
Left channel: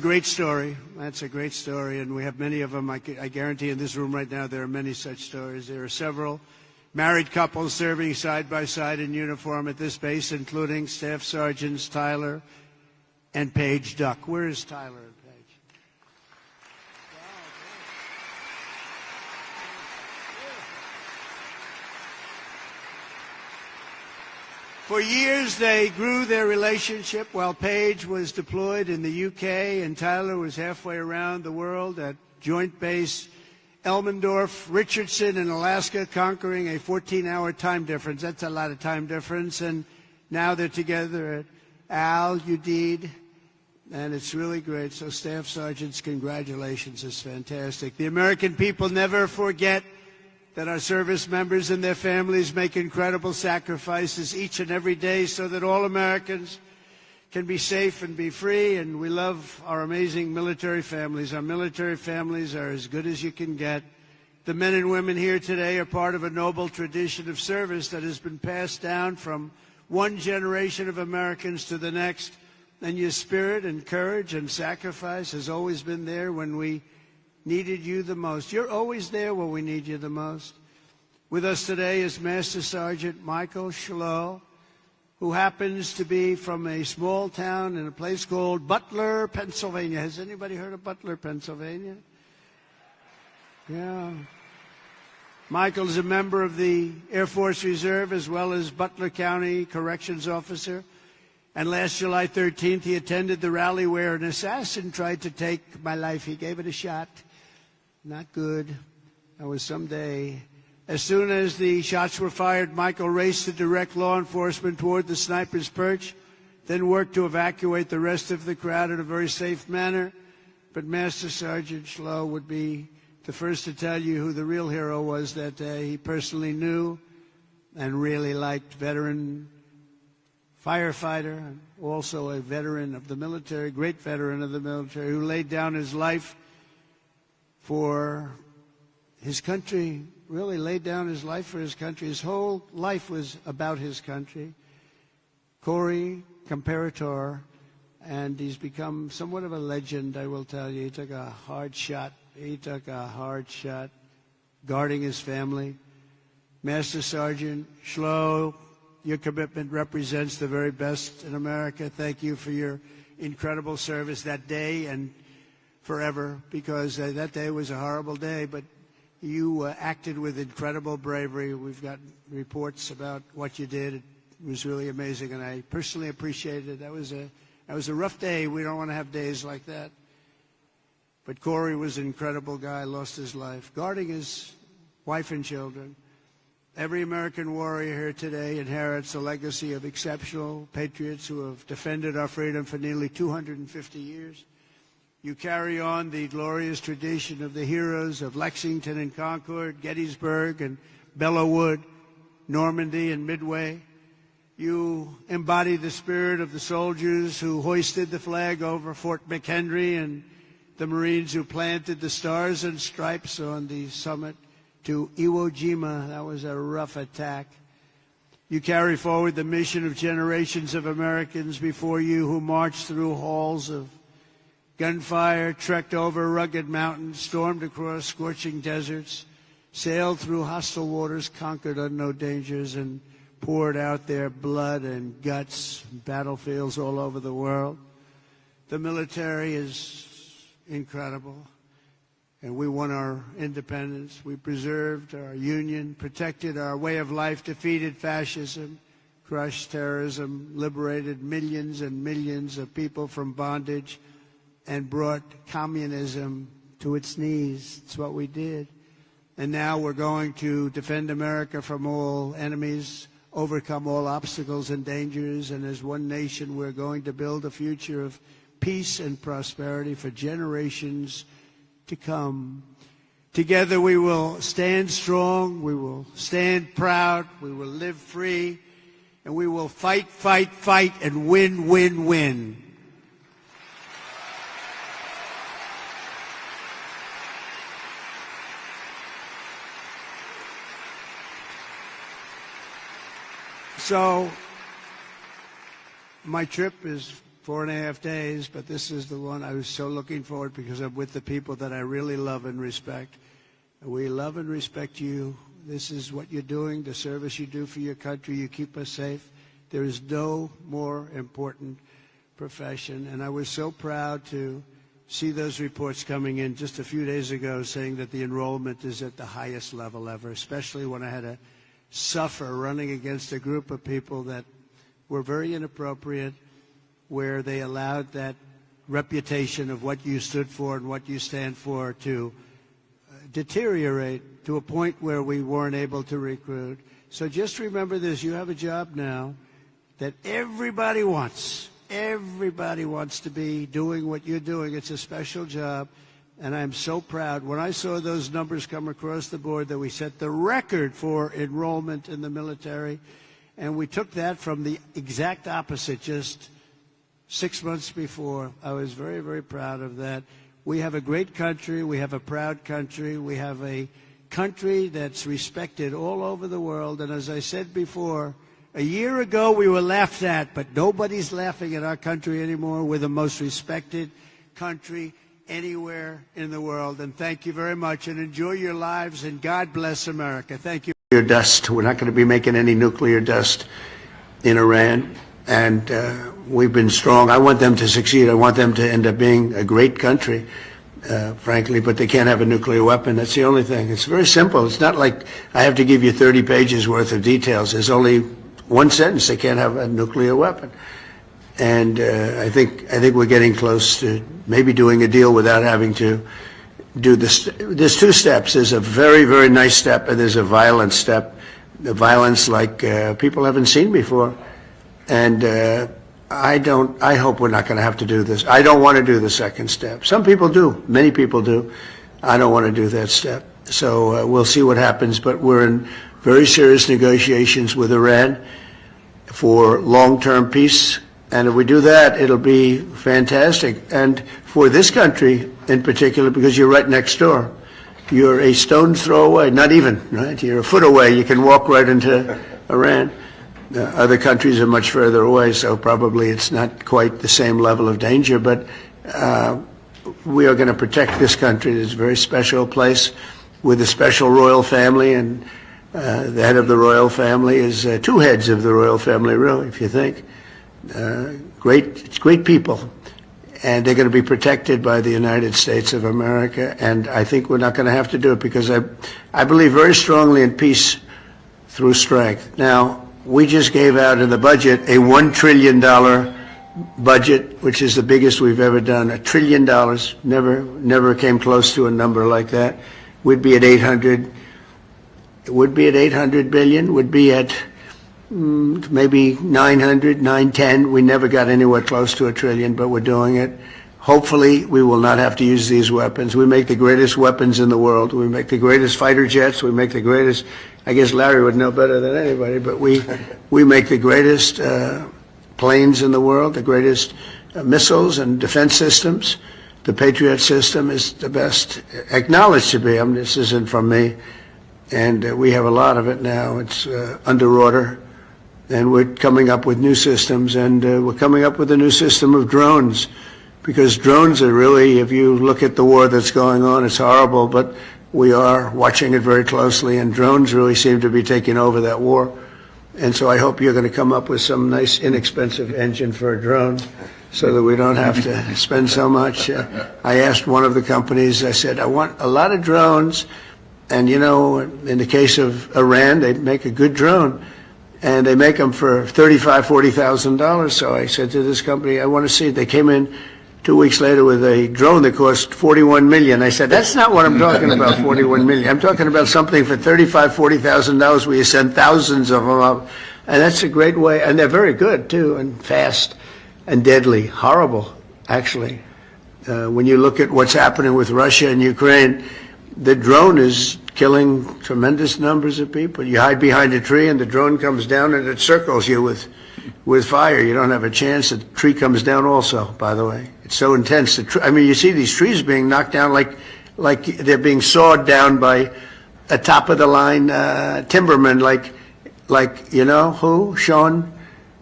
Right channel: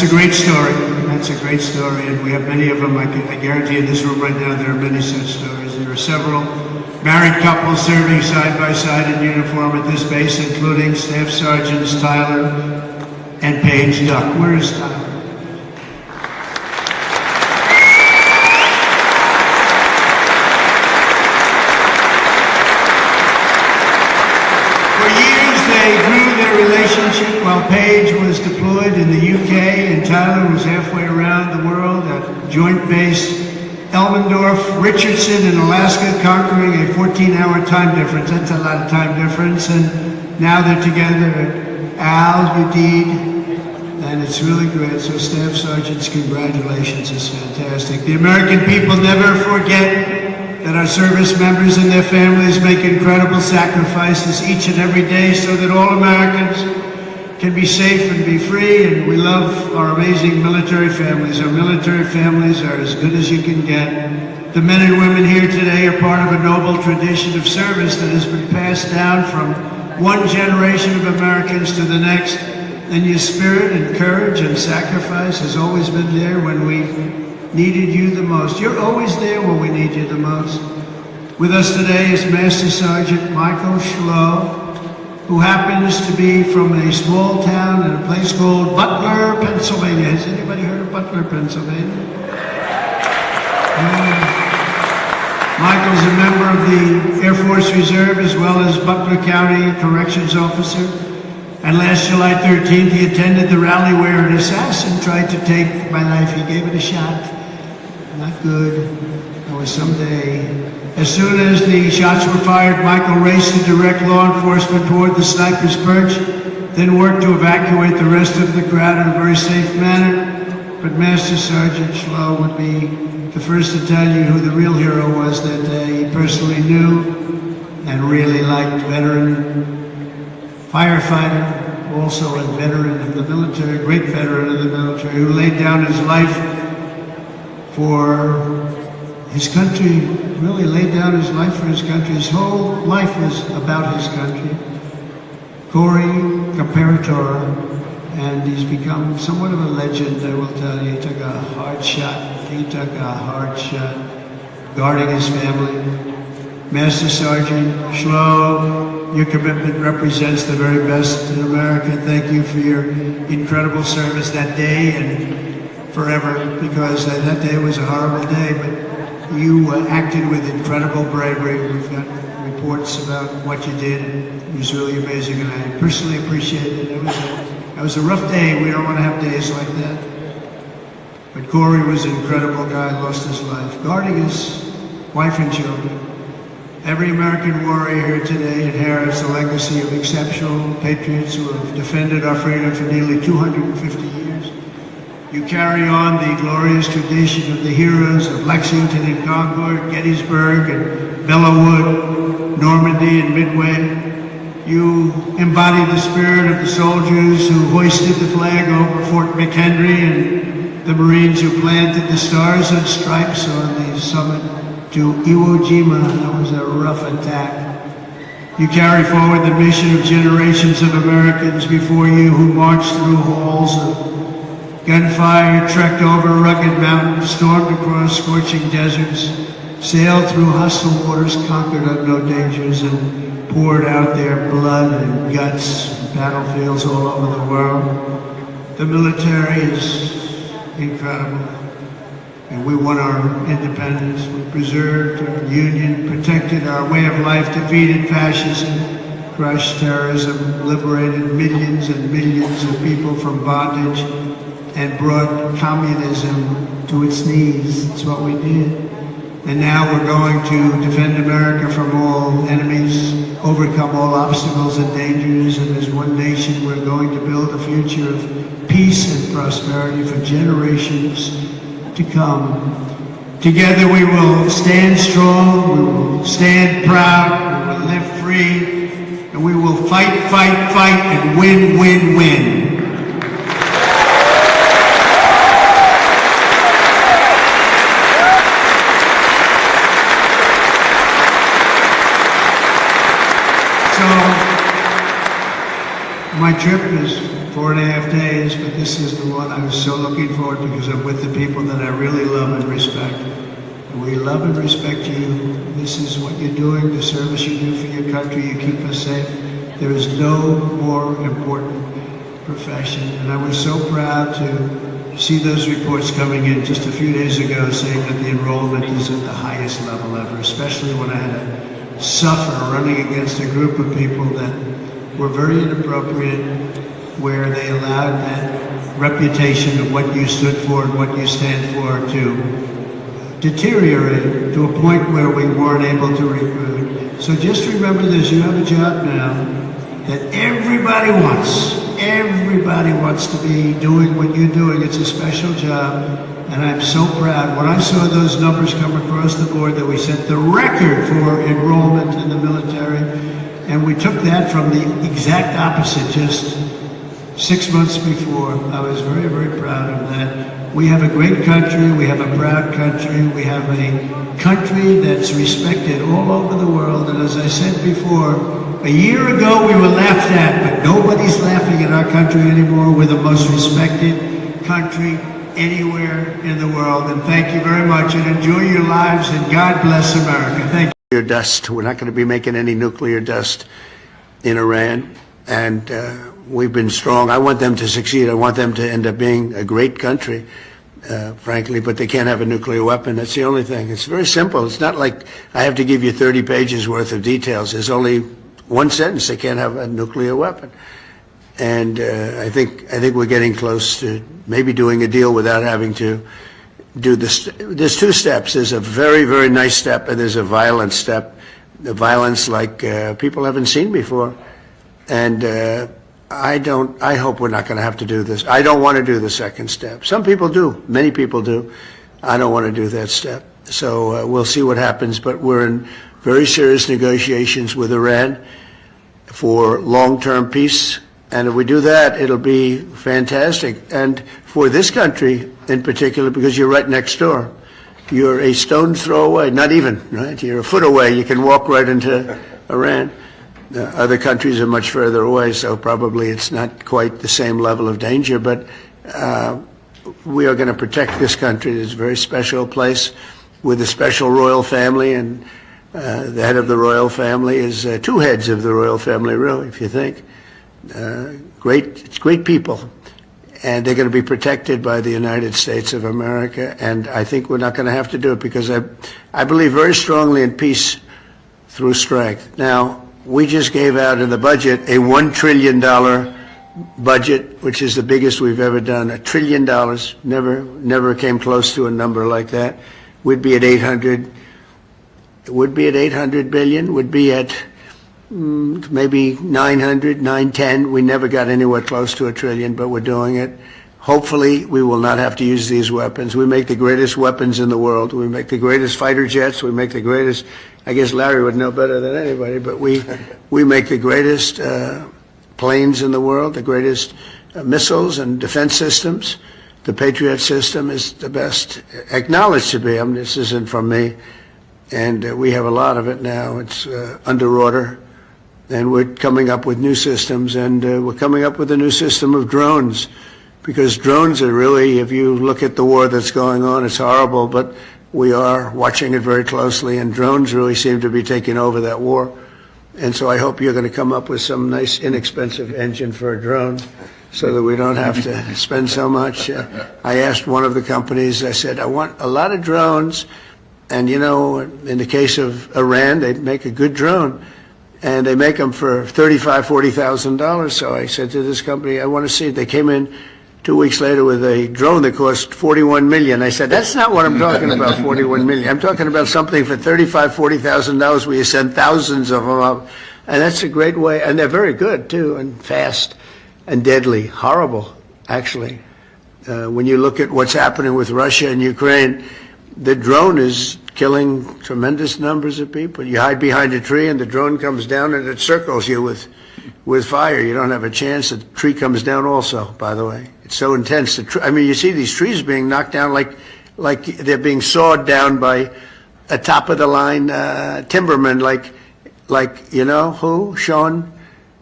that's a great story. That's a great story, and we have many of them. I guarantee in this room right now there are many such stories. There are several married couples serving side by side in uniform at this base, including Staff Sergeants Tyler and Paige Duck. Where is Tyler? For years they grew their relationship while Paige was deployed in the UK and Tyler was halfway around the world at Joint Base Elmendorf, Richardson in Alaska, conquering a 14-hour time difference. That's a lot of time difference. And now they're together at Al, Udeid, and it's really great. So Staff Sergeants, congratulations. It's fantastic. The American people never forget that our service members and their families make incredible sacrifices each and every day so that all Americans can be safe and be free, and we love our amazing military families. Our military families are as good as you can get. The men and women here today are part of a noble tradition of service that has been passed down from one generation of Americans to the next, and your spirit and courage and sacrifice has always been there when we needed you the most. You're always there when we need you the most. With us today is Master Sergeant Michael Schlow, who happens to be from a small town in a place called Butler, Pennsylvania. Has anybody heard of Butler, Pennsylvania? Michael's a member of the Air Force Reserve as well as Butler County Corrections Officer. And last July 13th, he attended the rally where an assassin tried to take my life. He gave it a shot. Not good. Or someday. As soon as the shots were fired, Michael raced to direct law enforcement toward the sniper's perch, then worked to evacuate the rest of the crowd in a very safe manner. But Master Sergeant Schlow would be the first to tell you who the real hero was that day. He personally knew and really liked veteran firefighter, also a veteran of the military, great veteran of the military, who laid down his life for his country, really laid down his life for his country. His whole life was about his country. Corey Comparator, and he's become somewhat of a legend, I will tell you. He took a hard shot. He took a hard shot, guarding his family. Master Sergeant Schlow, your commitment represents the very best in America. Thank you for your incredible service that day and forever, because that day was a horrible day, but you acted with incredible bravery. We've got reports about what you did. It was really amazing, and I personally appreciate it. It was a rough day. We don't want to have days like that. But Corey was an incredible guy, lost his life, guarding his wife and children. Every American warrior here today inherits a legacy of exceptional patriots who have defended our freedom for nearly 250 years. You carry on the glorious tradition of the heroes of Lexington and Concord, Gettysburg and Belleau, Normandy and Midway. You embody the spirit of the soldiers who hoisted the flag over Fort McHenry and the Marines who planted the stars and stripes on the summit to Iwo Jima. That was a rough attack. You carry forward the mission of generations of Americans before you who marched through halls of gunfire, trekked over rugged mountains, stormed across scorching deserts, sailed through hostile waters, conquered unknown dangers, and poured out their blood and guts in battlefields all over the world. The military is incredible. And we won our independence. We preserved our union, protected our way of life, defeated fascism, crushed terrorism, liberated millions and millions of people from bondage, and brought communism to its knees. That's what we did. And now we're going to defend America from all enemies, overcome all obstacles and dangers, and as one nation we're going to build a future of peace and prosperity for generations to come. Together we will stand strong, we will stand proud, we will live free, and we will fight, fight, fight, and win, win, win. My trip is 4.5 days, but this is the one I was so forward because I'm with the people that I really love and respect. We love and respect you. This is what you're doing, the service you do for your country. You keep us safe. There is no more important profession. And I was so proud to see those reports coming in just a few days ago saying that the enrollment is at the highest level ever, especially when I had to suffer running against a group of people that were very inappropriate, where they allowed that reputation of what you stood for and what you stand for to deteriorate to a point where we weren't able to recruit. So just remember this, you have a job now that everybody wants. Everybody wants to be doing what you're doing. It's a special job, and I'm so proud. When I saw those numbers come across the board that we set the record for enrollment in the military, and we took that from the exact opposite just 6 months before. I was very, very proud of that. We have a great country. We have a proud country. We have a country that's respected all over the world. And as I said before, a year ago we were laughed at, but nobody's laughing at our country anymore. We're the most respected country anywhere in the world. And thank you very much, and enjoy your lives, and God bless America. Thank you. Dust. We're not going to be making any nuclear dust in Iran, and we've been strong. I want them to succeed. I want them to end up being a great country, frankly, but they can't have a nuclear weapon. That's the only thing. It's very simple. It's not like I have to give you 30 pages worth of details. There's only one sentence: they can't have a nuclear weapon. And I think we're getting close to maybe doing a deal without having to do this. There's two steps. There's a very, very nice step, and there's a violent step. The violence like people haven't seen before. And I hope we're not going to have to do this. I don't want to do the second step. Some people do. Many people do. I don't want to do that step. So we'll see what happens. But we're in very serious negotiations with Iran for long-term peace. And if we do that, it'll be fantastic. And for this country in particular, because you're right next door. You're a stone's throw away, not even, right? You're a foot away. You can walk right into Iran. Other countries are much further away, so probably it's not quite the same level of danger. But we are going to protect this country. It's a very special place with a special royal family, and the head of the royal family is two heads of the royal family, really, if you think. Great people. And they're going to be protected by the United States of America. And I think we're not going to have to do it because I believe very strongly in peace through strength. Now, we just gave out in the budget a $1 trillion budget, which is the biggest we've ever done. $1 trillion. Never came close to a number like that. We'd be at 800. It would be at 800 billion. Would be at maybe 900, 910. We never got anywhere close to $1 trillion, but we're doing it. Hopefully, we will not have to use these weapons. We make the greatest weapons in the world. We make the greatest fighter jets. We make the greatest, I guess Larry would know better than anybody, but we make the greatest planes in the world, the greatest missiles and defense systems. The Patriot system is the best, acknowledged to be. I mean, this isn't from me. And we have a lot of it now. It's under order. And we're coming up with new systems, and we're coming up with a new system of drones, because drones are really, if you look at the war that's going on, it's horrible, but we are watching it very closely, and drones really seem to be taking over that war. And so I hope you're going to come up with some nice, inexpensive engine for a drone so that we don't have to spend so much. I asked one of the companies, I said, I want a lot of drones, and you know, in the case of Iran, they make a good drone. And they make them for $35,000, $40,000. So I said to this company, I want to see it. They came in 2 weeks later with a drone that cost $41 million. I said, that's not what I'm talking about, $41 million. I'm talking about something for $35,000, $40,000 where you send thousands of them up. And that's a great way. And they're very good, too, and fast and deadly. Horrible, actually. When you look at what's happening with Russia and Ukraine, the drone is killing tremendous numbers of people. You hide behind a tree and the drone comes down and it circles you with fire. You don't have a chance. The tree comes down also, by the way. It's so intense. I mean, you see these trees being knocked down like they're being sawed down by a top-of-the-line timberman, like you know who? Sean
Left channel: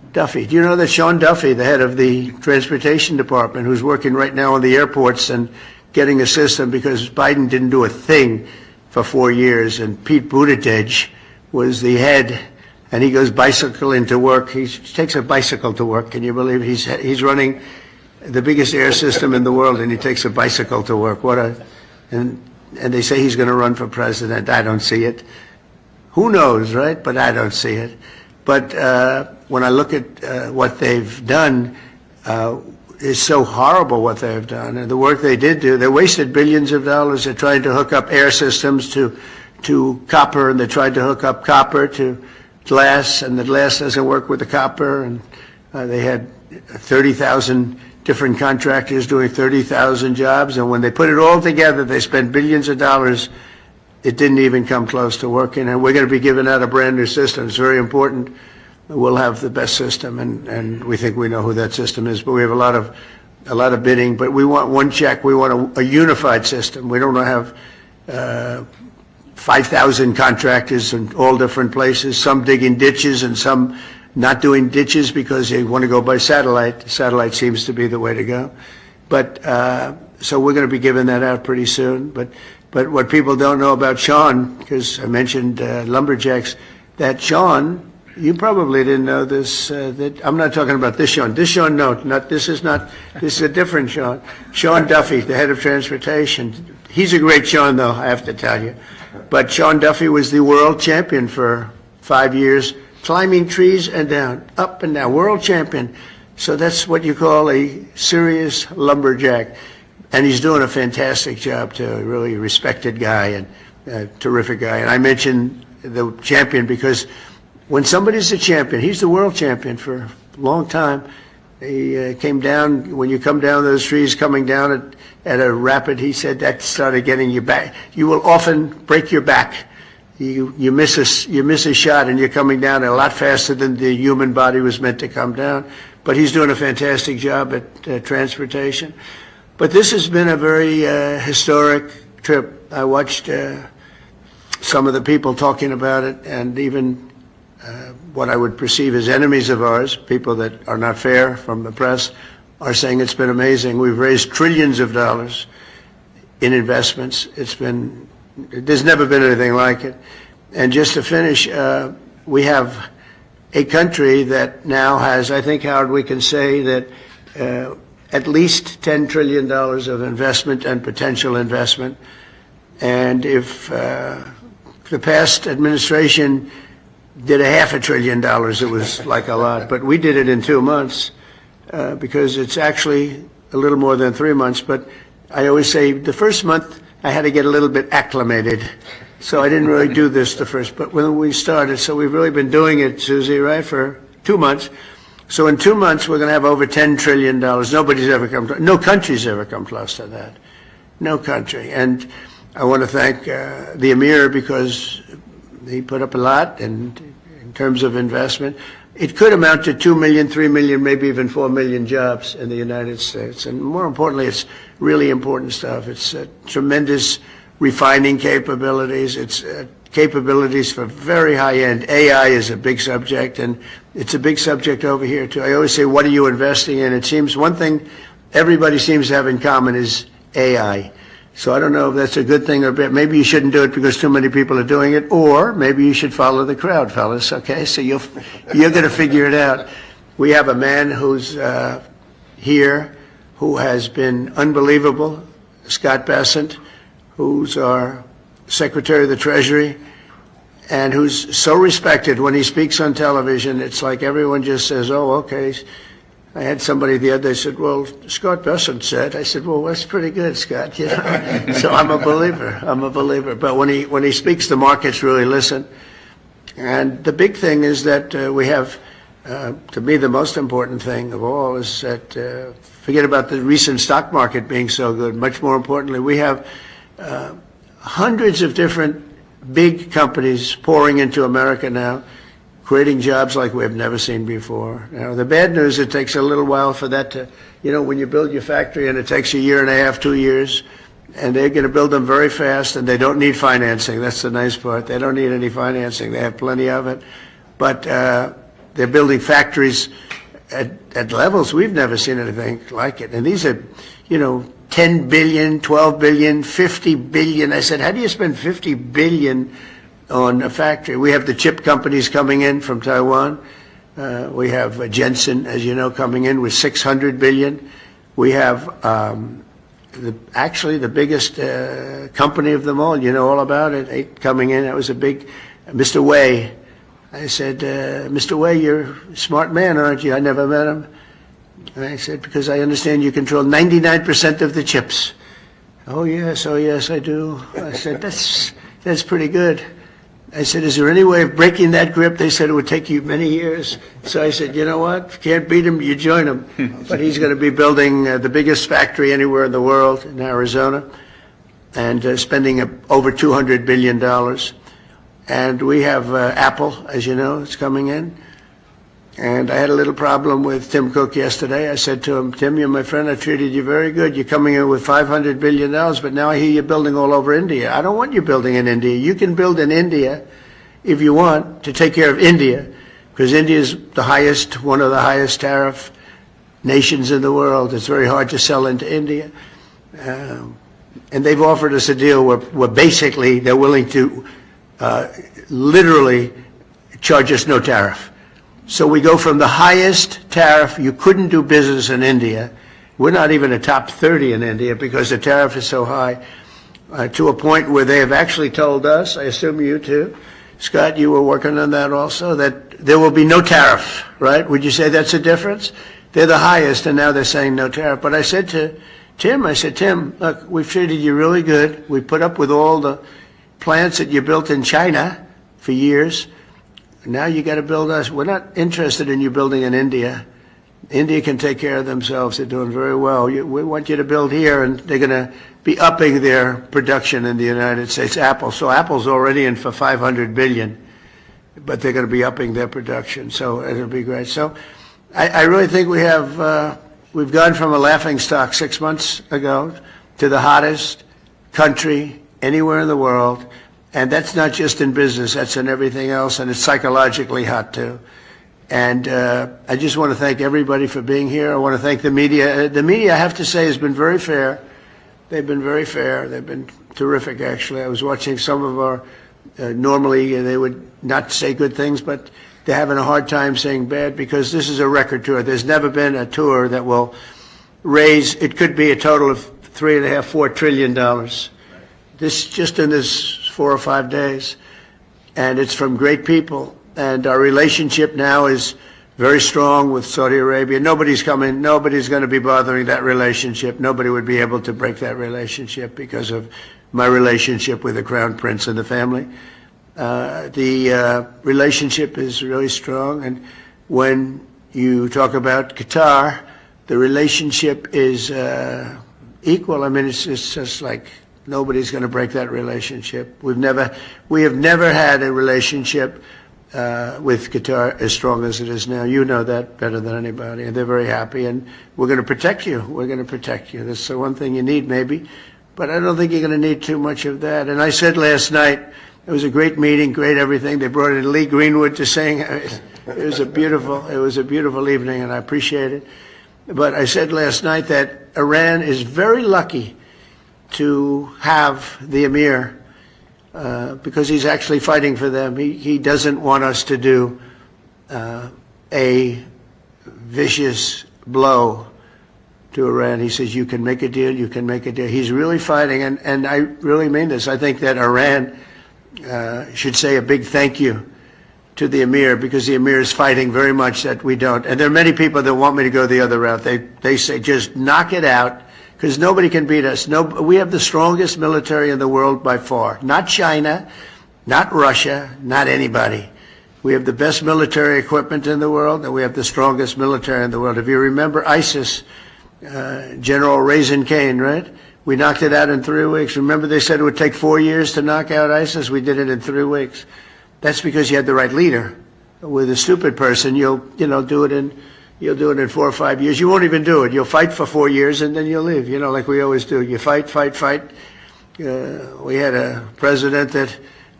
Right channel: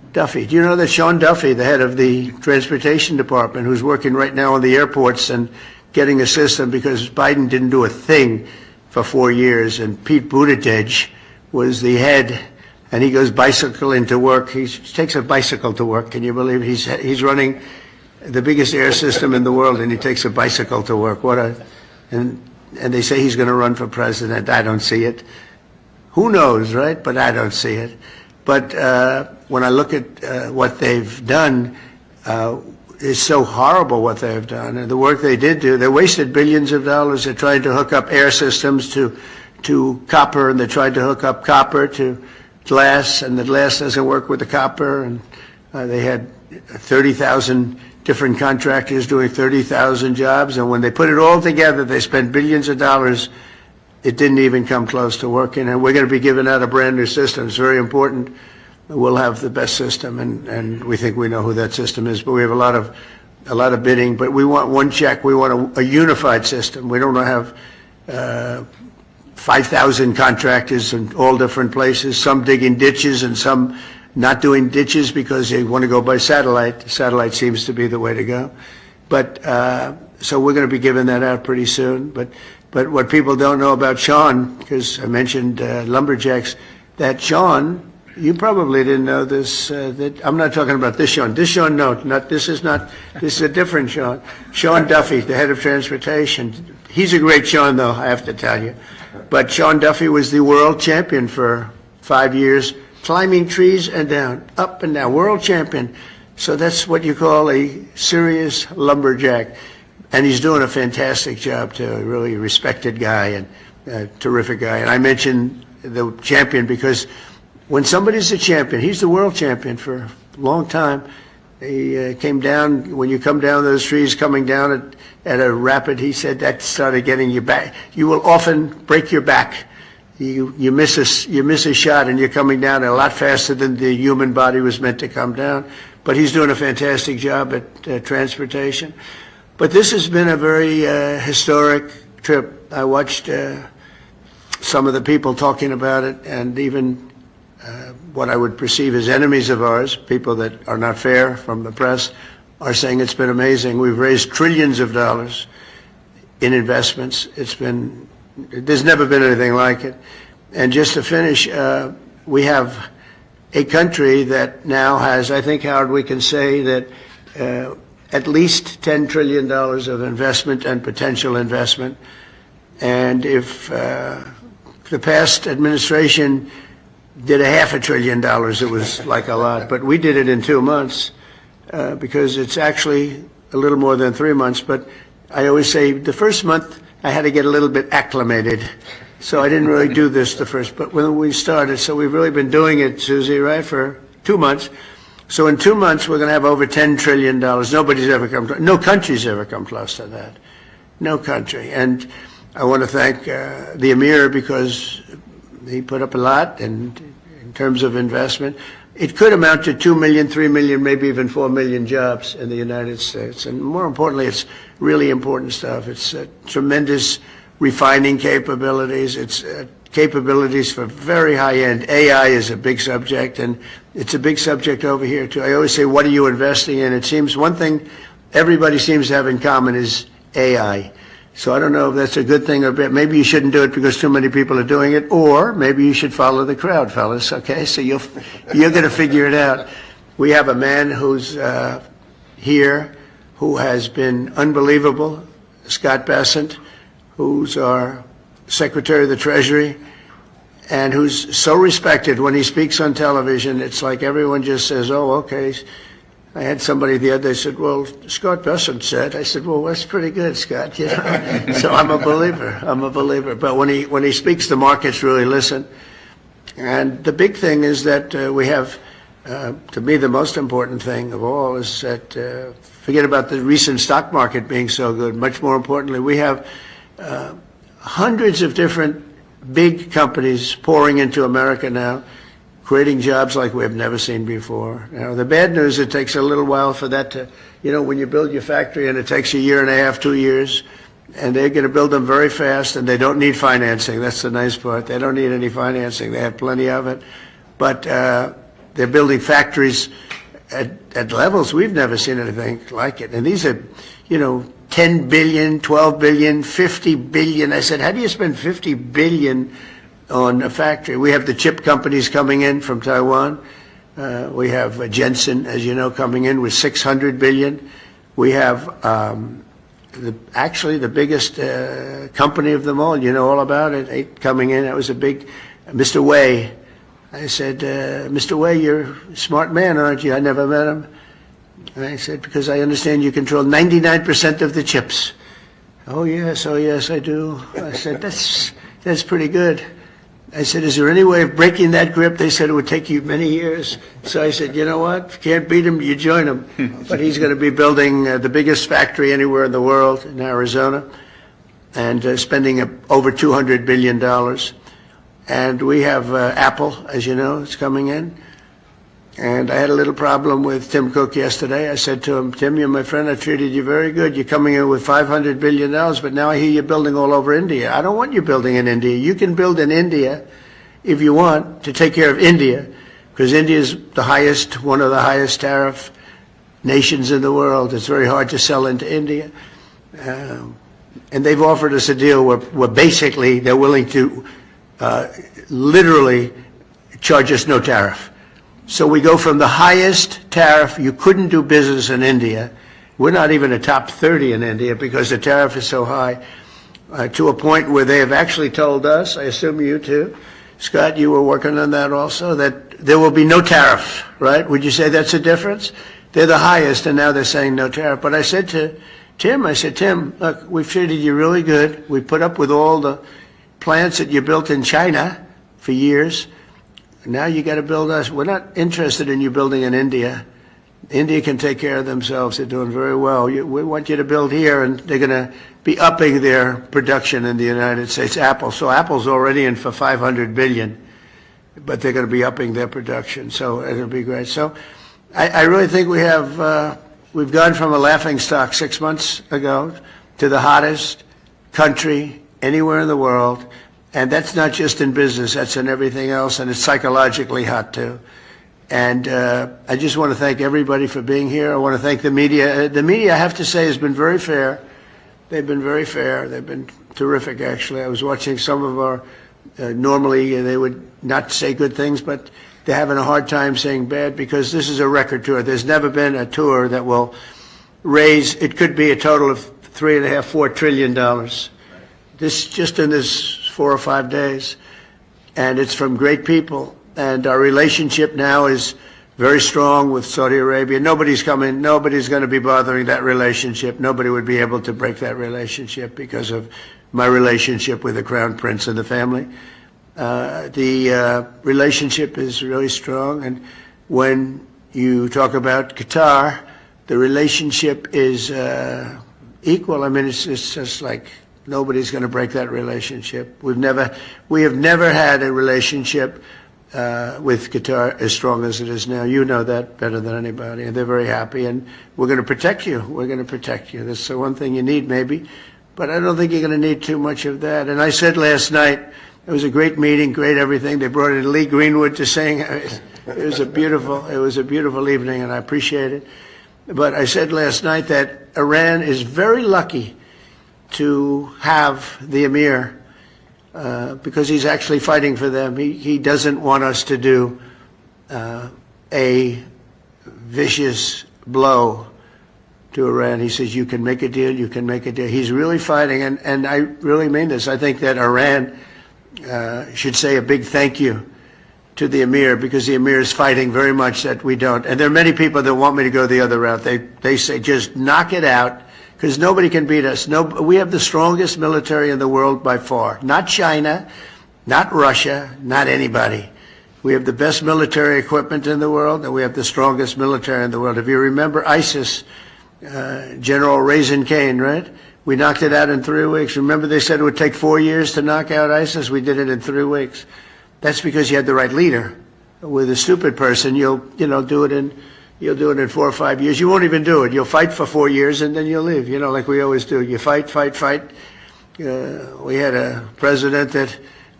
Duffy. Do you know that Sean Duffy, the head of the transportation department, who's working right now on the airports and getting a system because Biden didn't do a thing for 4 years, and Pete Buttigieg was the head, and he goes bicycling to work. He takes a bicycle to work. Can you believe it? He's running the biggest air system in the world, and he takes a bicycle to work. And they say he's going to run for president. I don't see it. Who knows, right? But I don't see it. But when I look at what they've done, it's so horrible what they've done. And the work they did do, they wasted billions of dollars. They're trying to hook up air systems to copper, and they tried to hook up copper to glass, and the glass doesn't work with the copper. And they had 30,000 different contractors doing 30,000 jobs. And when they put it all together, they spent billions of dollars. It didn't even come close to working, and we're going to be giving out a brand new system. It's very important. We'll have the best system, and we think we know who that system is. But we have a lot of bidding. But we want one check. We want a unified system. We don't want to have 5,000 contractors in all different places. Some digging ditches and some not doing ditches because they want to go by satellite. Satellite seems to be the way to go. But so we're going to be giving that out pretty soon. But what people don't know about Sean, because I mentioned lumberjacks, that Sean, you probably didn't know this. That I'm not talking about this Sean. This Sean, no, this is a different Sean. Sean Duffy, the head of transportation. He's a great Sean, though, I have to tell you. But Sean Duffy was the world champion for 5 years, climbing trees and down, up and down, world champion. So that's what you call a serious lumberjack. And he's doing a fantastic job, too. A really respected guy and a terrific guy. And I mentioned the champion because when somebody's a champion, he's the world champion for a long time. He came down, when you come down those trees, coming down at a rapid, he said that started getting you back. You will often break your back. You miss a shot and you're coming down a lot faster than the human body was meant to come down. But he's doing a fantastic job at transportation. But this has been a very historic trip. I watched some of the people talking about it, and even what I would perceive as enemies of ours, people that are not fair from the press, are saying it's been amazing. We've raised trillions of dollars in investments. There's never been anything like it. And just to finish, we have a country that now has, I think, Howard, we can say that at least $10 trillion of investment and potential investment. And if the past administration did $500 billion, it was like a lot. But we did it in 2 months because it's actually a little more than 3 months. But I always say the first month I had to get a little bit acclimated. So I didn't really do this the first, but when we started, so we've really been doing it, Susie, right, for 2 months. So in 2 months, we're going to have over $10 trillion. No country's ever come close to that. No country. And I want to thank the Emir because he put up a lot in terms of investment. It could amount to 2 million, 3 million, maybe even 4 million jobs in the United States. And more importantly, it's really important stuff. It's tremendous refining capabilities. It's capabilities for very high-end. AI is a big subject, and it's a big subject over here, too. I always say, what are you investing in? It seems one thing everybody seems to have in common is AI. So I don't know if that's a good thing or bad. Maybe you shouldn't do it because too many people are doing it, or maybe you should follow the crowd, fellas, okay? So you're going to figure it out. We have a man who's here who has been unbelievable, Scott Bessent, who's our Secretary of the Treasury, and who's so respected when he speaks on television. It's like everyone just says, oh, okay. I had somebody the other day said, well, Scott Bessent said. I said, well, that's pretty good, Scott. You know? So I'm a believer. But when he speaks, the markets really listen. And the big thing is that we have, to me, the most important thing of all is that, forget about the recent stock market being so good. Much more importantly, we have hundreds of different big companies pouring into America now, creating jobs like we have never seen before. Now, the bad news, it takes a little while for that to, when you build your factory and it takes 1.5 years, 2 years, and they're going to build them very fast, and they don't need financing. That's the nice part. They don't need any financing. They have plenty of it. But They're building factories at levels we've never seen anything like it. And these are, 10 billion, 12 billion, 50 billion. I said, how do you spend 50 billion on a factory? We have the chip companies coming in from Taiwan. We have Jensen, as you know, coming in with 600 billion. We have actually the biggest company of them all. You know all about it. Coming in, it was a big, Mr. Wei. I said, Mr. Wei, you're a smart man, aren't you? I never met him. And I said, because I understand you control 99% of the chips. Oh yes, I do. I said, that's pretty good. I said, is there any way of breaking that grip? They said it would take you many years. So I said, you know what? If you can't beat him, you join him. But he's going to be building the biggest factory anywhere in the world in Arizona and spending over $200 billion. And we have Apple, as you know, it's coming in. And I had a little problem with Tim Cook yesterday. I said to him, Tim, you're my friend. I treated you very good. You're coming in with $500 billion, but now I hear you're building all over India. I don't want you building in India. You can build in India if you want to take care of India, because India is one of the highest tariff nations in the world. It's very hard to sell into India. And they've offered us a deal where basically they're willing to literally charge us no tariff. So we go from the highest tariff, you couldn't do business in India, we're not even a top 30 in India because the tariff is so high, to a point where they have actually told us, I assume you too, Scott, you were working on that also, that there will be no tariff, right? Would you say that's a difference? They're the highest and now they're saying no tariff. But I said to Tim, Tim, look, we've treated you really good. We put up with all the plants that you built in China for years. Now you got to build us. We're not interested in you building in India. India can take care of themselves. They're doing very well. We want you to build here, and they're going to be upping their production in the United States. Apple. So Apple's already in for $500 billion, but they're going to be upping their production. So it'll be great. So I really think we've gone from a laughingstock 6 months ago to the hottest country anywhere in the world. And that's not just in business, that's in everything else, and it's psychologically hot too. And I just want to thank everybody for being here. I want to thank the media. The media, I have to say, has been very fair. They've been very fair. They've been terrific, actually. I was watching some of our, normally they would not say good things, but they're having a hard time saying bad because this is a record tour. There's never been a tour that will raise, it could be a total of $3.5–4 trillion. This, just in this 4 or 5 days, and it's from great people. And our relationship now is very strong with Saudi Arabia. Nobody's going to be bothering that relationship. Nobody would be able to break that relationship because of my relationship with the Crown Prince and the family. The relationship is really strong, and when you talk about Qatar, the relationship is equal. I mean, it's just like nobody's going to break that relationship. We have never had a relationship with Qatar as strong as it is now. You know that better than anybody, and they're very happy, and we're going to protect you. We're going to protect you. That's the one thing you need, maybe, but I don't think you're going to need too much of that. And I said last night, it was a great meeting, great everything. They brought in Lee Greenwood to sing. It was a beautiful evening, and I appreciate it. But I said last night that Iran is very lucky to have the Emir, because he's actually fighting for them. He doesn't want us to do a vicious blow to Iran. He says, you can make a deal, you can make a deal. He's really fighting, and I really mean this. I think that Iran should say a big thank you to the Emir, because the Emir is fighting very much that we don't. And there are many people that want me to go the other route. They say, just knock it out, because nobody can beat us. We have the strongest military in the world by far. Not China, not Russia, not anybody. We have the best military equipment in the world, and we have the strongest military in the world. If you remember ISIS, General Raisin Kane, right? We knocked it out in 3 weeks. Remember they said it would take 4 years to knock out ISIS? We did it in 3 weeks. That's because you had the right leader. With a stupid person, you'll do it in 4 or 5 years. You won't even do it. You'll fight for 4 years and then you'll leave, like we always do. You fight. We had a president that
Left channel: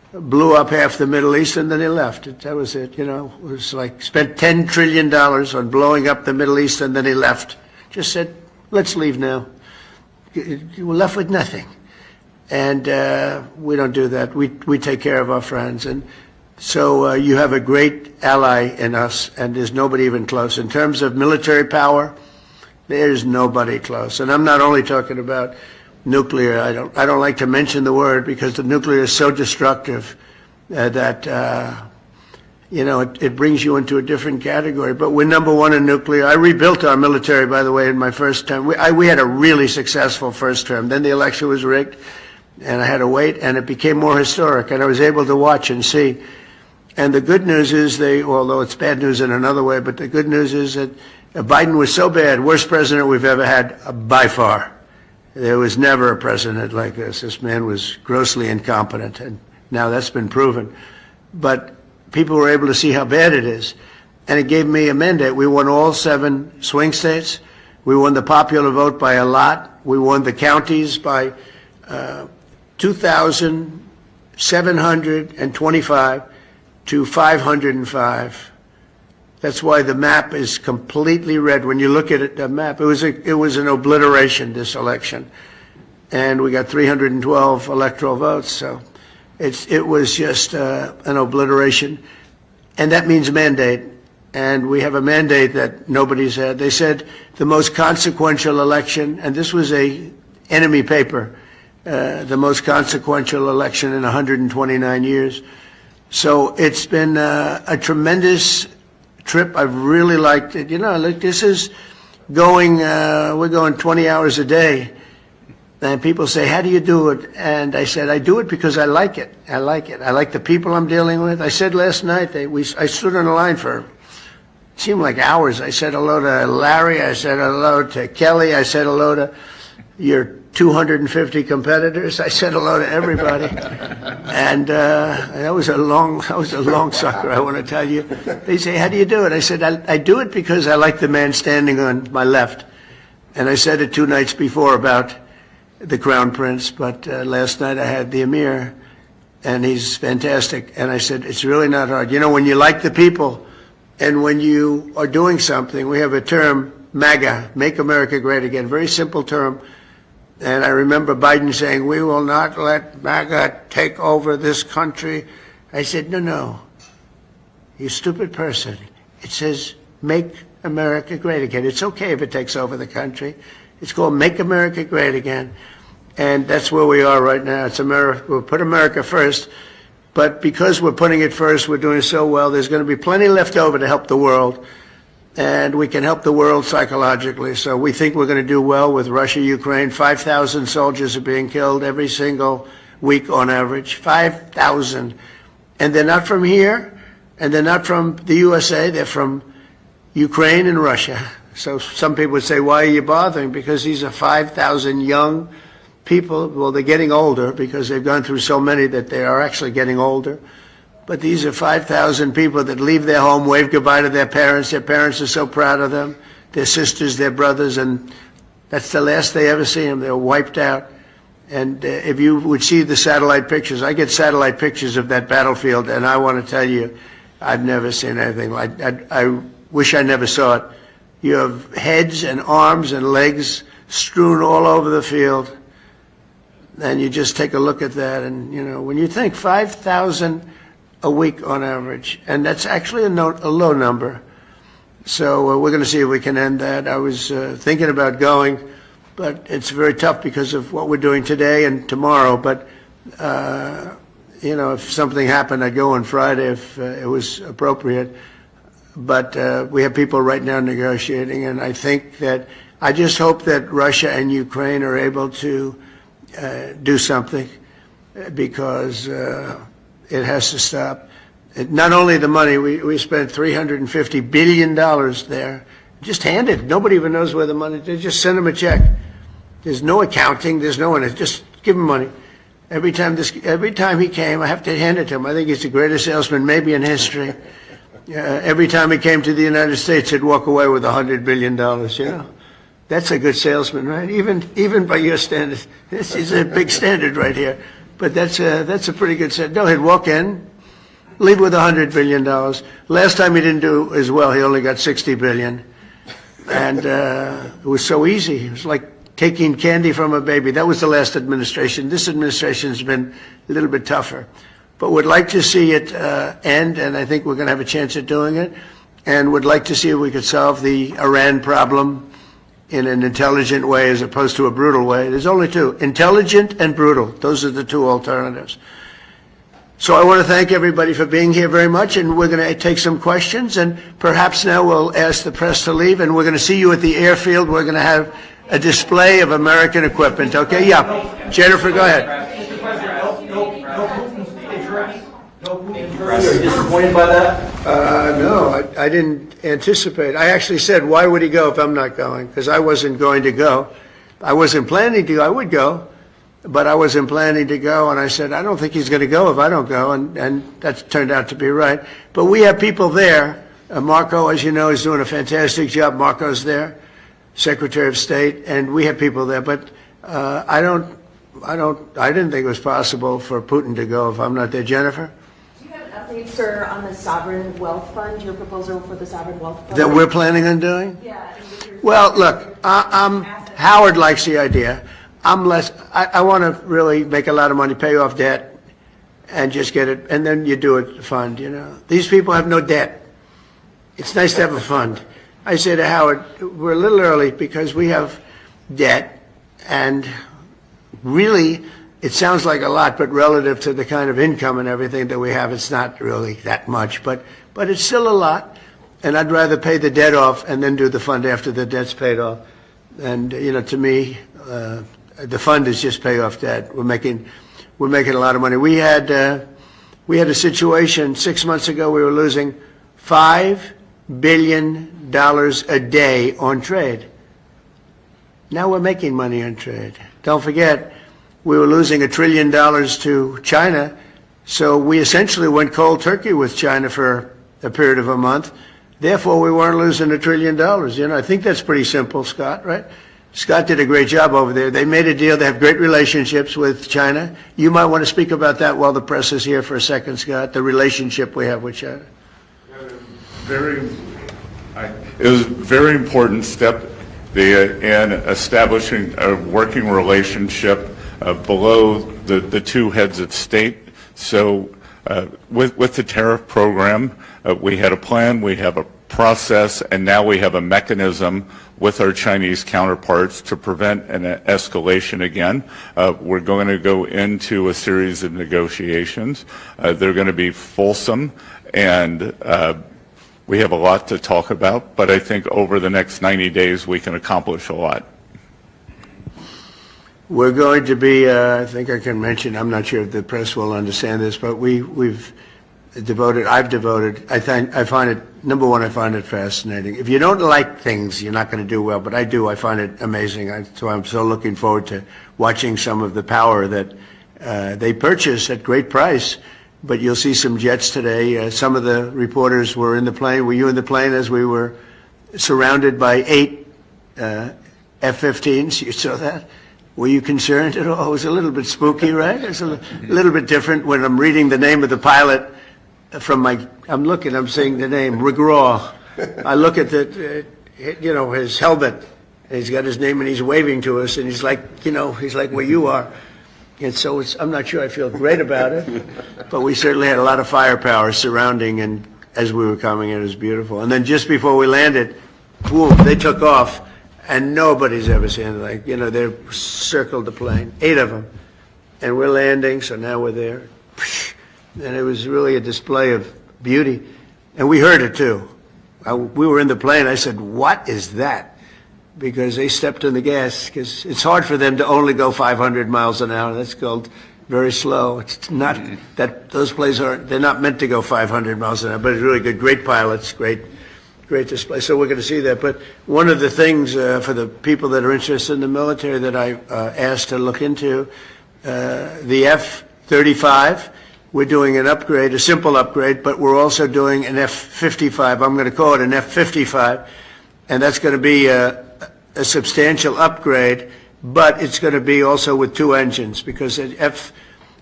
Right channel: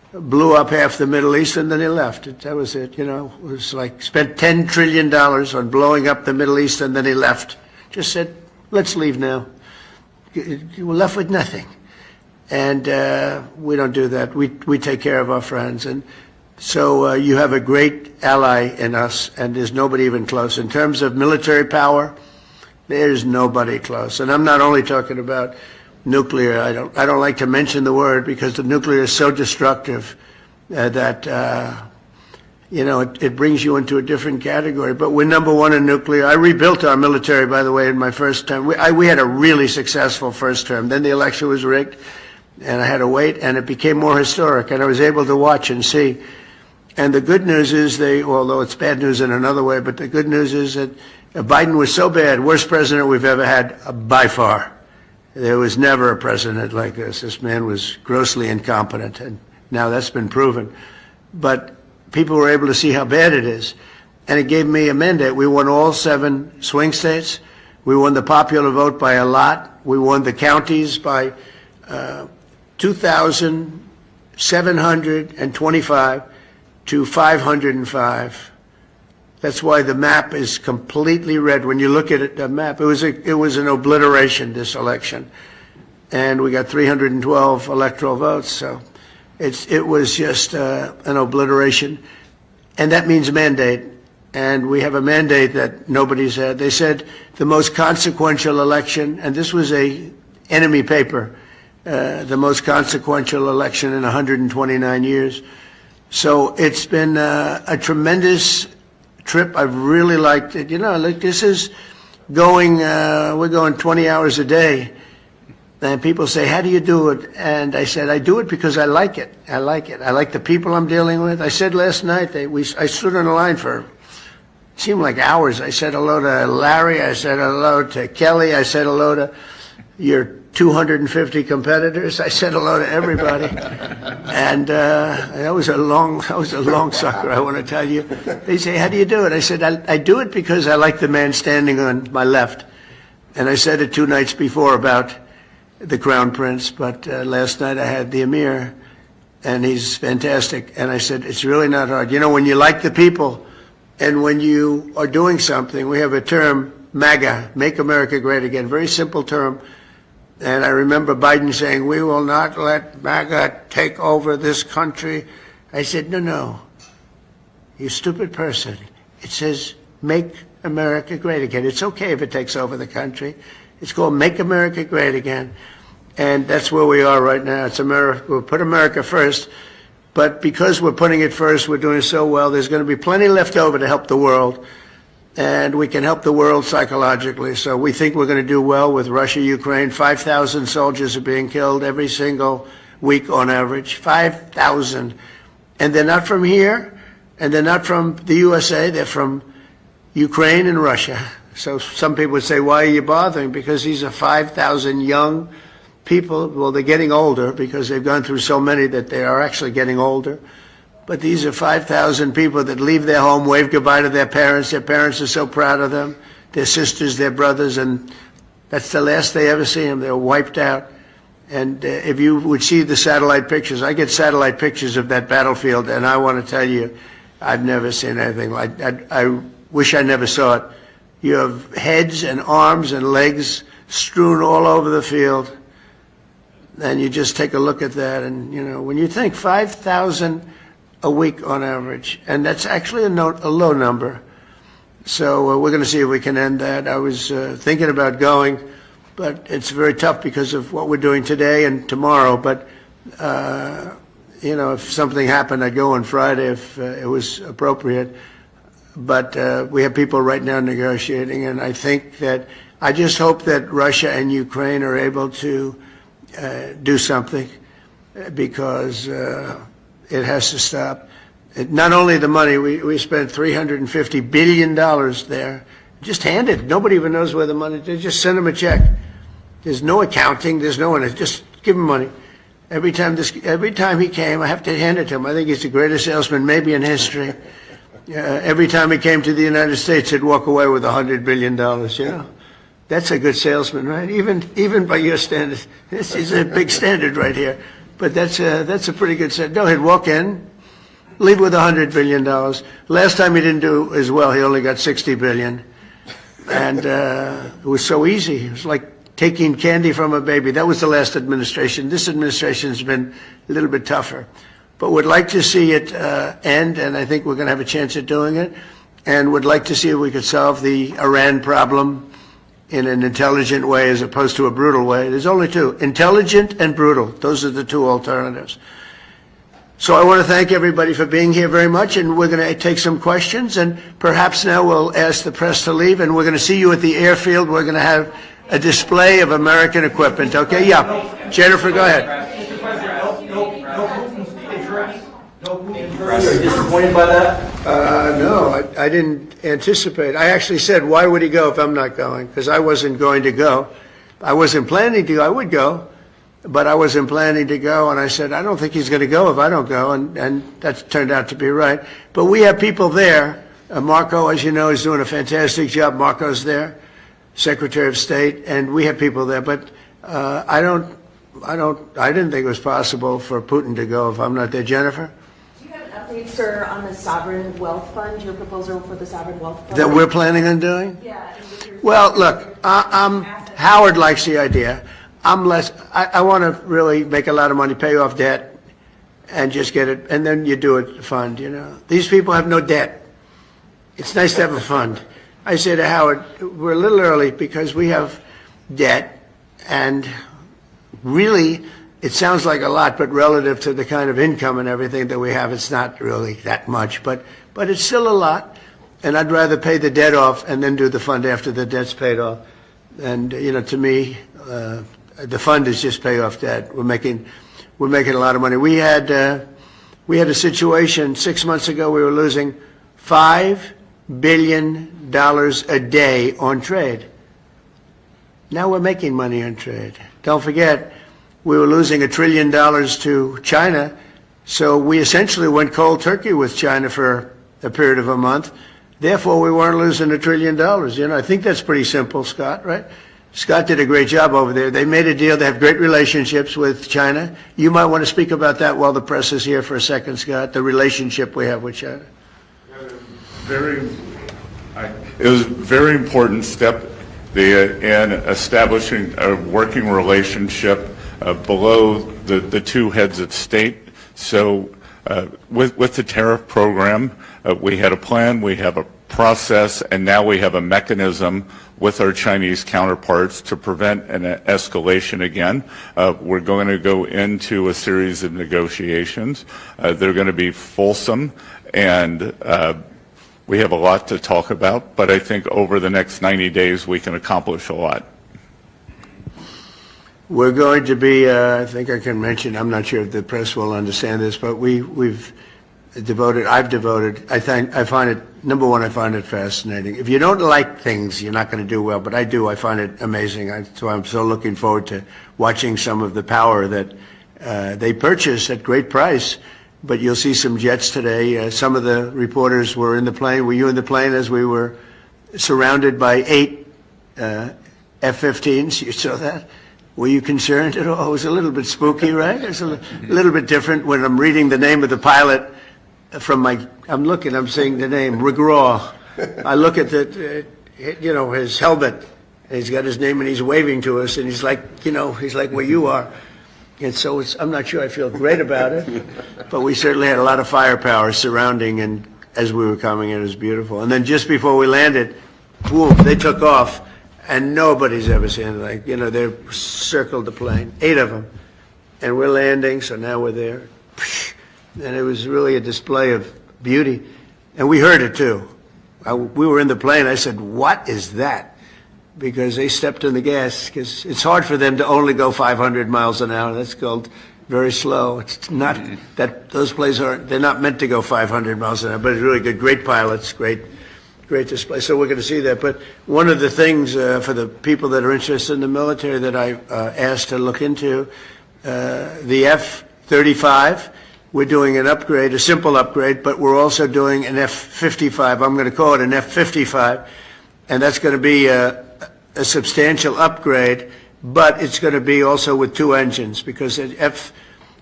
blew up half the Middle East, and then they left. That was it, you know. It was like spent $10 trillion on blowing up the Middle East, and then he left. Just said, let's leave now. You were left with nothing. And we don't do that. We take care of our friends. And so you have a great ally in us, and there's nobody even close. In terms of military power, there's nobody close. And I'm not only talking about nuclear. I don't like to mention the word because the nuclear is so destructive that you know, it brings you into a different category. But we're number one in nuclear. I rebuilt our military, by the way, in my first term. We had a really successful first term. Then the election was rigged, and I had to wait, and it became more historic, and I was able to watch and see. And the good news is although it's bad news in another way, but the good news is that Biden was so bad, worst president we've ever had by far. There was never a president like this. This man was grossly incompetent, and now that's been proven. But people were able to see how bad it is, and it gave me a mandate. We won all 7 swing states. We won the popular vote by a lot. We won the counties by 2,725 to 505. That's why the map is completely red. When you look at it, the map, it was an obliteration, this election. And we got 312 electoral votes, so it was just an obliteration. And that means mandate. And we have a mandate that nobody's had. They said the most consequential election, and this was a enemy paper, the most consequential election in 129 years. So it's been a tremendous trip. I've really liked it. You know, like this is going, we're going 20 hours a day. And people say, how do you do it? And I said, I do it because I like it. I like it. I like the people I'm dealing with. I said last night, I stood on the line for, it seemed like hours. I said hello to Larry. I said hello to Kelly. I said hello to your 250 competitors. I said hello to everybody. And that was a long sucker, I want to tell you. They say, how do you do it? I said, I do it because I like the man standing on my left. And I said it 2 nights before about the Crown Prince, but last night I had the Emir, and he's fantastic. And I said, it's really not hard. You know, when you like the people, and when you are doing something, we have a term, MAGA, Make America Great Again, very simple term. And I remember Biden saying, we will not let MAGA take over this country. I said, no, you stupid person. It says, Make America Great Again. It's okay if it takes over the country. It's called Make America Great Again. And that's where we are right now. It's America. We'll put America first. But because we're putting it first, we're doing so well, there's going to be plenty left over to help the world. And we can help the world psychologically. So we think we're going to do well with Russia, Ukraine. 5,000 soldiers are being killed every single week on average. 5,000. And they're not from here, and they're not from the USA. They're from Ukraine and Russia. So some people would say, why are you bothering? Because these are 5,000 young people. Well, they're getting older because they've gone through so many that they are actually getting older. But these are 5,000 people that leave their home, wave goodbye to their parents. Their parents are so proud of them, their sisters, their brothers, and that's the last they ever see them. They're wiped out. And if you would see the satellite pictures, I get satellite pictures of that battlefield, and I want to tell you, I've never seen anything like that. I wish I never saw it. You have heads and arms and legs strewn all over the field, and you just take a look at that, and, you know, when you think 5,000 a week on average, and that's actually a low number. So we're going to see if we can end that. I was thinking about going, but it's very tough because of what we're doing today and tomorrow. But, you know, if something happened, I'd go on Friday if it was appropriate. But we have people right now negotiating, and I think that I just hope that Russia and Ukraine are able to do something, because it has to stop. Not only the money, we spent $350 billion there, just handed. Nobody even knows where the money, they just send them a check. There's no accounting, there's no one, just give him money. Every time he came, I have to hand it to him. I think he's the greatest salesman maybe in history. Every time he came to the United States, he'd walk away with $100 billion, you know. That's a good salesman, right? Even by your standards. This is a big standard right here. But that's a pretty good set. Go ahead, walk in, leave with $100 billion. Last time he didn't do as well. He only got $60 billion. And it was so easy. It was like taking candy from a baby. That was the last administration. This administration's been a little bit tougher. But would like to see it end, and I think we're going to have a chance at doing it. And would like to see if we could solve the Iran problem in an intelligent way as opposed to a brutal way. There's only two, intelligent and brutal. Those are the two alternatives. So I want to thank everybody for being here very much, and we're going to take some questions, and perhaps now we'll ask the press to leave, and we're going to see you at the airfield. We're going to have a display of American equipment, okay? Yeah. Jennifer, go ahead. Are you disappointed by that? No, I didn't anticipate. I actually said, why would he go if I'm not going? Because I wasn't going to go. I wasn't planning to go. I would go, but I wasn't planning to go. And I said, I don't think he's going to go if I don't go. And that turned out to be right. But we have people there. Marco, as you know, is doing a fantastic job. Marco's there, Secretary of State, and we have people there. But I didn't think it was possible for Putin to go if I'm not there. Jennifer? Sir, on the sovereign wealth fund, your proposal for the sovereign wealth fund? That we're planning on doing? Yeah. Well, look, Howard likes the idea. I want to really make a lot of money, pay off debt, and just get it, and then you do it fund, you know. These people have no debt. It's nice to have a fund. I say to Howard, we're a little early because we have debt, and really, it sounds like a lot, but relative to the kind of income and everything that we have, it's not really that much. But it's still a lot, and I'd rather pay the debt off and then do the fund after the debt's paid off. And you know, to me, the fund is just pay off debt. We're making a lot of money. We had a situation 6 months ago. We were losing $5 billion a day on trade. Now we're making money on trade. Don't forget, we were losing $1 trillion to China, so we essentially went cold turkey with China for a period of a month. Therefore, we weren't losing $1 trillion. You know, I think that's pretty simple, Scott, right? Scott did a great job over there. They made a deal. They have great relationships with China. You might want to speak about that while the press is here for a second, Scott, the relationship we have with China. It was a very important step in establishing a working relationship below the two heads of state. So with the tariff program, we had a plan, we have a process, and now we have a mechanism with our Chinese counterparts to prevent an escalation again. We're going to go into a series of negotiations. They're going to be fulsome, and we have a lot to talk about, but I think over the next 90 days we can accomplish a lot. We're going to be, I think I can mention, I'm not sure if the press will understand this, but I've devoted, I find it, number one, I find it fascinating. If you don't like things, you're not going to do well, but I do, I find it amazing. So I'm so looking forward to watching some of the power that they purchase at great price. But you'll see some jets today. Some of the reporters were in the plane. Were you in the plane as we were surrounded by 8 F-15s? You saw that? Were you concerned at all? It was a little bit spooky, right? It's a little bit different when I'm reading the name of the pilot from I'm seeing the name, Rigraw. I look at his helmet, and he's got his name, and he's waving to us, and he's like where you are. And so I'm not sure I feel great about it, but we certainly had a lot of firepower surrounding, and as we were coming in, it was beautiful. And then just before we landed, boom, they took off, and nobody's ever seen it. They circled the plane, 8 of them, and we're landing, so now we're there. And it was really a display of beauty, and we heard it too. We were in the plane. I said, "What is that?" Because they stepped on the gas, because it's hard for them to only go 500 miles an hour. That's called very slow. It's not that those planes they're not meant to go 500 miles an hour, but it's really good. Great pilots, great display. So we're going to see that. But one of the things for the people that are interested in the military that I asked to look into, the F-35, we're doing an upgrade, a simple upgrade, but we're also doing an F-55. I'm going to call it an F-55, and that's going to be a substantial upgrade, but it's going to be also with 2 engines, because at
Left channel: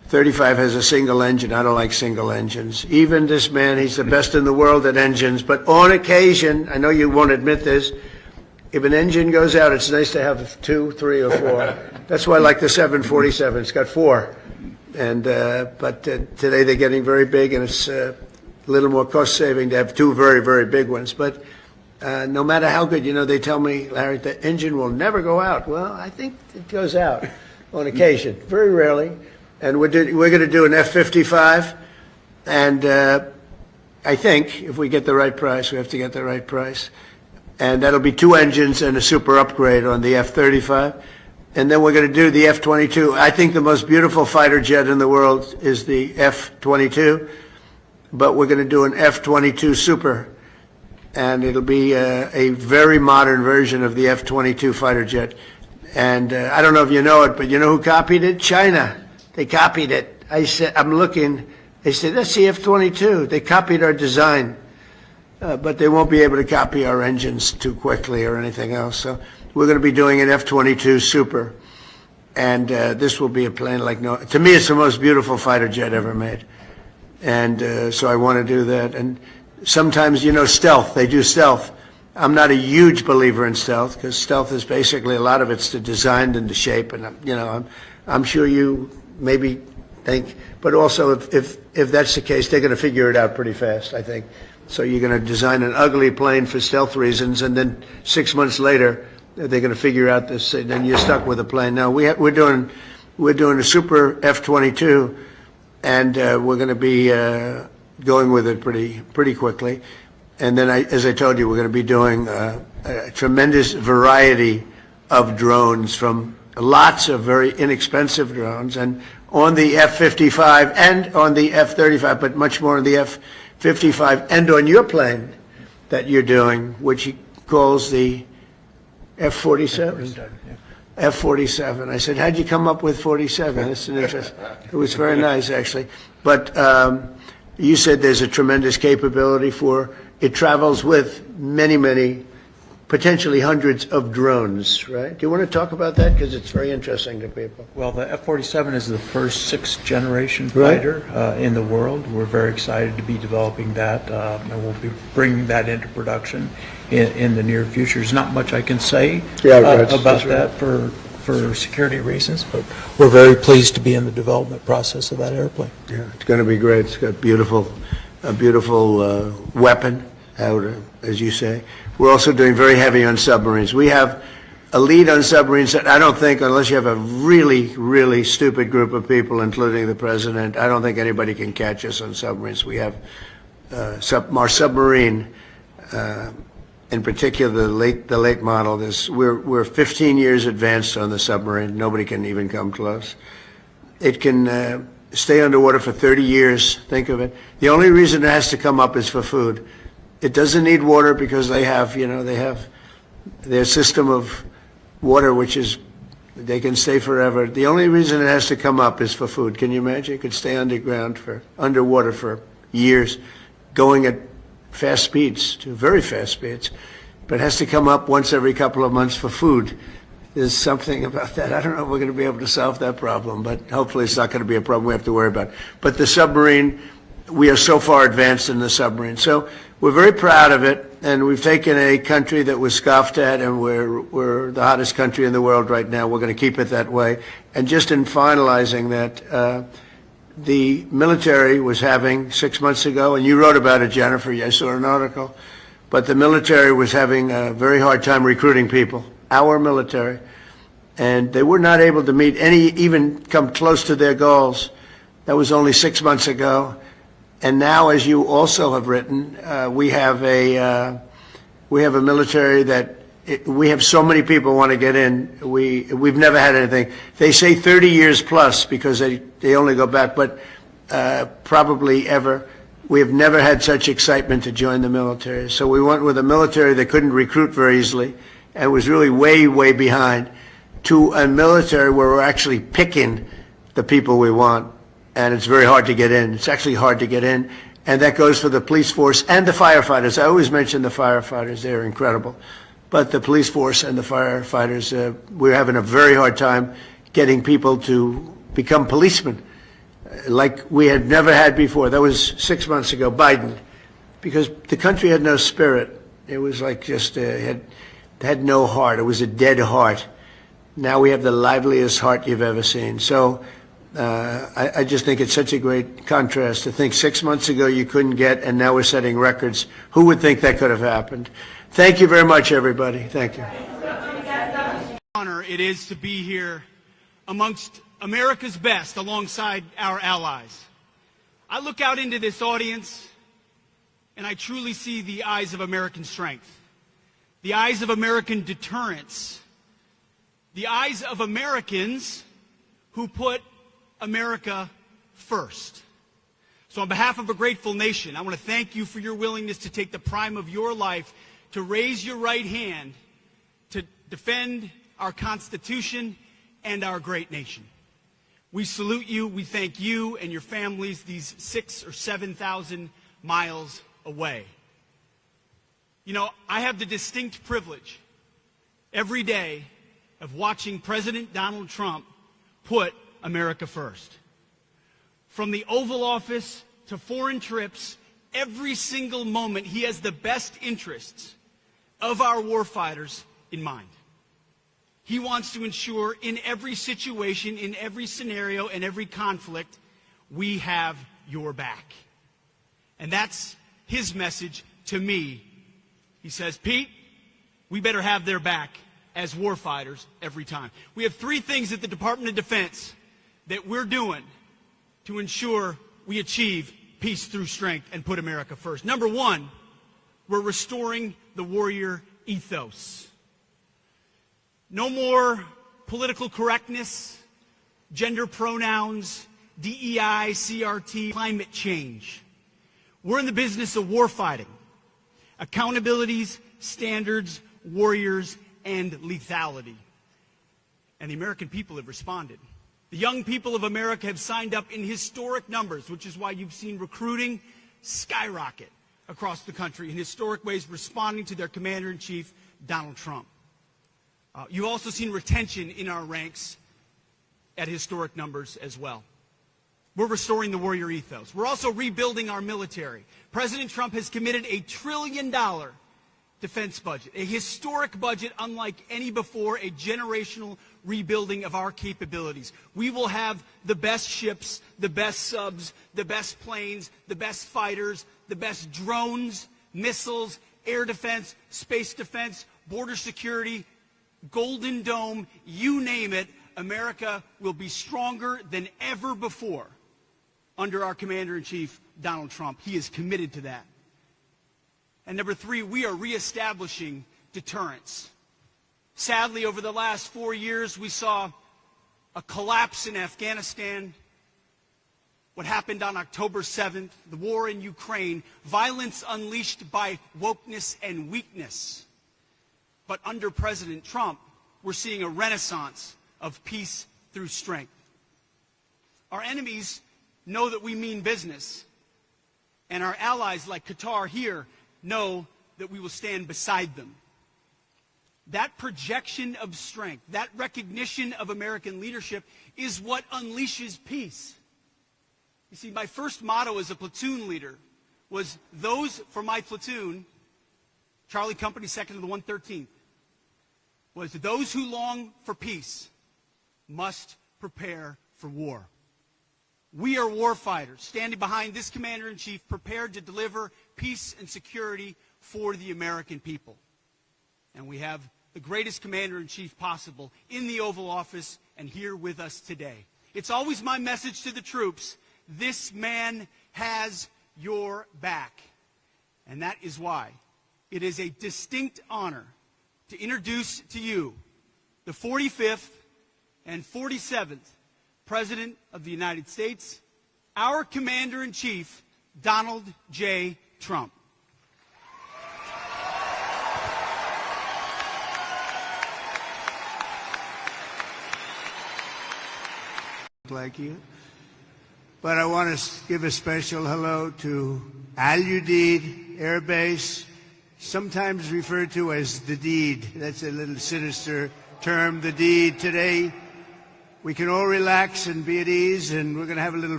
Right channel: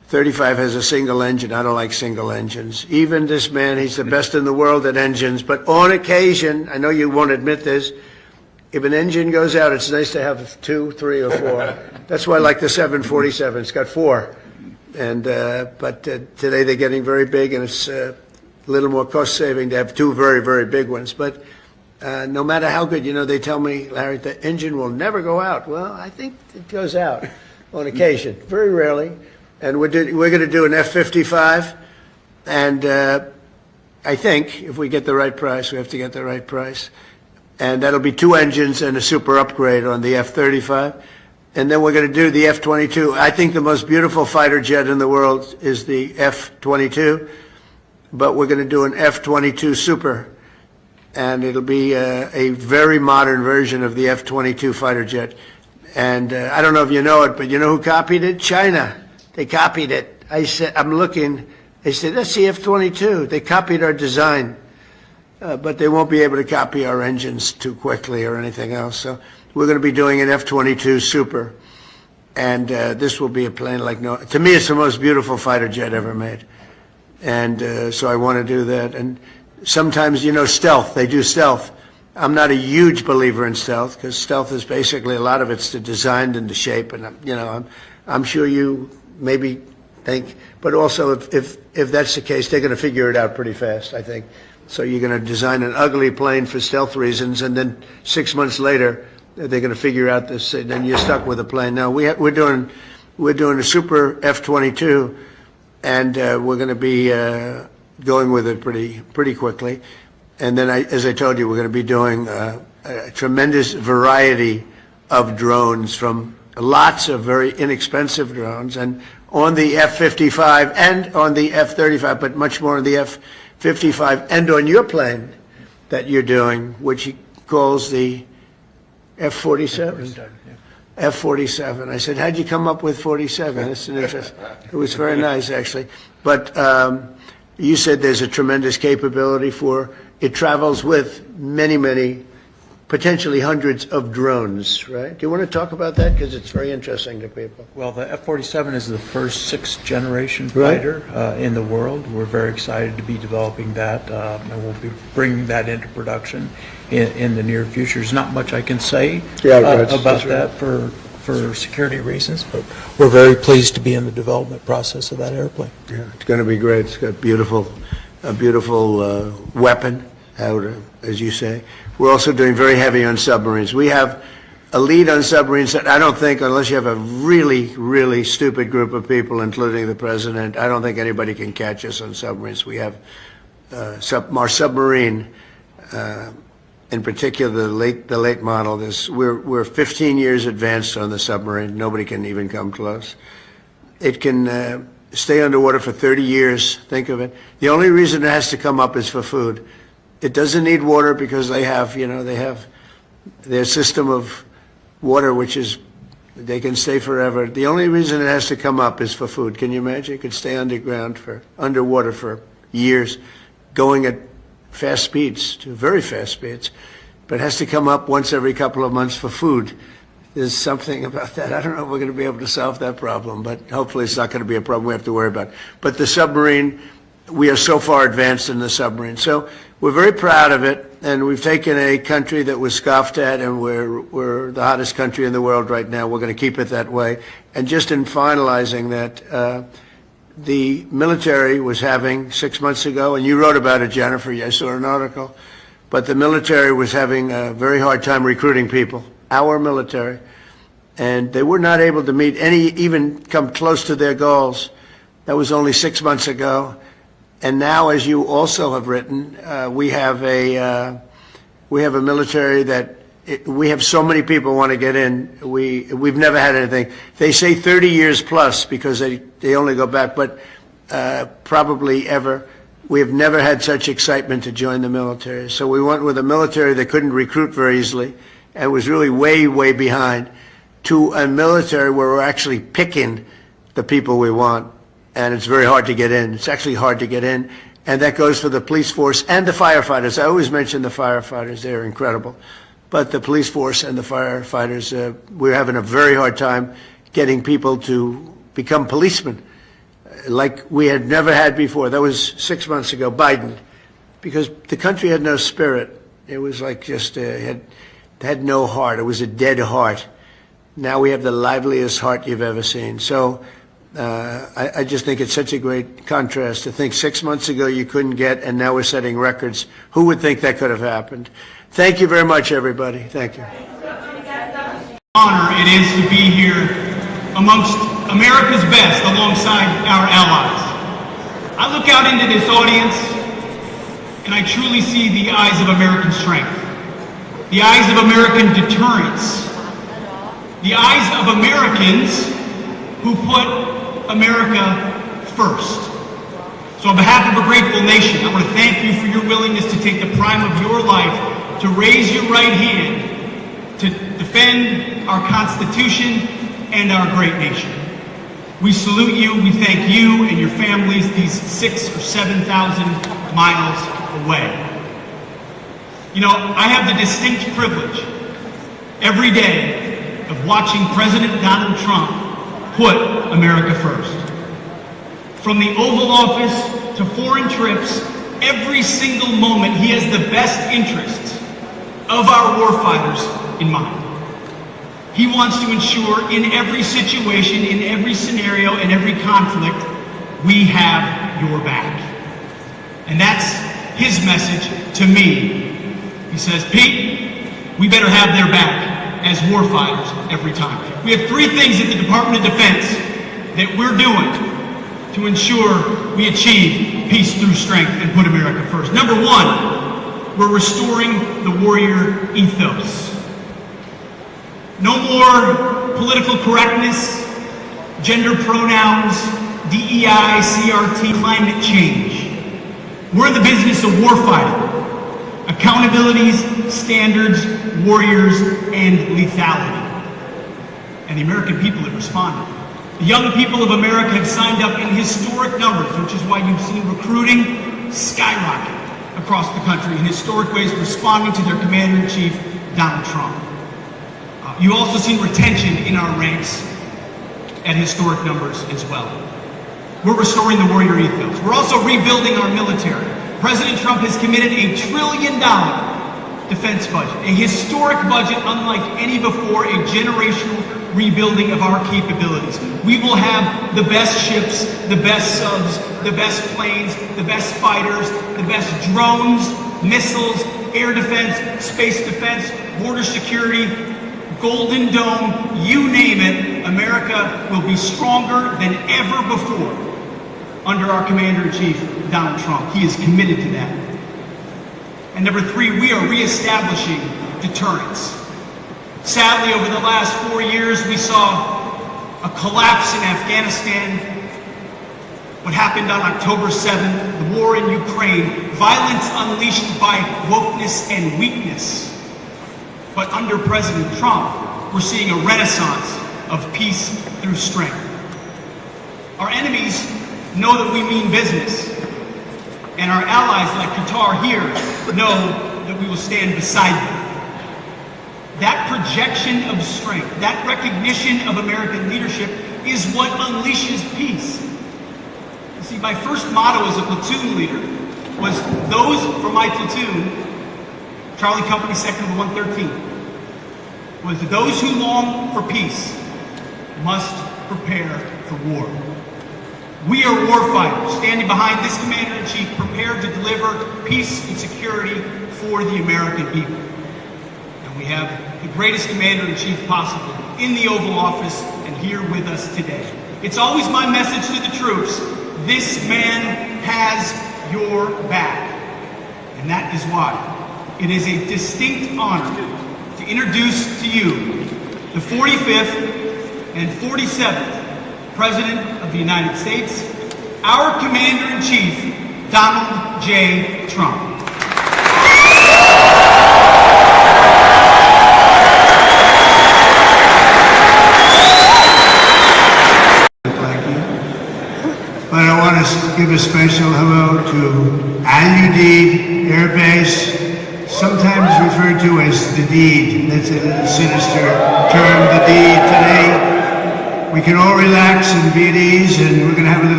F-35 has a single engine. I don't like single engines. Even this man, he's the best in the world at engines. But on occasion, I know you won't admit this, if an engine goes out, it's nice to have 2, 3, or 4. That's why I like the 747. It's got 4. And but today they're getting very big, and it's a little more cost-saving to have 2 very, very big ones. But no matter how good, they tell me, Larry, the engine will never go out. Well, I think it goes out on occasion, very rarely. And we're going to do an F-55, and I think if we get the right price, we have to get the right price, and that'll be 2 engines and a super upgrade on the F-35. And then we're going to do the F-22. I think the most beautiful fighter jet in the world is the F-22, but we're going to do an F-22 Super, and it'll be a very modern version of the F-22 fighter jet. And I don't know if you know it, but you know who copied it? China. They copied it. I said, I'm looking. They said, that's the F-22. They copied our design, but they won't be able to copy our engines too quickly or anything else. So we're going to be doing an F-22 Super, and this will be a plane like no. To me, it's the most beautiful fighter jet ever made, and so I want to do that. And sometimes, stealth. They do stealth. I'm not a huge believer in stealth because stealth is basically a lot of it's the design and the shape, and I'm sure you maybe think, but also if that's the case, they're going to figure it out pretty fast, I think. So you're going to design an ugly plane for stealth reasons, and then 6 months later, they're going to figure out this, and then you're stuck with a plane. Now we're doing a super F-22, and we're going to be going with it pretty quickly. And then, as I told you, we're going to be doing a tremendous variety of drones, from lots of very inexpensive drones, and on the F-55 and on the F-35, but much more on the F-55 and on your plane that you're doing, which he calls the F-47. F-47. I said, how'd you come up with 47? That's an interest. It was very nice, actually. But you said there's a tremendous capability for it. Travels with many, potentially hundreds of drones, right? Do you want to talk about that? Because it's very interesting to people. Well, the F-47 is the first 6th-generation fighter in the world. We're very excited to be developing that, and we'll be bringing that into production in the near future. There's not much I can say about that for security reasons, but we're very pleased to be in the development process of that airplane. Yeah, it's going to be great. It's got a beautiful weapon, as you say. We're also doing very heavy on submarines. We have a lead on submarines that I don't think, unless you have a really stupid group of people, including the president, I don't think anybody can catch us on submarines. We have our submarine, in particular the late model. We're 15 years advanced on the submarine. Nobody can even come close. It can stay underwater for 30 years. Think of it. The only reason it has to come up is for food. It doesn't need water because they have their system of water, which is they can stay forever. The only reason it has to come up is for food. Can you imagine? It could stay underwater for years, going at fast speeds, to very fast speeds, but it has to come up once every couple of months for food. There's something about that. I don't know if we're going to be able to solve that problem, but hopefully it's not going to be a problem we have to worry about. But the submarine, we are so far advanced in the submarine. So we're very proud of it, and we've taken a country that was scoffed at, and we're the hottest country in the world right now. We're going to keep it that way. And just in finalizing that, the military was having 6 months ago, and you wrote about it, Jennifer. I saw an article. But the military was having a very hard time recruiting people, our military, and they were not able to even come close to their goals. That was only 6 months ago. And now, as you also have written, we have a military that we have so many people want to get in. We've never had anything. They say 30 years plus because they only go back, but probably ever. We have never had such excitement to join the military. So we went with a military that couldn't recruit very easily and was really way behind, to a military where we're actually picking the people we want. And it's very hard to get in. It's actually hard to get in. And that goes for the police force and the firefighters. I always mention the firefighters. They're incredible. But the police force and the firefighters, we're having a very hard time getting people to become policemen. like we had never had before. That was 6 months ago, Biden, because the country had no spirit. It was like just had no heart. It was a dead heart. Now we have the liveliest heart you've ever seen. So I just think it's such a great contrast to think 6 months ago you couldn't get, and now we're setting records. Who would think that could have happened? Thank you very much, everybody. Thank you. Honor it is to be here amongst America's best alongside our allies. I look out into this audience and I truly see the eyes of American strength, the eyes of American deterrence, the eyes of Americans who put America first. So on behalf of a grateful nation, I want to thank you for your willingness to take the prime of your life to raise your right hand to defend our Constitution and our great nation. We salute you, we thank you and your families these 6,000 or 7,000 miles away. You know, I have the distinct privilege every day of watching President Donald Trump put America first. From the Oval Office to foreign trips, every single moment he has the best interests of our warfighters in mind. He wants to ensure in every situation, in every scenario, in every conflict, we have your back. And that's his message to me. He says, Pete, we better have their back as warfighters every time. We have three things at the Department of Defense that we're doing to ensure we achieve peace through strength and put America first. Number one, we're restoring the warrior ethos. No more political correctness, gender pronouns, DEI, CRT, climate change. We're in the business of warfighting. Accountabilities, standards, warriors, and lethality. And the American people have responded. The young people of America have signed up in historic numbers, which is why you've seen recruiting skyrocket across the country in historic ways, responding to their commander-in-chief, Donald Trump. You've also seen retention in our ranks at historic numbers as well. We're restoring the warrior ethos. We're also rebuilding our military. President Trump has committed $1 trillion defense budget, a historic budget unlike any before, a generational rebuilding of our capabilities. We will have the best ships, the best subs, the best planes, the best fighters, the best drones, missiles, air defense, space defense, border security, Golden Dome, you name it. America will be stronger than ever before under our Commander-in-Chief, Donald Trump. He is committed to that. And number three, we are reestablishing deterrence. Sadly, over the last 4 years, we saw a collapse in Afghanistan. What happened on October 7th, the war in Ukraine, violence unleashed by wokeness and weakness. But under President Trump, we're seeing a renaissance of peace through strength. Our enemies know that we mean business, and our allies like Qatar here know that we will stand beside them. That projection of strength, that recognition of American leadership is what unleashes peace. You see, my first motto as a platoon leader was those for my platoon, Charlie Company Sector 113, was those who long for peace must prepare for war. We are warfighters, standing behind this Commander-in-Chief, prepared to deliver peace and security for the American people. And we have the greatest Commander-in-Chief possible in the Oval Office and here with us today. It's always my message to the troops, this man has your back. And that is why it is a distinct honor to introduce to you the 45th and 47th President of the United States, our Commander-in-Chief, Donald J. Trump. And I want to give a special hello to Udeid Air Base, sometimes referred to as the deed. That's a sinister term, the deed. Today, we can all relax and be at ease, and we're going to have a little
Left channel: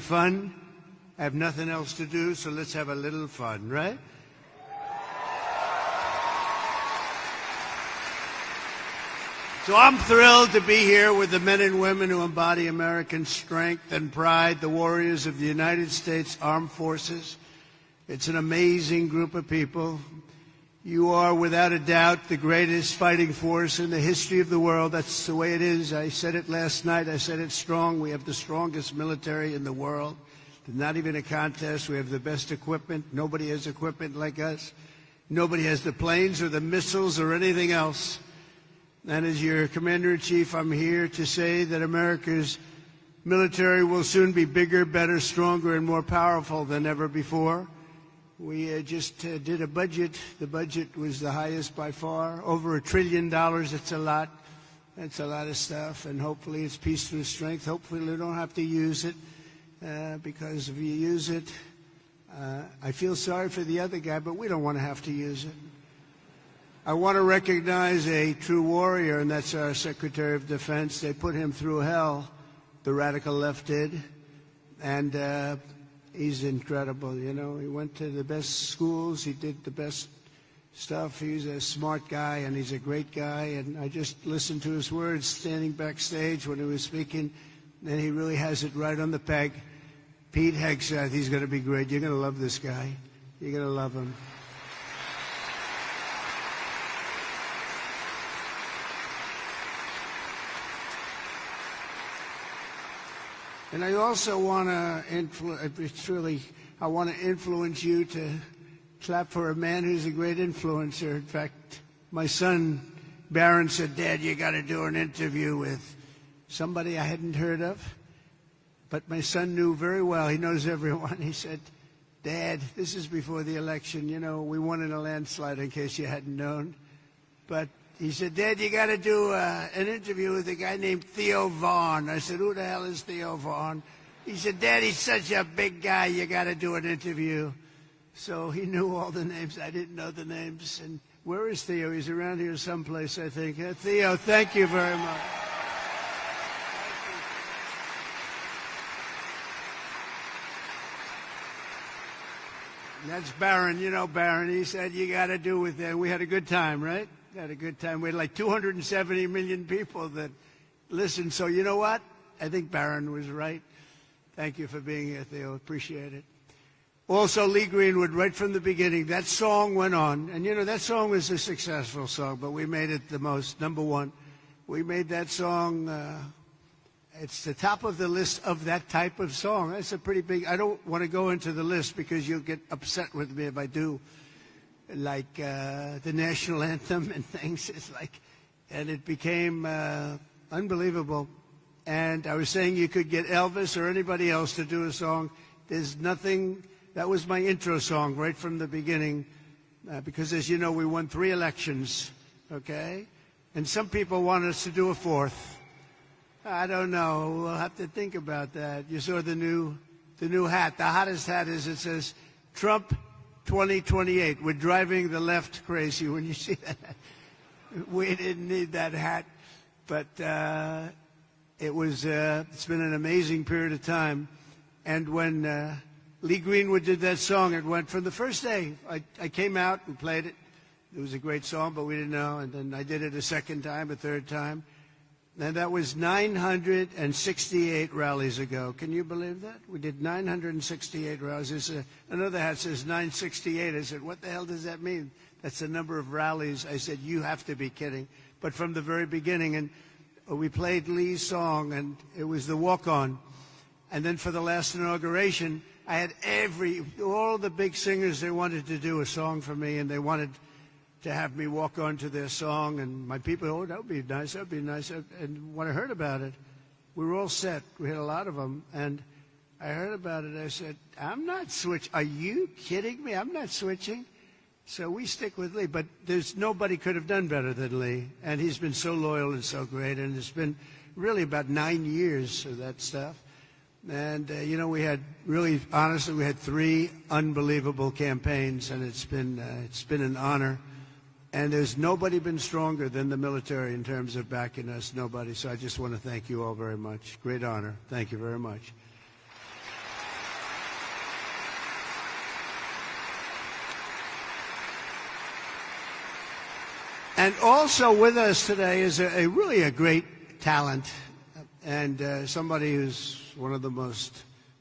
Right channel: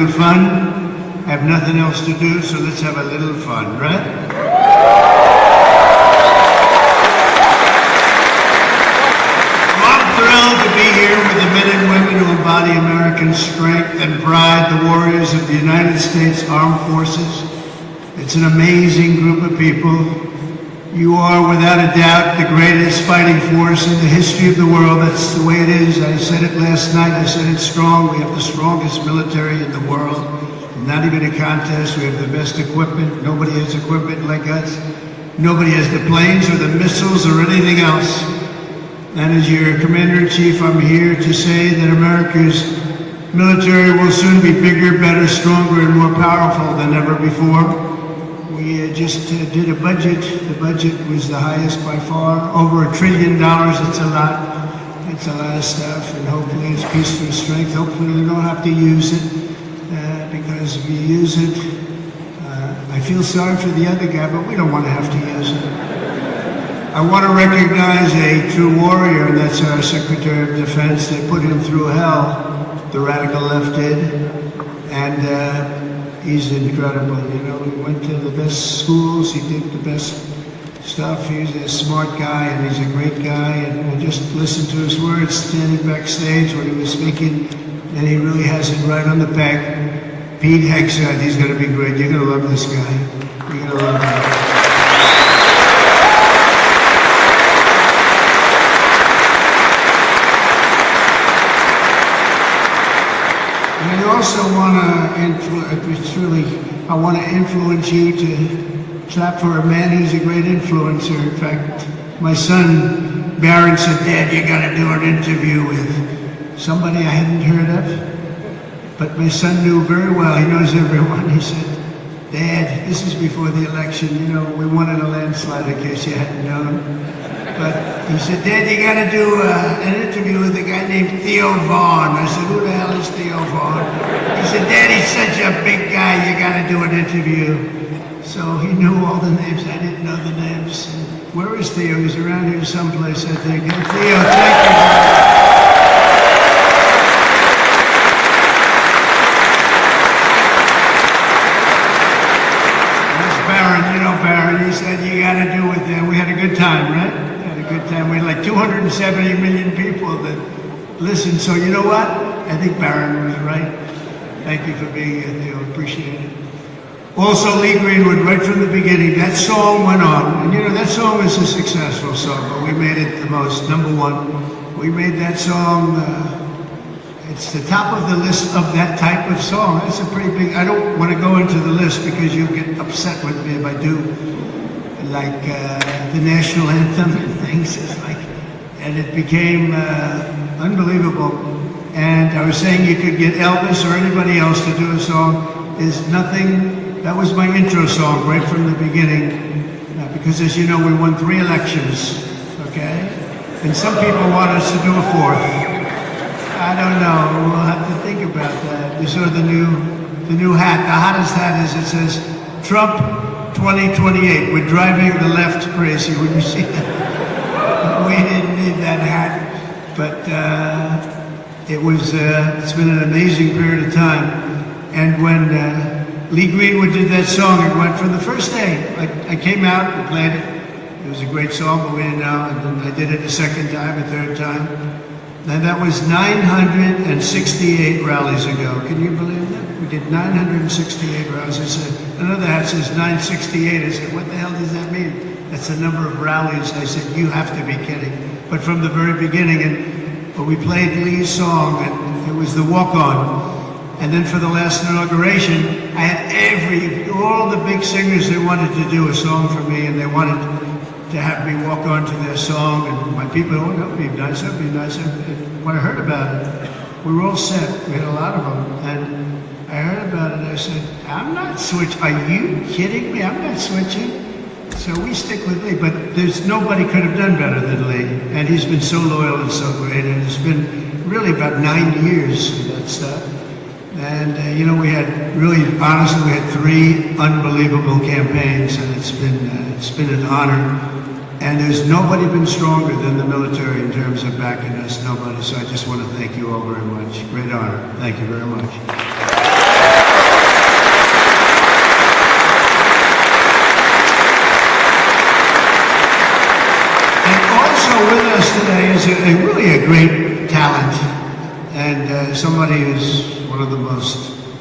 fun. I have nothing else to do, so let's have a little fun, right? I'm thrilled to be here with the men and women who embody American strength and pride, the warriors of the United States Armed Forces. It's an amazing group of people. You are, without a doubt, the greatest fighting force in the history of the world. That's the way it is. I said it last night. I said it's strong. We have the strongest military in the world. Not even a contest. We have the best equipment. Nobody has equipment like us. Nobody has the planes or the missiles or anything else. And as your Commander-in-Chief, I'm here to say that America's military will soon be bigger, better, stronger, and more powerful than ever before. We just did a budget. The budget was the highest by far, over $1 trillion. It's a lot. It's a lot of stuff, and hopefully it's peace through strength. Hopefully we don't have to use it, because if we use it, I feel sorry for the other guy, but we don't want to have to use it. I want to recognize a true warrior, and that's our Secretary of Defense. They put him through hell, the radical left did, and he's incredible. You know, he went to the best schools, he did the best stuff. He's a smart guy, and he's a great guy, and we just listened to his words standing backstage when he was speaking, and he really has it right on the peg. Pete Hegseth, he's going to be great. You're going to love this guy. You're going to love him. I also want to influence you to clap for a man who's a great influencer. In fact, my son, Barron, said, Dad, you got to do an interview with somebody I hadn't heard of. But my son knew very well, he knows everyone. He said, Dad, this is before the election, you know, we won in a landslide, in case you hadn't known. But he said, Dad, you got to do an interview with a guy named Theo Vaughn. I said, who the hell is Theo Vaughn? He said, Dad, he's such a big guy, you got to do an interview. So he knew all the names. I didn't know the names. Where is Theo? He's around here someplace, I think. And Theo, thank you. He said, you got to do it there. We had a good time, right? We had a good time. We had like 270 million people that listened. So you know what? I think Barron was right. Thank you for being here, Theo. Appreciate it. Also, Lee Greenwood, right from the beginning, that song went on. And you know, that song is a successful song, but we made it the most, number one. We made that song, it's the top of the list of that type of song. That's a pretty big, I don't want to go into the list because you'll get upset with me if I do. Like the national anthem and things, it's like, and it became unbelievable. And I was saying you could get Elvis or anybody else to do a song. There's nothing, that was my intro song right from the beginning, because as you know, we won 3 elections, okay? And some people want us to do a 4th. I don't know, we'll have to think about that. You saw the new hat, the hottest hat is, it says, Trump 2028. We're driving the left crazy. When you see that, we didn't need that hat, but it's been an amazing period of time. And when Lee Greenwood did that song, it went from the first day. I came out and played it. It was a great song, but we didn't know. And then I did it the second time, a third time. And that was 968 rallies ago. Can you believe that? We did 968 rallies. I said, another hat says 968. I said, what the hell does that mean? That's the number of rallies. I said, you have to be kidding. But from the very beginning, and we played Lee's song, and it was the walk-on. And then for the last inauguration, I had all the big singers, they wanted to do a song for me, and they wanted to have me walk on to their song. And my people, oh, that would be nice, that would be nice. When I heard about it, we were all set. We had a lot of them. And I heard about it, and I said, I'm not switching. Are you kidding me? I'm not switching. So we stick with Lee, but nobody could have done better than Lee. And he's been so loyal and so great, and it's been really about 9 years of that stuff. And, you know, we had really, honestly, we had 3 unbelievable campaigns, and it's been an honor. And there's nobody been stronger than the military in terms of backing us, nobody. So I just want to thank you all very much. Great honor. Thank you very much.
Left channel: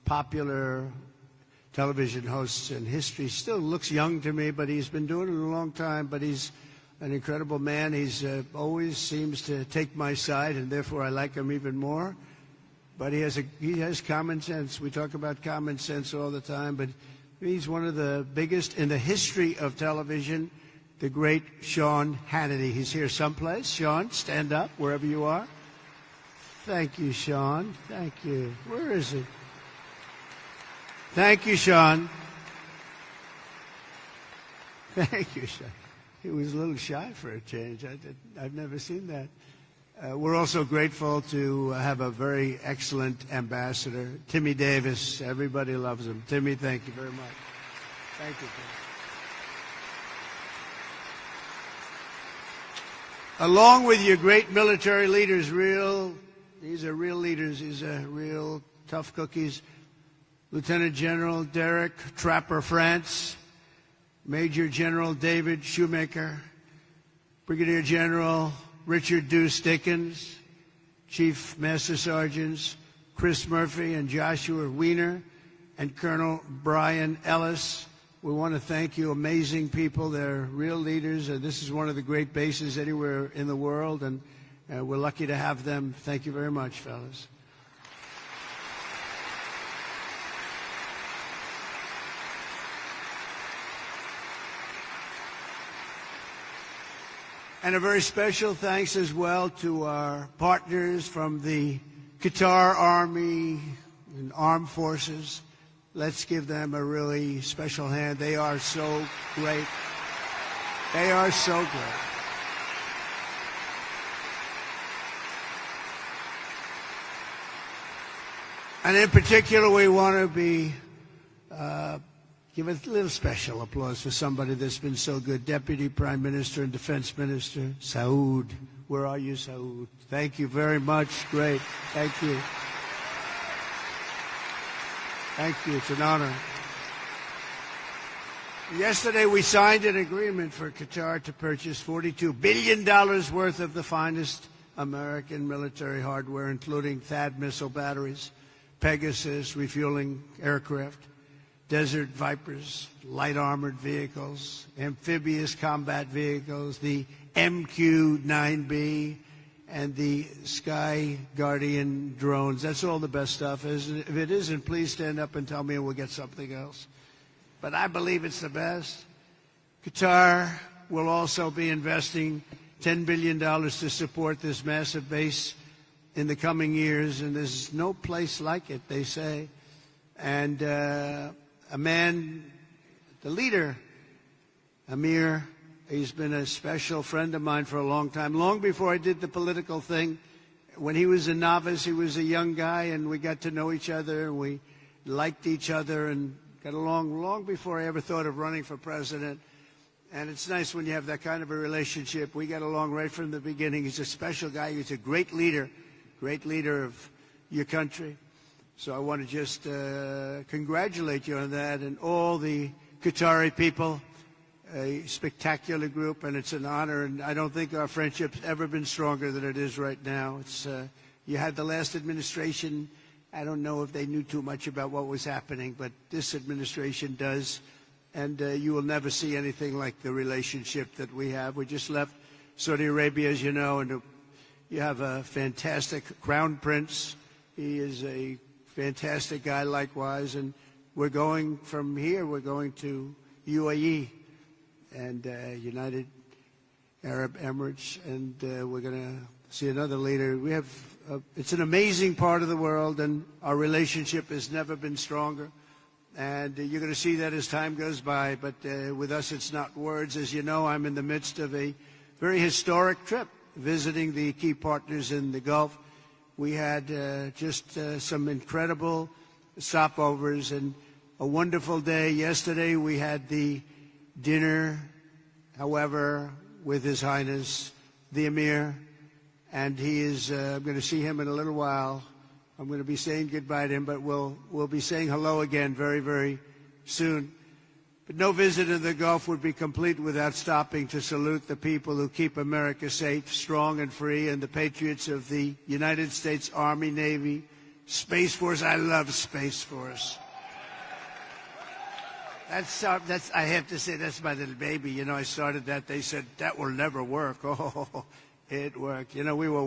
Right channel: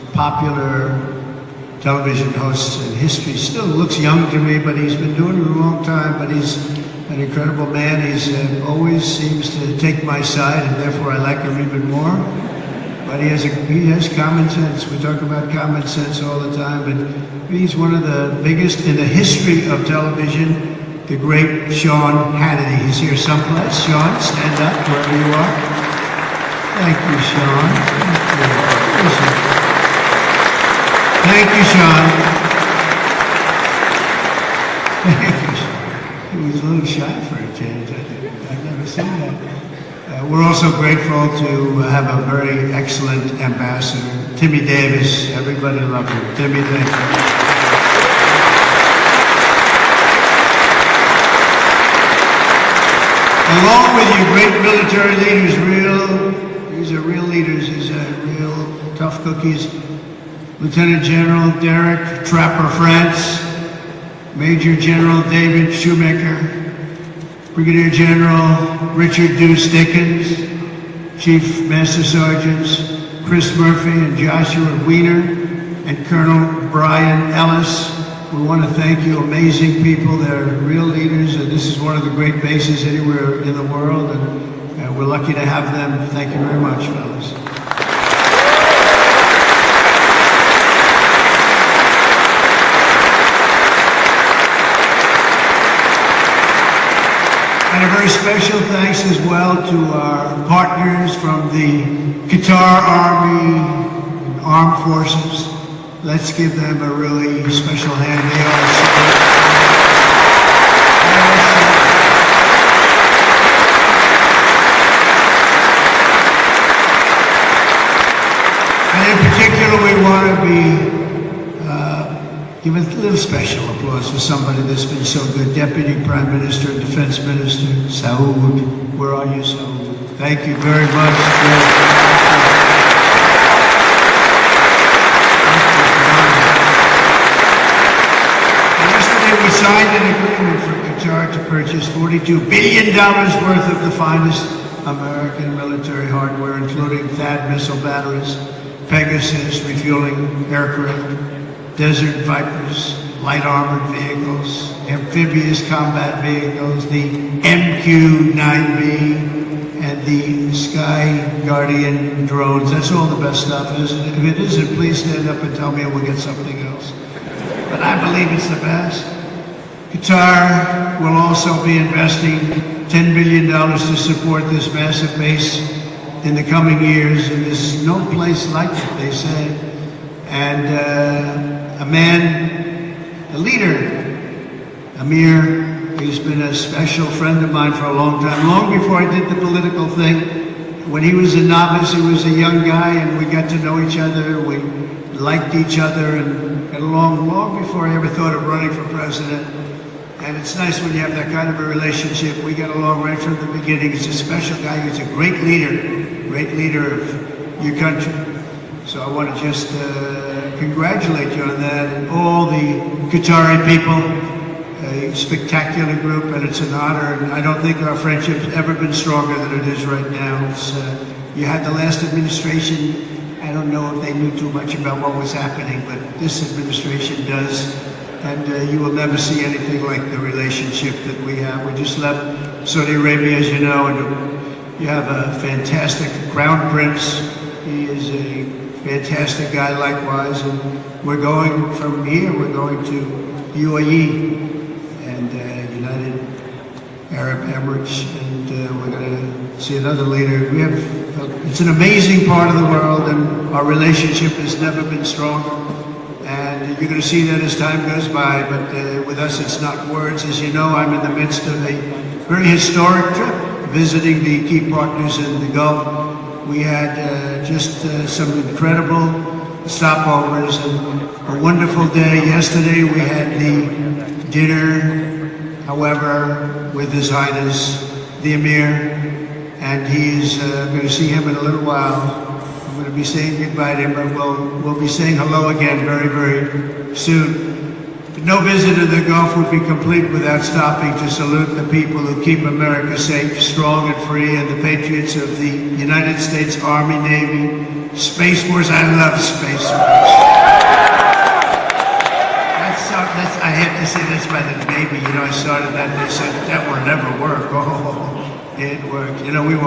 popular television hosts in history. Still looks young to me, but he's been doing it a long time, but he's an incredible man. He's always seems to take my side, and therefore I like him even more. But he has common sense. We talk about common sense all the time, but he's one of the biggest in the history of television, the great Sean Hannity. He's here someplace. Sean, stand up wherever you are. Thank you, Sean. Thank you. Thank you, Sean. Thank you, Sean. He was a little shy for a change. I've never seen that. We're also grateful to have a very excellent ambassador, Timmy Davis. Everybody loves him. Timmy Davis. Along with you, great military leaders, these are real leaders. These are real tough cookies. Lieutenant General Derek Trapper France, Major General David Shoemaker, Brigadier General Richard Deuce Dickens, Chief Master Sergeants Chris Murphy and Joshua Wiener, and Colonel Brian Ellis. We want to thank you, amazing people. They're real leaders, and this is one of the great bases anywhere in the world, and we're lucky to have them. Thank you very much, fellas. And a very special thanks as well to our partners from the Qatar Army, Armed Forces. Let's give them a really special hand. They are and in particular, we want to be give a little special applause to somebody that's been so good. Deputy Prime Minister and Defense Minister, Saud. Where are you, Saud? Thank you very much. Yesterday we signed an agreement for Qatar to purchase $42 billion worth of the finest American military hardware, including THAAD missile batteries, Pegasus refueling aircraft, Desert Vipers, light armored vehicles, amphibious combat vehicles, the MQ-9B, and the Sky Guardian drones. That's all the best stuff. If it isn't, please stand up and tell me we'll get something else. But I believe it's the best. Qatar will also be investing $10 billion to support this massive base in the coming years. And there's no place like it, they say. And a man, a leader, Amir, he's been a special friend of mine for a long time, long before I did the political thing. When he was a novice, he was a young guy, and we got to know each other. We liked each other and got along long before I ever thought of running for president. And it's nice when you have that kind of a relationship. We got along right from the beginning. He's a special guy. He's a great leader of your country. So I want to just congratulate you on that, and all the Qatari people, a spectacular group, and it's an honor. And I don't think our friendship's ever been stronger than it is right now. You had the last administration. I don't know if they knew too much about what was happening, but this administration does. And you will never see anything like the relationship that we have. We just left Saudi Arabia, as you know, and we have a fantastic Crown Prince. He is a fantastic guy likewise, and we're going from here, we're going to UAE and United Arab Emirates, and we're going to see another leader. We have, it's an amazing part of the world, and our relationship has never been stronger. And you're going to see that as time goes by, but with us it's not words. As you know, I'm in the midst of a very historic trip, visiting the key partners in the Gulf. We had just some incredible stopovers and a wonderful day. Yesterday we had the dinner, however, with His Highness, the Emir, and he's going to see him in a little while. I'm going to be saying goodbye to him, but we'll be saying hello again very, very soon. No visit to the Gulf would be complete without stopping to salute the people who keep America safe, strong, and free, and the patriots of the United States Army, Navy, Space Force. I love Space Force.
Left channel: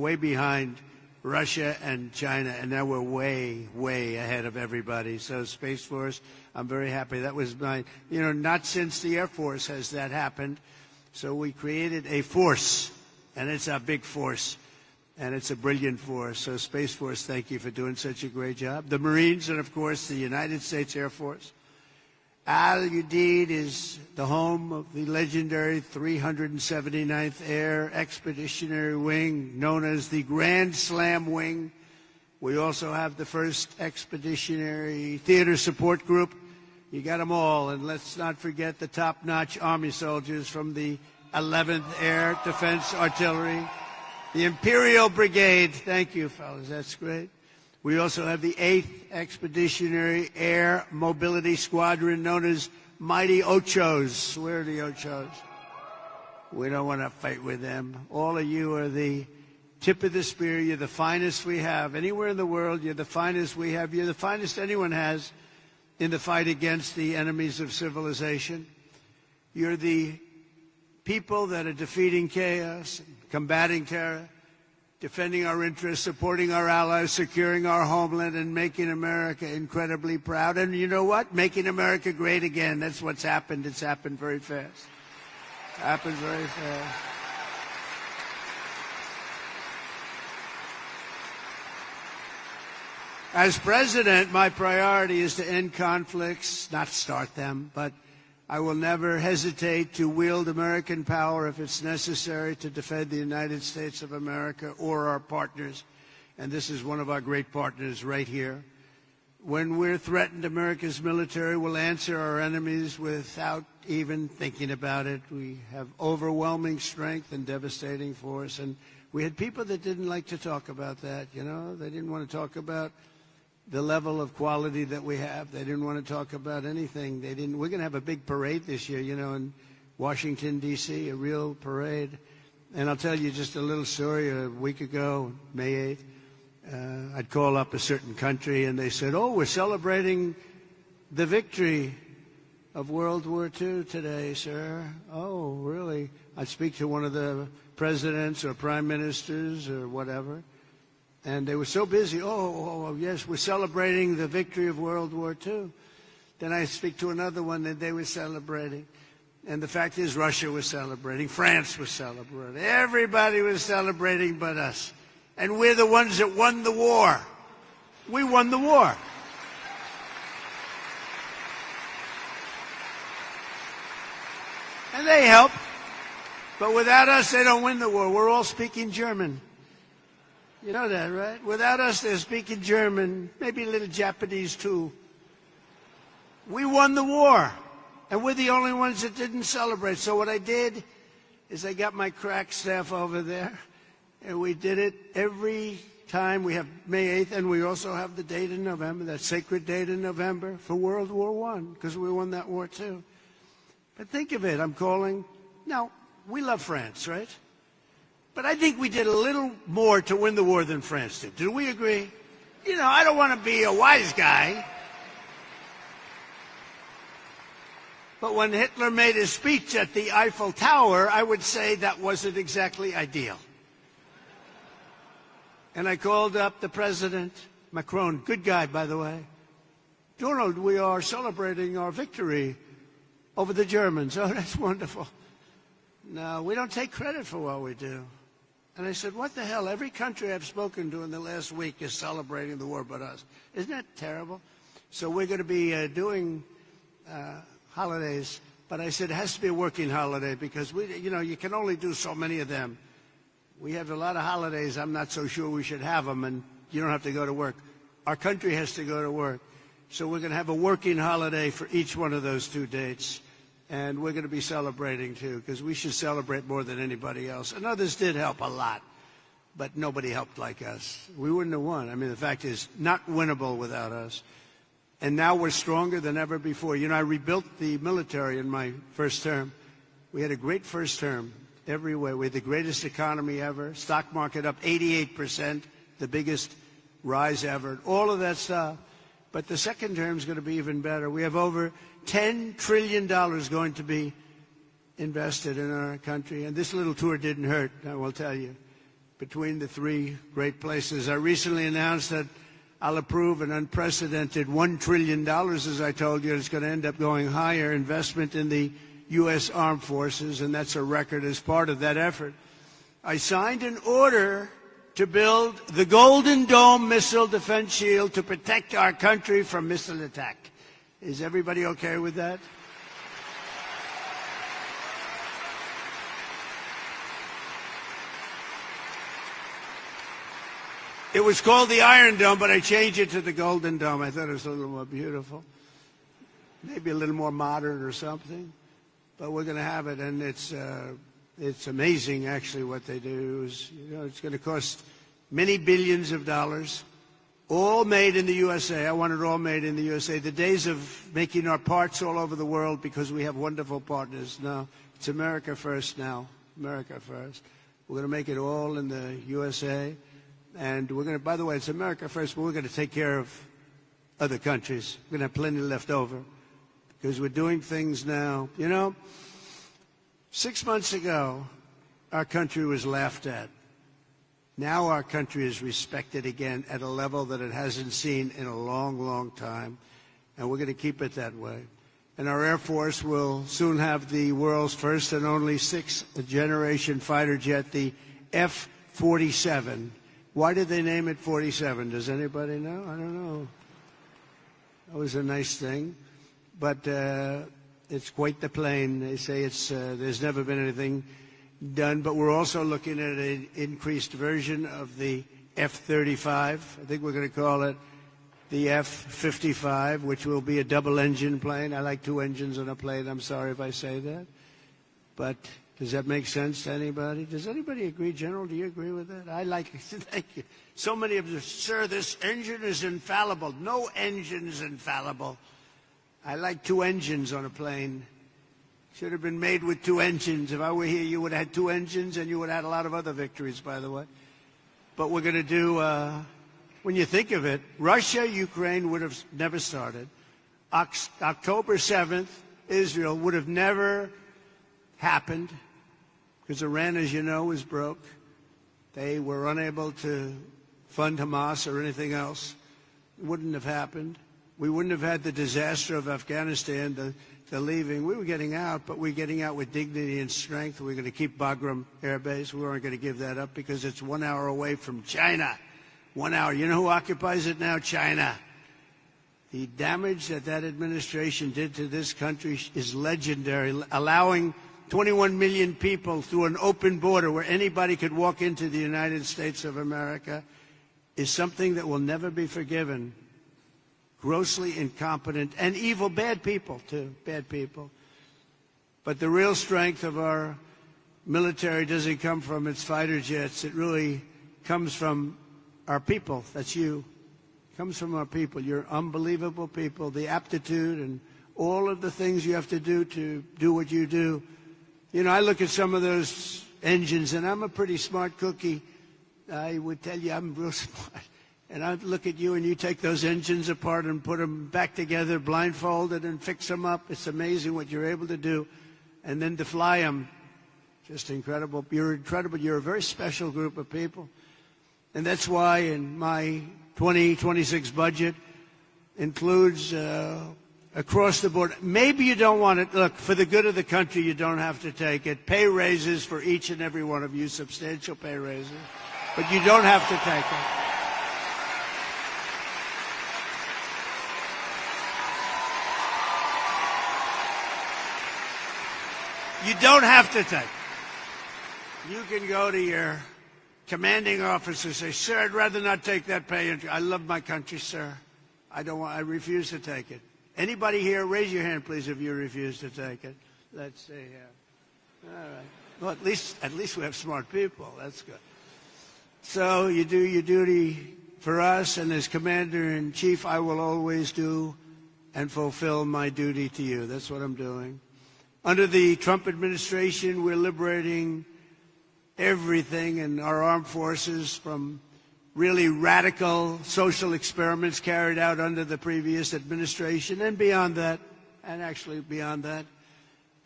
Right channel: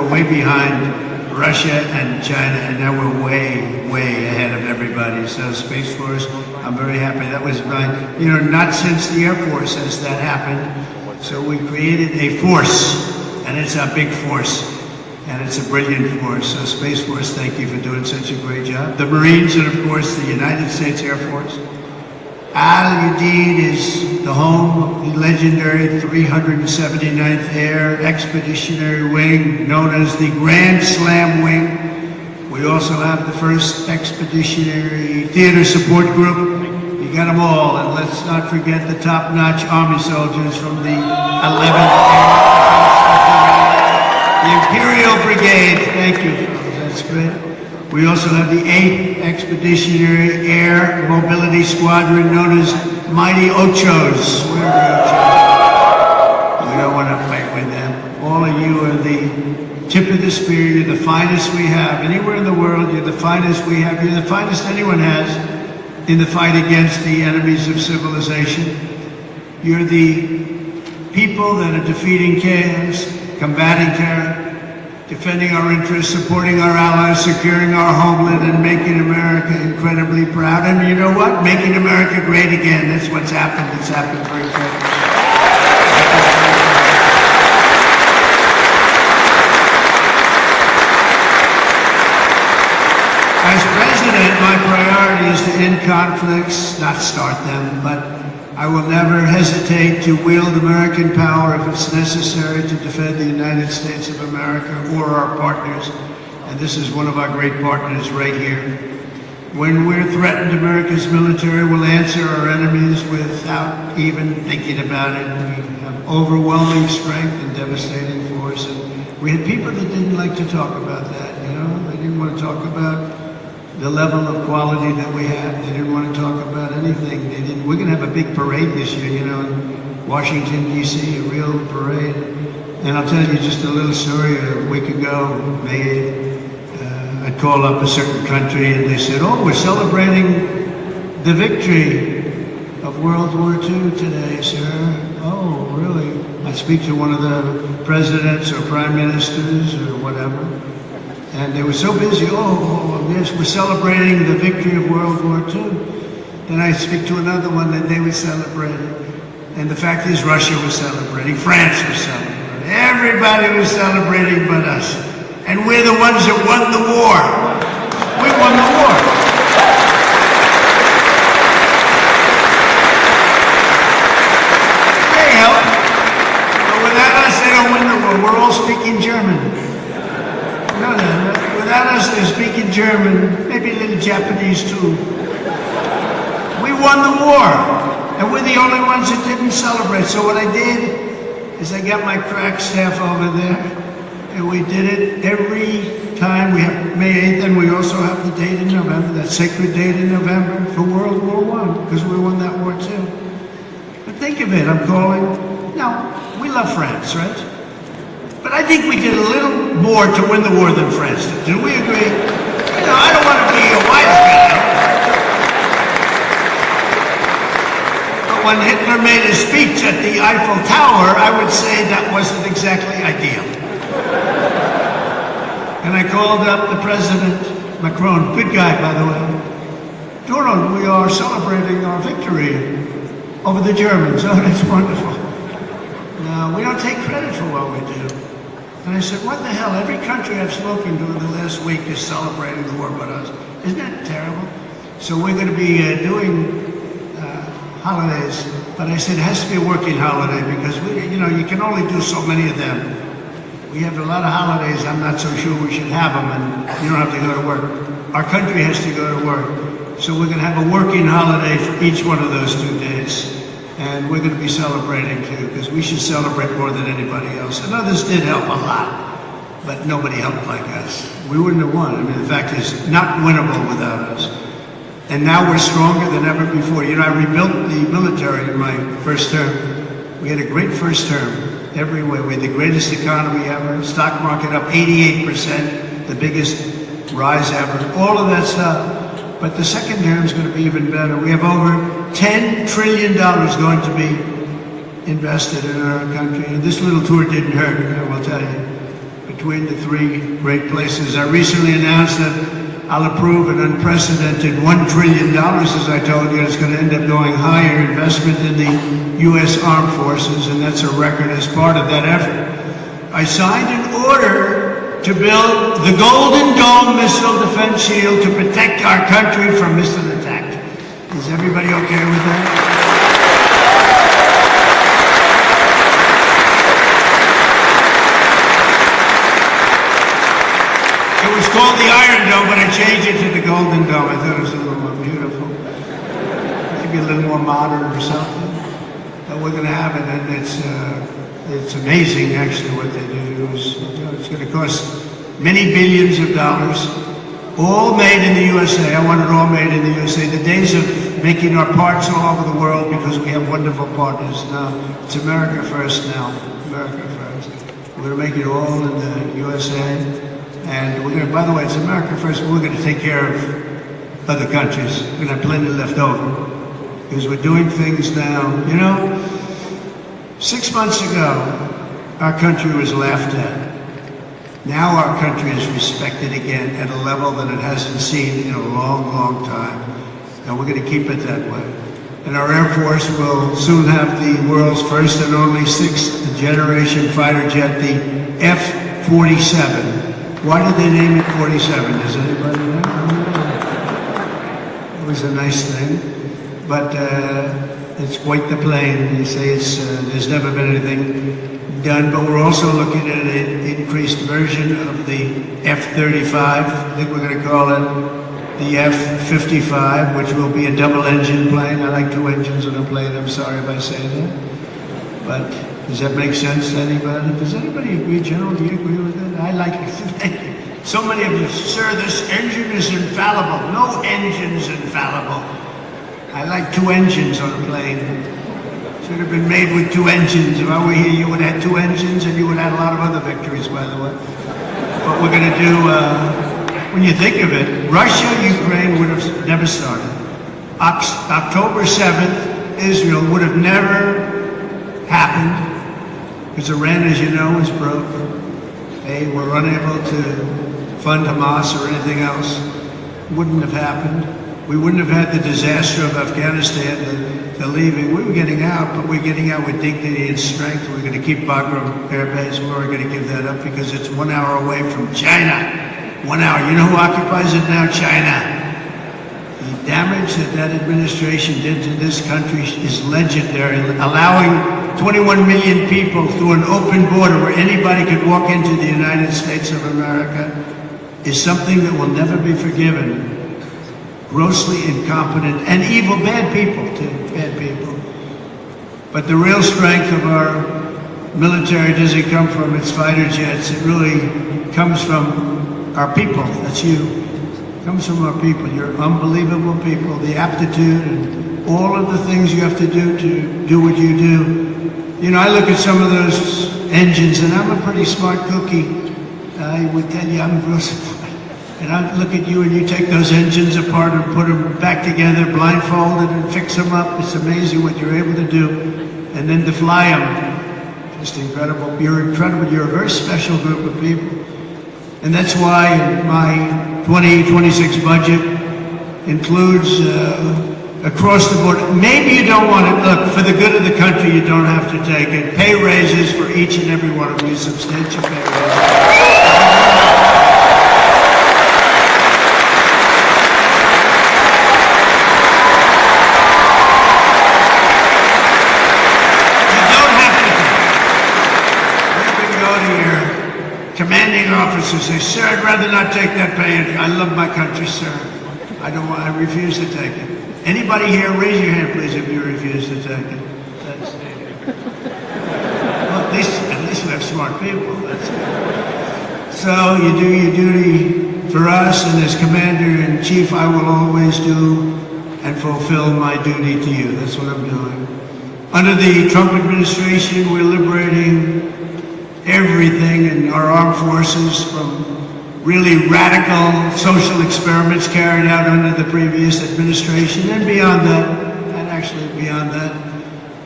we're way behind Russia and China, and now we're way, way ahead of everybody. So Space Force, I'm very happy. That was not since the Air Force has that happened. So we created a force, and it's a big force, and it's a brilliant force. So Space Force, thank you for doing such a great job. The Marines, and of course the United States Air Force. Udeid is the home of the legendary 379th Air Expeditionary Wing, known as the Grand Slam Wing. We also have the 1st Expeditionary Theater Support Group. You got them all, and let's not forget the top-notch Army soldiers from the 11th Air, the Imperial Brigade. Thank you, that's great. We also have the 8th Expeditionary Air Mobility Squadron, known as Mighty Ochos. Where are the Ochos? We don't want to fight with them. All of you are the tip of the spear. You're the finest we have. Anywhere in the world, you're the finest we have. You're the finest anyone has in the fight against the enemies of civilization. You're the people that are defeating chaos, combating terror, defending our interests, supporting our allies, securing our homeland, and making America incredibly proud. And you know what? Making America great again. That's what's happened. It's happened very quickly. As president, my priority is to end conflicts, not start them, but I will never hesitate to wield American power if it's necessary to defend the United States of America or our partners. And this is one of our great partners right here. When we're threatened, America's military will answer our enemies without even thinking about it. We have overwhelming strength and devastating force. And we had people that didn't like to talk about that, you know? They didn't want to talk about the level of quality that we have. They didn't want to talk about anything. We're going to have a big parade this year, you know, in Washington, D.C., a real parade. And I'll tell you just a little story. A week ago, I called up a certain country, and they said, oh, we're celebrating the victory of World War II today, sir. Oh, really? I'd speak to one of the presidents or prime ministers or whatever. And they were so busy, yes, we're celebrating the victory of World War II. Then I speak to another one that they were celebrating. And the fact is, Russia was celebrating, France was celebrating. Everybody was celebrating but us. And we're the ones that won the war. We won the war. There you go. But without us, they don't win the war. We're all speaking German. Without us, they're speaking German, maybe a little Japanese too. We won the war, and we're the only ones that didn't celebrate. So what I did is I got my crack staff over there, and we did it every time. We have May 8th, and we also have the date in November, that sacred date in November for World War I, because we won that war too. But think of it, I'm calling, we love France, right? But I think we did a little more to win the war than France did. Do we agree? I don't want to be a wise guy. But when Hitler made a speech at the Eiffel Tower, I would say that wasn't exactly ideal. And I called up the President, Macron, good guy, by the way. Donald, we are celebrating our victory over the Germans. Oh, that's wonderful. No, we don't take credit for what we do. And I said, what the hell? Every country I've spoken to in the last week is celebrating the war but us. Isn't that terrible? So we're going to be doing holidays. But I said, it has to be a working holiday because, you can only do so many of them. We have a lot of holidays. I'm not so sure we should have them, and you don't have to go to work. Our country has to go to work. So we're going to have a working holiday for each one of those 2 days. And we're going to be celebrating too, because we should celebrate more than anybody else. And others did help a lot, but nobody helped like us. We wouldn't have won. I mean, the fact is, not winnable without us. And now we're stronger than ever before. I rebuilt the military in my first term. We had a great first term every way. We had the greatest economy ever. Stock market up 88%, the biggest rise ever. All of that stuff. But the second term is going to be even better. We have over $10 trillion going to be invested in our country. And this little tour didn't hurt, I will tell you. between the three great places. I recently announced that I'll approve an unprecedented $1 trillion, as I told you. It's going to end up going higher investment in the U.S. Armed Forces, and that's a record as part of that effort. I signed an order to build the Golden Dome missile defense shield to protect our country from missile attack. Is everybody okay with that? It was called the Iron Dome, but I changed it to the Golden Dome. I thought it was a little more beautiful. Maybe a little more modern or something. But we're going to have it, and it's amazing, actually, what they do. It's going to cost many billions of dollars, all made in the USA. I want it all made in the USA. The days of making our parts all over the world because we have wonderful partners now. It's America first now. America first. We're going to make it all in the USA. And we're going to, by the way, it's America first, but we're going to take care of other countries. We're going to have plenty left over. Because we're doing things now. You know, 6 months ago, our country was laughed at. Now our country is respected again at a level that it hasn't seen in a long, long time. And we're going to keep it that way. And our Air Force will soon have the world's first and only sixth-generation fighter jet, the F-47. Why did they name it 47? Does anybody know? It was a nice thing. But it's quite the plane. They say there's never been anything done, but we're also looking at an increased version of the F-35. I think we're going to call it the F-55, which will be a double-engine plane. I like two engines on a plane. I'm sorry if I say that. But does that make sense to anybody? Does anybody agree, General? Do you agree with that? I like it. Thank you. So many of you, sir, this engine is infallible. No engine's infallible. I like two engines on a plane. Should have been made with two engines. If I were here, you would have had two engines, and you would have had a lot of other victories, by the way. What we're going to do, when you think of it, Russia, Ukraine would have never started. October 7th, Israel would have never happened, because Iran, as you know, is broke. They were unable to fund Hamas or anything else. It wouldn't have happened. We wouldn't have had the disaster of Afghanistan, the leaving. We were getting out, but we're getting out with dignity and strength. We're going to keep Bagram Air Base. We're going to give that up because it's 1 hour away from China. 1 hour. You know who occupies it now? China. The damage that administration did to this country is legendary. Allowing 21 million people through an open border where anybody could walk into the United States of America is something that will never be forgiven. Grossly incompetent and evil, bad people too, bad people. But the real strength of our military doesn't come from its fighter jets. It really comes from our people. That's you. It comes from our people. You're unbelievable people. The aptitude and all of the things you have to do what you do. You know, I look at some of those engines, and I'm a pretty smart cookie. I would tell you I'm real smart. And I look at you and you take those engines apart and put them back together, blindfolded, and fix them up. It's amazing what you're able to do. And then to fly them, just incredible. You're incredible. You're a very special group of people. And that's why my 2026 budget includes across the board. Maybe you don't want to, look, for the good of the country, you don't have to take it. Pay raises for each and every one of you, substantial pay raises. Officers say, sir, I'd rather not take that pay. I love my country, sir. I don't want to refuse to take it. Anybody here, raise your hand, please, if you refuse to take it. Well, at least we have smart people. So you do your duty for us, and as Commander-in-Chief, I will always do and fulfill my duty to you. That's what I'm doing. Under the Trump administration, we're liberating everything in our armed forces from really radical social experiments carried out under the previous administration and beyond that, and actually beyond that.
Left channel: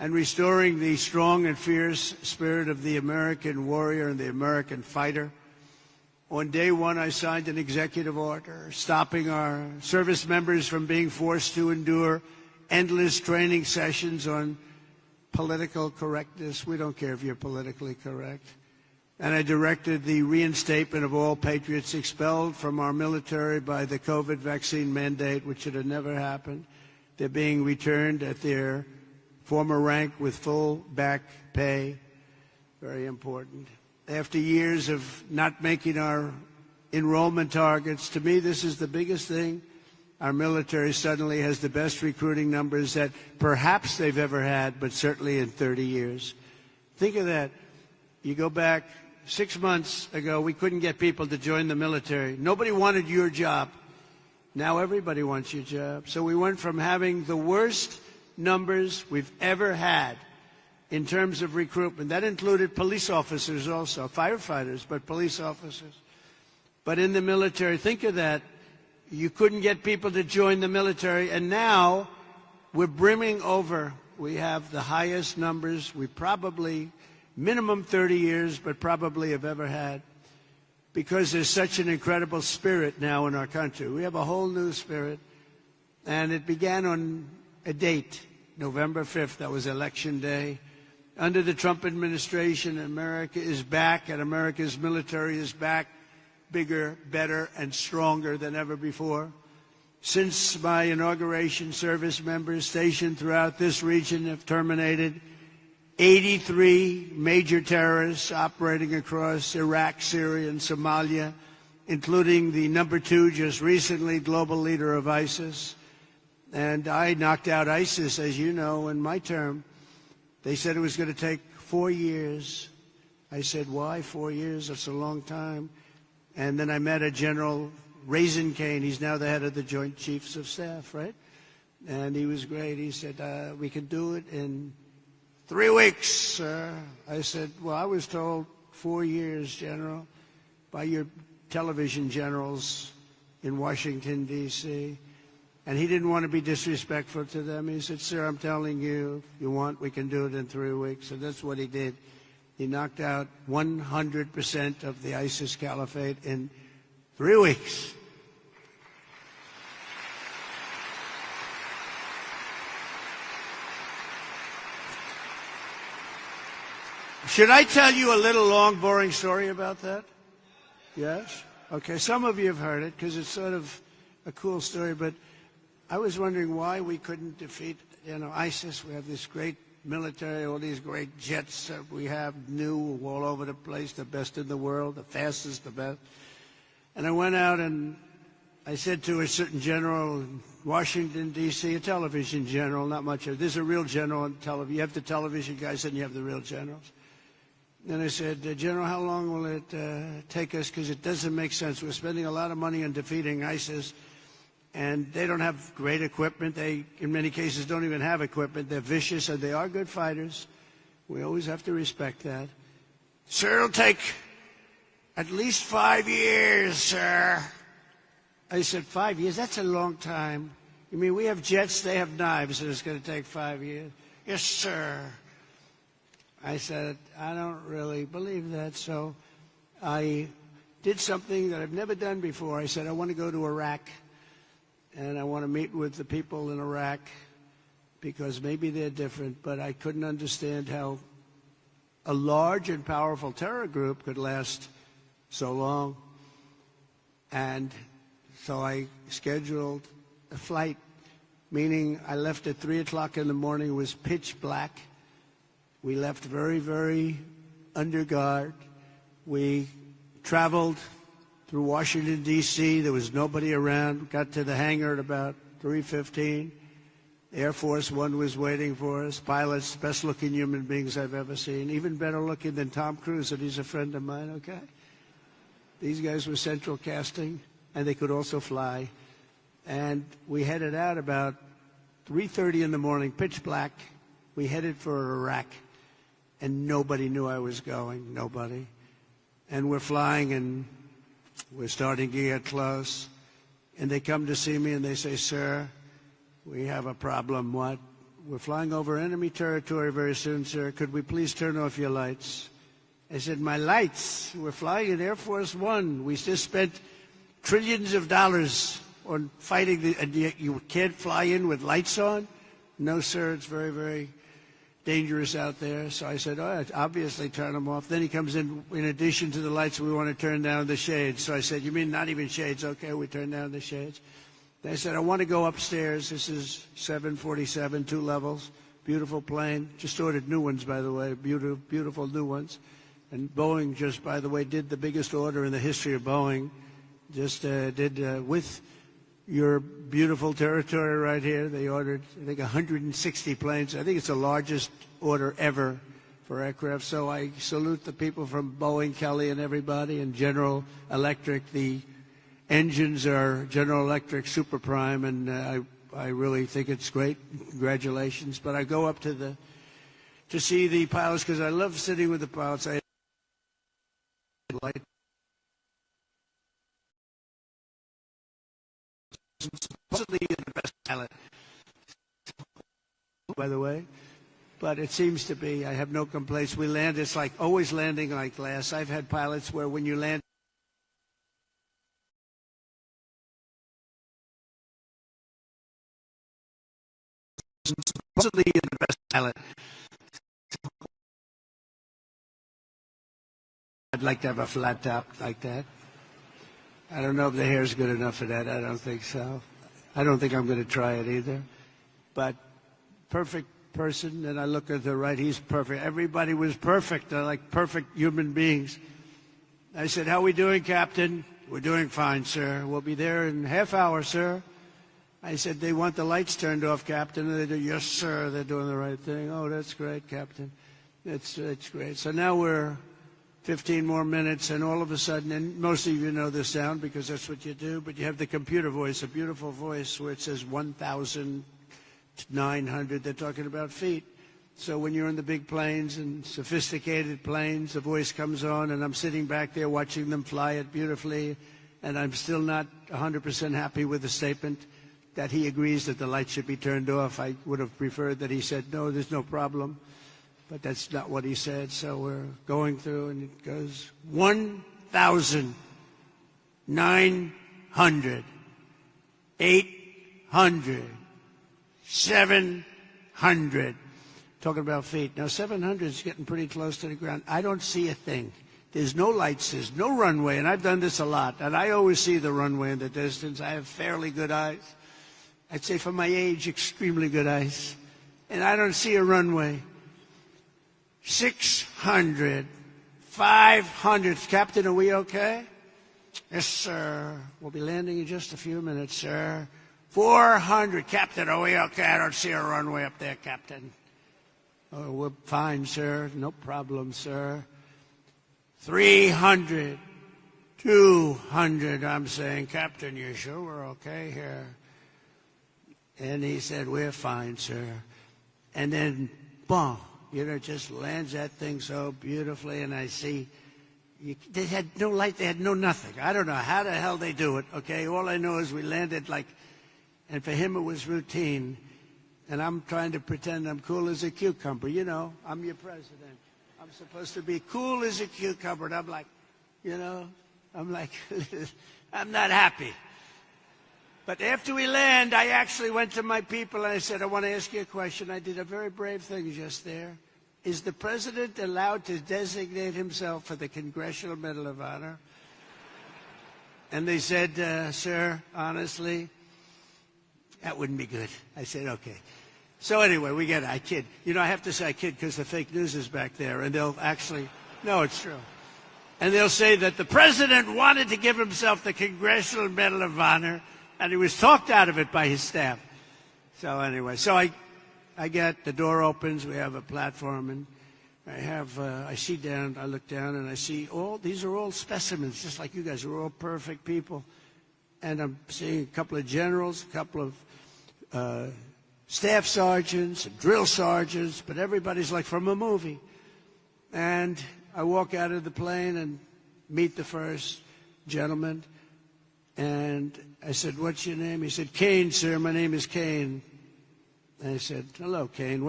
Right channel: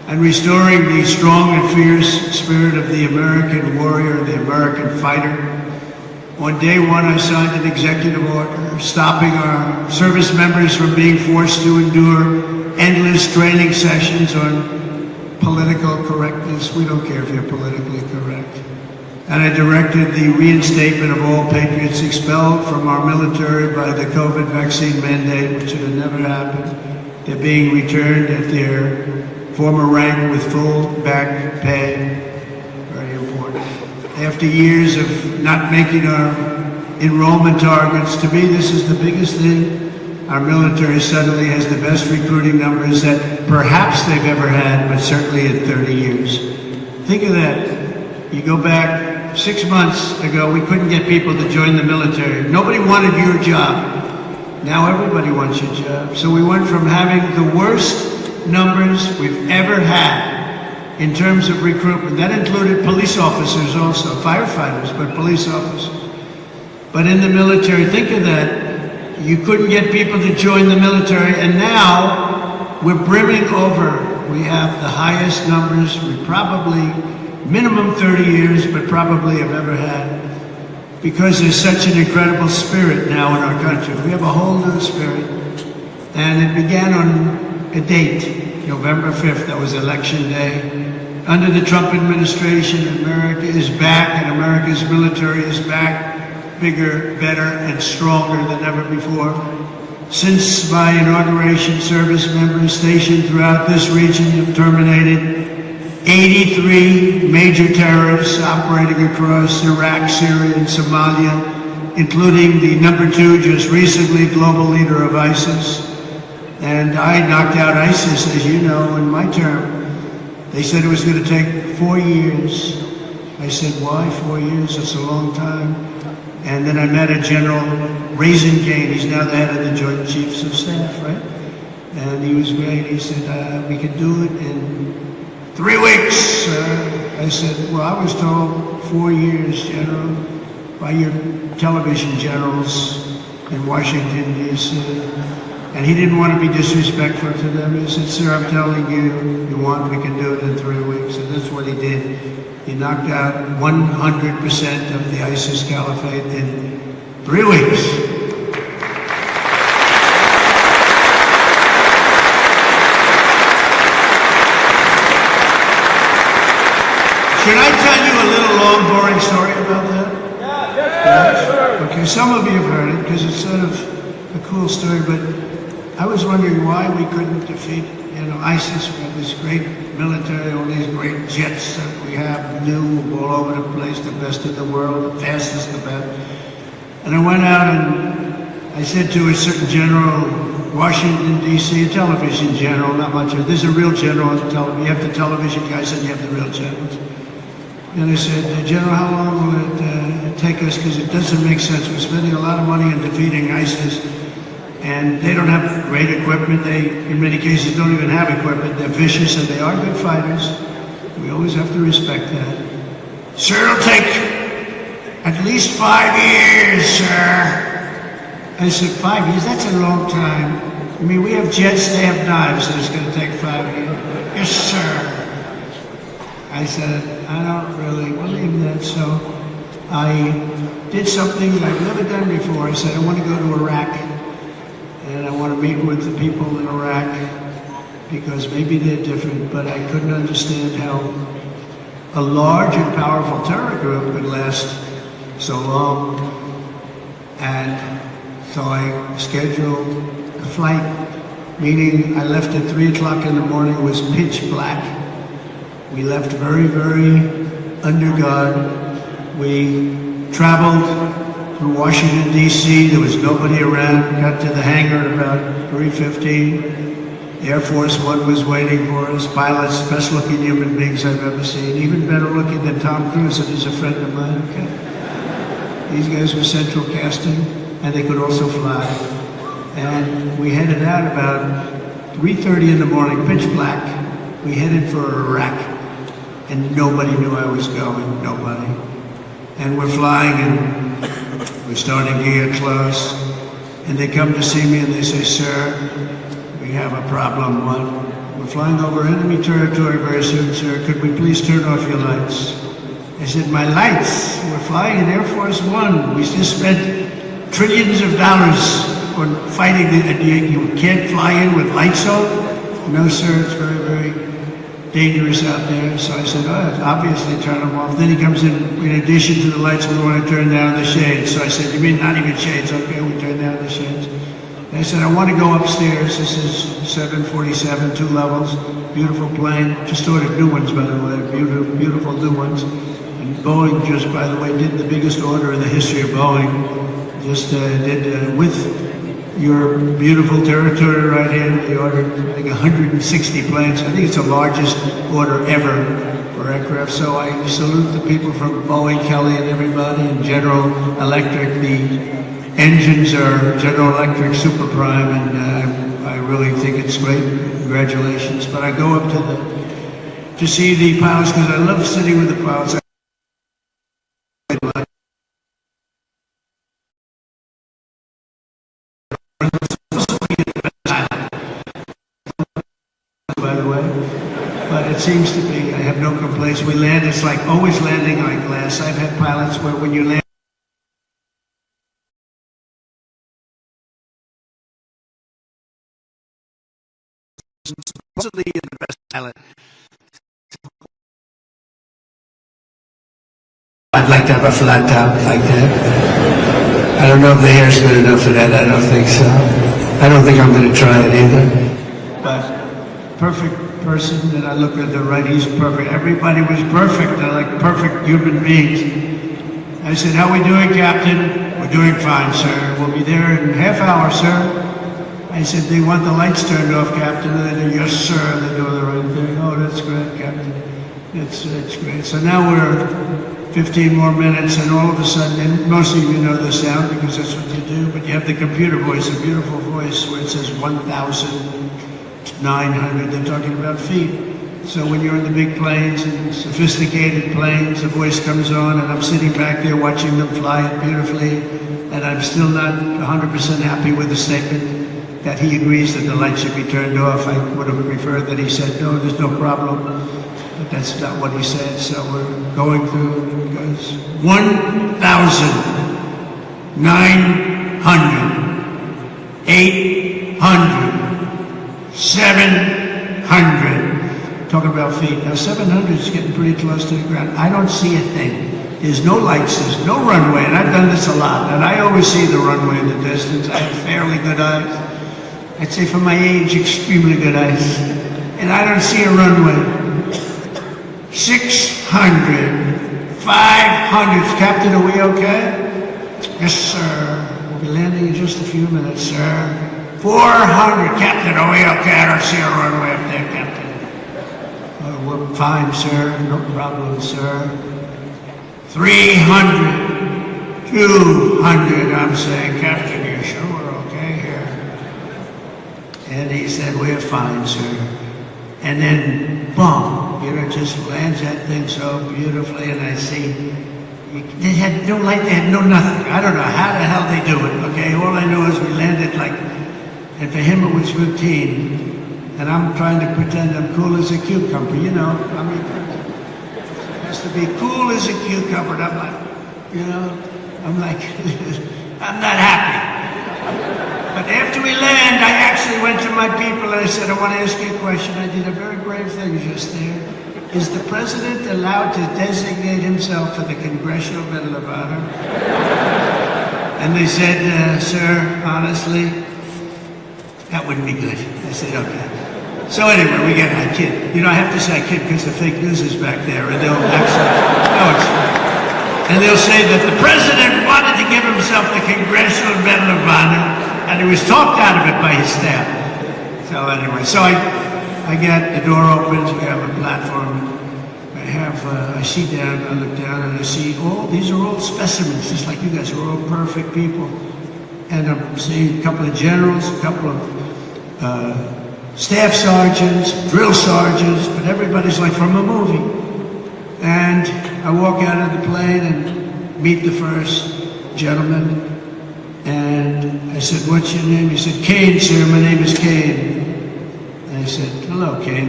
and restoring the strong and fierce spirit of the American warrior, the American fighter. On day one, I signed an executive order stopping our service members from being forced to endure endless training sessions on political correctness. We don't care if you're politically correct. And I directed the reinstatement of all patriots expelled from our military by the COVID vaccine mandate, which should have never happened. They're being returned at their former rank with full back pay. Very important. After years of not making our enrollment targets, to me this is the biggest thing. Our military suddenly has the best recruiting numbers that perhaps they've ever had, but certainly in 30 years. Think of that. You go back 6 months ago, we couldn't get people to join the military. Nobody wanted your job. Now everybody wants your job. So we went from having the worst numbers we've ever had in terms of recruitment. That included police officers also, firefighters, but police officers. But in the military, think of that. You couldn't get people to join the military, and now we're brimming over. We have the highest numbers we probably, minimum 30 years, but probably have ever had. Because there's such an incredible spirit now in our country. We have a whole new spirit. And it began on a date, November 5th, that was election day. Under the Trump administration, America is back, and America's military is back, bigger, better, and stronger than ever before. Since my inauguration, service members stationed throughout this region have terminated 83 major terrorists operating across Iraq, Syria, and Somalia, including the #2, just recently global leader of ISIS. And I knocked out ISIS, as you know, in my term. They said it was going to take 4 years. I said, why 4 years? It's a long time. And then I met a General Raisingane. He's now the head of the Joint Chiefs of Staff, right? And he was great. He said, we could do it in 3 weeks, sir. I said, well, I was told 4 years, General, by your television generals in Washington, D.C. And he didn't want to be disrespectful to them. He said, sir, I'm telling you, you want, we can do it in 3 weeks. And that's what he did. He knocked out 100% of the ISIS caliphate in 3 weeks. Can I tell you a little long, boring story about that? Yeah. Okay, some of you have heard it because it's sort of a cool story, but I was wondering why we couldn't defeat, ISIS with this great military, all these great jets that we have, new all over the place, the best in the world, the fastest, the best. And I went out and I said to a certain general, Washington, D.C., a television general, not much of it. There's a real general on the television. You have the television guys and you have the real generals. And I said, General, how long will it take us? Because it doesn't make sense. We're spending a lot of money on defeating ISIS. And they don't have great equipment. They, in many cases, don't even have equipment. They're vicious and they are good fighters. We always have to respect that. Sir, it'll take at least 5 years, sir. I said, 5 years? That's a long time. I mean, we have jets, they have knives, so it's going to take 5 years. Yes, sir. I said, I don't really believe that, so I did something that I've never done before. I said, I want to go to Iraq. And I want to meet with the people in Iraq because maybe they're different, but I couldn't understand how a large and powerful terror group could last so long. And so I scheduled a flight, meaning I left at 3 o'clock in the morning. It was pitch black. We left very, very under guard. We traveled through Washington, D.C. There was nobody around. Got to the hangar at about 3:15. Air Force One was waiting for us. Pilots, best looking human beings I've ever seen. Even better looking than Tom Cruise, who's a friend of mine. Okay. These guys were central casting, and they could also fly. And we headed out about 3:30 in the morning, pitch black. We headed for Iraq, and nobody knew I was going. Nobody. And we're flying, and we're starting to get close, and they come to see me and they say, sir, we have a problem. What? we're flying over enemy territory very soon, sir. Could we please turn off your lights? I said, my lights? We're flying in Air Force One. We just spent trillions of dollars on fighting. You can't fly in with lights on? No, sir, it's very, very dangerous out there. So I said, obviously turn them off. Then he comes in addition to the lights, we want to turn down the shades. So I said, you mean not even shades? Okay, we turn down the shades. And I said, I want to go upstairs. This is 747, 2 levels, beautiful plane. Just ordered new ones, by the way, beautiful new ones. And Boeing just, by the way, did the biggest order in the history of Boeing. Just did with your beautiful territory right here. They ordered, I think, 160 planes. I think it's the largest order ever for aircraft. So I salute the people from Boeing, Kelly, and everybody, and General Electric. The engines are General Electric Super Prime, and I really think it's great. Congratulations. But I go up to see the pilots because I love sitting with the pilots. Seems to be, I have no complaints. We land, it's like always landing on glass. I've had pilots where when you land, supposedly you're the best pilot. I'd like to have a flat top like that. I don't know if the hair's good enough for that. I don't think so. I don't think I'm going to try it either. But perfect person, and I look at the right, he's perfect. Everybody was perfect. They're like perfect human beings. I said, how are we doing, Captain? We're doing fine, sir. We'll be there in a half hour, sir. I said, do you want the lights turned off, Captain? And they do, yes, sir. They're doing the right thing. Oh, that's great, Captain. It's great. So now we're 15 more minutes, and all of a sudden, and most of you know the sound because that's what you do, but you have the computer voice, a beautiful voice where it says 1,900. They're talking about feet. So when you're in the big planes and sophisticated planes, the voice comes on, and I'm sitting back there watching them fly it beautifully, and I'm still not 100% happy with the statement that he agrees that the lights should be turned off. I would have preferred that he said, no, there's no problem. But that's not what he said, so we're going through, it goes 1,900, 800, 700. Talking about feet. Now 700 is getting pretty close to the ground. I don't see a thing. There's no lights, there's no runway, and I've done this a lot, and I always see the runway in the distance. I have fairly good eyes. I'd say for my age, extremely good eyes. And I don't see a runway. 600, 500. Captain, are we okay? Yes, sir. We'll be landing in just a few minutes, sir. 400. Captain, are we okay? I don't see a runway up there, Captain. Oh, we're fine, sir. No problem, sir. 300, 200. I'm saying, Captain, you sure we're okay here? And he said, we're fine, sir. And then, boom. It just lands that thing so beautifully, and I see they had no light, they had no nothing. I don't know how the hell they do it, okay? All I know is we landed like, and for him it was routine, and I'm trying to pretend I'm cool as a cucumber, you know? I mean, it has to be cool as a cucumber, and I'm like, you know, I'm like, I'm not happy. But after we land, I actually went to my people and I said, I want to ask you a question. I did a very brave thing just there. Is the president allowed to designate himself for the Congressional Medal of Honor? And they said, sir, honestly, that wouldn't be good. I said, okay. So anyway, we get I kid. You know, I have to say I kid because the fake news is back there, and they'll actually, no, it's and they'll say that the president wanted to give himself the Congressional Medal of Honor, and he was talked out of it by his staff. So anyway, so I get the door opens, we have a platform. I see down, I look down, and I see these are all specimens, just like you guys are all perfect people. And I'm seeing a couple of generals, a couple of staff sergeants, drill sergeants, but everybody's like from a movie. And I walk out of the plane and meet the first gentleman. And I said, what's your name? He said, Kane, sir, my name is Kane. And I said, hello, Kane.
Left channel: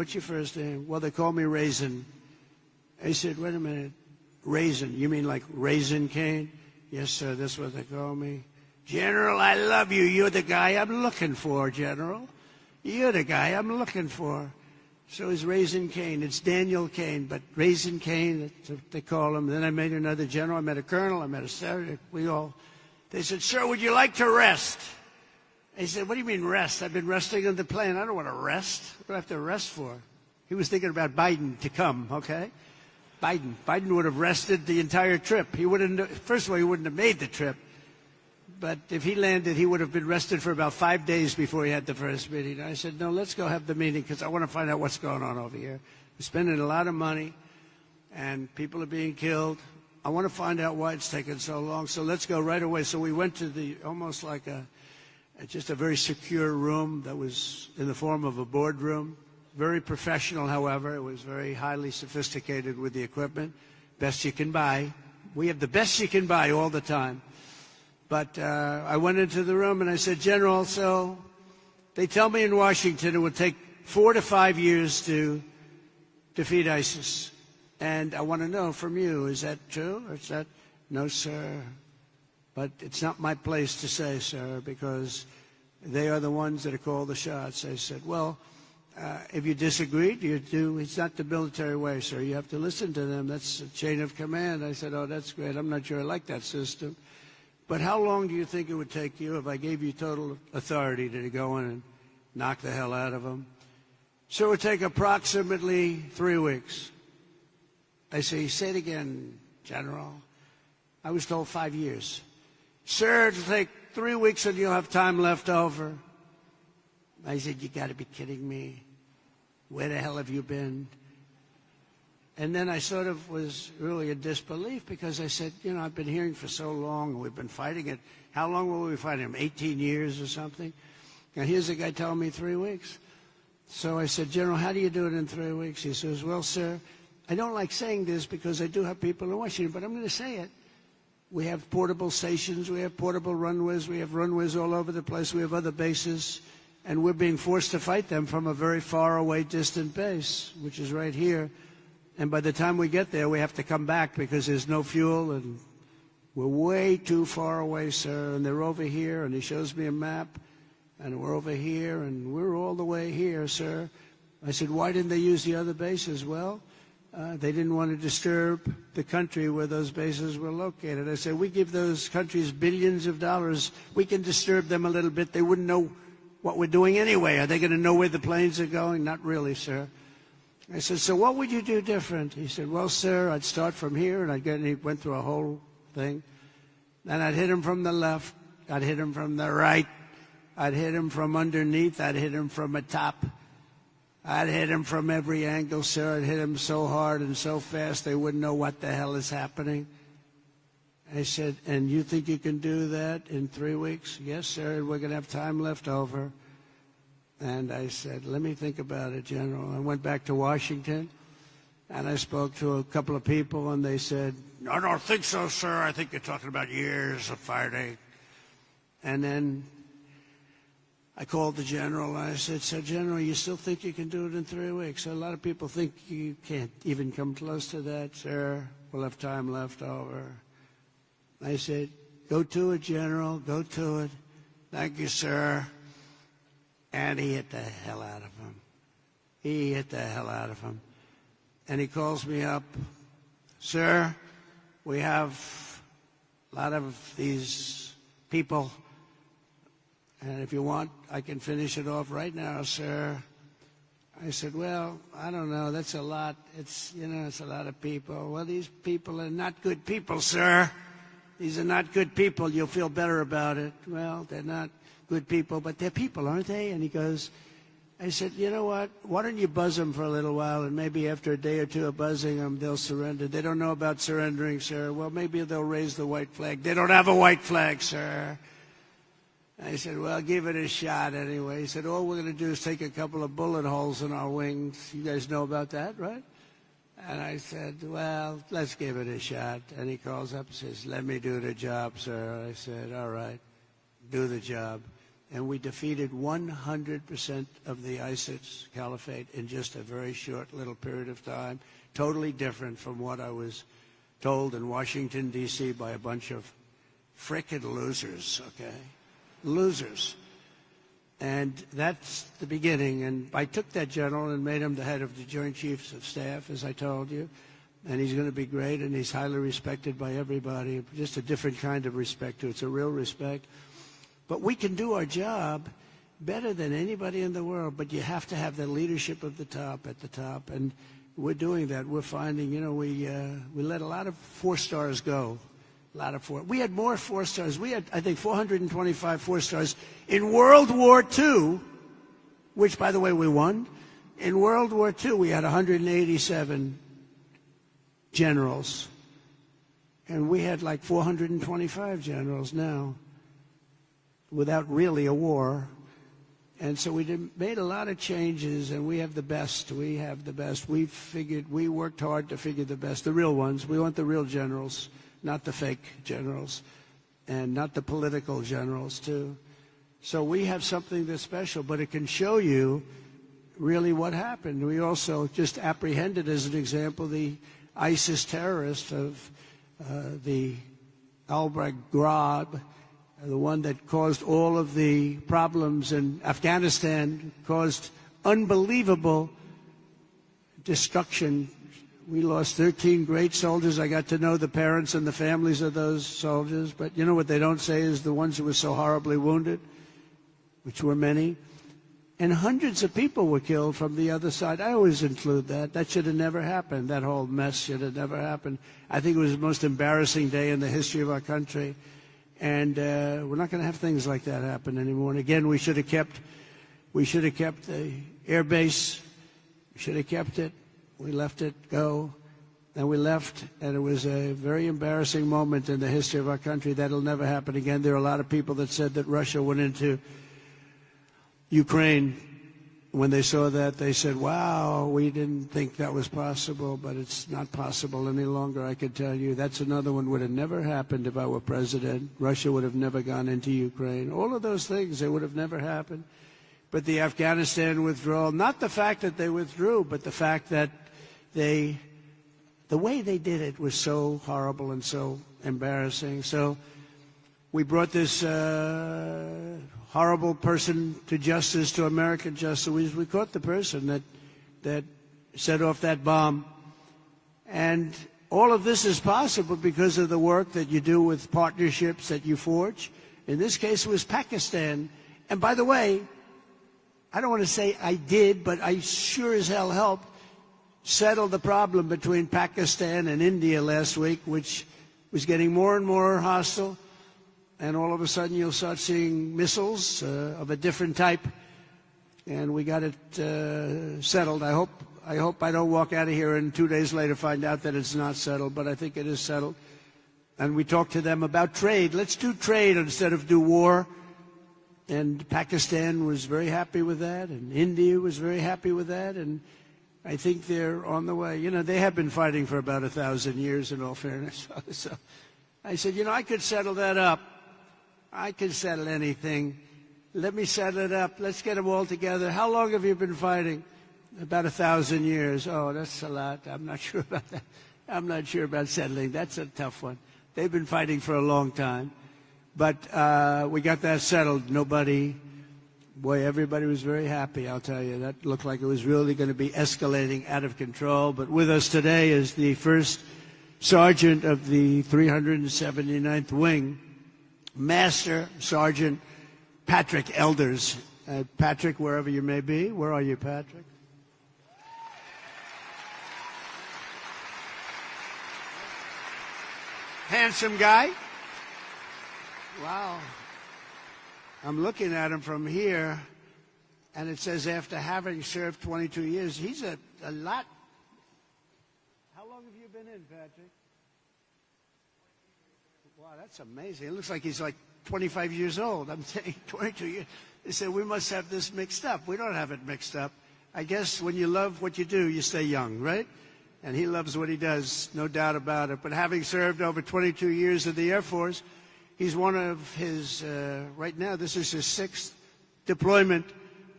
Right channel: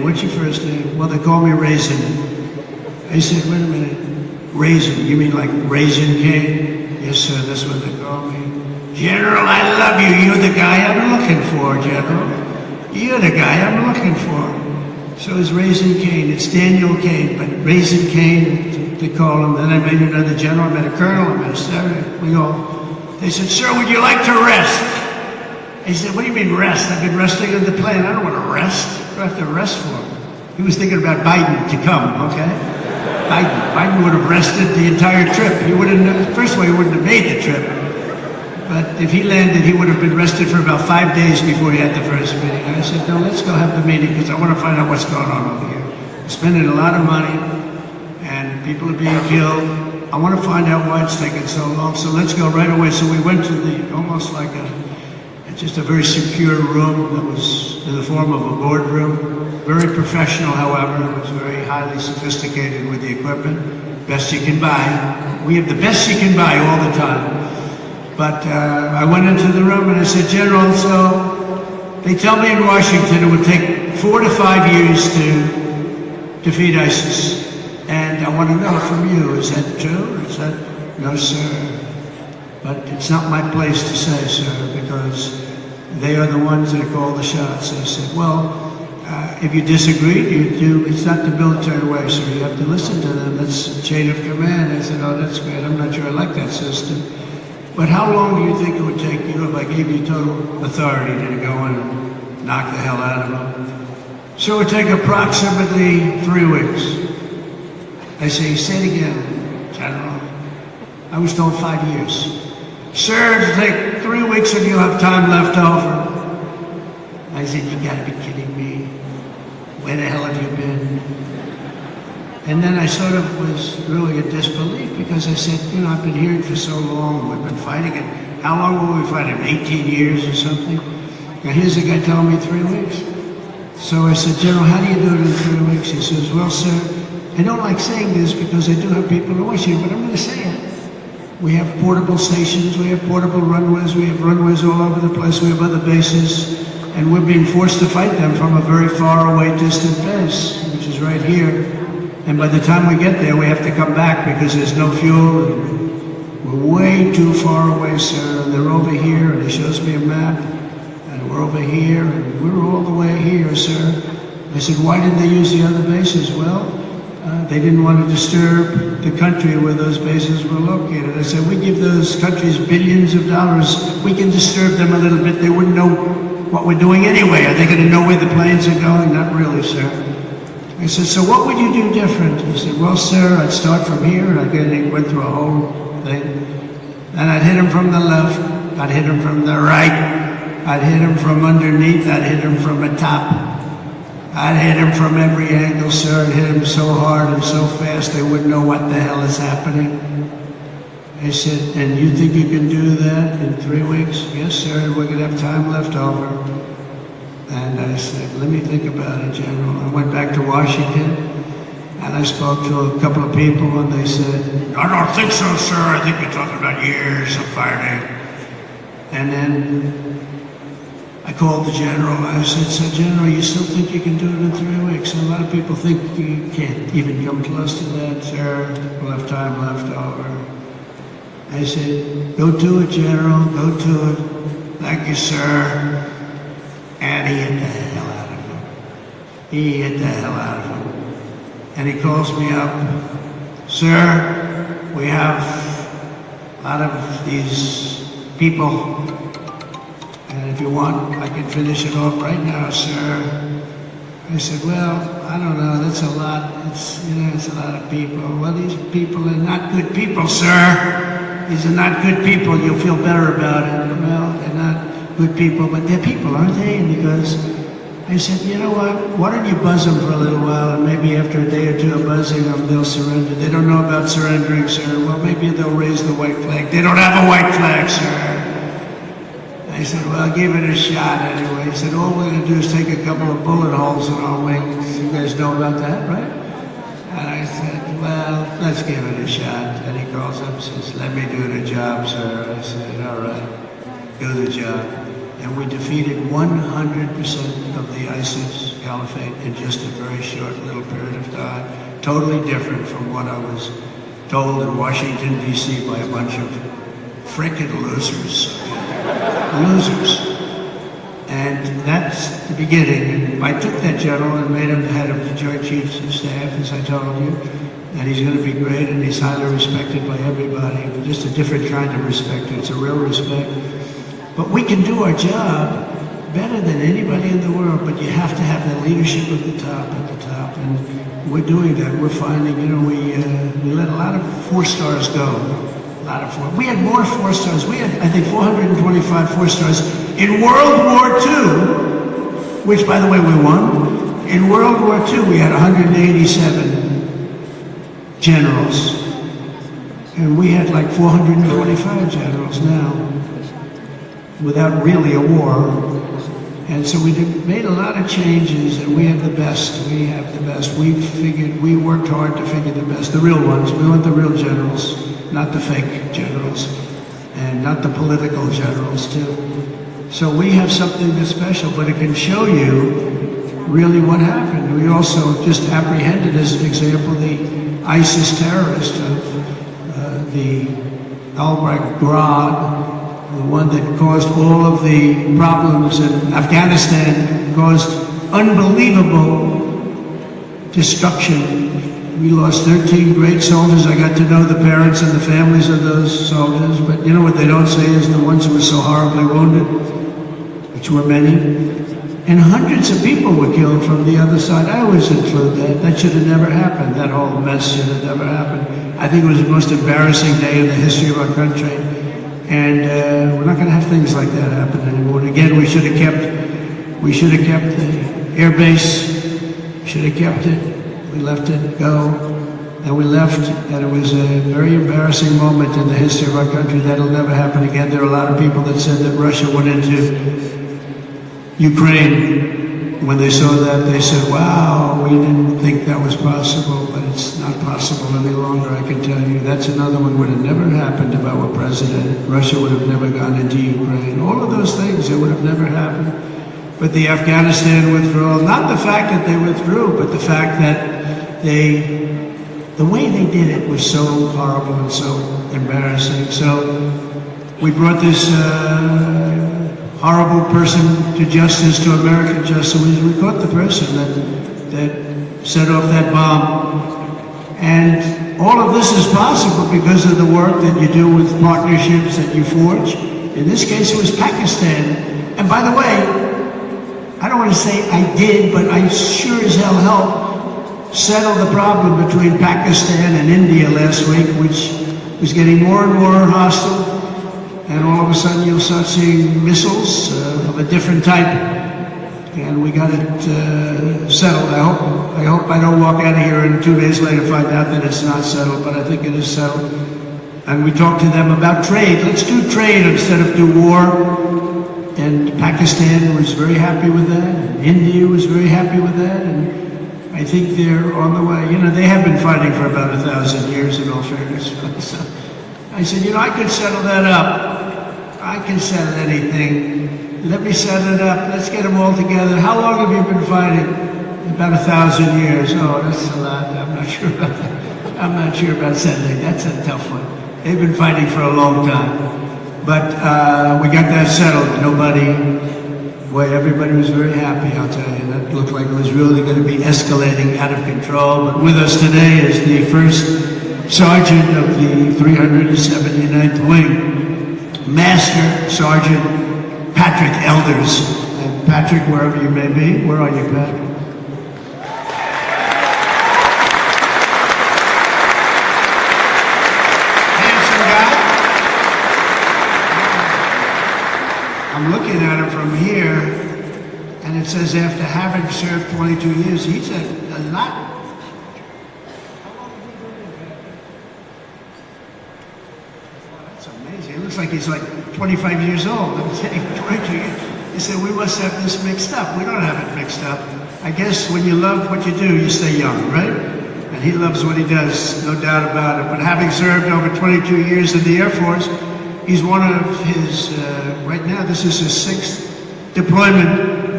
first name? Well, they call me Raisin. They said, wait a minute, Raisin, you mean like Raisin King? Yes, sir, that's what they call me. General, I love you. You're the guy I'm looking for, General. You're the guy I'm looking for. So it's Raisin Kane. It's Daniel Kane, but Raisin Kane, they call him. Then I met another general, I met a colonel, I met a sergeant. We go, they said, sir, would you like to rest? He said, what do you mean rest? I've been resting on the plane. I don't want to rest. What do I have to rest for? He was thinking about Biden to come, okay? Biden would have rested the entire trip. He wouldn't, first of all, he wouldn't have made the trip. But if he landed, he would have been rested for about 5 days before he had the first meeting. I said, no, let's go have the meeting because I want to find out what's going on over here. Spending a lot of money and people are being killed. I want to find out why it's taking so long. So let's go right away. So we went to the, almost like just a very secure room that was in the form of a boardroom. Very professional, however. It was very highly sophisticated with the equipment. Best you can buy. We have the best you can buy all the time. But I went into the room and I said, General, so they tell me in Washington it would take 4 to 5 years to defeat ISIS. And I want to know from you, is that true? Is that, no, sir. But it's not my place to say, sir, because they are the ones that call the shots. I said, well, if you disagree, it's not the military way, sir. You have to listen to them. That's the chain of command. I said, oh, that's great. I'm not sure I like that system. But how long do you think it would take you if I gave you total authority to go and knock the hell out of them? So it would take approximately 3 weeks. I say, say it again, General. I was told 5 years. Sir, it'll take 3 weeks and you'll have time left over. I said, you gotta be kidding me. Where the hell have you been? And then I sort of was really in disbelief because I said, you know, I've been here for so long, we've been fighting it. How long were we fighting? 18 years or something? And here's the guy telling me 3 weeks. So I said, General, how do you do it in 3 weeks? He says, well, sir, I don't like saying this because I do have people who watch you, but I'm going to say it. We have portable stations, we have portable runways, we have runways all over the place, we have other bases, and we're being forced to fight them from a very far away distant base, which is right here. And by the time we get there, we have to come back because there's no fuel. We're way too far away, sir. And they're over here, and he shows me a map. And we're over here, and we're all the way here, sir. I said, why didn't they use the other bases? Well, they didn't want to disturb the country where those bases were located. I said, we give those countries billions of dollars. We can disturb them a little bit. They wouldn't know what we're doing anyway. Are they going to know where the planes are going? Not really, sir. I said, so what would you do different? He said, well, sir, I'd start from here, and he went through a whole thing. And I'd hit him from the left, I'd hit him from the right, I'd hit him from underneath, I'd hit him from the top. I'd hit him from every angle, sir. I'd hit him so hard and so fast they wouldn't know what the hell is happening. He said, and you think you can do that in 3 weeks? Yes, sir, we're going to have time left over. And I said, let me think about it, General. I went back to Washington, and I spoke to a couple of people, and they said, I don't think so, sir. I think you're talking about years of fighting. And then I called the General. I said, so, General, you still think you can do it in 3 weeks? And a lot of people think you can't even come close to that, sir. We'll have time left over. I said, go to it, General. Go to it. Thank you, sir. And he hit the hell out of him. He hit the hell out of him. And he calls me up, sir, we have out of these people, and if you want, I can finish it off right now, sir. I said, well, I don't know, that's a lot. It's a lot of people. Well, these people are not good people, sir. These are not good people. You'll feel better about it. Well, they're not good people, but they're people, aren't they? And he goes, I said, you know what? Why don't you buzz them for a little while, and maybe after a day or two of buzzing them, they'll surrender. They don't know about surrendering, sir. Well, maybe they'll raise the white flag. They don't have a white flag, sir. I said, well, I'll give it a shot anyway. He said, all we're going to do is take a couple of bullet holes in our wings. You guys know about that, right? And I said, well, let's give it a shot. And he calls up and says, let me do the job, sir. I said, all right, do the job. And we defeated 100% of the ISIS caliphate in just a very short little period of time. Totally different from what I was told in Washington, D.C. by a bunch of frickin' losers. Losers. And that's the beginning. And I took that general and made him the head of the Joint Chiefs of Staff, as I told you. And he's going to be great, and he's highly respected by everybody. Just a different kind of respect. It's a real respect. But we can do our job better than anybody in the world, but you have to have the leadership at the top, and we're doing that. We're finding, we let a lot of 4 stars go. A lot of 4. We had more 4 stars. We had, I think, 425 4 stars in World War II, which, by the way, we won. In World War II, we had 187 generals, and we had like 425 generals now, without really a war. And so we made a lot of changes, and we have the best. We have the best. We worked hard to figure the best, the real ones. We want the real generals, not the fake generals, and not the political generals too. So we have something that's special, but it can show you really what happened. We also just apprehended, as an example, the ISIS terrorist of the al-Baghdad, the one that caused all of the problems in Afghanistan, caused unbelievable destruction. We lost 13 great soldiers. I got to know the parents and the families of those soldiers, but you know what they don't say is the ones who were so horribly wounded, which were many. And hundreds of people were killed from the other side. I always include that. That should have never happened. That whole mess should have never happened. I think it was the most embarrassing day in the history of our country. And we're not going to have things like that happen anymore. And again, we should have kept the air base. Should have kept it. We let it go. And we left, and it was a very embarrassing moment in the history of our country. That'll never happen again. There are a lot of people that said that Russia went into Ukraine. When they saw that, they said, wow, we didn't think that was possible, but it's not possible any longer, I can tell you. That's another one would have never happened if I were president. Russia would have never gone into Ukraine. All of those things, it would have never happened. But the Afghanistan withdrawal, not the fact that they withdrew, but the fact that the way they did it was so horrible and so embarrassing. So we brought this horrible person to justice, to American justice. We caught the person that set off that bomb. And all of this is possible because of the work that you do with partnerships that you forge. In this case, it was Pakistan. And by the way, I don't want to say I did, but I sure as hell helped settle the problem between Pakistan and India last week, which was getting more and more hostile. And all of a sudden you'll start seeing missiles of a different type. And we got it settled. I hope I don't walk out of here and 2 days later find out that it's not settled, but I think it is settled. And we talked to them about trade. Let's do trade instead of do war. And Pakistan was very happy with that. And India was very happy with that. And I think they're on the way. You know, they have been fighting for about 1,000 years in all fairness. So I said, I could settle that up. I can settle anything. Let me set it up. Let's get them all together. How long have you been fighting? About 1,000 years. Oh, that's a lot. I'm not sure about that. I'm not sure about settling. That's a tough one. They've been fighting for a long time. But we got that settled. Everybody was very happy, I'll tell you. That looked like it was really going to be escalating out of control. But with us today is the first Sergeant of the 379th Wing, Master Sergeant Patrick Elders. And Patrick, wherever you may be, where are you, Patrick? Handsome guy. I'm looking at him from here, and it says after having served 22 years, he's a lot. Like he's like 25 years old. I'm saying 22 years. He said, we must have this mixed up. We don't have it mixed up. I guess when you love what you do, you stay young, right? And he loves what he does, no doubt about it. But having served over 22 years in the Air Force, he's one of his, right now, this is his 6th deployment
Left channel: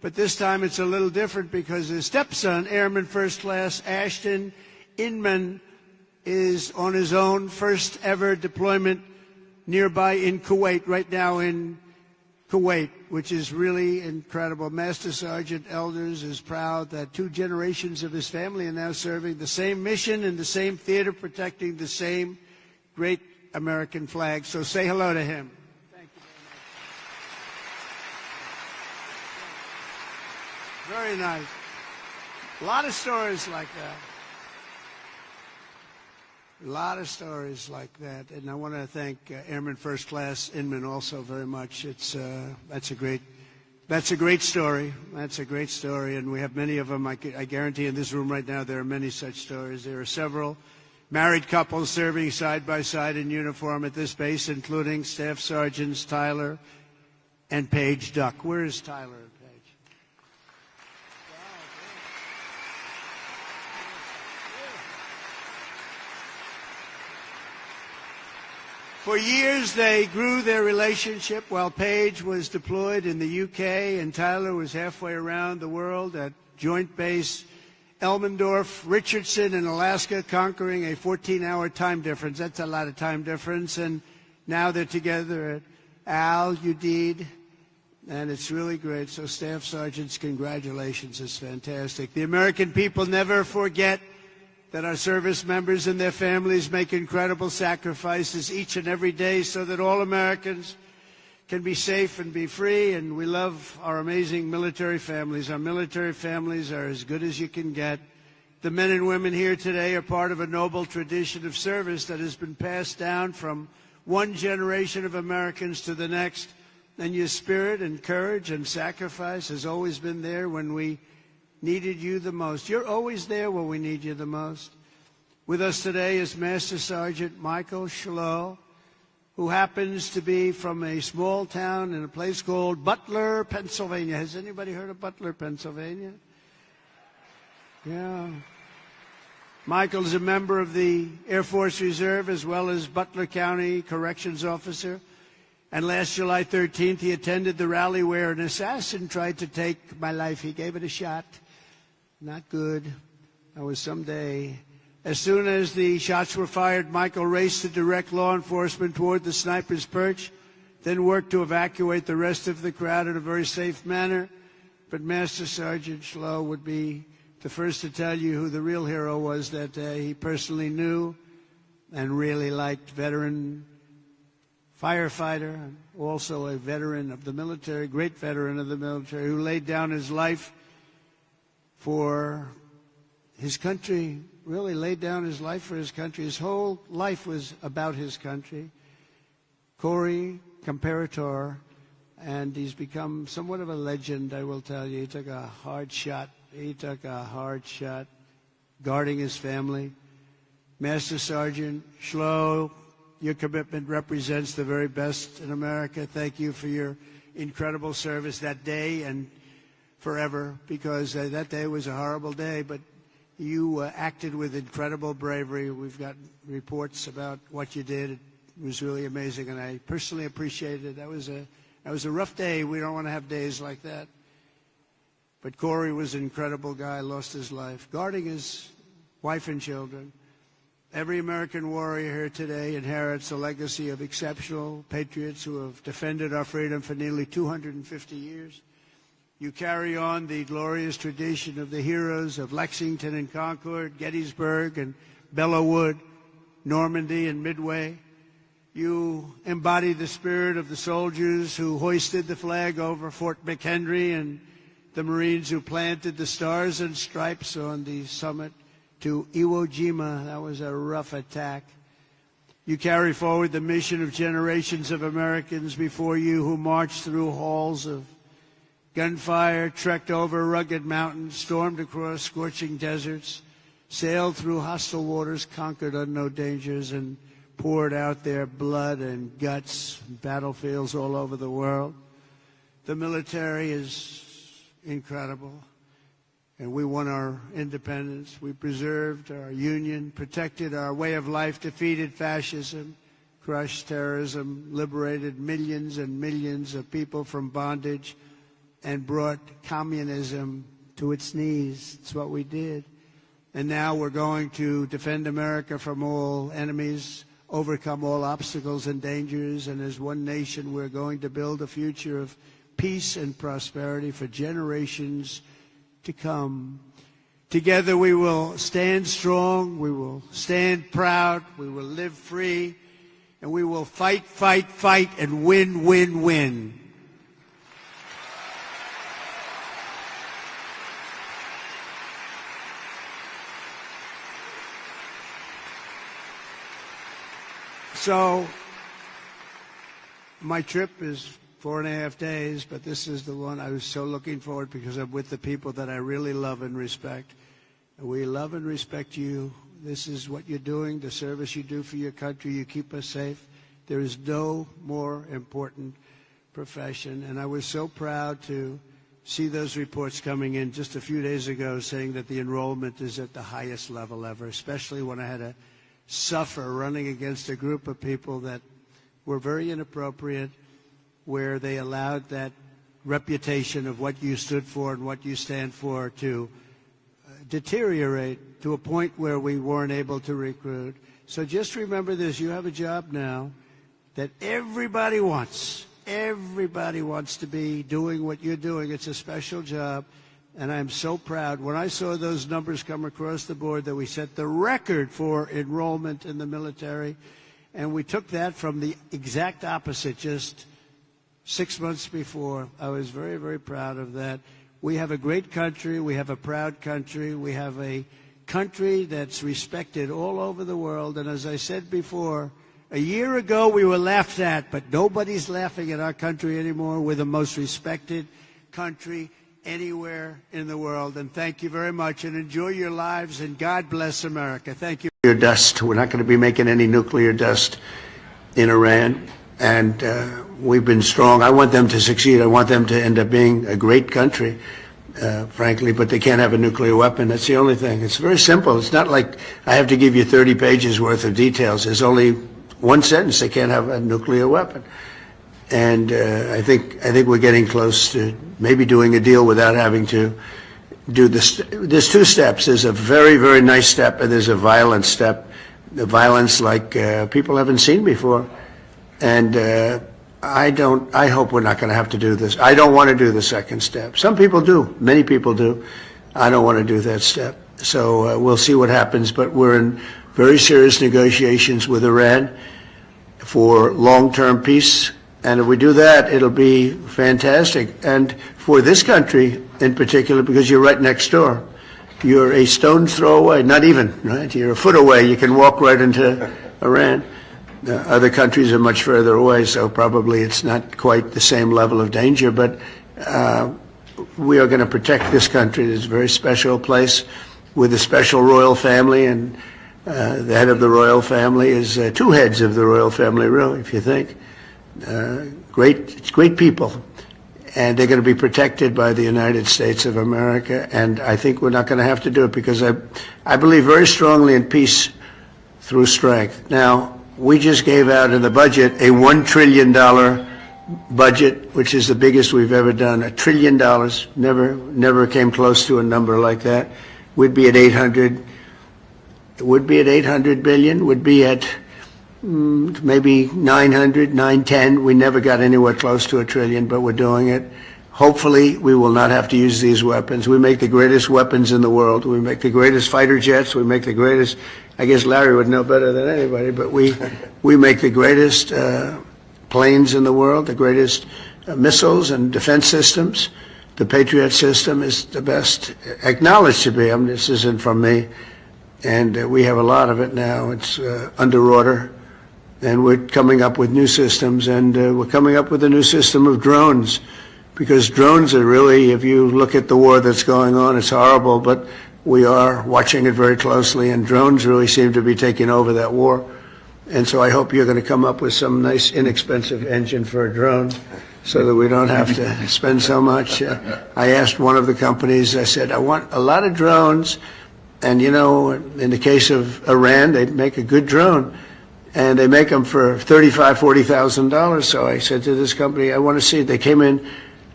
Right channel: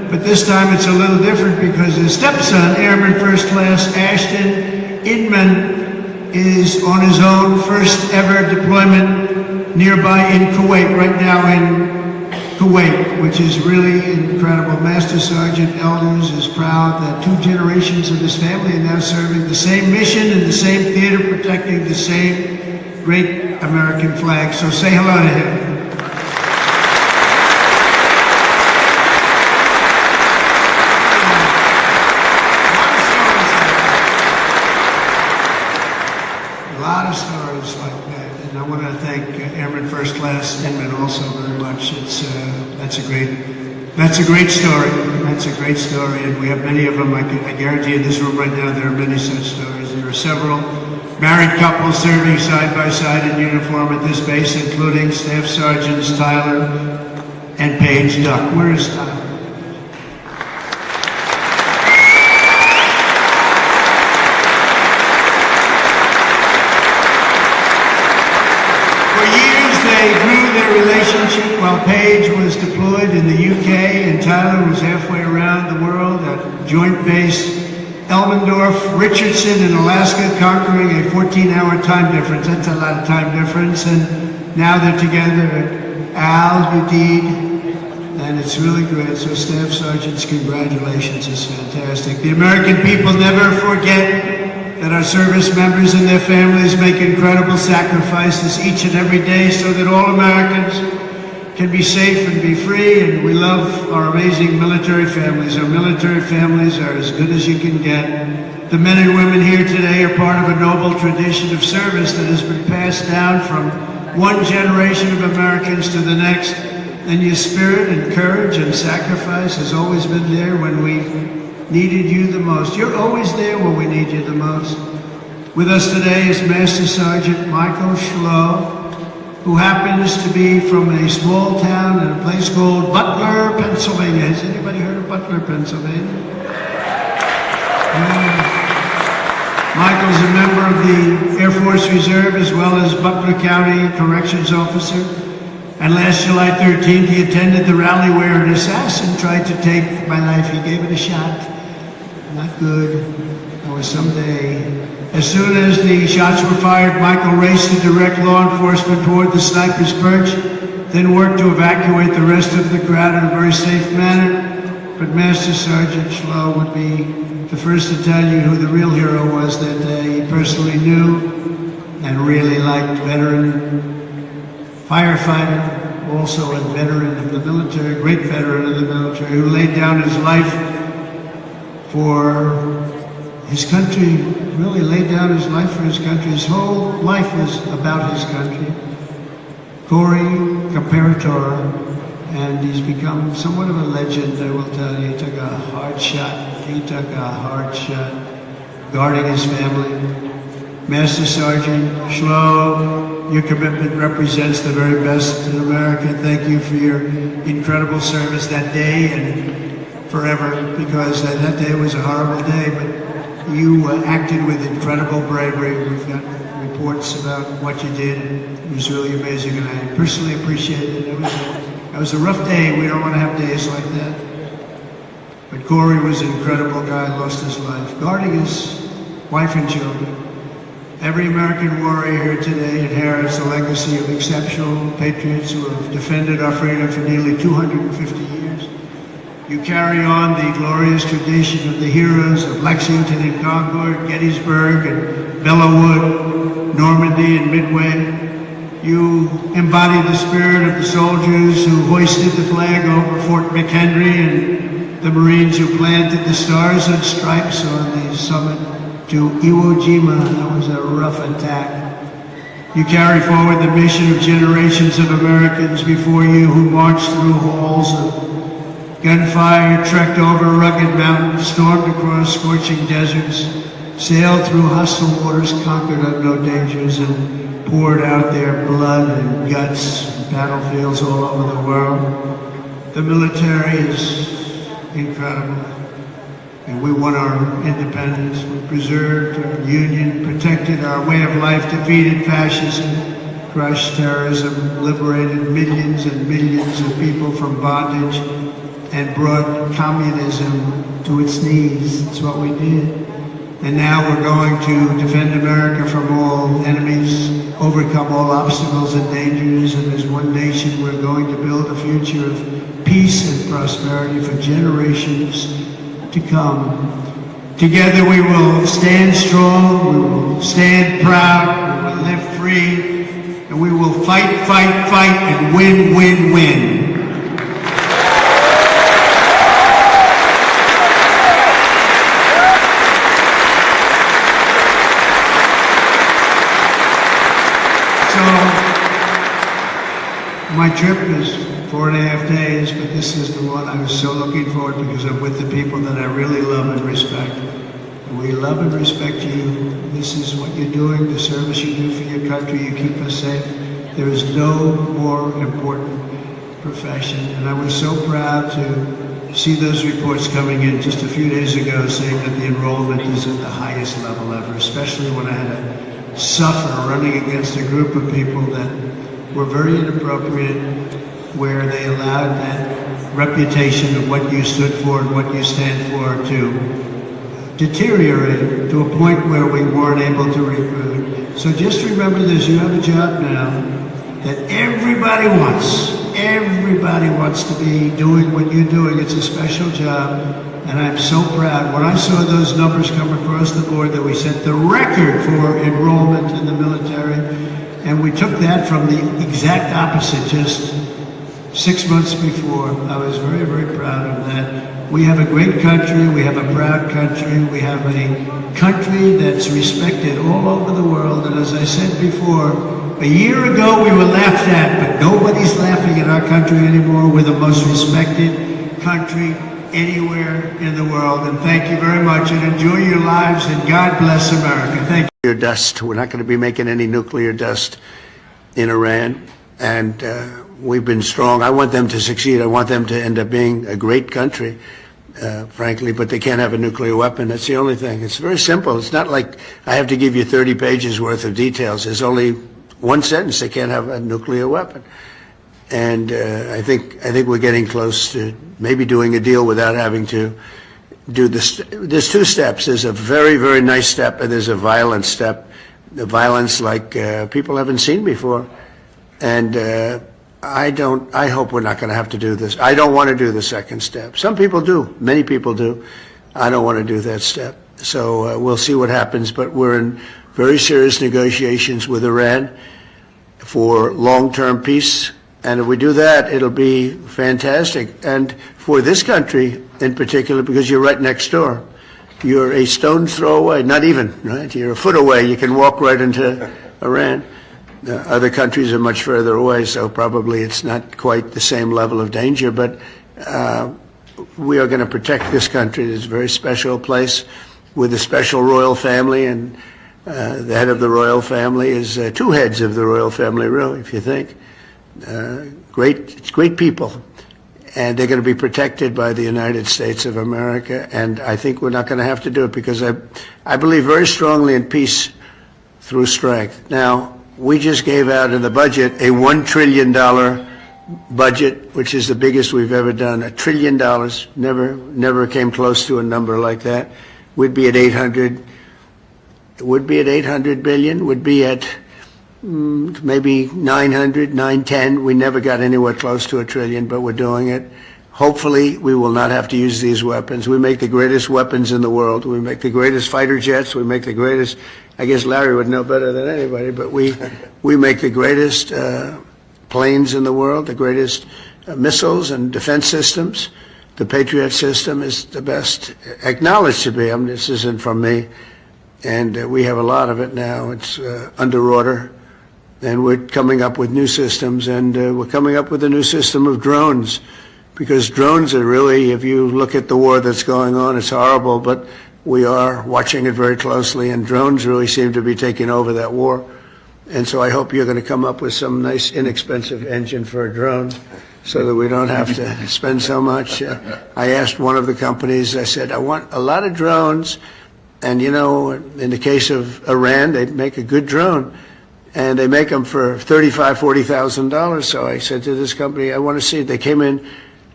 but this time it's a little different because his stepson, Airman First Class Ashton Inman, is on his own first ever deployment nearby in Kuwait, right now in Kuwait, which is really incredible. Master Sergeant Elders is proud that 2 generations of his family are now serving the same mission in the same theater, protecting the same great American flag. So say hello to him. A lot of stories like that, and I want to thank Airman First Class Inman also very much. That's a great story. That's a great story, and we have many of them. I guarantee you in this room right now there are many such stories. There are several married couples serving side by side in uniform at this base, including Staff Sergeants Tyler and Paige Duck. Where is Tyler? For years they grew their relationship while Paige was deployed in the UK and Tyler was halfway around the world at Joint Base Elmendorf, Richardson in Alaska, conquering a 14-hour time difference. That's a lot of time difference. And now they're together at Udeid, and it's really great. So Staff Sergeants, congratulations. It's fantastic. The American people never forget that our service members and their families make incredible sacrifices each and every day so that all Americans can be safe and be free, and we love our amazing military families. Our military families are as good as you can get. The men and women here today are part of a noble tradition of service that has been passed down from one generation of Americans to the next, and your spirit and courage and sacrifice has always been there when we needed you the most. You're always there when we need you the most. With us today is Master Sergeant Michael Schlow, who happens to be from a small town in a place called Butler, Pennsylvania. Has anybody heard of Butler, Pennsylvania? Michael's a member of the Air Force Reserve as well as Butler County Corrections Officer. And last July 13th, he attended the rally where an assassin tried to take my life. He gave it a shot. Not good. Or someday. As soon as the shots were fired, Michael raced to direct law enforcement toward the sniper's perch, then worked to evacuate the rest of the crowd in a very safe manner. But Master Sergeant Schlow would be the first to tell you who the real hero was that day. He personally knew and really liked veteran firefighter, also a veteran of the military, a great veteran of the military, who laid down his life for his country, really laid down his life for his country. His whole life was about his country. Corey Comparator, and he's become somewhat of a legend, I will tell you. He took a hard shot. He took a hard shot guarding his family. Master Sergeant Schlow, your commitment represents the very best in America. Thank you for your incredible service that day and forever, because that day was a horrible day, but you acted with incredible bravery. We've got reports about what you did. It was really amazing, and I personally appreciate it. It was a rough day. We don't want to have days like that. But Corey was an incredible guy, lost his life, guarding his wife and children. Every American warrior here today inherits a legacy of exceptional patriots who have defended our freedom for nearly 250 years. You carry on the glorious tradition of the heroes of Lexington and Concord, Gettysburg and Belleau Wood, Normandy and Midway. You embody the spirit of the soldiers who hoisted the flag over Fort McHenry and the Marines who planted the stars and stripes on the summit to Iwo Jima. That was a rough attack. You carry forward the mission of generations of Americans before you who marched through halls of gunfire, trekked over rugged mountains, stormed across scorching deserts, sailed through hostile waters, conquered unknown dangers, and poured out their blood and guts in battlefields all over the world. The military is incredible. And we won our independence. We preserved our union, protected our way of life, defeated fascism, crushed terrorism, liberated millions and millions of people from bondage, and brought communism to its knees. That's what we did. And now we're going to defend America from all enemies, overcome all obstacles and dangers, and as one nation we're going to build a future of peace and prosperity for generations to come. Together we will stand strong, we will stand proud, we will live free, and we will fight, fight, fight, and win, win, win. My trip is 4.5 days, but this is the one I was so looking forward to because I'm with the people that I really love and respect. We love and respect you. This is what you're doing, the service you do for your country. You keep us safe. There is no more important profession. And I was so proud to see those reports coming in just a few days ago saying that the enrollment is at the highest level ever, especially when I had to suffer running against a group of people that were very inappropriate, where they allowed that reputation of what you stood for and what you stand for to deteriorate to a point where we weren't able to recruit. So just remember this, you have a job now that everybody wants. Everybody wants to be doing what you're doing. It's a special job, and I'm so proud. When I saw those numbers come across the board that we set the record for enrollment in the military, and we took that from the exact opposite just 6 months before. I was very, very proud of that. We have a great country. We have a proud country. We have a country that's respected all over the world. And as I said before, a year ago we were laughed at, but nobody's laughing at our country anymore. We're the most respected country anywhere in the world. And thank you very much, and enjoy your lives, and God bless America. Thank you. Dust. We're not going to be making any nuclear dust in Iran, and we've been strong. I want them to succeed. I want them to end up being a great country, frankly, but they can't have a nuclear weapon. That's the only thing. It's very simple. It's not like I have to give you 30 pages worth of details. There's only one sentence: they can't have a nuclear weapon. And I think we're getting close to maybe doing a deal without having to do this. There's two steps. There's a very, very nice step, and there's a violent step. The violence like people haven't seen before. And I hope we're not going to have to do this. I don't want to do the second step. Some people do. Many people do. I don't want to do that step. So we'll see what happens. But we're in very serious negotiations with Iran for long-term peace. And if we do that, it'll be fantastic. And for this country in particular, because you're right next door. You're a stone's throw away, not even, right? You're a foot away. You can walk right into Iran. Other countries are much further away, so probably it's not quite the same level of danger. But we are going to protect this country. It's a very special place with a special royal family, and the head of the royal family is two heads of the royal family, really, if you think. Great people, and they're going to be protected by the United States of America. And I think we're not going to have to do it because I believe very strongly in peace through strength. Now, we just gave out in the budget a $1 trillion budget, which is the biggest we've ever done. $1 trillion, never came close to a number like that. We'd be at 800. It would be at 800 billion. Would be at maybe 900, 910. We never got anywhere close to $1 trillion, but we're doing it. Hopefully, we will not have to use these weapons. We make the greatest weapons in the world. We make the greatest fighter jets. We make the greatest, I guess Larry would know better than anybody, but we make the greatest planes in the world, the greatest missiles and defense systems. The Patriot system is the best acknowledged to be. I mean, this isn't from me. And we have a lot of it now. It's under order. And we're coming up with new systems, and we're coming up with a new system of drones. Because drones are really, if you look at the war that's going on, it's horrible, but we are watching it very closely, and drones really seem to be taking over that war. And so I hope you're going to come up with some nice, inexpensive engine for a drone so that we don't have to spend so much. I asked one of the companies, I said, I want a lot of drones. And, you know, in the case of Iran, they make a good drone. And they make them for $35,000, $40,000. So I said to this company, I want to see it. They came in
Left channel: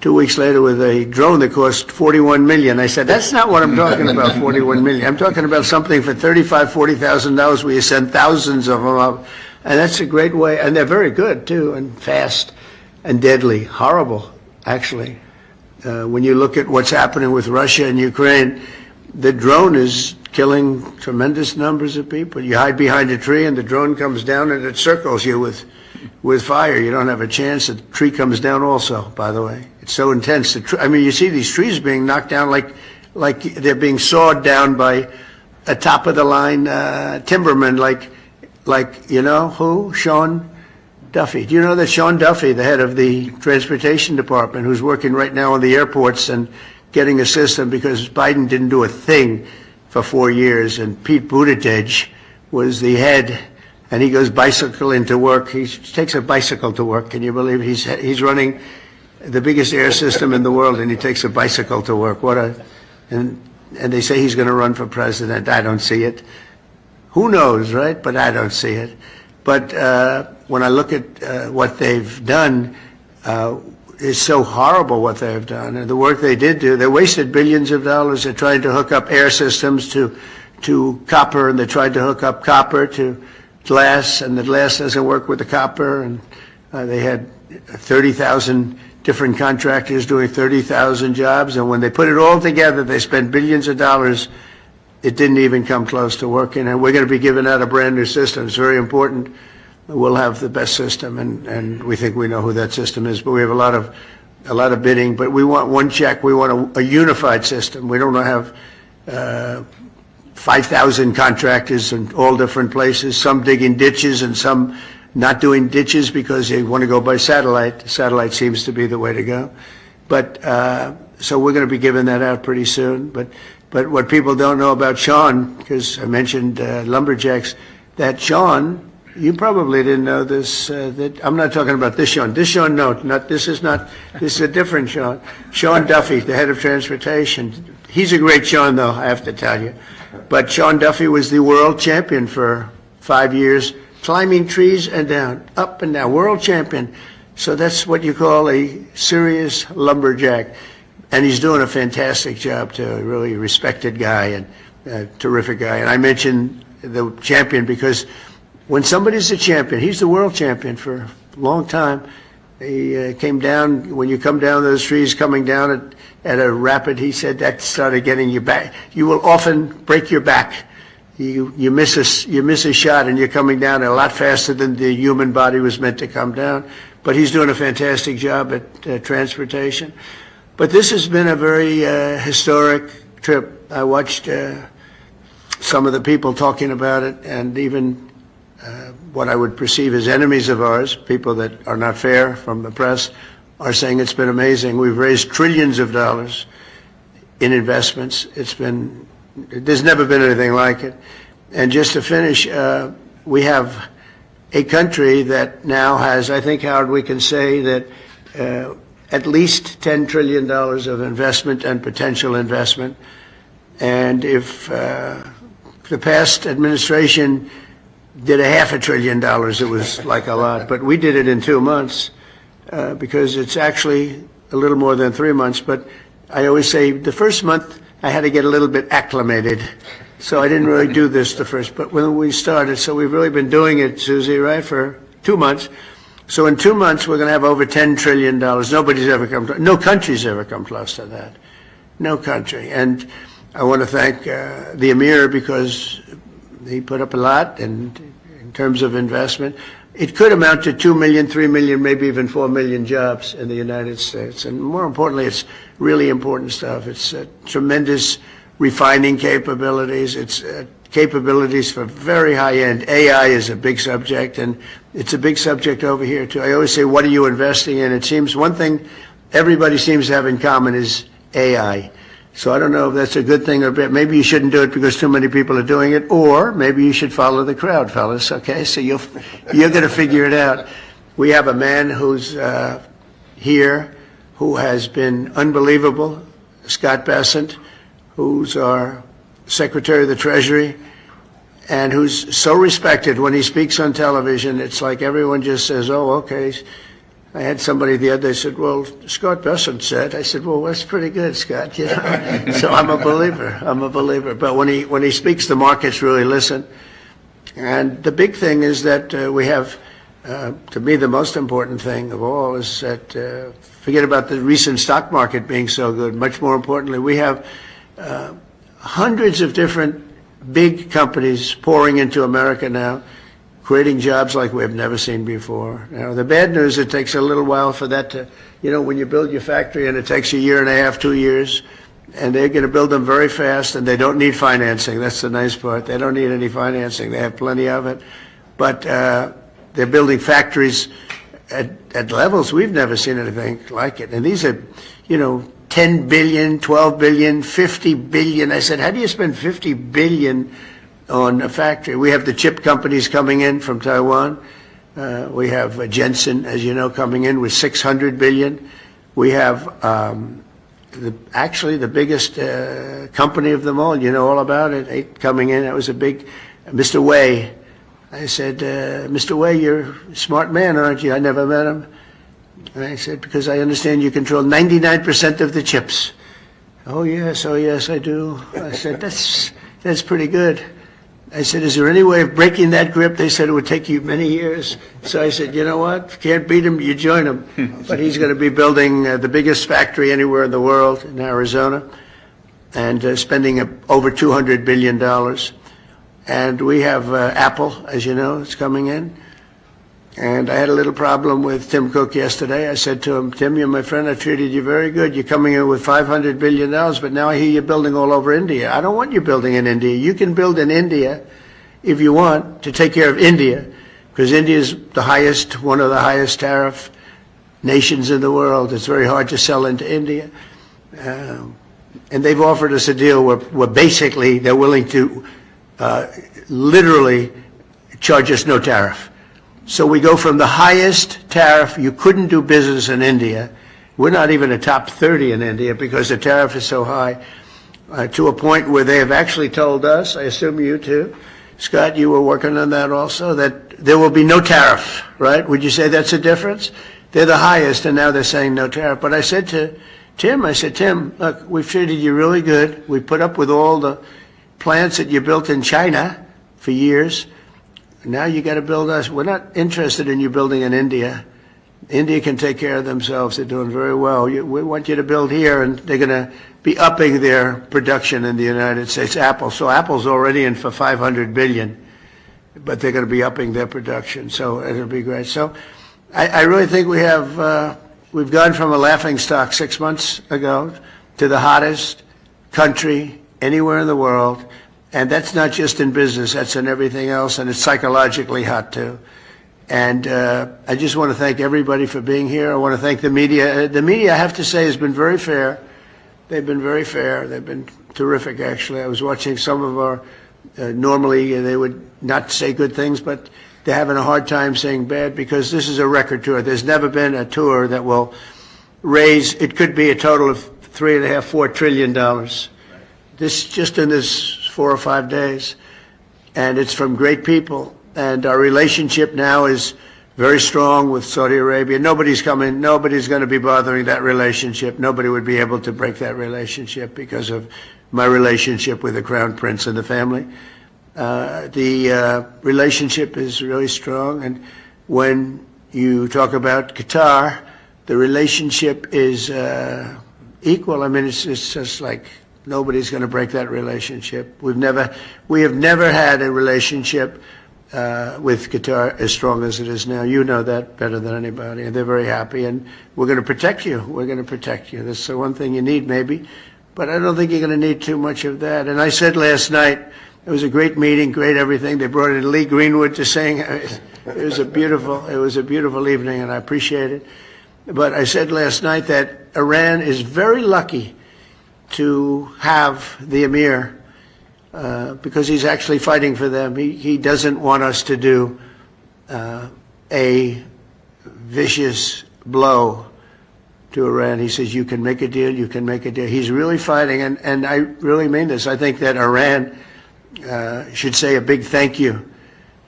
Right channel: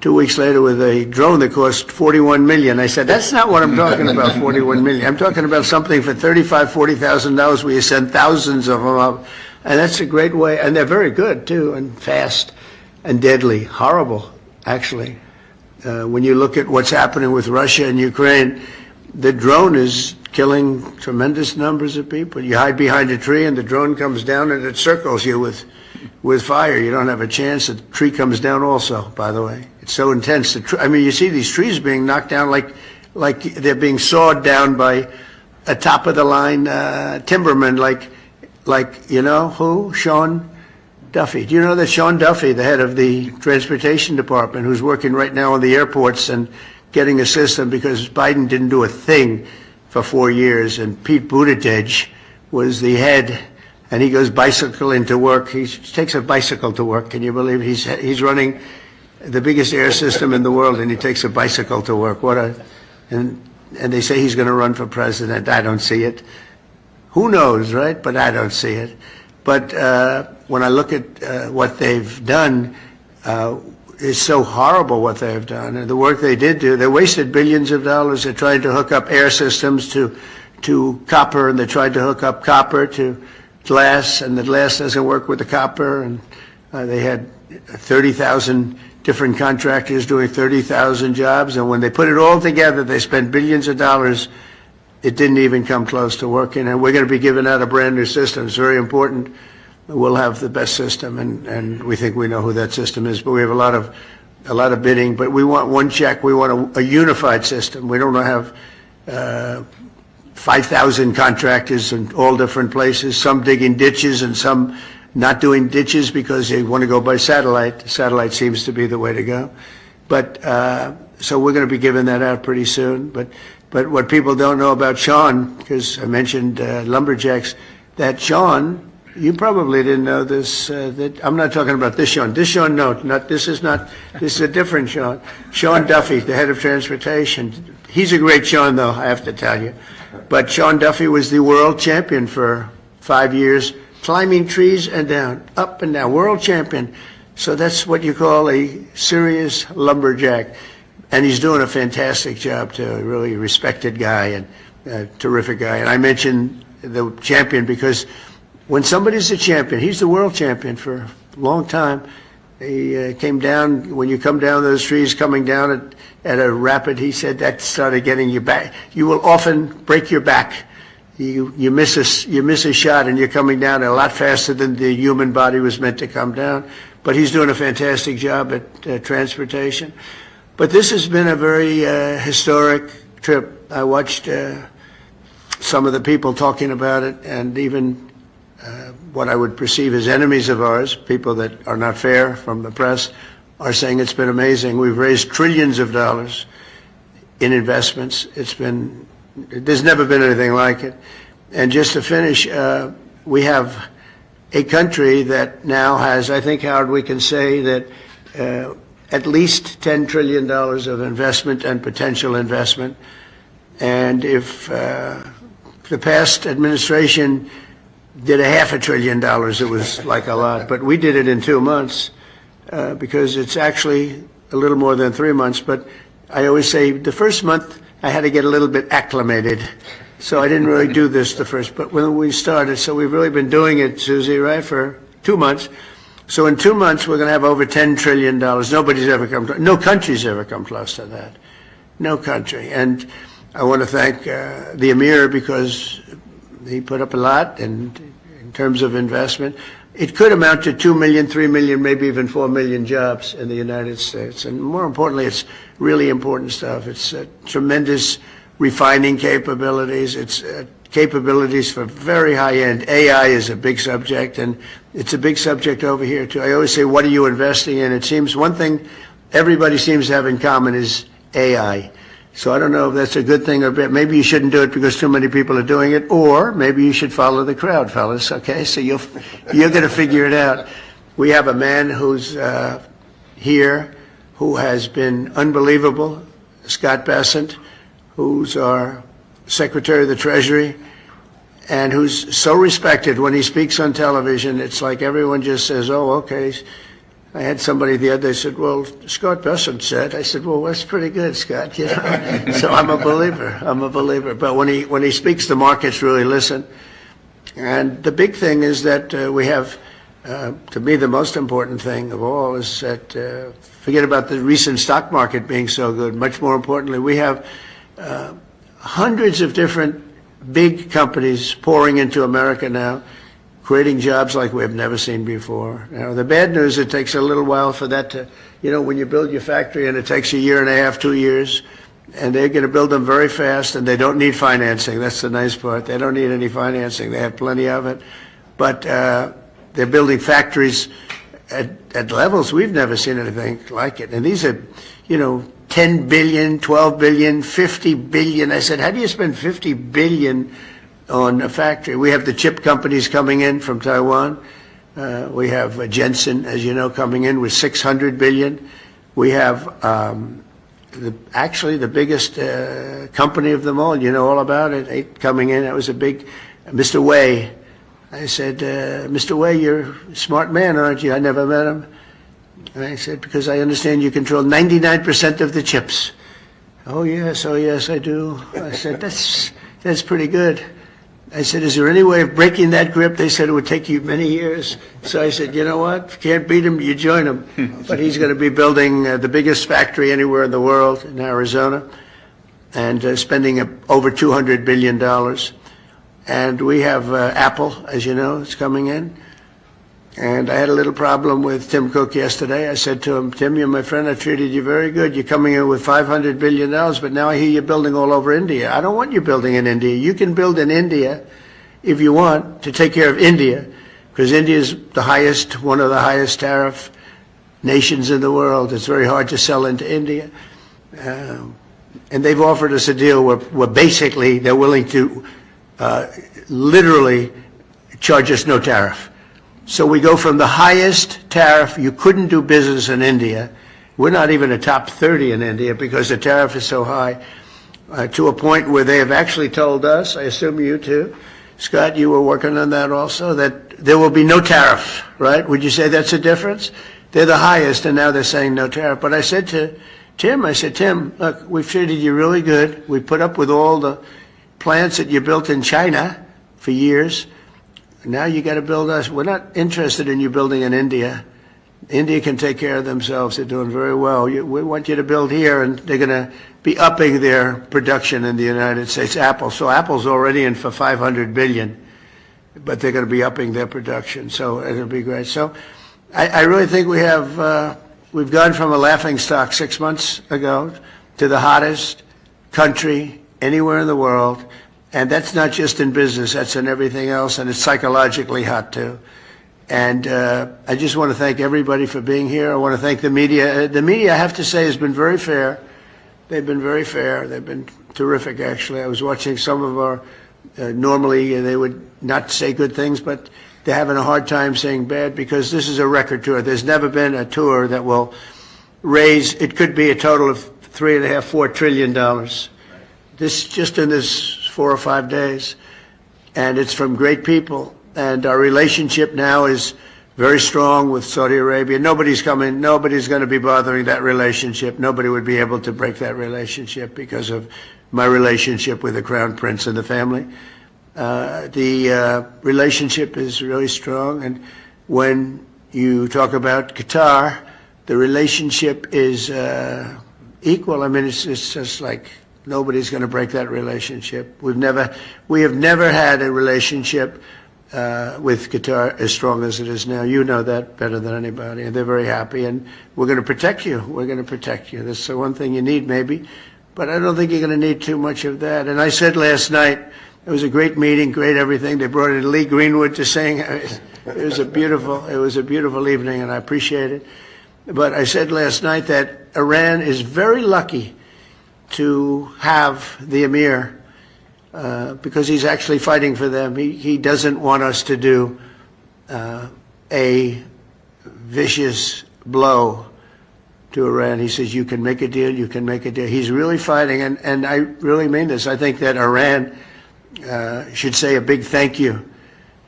2 weeks later with a drone that cost $41 million. I said, that's not what I'm talking about, $41 million. I'm talking about something for $35,000, $40,000 where you send thousands of them up. And that's a great way. And they're very good, too, and fast and deadly. Horrible, actually. When you look at what's happening with Russia and Ukraine, the drone is killing tremendous numbers of people. You hide behind a tree and the drone comes down and it circles you with fire. You don't have a chance. The tree comes down also, by the way. It's so intense. I mean, you see these trees being knocked down like they're being sawed down by a top-of-the-line timberman, like you know who? Sean Duffy. Do you know that Sean Duffy, the head of the transportation department, who's working right now on the airports and getting a system because Biden didn't do a thing for 4 years, and Pete Buttigieg was the head, and he goes bicycling to work. He takes a bicycle to work. Can you believe he's running the biggest air system in the world, and he takes a bicycle to work? And they say he's going to run for president. I don't see it. Who knows, right? But I don't see it. But when I look at what they've done, it's so horrible what they've done. And the work they did do, they wasted billions of dollars. They're trying to hook up air systems to copper, and they tried to hook up copper to glass, and the glass doesn't work with the copper. And they had 30,000 different contractors doing 30,000 jobs. And when they put it all together, they spent billions of dollars. It didn't even come close to working. And we're going to be giving out a brand new system. It's very important. We'll have the best system, and we think we know who that system is. But we have a lot of bidding. But we want one check. We want a unified system. We don't want to have 5,000 contractors in all different places. Some digging ditches and some not doing ditches because they want to go by satellite. Satellite seems to be the way to go. But so we're going to be giving that out pretty soon. But what people don't know about Sean, because I mentioned lumberjacks, that Sean. You probably didn't know this. That I'm not talking about this Sean. This Sean, no, this is a different Sean. Sean Duffy, the head of transportation. He's a great Sean, though, I have to tell you. But Sean Duffy was the world champion for 5 years, climbing trees and down, up and down, world champion. So that's what you call a serious lumberjack. And he's doing a fantastic job, too. A really respected guy and a terrific guy. And I mentioned the champion because when somebody's a champion, he's the world champion for a long time. He came down, when you come down those trees, coming down at a rapid, he said that started getting you back. You will often break your back. You miss a shot and you're coming down a lot faster than the human body was meant to come down. But he's doing a fantastic job at transportation. But this has been a very historic trip. I watched some of the people talking about it, and even what I would perceive as enemies of ours, people that are not fair from the press, are saying it's been amazing. We've raised trillions of dollars in investments. There's never been anything like it. And just to finish, we have a country that now has, I think, Howard, we can say that at least $10 trillion of investment and potential investment. And if the past administration did $500 billion, it was like a lot. But we did it in 2 months because it's actually a little more than 3 months. But I always say the first month I had to get a little bit acclimated. So I didn't really do this the first. But when we started, so we've really been doing it, Susie, right, for 2 months. So in 2 months, we're going to have over $10 trillion. Nobody's ever come close. No country's ever come close to that. No country. And I want to thank the Emir because he put up a lot, and in terms of investment, it could amount to 2 million, 3 million, maybe even 4 million jobs in the United States. And more importantly, it's really important stuff. It's tremendous refining capabilities. It's capabilities for very high-end. AI is a big subject, and it's a big subject over here, too. I always say, what are you investing in? It seems one thing everybody seems to have in common is AI. So I don't know if that's a good thing or bad. Maybe you shouldn't do it because too many people are doing it, or maybe you should follow the crowd, fellas, okay? So you're going to figure it out. We have a man who's here who has been unbelievable, Scott Bessent, who's our Secretary of the Treasury, and who's so respected when he speaks on television. It's like everyone just says, oh, okay, I had somebody the other day said, well, Scott Bessent said. I said, well, that's pretty good, Scott. You know? So I'm a believer. I'm a believer. But when he speaks, the markets really listen. And the big thing is that we have, to me, the most important thing of all is that, forget about the recent stock market being so good. Much more importantly, we have hundreds of different big companies pouring into America now, creating jobs like we have never seen before. Now, the bad news, it takes a little while for that to, when you build your factory and it takes a year and a half, 2 years, and they're going to build them very fast, and they don't need financing. That's the nice part. They don't need any financing. They have plenty of it. But they're building factories at levels we've never seen anything like it. And these are, 10 billion, 12 billion, 50 billion. I said, how do you spend 50 billion on a factory? We have the chip companies coming in from Taiwan. We have Jensen, as you know, coming in with 600 billion. We have actually the biggest company of them all. You know all about it. Coming in. That was a big, Mr. Wei. I said, Mr. Wei, you're a smart man, aren't you? I never met him. And I said, because I understand you control 99% of the chips. Oh yes, I do. I said, that's pretty good. I said, is there any way of breaking that grip? They said it would take you many years. So I said, you know what? If you can't beat him, you join him. But he's going to be building the biggest factory anywhere in the world in Arizona, and spending over $200 billion. And we have Apple, as you know, is coming in. And I had a little problem with Tim Cook yesterday. I said to him, Tim, you're my friend. I treated you very good. You're coming in with $500 billion, but now I hear you're building all over India. I don't want you building in India. You can build in India if you want to take care of India, because India is one of the highest tariff nations in the world. It's very hard to sell into India. And they've offered us a deal where basically they're willing to literally charge us no tariff. So we go from the highest tariff, you couldn't do business in India, we're not even a top 30 in India because the tariff is so high, to a point where they have actually told us, I assume you too, Scott, you were working on that also, that there will be no tariff, right? Would you say that's a difference? They're the highest, and now they're saying no tariff. But I said to Tim, Tim, look, we've treated you really good. We put up with all the plants that you built in China for years. Now you got to build us. We're not interested in you building in India. India can take care of themselves. They're doing very well. We want you to build here, and they're going to be upping their production in the United States. Apple. So Apple's already in for $500 billion, but they're going to be upping their production. So it'll be great. So I really think we've gone from a laughingstock 6 months ago to the hottest country anywhere in the world. And that's not just in business, that's in everything else, and it's psychologically hot too. And I just want to thank everybody for being here. I want to thank the media. The media, I have to say, has been very fair. They've been very fair. They've been terrific, actually. I was watching some of our, normally they would not say good things, but they're having a hard time saying bad, because this is a record tour. There's never been a tour that will raise, it could be a total of $3.5–4 trillion. This, just in this 4 or 5 days, and it's from great people. And our relationship now is very strong with Saudi Arabia. Nobody's going to be bothering that relationship. Nobody would be able to break that relationship because of my relationship with the Crown Prince and the family. The relationship is really strong, and when you talk about Qatar, the relationship is equal. I mean, it's just like, nobody's going to break that relationship. We have never had a relationship with Qatar as strong as it is now. You know that better than anybody, and they're very happy, and we're going to protect you. We're going to protect you. That's the one thing you need, maybe, but I don't think you're going to need too much of that. And I said last night, it was a great meeting, great everything. They brought in Lee Greenwood to sing. It was a beautiful evening, and I appreciate it. But I said last night that Iran is very lucky to have the Emir, because he's actually fighting for them. He doesn't want us to do a vicious blow to Iran. He says, you can make a deal, you can make a deal. He's really fighting, and I really mean this. I think that Iran should say a big thank you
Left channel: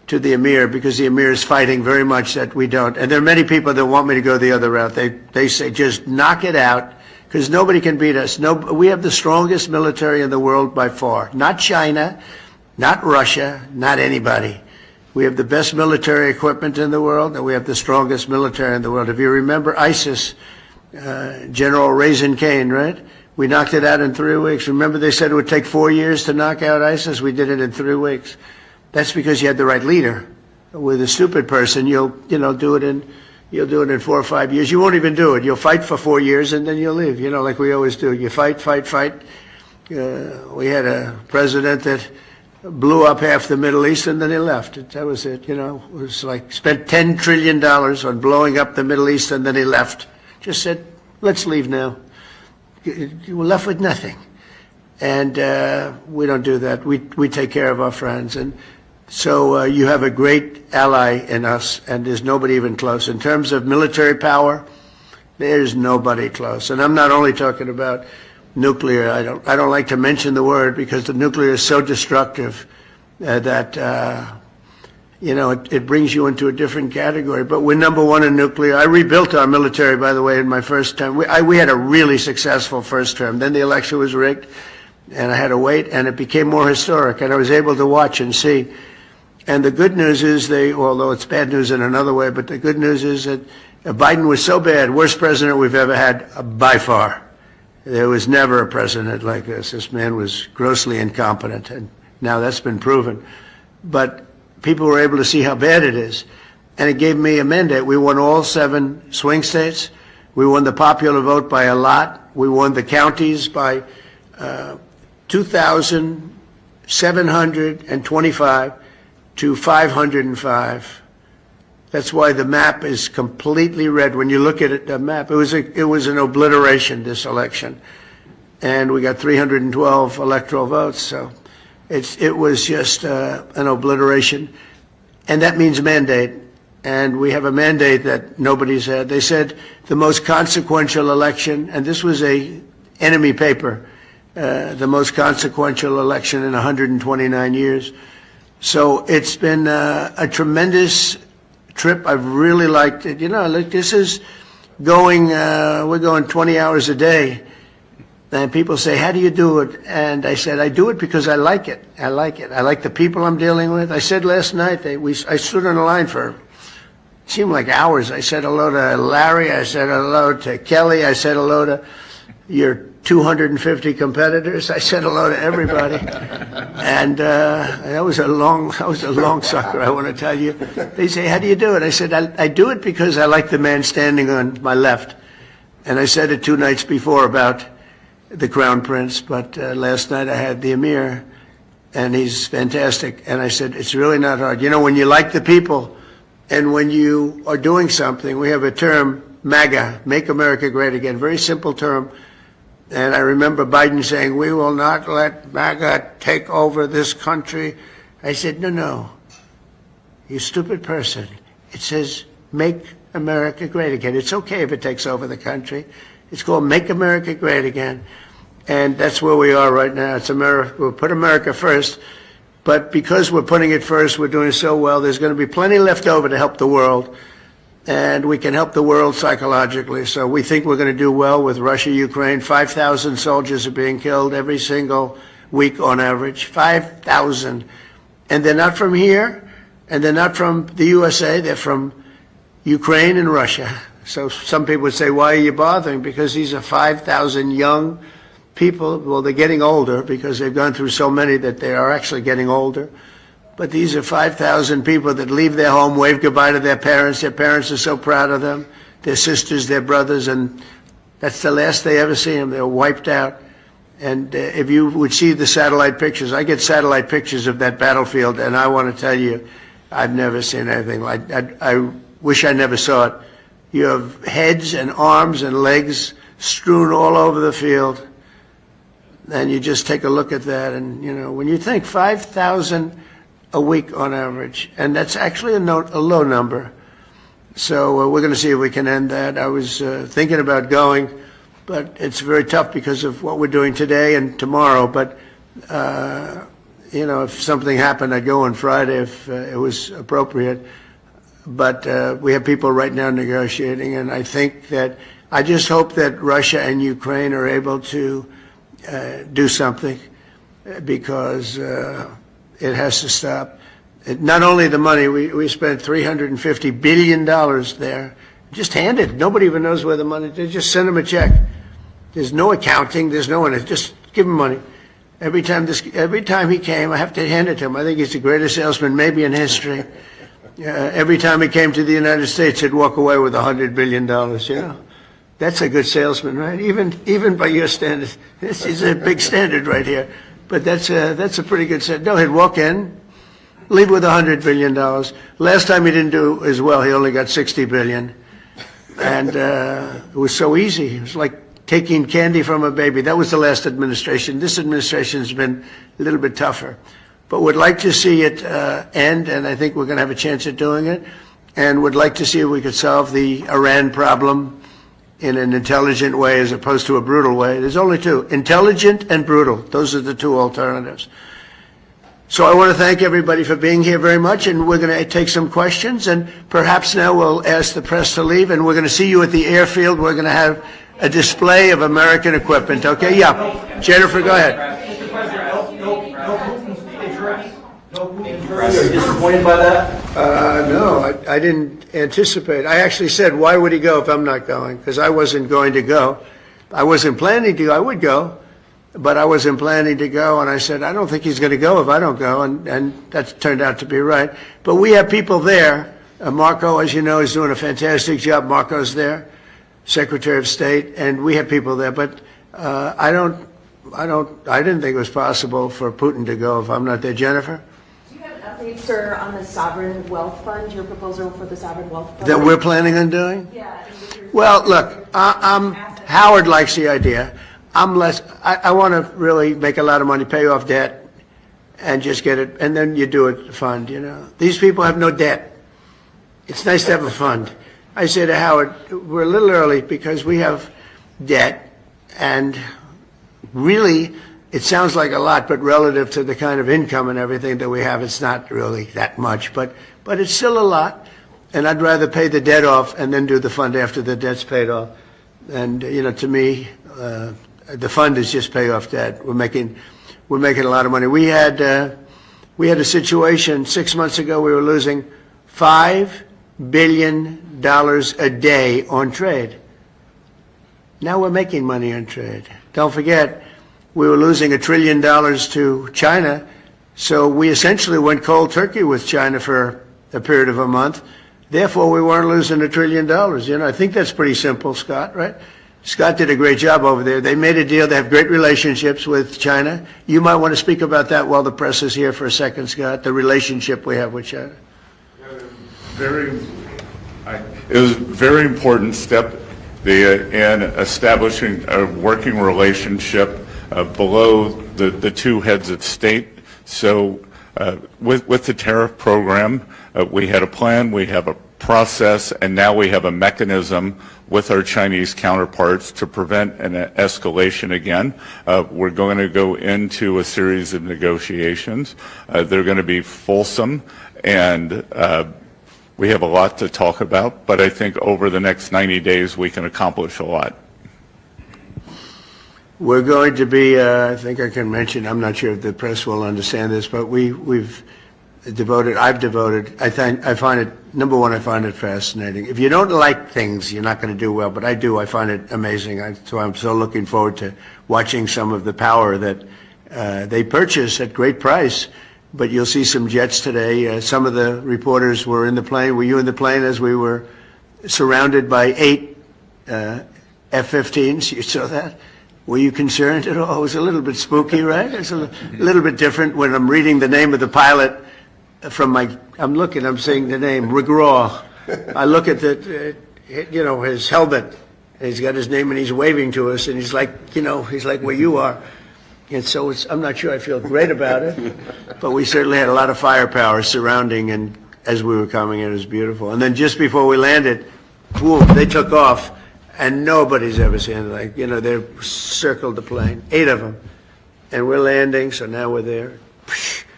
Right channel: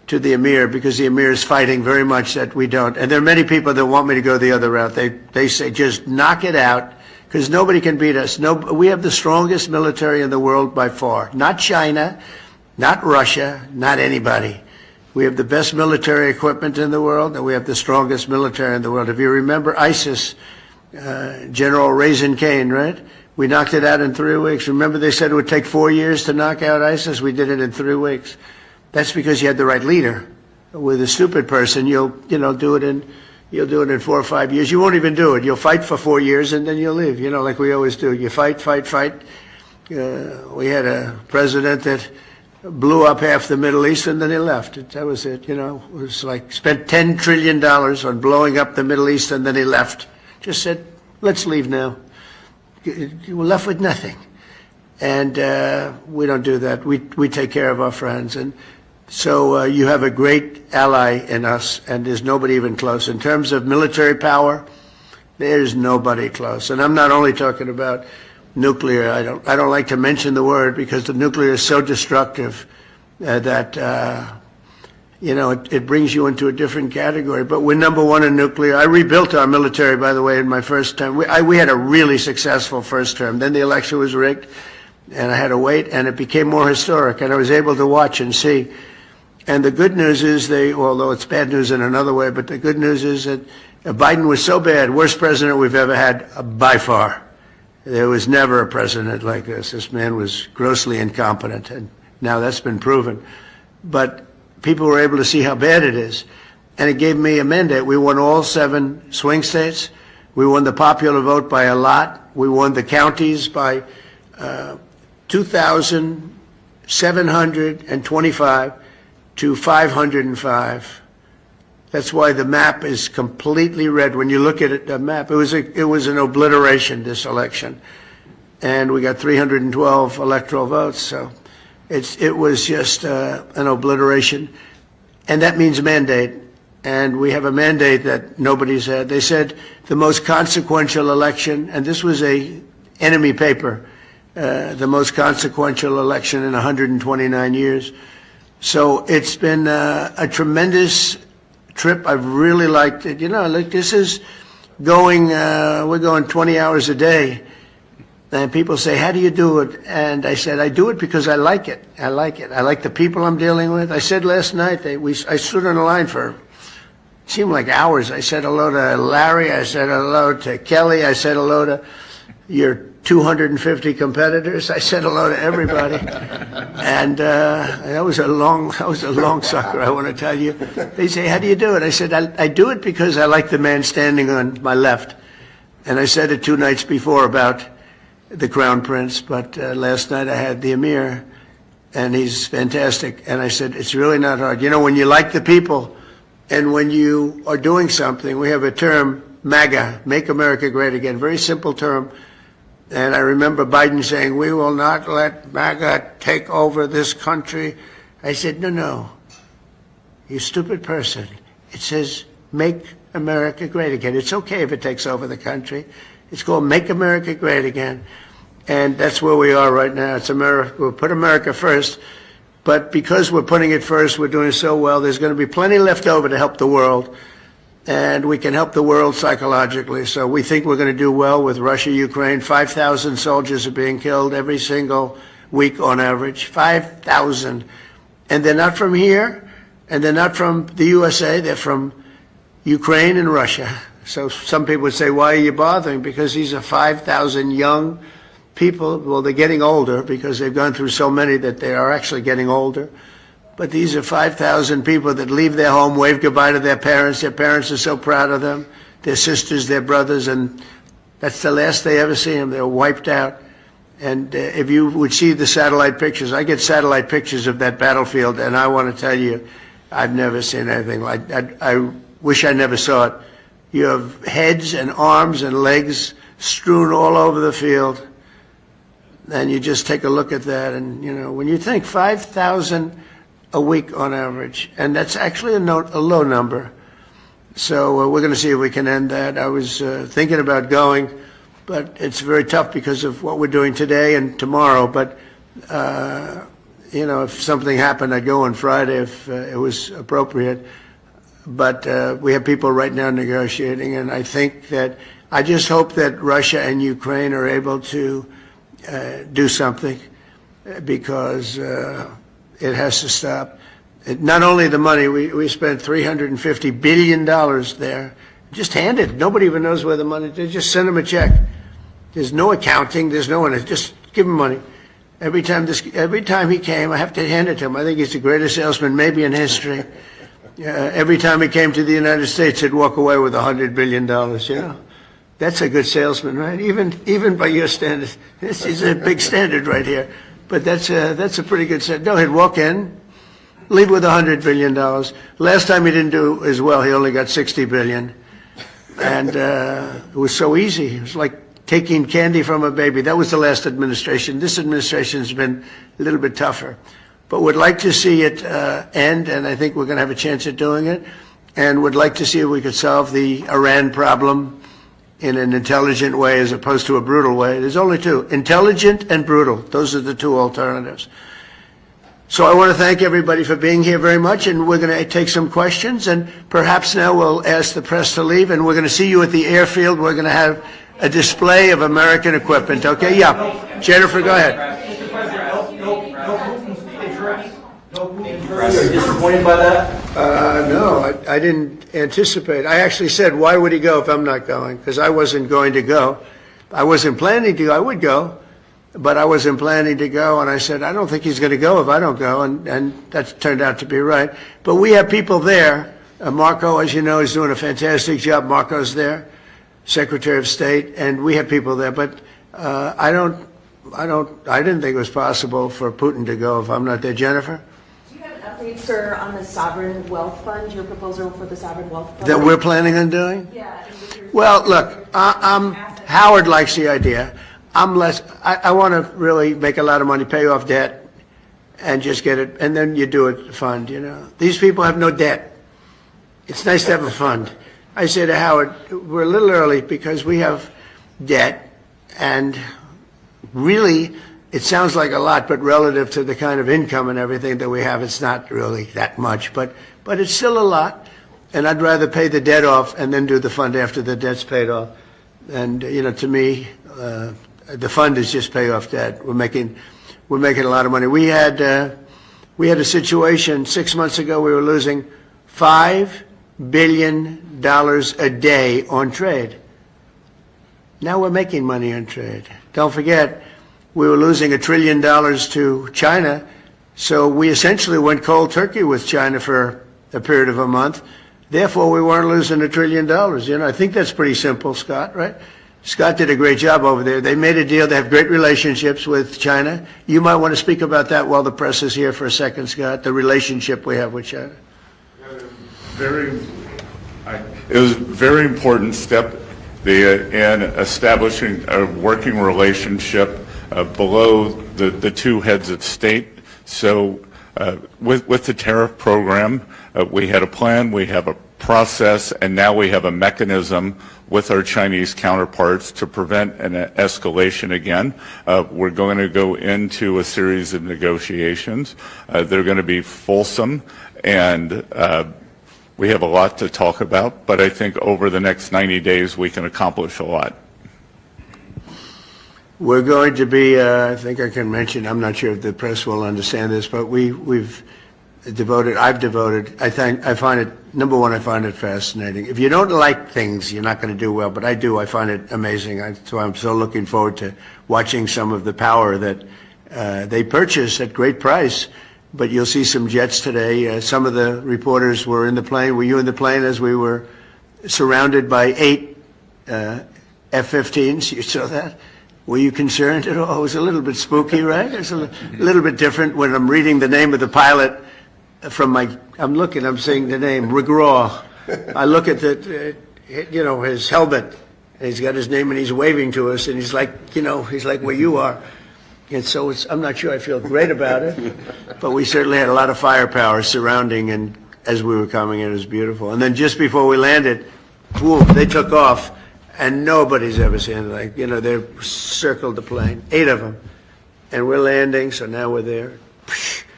to the Emir, because the Emir is fighting very much that we don't. And there are many people that want me to go the other route. They say, just knock it out, because nobody can beat us. We have the strongest military in the world by far. Not China, not Russia, not anybody. We have the best military equipment in the world, and we have the strongest military in the world. If you remember ISIS, General Raisin Kane, right? We knocked it out in 3 weeks. Remember they said it would take 4 years to knock out ISIS? We did it in 3 weeks. That's because you had the right leader. With a stupid person, you'll do it in 4 or 5 years. You won't even do it. You'll fight for 4 years and then you'll leave. Like we always do. You fight. We had a president that blew up half the Middle East and then he left. That was it. It was like spent $10 trillion on blowing up the Middle East and then he left. Just said, let's leave now. We're left with nothing. And we don't do that. We take care of our friends. And so you have a great ally in us, and there's nobody even close. In terms of military power, there's nobody close. And I'm not only talking about nuclear. I don't like to mention the word because the nuclear is so destructive that it brings you into a different category. But we're number one in nuclear. I rebuilt our military, by the way, in my first term. We had a really successful first term. Then the election was rigged, and I had to wait, and it became more historic, and I was able to watch and see. And the good news is although it's bad news in another way, but the good news is that Biden was so bad, worst president we've ever had by far. There was never a president like this. This man was grossly incompetent, and now that's been proven. But people were able to see how bad it is, and it gave me a mandate. We won all 7 swing states. We won the popular vote by a lot. We won the counties by 2,725 to 505. That's why the map is completely red. When you look at it, the map, it was an obliteration, this election. And we got 312 electoral votes, so it was just an obliteration. And that means mandate. And we have a mandate that nobody's had. They said the most consequential election, and this was a enemy paper, the most consequential election in 129 years. So it's been a tremendous trip. I've really liked it. This is going, we're going 20 hours a day. And people say, how do you do it? And I said, I do it because I like it. I like it. I like the people I'm dealing with. I said last night, I stood on the line for, it seemed like hours. I said hello to Larry. I said hello to Kelly. I said hello to your 250 competitors. I said hello to everybody. And that was a long sucker, I want to tell you. They say, how do you do it? I said, I do it because I like the man standing on my left. And I said it 2 nights before about the Crown Prince, but last night I had the Emir, and he's fantastic. And I said, it's really not hard. When you like the people, and when you are doing something, we have a term, MAGA, Make America Great Again, very simple term. And I remember Biden saying, we will not let MAGA take over this country. I said, no, you stupid person. It says, Make America Great Again. It's okay if it takes over the country. It's called Make America Great Again. And that's where we are right now. It's America. We'll put America first. But because we're putting it first, we're doing so well, there's going to be plenty left over to help the world. And we can help the world psychologically. So we think we're going to do well with Russia, Ukraine. 5,000 soldiers are being killed every single week on average. 5,000. And they're not from here, and they're not from the USA. They're from Ukraine and Russia. So some people would say, why are you bothering? Because these are 5,000 young people. Well, they're getting older because they've gone through so many that they are actually getting older. But these are 5,000 people that leave their home, wave goodbye to their parents. Their parents are so proud of them, their sisters, their brothers, and that's the last they ever see them. They're wiped out. And if you would see the satellite pictures, I get satellite pictures of that battlefield, and I want to tell you, I've never seen anything like that. I wish I never saw it. You have heads and arms and legs strewn all over the field, and you just take a look at that, and when you think 5,000 a week on average, and that's actually a low number. So we're going to see if we can end that. I was thinking about going, but it's very tough because of what we're doing today and tomorrow. But you know, if something happened, I'd go on Friday if it was appropriate. But we have people right now negotiating, and I think that I just hope that Russia and Ukraine are able to do something, because it has to stop. Not only the money, we spent $350 billion there. Just hand it. Nobody even knows where the money is. Just send them a check. There's no accounting. There's no one. Just give him money. Every time he came, I have to hand it to him. I think he's the greatest salesman maybe in history. Every time he came to the United States, he'd walk away with $100 billion, you know. That's a good salesman, right? Even by your standards. This is a big standard right here. But that's a pretty good set. No, he'd walk in, leave with $100 billion. Last time he didn't do as well. He only got $60 billion. And it was so easy. It was like taking candy from a baby. That was the last administration. This administration's been a little bit tougher. But would like to see it end, and I think we're going to have a chance at doing it. And would like to see if we could solve the Iran problem in an intelligent way as opposed to a brutal way. There's only two, intelligent and brutal. Those are the two alternatives. So I want to thank everybody for being here very much, and we're going to take some questions, and perhaps now we'll ask the press to leave, and we're going to see you at the airfield. We're going to have a display of American equipment, okay? Yeah. Jennifer, go ahead. Mr. President, no Putin speech address. No Putin address. Are you disappointed by that? No, I didn't anticipate. I actually said, why would he go if I'm not going? Because I wasn't going to go. I wasn't planning to go. I would go, but I wasn't planning to go. And I said, I don't think he's going to go if I don't go. And that turned out to be right. But we have people there. Marco, as you know, is doing a fantastic job. Marco's there, Secretary of State, and we have people there. But I didn't think it was possible for Putin to go if I'm not there. Jennifer? Do you have an update, sir, on the Sovereign Wealth Fund, your proposal for the Sovereign Wealth Fund? That we're planning on doing? Yeah. Well, look, Howard likes the idea. I want to really make a lot of money, pay off debt, and just get it, and then you do a fund, you know. These people have no debt. It's nice to have a fund. I say to Howard, we're a little early because we have debt, and really, it sounds like a lot, but relative to the kind of income and everything that we have, it's not really that much. But it's still a lot, and I'd rather pay the debt off and then do the fund after the debt's paid off. And you know, to me, the fund is just pay off debt. We're making a lot of money. We had a situation 6 months ago. We were losing $5 billion a day on trade. Now we're making money on trade. Don't forget, we were losing $1 trillion to China, so we essentially went cold turkey with China for a period of a month. Therefore, we weren't losing $1 trillion. You know, I think that's pretty simple, Scott, right? Scott did a great job over there. They made a deal. They have great relationships with China. You might want to speak about that while the press is here for a second, Scott, the relationship we have with China. It was a very important step in establishing a working relationship below the two heads of state. So with the tariff program, we had a plan, we have a process, and now we have a mechanism with our Chinese counterparts to prevent an escalation again. We're going to go into a series of negotiations. They're going to be fulsome, and we have a lot to talk about, but I think over the next 90 days we can accomplish a lot. We're going to be, I think I can mention, I'm not sure if the press will understand this, but I've devoted, I find it, number one, I find it fascinating. If you don't like things, you're not going to do well, but I do. I find it amazing. So I'm so looking forward to watching some of the power that they purchase at great price. But you'll see some jets today. Some of the reporters were in the plane. Were you in the plane as we were surrounded by 8 F-15s? You saw that? Were you concerned at all? It was a little bit spooky, right? It's a little bit different when I'm reading the name of the pilot from I'm saying the name, Regraw. I look at his helmet, and he's got his name, and he's waving to us, and he's like where you are. And so I'm not sure I feel great about it, but we certainly had a lot of firepower surrounding, and as we were coming in, it was beautiful. And then just before we landed, whoop, they took off, and nobody's ever seen it. They circled the plane, 8 of them, and we're landing, so now we're there.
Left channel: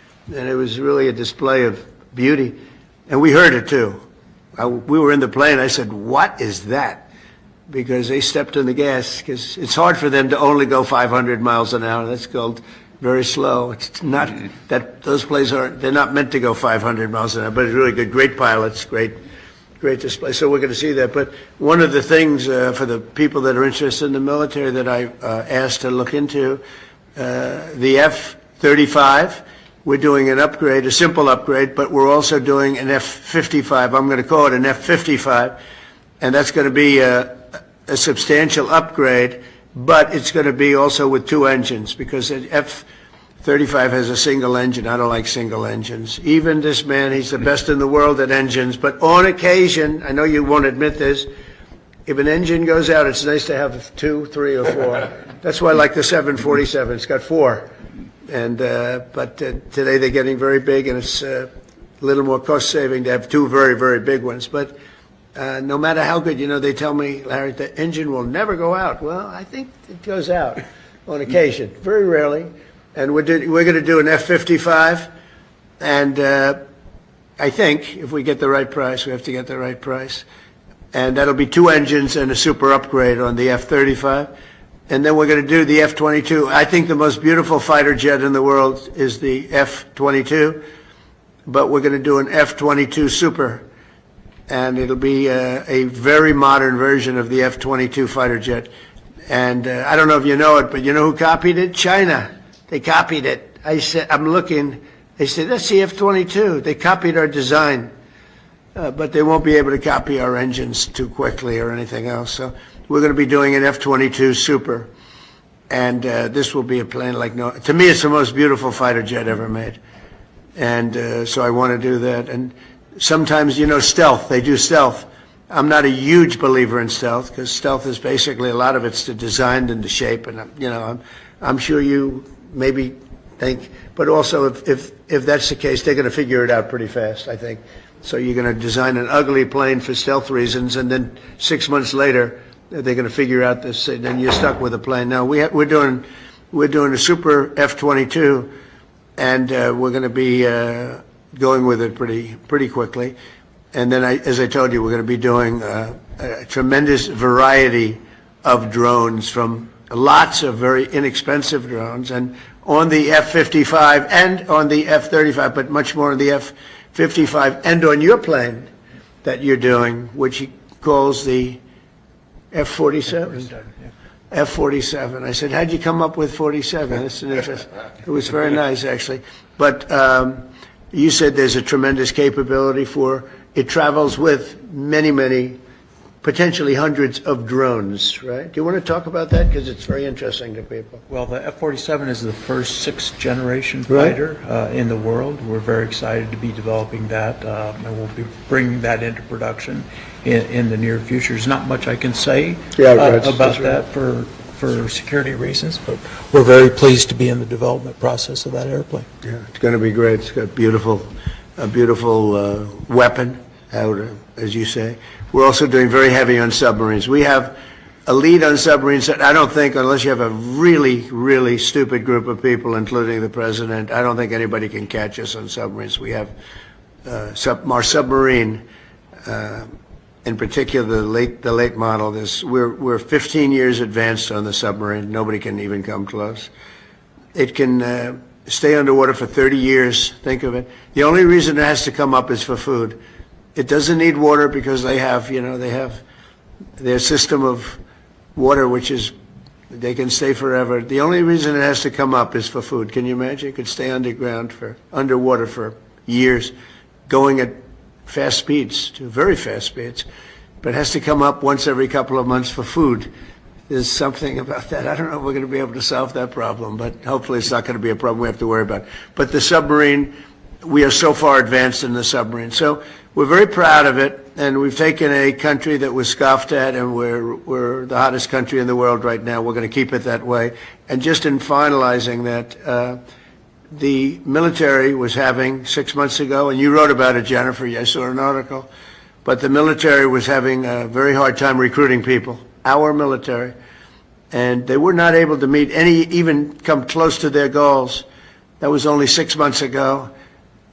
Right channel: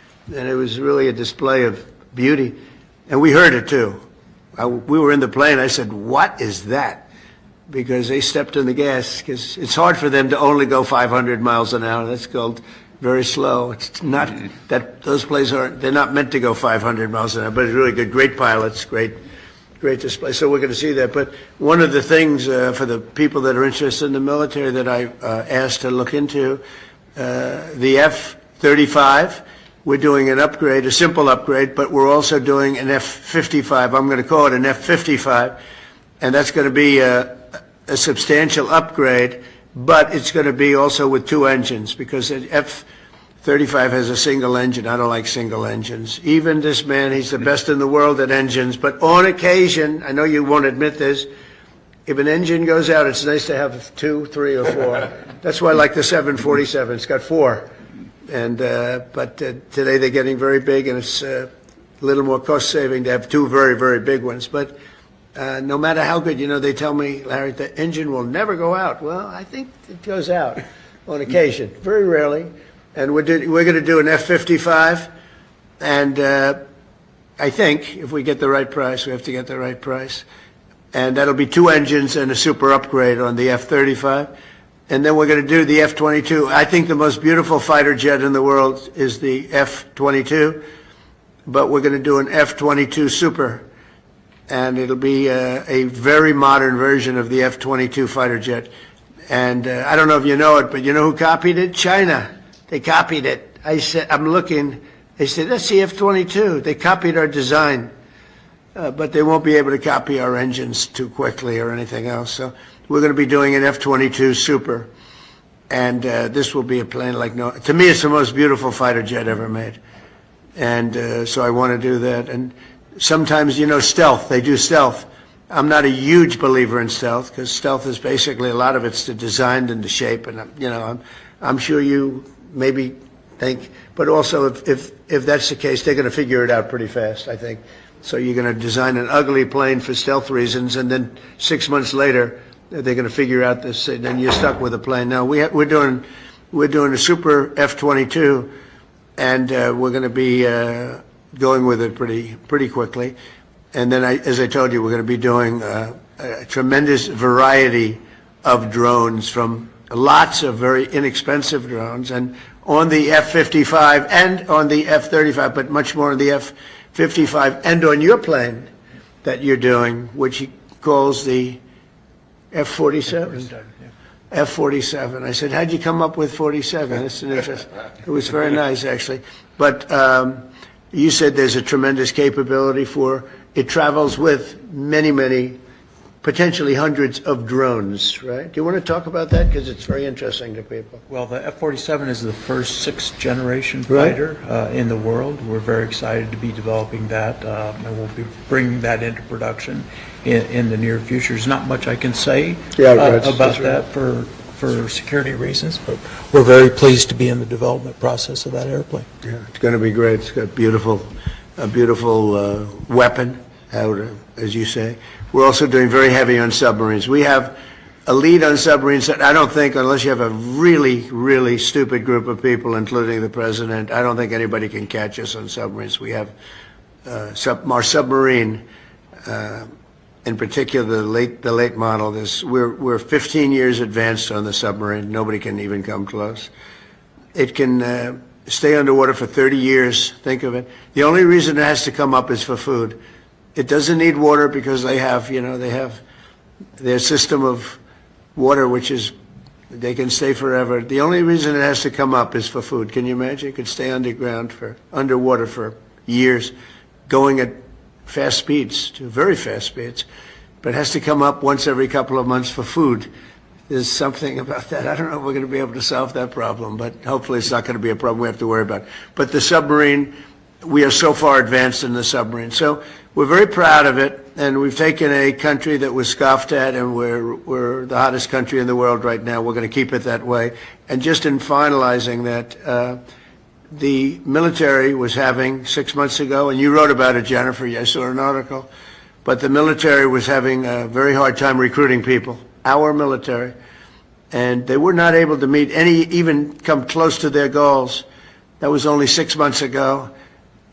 and it was really a display of beauty. And we heard it too. We were in the plane. I said, "What is that?" Because they stepped on the gas, because it's hard for them to only go 500 miles an hour. That's called very slow. It's not that those planes they're not meant to go 500 miles an hour, but it's really good. Great pilots, great display. So we're going to see that. But one of the things for the people that are interested in the military that I asked to look into, the F-35, we're doing an upgrade, a simple upgrade, but we're also doing an F-55. I'm going to call it an F-55, and that's going to be a substantial upgrade, but it's going to be also with two engines, because the F-35 has a single engine. I don't like single engines. Even this man, he's the best in the world at engines, but on occasion, I know you won't admit this, if an engine goes out, it's nice to have 2, 3, or 4. That's why I like the 747. It's got 4. And but today they're getting very big, and it's a little more cost-saving to have 2 very, very big ones. But no matter how good, they tell me, Larry, the engine will never go out. Well, I think it goes out on occasion, very rarely. And we're going to do an F-55, and I think if we get the right price, we have to get the right price. And that'll be 2 engines and a super upgrade on the F-35. And then we're going to do the F-22. I think the most beautiful fighter jet in the world is the F-22, but we're going to do an F-22 Super, and it'll be a very modern version of the F-22 fighter jet. And I don't know if you know it, but you know who copied it? China. They copied it. I said, I'm looking. They said, that's the F-22. They copied our design, but they won't be able to copy our engines too quickly or anything else. So we're going to be doing an F-22 Super, and this will be a plane like no. To me, it's the most beautiful fighter jet ever made, and so I want to do that. And sometimes, stealth. They do stealth. I'm not a huge believer in stealth, because stealth is basically, a lot of it's the design and the shape, and I'm sure you maybe think, but also if that's the case, they're going to figure it out pretty fast, I think. So you're going to design an ugly plane for stealth reasons, and then 6 months later, they're going to figure out this, and then you're stuck with a plane. Now we're doing a super F-22, and we're going to be going with it pretty quickly. And then, as I told you, we're going to be doing a tremendous variety of drones, from lots of very inexpensive drones, and on the F-55 and on the F-35, but much more on the F-55 and on your plane that you're doing, which he calls the F-47. F-47. I said, how'd you come up with 47? That's an interest. It was very nice, actually. But you said there's a tremendous capability for, it travels with many, many, potentially hundreds of drones, right? Do you want to talk about that? Because it's very interesting to people. Well, the F-47 is the first 6th generation fighter in the world. We're very excited to be developing that, and we'll be bringing that into production in the near future. There's not much I can say about that for security reasons, but we're very pleased to be in the development process of that airplane. Yeah, it's going to be great. It's got a beautiful weapon, as you say. We're also doing very heavy on submarines. We have a lead on submarines that I don't think, unless you have a really, really stupid group of people, including the president, I don't think anybody can catch us on submarines. We have our submarine, in particular the late model. We're 15 years advanced on the submarine. Nobody can even come close. It can stay underwater for 30 years. Think of it. The only reason it has to come up is for food. It doesn't need water, because they have their system of water, which is, they can stay forever. The only reason it has to come up is for food. Can you imagine? It could stay underwater for years, going at fast speeds, to very fast speeds, but it has to come up once every couple of months for food. There's something about that. I don't know if we're going to be able to solve that problem, but hopefully it's not going to be a problem we have to worry about. But the submarine, we are so far advanced in the submarine. So we're very proud of it, and we've taken a country that was scoffed at, and we're the hottest country in the world right now. We're going to keep it that way. And just in finalizing that, the military was having 6 months ago, and you wrote about it, Jennifer, I saw an article, but the military was having a very hard time recruiting people, our military, and they were not able to meet even come close to their goals. That was only 6 months ago.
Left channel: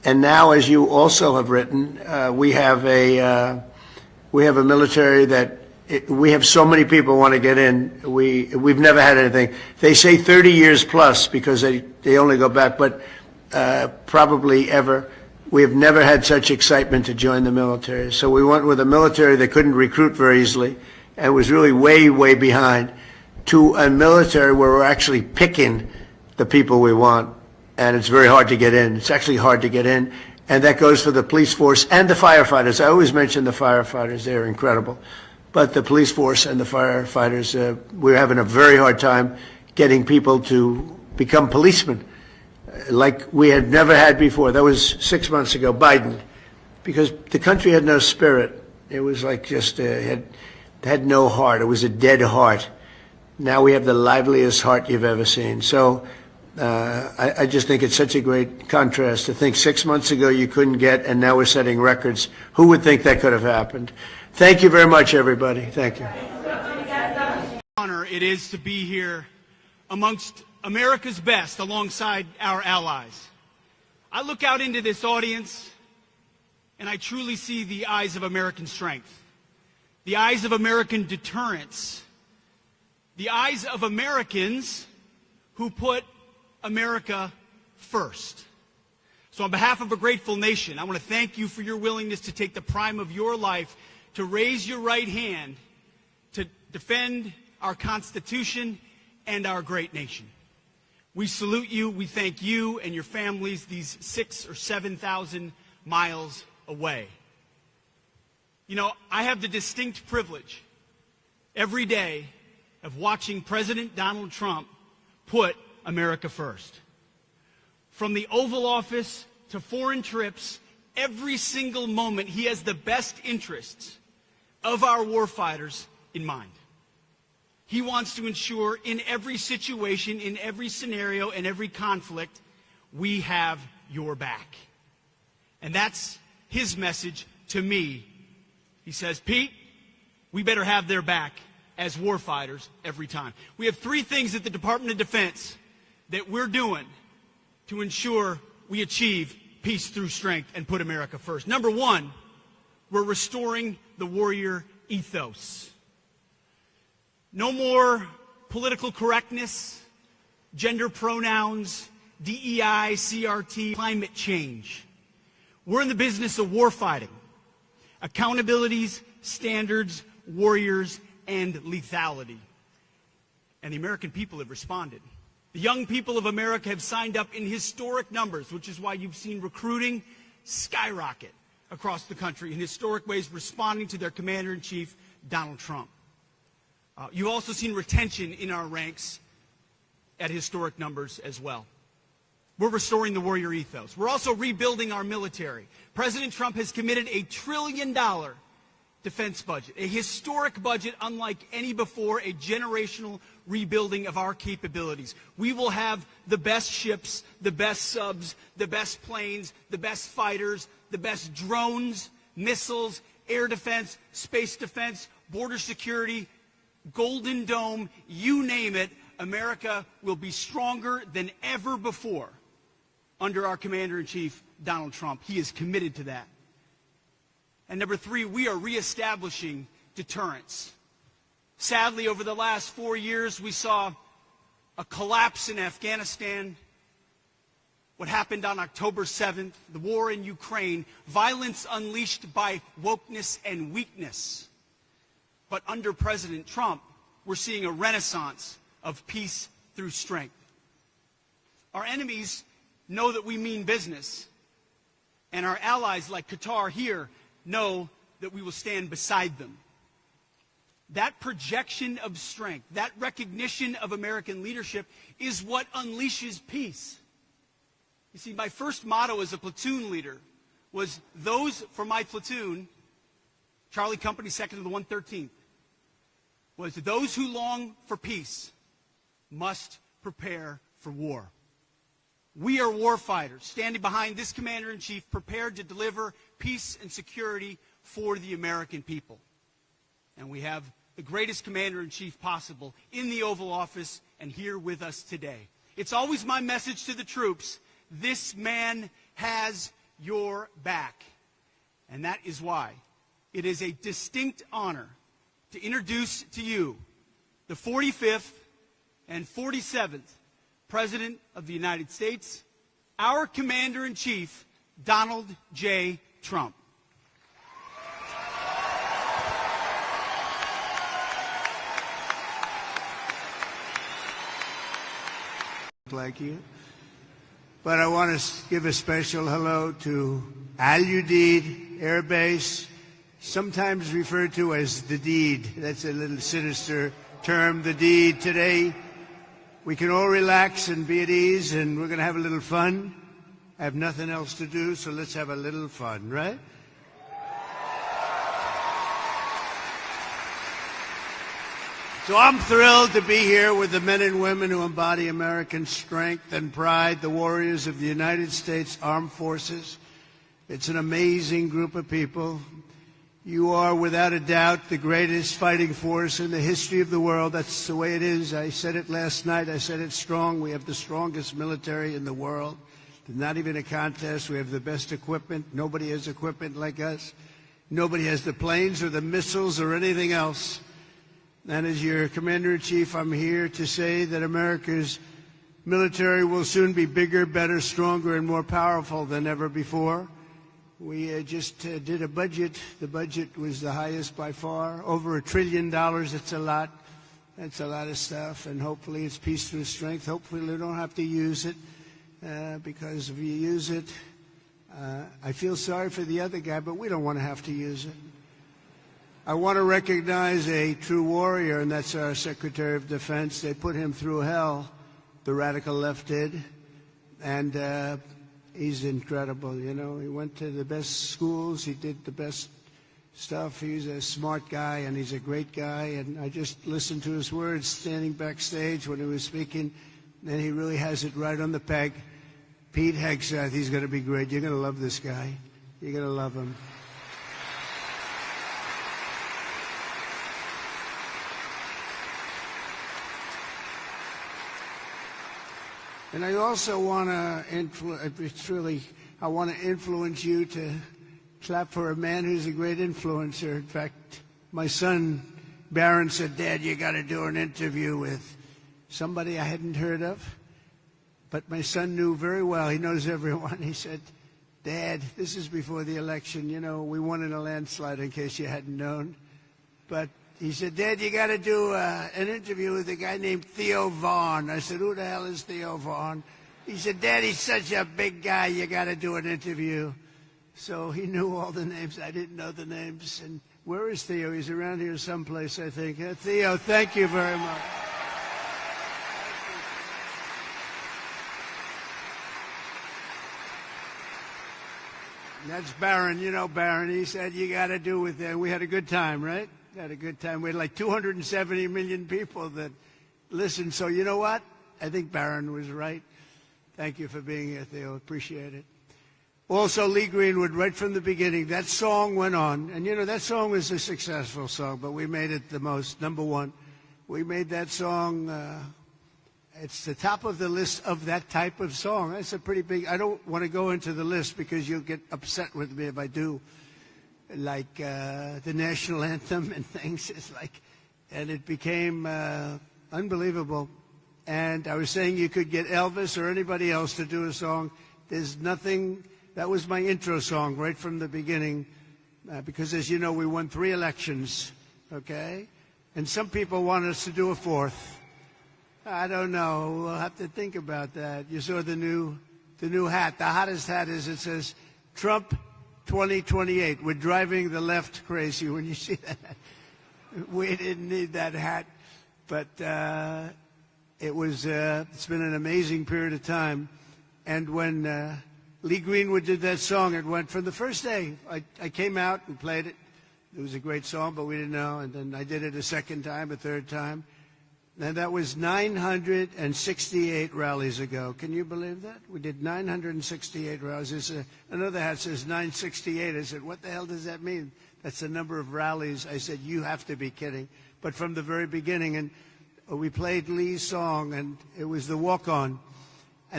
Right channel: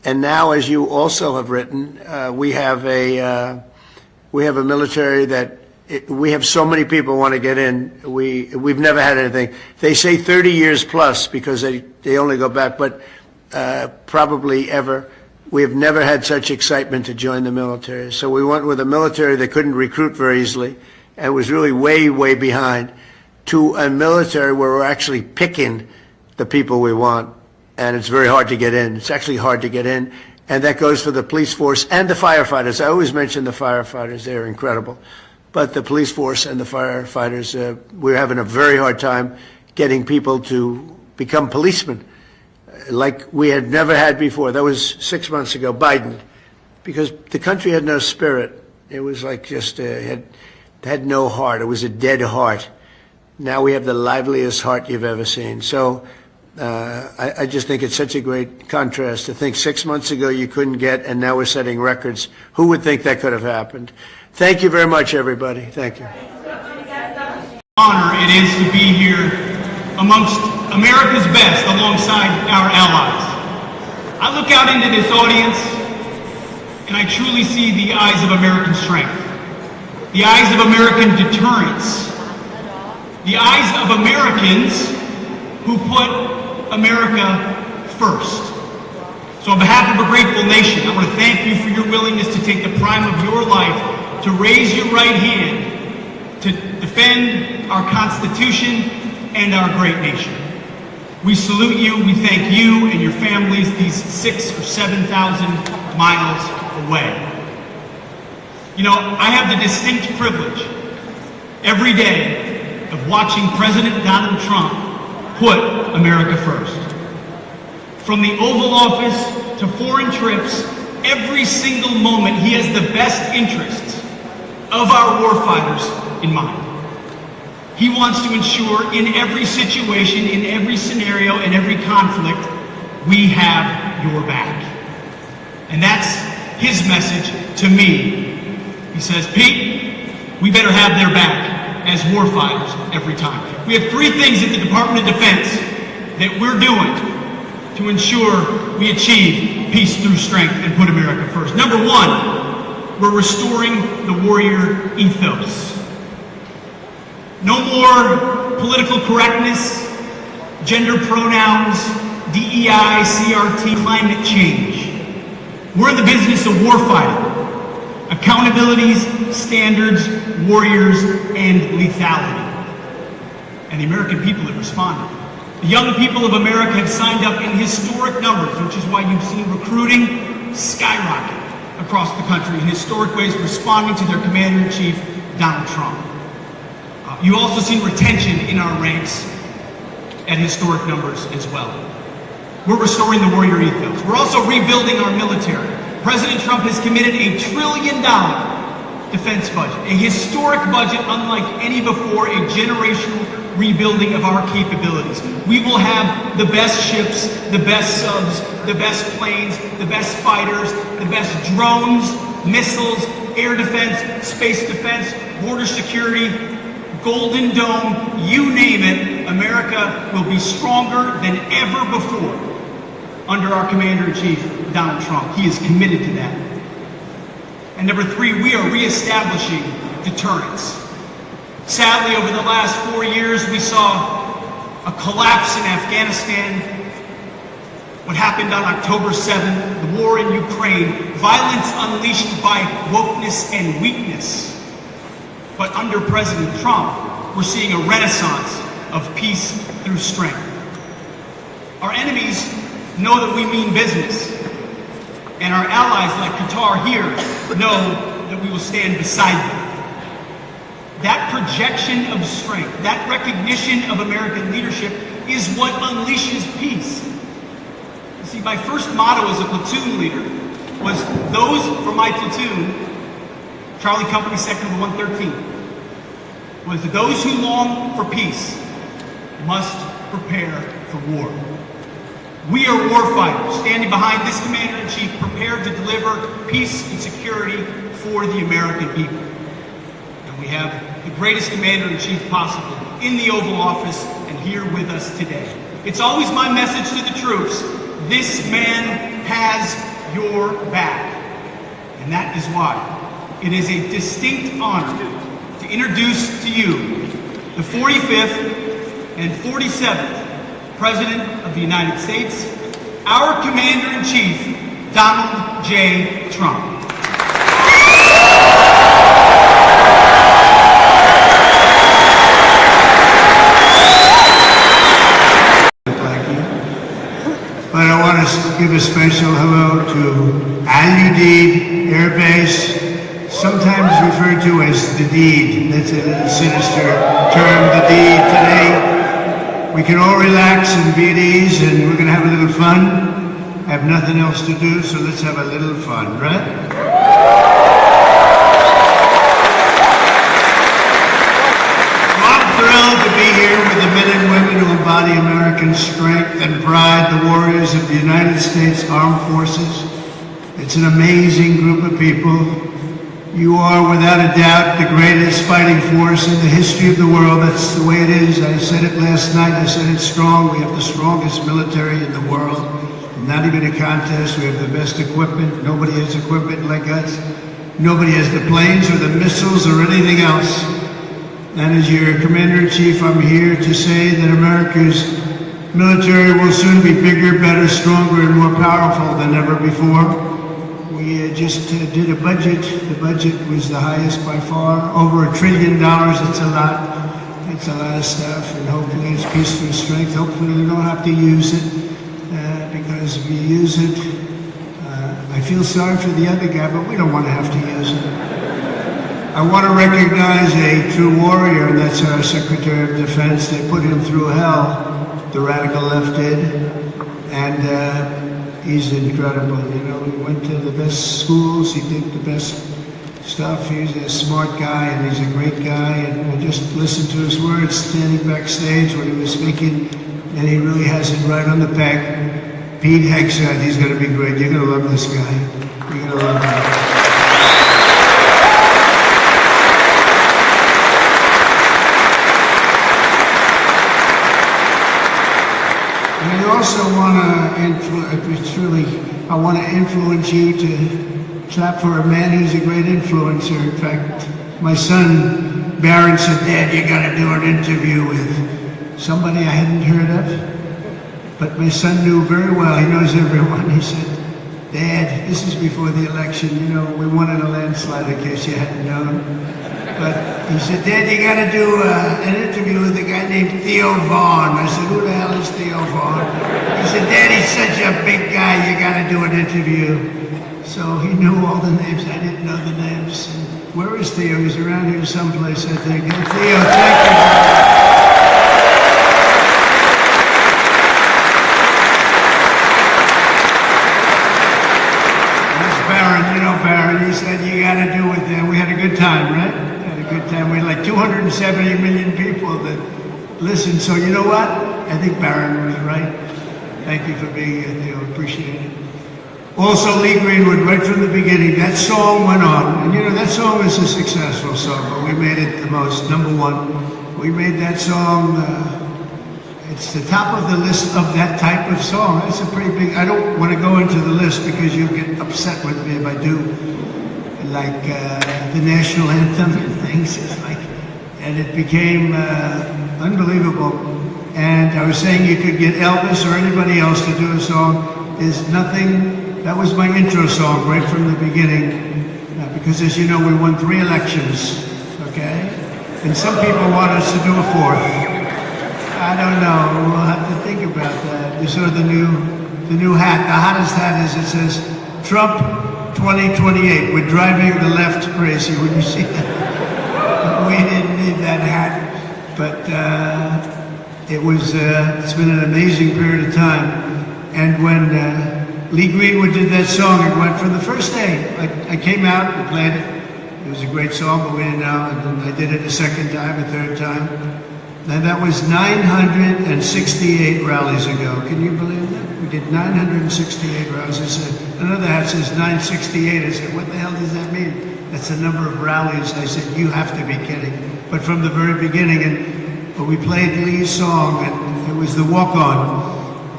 And now, as you also have written, we have a military that we have so many people want to get in. We've never had anything. They say 30 years plus because they only go back, but probably ever. We have never had such excitement to join the military. So we went with a military that couldn't recruit very easily and was really way, way behind, to a military where we're actually picking the people we want. And it's very hard to get in. It's actually hard to get in. And that goes for the police force and the firefighters. I always mention the firefighters. They're incredible. But the police force and the firefighters, we're having a very hard time getting people to become policemen like we had never had before. That was 6 months ago, Biden, because the country had no spirit. It was like just had no heart. It was a dead heart. Now we have the liveliest heart you've ever seen. So I just think it's such a great contrast to think 6 months ago you couldn't get, and now we're setting records. Who would think that could have happened? Thank you very much, everybody. Thank you. Honor it is to be here amongst America's best alongside our allies. I look out into this audience and I truly see the eyes of American strength, the eyes of American deterrence, the eyes of Americans who put America first. So on behalf of a grateful nation, I want to thank you for your willingness to take the prime of your life to raise your right hand to defend our Constitution and our great nation. We salute you, we thank you and your families these 6,000 or 7,000 miles away. You know, I have the distinct privilege every day of watching President Donald Trump put America first. From the Oval Office to foreign trips, every single moment he has the best interests of our warfighters in mind. He wants to ensure in every situation, in every scenario, in every conflict, we have your back. And that's his message to me. He says, Pete, we better have their back as warfighters every time. We have three things at the Department of Defense that we're doing to ensure we achieve peace through strength and put America first. Number one, we're restoring the warrior ethos. No more political correctness, gender pronouns, DEI, CRT, climate change. We're in the business of warfighting, accountabilities, standards, warriors, and lethality. And the American people have responded. The young people of America have signed up in historic numbers, which is why you've seen recruiting skyrocket across the country in historic ways, responding to their Commander-in-Chief, Donald Trump. You also see retention in our ranks at historic numbers as well. We're restoring the warrior ethos. We're also rebuilding our military. President Trump has committed $1 trillion defense budget, a historic budget unlike any before, a generational rebuilding of our capabilities. We will have the best ships, the best subs, the best planes, the best fighters, the best drones, missiles, air defense, space defense, border security, Golden Dome, you name it. America will be stronger than ever before under our Commander-in-Chief, Donald Trump. He is committed to that. And number three, we are reestablishing deterrence. Sadly, over the last 4 years, we saw a collapse in Afghanistan, what happened on October 7th, the war in Ukraine, violence unleashed by wokeness and weakness. But under President Trump, we're seeing a renaissance of peace through strength. Our enemies know that we mean business, and our allies like Qatar here know that we will stand beside them. That projection of strength, that recognition of American leadership is what unleashes peace. You see, my first motto as a platoon leader was those for my platoon, Charlie Company Sector 113, was those who long for peace must prepare for war. We are warfighters, standing behind this Commander-in-Chief, prepared to deliver peace and security for the American people. And we have the greatest Commander-in-Chief possible in the Oval Office and here with us today. It's always my message to the troops, this man has your back. And that is why it is a distinct honor to introduce to you the 45th and 47th President of the United States, our Commander-in-Chief, Donald J. Trump. And I want to give a special hello to Udeid Air Base, sometimes referred to as the deed. That's a sinister term, the deed. Today, we can all relax and be at ease, and we're going to have a little fun. I have nothing else to do, so let's have a little fun, right? I'm thrilled to be here with the men and women who embody American strength and pride, the warriors of the United States Armed Forces. It's an amazing group of people. You are, without a doubt, the greatest fighting force in the history of the world. That's the way it is. I said it last night. I said it strong. We have the strongest military in the world. Not even a contest. We have the best equipment. Nobody has equipment like us. Nobody has the planes or the missiles or anything else. And as your Commander-in-Chief, I'm here to say that America's military will soon be bigger, better, stronger, and more powerful than ever before. We just did a budget. The budget was the highest by far, over $1 trillion. It's a lot. It's a lot of stuff, and hopefully it's peace and strength. Hopefully we don't have to use it, because if we use it, I feel sorry for the other guy, but we don't want to have to use it. I want to recognize a true warrior, and that's our Secretary of Defense. They put him through hell, the radical left did, and he's incredible. You know, he went to the best schools, he did the best stuff. He's a smart guy, and he's a great guy, and we just listened to his words standing backstage when he was speaking, and he really has it right on the peg. Pete Hegseth, he's going to be great. You're going to love this guy. You're going to love him. I also want to influence you to clap for a man who's a great influencer. In fact, my son Barron said, "Dad, you got to do an interview with somebody I hadn't heard of." But my son knew very well. He knows everyone. He said, "Dad, this is before the election. You know, we won in a landslide, in case you hadn't known." But he said, "Dad, you got to do an interview with a guy named Theo Vaughn." I said, "Who the hell is Theo Vaughn?" He said, "Dad, he's such a big guy. You got to do an interview." So he knew all the names. I didn't know the names. Where is Theo? He's around here someplace, I think. Hey, Theo, thank you. He said, "You got to do it there." We had a good time, right? We had a good time. We had like 270 million people that listened. So you know what? I think Barron was right. Thank you for being here, Theo. Appreciate it. Also, Lee Greenwood, right from the beginning, that song went on. And you know, that song is a successful song, but we made it the most, number one. We made that song, it's the top of the list of that type of song. That's a pretty big, I don't want to go into the list because you'll get upset with me if I do. Like the national anthem and things. It's like, and it became unbelievable. And I was saying you could get Elvis or anybody else to do a song. There's nothing. That was my intro song right from the beginning. Because as you know, we won 3 elections. Okay, and some people want us to do a 4th. I don't know. We'll have to think about that. You saw the new hat. The hottest hat is, it says Trump 2028. We're driving the left crazy when you see that. We didn't need that hat, but it's been an amazing period of time. And when Lee Greenwood did that song, it went from the first day. I came out and played it. It was a great song, but we didn't know. And then I did it a second time, a third time. And that was 968 rallies ago. Can you believe that? We did 968 rallies. I said, another hat says 968. I said, what the hell does that mean? That's the number of rallies. I said, you have to be kidding. But from the very beginning, and we played Lee's song, and it was the walk-on.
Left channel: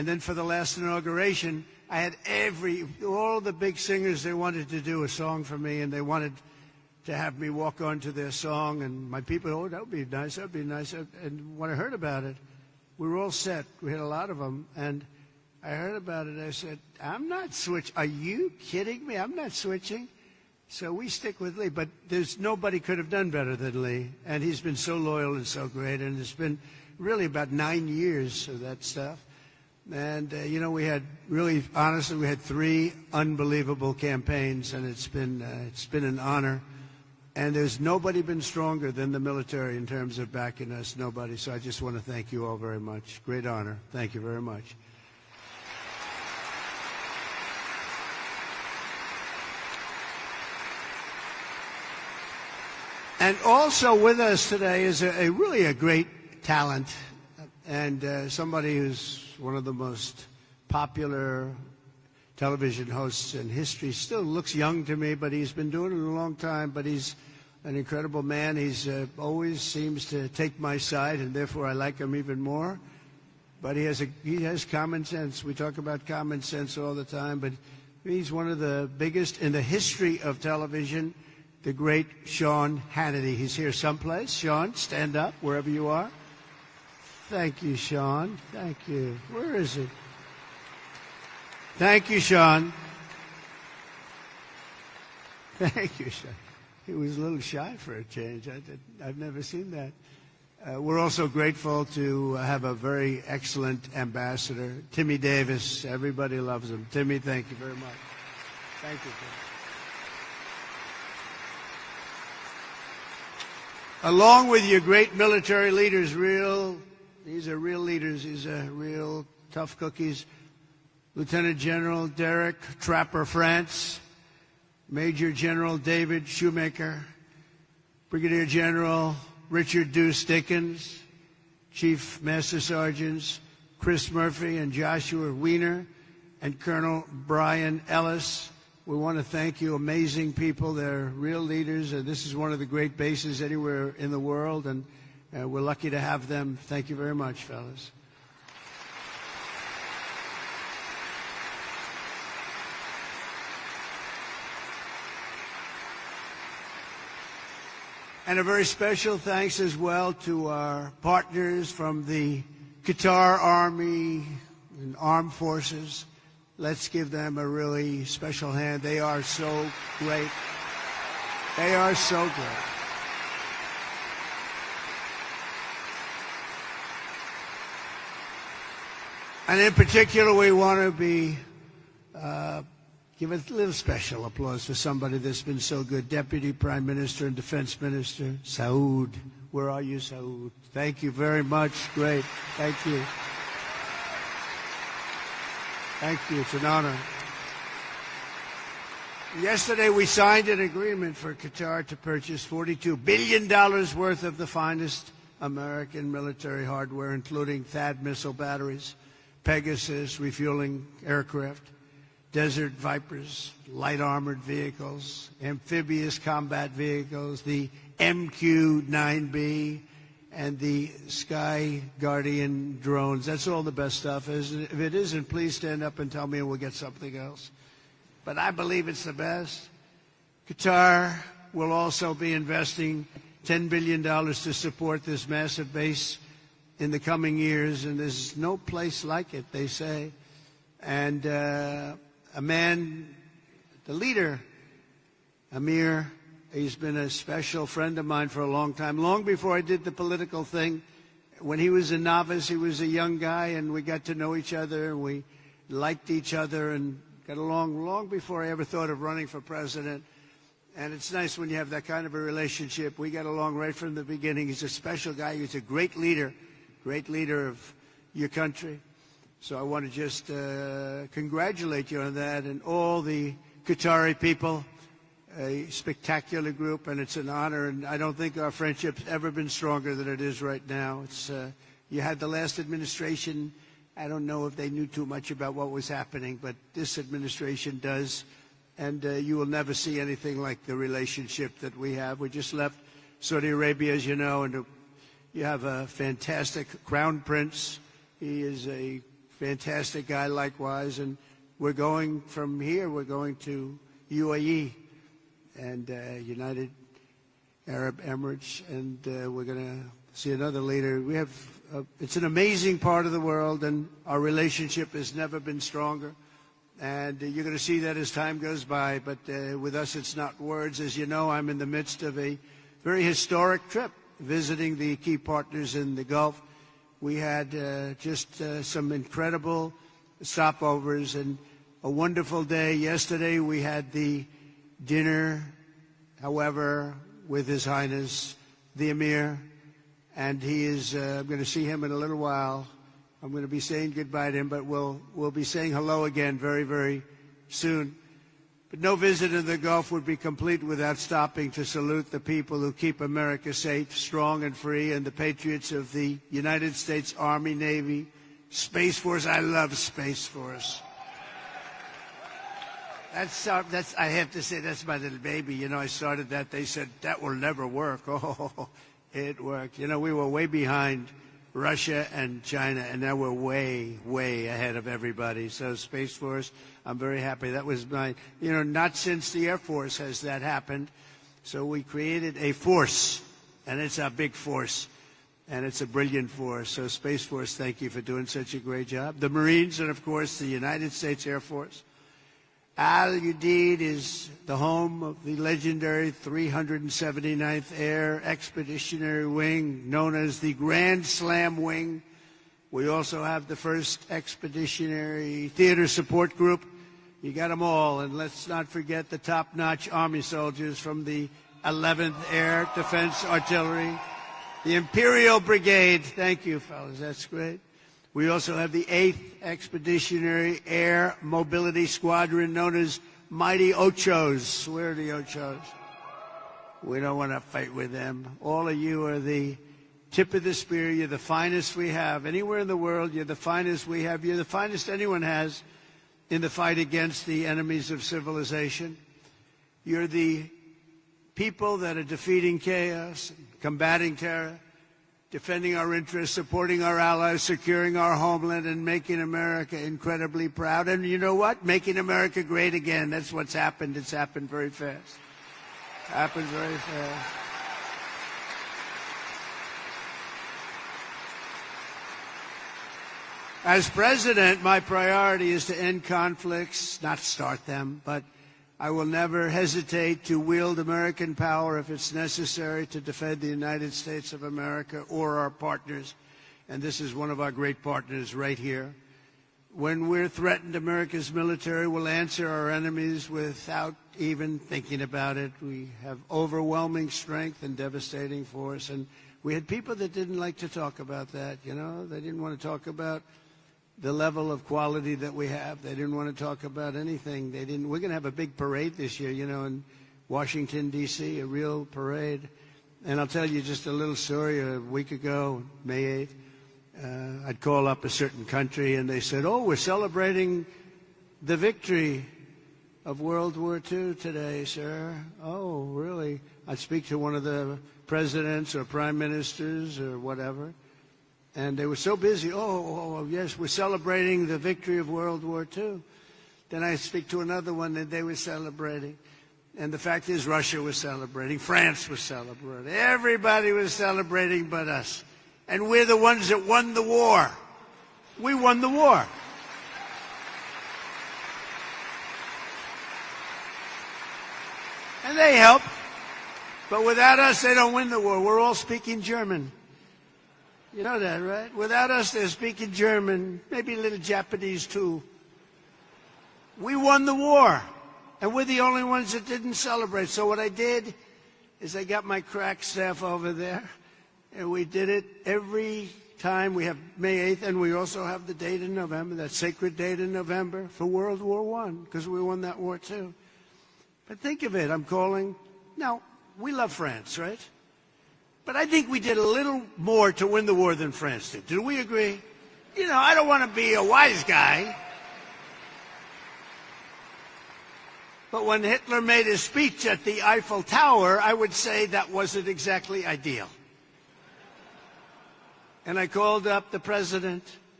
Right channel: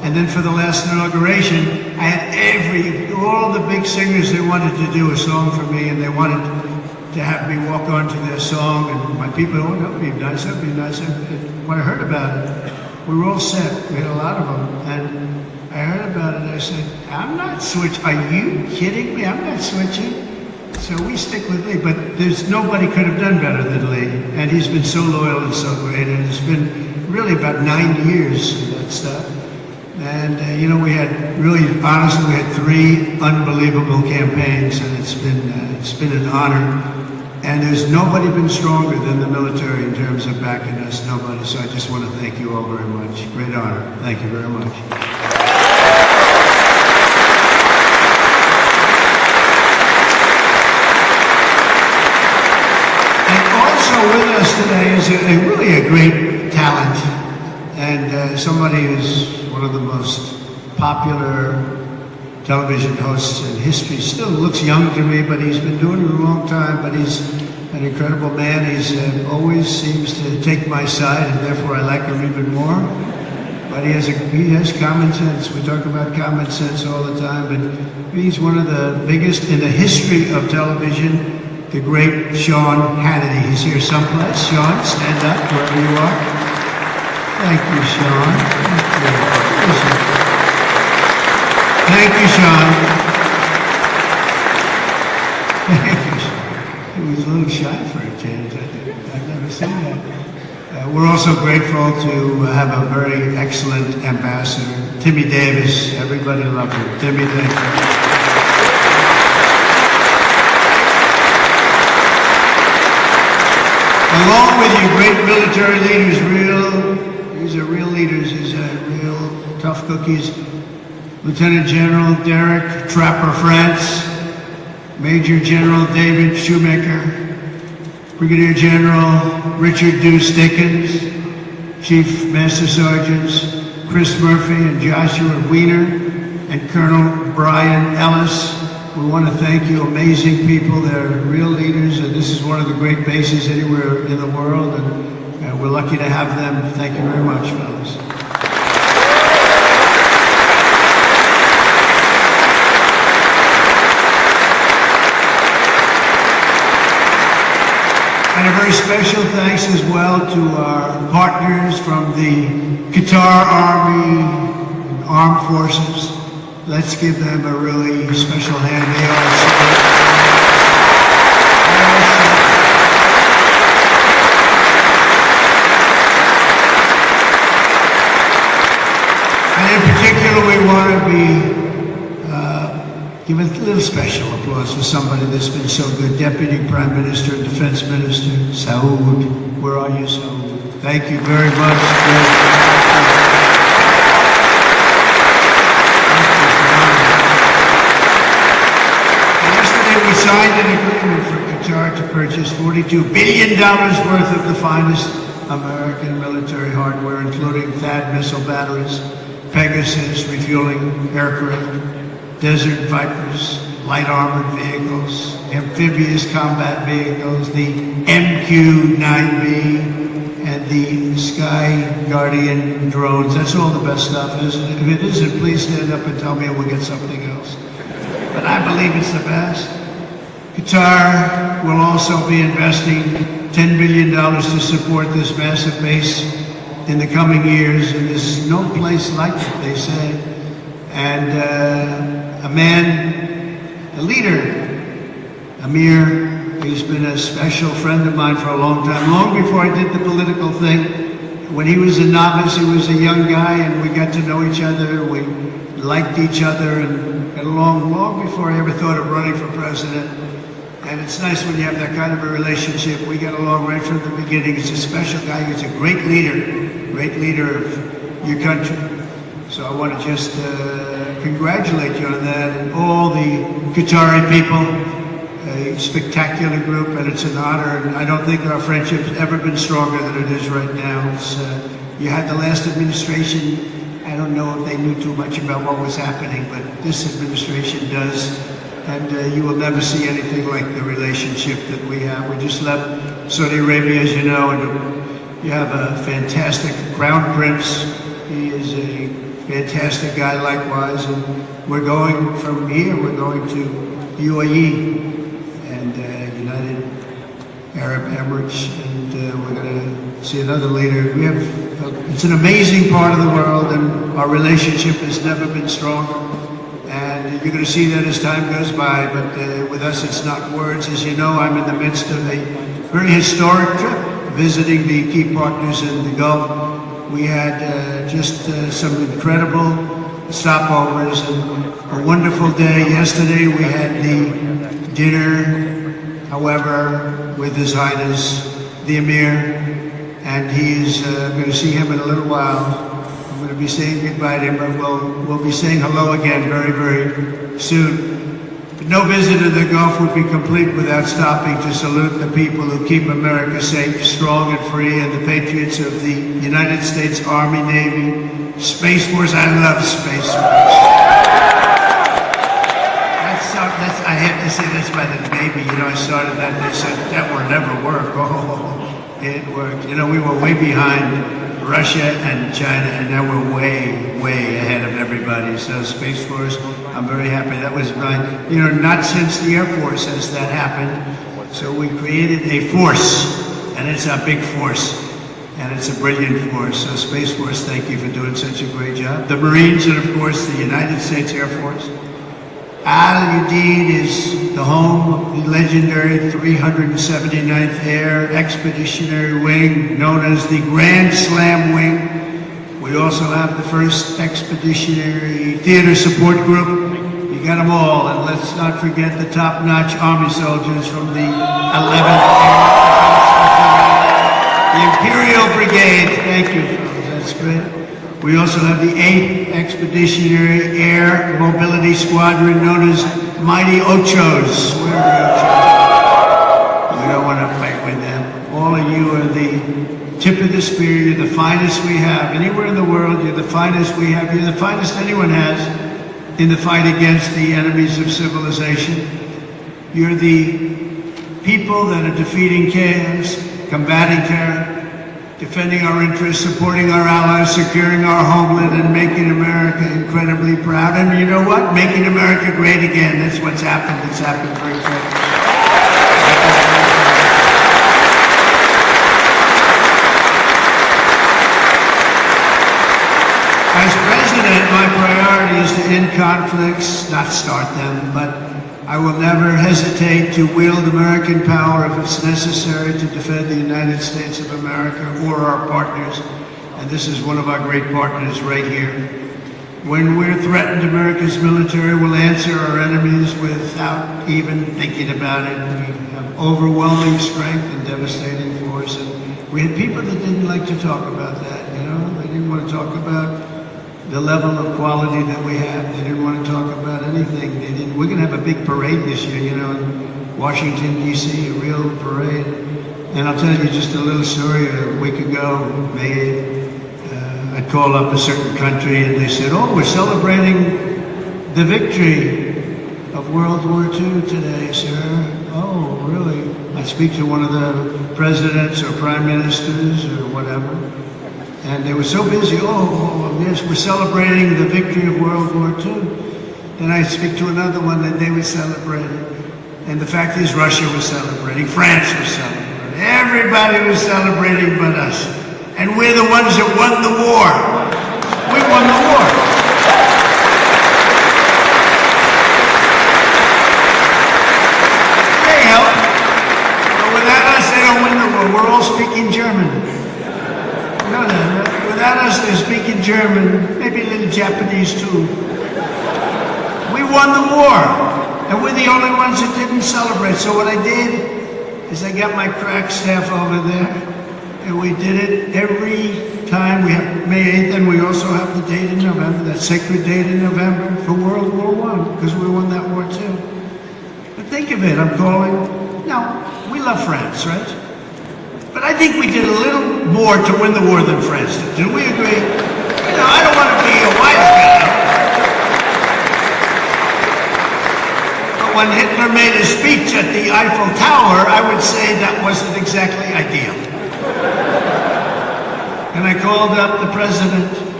And then for the last inauguration, I had all the big singers, they wanted to do a song for me, and they wanted to have me walk onto their song, and my people, oh, that would be nice, that would be nice. And when I heard about it, we were all set, we had a lot of them, and I heard about it, and I said, I'm not switching, are you kidding me? I'm not switching. So we stick with Lee, but nobody could have done better than Lee, and he's been so loyal and so great, and it's been really about 9 years of that stuff. And, you know, we had really, honestly, we had 3 unbelievable campaigns, and it's been an honor. And there's nobody been stronger than the military in terms of backing us, nobody. So I just want to thank you all very much. Great honor. Thank you very much. And also with us today is really a great talent, and somebody who's one of the most popular television hosts in history. Still looks young to me, but he's been doing it a long time, but he's an incredible man. He's always seems to take my side, and therefore I like him even more. But he has common sense. We talk about common sense all the time, but he's one of the biggest in the history of television, the great Sean Hannity. He's here someplace. Sean, stand up wherever you are. Thank you, Sean. Thank you, Sean. Thank you, Sean. He was a little shy for a change, I think. I've never seen that. We're also grateful to have a very excellent ambassador, Timmy Davis. Everybody loves him. Timmy, thank you. Along with you, great military leaders, these are real leaders, these are real tough cookies. Lieutenant General Derek Trapper France, Major General David Shoemaker, Brigadier General Richard Deuce Dickens, Chief Master Sergeants Chris Murphy and Joshua Wiener, and Colonel Brian Ellis. We want to thank you, amazing people. They're real leaders, and this is one of the great bases anywhere in the world, and we're lucky to have them. Thank you very much, fellas. And a very special thanks as well to our partners from the Qatar Army, Armed Forces. Let's give them a really special hand. They are and in particular, we want to give a little special applause to somebody that's been so good. Deputy Prime Minister and Defense Minister, Saud. Where are you, Saud? Thank you very much. Yesterday we signed an agreement for Qatar to purchase $42 billion worth of the finest American military hardware, including THAAD missile batteries, Pegasus refueling aircraft, Desert Vipers, light armored vehicles, amphibious combat vehicles, the MQ-9B, and the Sky Guardian drones. That's all the best stuff. If it isn't, please stand up and tell me and we'll get something else. But I believe it's the best. Qatar will also be investing $10 billion to support this massive base in the coming years, and there's no place like it, they say. And a man, a leader, Amir, he's been a special friend of mine for a long time, long before I did the political thing. When he was a novice, he was a young guy, and we got to know each other, we liked each other, and got along long before I ever thought of running for president. And it's nice when you have that kind of a relationship. We got along right from the beginning. He's a special guy, he's a great leader of your country. So I want to just congratulate you on that, and all the Qatari people, a spectacular group, and it's an honor. And I don't think our friendship's ever been stronger than it is right now. You had the last administration, I don't know if they knew too much about what was happening, but this administration does. And you will never see anything like the relationship that we have. We just left Saudi Arabia, as you know, and we have a fantastic Crown Prince. He is a fantastic guy likewise. And we're going from here, we're going to UAE and United Arab Emirates, and we're going to see another leader. It's an amazing part of the world, and our relationship has never been stronger. And you're going to see that as time goes by, but with us it's not words. As you know, I'm in the midst of a very historic trip, visiting the key partners in the Gulf. We had just some incredible stopovers and a wonderful day. Yesterday we had the dinner, however, with His Highness the Emir, and I'm going to see him in a little while. I'm going to be saying goodbye to him, but we'll be saying hello again very, very soon. No visit to the Gulf would be complete without stopping to salute the people who keep America safe, strong, and free, and the patriots of the United States Army, Navy, Space Force. I love Space Force. I have to say this by the Navy. You know, I started that and they said, that will never work. Oh, it worked. You know, we were way behind Russia and China, and now we're way, way ahead of everybody. So Space Force, I'm very happy. That was not since the Air Force has that happened. So we created a force, and it's a big force, and it's a brilliant force. So Space Force, thank you for doing such a great job. The Marines, and of course the United States Air Force. Udeid is the home of the legendary 379th Air Expeditionary Wing, known as the Grand Slam Wing. We also have the 1st Expeditionary Theater Support Group. You got them all, and let's not forget the top-notch Army soldiers from the 11th Air, the Imperial Brigade. Thank you, that's great. We also have the 8th Expeditionary Air Mobility Squadron, known as Mighty Ochos. Where are Ochos? We don't want to fight with them. All of you are the tip of the spear. You're the finest we have. Anywhere in the world, you're the finest we have. You're the finest anyone has in the fight against the enemies of civilization. You're the people that are defeating chaos, combating terror, defending our interests, supporting our allies, securing our homeland, and making America incredibly proud. And you know what? Making America great again. That's what's happened. It's happened very quickly. As president, my priority is to end conflicts, not start them, but I will never hesitate to wield American power if it's necessary to defend the United States of America or our partners. And this is one of our great partners right here. When we're threatened, America's military will answer our enemies without even thinking about it. We have overwhelming strength and devastating force. And we had people that didn't like to talk about that, you know? They didn't want to talk about the level of quality that we have. They didn't want to talk about anything. We're going to have a big parade this year, you know, in Washington, D.C., a real parade. And I'll tell you just a little story. A week ago, I called up a certain country and they said, oh, we're celebrating the victory of World War II today, sir. Oh, really? I'd speak to one of the presidents or prime ministers or whatever. And they were so busy, yes, we're celebrating the victory of World War II. And I'd speak to another one that they were celebrating. And the fact is, Russia was celebrating, France was celebrating. Everybody was celebrating but us. And we're the ones that won the war. We won the war. They helped. But without us, they don't win the war. We're all speaking German. No. Without us, they're speaking German, maybe a little Japanese too. We won the war, and we're the only ones that didn't celebrate. So what I did is I got my crack staff over there, and we did it every time. We have May 8th, and we also have the date in November, that sacred date in November for World War I, because we won that war too. But think of it, I'm calling, we love France, right? But I think we did a little more to win the war than France did. Do we agree? I don't want to be a wise guy. But when Hitler made a speech at the Eiffel Tower, I would say that wasn't exactly ideal. And I called up the president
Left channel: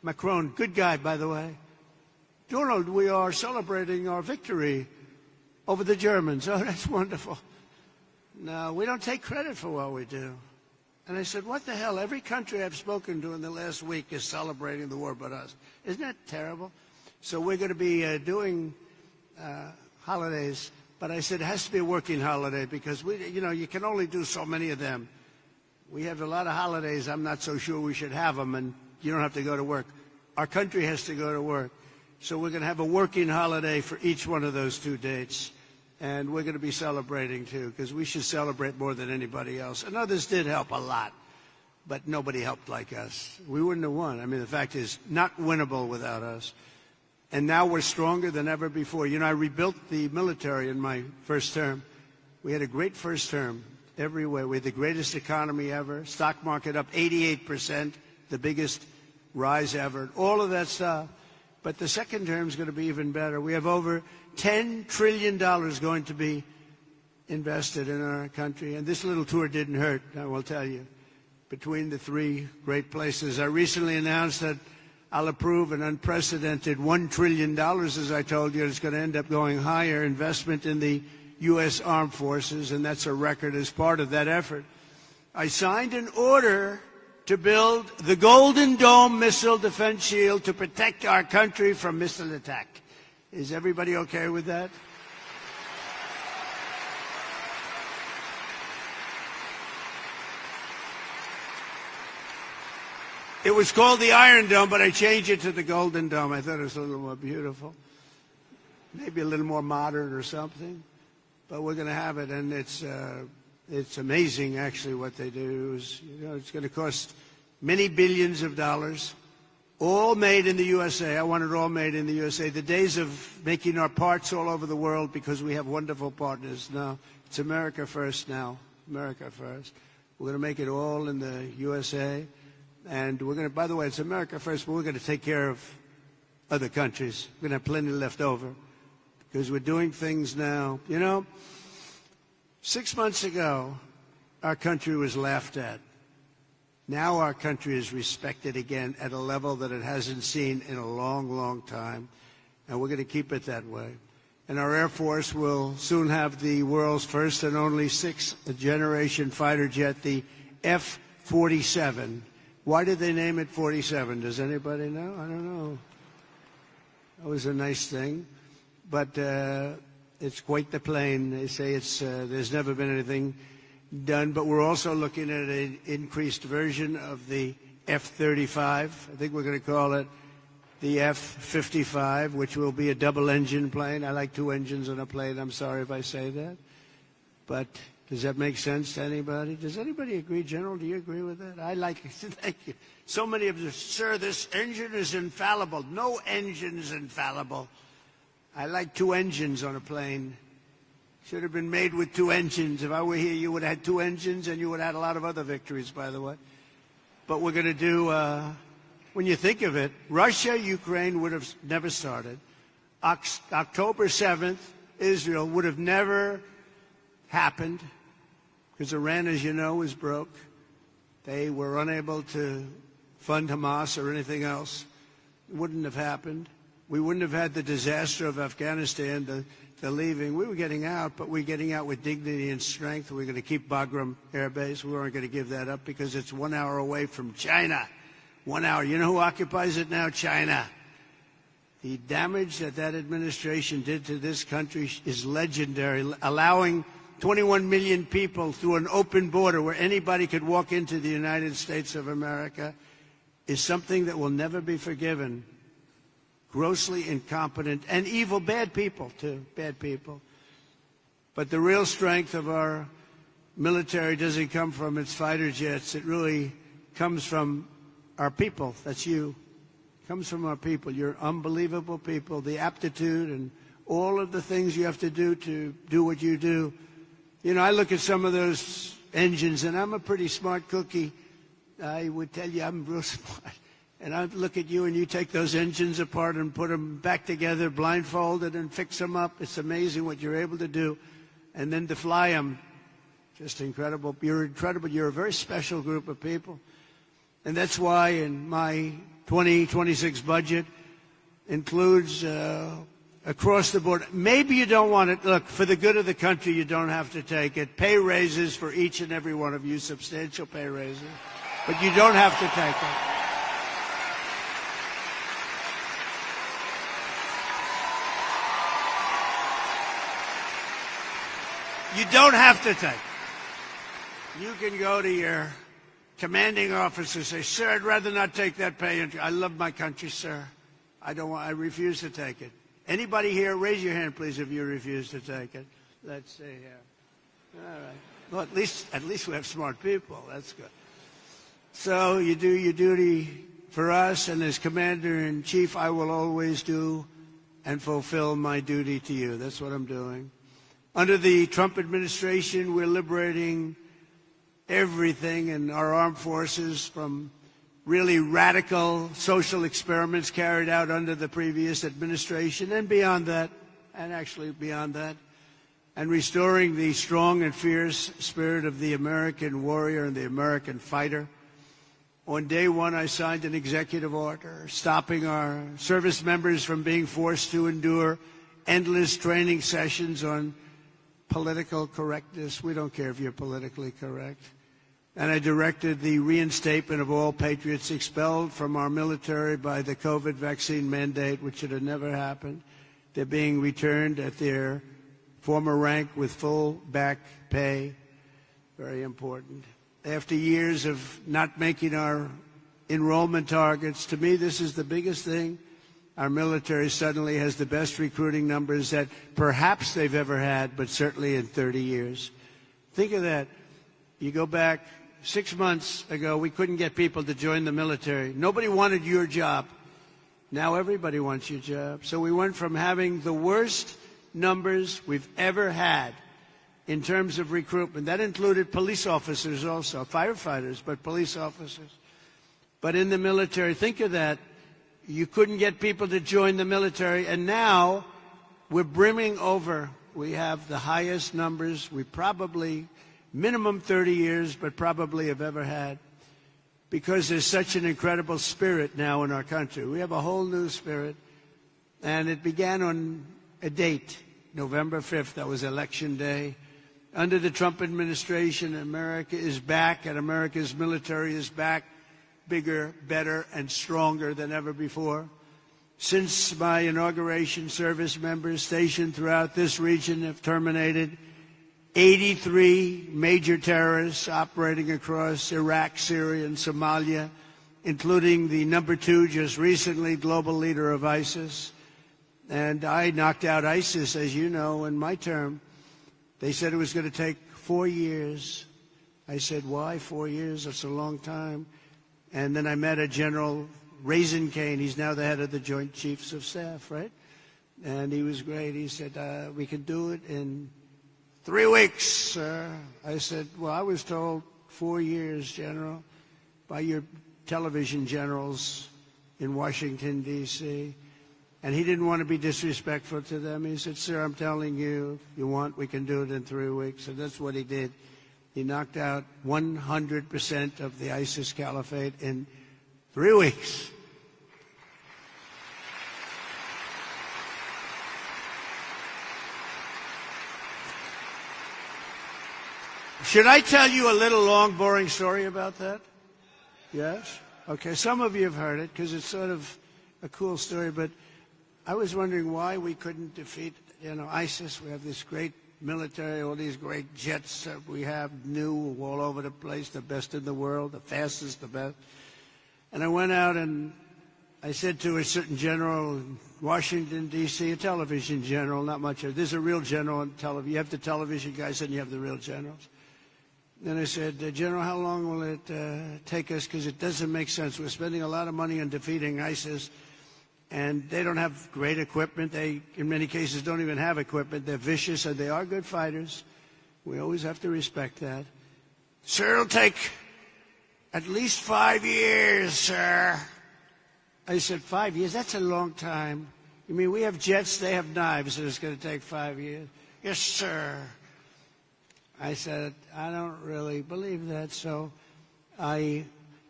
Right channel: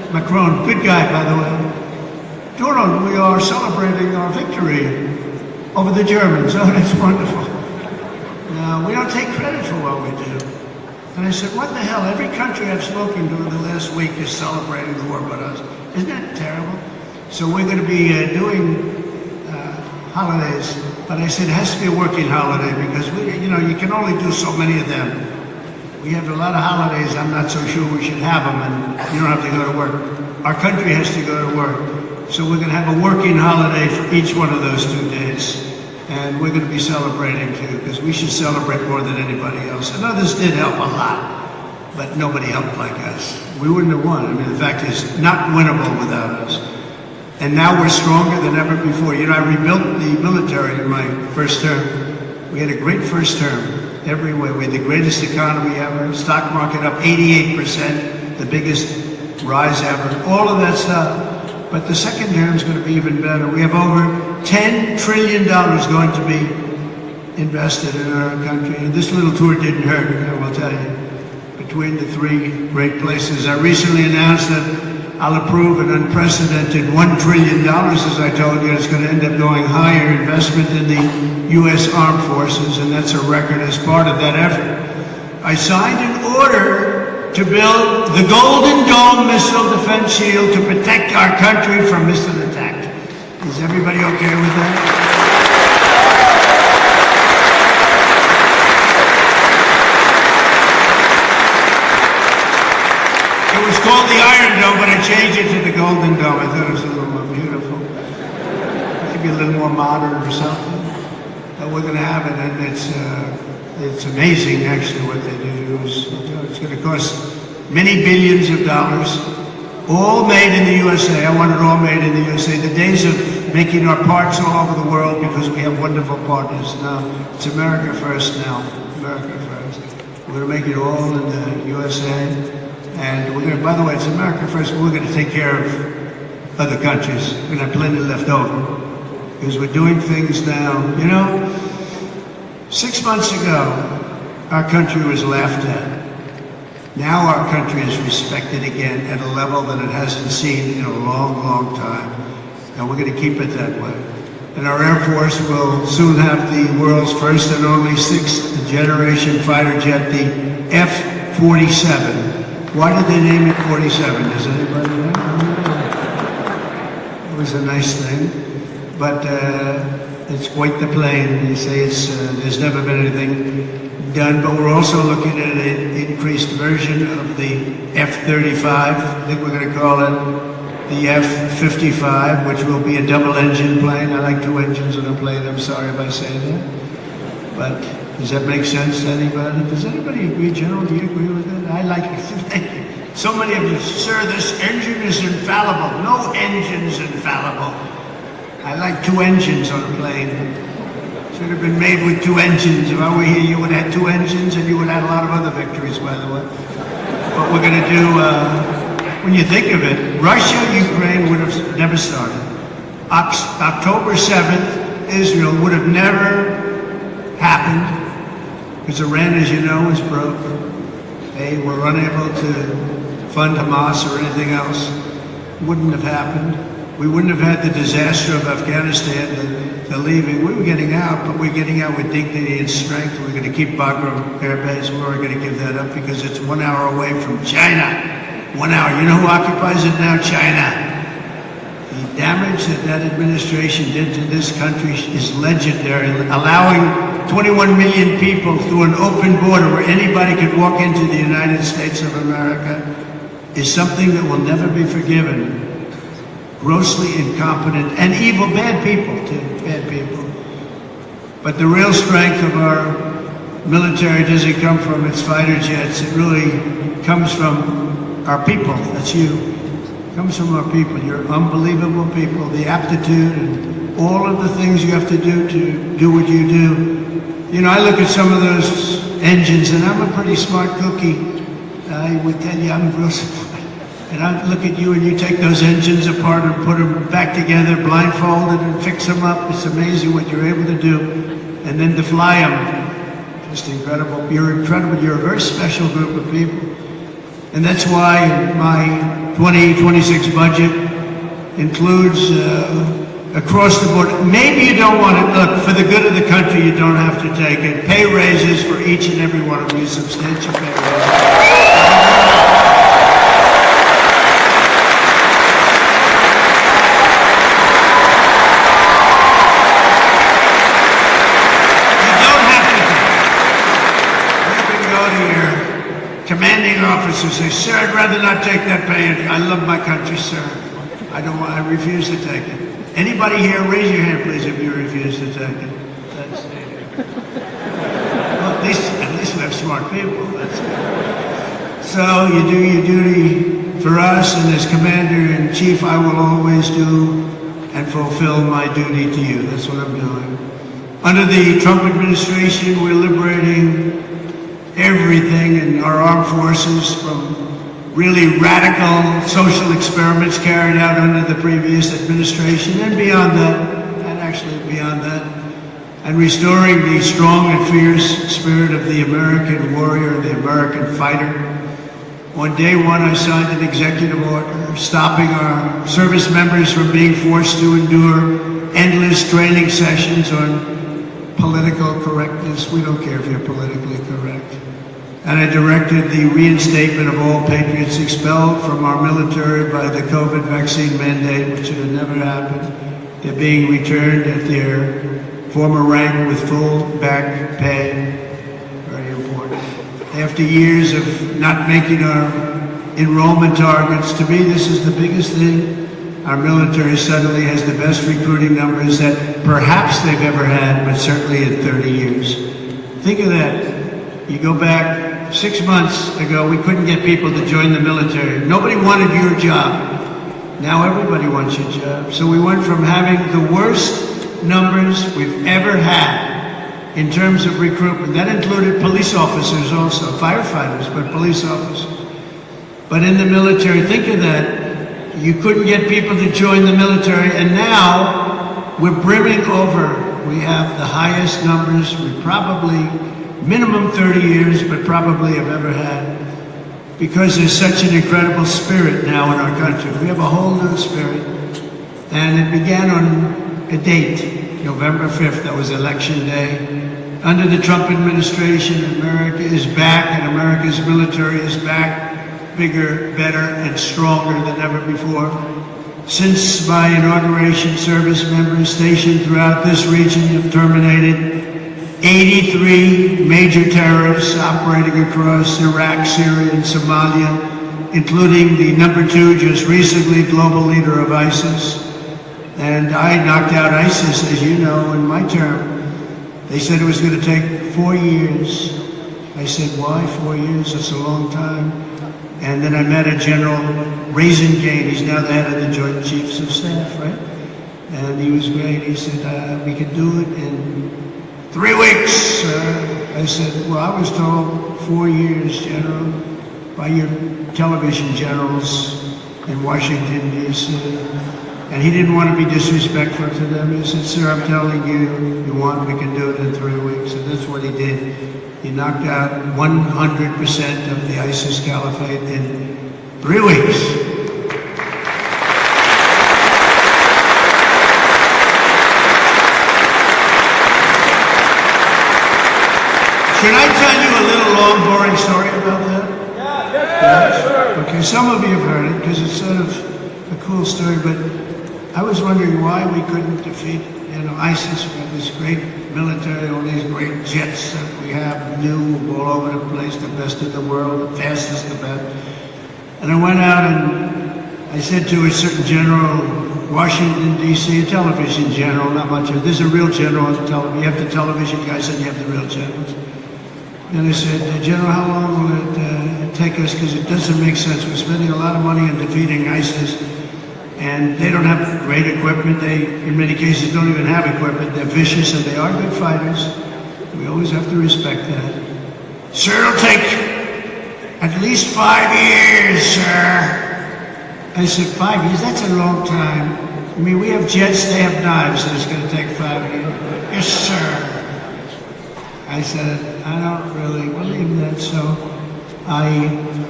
Macron, good guy, by the way. Donald, we are celebrating our victory over the Germans. Oh, that's wonderful. We don't take credit for what we do. And I said, what the hell? Every country I've spoken to in the last week is celebrating the war with us. Isn't that terrible? So we're going to be doing holidays. But I said, it has to be a working holiday because, you can only do so many of them. We have a lot of holidays. I'm not so sure we should have them, and you don't have to go to work. Our country has to go to work. So we're going to have a working holiday for each one of those 2 days. And we're going to be celebrating too, because we should celebrate more than anybody else. And others did help a lot, but nobody helped like us. We wouldn't have won. I mean, the fact is, not winnable without us. And now we're stronger than ever before. I rebuilt the military in my first term. We had a great first term everywhere. We had the greatest economy ever. Stock market up 88%, the biggest rise ever. All of that stuff. But the second term is going to be even better. We have over $10 trillion going to be invested in our country. And this little tour didn't hurt, I will tell you. Between the 3 great places, I recently announced that I'll approve an unprecedented $1 trillion, as I told you. It's going to end up going higher investment in the U.S. Armed Forces, and that's a record as part of that effort. I signed an order to build the Golden Dome missile defense shield to protect our country from missile attack. Is everybody okay with that? It was called the Iron Dome, but I changed it to the Golden Dome. I thought it was a little more beautiful. Maybe a little more modern or something. But we're going to have it, and it's amazing actually what they do. It's going to cost many billions of dollars, all made in the USA. I want it all made in the USA. The days of making our parts all over the world because we have wonderful partners now. It's America first now. America first. We're going to make it all in the USA. And we're going to, by the way, it's America first, but we're going to take care of other countries. We're going to have plenty left over. Because we're doing things now. 6 months ago, our country was laughed at. Now our country is respected again at a level that it hasn't seen in a long, long time. And we're going to keep it that way. And our Air Force will soon have the world's first and only 6th generation fighter jet, the F-47. Why did they name it 47? Does anybody know? It was a nice thing. But it's quite the plane. They say there's never been anything done, but we're also looking at an increased version of the F-35. I think we're going to call it the F-55, which will be a double-engine plane. I like 2 engines on a plane. I'm sorry if I say that. But does that make sense to anybody? Does anybody agree, General? Do you agree with that? I like it. Thank you. So many of you, sir, this engine is infallible. No engine's infallible. I like 2 engines on a plane. Should have been made with 2 engines. If I were here, you would have 2 engines, and you would have a lot of other victories, by the way. What we're going to do, when you think of it, Russia, Ukraine would have never started. October 7th, Israel would have never happened, because Iran, as you know, is broke. They were unable to fund Hamas or anything else. It wouldn't have happened. We wouldn't have had the disaster of Afghanistan, the leaving. We were getting out, but we're getting out with dignity and strength. We're going to keep Bagram Air Base. We're going to give that up because it's 1 hour away from China. 1 hour. You know who occupies it now? China. The damage that administration did to this country is legendary. Allowing 21 million people through an open border where anybody could walk into the United States of America is something that will never be forgiven. Grossly incompetent and evil, bad people too, bad people. But the real strength of our military doesn't come from its fighter jets. It really comes from our people. That's you. It comes from our people. You're unbelievable people. The aptitude and all of the things you have to do what you do. I look at some of those engines, and I'm a pretty smart cookie. I would tell you I'm real smart. And I look at you and you take those engines apart and put them back together, blindfolded, and fix them up. It's amazing what you're able to do. And then to fly them, just incredible. You're incredible. You're a very special group of people. And that's why my 2026 budget includes across the board. Maybe you don't want to, look, for the good of the country, you don't have to take it. Pay raises for each and every one of you, substantial pay raises. Commanding officer says, sir, I'd rather not take that pay. I love my country, sir. I refuse to take it. Anybody here, raise your hand, please, if you refuse to take it. Well, at least we have smart people. So you do your duty for us, and as Commander-in-Chief, I will always do and fulfill my duty to you. That's what I'm doing. Under the Trump administration, we're liberating everything in our armed forces from really radical social experiments carried out under the previous administration and beyond that, and actually beyond that, and restoring the strong and fierce spirit of the American warrior, the American fighter. On day one, I signed an executive order stopping our service members from being forced to endure endless training sessions on political correctness. We don't care if you're politically correct. And I directed the reinstatement of all patriots expelled from our military by the COVID vaccine mandate, which should have never happened. They're being returned at their former rank with full back pay. Very important. After years of not making our enrollment targets, to me this is the biggest thing. Our military suddenly has the best recruiting numbers that perhaps they've ever had, but certainly in 30 years. Think of that. You go back 6 months ago, we couldn't get people to join the military. Nobody wanted your job. Now everybody wants your job. So we went from having the worst numbers we've ever had in terms of recruitment. That included police officers also, firefighters, but police officers. But in the military, think of that. You couldn't get people to join the military, and now we're brimming over. We have the highest numbers we probably minimum 30 years, but probably have ever had, because there's such an incredible spirit now in our country. We have a whole new spirit, and it began on a date, November 5th, that was election day. Under the Trump administration, America is back, and America's military is back, bigger, better, and stronger than ever before. Since my inauguration, service members stationed throughout this region have terminated 83 major terrorists operating across Iraq, Syria, and Somalia, including the #2, just recently, global leader of ISIS. And I knocked out ISIS, as you know, in my term. They said it was going to take 4 years. I said, why 4 years? It's a long time. And then I met a General Raisingane. He's now the head of the Joint Chiefs of Staff, right? And he was great. He said, we could do it in 3 weeks. I said, well, I was told 4 years, General, by your television generals in Washington, D.C. And he didn't want to be disrespectful to them. He said, sir, I'm telling you, you want, we can do it in 3 weeks. And that's what he did. He knocked out 100% of the ISIS caliphate in 3 weeks. Can I tell you a little long, boring story about that? Yeah. Okay, some of you have heard it because it's sort of a cool story, but I was wondering why we couldn't defeat ISIS with this great military, all these great jets that we have, new all over the place, the best in the world, the fastest, the best. And I went out and I said to a certain general, Washington, D.C., a television general, not much of it. There's a real general on the television. You have the television guys and you have the real generals. And I said, General, how long will it take us? Because it doesn't make sense. We're spending a lot of money on defeating ISIS. And they don't have great equipment. They, in many cases, don't even have equipment. They're vicious and they are good fighters. We always have to respect that. Sir, it'll take at least 5 years, sir. I said, 5 years? That's a long time. I mean, we have jets, they have knives, and it's going to take 5 years. Yes, sir. I said, I don't really believe that, so I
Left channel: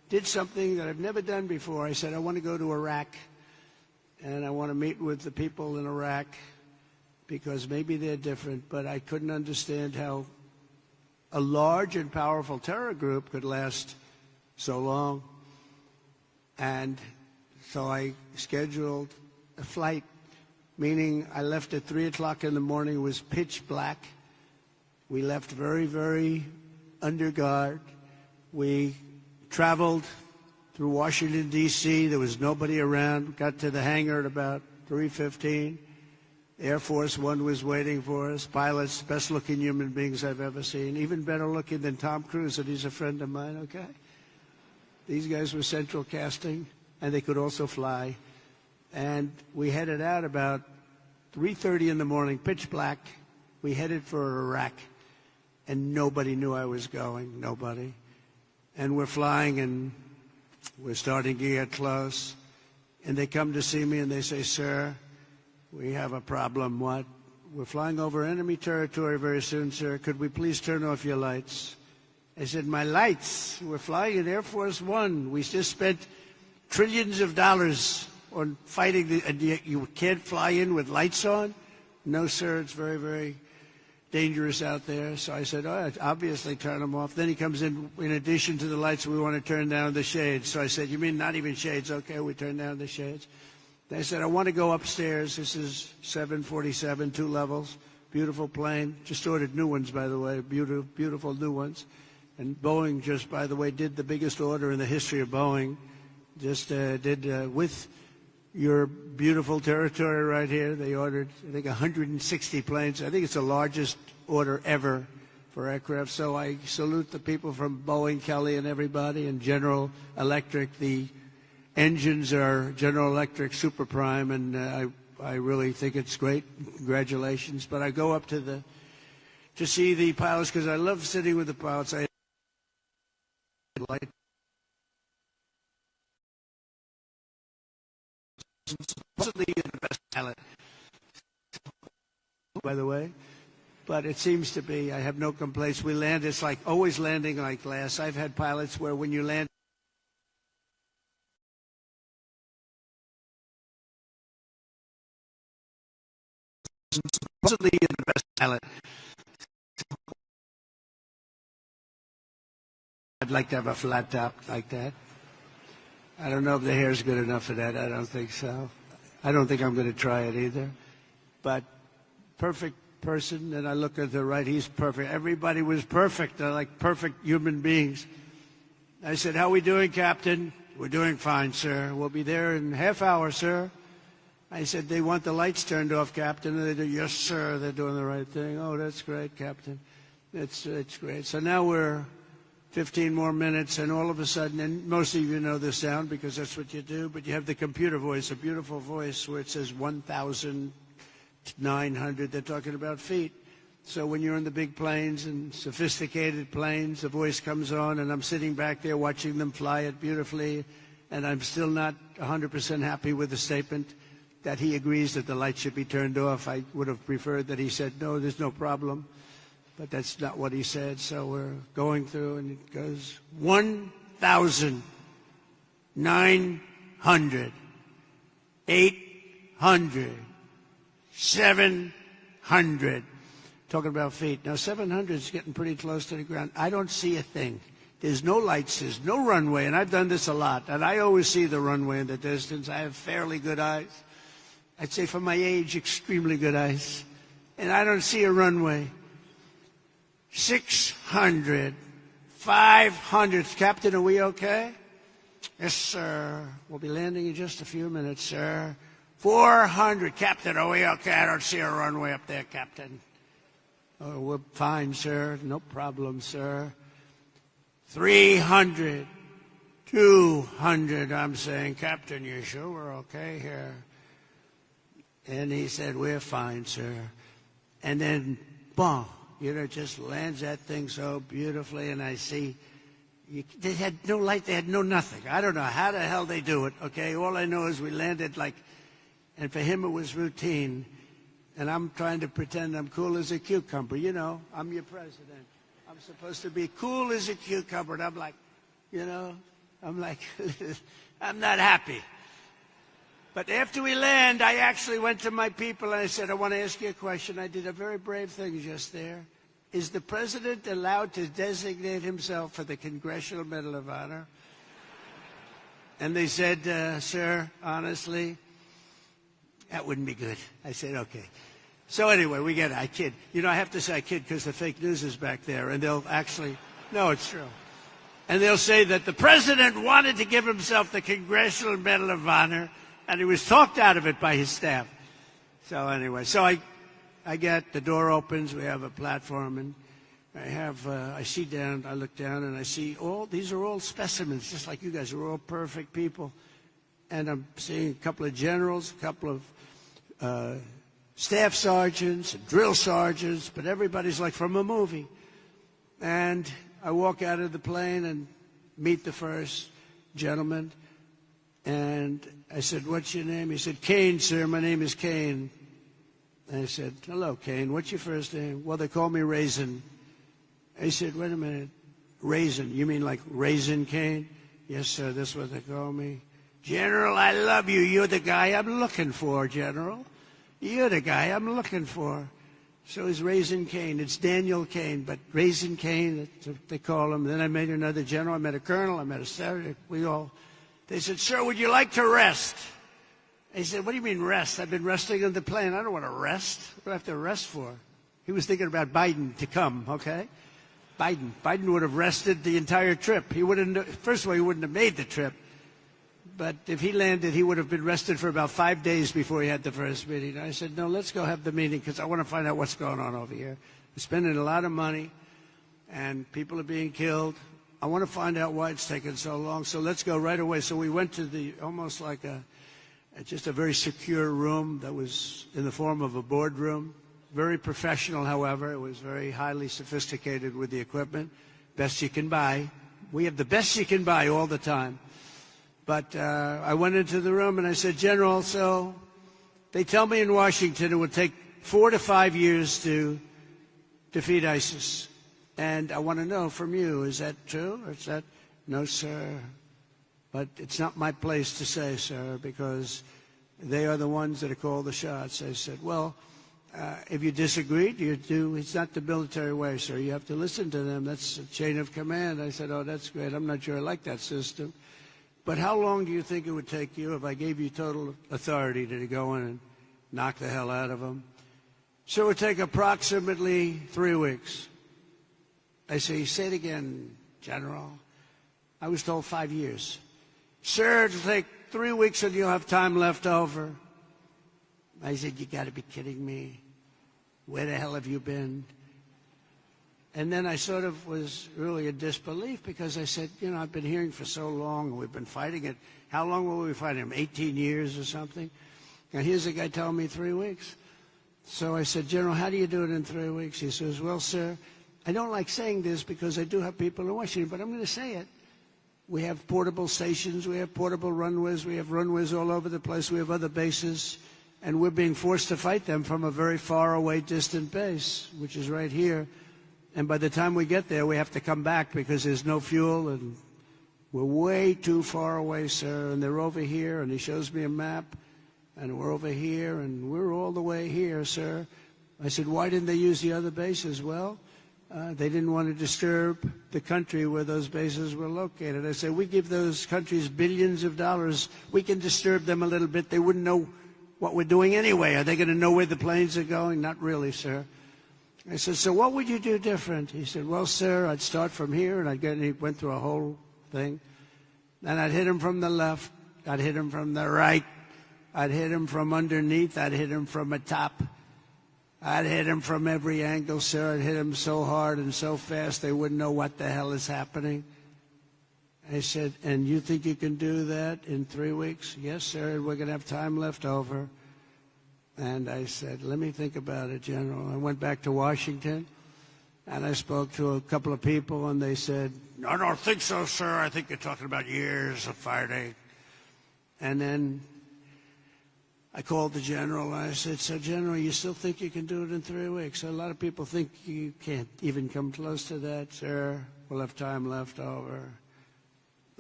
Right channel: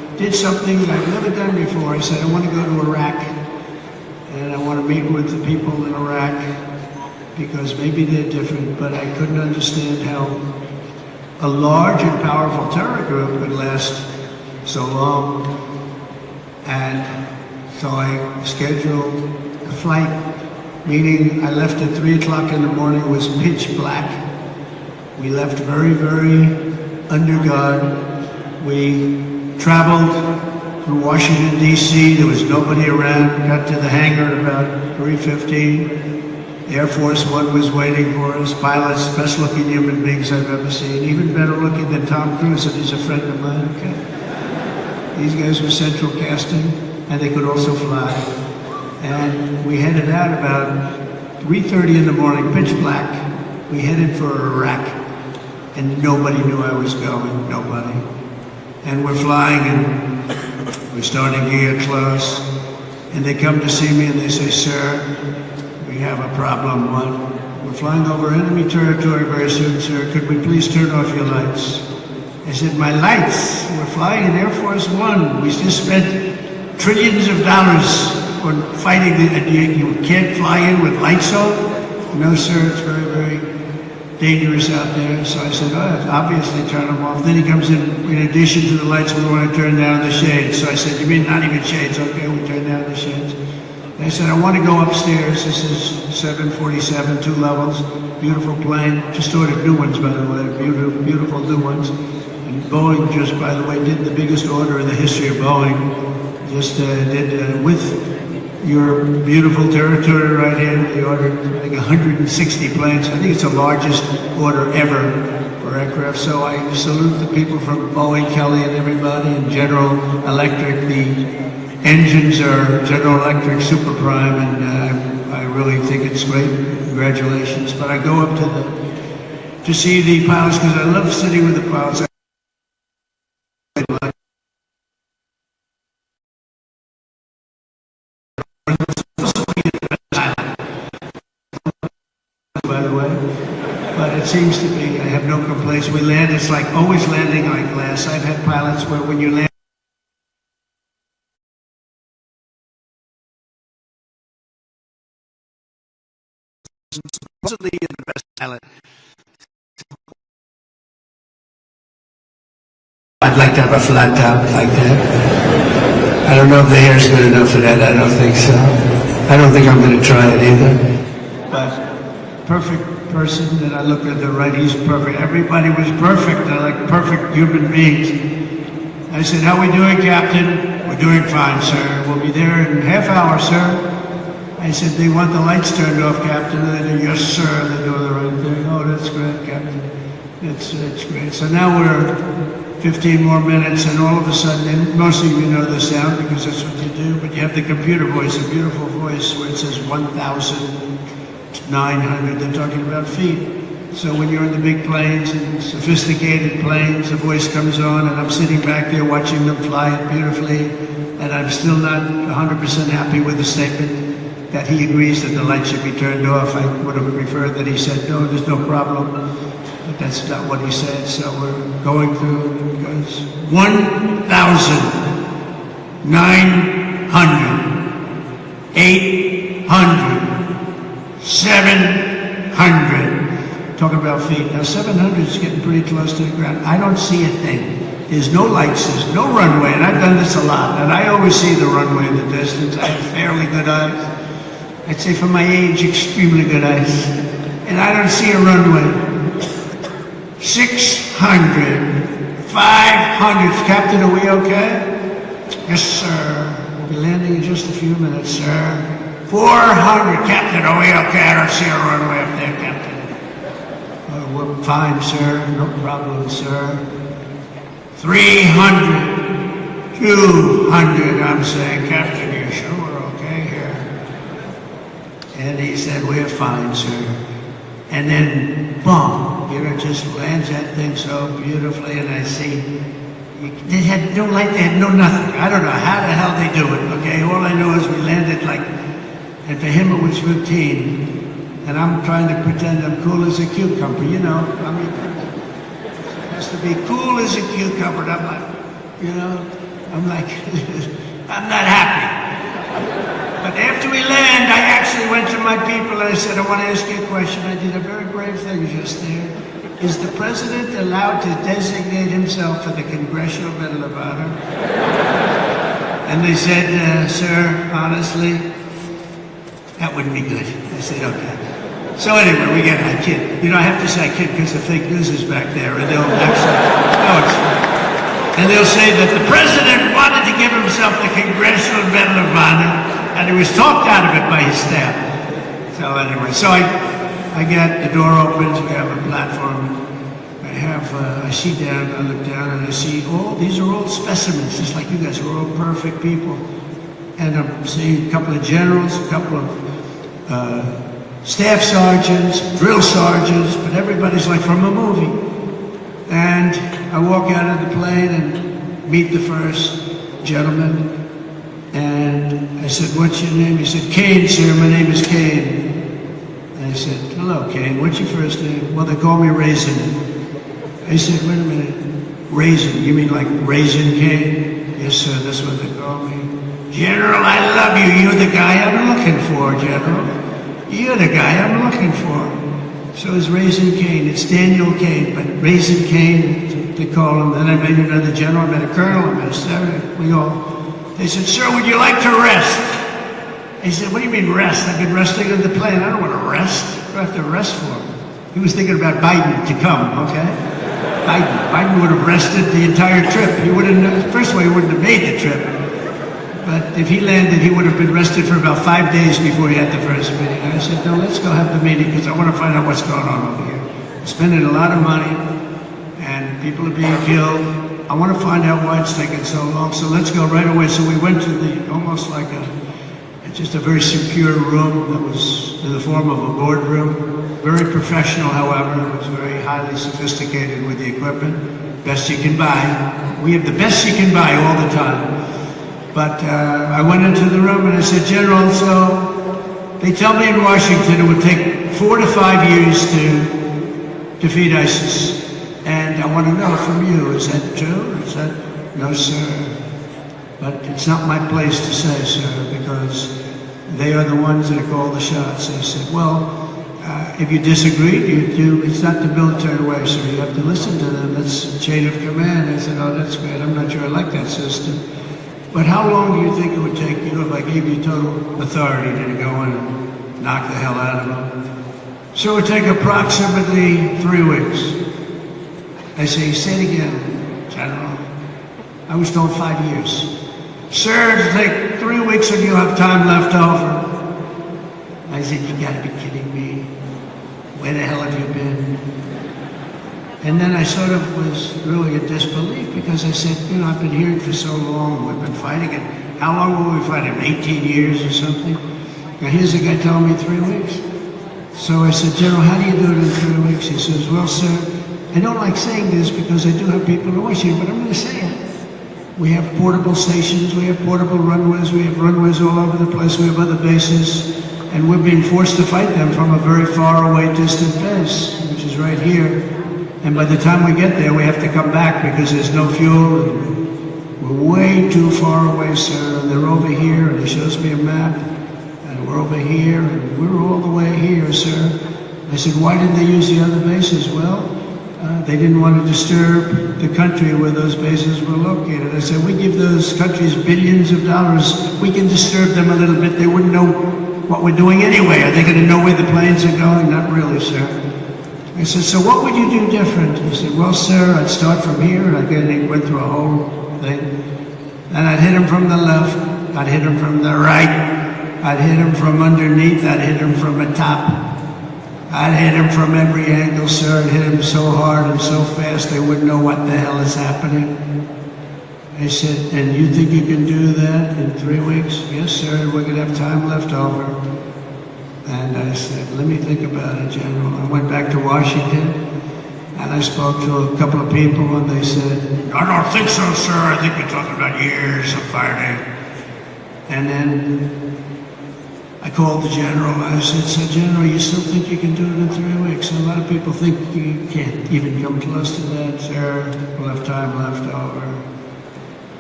did something that I've never done before. I said, I want to go to Iraq, and I want to meet with the people in Iraq, because maybe they're different, but I couldn't understand how a large and powerful terror group could last so long. And so I scheduled a flight meeting. I left at 3 o'clock in the morning. It was pitch black. We left very, very under guard. We traveled through Washington, D.C. There was nobody around. We got to the hangar at about 3:15. Air Force One was waiting for us. Pilots, best looking human beings I've ever seen. Even better looking than Tom Cruise, and he's a friend of mine. Okay. These guys were central casting, and they could also fly. And we headed out about 3:30 in the morning, pitch black. We headed for Iraq, and nobody knew I was going, nobody. And we're flying, and we're starting to get close. And they come to see me, and they say, sir, we have a problem. We're flying over enemy territory very soon, sir. Could we please turn off your lights? I said, my lights? We're flying in Air Force One. We just spent trillions of dollars on fighting. You can't fly in with lights on? No, sir, it's very, very dangerous out there. So I said, oh, obviously turn them off. Then he comes in addition to the lights, we want to turn down the shades. So I said, you mean not even shades? Okay, we turn down the shades. They said, I want to go upstairs. This is 747, 2 levels, beautiful plane. Just ordered new ones, by the way, beautiful new ones. And Boeing just, by the way, did the biggest order in the history of Boeing. Just did with your beautiful territory right here. They ordered, I think, 160 planes. I think it's the largest order ever for aircraft. So I salute the people from Boeing, Kelly, and everybody, and General Electric. The engines are General Electric Super Prime, and I really think it's great. Congratulations. But I go up to see the pilots because I love sitting with the pilots. By the way, but it seems to be, I have no complaints. We land, it's like always landing like glass. I've had pilots where when you land, supposedly you're the best pilot. I'd like to have a flat top like that. I don't know if the hair's good enough for that. I don't think so. I don't think I'm going to try it either. But perfect person, and I look at the right, he's perfect. Everybody was perfect. They're like perfect human beings. I said, how are we doing, Captain? We're doing fine, sir. We'll be there in a half hour, sir. I said, they want the lights turned off, Captain. And they do, yes, sir. They're doing the right thing. Oh, that's great, Captain. It's great. So now we're 15 more minutes, and all of a sudden, and most of you know the sound because that's what you do, but you have the computer voice, a beautiful voice where it says 1,900. They're talking about feet. So when you're in the big planes and sophisticated planes, the voice comes on, and I'm sitting back there watching them fly it beautifully, and I'm still not 100% happy with the statement that he agrees that the lights should be turned off. I would have preferred that he said, no, there's no problem. But that's not what he said. So we're going through, it goes 1,900, 800, 700. Talking about feet. Now 700 is getting pretty close to the ground. I don't see a thing. There's no lights, there's no runway, and I've done this a lot, and I always see the runway in the distance. I have fairly good eyes. I'd say for my age, extremely good eyes. And I don't see a runway. 600, 500. Captain, are we okay? Yes, sir. We'll be landing in just a few minutes, sir. 400. Captain, are we okay? I don't see a runway up there, Captain. We're fine, sir. No problem, sir. 300, 200. I'm saying, Captain, you sure we're okay here? And he said, we're fine, sir. And then, boom, you know, it just lands that thing so beautifully, and I see, they had no light, they had no nothing. I don't know how the hell they do it, okay? All I know is we landed like, and to him it was 15. And I'm trying to pretend I'm cool as a cucumber, you know? I mean, it has to be cool as a cucumber. And I'm like, you know, I'm like, I'm not happy. But after we land, I actually went to my people and I said, I want to ask you a question. I did a very brave thing just there. Is the president allowed to designate himself for the Congressional Medal of Honor? And they said, sir, honestly, that wouldn't be good. I said, okay. So anyway, we get my kid. You know, I have to say kid because the fake news is back there, and they'll actually, and they'll say that the president wanted to give himself the Congressional Medal of Honor, and he was talked out of it by his staff. So anyway, so I got the door open, we have a platform. I see down, I look down, and I see these are all specimens, just like you guys are all perfect people. And I'm seeing a couple of generals, a couple of staff sergeants, drill sergeants, but everybody's like from a movie. And I walk out of the plane and meet the first gentleman. And I said, what's your name? He said, Kane, sir, my name is Kane. And I said, hello, Kane, what's your first name? Well, they call me Raisin. I said, wait a minute, Raisin, you mean like Raisin King? Yes, sir, that's what they call me. General, I love you. You're the guy I'm looking for, General. You're the guy I'm looking for. So it's Raisin Kane. It's Daniel Kane, but Raisin Kane, they call him. Then I met another general, I met a colonel, I met a sergeant. We all, they said, sir, would you like to rest? He said, what do you mean rest? I've been resting on the plane. I don't want to rest. What do I have to rest for? He was thinking about Biden to come, okay? Biden would have rested the entire trip. He wouldn't, first of all, he wouldn't have made the trip. But if he landed, he would have been rested for about 5 days before he had the first meeting. And I said, no, let's go have the meeting because I want to find out what's going on over here. Spending a lot of money and people are being killed. I want to find out why it's taking so long. So let's go right away. So we went to the, almost like just a very secure room that was in the form of a boardroom. Very professional, however. It was very highly sophisticated with the equipment. Best you can buy. We have the best you can buy all the time. But I went into the room and I said, General, so they tell me in Washington it would take 4 to 5 years to defeat ISIS. And I want to know from you, is that true? Is that, no, sir. But it's not my place to say, sir, because they are the ones that call the shots. They said, well, if you disagree, it's not the military way, so you have to listen to them. That's the chain of command. I said, oh, that's great. I'm not sure I like that system. But how long do you think it would take you if I gave you total authority to go and knock the hell out of them? So it would take approximately 3 weeks. I say, say it again, General. I was told 5 years. Sir, it'll take 3 weeks and you'll have time left over. I said, you gotta be kidding me. Where the hell have you been? And then I sort of was really in disbelief because I said, you know, I've been here for so long, we've been fighting it. How long were we fighting? 18 years or something? And here's a guy telling me 3 weeks. So I said, General, how do you do it in 3 weeks? He says, well, sir, I don't like saying this because I do have people in Washington, but I'm going to say it. We have portable stations, we have portable runways, we have runways all over the place, we have other bases, and we're being forced to fight them from a very far away distant base, which is right here. And by the time we get there, we have to come back because there's no fuel. And we're way too far away, sir. And they're over here, and he shows me a map. And we're over here, and we're all the way here, sir. I said, why didn't they use the other bases? Well, they didn't want to disturb the country where those bases were located. I said, we give those countries billions of dollars. We can disturb them a little bit. They wouldn't know what we're doing anyway. Are they going to know where the planes are going? Not really, sir. I said, so what would you do different? He said, well, sir, I'd start from here. And he went through a whole thing. And I'd hit him from the left. I'd hit him from the right. I'd hit him from underneath. I'd hit him from the top. I'd hit him from every angle, sir. I'd hit him so hard and so fast they wouldn't know what the hell is happening. He said, and you think you can do that in 3 weeks? Yes, sir. We're going to have time left over. And I said, let me think about it, General. I went back to Washington, and I spoke to a couple of people, and they said, I don't think so, sir. I think we're talking about years of fighting. And then I called the General. I said, so, General, you still think you can do it in 3 weeks? And a lot of people think you can't even come close to that, sir. We'll have time left over.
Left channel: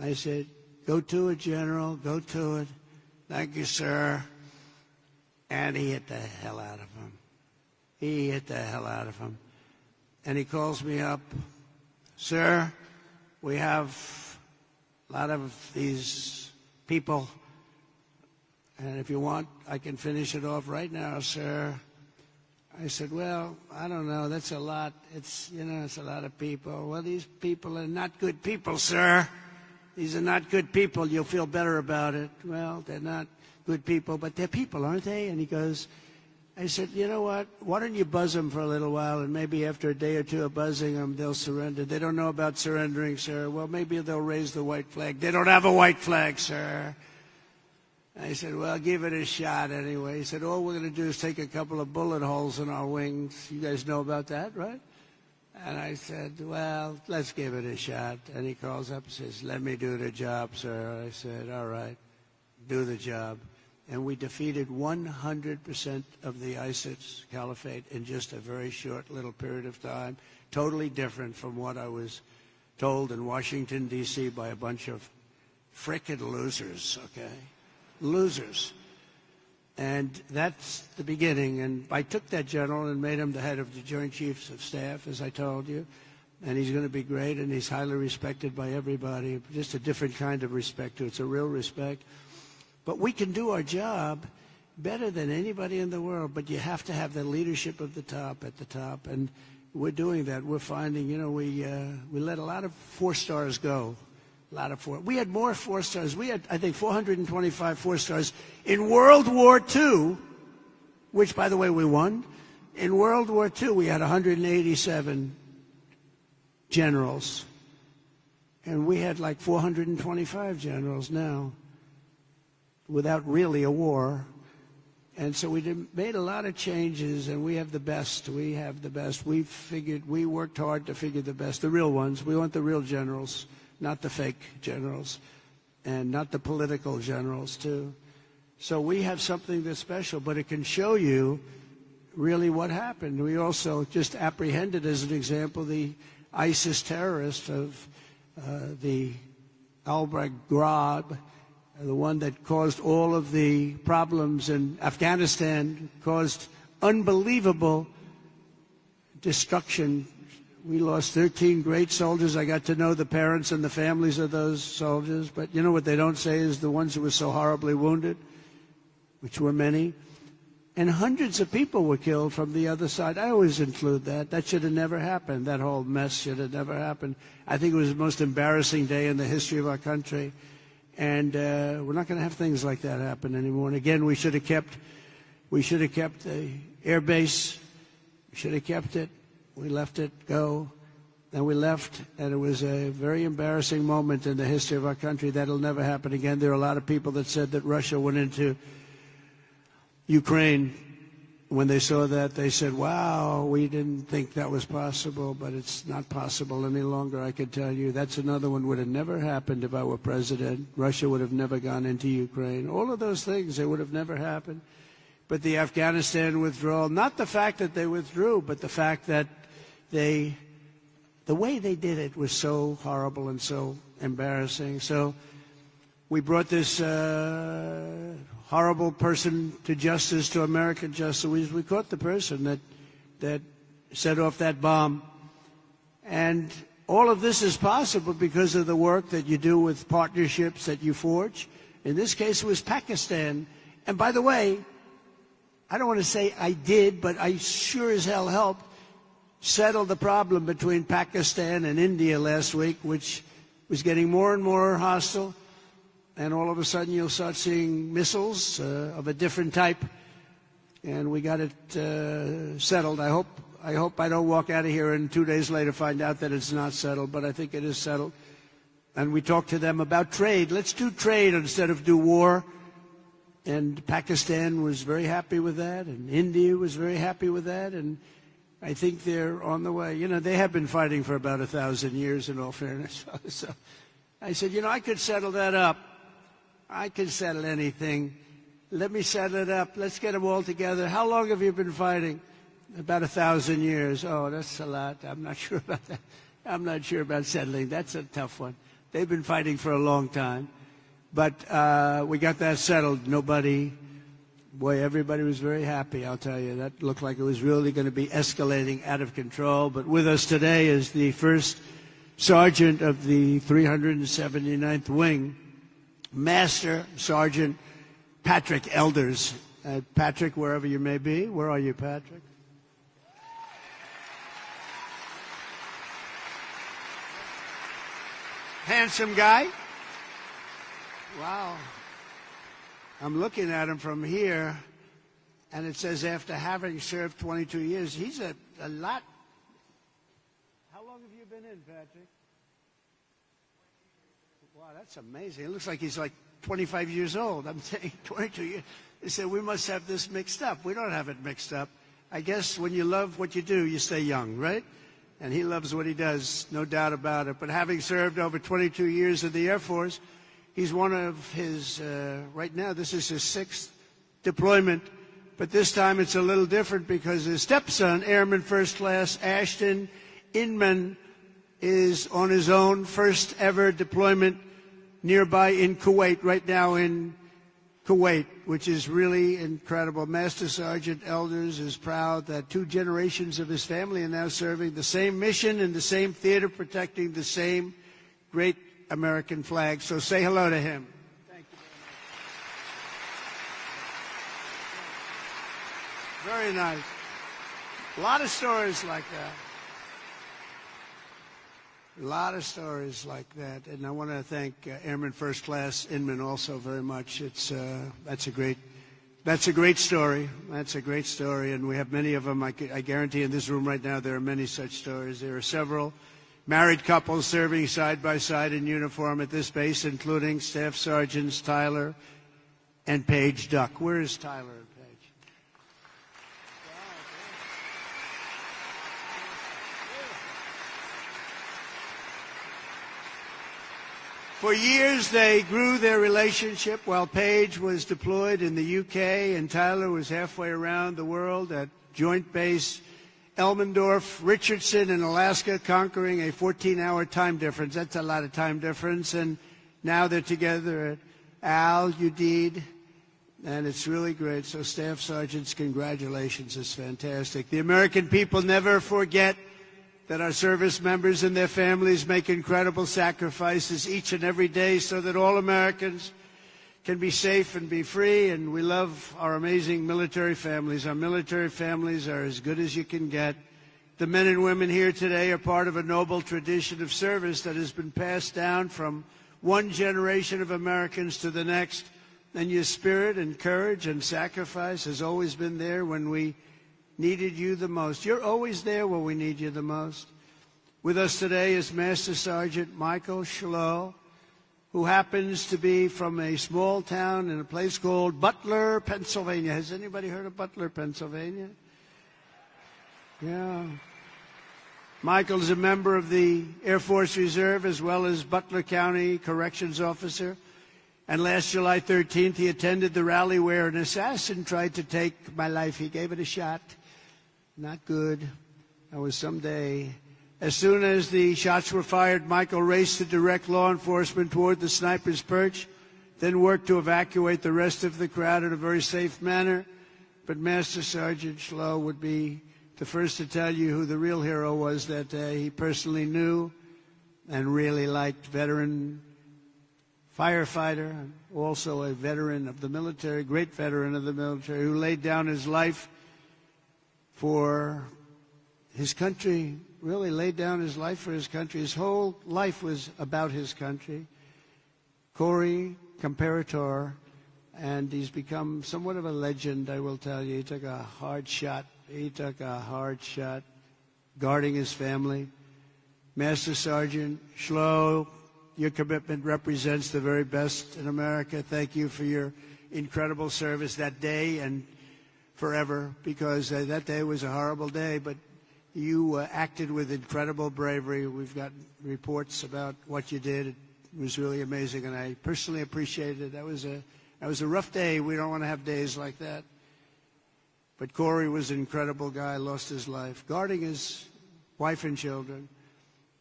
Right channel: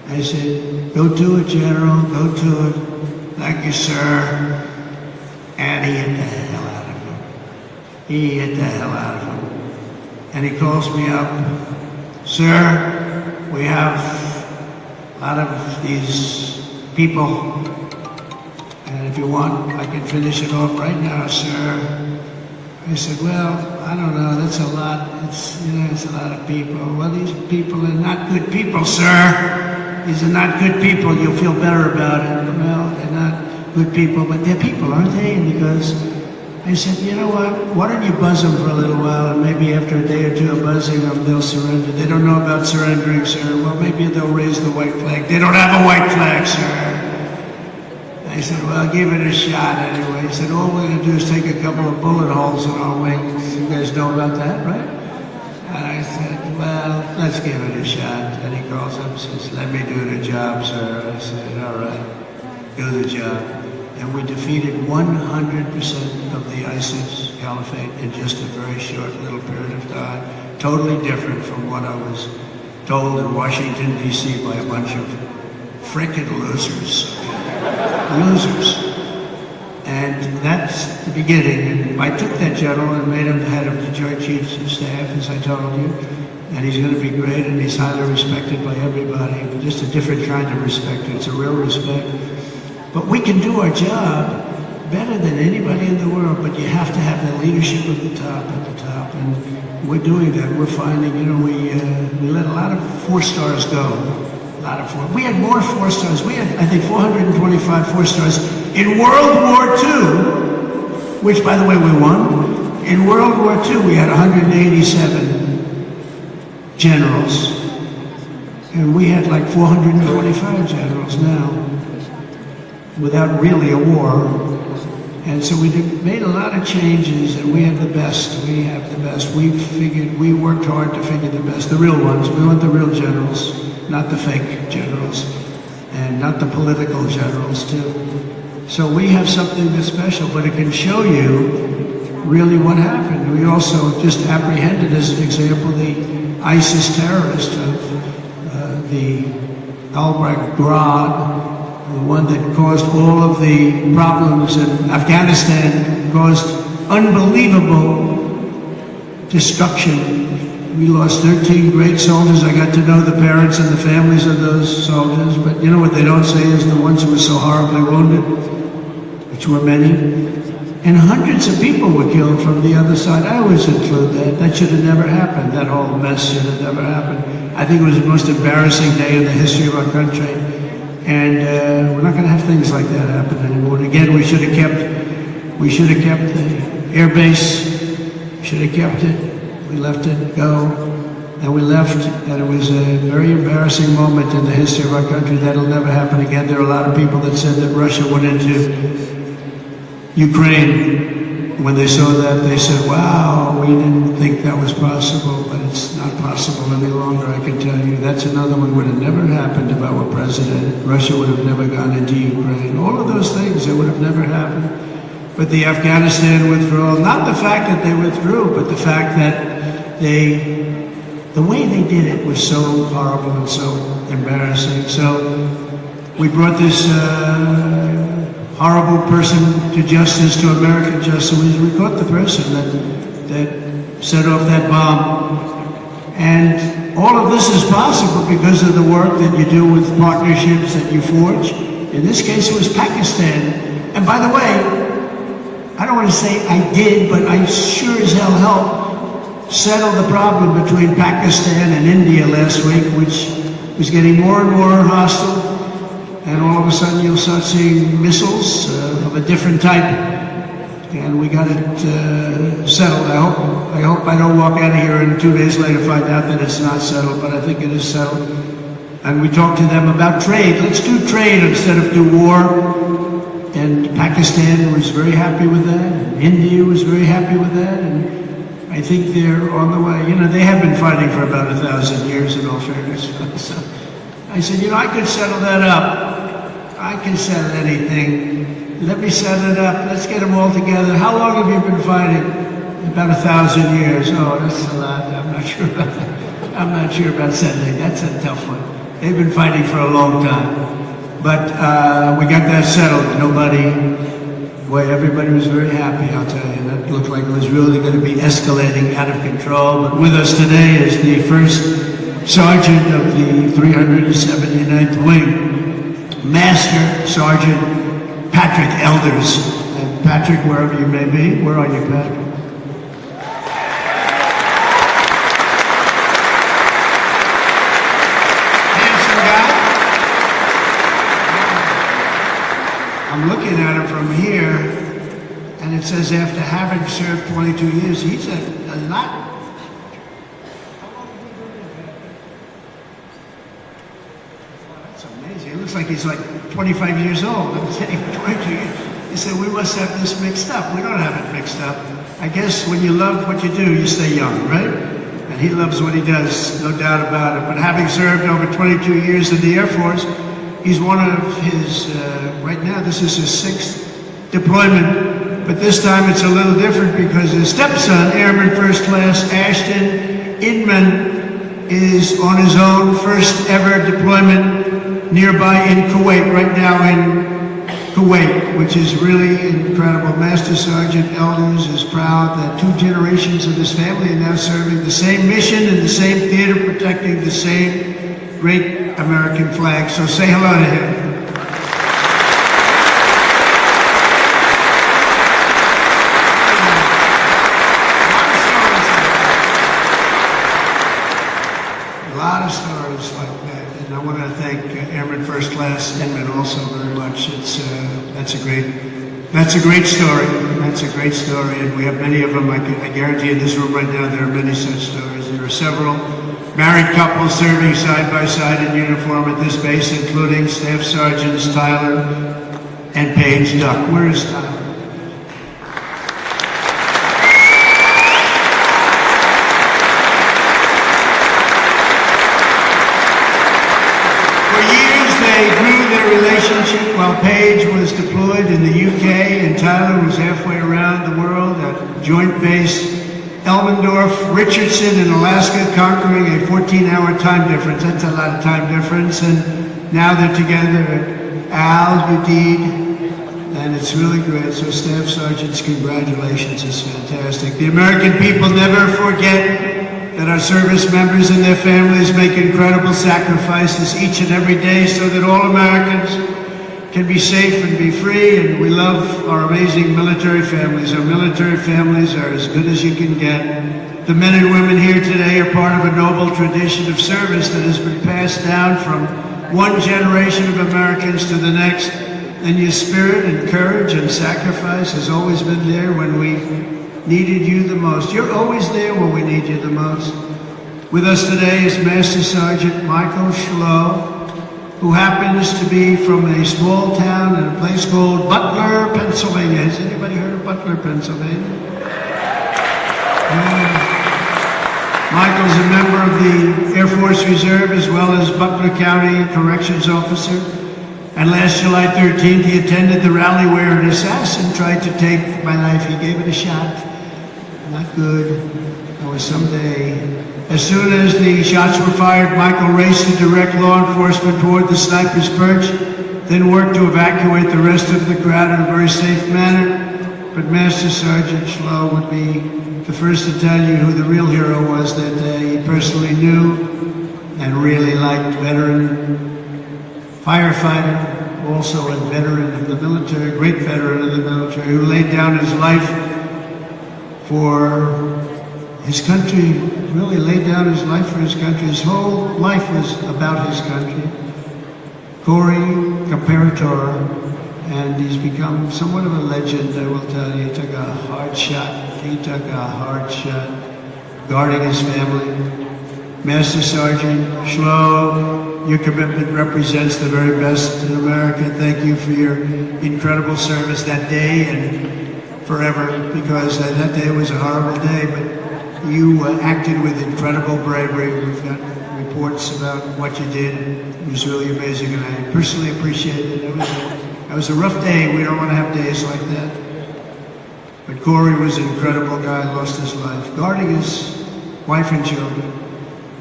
I said, go to it, General, go to it. Thank you, sir. And he hit the hell out of him. He hit the hell out of him. And he calls me up, sir, we have out of these people, and if you want, I can finish it off right now, sir. I said, well, I don't know, that's a lot. It's a lot of people. Well, these people are not good people, sir. These are not good people. You'll feel better about it. Well, they're not good people, but they're people, aren't they? And he goes, I said, you know what? Why don't you buzz them for a little while, and maybe after a day or two of buzzing them, they'll surrender. They don't know about surrendering, sir. Well, maybe they'll raise the white flag. They don't have a white flag, sir. I said, well, give it a shot anyway. He said, all we're going to do is take a couple of bullet holes in our wings. You guys know about that, right? And I said, well, let's give it a shot. And he calls up and says, let me do the job, sir. I said, all right, do the job. And we defeated 100% of the ISIS caliphate in just a very short little period of time. Totally different from what I was told in Washington, D.C. by a bunch of frickin' losers. Losers. And that's the beginning. And I took that general and made him the head of the Joint Chiefs of Staff, as I told you. And he's going to be great, and he's highly respected by everybody. But just a different kind of respect. It's a real respect. But we can do our job better than anybody in the world, but you have to have the leadership at the top, and we're doing that. We're finding, we let a lot of 4 stars go. A lot of 4. We had more 4 stars. We had, I think, 425 4 stars in World War II, which, by the way, we won. In World War II, we had 187 generals, and we had like 425 generals now, without really a war. And so we made a lot of changes, and we have the best. We have the best. We worked hard to figure the best, the real ones. We want the real generals, not the fake generals, and not the political generals, too. So we have something that's special, but it can show you really what happened. We also just apprehended, as an example, the ISIS terrorist of the Al-Baghdad, the one that caused all of the problems in Afghanistan, caused unbelievable destruction. We lost 13 great soldiers. I got to know the parents and the families of those soldiers, but you know what they don't say is the ones who were so horribly wounded, which were many. And hundreds of people were killed from the other side. I always include that. That should have never happened. That whole mess should have never happened. I think it was the most embarrassing day in the history of our country. And we're not going to have things like that happen anymore. And again, we should have kept the air base. Should have kept it. We let it go. And we left, and it was a very embarrassing moment in the history of our country. That'll never happen again. There are a lot of people that said that Russia went into Ukraine. When they saw that, they said, wow, we didn't think that was possible, but it's not possible any longer, I can tell you. That's another one would have never happened if I were president. Russia would have never gone into Ukraine. All of those things, it would have never happened. But the Afghanistan withdrawal, not the fact that they withdrew, but the fact that the way they did it was so horrible and so embarrassing. So we brought this horrible person to justice, to American justice. We caught the person that set off that bomb. And all of this is possible because of the work that you do with partnerships that you forge. In this case, it was Pakistan. And by the way, I don't want to say I did, but I sure as hell helped settle the problem between Pakistan and India last week, which was getting more and more hostile. And all of a sudden you'll start seeing missiles of a different type. And we got it settled. I hope I don't walk out of here and 2 days later find out that it's not settled, but I think it is settled. And we talked to them about trade. Let's do trade instead of do war. And Pakistan was very happy with that. And India was very happy with that. And I think they're on the way. You know, they have been fighting for about 1,000 years in all fairness. So I said, you know, I could settle that up. I can settle anything. Let me set it up. Let's get them all together. How long have you been fighting? About 1,000 years. Oh, that's a lot. I'm not sure about that. I'm not sure about settling. That's a tough one. They've been fighting for a long time. But we got that settled. Everybody was very happy, I'll tell you. That looked like it was really going to be escalating out of control. But with us today is the first sergeant of the 379th Wing, Master Sergeant Patrick Elders. And Patrick, wherever you may be, where are you, Patrick? I'm looking at him from here, and it says after having served 22 years, he's a lot. That's amazing. It looks like he's like 25 years old. I'm saying 22 years. He said, we must have this mixed up. We don't have it mixed up. I guess when you love what you do, you stay young, right? And he loves what he does, no doubt about it. But having served over 22 years in the Air Force, he's one of his, right now, this is his 6th deployment, but this time it's a little different because his stepson, Airman First Class Ashton Inman, is on his own first ever deployment nearby in Kuwait, right now in Kuwait, which is really incredible. Master Sergeant Elders is proud that 2 generations of his family are now serving the same mission in the same theater, protecting the same great American flag. So say hello to him. A lot of stories like that, and I want to thank Airman First Class Inman also very much. That's a great story. That's a great story, and we have many of them. I guarantee in this room right now there are many such stories. There are several married couples serving side by side in uniform at this base, including Staff Sergeants Tyler and Paige Duck. Where is Tyler? For years, they grew their relationship while Paige was deployed in the UK and Tyler was halfway around the world at Joint Base Elmendorf, Richardson in Alaska, conquering a 14-hour time difference. That's a lot of time difference. And now they're together at Udeid, and it's really great. So Staff Sergeants, congratulations. It's fantastic. The American people never forget that our service members and their families make incredible sacrifices each and every day so that all Americans can be safe and be free, and we love our amazing military families. Our military families are as good as you can get. The men and women here today are part of a noble tradition of service that has been passed down from one generation of Americans to the next, and your spirit and courage and sacrifice has always been there when we needed you the most. You're always there when we need you the most. With us today is Master Sergeant Michael Schlow, who happens to be from a small town in a place called Butler, Pennsylvania. Has anybody heard of Butler, Pennsylvania? Michael's a member of the Air Force Reserve as well as Butler County Corrections Officer. And last July 13th, he attended the rally where an assassin tried to take my life. He gave it a shot. Not good. Or someday. As soon as the shots were fired, Michael raced to direct law enforcement toward the sniper's perch, then worked to evacuate the rest of the crowd in a very safe manner. But Master Sergeant Schlow would be the first to tell you who the real hero was that day. He personally knew and really liked veteran firefighter, also a veteran of the military, great veteran of the military, who laid down his life for his country, really laid down his life for his country. His whole life was about his country. Corey Comparator, and he's become somewhat of a legend, I will tell you. He took a hard shot. He took a hard shot guarding his family. Master Sergeant Schlow, your commitment represents the very best in America. Thank you for your incredible service that day and forever, because that day was a horrible day, but you acted with incredible bravery. We've got reports about what you did. It was really amazing, and I personally appreciate it. It was a rough day. We don't want to have days like that. But Corey was an incredible guy, lost his life, guarding his wife and children.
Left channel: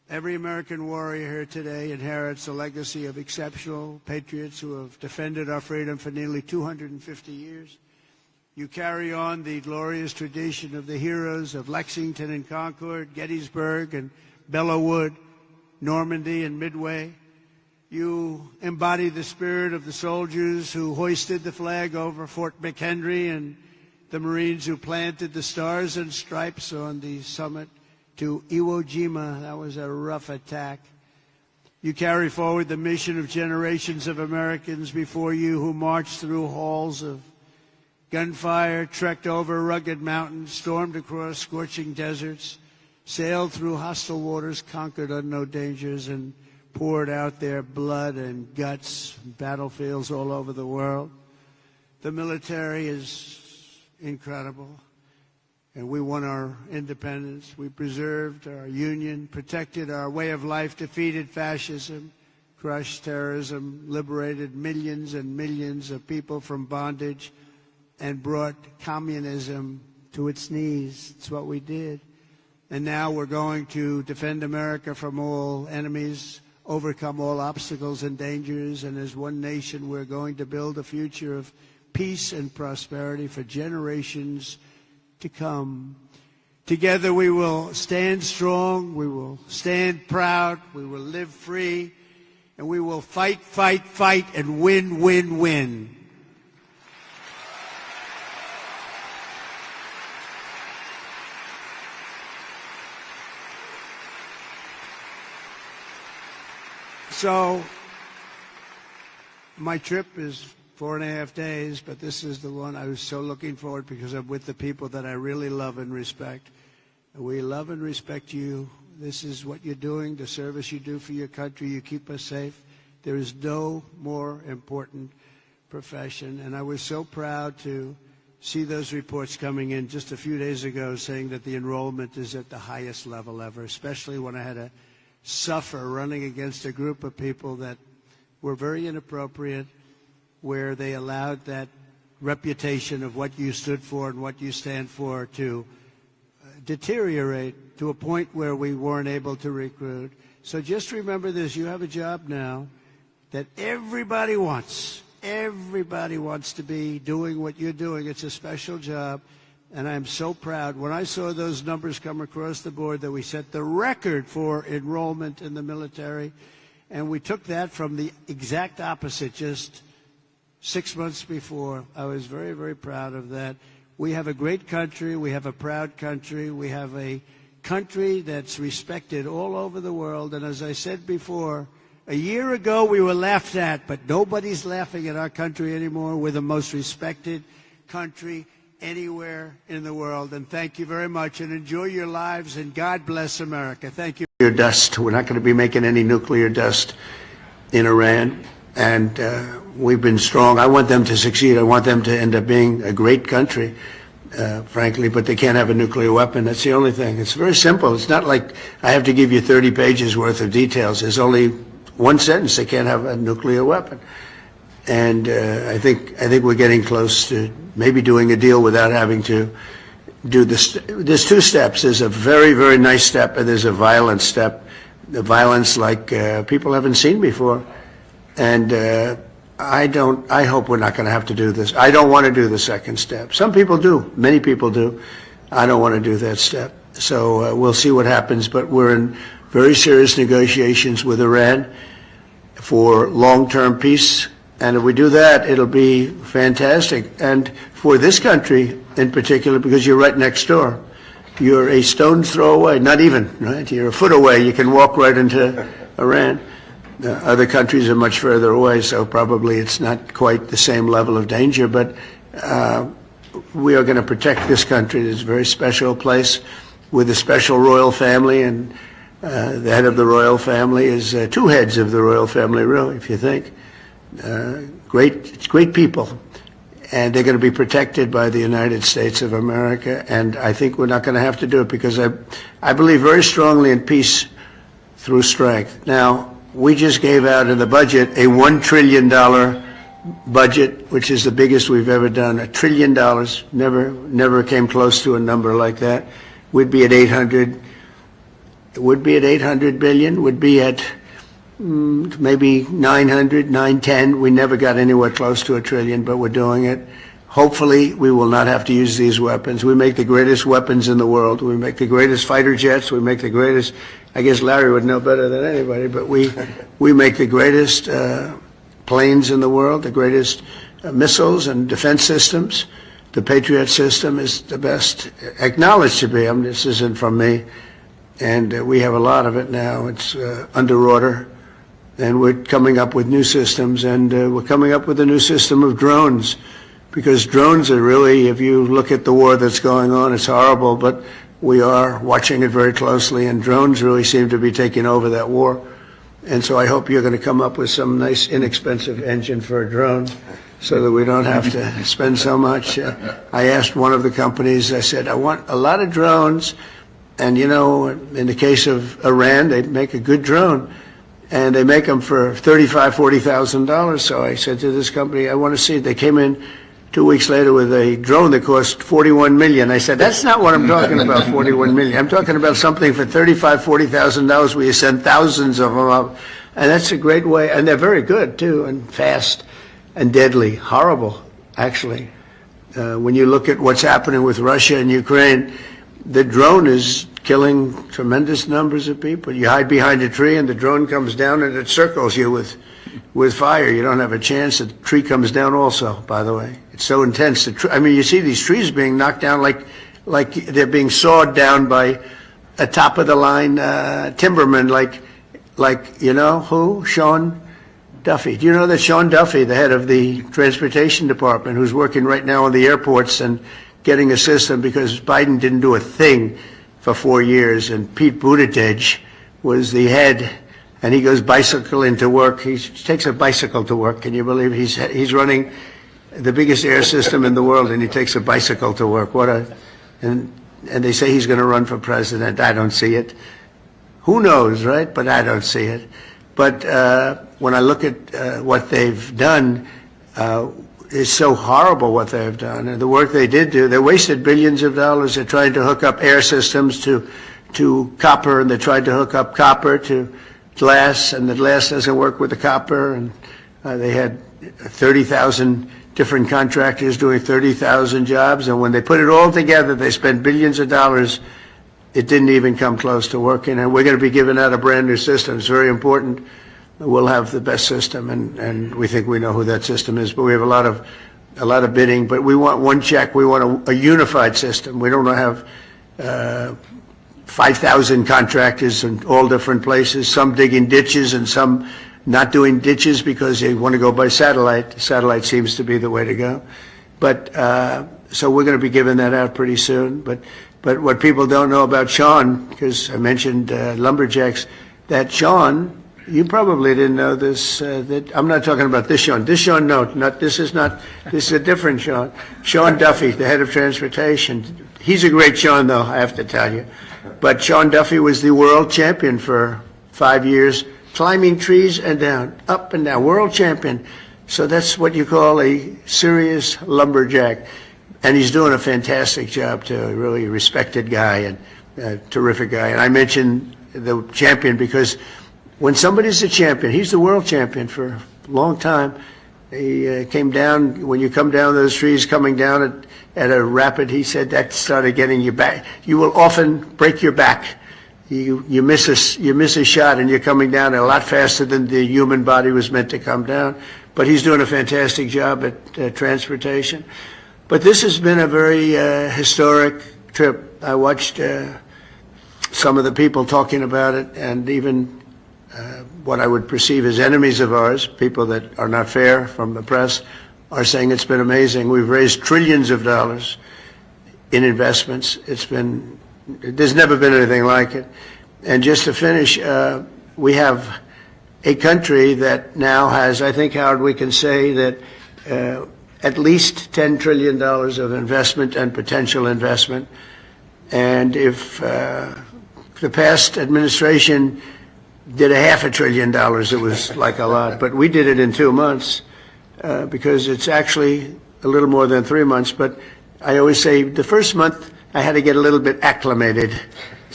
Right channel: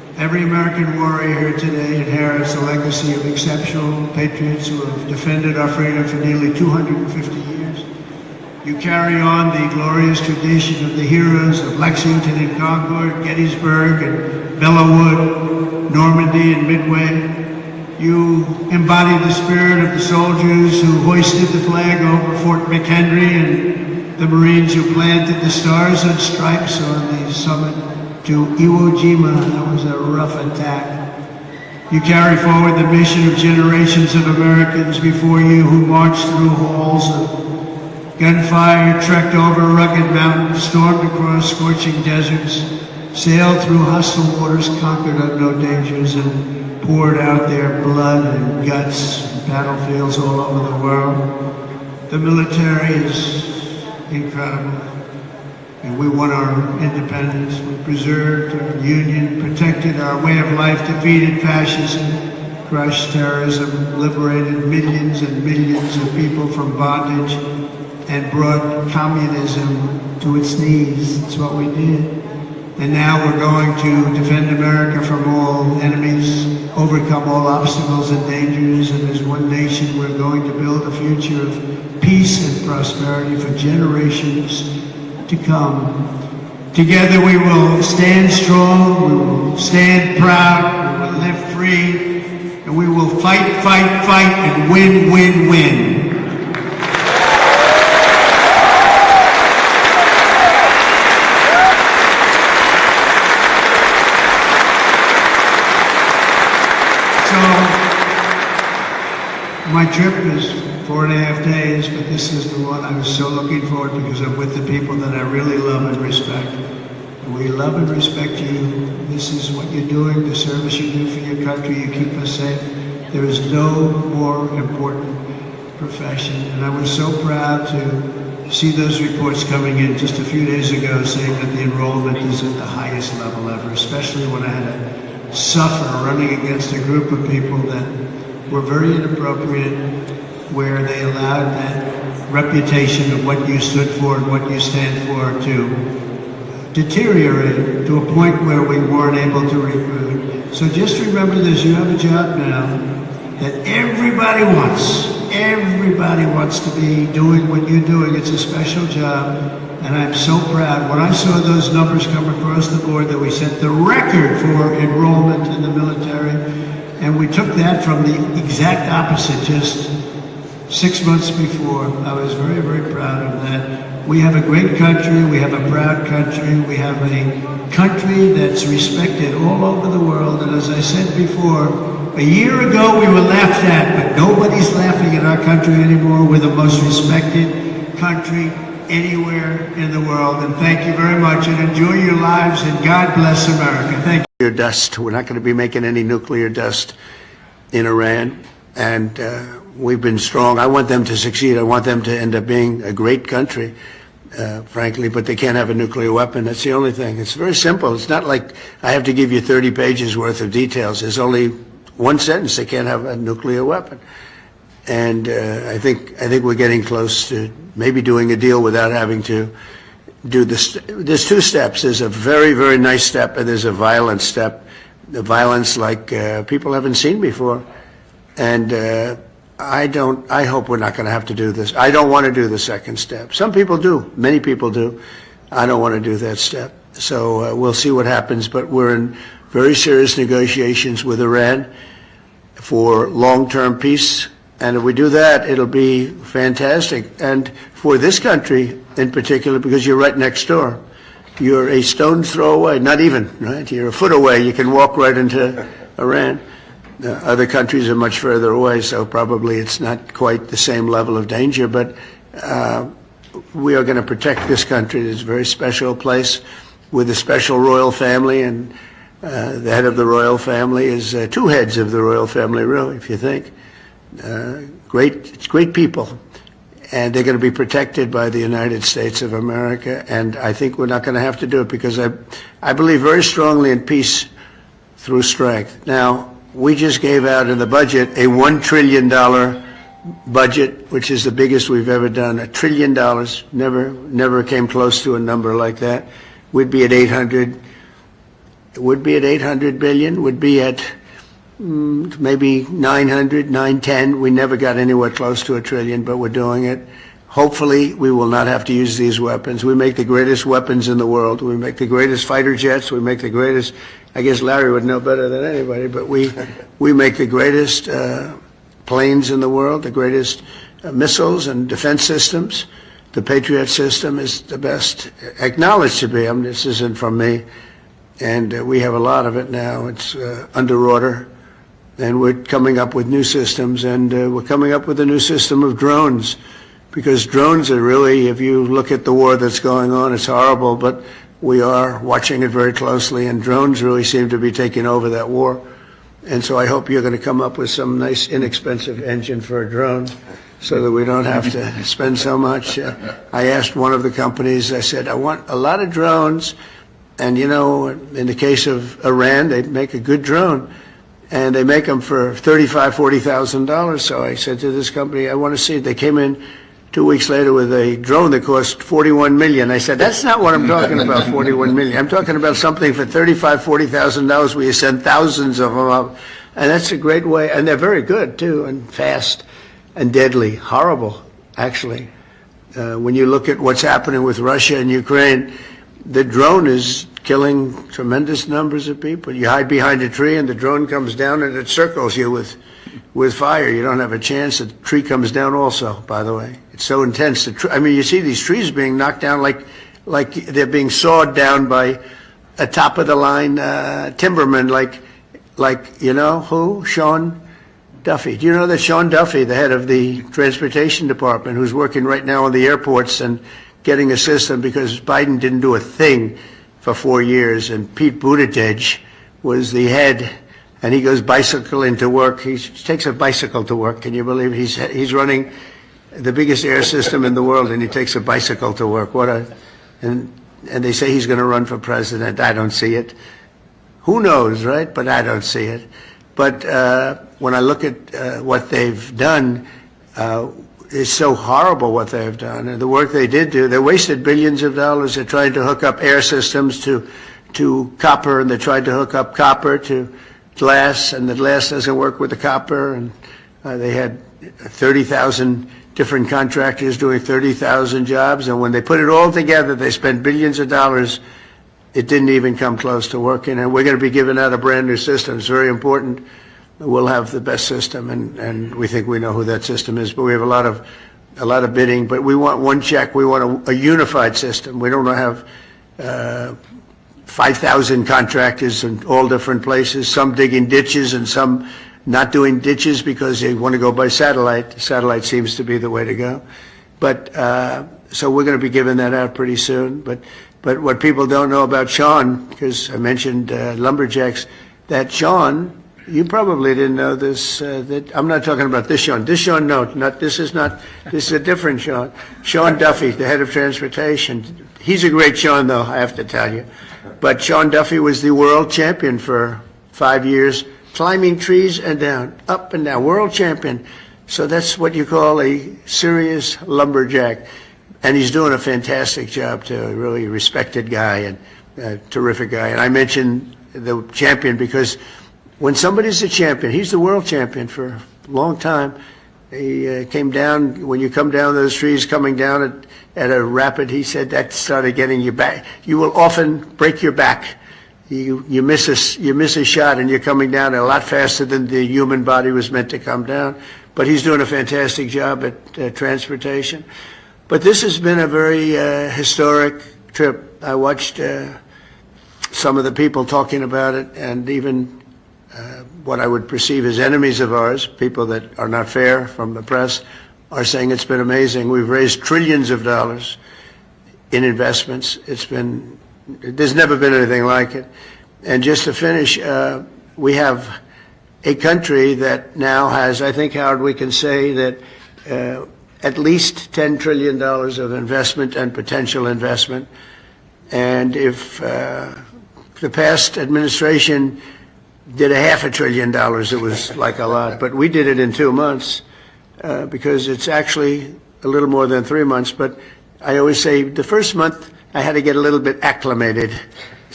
Every American warrior here today inherits a legacy of exceptional patriots who have defended our freedom for nearly 250 years. You carry on the glorious tradition of the heroes of Lexington and Concord, Gettysburg and Belleau, Normandy and Midway. You embody the spirit of the soldiers who hoisted the flag over Fort McHenry and the Marines who planted the stars and stripes on the summit to Iwo Jima. That was a rough attack. You carry forward the mission of generations of Americans before you who marched through halls of gunfire, trekked over rugged mountains, stormed across scorching deserts, sailed through hostile waters, conquered unknown dangers, and poured out their blood and guts in battlefields all over the world. The military is incredible. And we won our independence. We preserved our union, protected our way of life, defeated fascism, crushed terrorism, liberated millions and millions of people from bondage, and brought communism to its knees. That's what we did. And now we're going to defend America from all enemies, overcome all obstacles and dangers, and as one nation we're going to build a future of peace and prosperity for generations to come. Together we will stand strong, we will stand proud, we will live free, and we will fight, fight, fight, and win, win, win. My trip is 4.5 days, but this is the one I was so looking forward to because I'm with the people that I really love and respect. We love and respect you. This is what you're doing, the service you do for your country. You keep us safe. There is no more important profession. And I was so proud to see those reports coming in just a few days ago saying that the enrollment is at the highest level ever, especially when I had to suffer running against a group of people that were very inappropriate, where they allowed that reputation of what you stood for and what you stand for to deteriorate to a point where we weren't able to recruit. So just remember this, you have a job now that everybody wants. Everybody wants to be doing what you're doing. It's a special job, and I'm so proud. When I saw those numbers come across the board that we set the record for enrollment in the military, and we took that from the exact opposite just 6 months before. I was very, very proud of that. We have a great country. We have a proud country. We have a country that's respected all over the world. And as I said before, a year ago we were laughed at, but nobody's laughing at our country anymore. We're the most respected country anywhere in the world. And thank you very much, and enjoy your lives, and God bless America. Thank you. Dust. We're not going to be making any nuclear dust in Iran, and we've been strong. I want them to succeed. I want them to end up being a great country, frankly, but they can't have a nuclear weapon. That's the only thing. It's very simple. It's not like I have to give you 30 pages worth of details. There's only one sentence: they can't have a nuclear weapon. And I think we're getting close to maybe doing a deal without having to do this. There's two steps. There's a very, very nice step, and there's a violent step. The violence like people haven't seen before. And I hope we're not going to have to do this. I don't want to do the second step. Some people do. Many people do. I don't want to do that step. So we'll see what happens. But we're in very serious negotiations with Iran for long-term peace. And if we do that, it'll be fantastic. And for this country in particular, because you're right next door. You're a stone's throw away, not even, right? You're a foot away. You can walk right into Iran. Other countries are much further away, so probably it's not quite the same level of danger. But we are going to protect this country. It's a very special place with a special royal family, and the head of the royal family is two heads of the royal family, really, if you think. Great people, and they're going to be protected by the United States of America. And I think we're not going to have to do it because I believe very strongly in peace through strength. Now, we just gave out in the budget a $1 trillion budget, which is the biggest we've ever done. $1 trillion, never came close to a number like that. We'd be at 800 would be at 800 billion, would be at maybe 900, 910. We never got anywhere close to $1 trillion, but we're doing it. Hopefully, we will not have to use these weapons. We make the greatest weapons in the world. We make the greatest fighter jets. We make the greatest, I guess Larry would know better than anybody, but we make the greatest planes in the world, the greatest missiles and defense systems. The Patriot system is the best, acknowledged to be. I mean, this isn't from me. And we have a lot of it now. It's under order. And we're coming up with new systems. And we're coming up with a new system of drones. Because drones are really, if you look at the war that's going on, it's horrible. But we are watching it very closely. And drones really seem to be taking over that war. And so I hope you're going to come up with some nice, inexpensive engine for a drone so that we don't have to spend so much. I asked one of the companies, I said, I want a lot of drones. And, you know, in the case of Iran, they make a good drone. And they make them for $35,000, $40,000. So I said to this company, I want to see it. They came in 2 weeks later with a drone that cost $41 million. I said, that's not what I'm talking about, $41 million. I'm talking about something for $35,000, $40,000 where you send thousands of them up. And that's a great way. And they're very good, too, and fast and deadly. Horrible, actually. When you look at what's happening with Russia and Ukraine, the drone is killing tremendous numbers of people. You hide behind a tree and the drone comes down and it circles you with fire. You don't have a chance. The tree comes down also, by the way. It's so intense. I mean, you see these trees being knocked down like they're being sawed down by a top-of-the-line timberman, like you know who? Sean Duffy. Do you know that Sean Duffy, the head of the Transportation Department, who's working right now on the airports and getting a system because Biden didn't do a thing for 4 years, and Pete Buttigieg was the head, and he goes bicycling to work. He takes a bicycle to work. Can you believe it? He's running the biggest air system in the world, and he takes a bicycle to work. And they say he's going to run for president. I don't see it. Who knows, right? But I don't see it. But when I look at what they've done, it's so horrible what they've done. And the work they did do, they wasted billions of dollars. They're trying to hook up air systems to copper, and they tried to hook up copper to glass, and the glass doesn't work with the copper. And they had 30,000 different contractors doing 30,000 jobs. And when they put it all together, they spent billions of dollars. It didn't even come close to working. And we're going to be giving out a brand new system. It's very important. We'll have the best system, and we think we know who that system is. But we have a lot of bidding. But we want one check. We want a unified system. We don't want to have 5,000 contractors in all different places. Some digging ditches and some not doing ditches because they want to go by satellite. Satellite seems to be the way to go. But so we're going to be giving that out pretty soon. But what people don't know about Sean, because I mentioned lumberjacks, that Sean. You probably didn't know this. That I'm not talking about this Sean. This Sean, no, this is a different Sean. Sean Duffy, the head of transportation. He's a great Sean, though, I have to tell you. But Sean Duffy was the world champion for 5 years, climbing trees and down, up and down, world champion. So that's what you call a serious lumberjack. And he's doing a fantastic job, too. A really respected guy and a terrific guy. And I mentioned the champion because when somebody's a champion, he's the world champion for a long time. He came down, when you come down those trees, coming down at a rapid, he said that started getting you back. You will often break your back. You miss a shot and you're coming down a lot faster than the human body was meant to come down. But he's doing a fantastic job at transportation. But this has been a very historic trip. I watched some of the people talking about it, and even what I would perceive as enemies of ours, people that are not fair from the press, are saying it's been amazing. We've raised trillions of dollars in investments. There's never been anything like it. And just to finish, we have a country that now has, I think, Howard, we can say that at least $10 trillion of investment and potential investment. And if the past administration did $500 billion, it was like a lot. But we did it in 2 months because it's actually a little more than 3 months. But I always say the first month I had to get a little bit acclimated.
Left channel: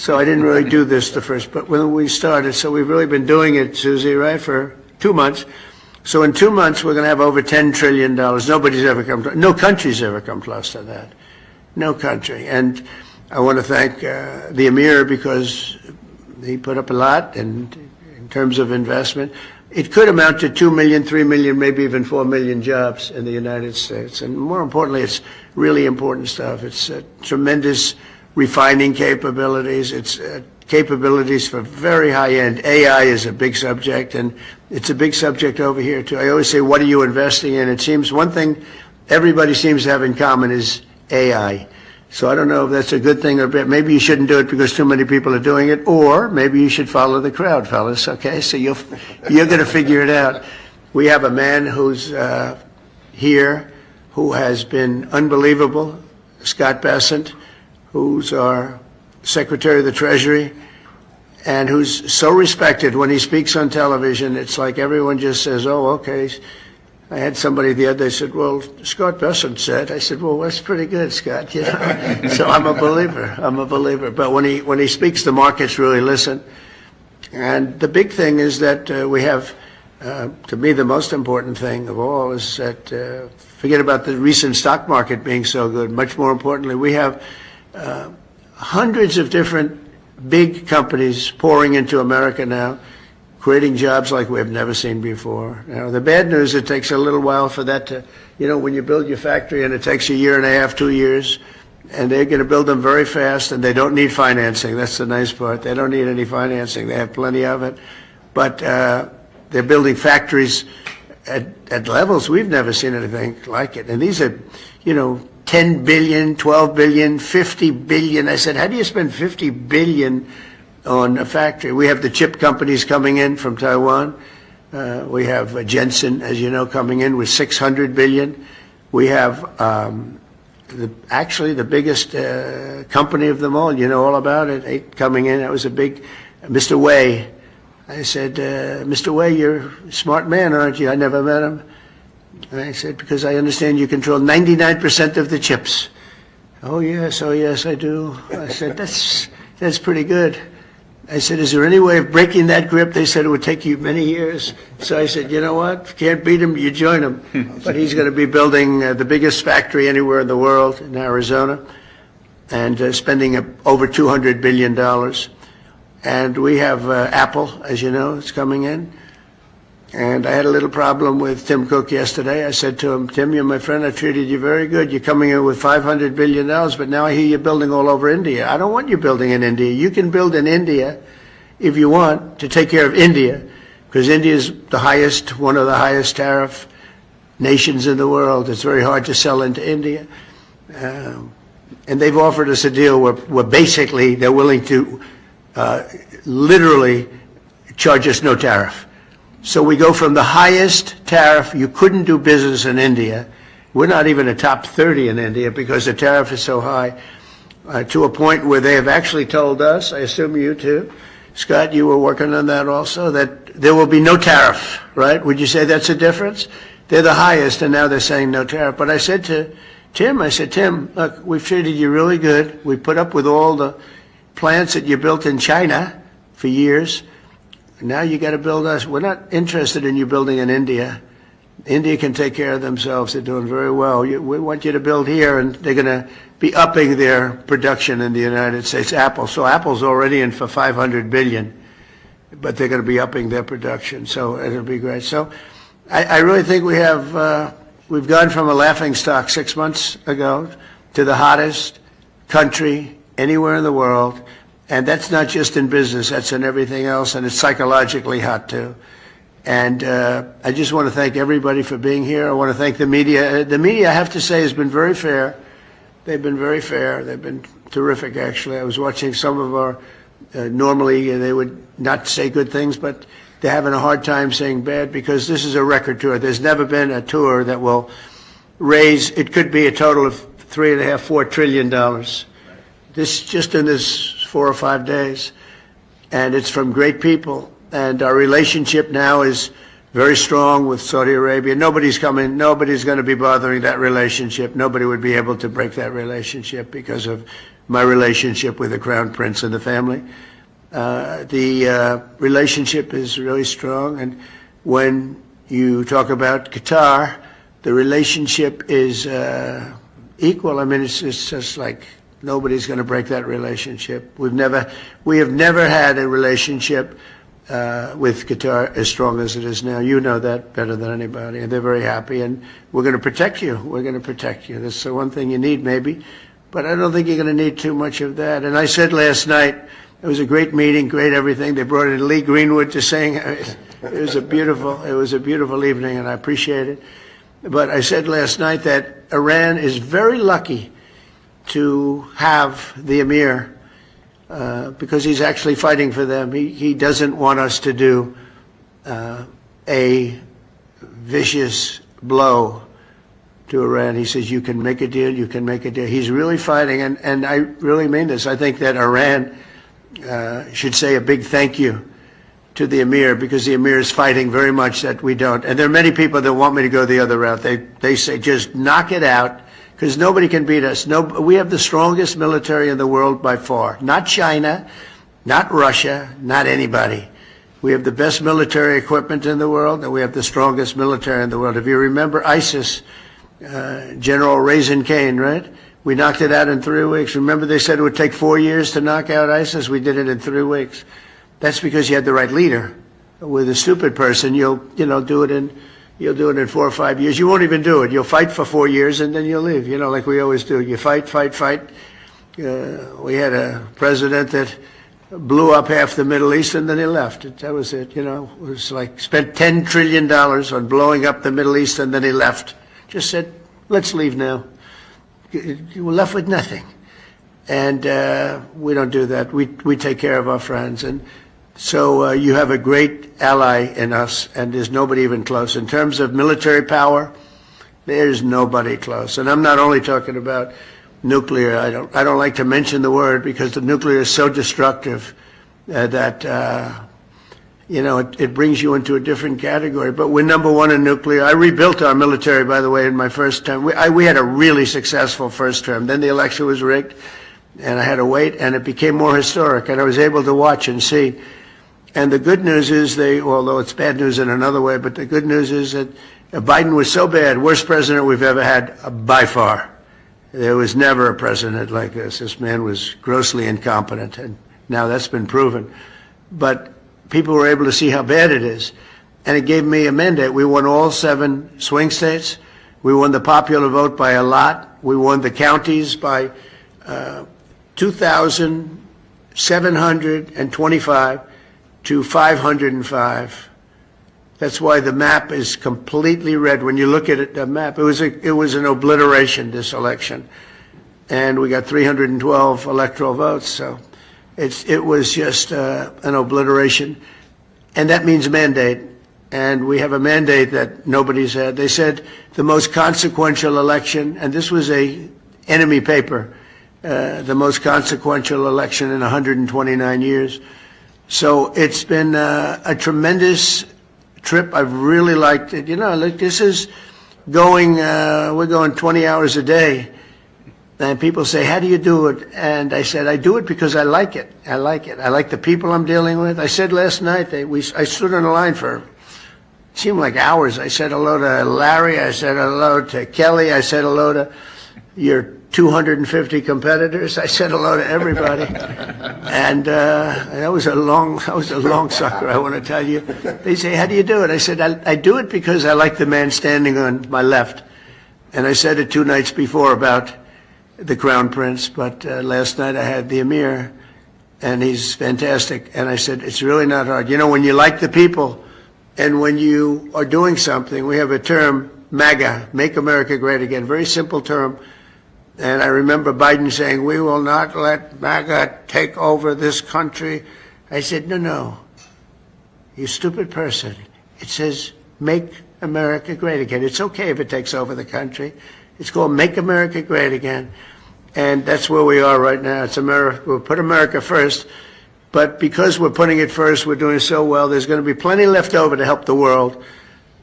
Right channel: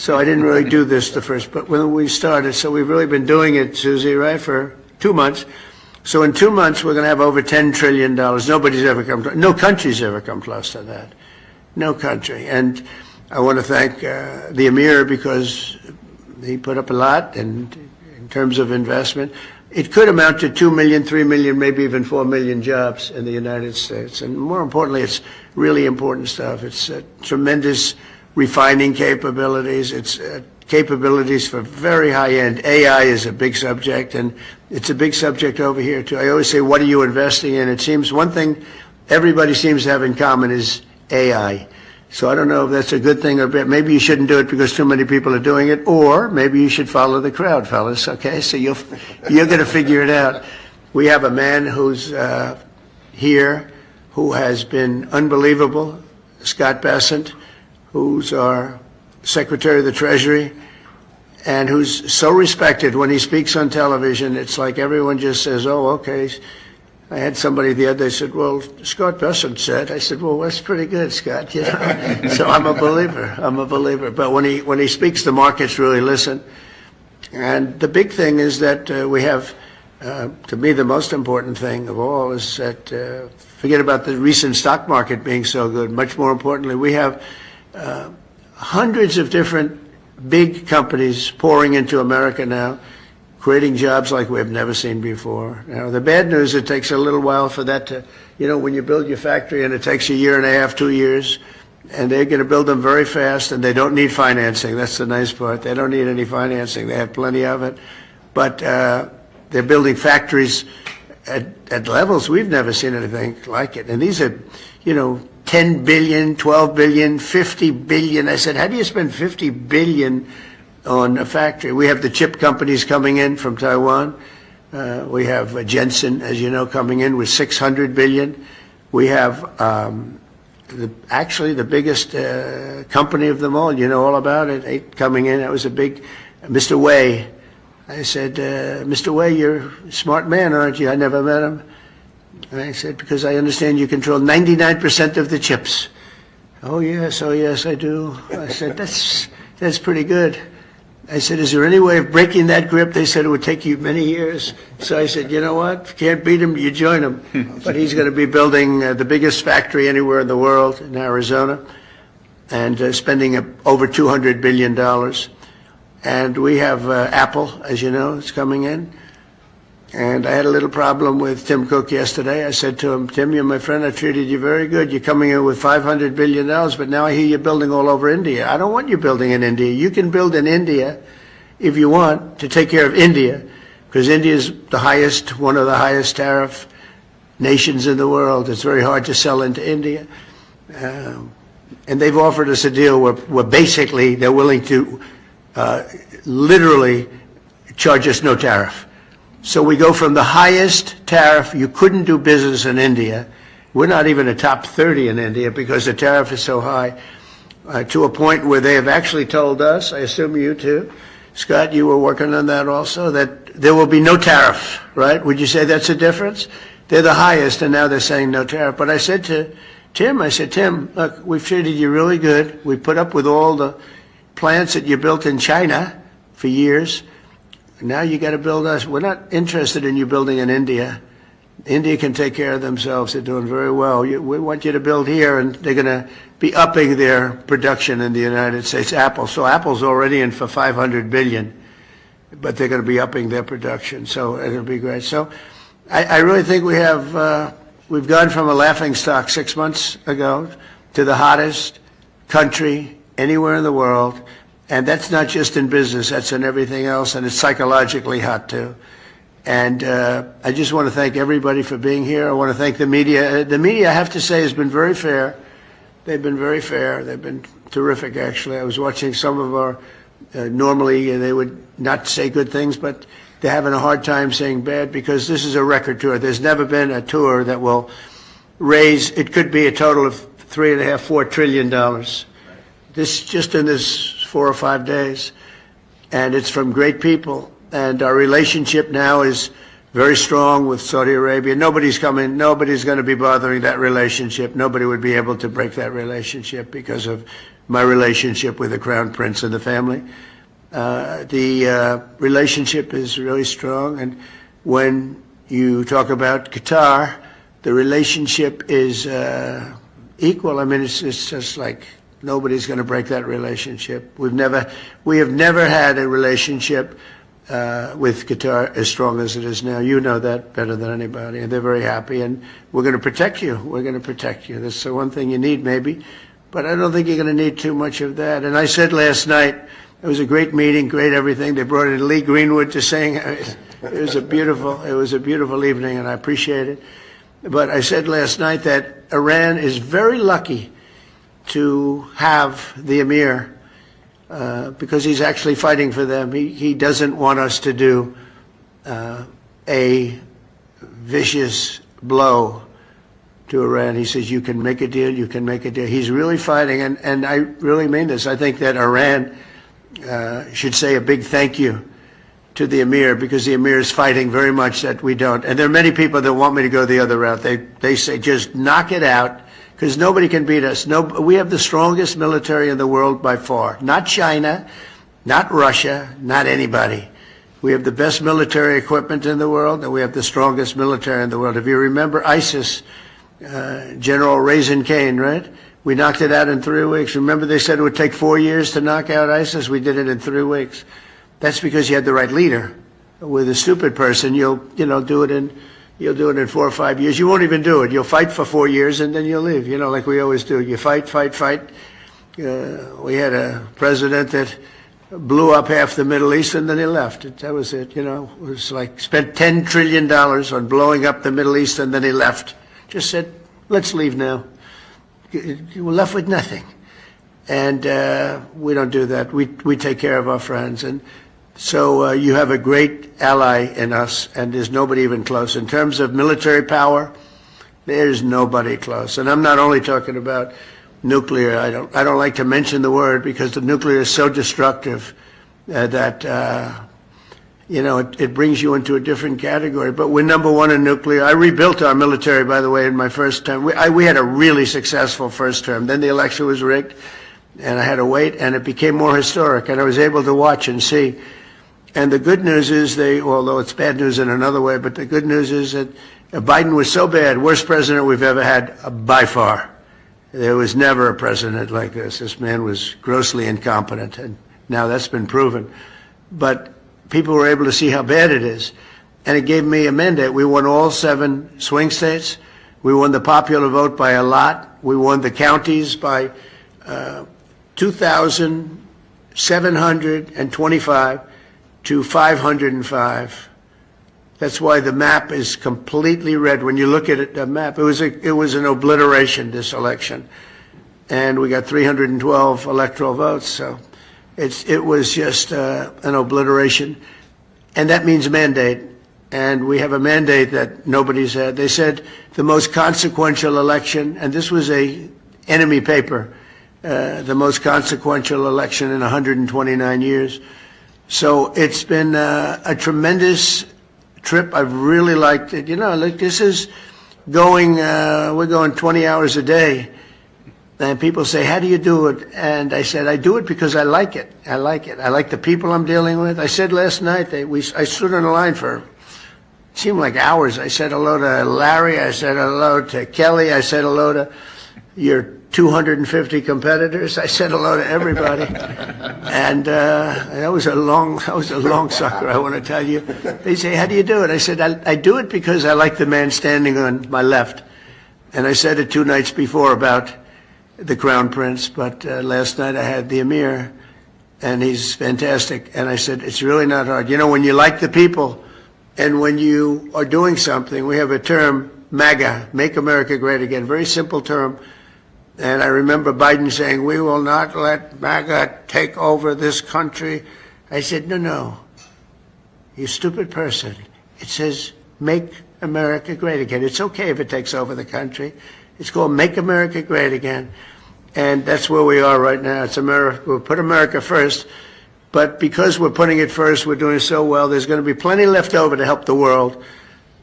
So I didn't really do this the first, but when we started, so we've really been doing it, Susie, right, for 2 months. So in 2 months, we're going to have over $10 trillion. Nobody's ever come, no country's ever come close to that. No country. And I want to thank the Emir because he put up a lot and in terms of investment. It could amount to 2 million, 3 million, maybe even 4 million jobs in the United States. And more importantly, it's really important stuff. It's tremendous refining capabilities. It's capabilities for very high-end. AI is a big subject, and it's a big subject over here, too. I always say, what are you investing in? It seems one thing everybody seems to have in common is AI. So I don't know if that's a good thing or bad. Maybe you shouldn't do it because too many people are doing it, or maybe you should follow the crowd, fellas, okay? So you're going to figure it out. We have a man who's here who has been unbelievable, Scott Bessent, who's our Secretary of the Treasury, and who's so respected. When he speaks on television, it's like everyone just says, oh, okay. I had somebody the other day said, well, Scott Bessent said. I said, well, that's pretty good, Scott. You know? So I'm a believer. I'm a believer. But when he speaks, the markets really listen. And the big thing is that we have, to me, the most important thing of all is that, forget about the recent stock market being so good. Much more importantly, we have hundreds of different big companies pouring into America now, creating jobs like we have never seen before. You know, the bad news, it takes a little while for that to, you know, when you build your factory and it takes a year and a half, 2 years, and they're going to build them very fast and they don't need financing. That's the nice part. They don't need any financing. They have plenty of it. But they're building factories at levels we've never seen anything like it. And these are, you know, 10 billion, 12 billion, 50 billion. I said, how do you spend 50 billion on a factory? We have the chip companies coming in from Taiwan. We have Jensen, as you know, coming in with 600 billion. We have actually the biggest company of them all. You know all about it. Coming in. That was a big, Mr. Wei. I said, Mr. Wei, you're a smart man, aren't you? I never met him. And I said, because I understand you control 99% of the chips. Oh yes, I do. I said, that's pretty good. I said, is there any way of breaking that grip? They said it would take you many years. So I said, you know what? If you can't beat him, you join him. But he's going to be building the biggest factory anywhere in the world in Arizona and spending over $200 billion. And we have Apple, as you know, is coming in. And I had a little problem with Tim Cook yesterday. I said to him, Tim, you're my friend. I treated you very good. You're coming in with $500 billion, but now I hear you're building all over India. I don't want you building in India. You can build in India if you want to take care of India, because India is the highest, one of the highest tariff nations in the world. It's very hard to sell into India. And they've offered us a deal where basically they're willing to literally charge us no tariff. So we go from the highest tariff, you couldn't do business in India, we're not even a top 30 in India because the tariff is so high, to a point where they have actually told us, I assume you too, Scott, you were working on that also, that there will be no tariff, right? Would you say that's a difference? They're the highest and now they're saying no tariff. But I said to Tim, Tim, look, we've treated you really good. We put up with all the plants that you built in China for years. Now you got to build us. We're not interested in you building in India. India can take care of themselves. They're doing very well. We want you to build here, and they're going to be upping their production in the United States. Apple. So Apple's already in for $500 billion, but they're going to be upping their production. So it'll be great. So I really think we have, we've gone from a laughingstock 6 months ago to the hottest country anywhere in the world. And that's not just in business, that's in everything else, and it's psychologically hot too. And I just want to thank everybody for being here. I want to thank the media. The media, I have to say, has been very fair. They've been very fair. They've been terrific, actually. I was watching some of our, normally they would not say good things, but they're having a hard time saying bad because this is a record tour. There's never been a tour that will raise, it could be a total of $3.5–4 trillion. This, just in this 4 or 5 days, and it's from great people. And our relationship now is very strong with Saudi Arabia. Nobody's going to be bothering that relationship. Nobody would be able to break that relationship because of my relationship with the Crown Prince and the family. The relationship is really strong, and when you talk about Qatar, the relationship is equal. I mean, it's just like nobody's going to break that relationship. We have never had a relationship with Qatar as strong as it is now. You know that better than anybody, and they're very happy, and we're going to protect you. We're going to protect you. That's the one thing you need, maybe, but I don't think you're going to need too much of that. And I said last night, it was a great meeting, great everything. They brought in Lee Greenwood to sing. It was a beautiful evening, and I appreciate it. But I said last night that Iran is very lucky to have the Emir because he's actually fighting for them. He doesn't want us to do a vicious blow to Iran. He says, you can make a deal, you can make a deal. He's really fighting, and I really mean this. I think that Iran should say a big thank you to the Emir, because the Emir is fighting very much that we don't. And there are many people that want me to go the other route. They say, just knock it out, because nobody can beat us. We have the strongest military in the world by far. Not China, not Russia, not anybody. We have the best military equipment in the world, and we have the strongest military in the world. If you remember ISIS, General Raisin Kane, right? We knocked it out in 3 weeks. Remember they said it would take 4 years to knock out ISIS? We did it in 3 weeks. That's because you had the right leader. With a stupid person, you'll do it in 4 or 5 years. You won't even do it. You'll fight for 4 years and then you'll leave. Like we always do. You fight. We had a president that blew up half the Middle East and then he left. That was it. It was like spent $10 trillion on blowing up the Middle East and then he left. Just said, let's leave now. You were left with nothing. And we don't do that. We take care of our friends. And so you have a great ally in us, and there's nobody even close. In terms of military power, there's nobody close. And I'm not only talking about nuclear. I don't like to mention the word because the nuclear is so destructive that it brings you into a different category. But we're number one in nuclear. I rebuilt our military, by the way, in my first term. We had a really successful first term. Then the election was rigged, and I had to wait, and it became more historic, and I was able to watch and see. And the good news is although it's bad news in another way, but the good news is that Biden was so bad, worst president we've ever had by far. There was never a president like this. This man was grossly incompetent, and now that's been proven. But people were able to see how bad it is, and it gave me a mandate. We won all 7 swing states. We won the popular vote by a lot. We won the counties by 2,725 to 505. That's why the map is completely red. When you look at it, the map, it was an obliteration, this election. And we got 312 electoral votes, so it was just an obliteration. And that means mandate. And we have a mandate that nobody's had. They said the most consequential election, and this was a enemy paper, the most consequential election in 129 years. So it's been a tremendous trip. I've really liked it. This is going, we're going 20 hours a day. And people say, how do you do it? And I said, I do it because I like it. I like it. I like the people I'm dealing with. I said last night, I stood on the line for, it seemed like hours. I said hello to Larry. I said hello to Kelly. I said hello to your 250 competitors. I said hello to everybody. And that was a long sucker, I want to tell you. They say, how do you do it? I said, I do it because I like the man standing on my left. And I said it 2 nights before about the Crown Prince, but last night I had the Emir, and he's fantastic. And I said, it's really not hard. When you like the people, and when you are doing something, we have a term, MAGA, Make America Great Again, very simple term. And I remember Biden saying, we will not let MAGA take over this country. I said, no, you stupid person. It says, Make America Great Again. It's okay if it takes over the country. It's called Make America Great Again. And that's where we are right now. It's America. We'll put America first. But because we're putting it first, we're doing so well, there's going to be plenty left over to help the world.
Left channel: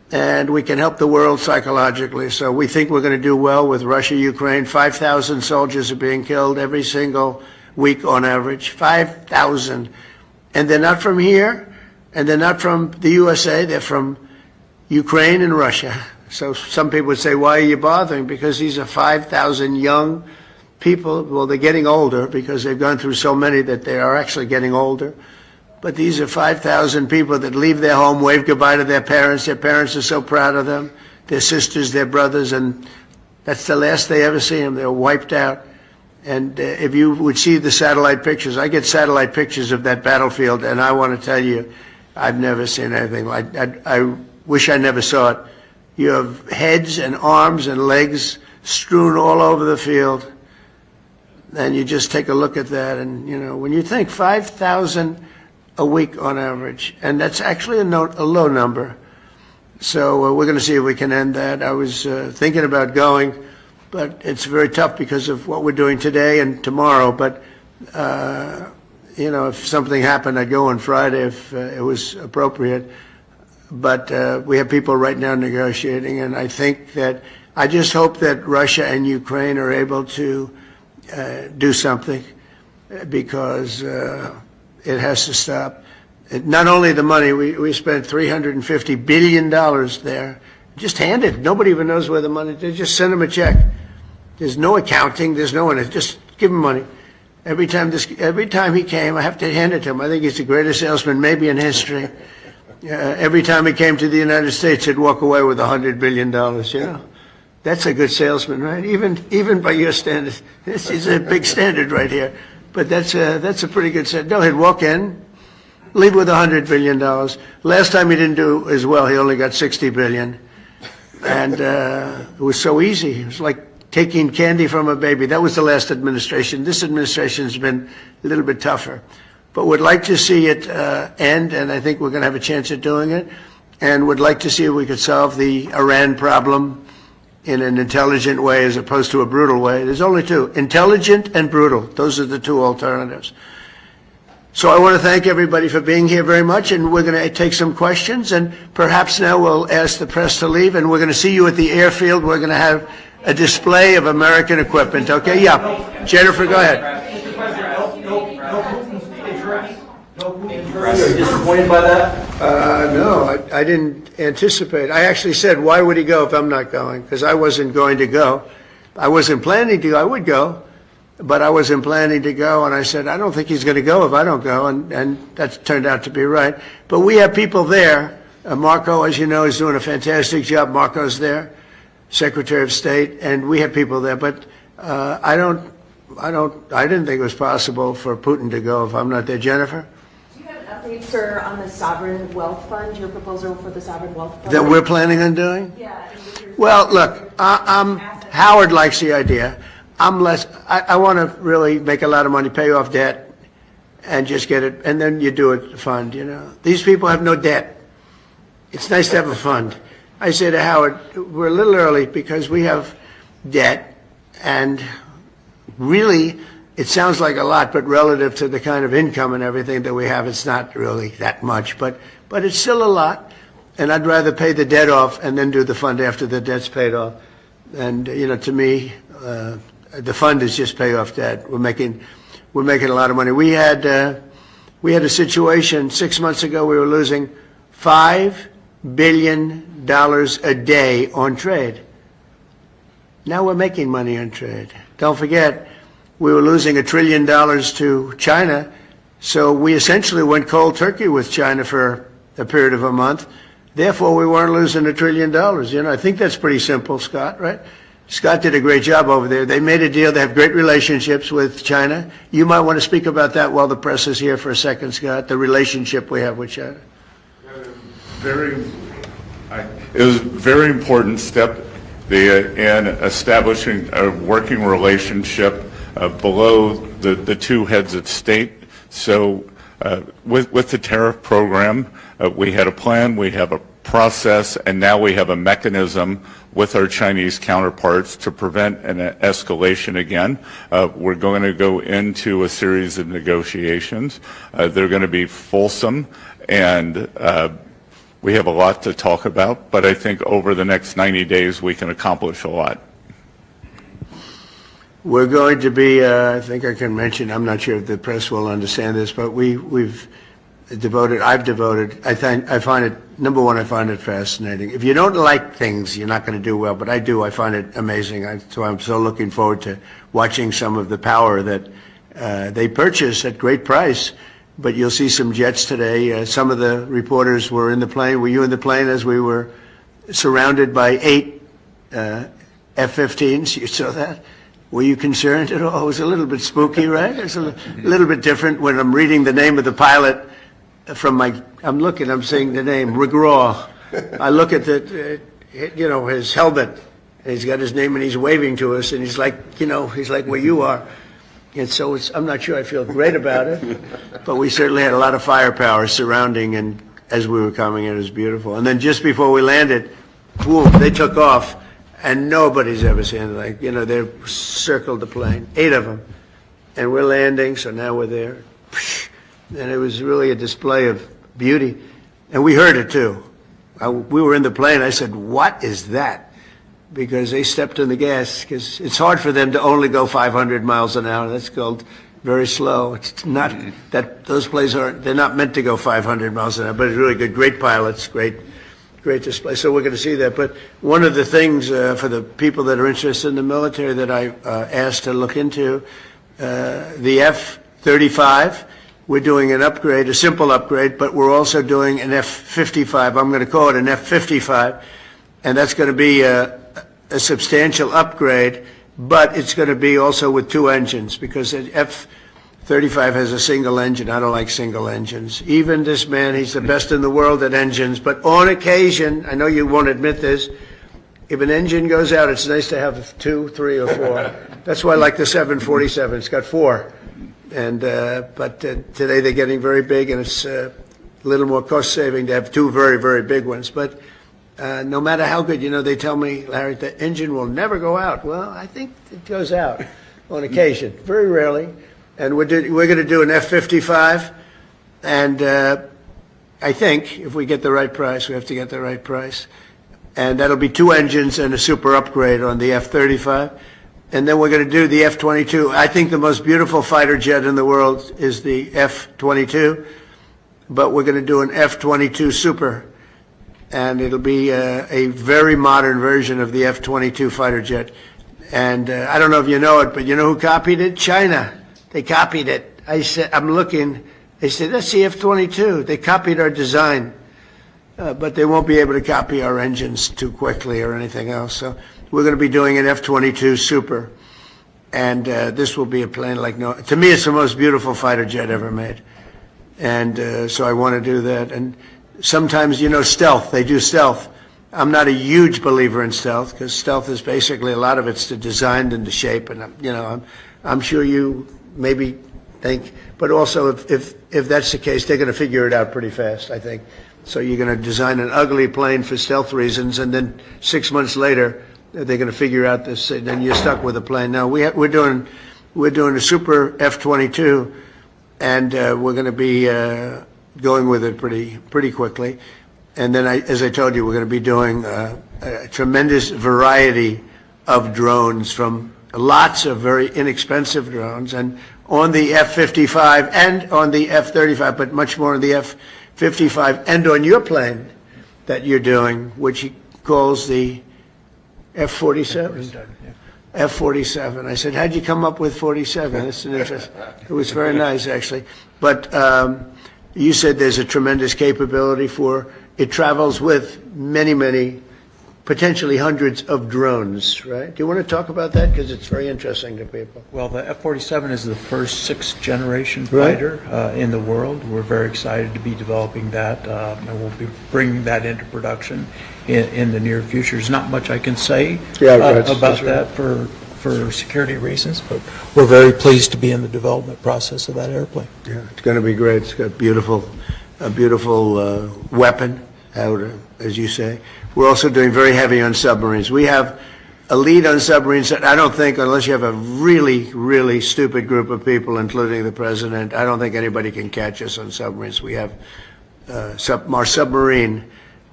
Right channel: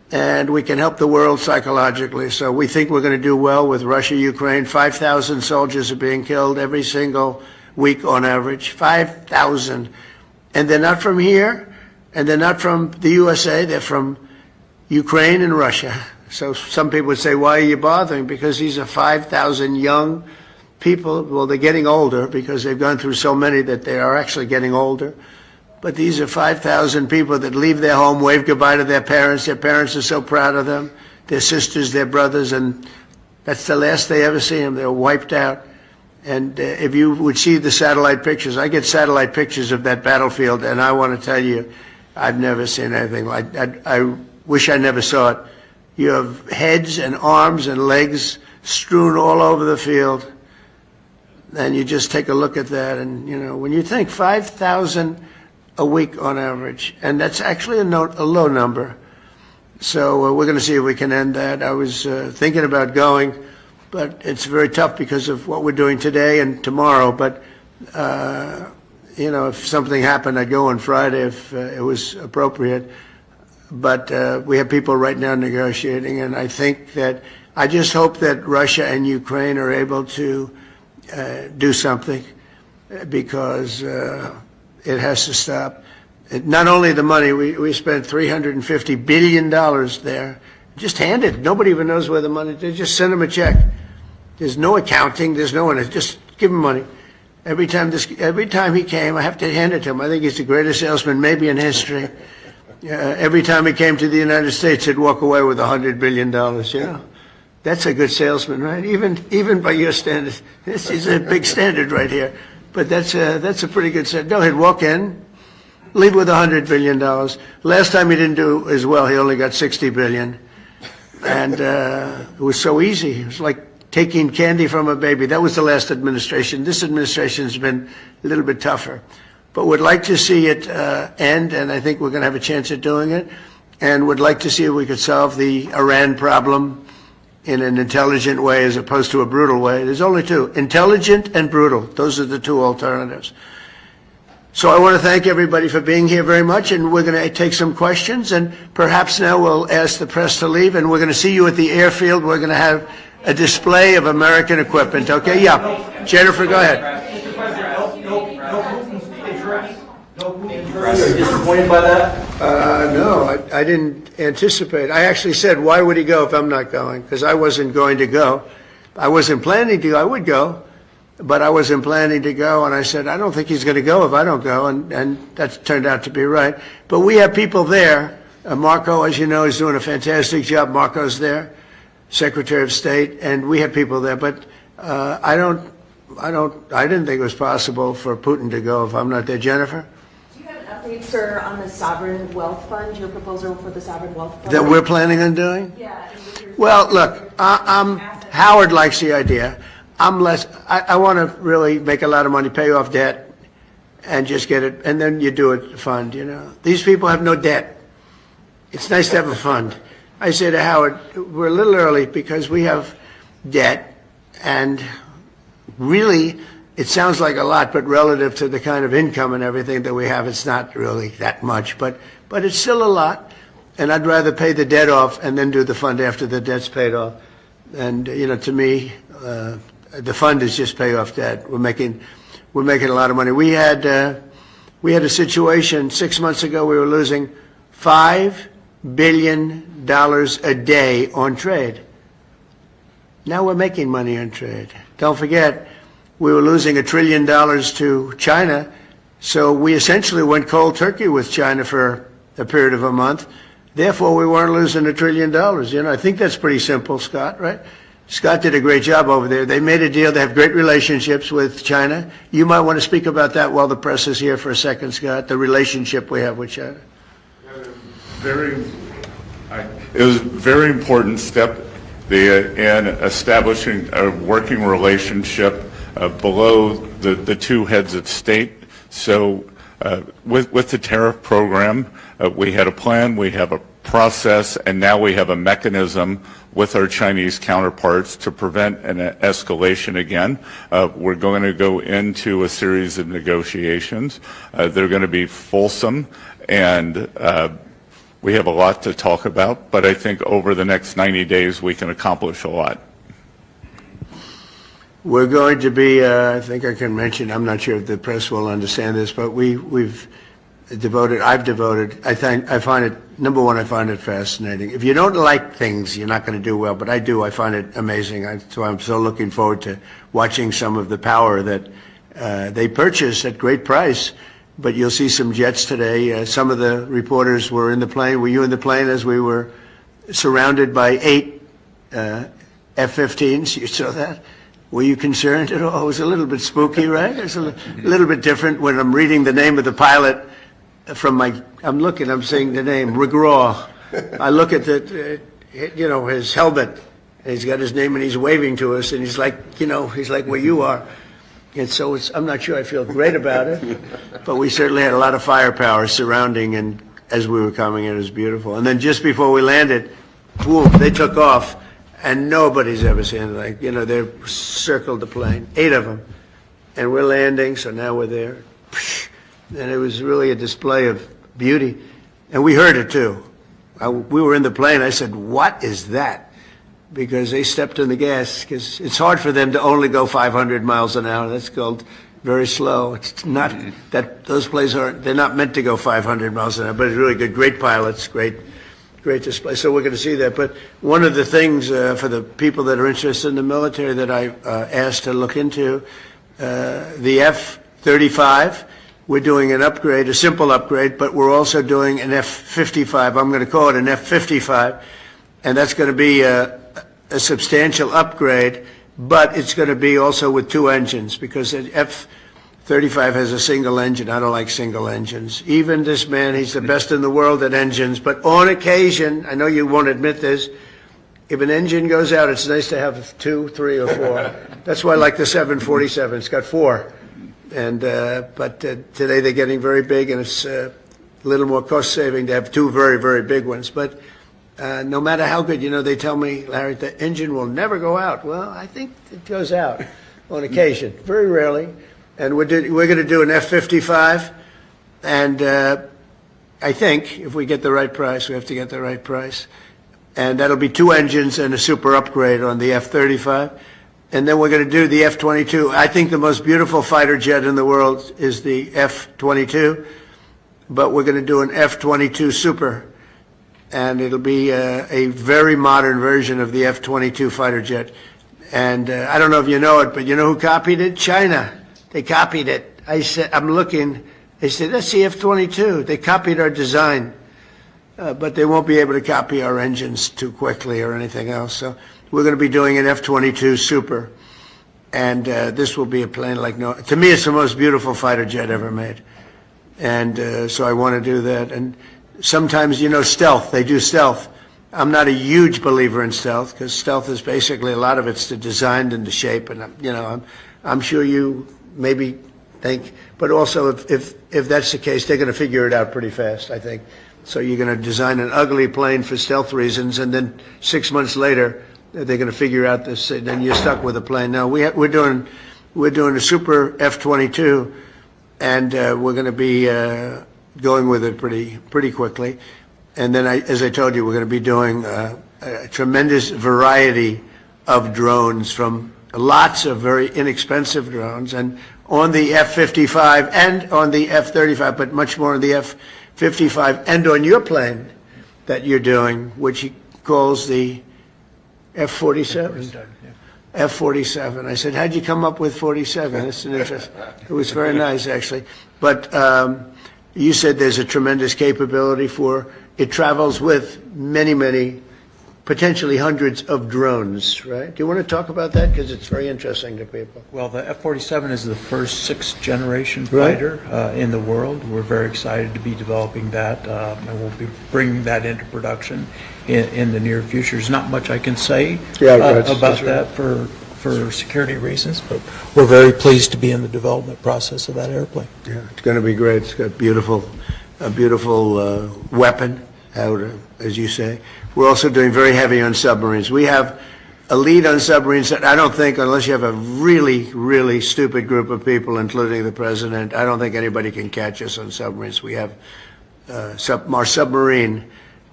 and we can help the world psychologically. So we think we're going to do well with Russia, Ukraine. 5,000 soldiers are being killed every single week on average. 5,000. And they're not from here, and they're not from the USA. They're from Ukraine and Russia. So some people would say, why are you bothering? Because these are 5,000 young people. Well, they're getting older because they've gone through so many that they are actually getting older. But these are 5,000 people that leave their home, wave goodbye to their parents. Their parents are so proud of them, their sisters, their brothers, and that's the last they ever see them. They're wiped out. And if you would see the satellite pictures, I get satellite pictures of that battlefield, and I want to tell you, I've never seen anything like that. I wish I never saw it. You have heads and arms and legs strewn all over the field, and you just take a look at that, and, you know, when you think 5,000 a week on average, and that's actually a low number. So we're going to see if we can end that. I was thinking about going, but it's very tough because of what we're doing today and tomorrow. But, you know, if something happened, I'd go on Friday if it was appropriate. But we have people right now negotiating, and I think that I just hope that Russia and Ukraine are able to do something, because it has to stop. Not only the money, we spent $350 billion there. Just hand it. Nobody even knows where the money is. They just send them a check. There's no accounting. There's no one. Just give him money. Every time he came, I have to hand it to him. I think he's the greatest salesman maybe in history. Every time he came to the United States, he'd walk away with $100 billion, you know. That's a good salesman, right? Even by your standards. This is a big standard right here. But that's a pretty good set. No, he'd walk in, leave with $100 billion. Last time he didn't do as well. He only got $60 billion. And it was so easy. It was like taking candy from a baby. That was the last administration. This administration's been a little bit tougher. But would like to see it end, and I think we're going to have a chance at doing it. And would like to see if we could solve the Iran problem in an intelligent way as opposed to a brutal way. There's only two, intelligent and brutal. Those are the two alternatives. So I want to thank everybody for being here very much, and we're going to take some questions, and perhaps now we'll ask the press to leave, and we're going to see you at the airfield. We're going to have a display of American equipment, okay? Yeah. Jennifer, go ahead. Mr. President, no Putin speech address. No Putin address. Are you disappointed by that? No, I didn't anticipate. I actually said, why would he go if I'm not going? Because I wasn't going to go. I wasn't planning to go. I would go, but I wasn't planning to go. And I said, I don't think he's going to go if I don't go. And that turned out to be right. But we have people there. Marco, as you know, is doing a fantastic job. Marco's there, Secretary of State, and we have people there. But I didn't think it was possible for Putin to go if I'm not there. Jennifer? Update, sir, on the sovereign wealth fund, your proposal for the sovereign wealth fund? That we're planning on doing? Yeah. Well, look, Howard likes the idea. I want to really make a lot of money, pay off debt, and just get it, and then you do a fund, you know. These people have no debt. It's nice to have a fund. I say to Howard, we're a little early because we have debt, and really, it sounds like a lot, but relative to the kind of income and everything that we have, it's not really that much. But it's still a lot, and I'd rather pay the debt off and then do the fund after the debt's paid off. And, you know, to me, the fund is just pay off debt. We're making a lot of money. We had a situation 6 months ago. We were losing $5 billion a day on trade. Now we're making money on trade. Don't forget, we were losing $1 trillion to China, so we essentially went cold turkey with China for a period of a month. Therefore, we weren't losing $1 trillion. You know, I think that's pretty simple, Scott, right? Scott did a great job over there. They made a deal. They have great relationships with China. You might want to speak about that while the press is here for a second, Scott, the relationship we have with China. It was a very important step in establishing a working relationship below the two heads of state. So with the tariff program, we had a plan, we have a process, and now we have a mechanism with our Chinese counterparts to prevent an escalation again. We're going to go into a series of negotiations. They're going to be fulsome, and we have a lot to talk about, but I think over the next 90 days we can accomplish a lot. We're going to be, I think I can mention, I'm not sure if the press will understand this, but I've devoted, I find it, number one, I find it fascinating. If you don't like things, you're not going to do well, but I do. I find it amazing. So I'm so looking forward to watching some of the power that they purchase at great price. But you'll see some jets today. Some of the reporters were in the plane. Were you in the plane as we were surrounded by 8 F-15s? You saw that? Were you concerned at all? It was a little bit spooky, right? It's a little bit different when I'm reading the name of the pilot from I'm saying the name, Regraw. I look at his helmet, and he's got his name, and he's waving to us, and he's like where you are. And so I'm not sure I feel great about it, but we certainly had a lot of firepower surrounding, and as we were coming in, it was beautiful. And then just before we landed, boom, they took off, and nobody's ever seen it. They circled the plane, 8 of them, and we're landing, so now we're there. And it was really a display of beauty, and we heard it too. We were in the plane. I said, "What is that?" Because they stepped on the gas, because it's hard for them to only go 500 miles an hour. That's called very slow. It's not that those planes they're not meant to go 500 miles an hour, but it's really good. Great pilots, great display. So we're going to see that. But one of the things for the people that are interested in the military that I asked to look into, the F-35, we're doing an upgrade, a simple upgrade, but we're also doing an F-55. I'm going to call it an F-55, and that's going to be a substantial upgrade, but it's going to be also with 2 engines, because the F-35 has a single engine. I don't like single engines. Even this man, he's the best in the world at engines, but on occasion, I know you won't admit this, if an engine goes out, it's nice to have 2, 3, or 4. That's why I like the 747. It's got 4. And but today they're getting very big, and it's a little more cost-saving to have 2 very, very big ones. But no matter how good, they tell me, Larry, the engine will never go out. Well, I think it goes out on occasion, very rarely. And we're going to do an F-55, and I think if we get the right price, we have to get the right price, and that'll be 2 engines and a super upgrade on the F-35. And then we're going to do the F-22. I think the most beautiful fighter jet in the world is the F-22, but we're going to do an F-22 Super, and it'll be a very modern version of the F-22 fighter jet. And I don't know if you know it, but you know who copied it? China. They copied it. I said, I'm looking. They said, that's the F-22. They copied our design, but they won't be able to copy our engines too quickly or anything else. So we're going to be doing an F-22 Super, and this will be a plane like to me, it's the most beautiful fighter jet ever made. And so I want to do that. And sometimes, stealth, they do stealth. I'm not a huge believer in stealth, because stealth is basically, a lot of it's the design and the shape, and I'm sure you maybe think, but also if that's the case, they're going to figure it out pretty fast, I think. So you're going to design an ugly plane for stealth reasons, and then 6 months later, they're going to figure out this, and then you're stuck with a plane. Now we're doing a super F-22, and we're going to be going with it pretty quickly. And then, as I told you, we're going to be doing a tremendous variety of drones, from lots of very inexpensive drones, and on the F-55 and on the F-35, but much more on the F-55 and on your plane that you're doing, which he calls the F-47. F-47. I said, how'd you come up with 47? That's an interest. It was very nice, actually. But you said there's a tremendous capability for, it travels with many, many, potentially hundreds of drones, right? Do you want to talk about that? Because it's very interesting to people. Well, the F-47 is the first 6th generation fighter in the world. We're very excited to be developing that, and we'll be bringing that into production in the near future. There's not much I can say about that for security reasons, but we're very pleased to be in the development process of that airplane. Yeah, it's going to be great. It's got a beautiful weapon, as you say. We're also doing very heavy on submarines. We have a lead on submarines that I don't think, unless you have a really, really stupid group of people, including the president, I don't think anybody can catch us on submarines. We have our submarine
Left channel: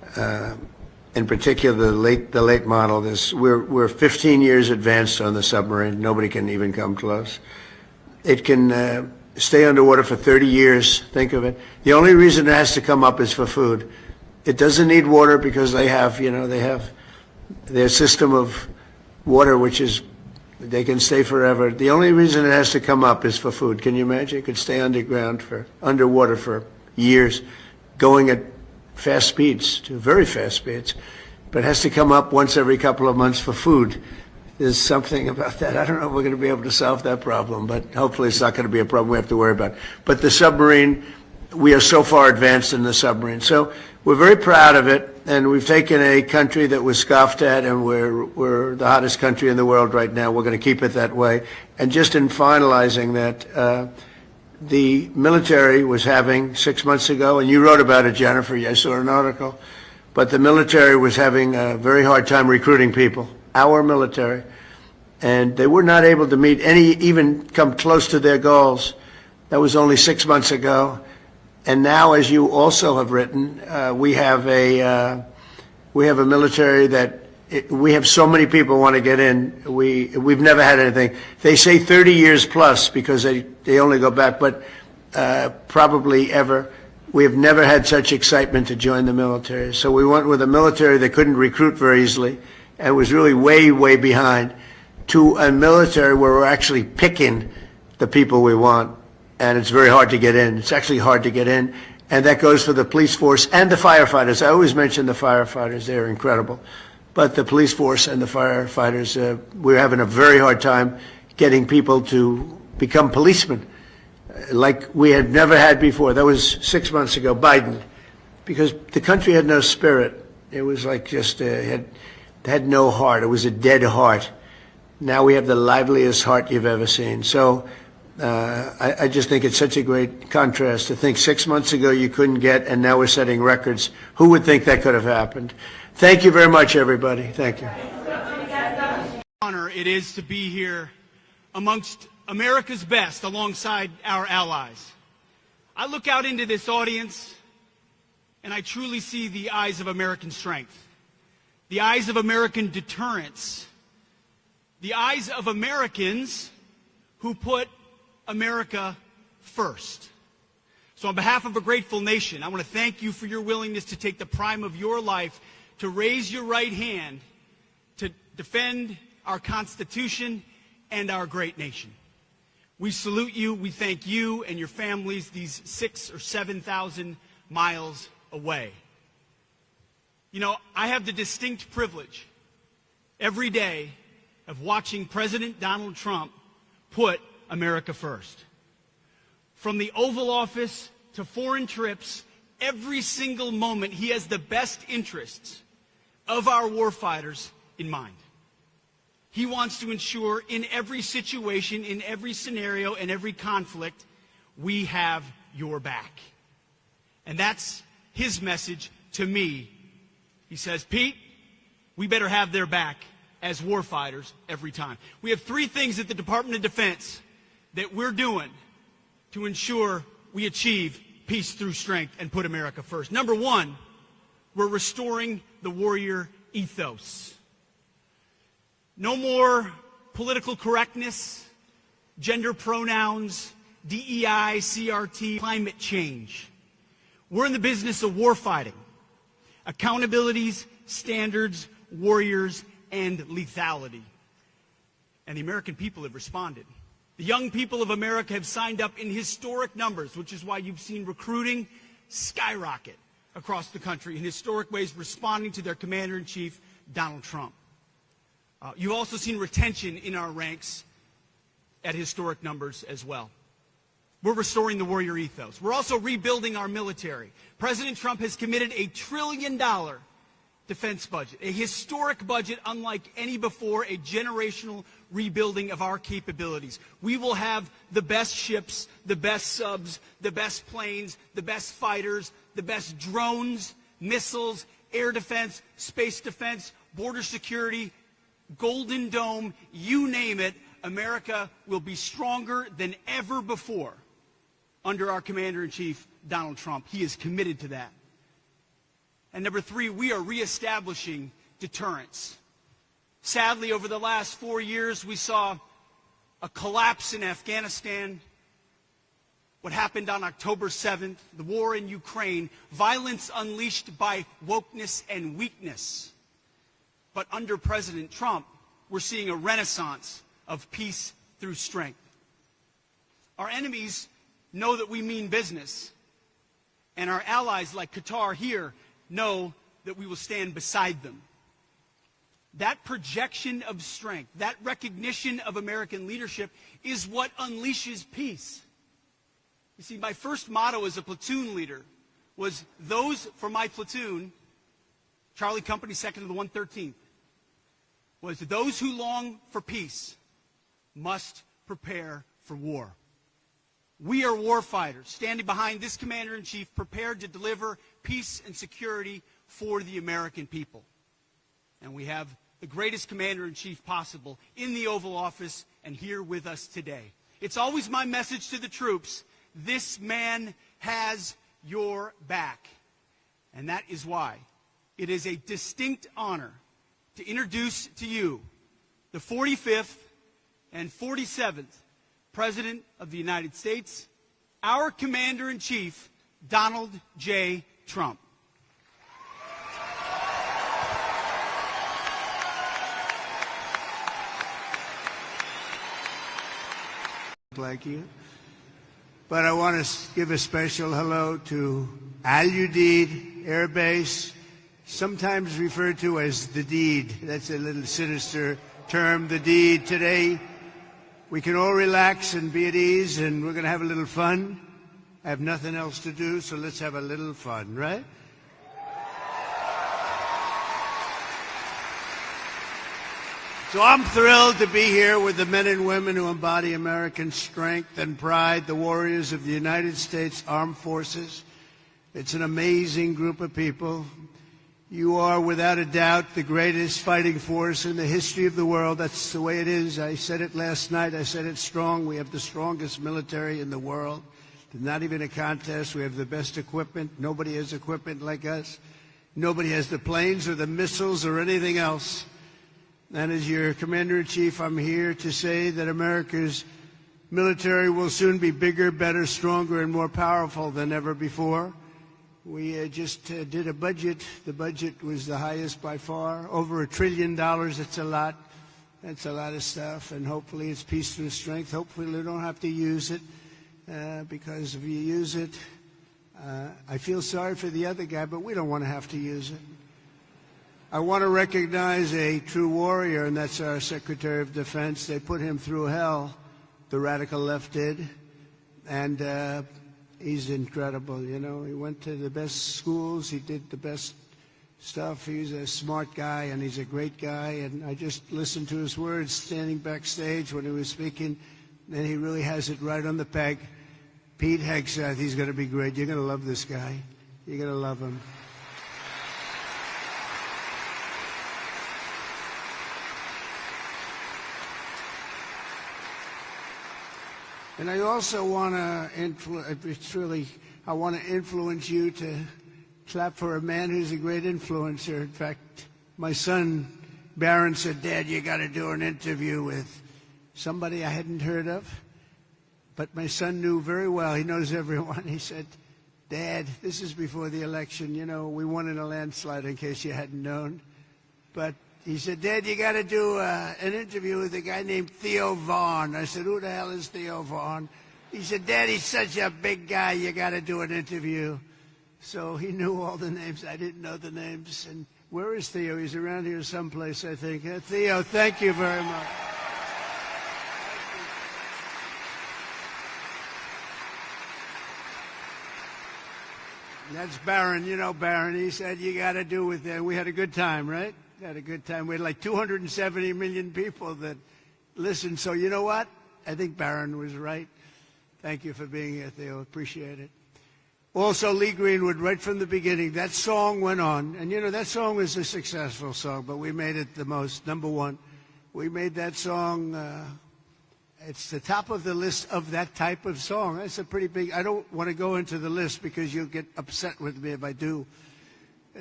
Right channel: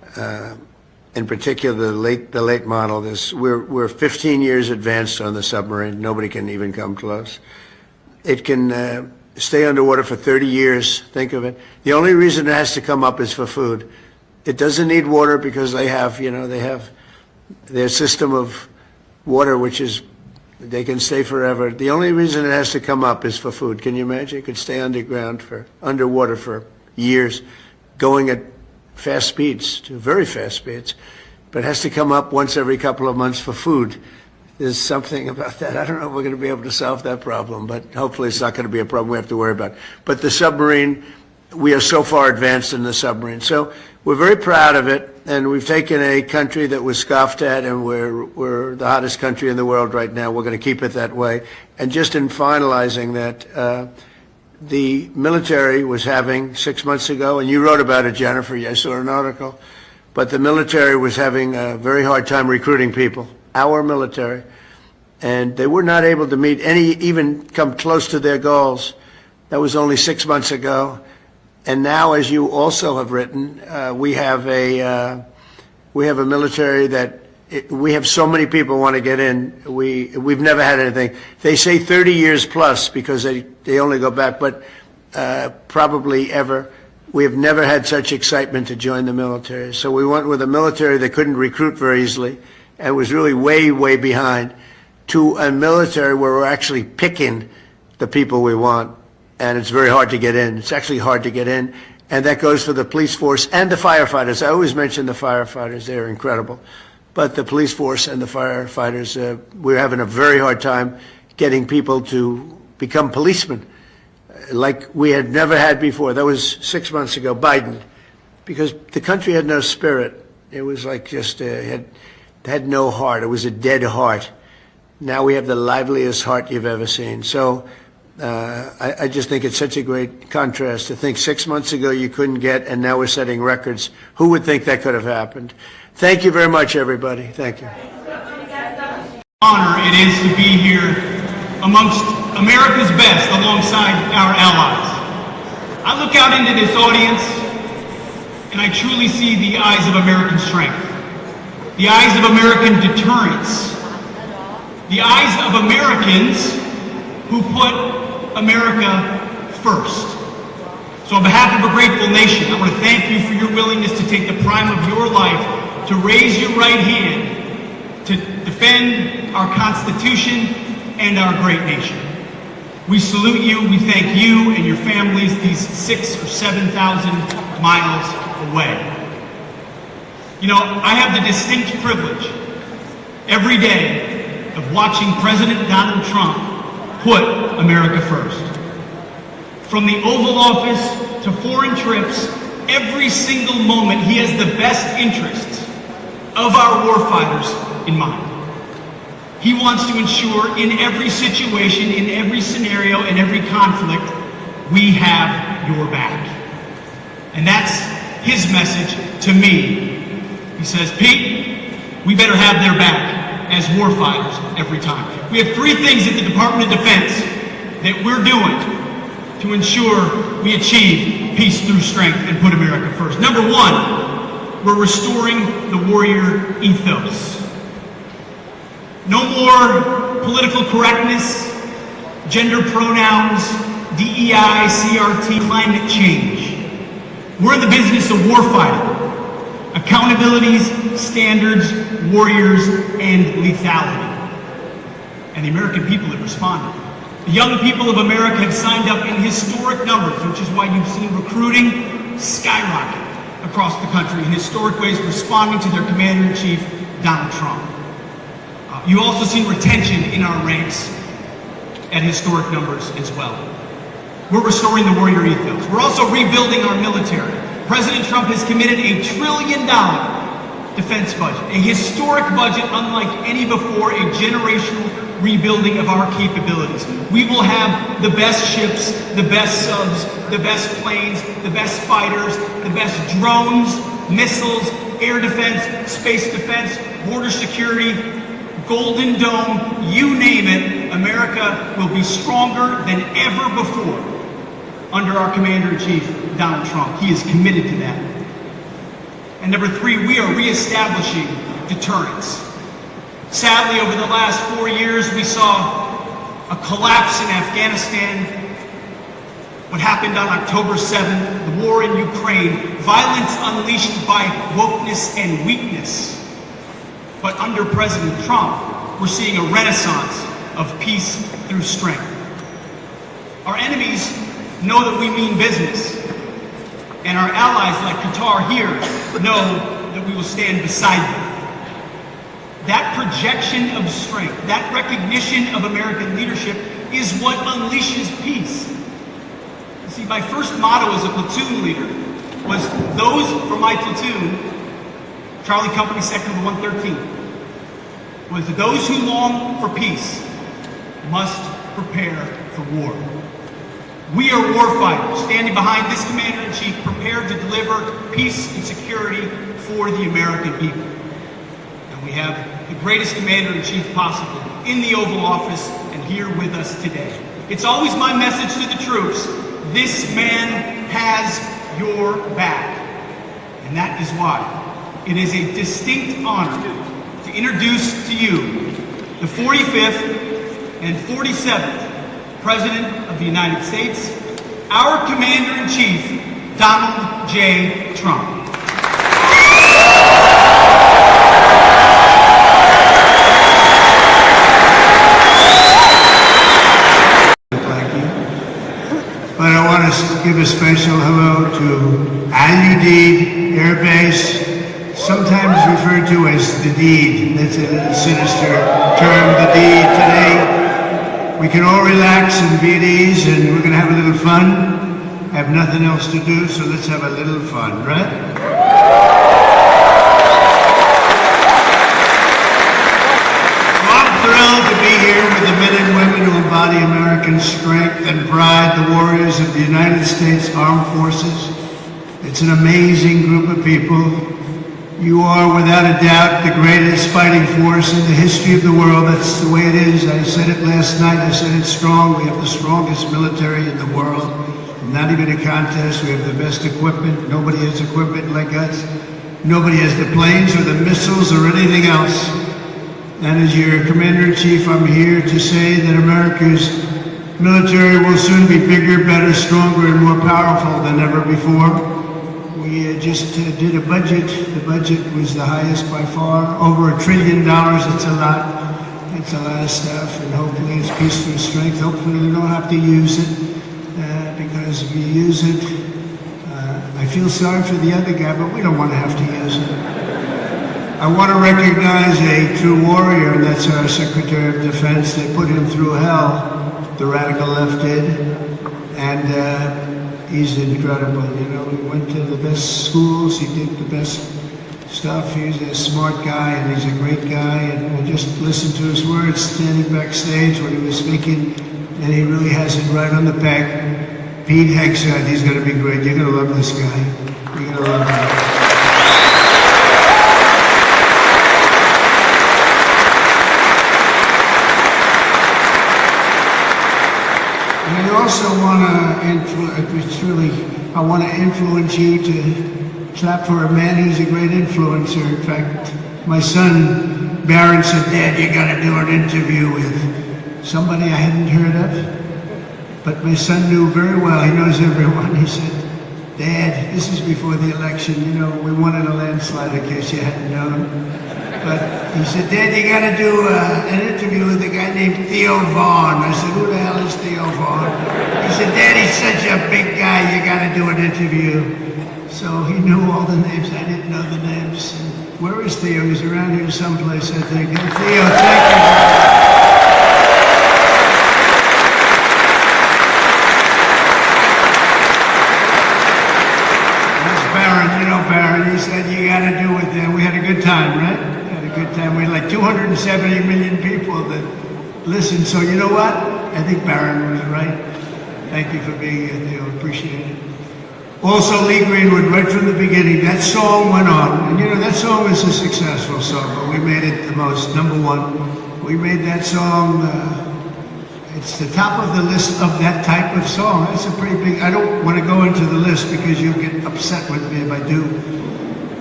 in particular the late model. We're 15 years advanced on the submarine. Nobody can even come close. It can stay underwater for 30 years. Think of it. The only reason it has to come up is for food. It doesn't need water because they have their system of water, which is they can stay forever. The only reason it has to come up is for food. Can you imagine? It could stay underwater for years, going at fast speeds, to very fast speeds, but it has to come up once every couple of months for food. There's something about that. I don't know if we're going to be able to solve that problem, but hopefully it's not going to be a problem we have to worry about. But the submarine, we are so far advanced in the submarine. So we're very proud of it, and we've taken a country that was scoffed at, and we're the hottest country in the world right now. We're going to keep it that way. And just in finalizing that, the military was having 6 months ago, and you wrote about it, Jennifer. I saw an article. But the military was having a very hard time recruiting people, our military. And they were not able to meet even come close to their goals. That was only 6 months ago. And now, as you also have written, we have a military that we have so many people want to get in. We've never had anything. They say 30 years plus because they only go back, but probably ever. We have never had such excitement to join the military. So we went with a military that couldn't recruit very easily and was really way, way behind, to a military where we're actually picking the people we want. And it's very hard to get in. It's actually hard to get in. And that goes for the police force and the firefighters. I always mention the firefighters. They're incredible. But the police force and the firefighters, we're having a very hard time getting people to become policemen like we had never had before. That was 6 months ago, Biden, because the country had no spirit. It was like just had no heart. It was a dead heart. Now we have the liveliest heart you've ever seen. So I just think it's such a great contrast to think 6 months ago you couldn't get, and now we're setting records. Who would think that could have happened? Thank you very much, everybody. Thank you. Honor it is to be here amongst America's best alongside our allies. I look out into this audience and I truly see the eyes of American strength, the eyes of American deterrence, the eyes of Americans who put America first. So on behalf of a grateful nation, I want to thank you for your willingness to take the prime of your life to raise your right hand to defend our Constitution and our great nation. We salute you, we thank you and your families these 6,000 or 7,000 miles away. You know, I have the distinct privilege every day of watching President Donald Trump put America first. From the Oval Office to foreign trips, every single moment he has the best interests of our warfighters in mind. He wants to ensure in every situation, in every scenario, in every conflict, we have your back. And that's his message to me. He says, Pete, we better have their back as warfighters every time. We have three things at the Department of Defense that we're doing to ensure we achieve peace through strength and put America first. Number one, we're restoring the warrior ethos. No more political correctness, gender pronouns, DEI, CRT, climate change. We're in the business of warfighting. Accountabilities, standards, warriors, and lethality. And the American people have responded. The young people of America have signed up in historic numbers, which is why you've seen recruiting skyrocket across the country in historic ways, responding to their Commander-in-Chief, Donald Trump. You've also seen retention in our ranks at historic numbers as well. We're restoring the warrior ethos. We're also rebuilding our military. President Trump has committed $1 trillion defense budget, a historic budget unlike any before, a generational rebuilding of our capabilities. We will have the best ships, the best subs, the best planes, the best fighters, the best drones, missiles, air defense, space defense, border security, Golden Dome, you name it. America will be stronger than ever before under our Commander-in-Chief, Donald Trump. He is committed to that. And number three, we are reestablishing deterrence. Sadly, over the last 4 years, we saw a collapse in Afghanistan. What happened on October 7th, the war in Ukraine, violence unleashed by wokeness and weakness. But under President Trump, we're seeing a renaissance of peace through strength. Our enemies know that we mean business, and our allies like Qatar here know that we will stand beside them. That projection of strength, that recognition of American leadership is what unleashes peace. See, my first motto as a platoon leader was those for my platoon, Charlie Company Sector 113, was those who long for peace must prepare for war. We are warfighters, standing behind this Commander-in-Chief, prepared to deliver peace and security for the American people. And we have the greatest Commander-in-Chief possible in the Oval Office and here with us today. It's always my message to the troops, this man has your back. And that is why it is a distinct honor to introduce to you the 45th and 47th President of the United States, our Commander-in-Chief, Donald J. Trump. And I want to give a special hello to Udeid Air Base, sometimes referred to as the deed. That's a sinister term, the deed. Today, we can all relax and be at ease, and we're going to have a little fun. I have nothing else to do, so let's have a little fun, right? I'm thrilled to be here with the men and women who embody American strength and pride, the warriors of the United States Armed Forces. It's an amazing group of people. You are, without a doubt, the greatest fighting force in the history of the world. That's the way it is. I said it last night. I said it's strong. We have the strongest military in the world. Not even a contest. We have the best equipment. Nobody has equipment like us. Nobody has the planes or the missiles or anything else. And as your Commander-in-Chief, I'm here to say that America's military will soon be bigger, better, stronger, and more powerful than ever before. We just did a budget. The budget was the highest by far, over $1 trillion. It's a lot. It's a lot of stuff, and hopefully it's peace through strength. Hopefully we don't have to use it, because we use it. I feel sorry for the other guy, but we don't want to have to use it. I want to recognize a true warrior, and that's our Secretary of Defense. They put him through hell, the radical left did, and he's incredible. You know, he went to the best schools, he did the best stuff. He's a smart guy, and he's a great guy, and we just listened to his words standing backstage when he was speaking, and he really has it right on the peg. Pete Hegseth, he's going to be great. You're going to love this guy. You're going to love him. I also want to influence you to clap for a man who's a great influencer. In fact, my son Barron said, "Dad, you got to do an interview with somebody I hadn't heard of." But my son knew very well. He knows everyone. He said, "Dad, this is before the election. You know, we won in a landslide. In case you hadn't known." But he said, "Dad, you got to do an interview with a guy named Theo Vaughn." I said, "Who the hell is Theo Vaughn?" He said, "Dad, he's such a big guy. You got to do an interview." So he knew all the names. I didn't know the names. And where is Theo? He's around here someplace, I think. Hey, Theo, thank you. That's Barron. You know Barron. He said you got to do it there. We had a good time, right? Good time. We had like 270 million people that listened. So you know what? I think Barron was right. Thank you for being here, Theo. Appreciate it. Also, Lee Greenwood, right from the beginning, that song went on. And you know, that song is a successful song, but we made it the most, number one. We made that song, it's the top of the list of that type of song. That's a pretty big, I don't want to go into the list because you'll get upset with me if I do.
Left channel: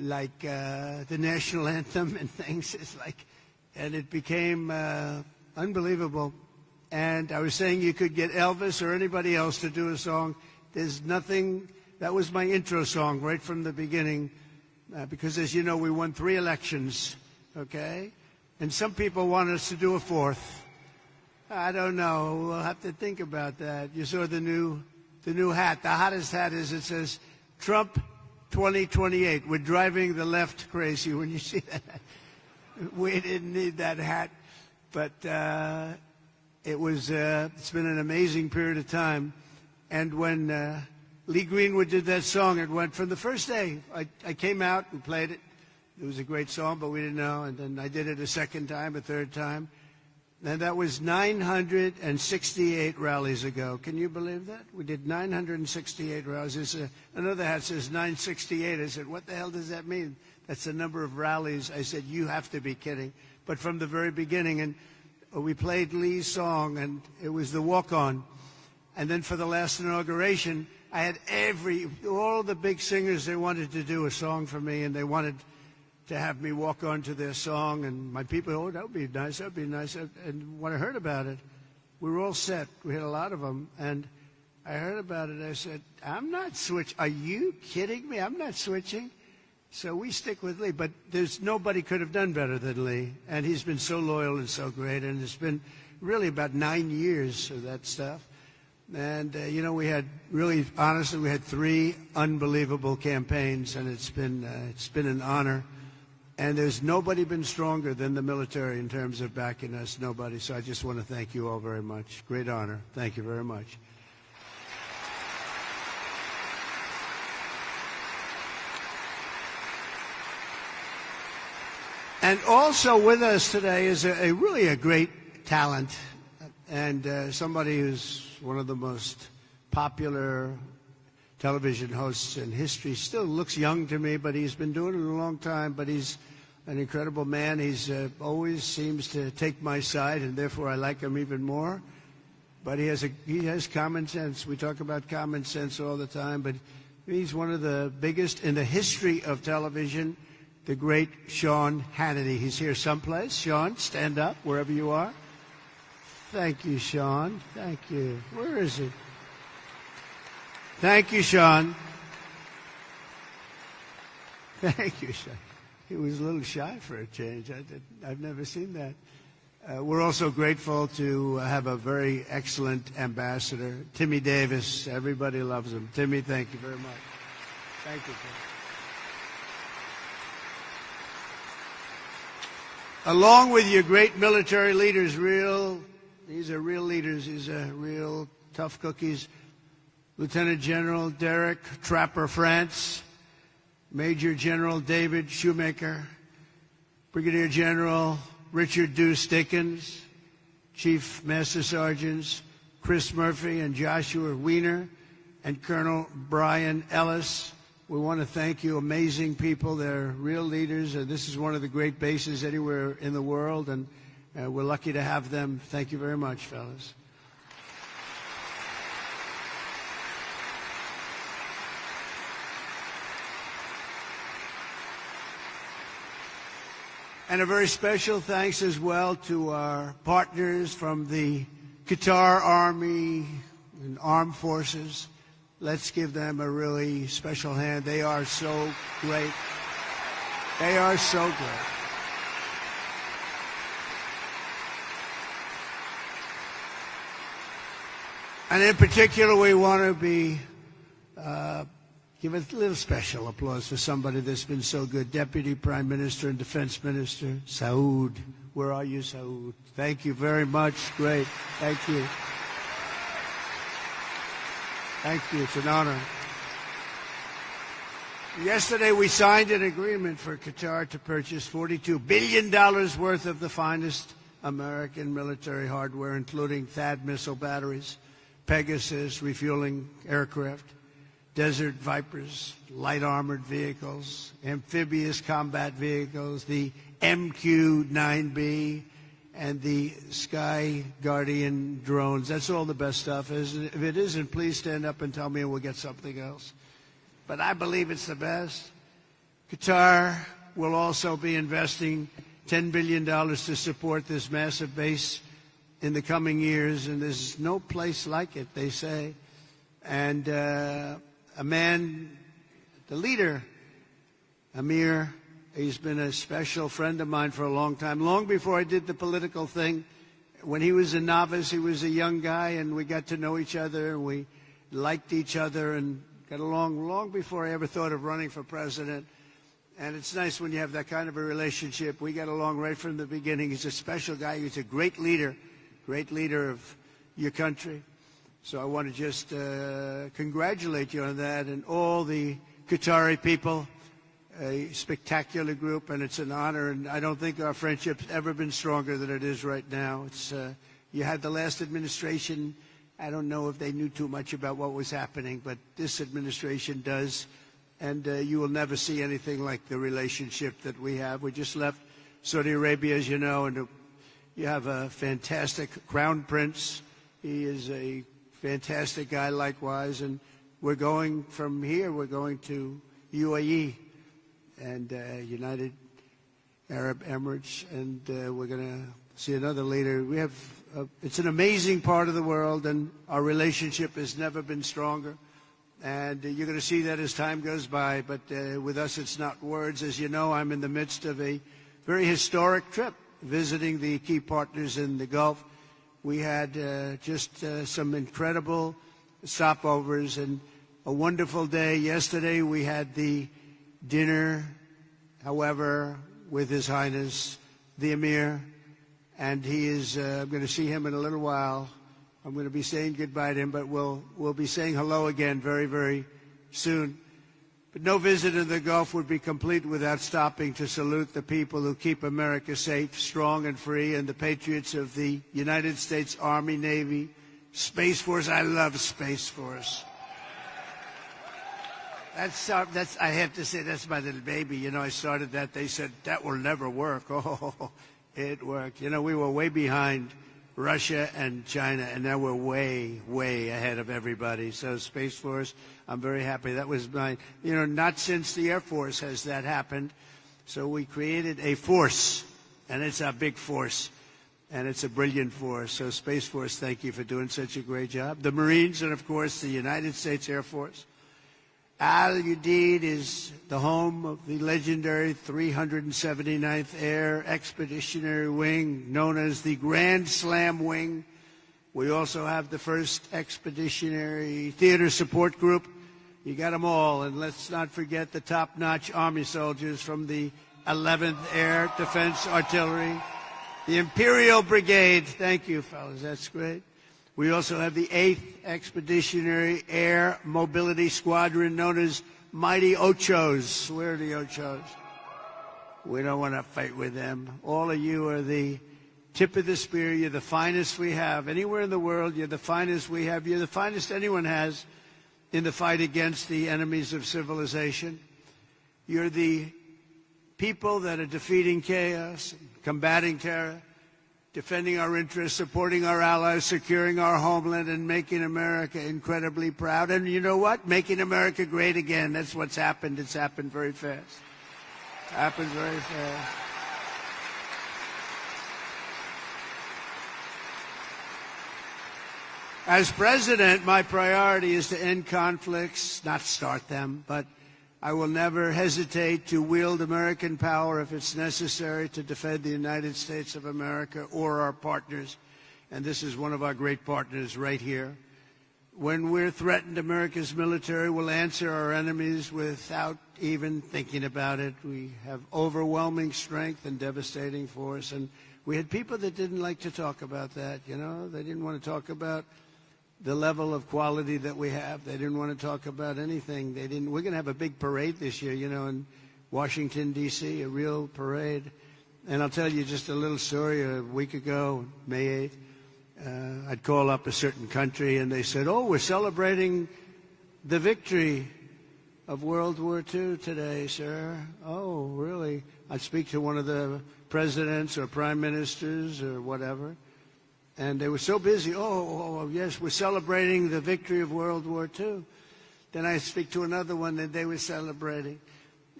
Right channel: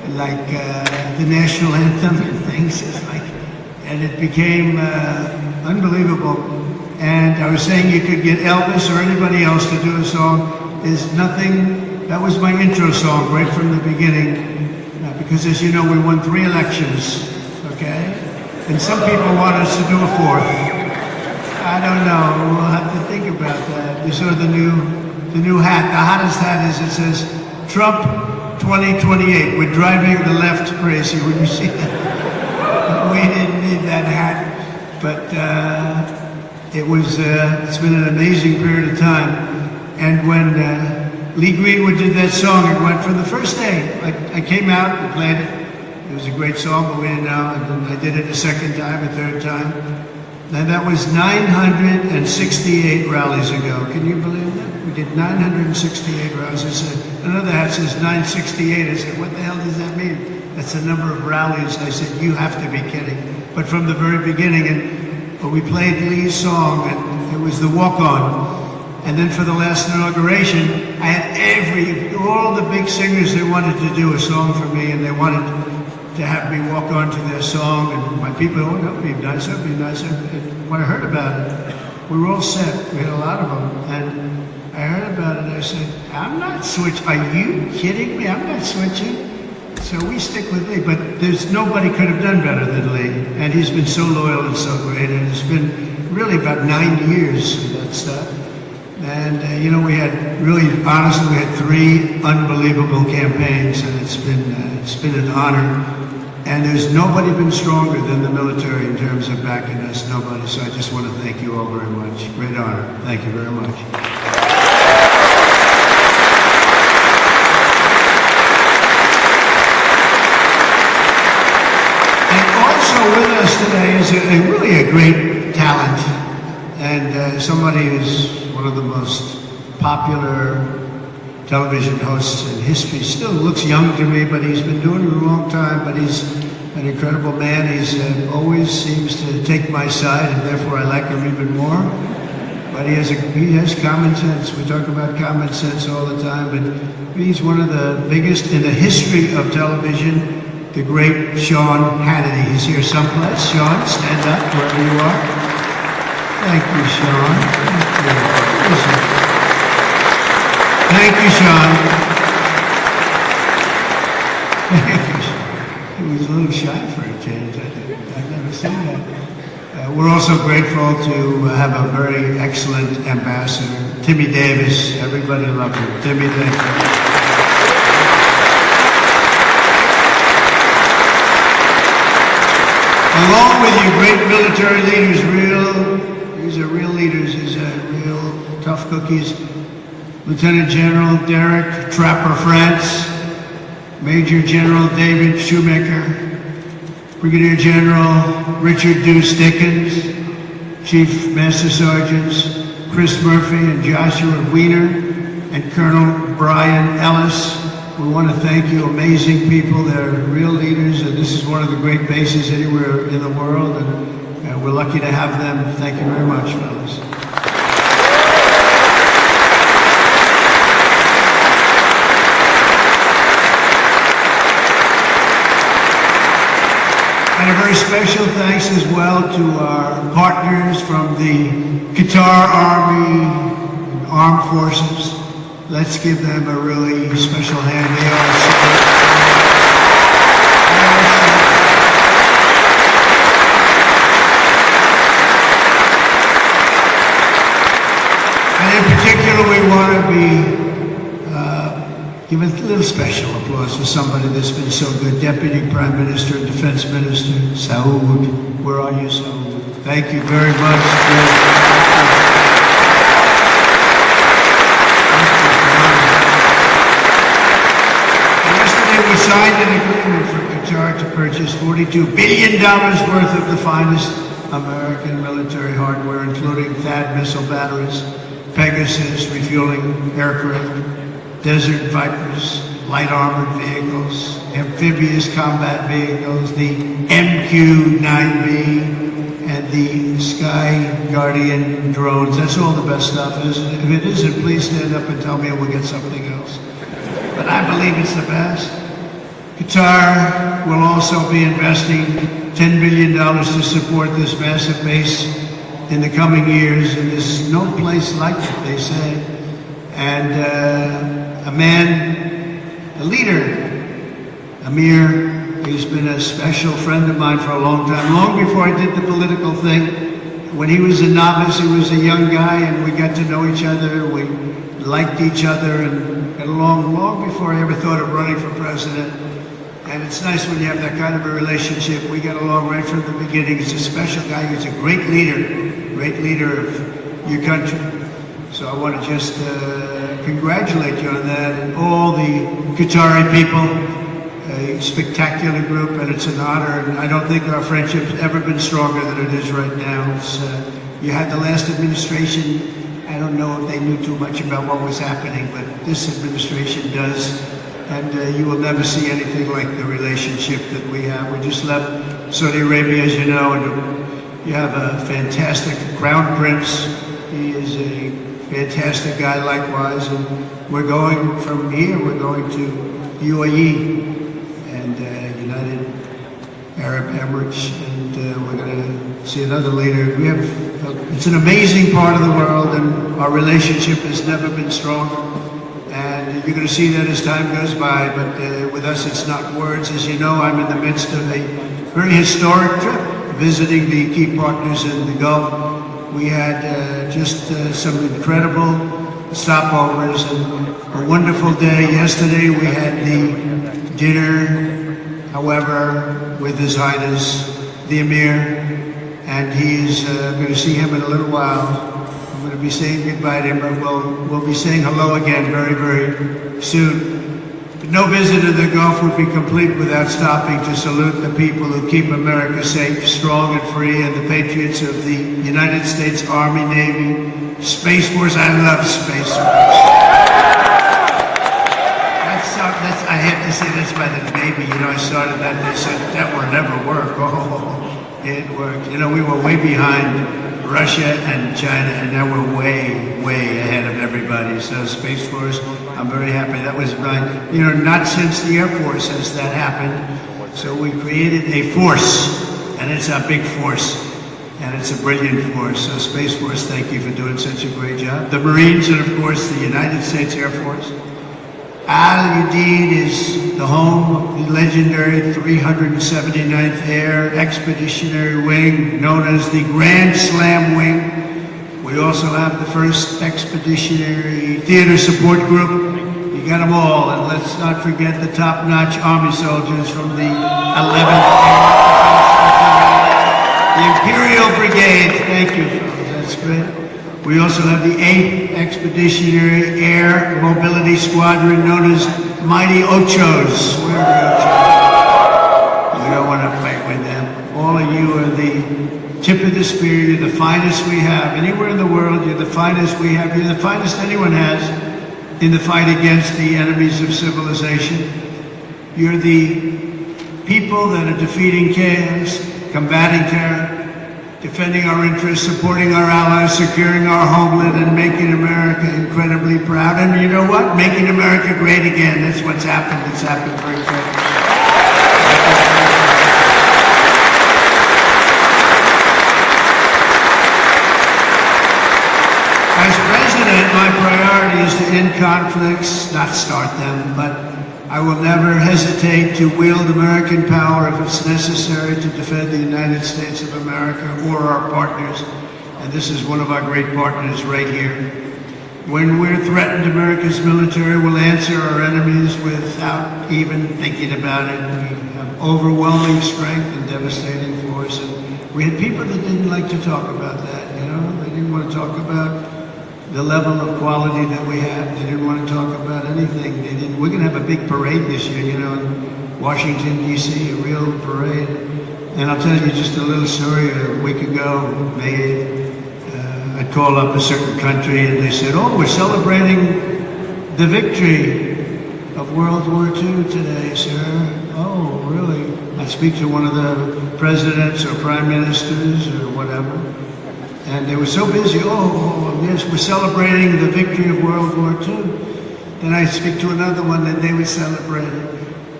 like the national anthem and things. And it became unbelievable. And I was saying you could get Elvis or anybody else to do a song. There's nothing, that was my intro song right from the beginning. Because as you know, we won 3 elections, okay? And some people want us to do a 4th. I don't know, we'll have to think about that. You saw the new hat, the hottest hat is, it says, Trump 2028. We're driving the left crazy. Would you see that? We didn't need that hat, but it's been an amazing period of time. And when Lee Greenwood did that song, it went from the first day. I came out and played it. It was a great song, but we didn't know. And then I did it the second time, a third time. And that was 968 rallies ago. Can you believe that? We did 968 rallies. I said, another hat says 968. I said, what the hell does that mean? That's the number of rallies. I said, you have to be kidding. But from the very beginning, and we played Lee's song, and it was the walk-on. And then for the last inauguration, I had all the big singers, they wanted to do a song for me, and they wanted to have me walk on to their song. And my people, oh, that would be nice, that would be nice. And when I heard about it, we were all set. We had a lot of them. And I heard about it, and I said, I'm not switching. Are you kidding me? I'm not switching. So we stick with Lee, but there's nobody could have done better than Lee. And he's been so loyal and so great, and it's been really about 9 years of that stuff. And, you know, we had really, honestly, we had 3 unbelievable campaigns, and it's been an honor. And there's nobody been stronger than the military in terms of backing us, nobody. So I just want to thank you all very much. Great honor. Thank you very much. With us today is really a great talent, and somebody who's one of the most popular television hosts in history. Still looks young to me, but he's been doing it a long time, but he's an incredible man. He's always seems to take my side, and therefore I like him even more. But he has common sense. We talk about common sense all the time, but he's one of the biggest in the history of television. The great Sean Hannity. He's here someplace. Sean, stand up wherever you are. Thank you, Sean. Thank you, Sean. Thank you, Sean. He was a little shy for a change. I've never seen that. We're also grateful to have a very excellent ambassador, Timmy Davis. Everybody loves him. Timmy Davis. Along with you great military leaders, these are real leaders, these are real tough cookies. Lieutenant General Derek Trapper France, Major General David Shoemaker, Brigadier General Richard Deuce Dickens, Chief Master Sergeants Chris Murphy and Joshua Wiener, and Colonel Brian Ellis. We want to thank you, amazing people. They're real leaders, and this is one of the great bases anywhere in the world, and we're lucky to have them. Thank you very much, fellas. And a very special thanks as well to our partners from the Qatar Army, Armed Forces. Let's give them a really special hand. They are and in particular, we want to give a little special applause to somebody that's been so good. Deputy Prime Minister and Defense Minister, Saud. Where are you, Saud? Thank you very much. We signed an agreement for Qatar to purchase $42 billion worth of the finest American military hardware, including THAAD missile batteries, Pegasus refueling aircraft, Desert Vipers, light armored vehicles, amphibious combat vehicles, the MQ-9B, and the Sky Guardian drones. That's all the best stuff. If it isn't, please stand up and tell me, and we'll get something else. But I believe it's the best. Qatar will also be investing $10 billion to support this massive base in the coming years, and there's no place like it, they say. And a leader, Amir, he's been a special friend of mine for a long time, long before I did the political thing. When he was a novice, he was a young guy, and we got to know each other. We liked each other and got along long before I ever thought of running for president. And it's nice when you have that kind of a relationship. We got along right from the beginning. He's a special guy. He's a great leader of your country. So I want to just congratulate you on that, and all the Qatari people. A spectacular group, and it's an honor. And I don't think our friendship's ever been stronger than it is right now. It's, you had the last administration. I don't know if they knew too much about what was happening, but this administration does. And you will never see anything like the relationship that we have. We just left Saudi Arabia, as you know, and we have a fantastic Crown Prince. He is a fantastic guy likewise. And we're going from here, we're going to UAE and United Arab Emirates, and we're going to see another leader. We have, it's an amazing part of the world, and our relationship has never been stronger. And you're going to see that as time goes by, but with us it's not words. As you know, I'm in the midst of a very historic trip, visiting the key partners in the Gulf. We had just some incredible stopovers and a wonderful day. Yesterday we had the dinner, however, with His Highness, the Emir, and he's going to see him in a little while. I'm going to be saying goodbye to him, but we'll be saying hello again very, very soon. No visit to the Gulf would be complete without stopping to salute the people who keep America safe, strong, and free, and the patriots of the United States Army, Navy, Space Force. I love Space Force. I have to say that's by the Navy. You know, I started that and they said, that will never work. Oh, it worked. You know, we were way behind Russia and China, and now we're way, way ahead of everybody. So Space Force, I'm very happy. That was not since the Air Force has that happened. So we created a force, and it's a big force, and it's a brilliant force. So Space Force, thank you for doing such a great job. The Marines, and of course the United States Air Force. Udeid is the home of the legendary 379th Air Expeditionary Wing, known as the Grand Slam Wing. We also have the 1st Expeditionary Theater Support Group. You got them all, and let's not forget the top-notch Army soldiers from the 11th Air. The Imperial Brigade, thank you, that's great. We also have the 8th Expeditionary Air Mobility Squadron, known as Mighty Ochos. Where are the Ochos? You don't want to fight with them. All of you are the tip of the spear. You're the finest we have. Anywhere in the world, you're the finest we have. You're the finest anyone has in the fight against the enemies of civilization. You're the people that are defeating chaos, combating terror, defending our interests, supporting our allies, securing our homeland, and making America incredibly proud. And you know what? Making America great again. That's what's happened. It's happened very quickly. As president, my priority is to end conflicts, not start them, but I will never hesitate to wield American power if it's necessary to defend the United States of America or our partners. And this is one of our great partners right here. When we're threatened, America's military will answer our enemies without even thinking about it. We have overwhelming strength and devastating force. And we had people that didn't like to talk about that, you know? They didn't want to talk about the level of quality that we have. They didn't want to talk about anything. We're going to have a big parade this year, you know, in Washington, D.C., a real parade. And I'll tell you just a little story. A week ago, I called up a certain country, and they said, oh, we're celebrating the victory of World War II today, sir. Oh, really? I'd speak to one of the presidents or prime ministers or whatever. And they were so busy, yes, we're celebrating the victory of World War II. Then I'd speak to another one, and they would celebrate it.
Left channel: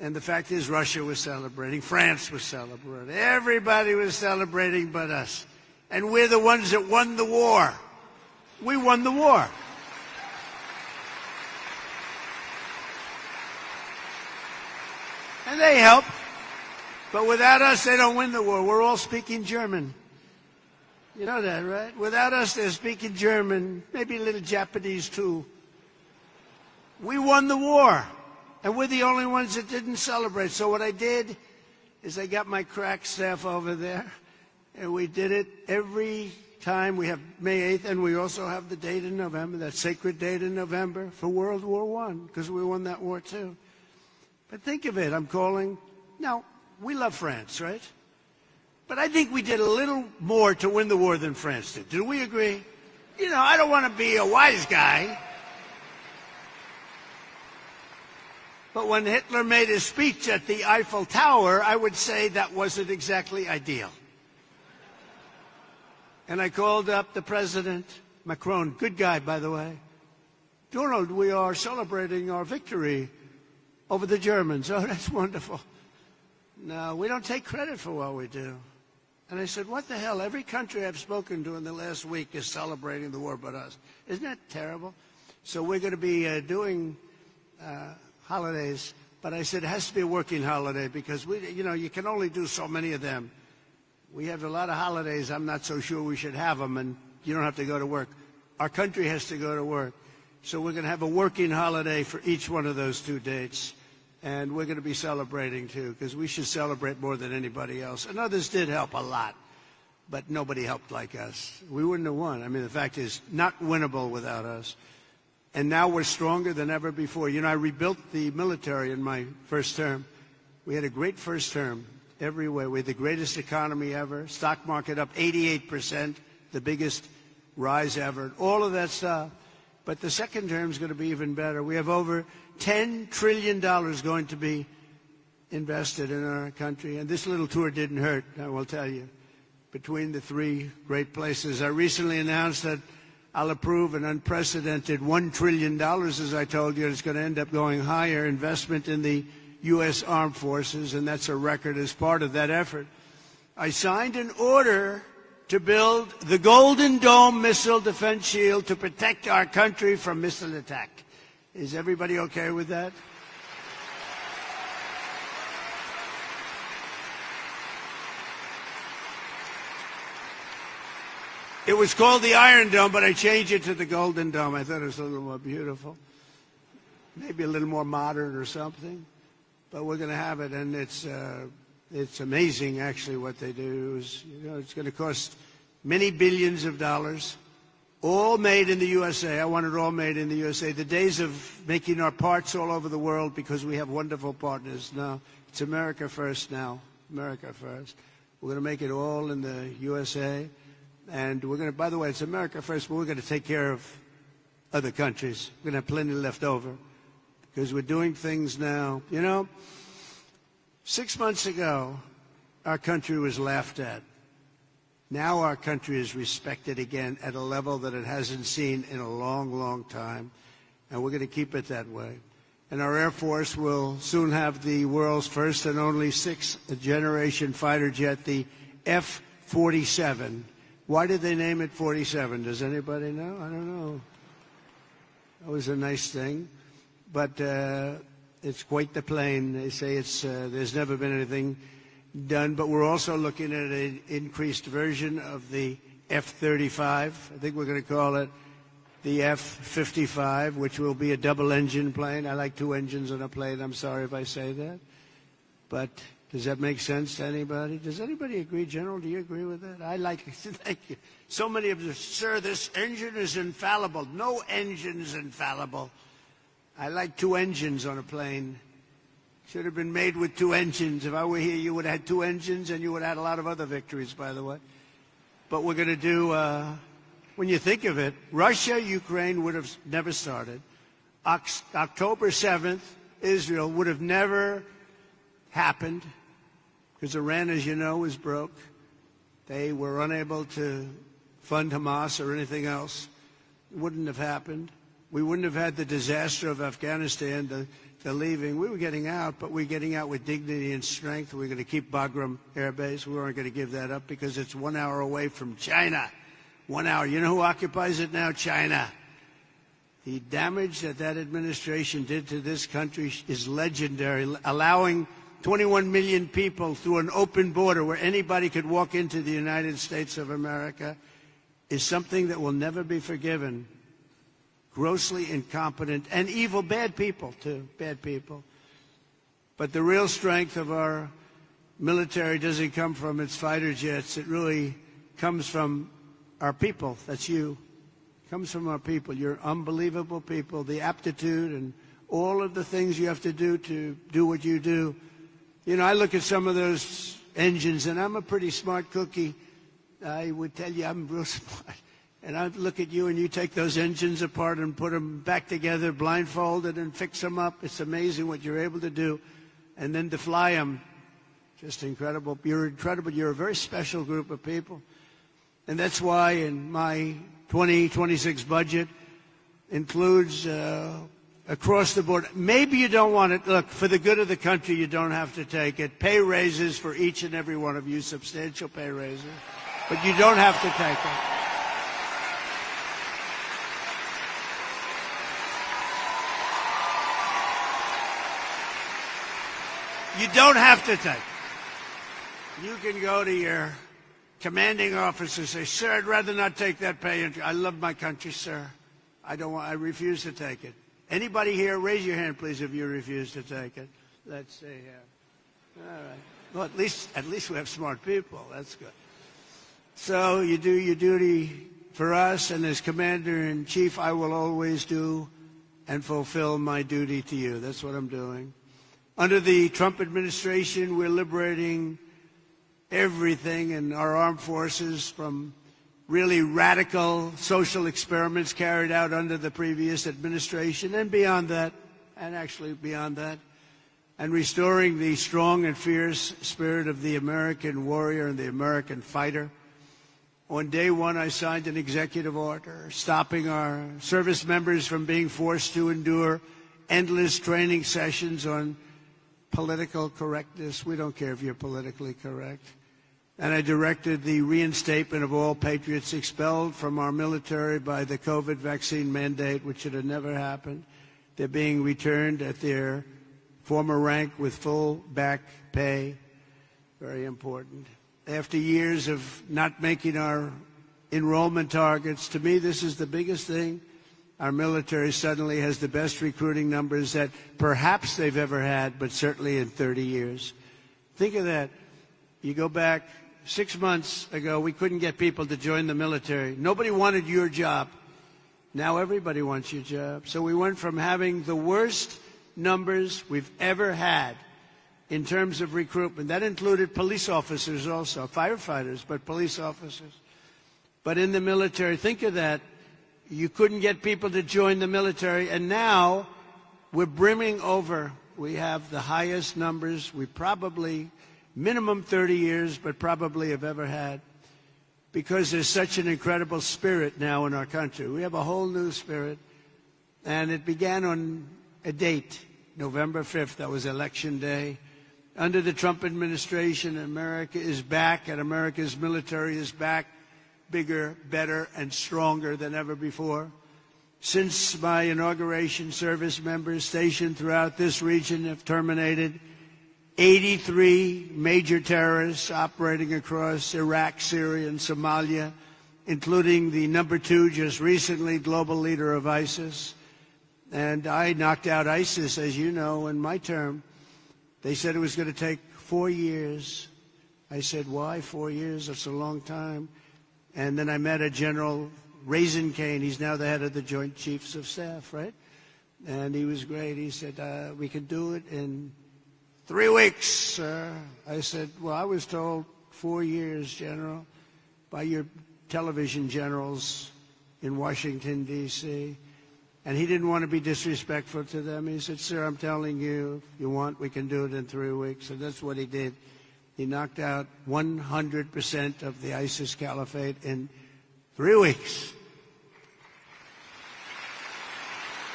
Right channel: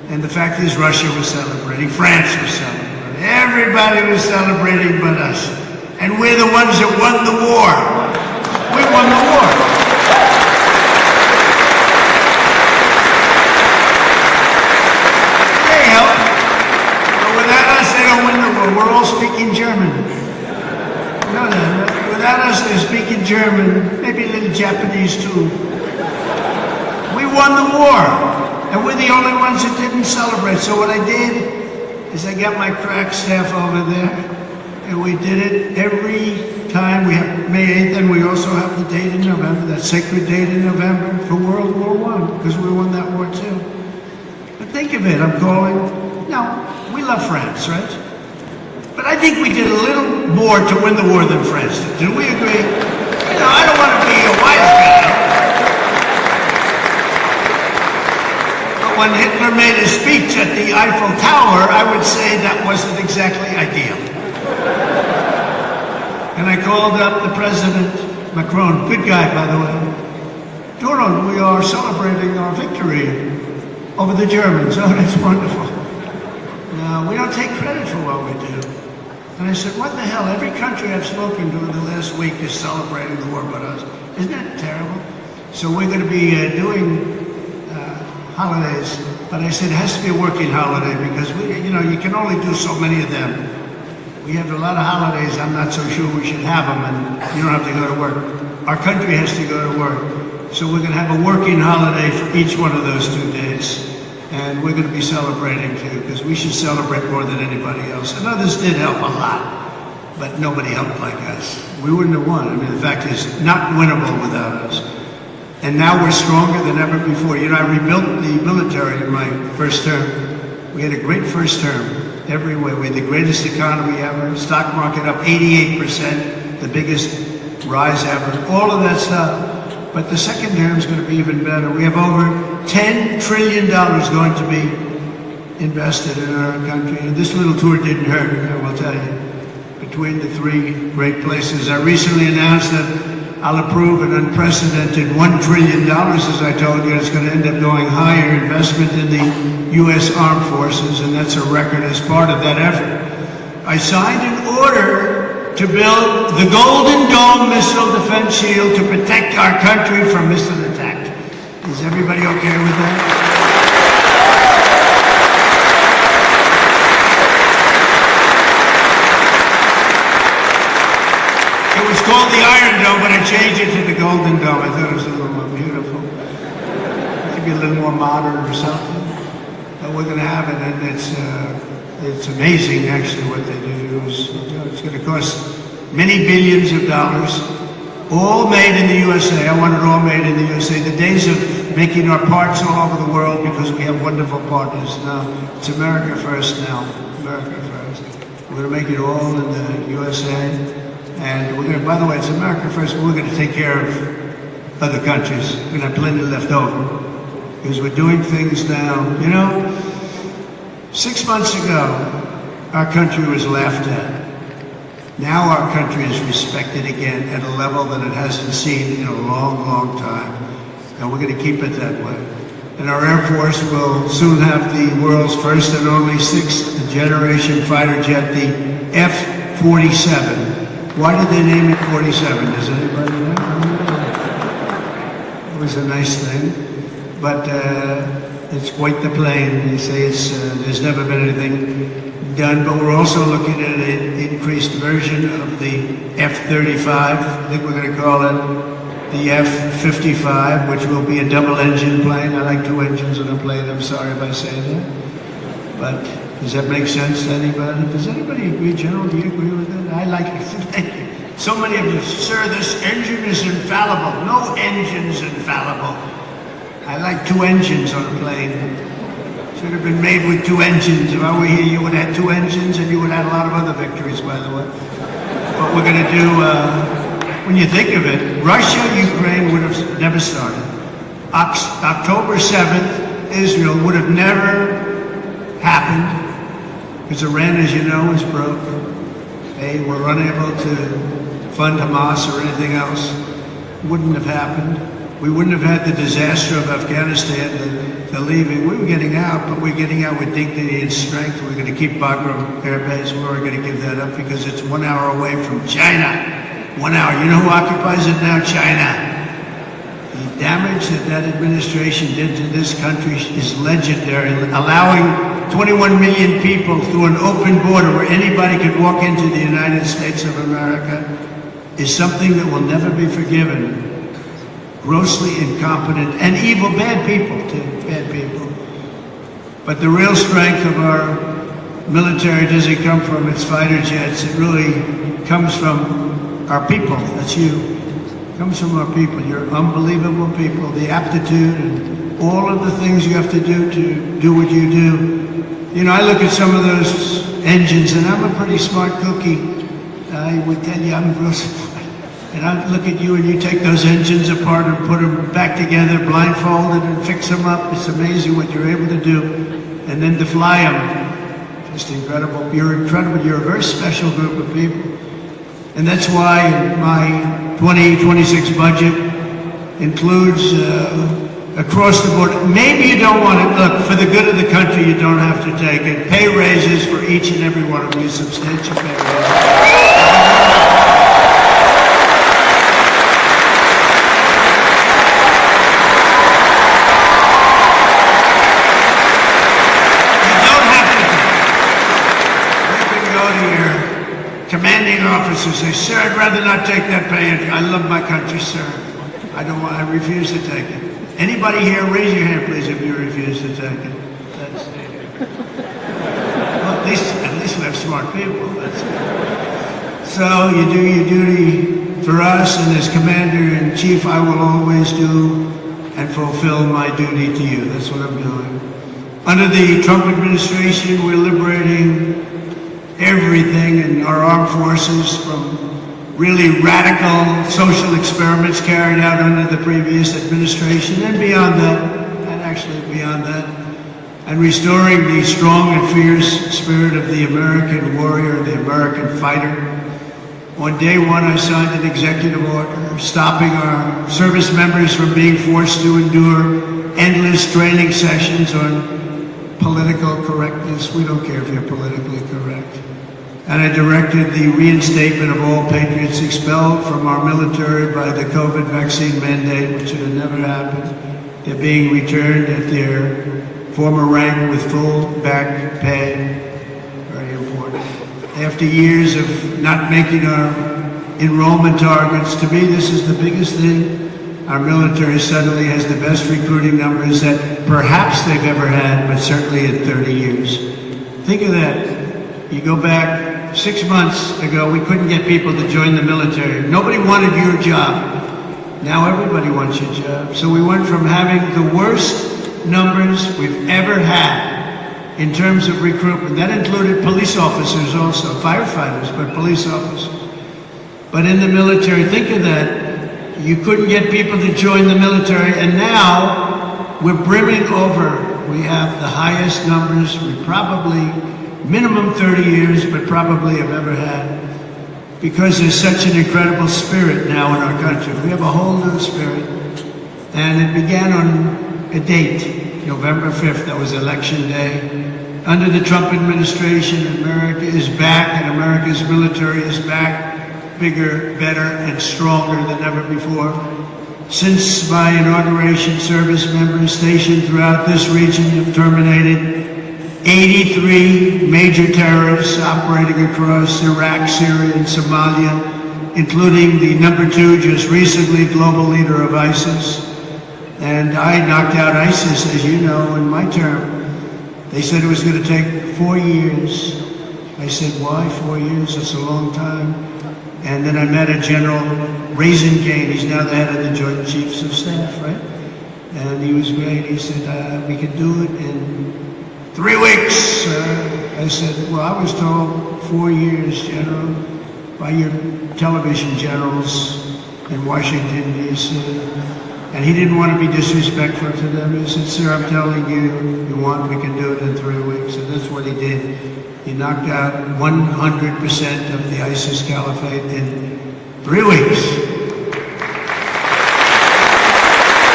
And the fact is Russia was celebrating, France was celebrating, everybody was celebrating but us. And we're the ones that won the war. We won the war. They help. But without us, they don't win the war. We're all speaking German. No. Without us, they're speaking German, maybe a little Japanese too. We won the war, and we're the only ones that didn't celebrate. So what I did is I got my crack staff over there, and we did it every time. We have May 8th, and we also have the date in November, that sacred date in November for World War I, because we won that war too. But think of it, I'm calling, we love France, right? But I think we did a little more to win the war than France did. Do we agree? I don't want to be a wise guy. But when Hitler made a speech at the Eiffel Tower, I would say that wasn't exactly ideal. And I called up the President, Macron, good guy, by the way. Donald, we are celebrating our victory over the Germans. Oh, that's wonderful. No, we don't take credit for what we do. And I said, what the hell? Every country I've spoken to in the last week is celebrating the war but us. Isn't that terrible? So we're going to be doing holidays. But I said, it has to be a working holiday because, you can only do so many of them. We have a lot of holidays. I'm not so sure we should have them, and you don't have to go to work. Our country has to go to work. So we're going to have a working holiday for each one of those 2 days. And we're going to be celebrating too, because we should celebrate more than anybody else. And others did help a lot, but nobody helped like us. We wouldn't have won. I mean, the fact is, not winnable without us. And now we're stronger than ever before. I rebuilt the military in my first term. We had a great first term. Every way. We had the greatest economy ever. Stock market up 88%, the biggest rise ever. All of that stuff. But the second term is going to be even better. We have over $10 trillion going to be invested in our country. And this little tour didn't hurt, I will tell you. Between the 3 great places. I recently announced that I'll approve an unprecedented $1 trillion, as I told you. It's going to end up going higher investment in the U.S. Armed Forces, and that's a record as part of that effort. I signed an order to build the Golden Dome missile defense shield to protect our country from missile attack. Is everybody okay with that? It was called the Iron Dome, but I changed it to the Golden Dome. I thought it was a little more beautiful. Maybe a little more modern or something. But we're going to have it, and it's amazing actually what they do. It's going to cost many billions of dollars, all made in the USA. I want it all made in the USA. The days of making our parts all over the world because we have wonderful partners now. It's America first now. America first. We're going to make it all in the USA. And we're going to, by the way, it's America first, but we're going to take care of other countries. We're going to have plenty left over. Because we're doing things now. 6 months ago, our country was laughed at. Now our country is respected again at a level that it hasn't seen in a long, long time. And we're going to keep it that way. And our Air Force will soon have the world's first and only 6th generation fighter jet, the F-47. Why did they name it 47? Does anybody know? It was a nice thing. But it's quite the plane. They say there's never been anything done, but we're also looking at an increased version of the F-35. I think we're going to call it the F-55, which will be a double-engine plane. I like 2 engines on a plane. I'm sorry if I say that. But does that make sense to anybody? Does anybody agree, General? Do you agree with that? I like it. Thank you. So many of you, sir, this engine is infallible. No engine's infallible. I like 2 engines on a plane. Should have been made with 2 engines. If I were here, you would have had 2 engines, and you would have had a lot of other victories, by the way. But we're going to do, when you think of it, Russia, Ukraine would have never started. October 7th, Israel would have never happened, because Iran, as you know, is broke. They were unable to fund Hamas or anything else. Wouldn't have happened. we wouldn't have had the disaster of Afghanistan, the leaving. We were getting out, but we're getting out with dignity and strength. We're going to keep Bagram Air Base. We're going to give that up because it's 1 hour away from China. 1 hour. You know who occupies it now? China. The damage that administration did to this country is legendary. Allowing 21 million people through an open border where anybody can walk into the United States of America is something that will never be forgiven. Grossly incompetent and evil, bad people too, bad people. But the real strength of our military doesn't come from its fighter jets. It really comes from our people. That's you. It comes from our people. You're unbelievable people. The aptitude and all of the things you have to do what you do. You know, I look at some of those engines, and I'm a pretty smart cookie. I would tell you I'm real smart. And I look at you and you take those engines apart and put them back together, blindfolded, and fix them up. It's amazing what you're able to do. And then to fly them, just incredible. You're incredible. You're a very special group of people. And that's why my 2026 budget includes across the board. Maybe you don't want to, look, for the good of the country, you don't have to take it. Pay raises for each and every one of you, substantial pay raises. Officers say, sir, I'd rather not take that pay. I love my country, sir. I don't want to refuse to take it. Anybody here, raise your hand, please, if you refuse to take it. Well, at least we have smart people. So you do your duty for us, and as Commander-in-Chief, I will always do and fulfill my duty to you. That's what I'm doing. Under the Trump administration, we're liberating everything in our armed forces from really radical social experiments carried out under the previous administration and beyond that, and actually beyond that, and restoring the strong and fierce spirit of the American warrior, the American fighter. On day one, I signed an executive order stopping our service members from being forced to endure endless training sessions on political correctness. We don't care if you're politically correct. And I directed the reinstatement of all patriots expelled from our military by the COVID vaccine mandate, which should have never happened. They're being returned at their former rank with full back pay. Very important. After years of not making our enrollment targets, to me this is the biggest thing. Our military suddenly has the best recruiting numbers that perhaps they've ever had, but certainly in 30 years. Think of that. You go back 6 months ago, we couldn't get people to join the military. Nobody wanted your job. Now everybody wants your job. So we went from having the worst numbers we've ever had in terms of recruitment. That included police officers also, firefighters, but police officers. But in the military, think of that. You couldn't get people to join the military, and now we're brimming over. We have the highest numbers we probably minimum 30 years, but probably have ever had, because there's such an incredible spirit now in our country. We have a whole new spirit, and it began on a date, November 5th, that was election day. Under the Trump administration, America is back, and America's military is back, bigger, better, and stronger than ever before. Since my inauguration, service members stationed throughout this region have terminated 83 major terrorists operating across Iraq, Syria, and Somalia, including the #2, just recently global leader of ISIS. And I knocked out ISIS, as you know, in my term. They said it was going to take 4 years. I said, why 4 years? That's a long time. And then I met a General Raisingane. He's now the head of the Joint Chiefs of Staff, right? And he was great. He said, we could do it in 3 weeks. I said, well, I was told 4 years, General, by your television generals in Washington, D.C. And he didn't want to be disrespectful to them. He said, sir, I'm telling you, you want, we can do it in 3 weeks. And that's what he did. He knocked out 100% of the ISIS caliphate in 3 weeks.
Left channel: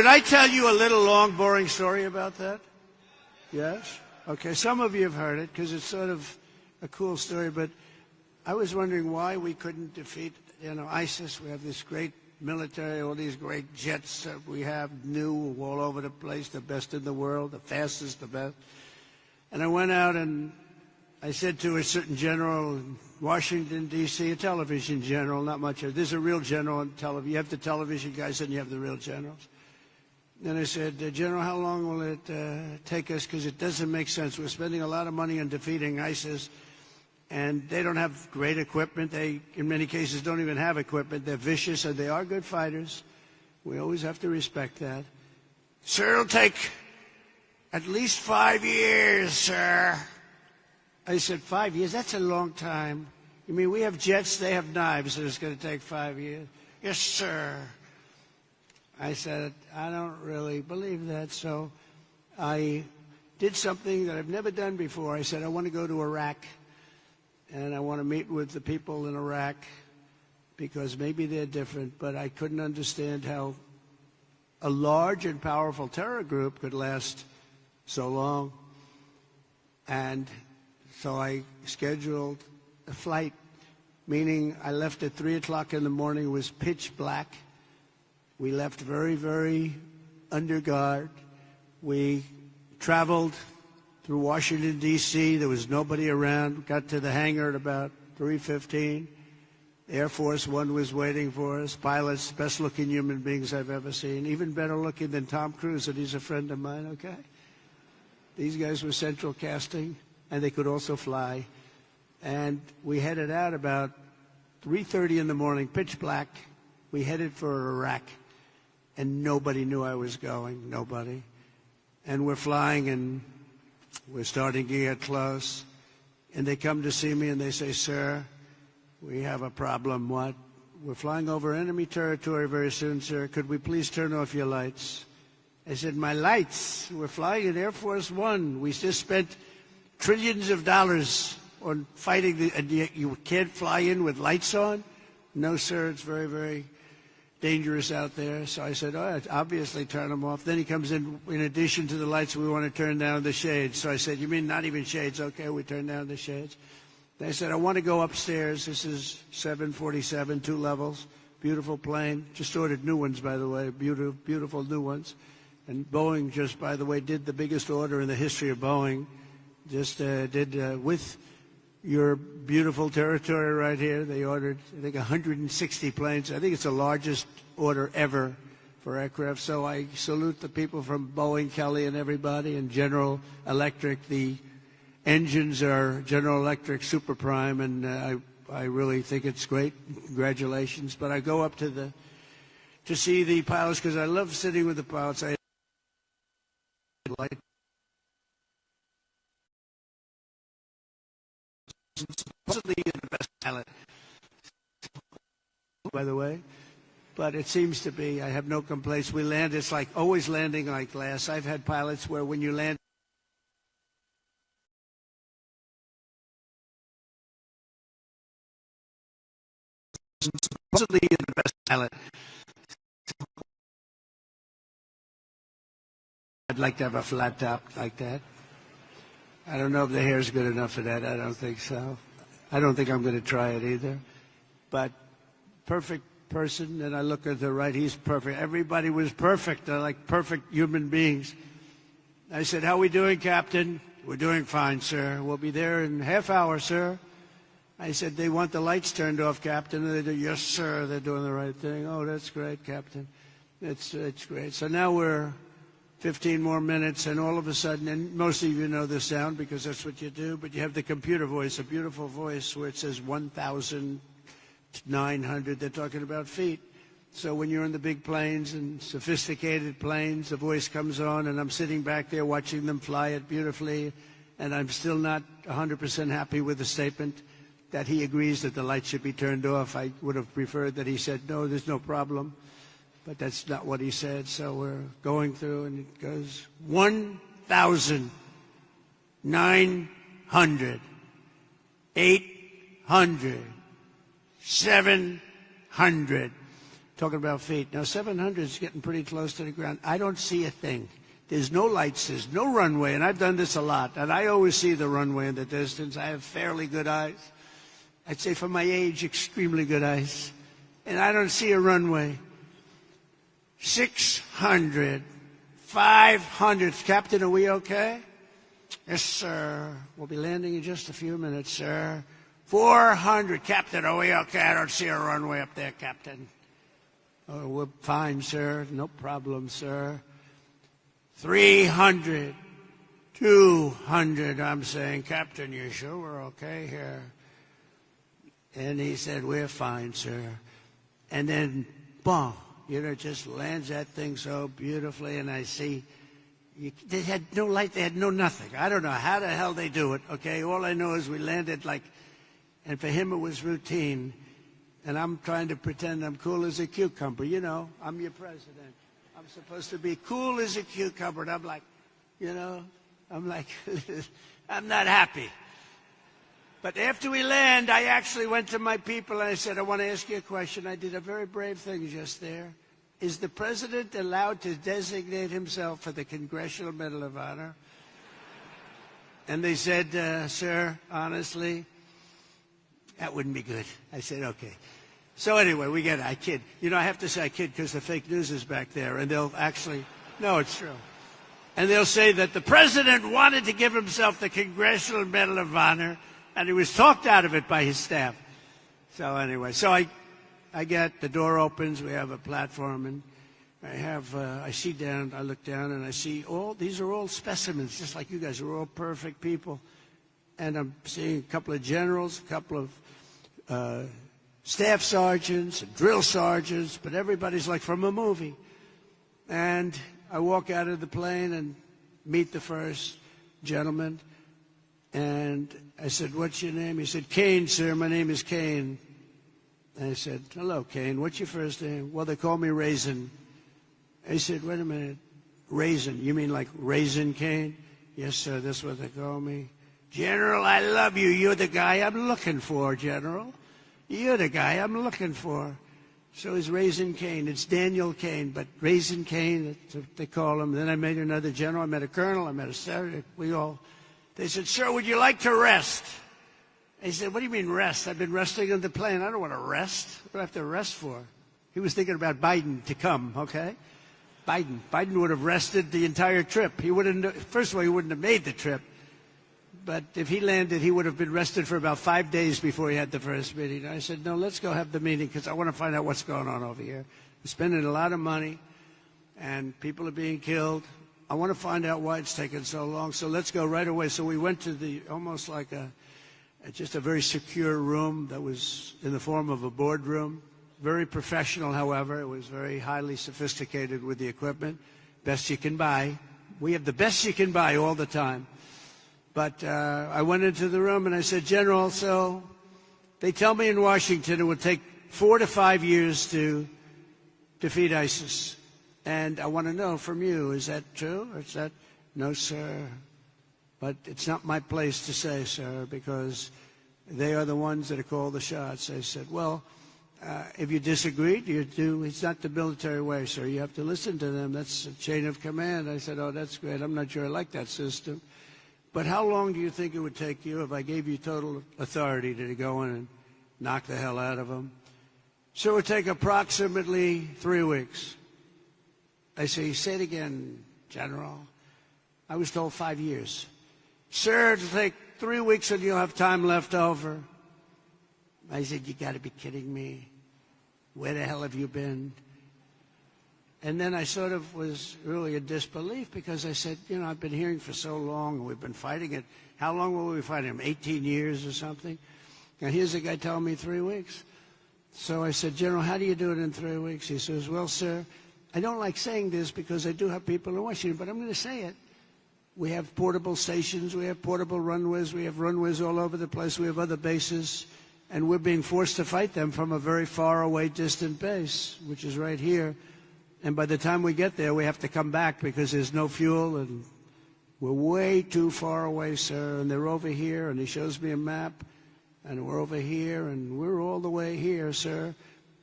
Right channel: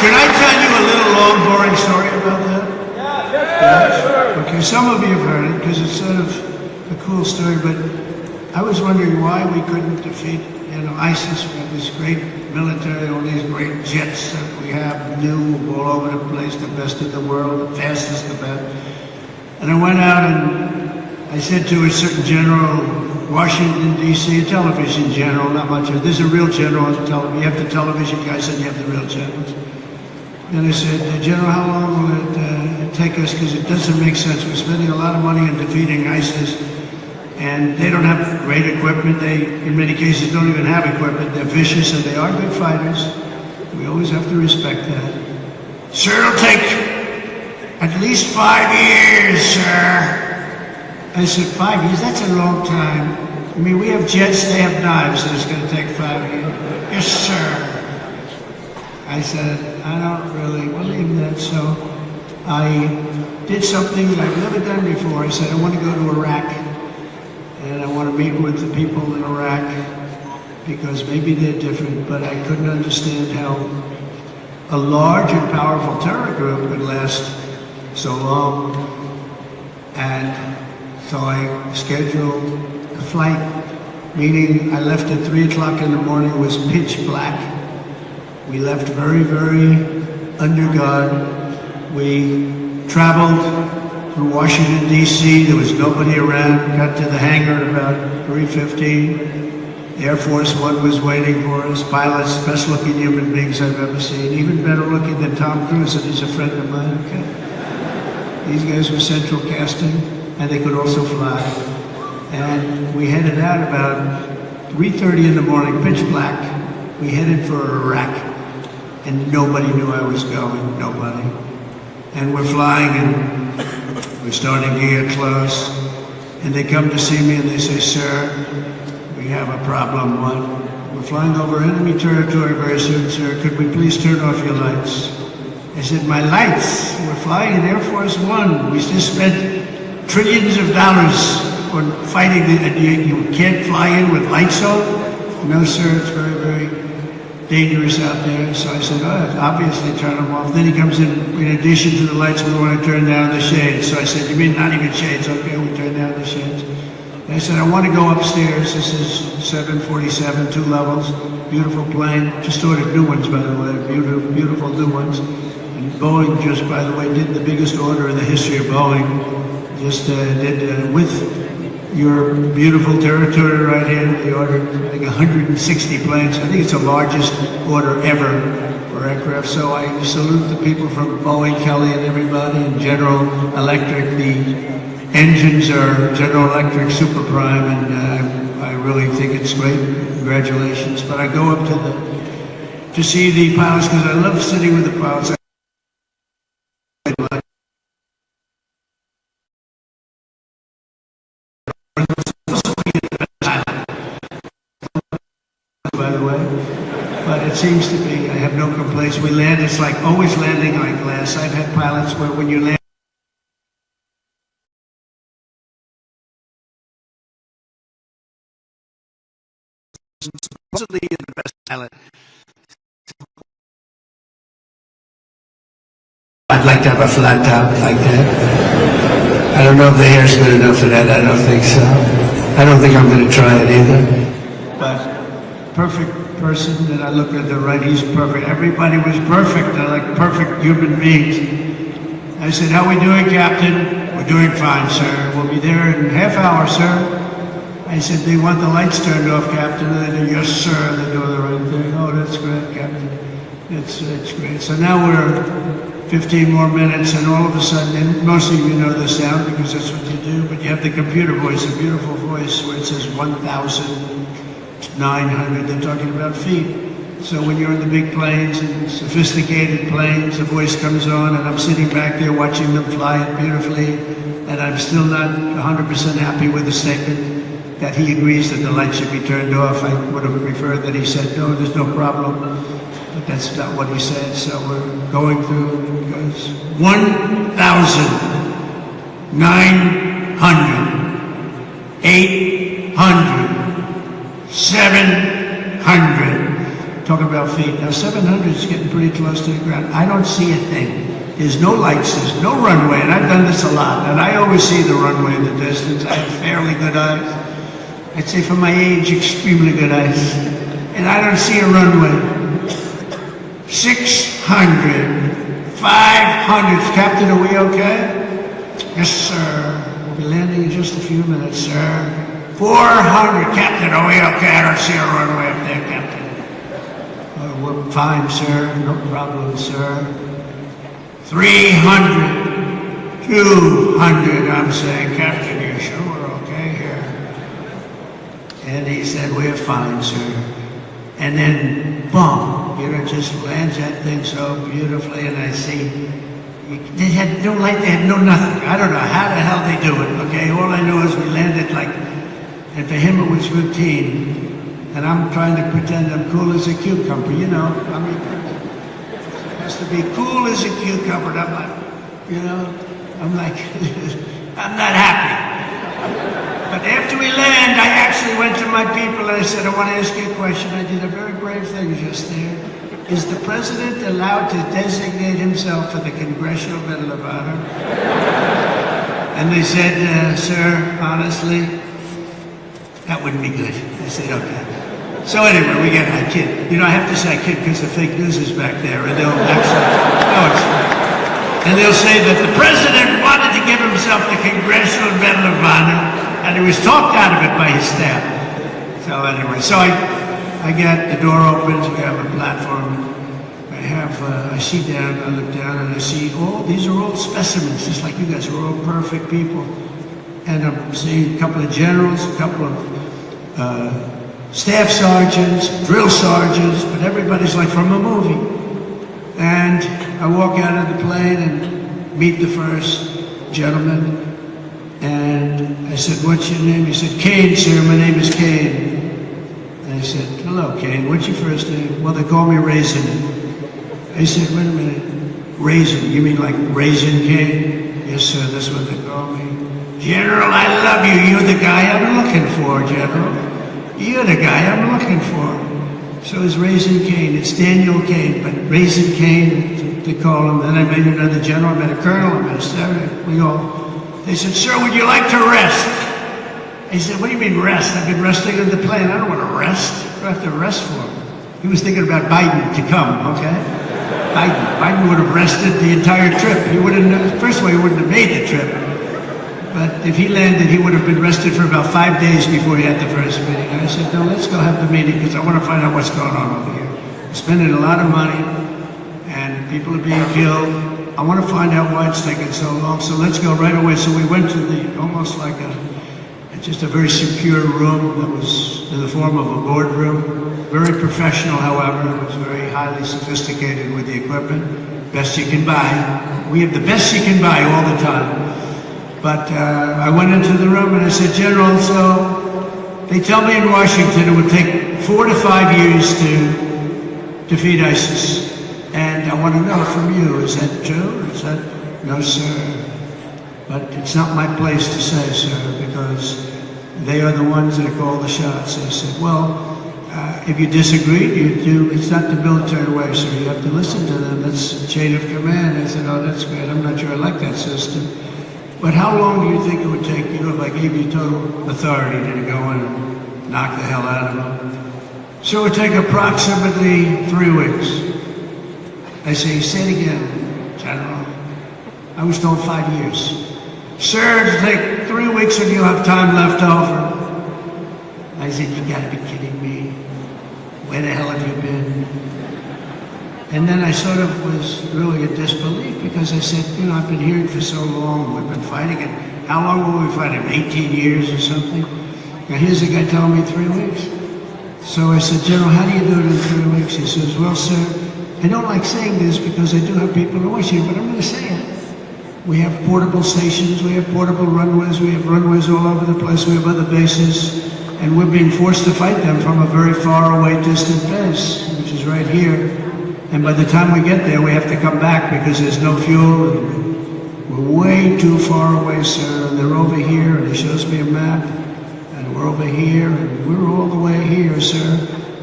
Can I tell you a little long, boring story about that? Yeah. Okay, some of you have heard it because it's sort of a cool story, but I was wondering why we couldn't defeat, ISIS. We have this great military, all these great jets that we have, new all over the place, the best in the world, the fastest, the best. And I went out and I said to a certain general, Washington, D.C., a television general, not much of it. There's a real general on the television. You have the television guys and you have the real generals. And I said, General, how long will it take us? Because it doesn't make sense. We're spending a lot of money on defeating ISIS. And they don't have great equipment. They, in many cases, don't even have equipment. They're vicious and they are good fighters. We always have to respect that. Sir, it'll take at least 5 years, sir. I said, 5 years? That's a long time. I mean, we have jets, they have knives, so it's going to take 5 years. Yes, sir. I said, I don't really believe that, so I did something that I've never done before. I said, I want to go to Iraq. And I want to meet with the people in Iraq because maybe they're different, but I couldn't understand how a large and powerful terror group could last so long. And so I scheduled a flight, meaning I left at 3 o'clock in the morning. It was pitch black. We left very, very under guard. We traveled through Washington, D.C. There was nobody around. Got to the hangar at about 3:15. Air Force One was waiting for us. Pilots, best looking human beings I've ever seen. Even better looking than Tom Cruise, and he's a friend of mine. Okay. These guys were central casting, and they could also fly. And we headed out about 3:30 in the morning, pitch black. We headed for Iraq, and nobody knew I was going. Nobody. And we're flying, and we're starting to get close, and they come to see me and they say, sir, we have a problem. What? We're flying over enemy territory very soon, sir. Could we please turn off your lights? I said, my lights? We're flying in Air Force One. We just spent trillions of dollars on fighting. You can't fly in with lights on? No, sir, it's very, very dangerous out there. So I said, obviously turn them off. Then he comes in addition to the lights, we want to turn down the shades. So I said, you mean not even shades? Okay, we turn down the shades. And I said, I want to go upstairs. This is 747, 2 levels, beautiful plane. Just ordered new ones, by the way, beautiful new ones. And Boeing just, by the way, did the biggest order in the history of Boeing. Just did with your beautiful territory right here. They ordered, I think, 160 planes. I think it's the largest order ever for aircraft. So I salute the people from Boeing, Kelly, and everybody, and General Electric. The engines are General Electric Super Prime, and I really think it's great. Congratulations. But I go up to see the pilots because I love sitting with the pilots. Seems to be, I have no complaints. We land, it's like always landing on glass. I've had pilots where when you land, supposedly you're the best pilot. I'd like to have a flat top like that. I don't know if the hair's good enough for that. I don't think so. I don't think I'm going to try it either. But perfect person that I look at the right, he's perfect. Everybody was perfect. I like perfect human beings. I said, how are we doing, Captain? We're doing fine, sir. We'll be there in a half hour, sir. I said, they want the lights turned off, Captain. And they do, yes, sir. They're doing the right thing. Oh, that's great, Captain. It's great. So now we're 15 more minutes, and all of a sudden, and most of you know the sound because that's what you do, but you have the computer voice, a beautiful voice where it says 1,900. They're talking about feet. So when you're in the big planes and sophisticated planes, the voice comes on, and I'm sitting back there watching them fly it beautifully, and I'm still not 100% happy with the statement that he agrees that the lights should be turned off. I would have preferred that he said, no, there's no problem. But that's not what he said, so we're going through, it goes 1,900, 800, 700, talking about feet. Now 700 is getting pretty close to the ground. I don't see a thing. There's no lights, there's no runway, and I've done this a lot, and I always see the runway in the distance. I have fairly good eyes. I'd say for my age, extremely good eyes. And I don't see a runway. 600, 500. Captain, are we okay? Yes, sir. We'll be landing in just a few minutes, sir. 400. Captain, are we okay? I don't see a runway up there, Captain. We're fine, sir. No problem, sir. 300. 200. I'm saying, Captain, you sure we're okay here? And he said, we're fine, sir. And then, boom, it just lands that thing so beautifully, and I see, they had no light, they had no nothing. I don't know how the hell they do it, okay? All I know is we landed like, and for him it was routine. And I'm trying to pretend I'm cool as a cucumber, you know? I mean, it has to be cool as a cucumber, and I'm like, you know? I'm like, I'm not happy. But after we land, I actually went to my people and I said, I want to ask you a question. I did a very brave thing just there. Is the president allowed to designate himself for the Congressional Medal of Honor? And they said, sir, honestly, that wouldn't be good. I said, okay. So anyway, we get I kid. You know, I have to say I kid because the fake news is back there, and they'll actually, and they'll say that the president wanted to give himself the Congressional Medal of Honor, and he was talked out of it by his staff. So anyway, so I get the door opens, we have a platform. I see down, I look down, and I see these are all specimens, just like you guys are all perfect people. And I'm seeing a couple of generals, a couple of staff sergeants, drill sergeants, but everybody's like from a movie. And I walk out of the plane and meet the first gentleman. And I said, what's your name? He said, Kane, sir, my name is Kane. And I said, hello, Kane, what's your first name? Well, they call me Raisin. He said, wait a minute, Raisin, you mean like Raisin Kane? Yes, sir, that's what they call me. General, I love you. You're the guy I'm looking for, General. You're the guy I'm looking for. So it's Raisin Kane. It's Daniel Kane, but Raisin Kane, they call him. Then I met another general, I met a colonel, I met a sergeant. We go, they said, sir, would you like to rest? He said, what do you mean rest? I've been resting in the plane. I don't want to rest. What do I have to rest for? He was thinking about Biden to come, okay? Biden would have rested the entire trip. He wouldn't, first of all, he wouldn't have made the trip. But if he landed, he would have been rested for about 5 days before he had the first meeting. And I said, no, let's go have the meeting because I want to find out what's going on over here. Spending a lot of money, and people are being killed. I want to find out why it's taking so long. So let's go right away. So we went to almost like just a very secure room that was in the form of a boardroom. Very professional, however. It was very highly sophisticated with the equipment. Best you can buy. We have the best you can buy all the time. But I went into the room and I said, General, so they tell me in Washington it would take 4 to 5 years to defeat ISIS. And I want to know from you, is that true? Is that, no, sir. But it's not my place to say, sir, because they are the ones that call the shots. I said, well, if you disagree, you do. It's not the military way, so you have to listen to them. That's the chain of command. I said, oh, that's great. I'm not sure I like that system. But how long do you think it would take you if I gave you total authority to go and knock the hell out of them? So it would take approximately 3 weeks. I say, say it again, General. I was told 5 years. Sir, it'll take 3 weeks when you have time left over. I said, you gotta be kidding me. Where the hell have you been? And then I sort of was really in disbelief because I said, you know, I've been here for so long, we've been fighting it. How long were we fighting? 18 years or something? Now here's a guy telling me 3 weeks. So I said, General, how do you do it in 3 weeks? He says, well, sir, I don't like saying this because I do have people in Washington, but I'm going to say it. We have portable stations, we have portable runways, we have runways all over the place, we have other bases, and we're being forced to fight them from a very far away distant base, which is right here. And by the time we get there, we have to come back because there's no fuel, and we're way too far away, sir, and they're over here, and he shows me a map, and we're over here, and we're all the way here, sir.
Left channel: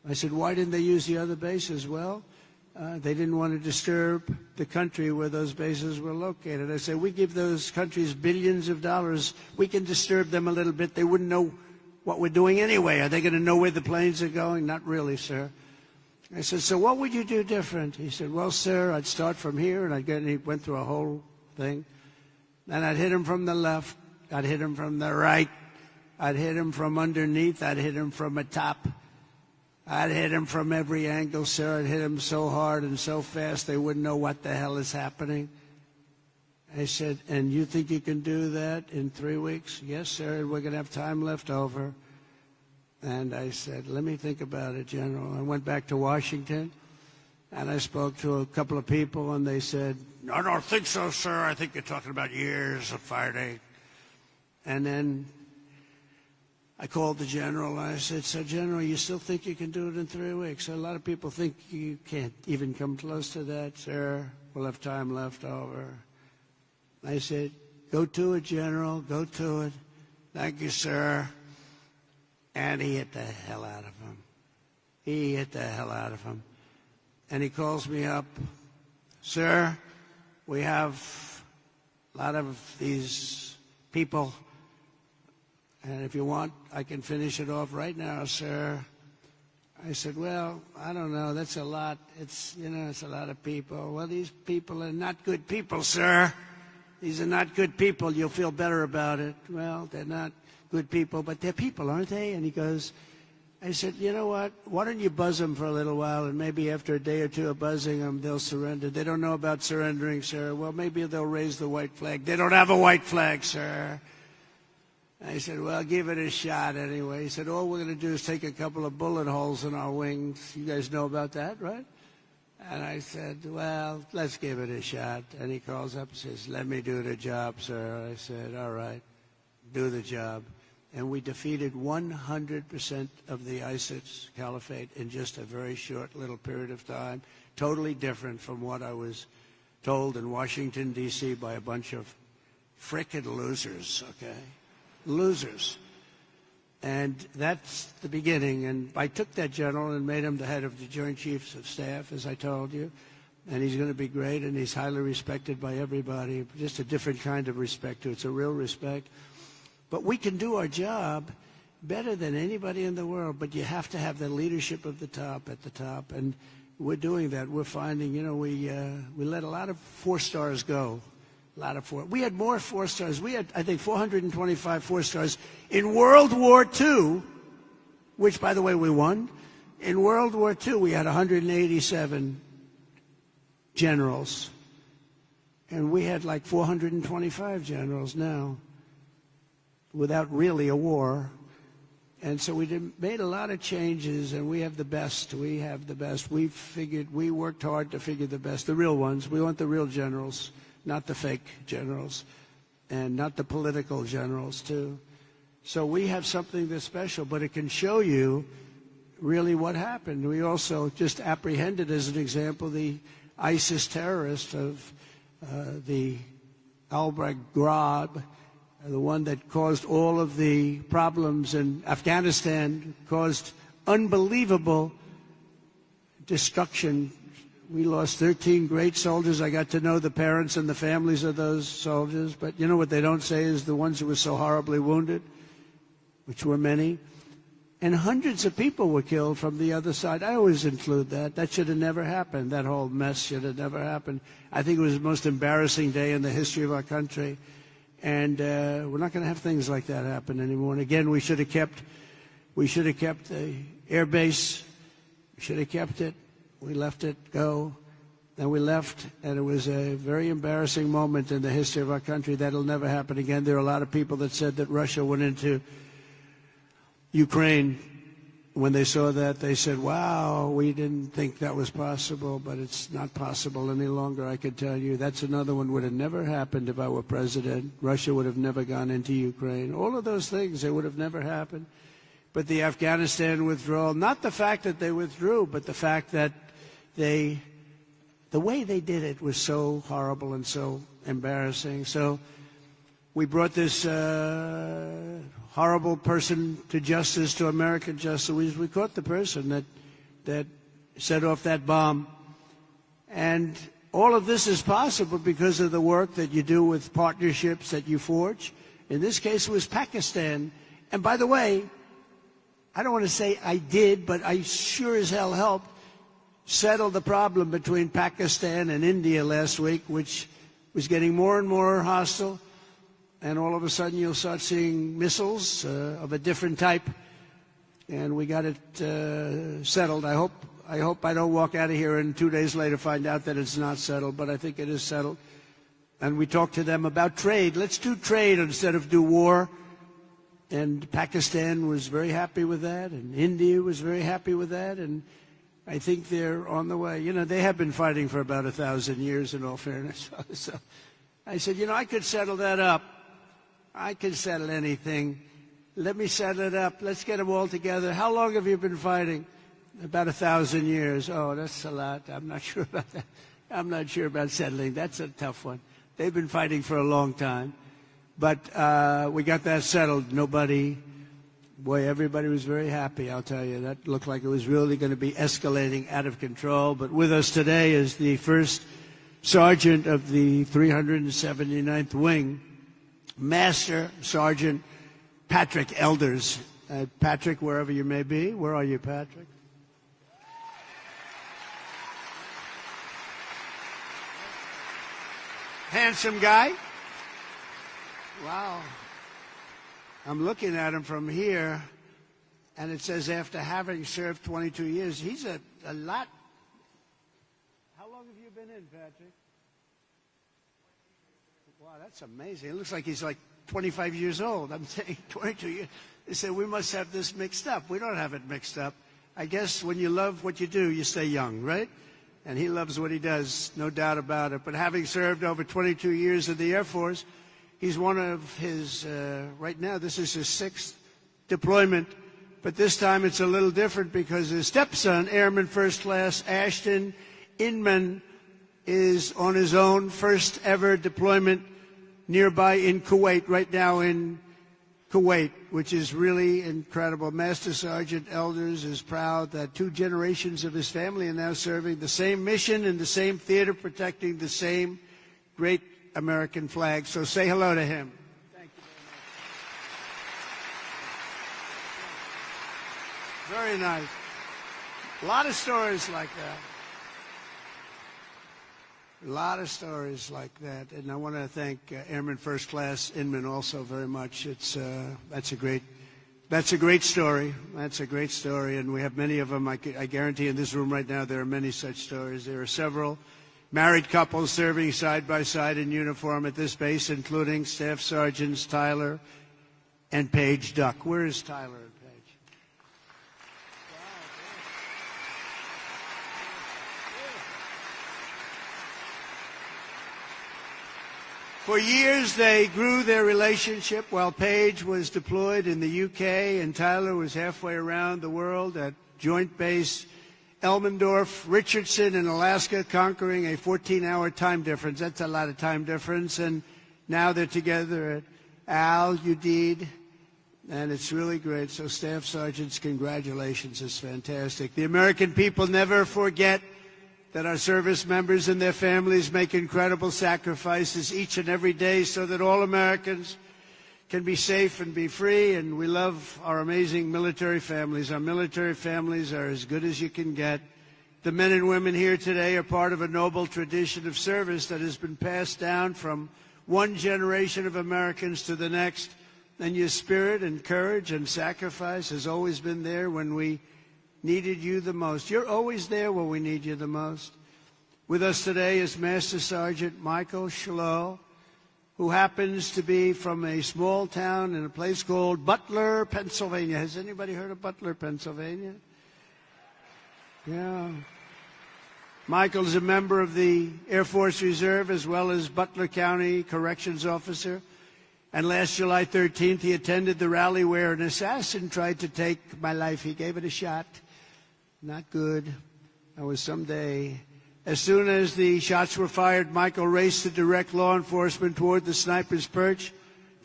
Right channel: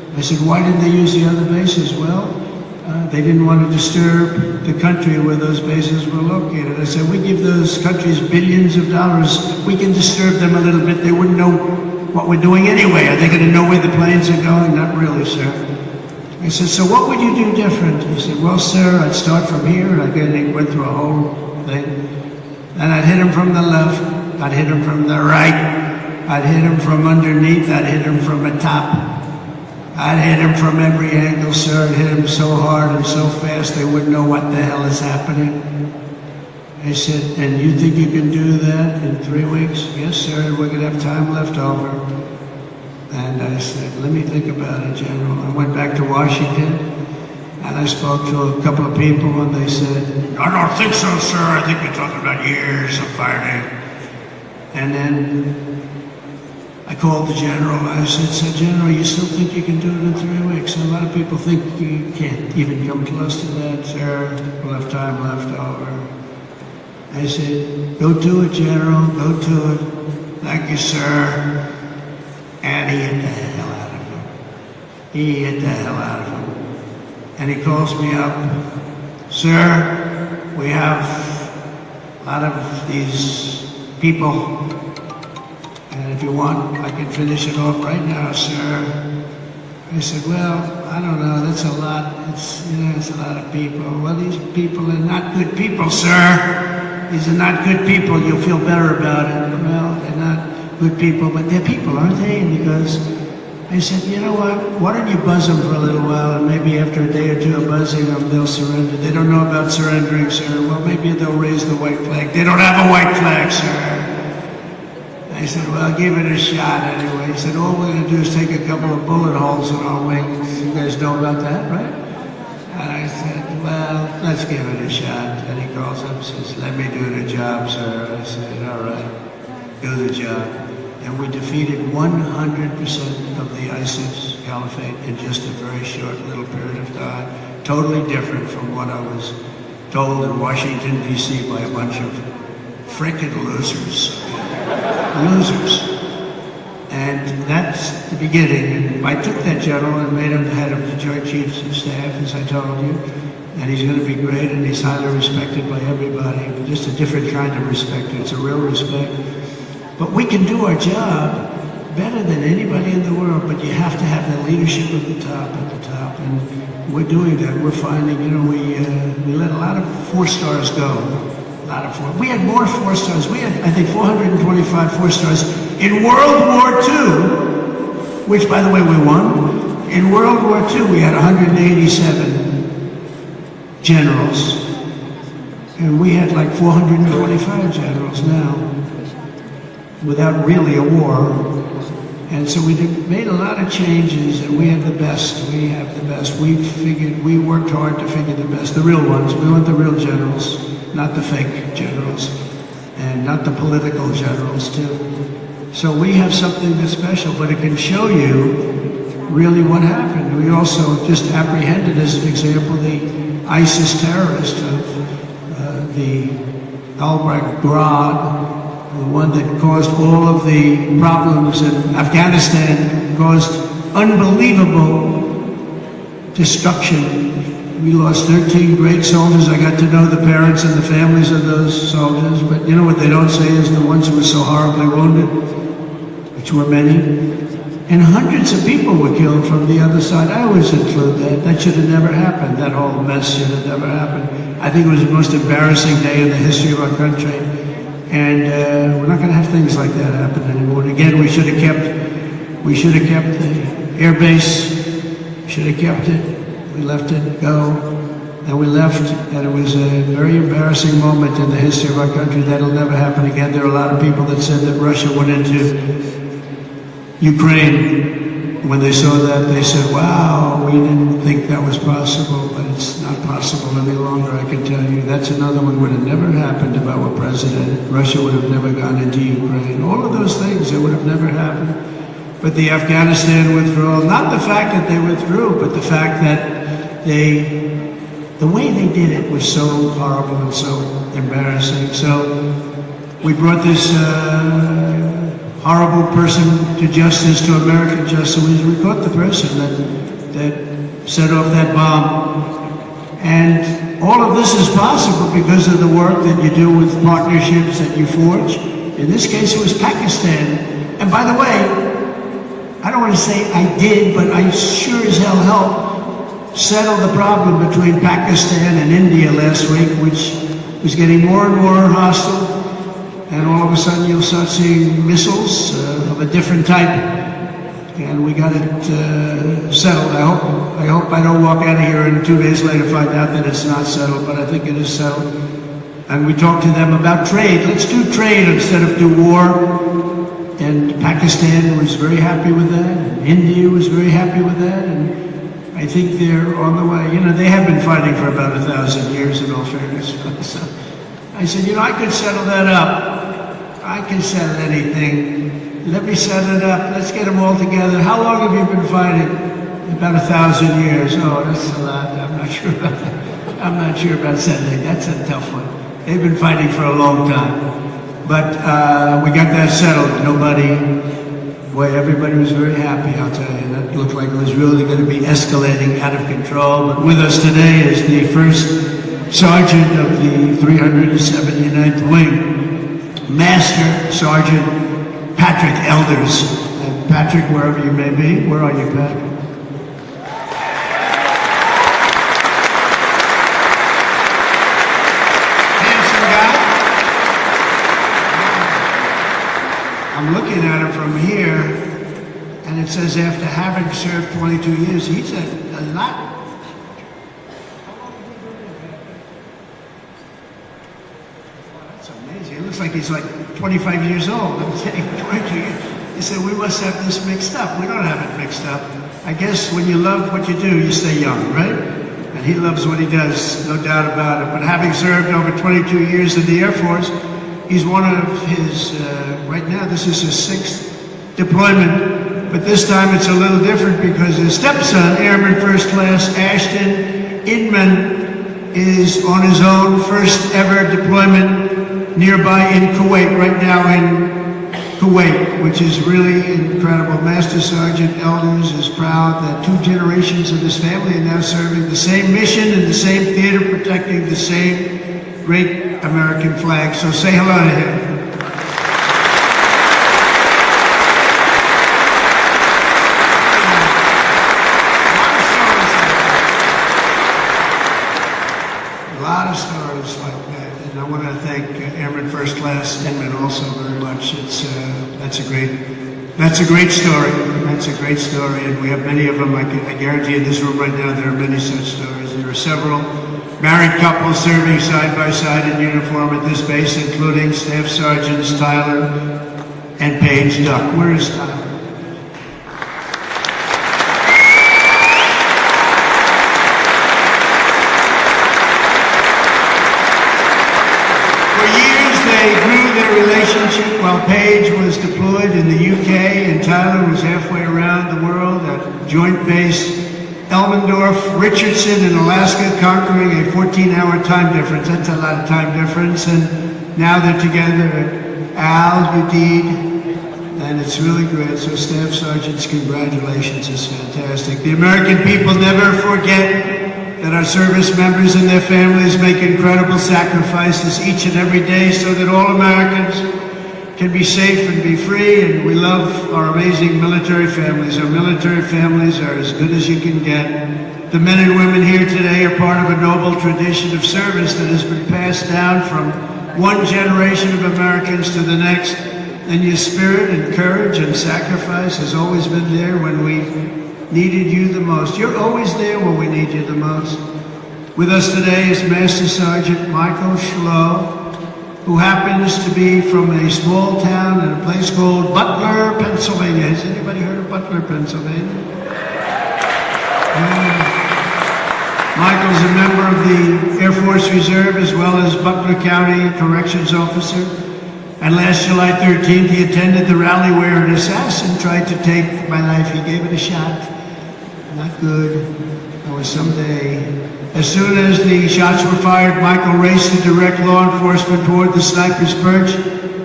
I said, why didn't they use the other bases? Well, they didn't want to disturb the country where those bases were located. I said, we give those countries billions of dollars. We can disturb them a little bit. They wouldn't know what we're doing anyway. Are they going to know where the planes are going? Not really, sir. I said, so what would you do different? He said, well, sir, I'd start from here. And I went through a whole thing. And I'd hit him from the left. I'd hit him from the right. I'd hit him from underneath. I'd hit him from the top. I'd hit him from every angle, sir. I'd hit him so hard and so fast they wouldn't know what the hell is happening. He said, and you think you can do that in 3 weeks? Yes, sir, we're going to have time left over. And I said, let me think about it, General. I went back to Washington, and I spoke to a couple of people, and they said, I don't think so, sir. I think you're talking about years of fighting. And then I called the General. I said, so General, you still think you can do it in 3 weeks? And a lot of people think you can't even come close to that, sir. We'll have time left over. I said, go do it, General. Go do it. Thank you, sir. And he hit the hell out of him. He hit the hell out of him. And he calls me up. Sir, we have, out of these people, and if you want, I can finish it off right now, sir. I said, well, I don't know, that's a lot. It's a lot of people. Well, these people are not good people, sir. These are not good people. You'll feel better about it. Well, they're not good people, but they're people, aren't they? And he goes, I said, you know what? Why don't you buzz them for a little while, and maybe after a day or two of buzzing them, they'll surrender. They don't know about surrendering, sir. Well, maybe they'll raise the white flag. They don't have a white flag, sir. I said, well, I'll give it a shot anyway. He said, all we're going to do is take a couple of bullet holes in our wings. You guys know about that, right? And I said, well, let's give it a shot. And he calls up and says, let me do the job, sir. I said, all right, do the job. And we defeated 100% of the ISIS caliphate in just a very short little period of time. Totally different from what I was told in Washington, D.C. by a bunch of frickin' losers. Losers. And that's the beginning. And I took that general and made him the head of the Joint Chiefs of Staff, as I told you. And he's going to be great, and he's highly respected by everybody. Just a different kind of respect. It's a real respect. But we can do our job better than anybody in the world, but you have to have the leadership at the top, And we're doing that. We're finding, we let a lot of 4 stars go. We had more 4 stars. We had, I think, 425 4 stars. In World War II, which, by the way, we won, in World War II, we had 187 generals. And we had like 425 generals now, without really a war. And so we made a lot of changes, and we have the best. We have the best. We worked hard to figure the best, the real ones. We want the real generals. Not the fake generals, and not the political generals, too. So we have something that's special, but it can show you really what happened. We also just apprehended, as an example, the ISIS terrorist of the Al-Baghdad, the one that caused all of the problems in Afghanistan, caused unbelievable destruction. We lost 13 great soldiers. I got to know the parents and the families of those soldiers, but you know what they don't say is the ones who were so horribly wounded, which were many. And hundreds of people were killed from the other side. I always include that. That should have never happened. That whole mess should have never happened. I think it was the most embarrassing day in the history of our country. And we're not going to have things like that happen anymore. And again, we should have kept the air base. Should have kept it. We let it go, and we left, and it was a very embarrassing moment in the history of our country. That'll never happen again. There are a lot of people that said that Russia went into Ukraine. When they saw that, they said, wow, we didn't think that was possible, but it's not possible any longer, I can tell you. That's another one would have never happened if I were president. Russia would have never gone into Ukraine. All of those things, it would have never happened. But the Afghanistan withdrawal, not the fact that they withdrew, but the fact that the way they did it was so horrible and so embarrassing. So we brought this horrible person to justice, to American justice. We caught the person that set off that bomb. And all of this is possible because of the work that you do with partnerships that you forge. In this case, it was Pakistan. And by the way, I don't want to say I did, but I sure as hell helped settle the problem between Pakistan and India last week, which was getting more and more hostile. And all of a sudden you'll start seeing missiles of a different type. And we got it settled. I hope I don't walk out of here and 2 days later find out that it's not settled, but I think it is settled. And we talked to them about trade. Let's do trade instead of do war. And Pakistan was very happy with that, and India was very happy with that, and I think they're on the way. You know, they have been fighting for about 1,000 years in all fairness. So I said, you know, I could settle that up. I can settle anything. Let me set it up. Let's get them all together. How long have you been fighting? About 1,000 years. Oh, that's a lot. I'm not sure about that. I'm not sure about settling. That's a tough one. They've been fighting for a long time. But we got that settled. Everybody was very happy, I'll tell you. That looked like it was really going to be escalating out of control. But with us today is the first sergeant of the 379th Wing, Master Sergeant Patrick Elders. And Patrick, wherever you may be, where are you, Patrick? I'm looking at him from here, and it says after having served 22 years, he's a lot. That's amazing. It looks like he's like 25 years old. I'm saying 22 years. He said, we must have this mixed up. We don't have it mixed up. I guess when you love what you do, you stay young, right? And he loves what he does, no doubt about it. But having served over 22 years in the Air Force, he's one of his, right now, this is his 6th deployment, but this time it's a little different because his stepson, Airman First Class Ashton Inman, is on his own first ever deployment nearby in Kuwait, right now in Kuwait, which is really incredible. Master Sergeant Elders is proud that 2 generations of his family are now serving the same mission in the same theater, protecting the same great American flag. So say hello to him. A lot of stories like that, and I want to thank Airman First Class Inman also very much. That's a great story. That's a great story, and we have many of them. I guarantee in this room right now there are many such stories. There are several married couples serving side by side in uniform at this base, including Staff Sergeants Tyler and Paige Duck. Where is Tyler? For years they grew their relationship while Paige was deployed in the UK and Tyler was halfway around the world at Joint Base Elmendorf, Richardson in Alaska, conquering a 14-hour time difference. That's a lot of time difference. And now they're together at Udeid, and it's really great. So Staff Sergeants, congratulations. It's fantastic. The American people never forget that our service members and their families make incredible sacrifices each and every day so that all Americans can be safe and be free, and we love our amazing military families. Our military families are as good as you can get. The men and women here today are part of a noble tradition of service that has been passed down from one generation of Americans to the next, and your spirit and courage and sacrifice has always been there when we needed you the most. You're always there when we need you the most. With us today is Master Sergeant Michael Schlow, who happens to be from a small town in a place called Butler, Pennsylvania. Has anybody heard of Butler, Pennsylvania? Michael's a member of the Air Force Reserve as well as Butler County Corrections Officer. And last July 13th, he attended the rally where an assassin tried to take my life. He gave it a shot. Not good. Or someday. As soon as the shots were fired, Michael raced to direct law enforcement toward the sniper's perch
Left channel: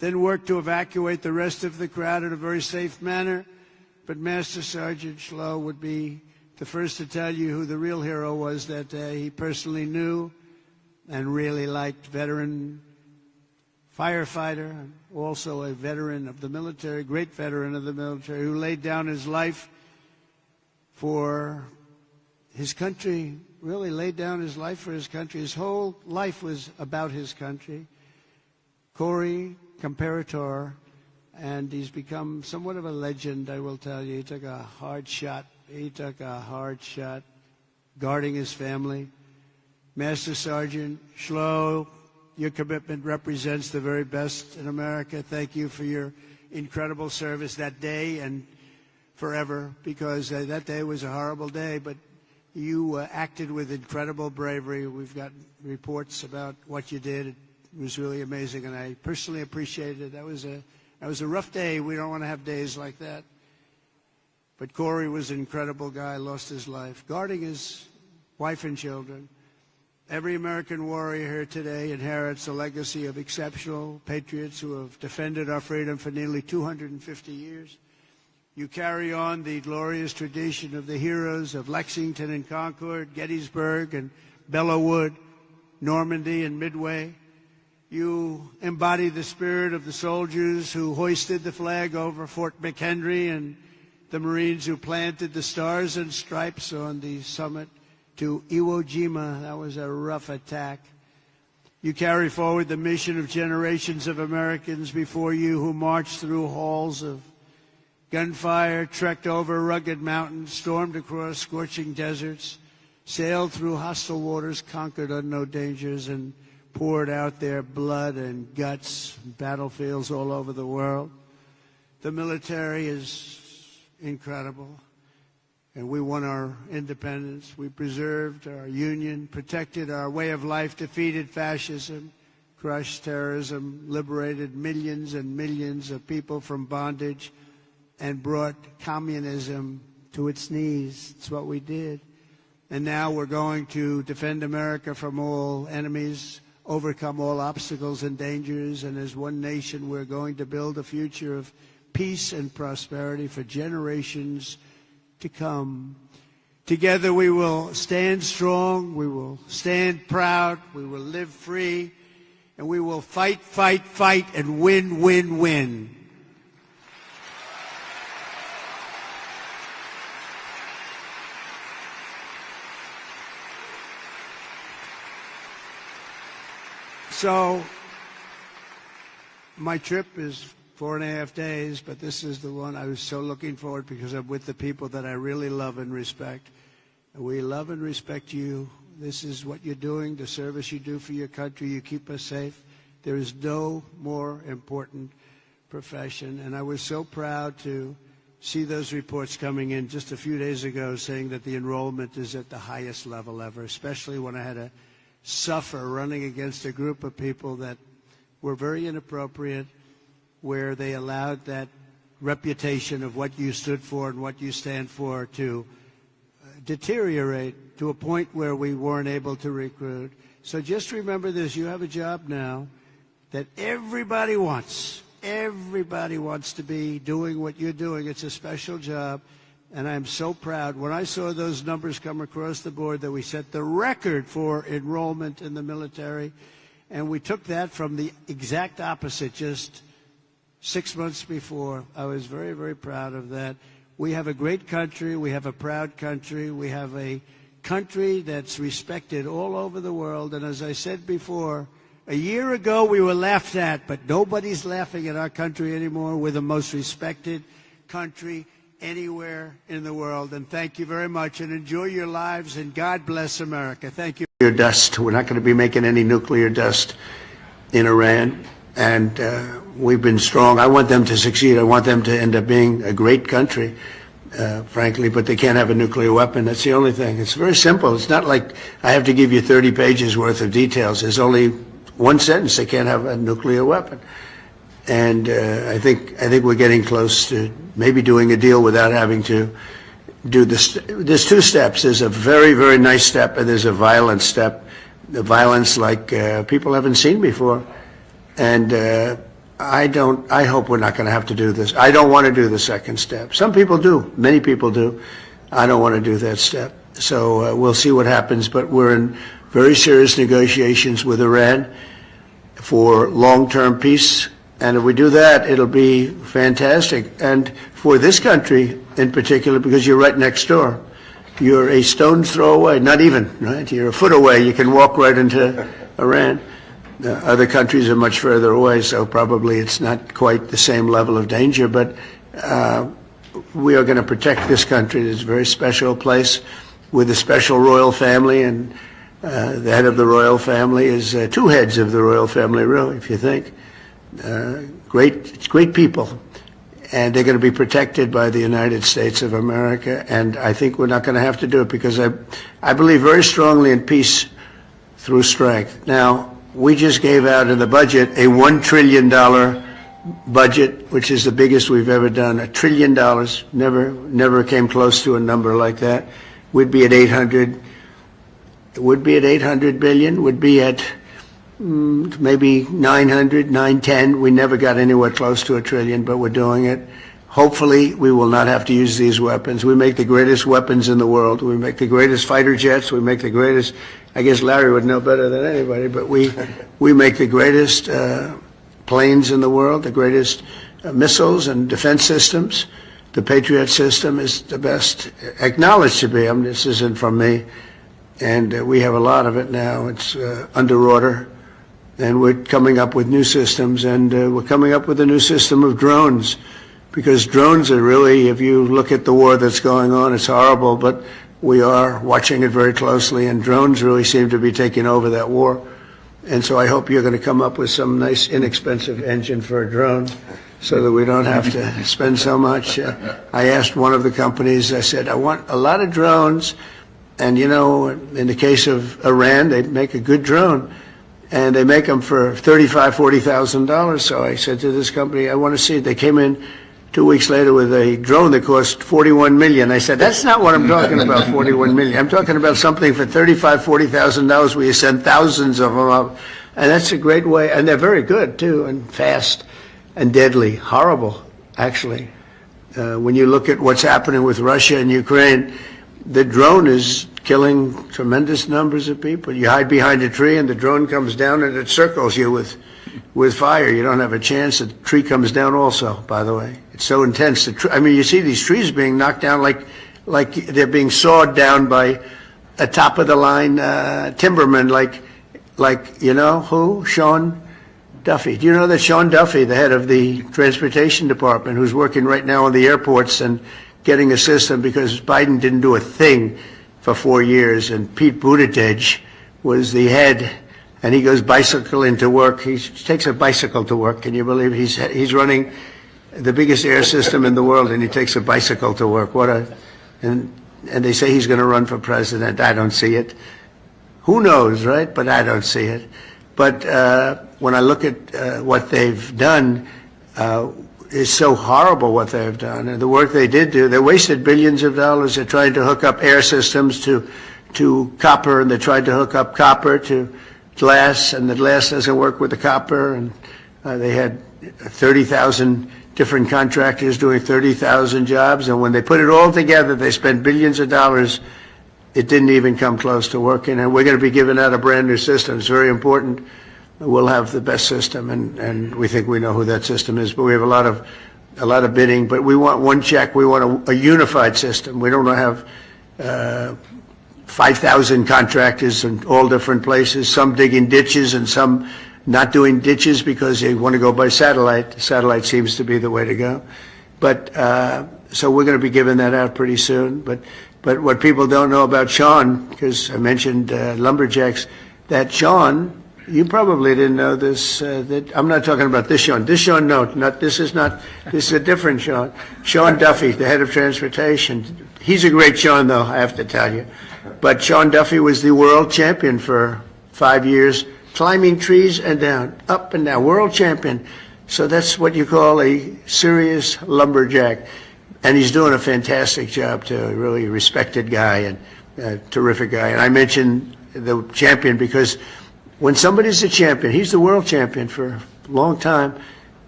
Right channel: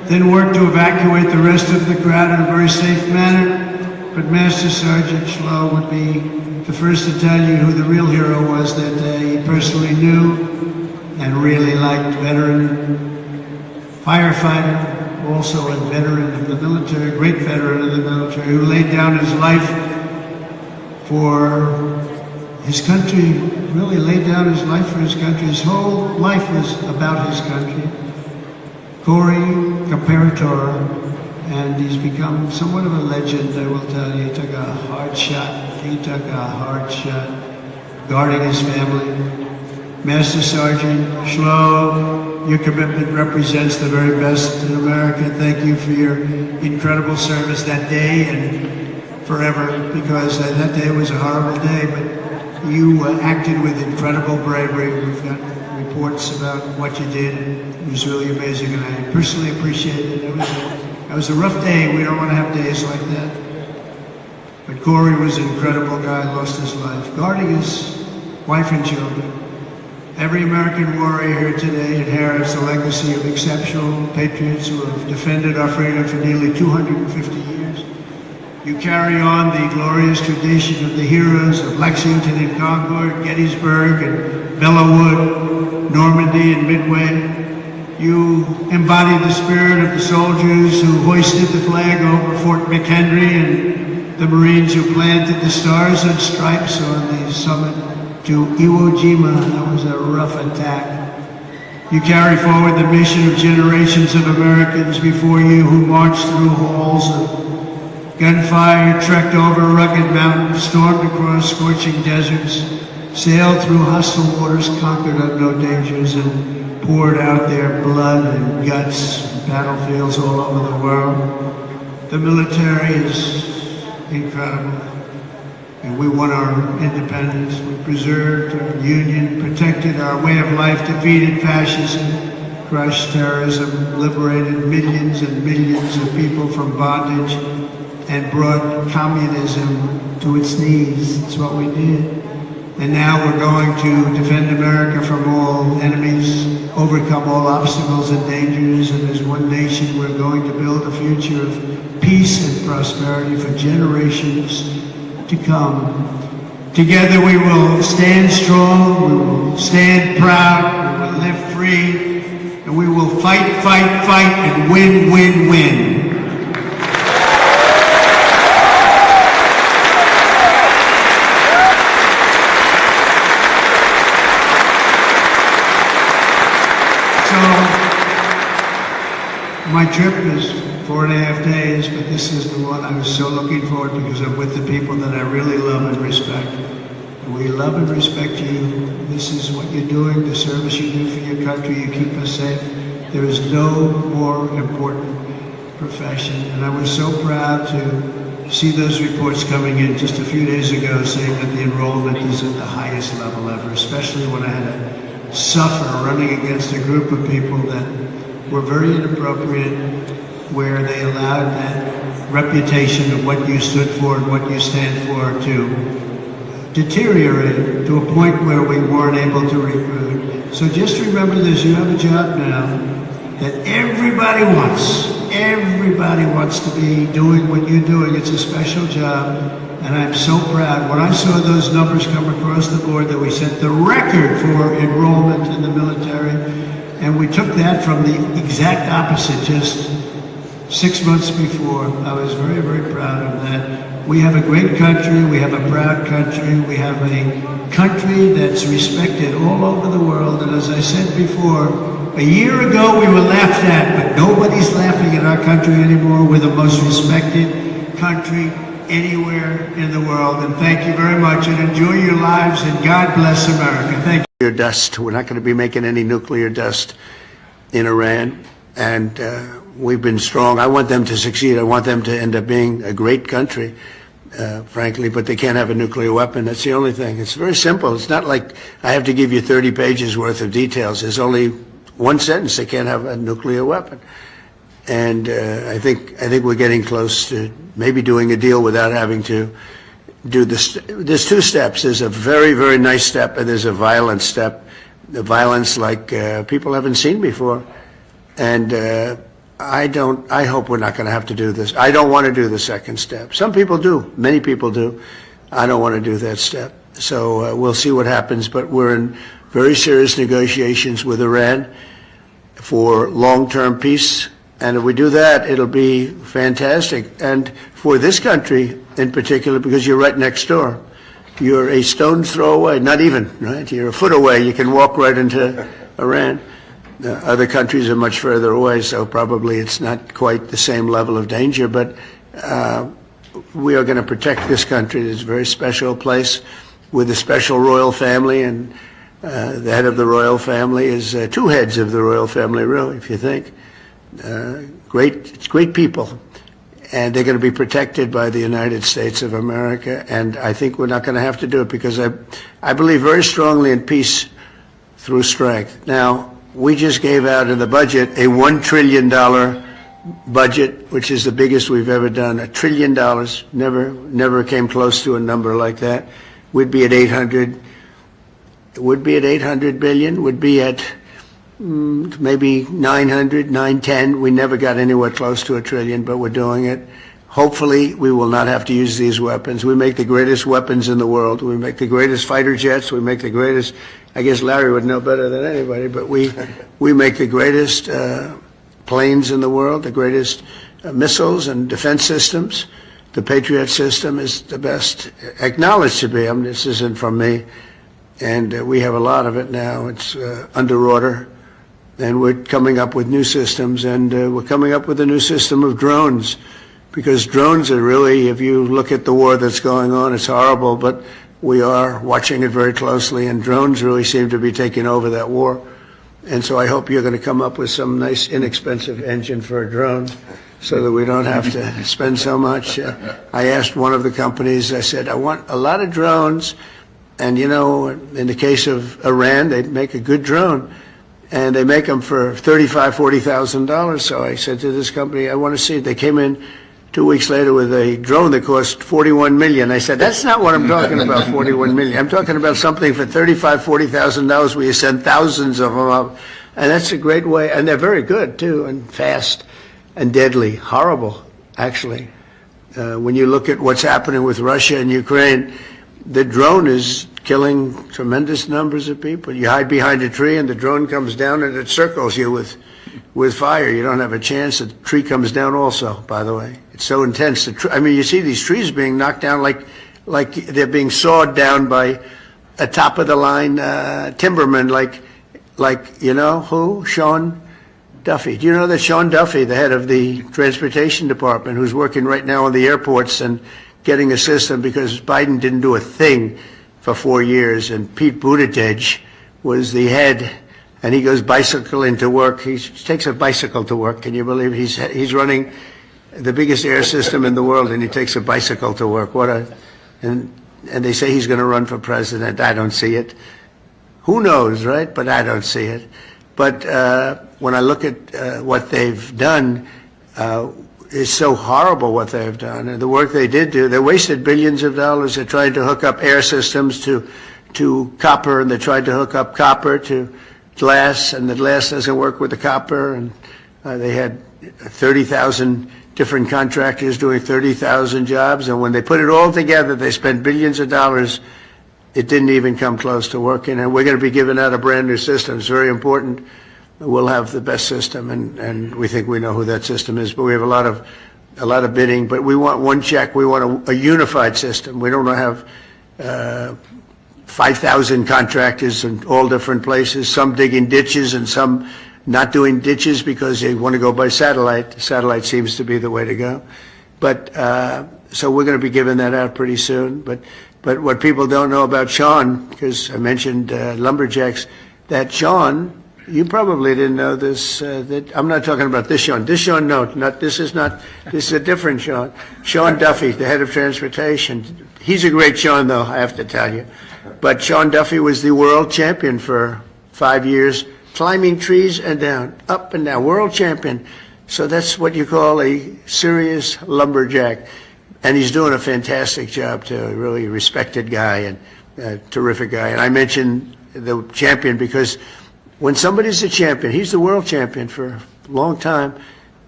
then worked to evacuate the rest of the crowd in a very safe manner. But Master Sergeant Schlow would be the first to tell you who the real hero was that day. He personally knew and really liked veteran firefighter, also a veteran of the military, a great veteran of the military, who laid down his life for his country, really laid down his life for his country. His whole life was about his country. Corey Comparator, and he's become somewhat of a legend, I will tell you. He took a hard shot. He took a hard shot guarding his family. Master Sergeant Schlow, your commitment represents the very best in America. Thank you for your incredible service that day and forever, because that day was a horrible day, but you acted with incredible bravery. We've got reports about what you did. It was really amazing, and I personally appreciate it. It was a rough day. We don't want to have days like that. But Corey was an incredible guy, lost his life, guarding his wife and children. Every American warrior here today inherits a legacy of exceptional patriots who have defended our freedom for nearly 250 years. You carry on the glorious tradition of the heroes of Lexington and Concord, Gettysburg and Belleau Wood, Normandy and Midway. You embody the spirit of the soldiers who hoisted the flag over Fort McHenry and the Marines who planted the stars and stripes on the summit to Iwo Jima. That was a rough attack. You carry forward the mission of generations of Americans before you who marched through halls of gunfire, trekked over rugged mountains, stormed across scorching deserts, sailed through hostile waters, conquered unknown dangers, and poured out their blood and guts in battlefields all over the world. The military is incredible. And we won our independence. We preserved our union, protected our way of life, defeated fascism, crushed terrorism, liberated millions and millions of people from bondage, and brought communism to its knees. That's what we did. And now we're going to defend America from all enemies, overcome all obstacles and dangers, and as one nation we're going to build a future of peace and prosperity for generations to come. Together we will stand strong, we will stand proud, we will live free, and we will fight, fight, fight, and win, win, win. My trip is 4.5 days, but this is the one I was so looking forward to because I'm with the people that I really love and respect. We love and respect you. This is what you're doing, the service you do for your country. You keep us safe. There is no more important profession. And I was so proud to see those reports coming in just a few days ago saying that the enrollment is at the highest level ever, especially when I had to suffer running against a group of people that were very inappropriate, where they allowed that reputation of what you stood for and what you stand for to deteriorate to a point where we weren't able to recruit. So just remember this, you have a job now that everybody wants. Everybody wants to be doing what you're doing. It's a special job, and I'm so proud. When I saw those numbers come across the board that we set the record for enrollment in the military, and we took that from the exact opposite just 6 months before. I was very, very proud of that. We have a great country. We have a proud country. We have a country that's respected all over the world. And as I said before, a year ago we were laughed at, but nobody's laughing at our country anymore. We're the most respected country anywhere in the world. And thank you very much, and enjoy your lives, and God bless America. Thank you. Dust. We're not going to be making any nuclear dust in Iran, and we've been strong. I want them to succeed. I want them to end up being a great country, frankly, but they can't have a nuclear weapon. That's the only thing. It's very simple. It's not like I have to give you 30 pages worth of details. There's only one sentence: they can't have a nuclear weapon. And I think we're getting close to maybe doing a deal without having to do this. There's two steps. There's a very, very nice step, and there's a violent step. The violence like people haven't seen before. And I hope we're not going to have to do this. I don't want to do the second step. Some people do. Many people do. I don't want to do that step. So we'll see what happens. But we're in very serious negotiations with Iran for long-term peace. And if we do that, it'll be fantastic. And for this country in particular, because you're right next door. You're a stone's throw away, not even, right? You're a foot away. You can walk right into Iran. Other countries are much further away, so probably it's not quite the same level of danger. But we are going to protect this country. It's a very special place with a special royal family, and the head of the royal family is two heads of the royal family, really, if you think. Great people. And they're going to be protected by the United States of America. And I think we're not going to have to do it because I believe very strongly in peace through strength. Now, we just gave out in the budget a $1 trillion budget, which is the biggest we've ever done. $1 trillion. Never came close to a number like that. We'd be at 800. It would be at 800 billion. Would be at maybe 900, 910. We never got anywhere close to $1 trillion, but we're doing it. Hopefully, we will not have to use these weapons. We make the greatest weapons in the world. We make the greatest fighter jets. We make the greatest, I guess Larry would know better than anybody, but we make the greatest planes in the world, the greatest missiles and defense systems. The Patriot system is the best, acknowledged to be. I mean, this isn't from me. And we have a lot of it now. It's under order. And we're coming up with new systems, and we're coming up with a new system of drones, because drones are really, if you look at the war that's going on, it's horrible, but we are watching it very closely, and drones really seem to be taking over that war. And so I hope you're going to come up with some nice, inexpensive engine for a drone so that we don't have to spend so much. I asked one of the companies, I said, I want a lot of drones, and you know, in the case of Iran, they make a good drone. And they make them for $35,000, $40,000. So I said to this company, I want to see it. They came in 2 weeks later with a drone that cost $41 million. I said, that's not what I'm talking about, $41 million. I'm talking about something for $35,000, $40,000 where you send thousands of them up. And that's a great way. And they're very good, too, and fast and deadly. Horrible, actually. When you look at what's happening with Russia and Ukraine, the drone is killing tremendous numbers of people. You hide behind a tree and the drone comes down and it circles you with fire. You don't have a chance. The tree comes down also, by the way. It's so intense. I mean, you see these trees being knocked down like they're being sawed down by a top-of-the-line timberman like, you know, who? Sean Duffy. Do you know that Sean Duffy, the head of the transportation department, who's working right now on the airports and getting a system because Biden didn't do a thing for 4 years, and Pete Buttigieg was the head, and he goes bicycling to work. He takes a bicycle to work. Can you believe he's running the biggest air system in the world, and he takes a bicycle to work? And they say he's going to run for president. I don't see it. Who knows, right? But I don't see it. But when I look at what they've done, it's so horrible what they've done. And the work they did do, they wasted billions of dollars. They're trying to hook up air systems to copper, and they tried to hook up copper to glass, and the glass doesn't work with the copper. And they had 30,000 different contractors doing 30,000 jobs. And when they put it all together, they spent billions of dollars. It didn't even come close to working. And we're going to be giving out a brand new system. It's very important. We'll have the best system, and we think we know who that system is. But we have a lot of bidding. But we want one check. We want a unified system. We don't want to have 5,000 contractors in all different places. Some digging ditches and some not doing ditches because they want to go by satellite. Satellite seems to be the way to go. But so we're going to be giving that out pretty soon. But what people don't know about Sean, because I mentioned lumberjacks, that Sean. You probably didn't know this. That I'm not talking about this Sean. This Sean, no, this is a different Sean. Sean Duffy, the head of transportation. He's a great Sean, though, I have to tell you. But Sean Duffy was the world champion for 5 years, climbing trees and down, up and down, world champion. So that's what you call a serious lumberjack. And he's doing a fantastic job, too. A really respected guy and a terrific guy. And I mentioned the champion because when somebody's a champion, he's the world champion for a long time,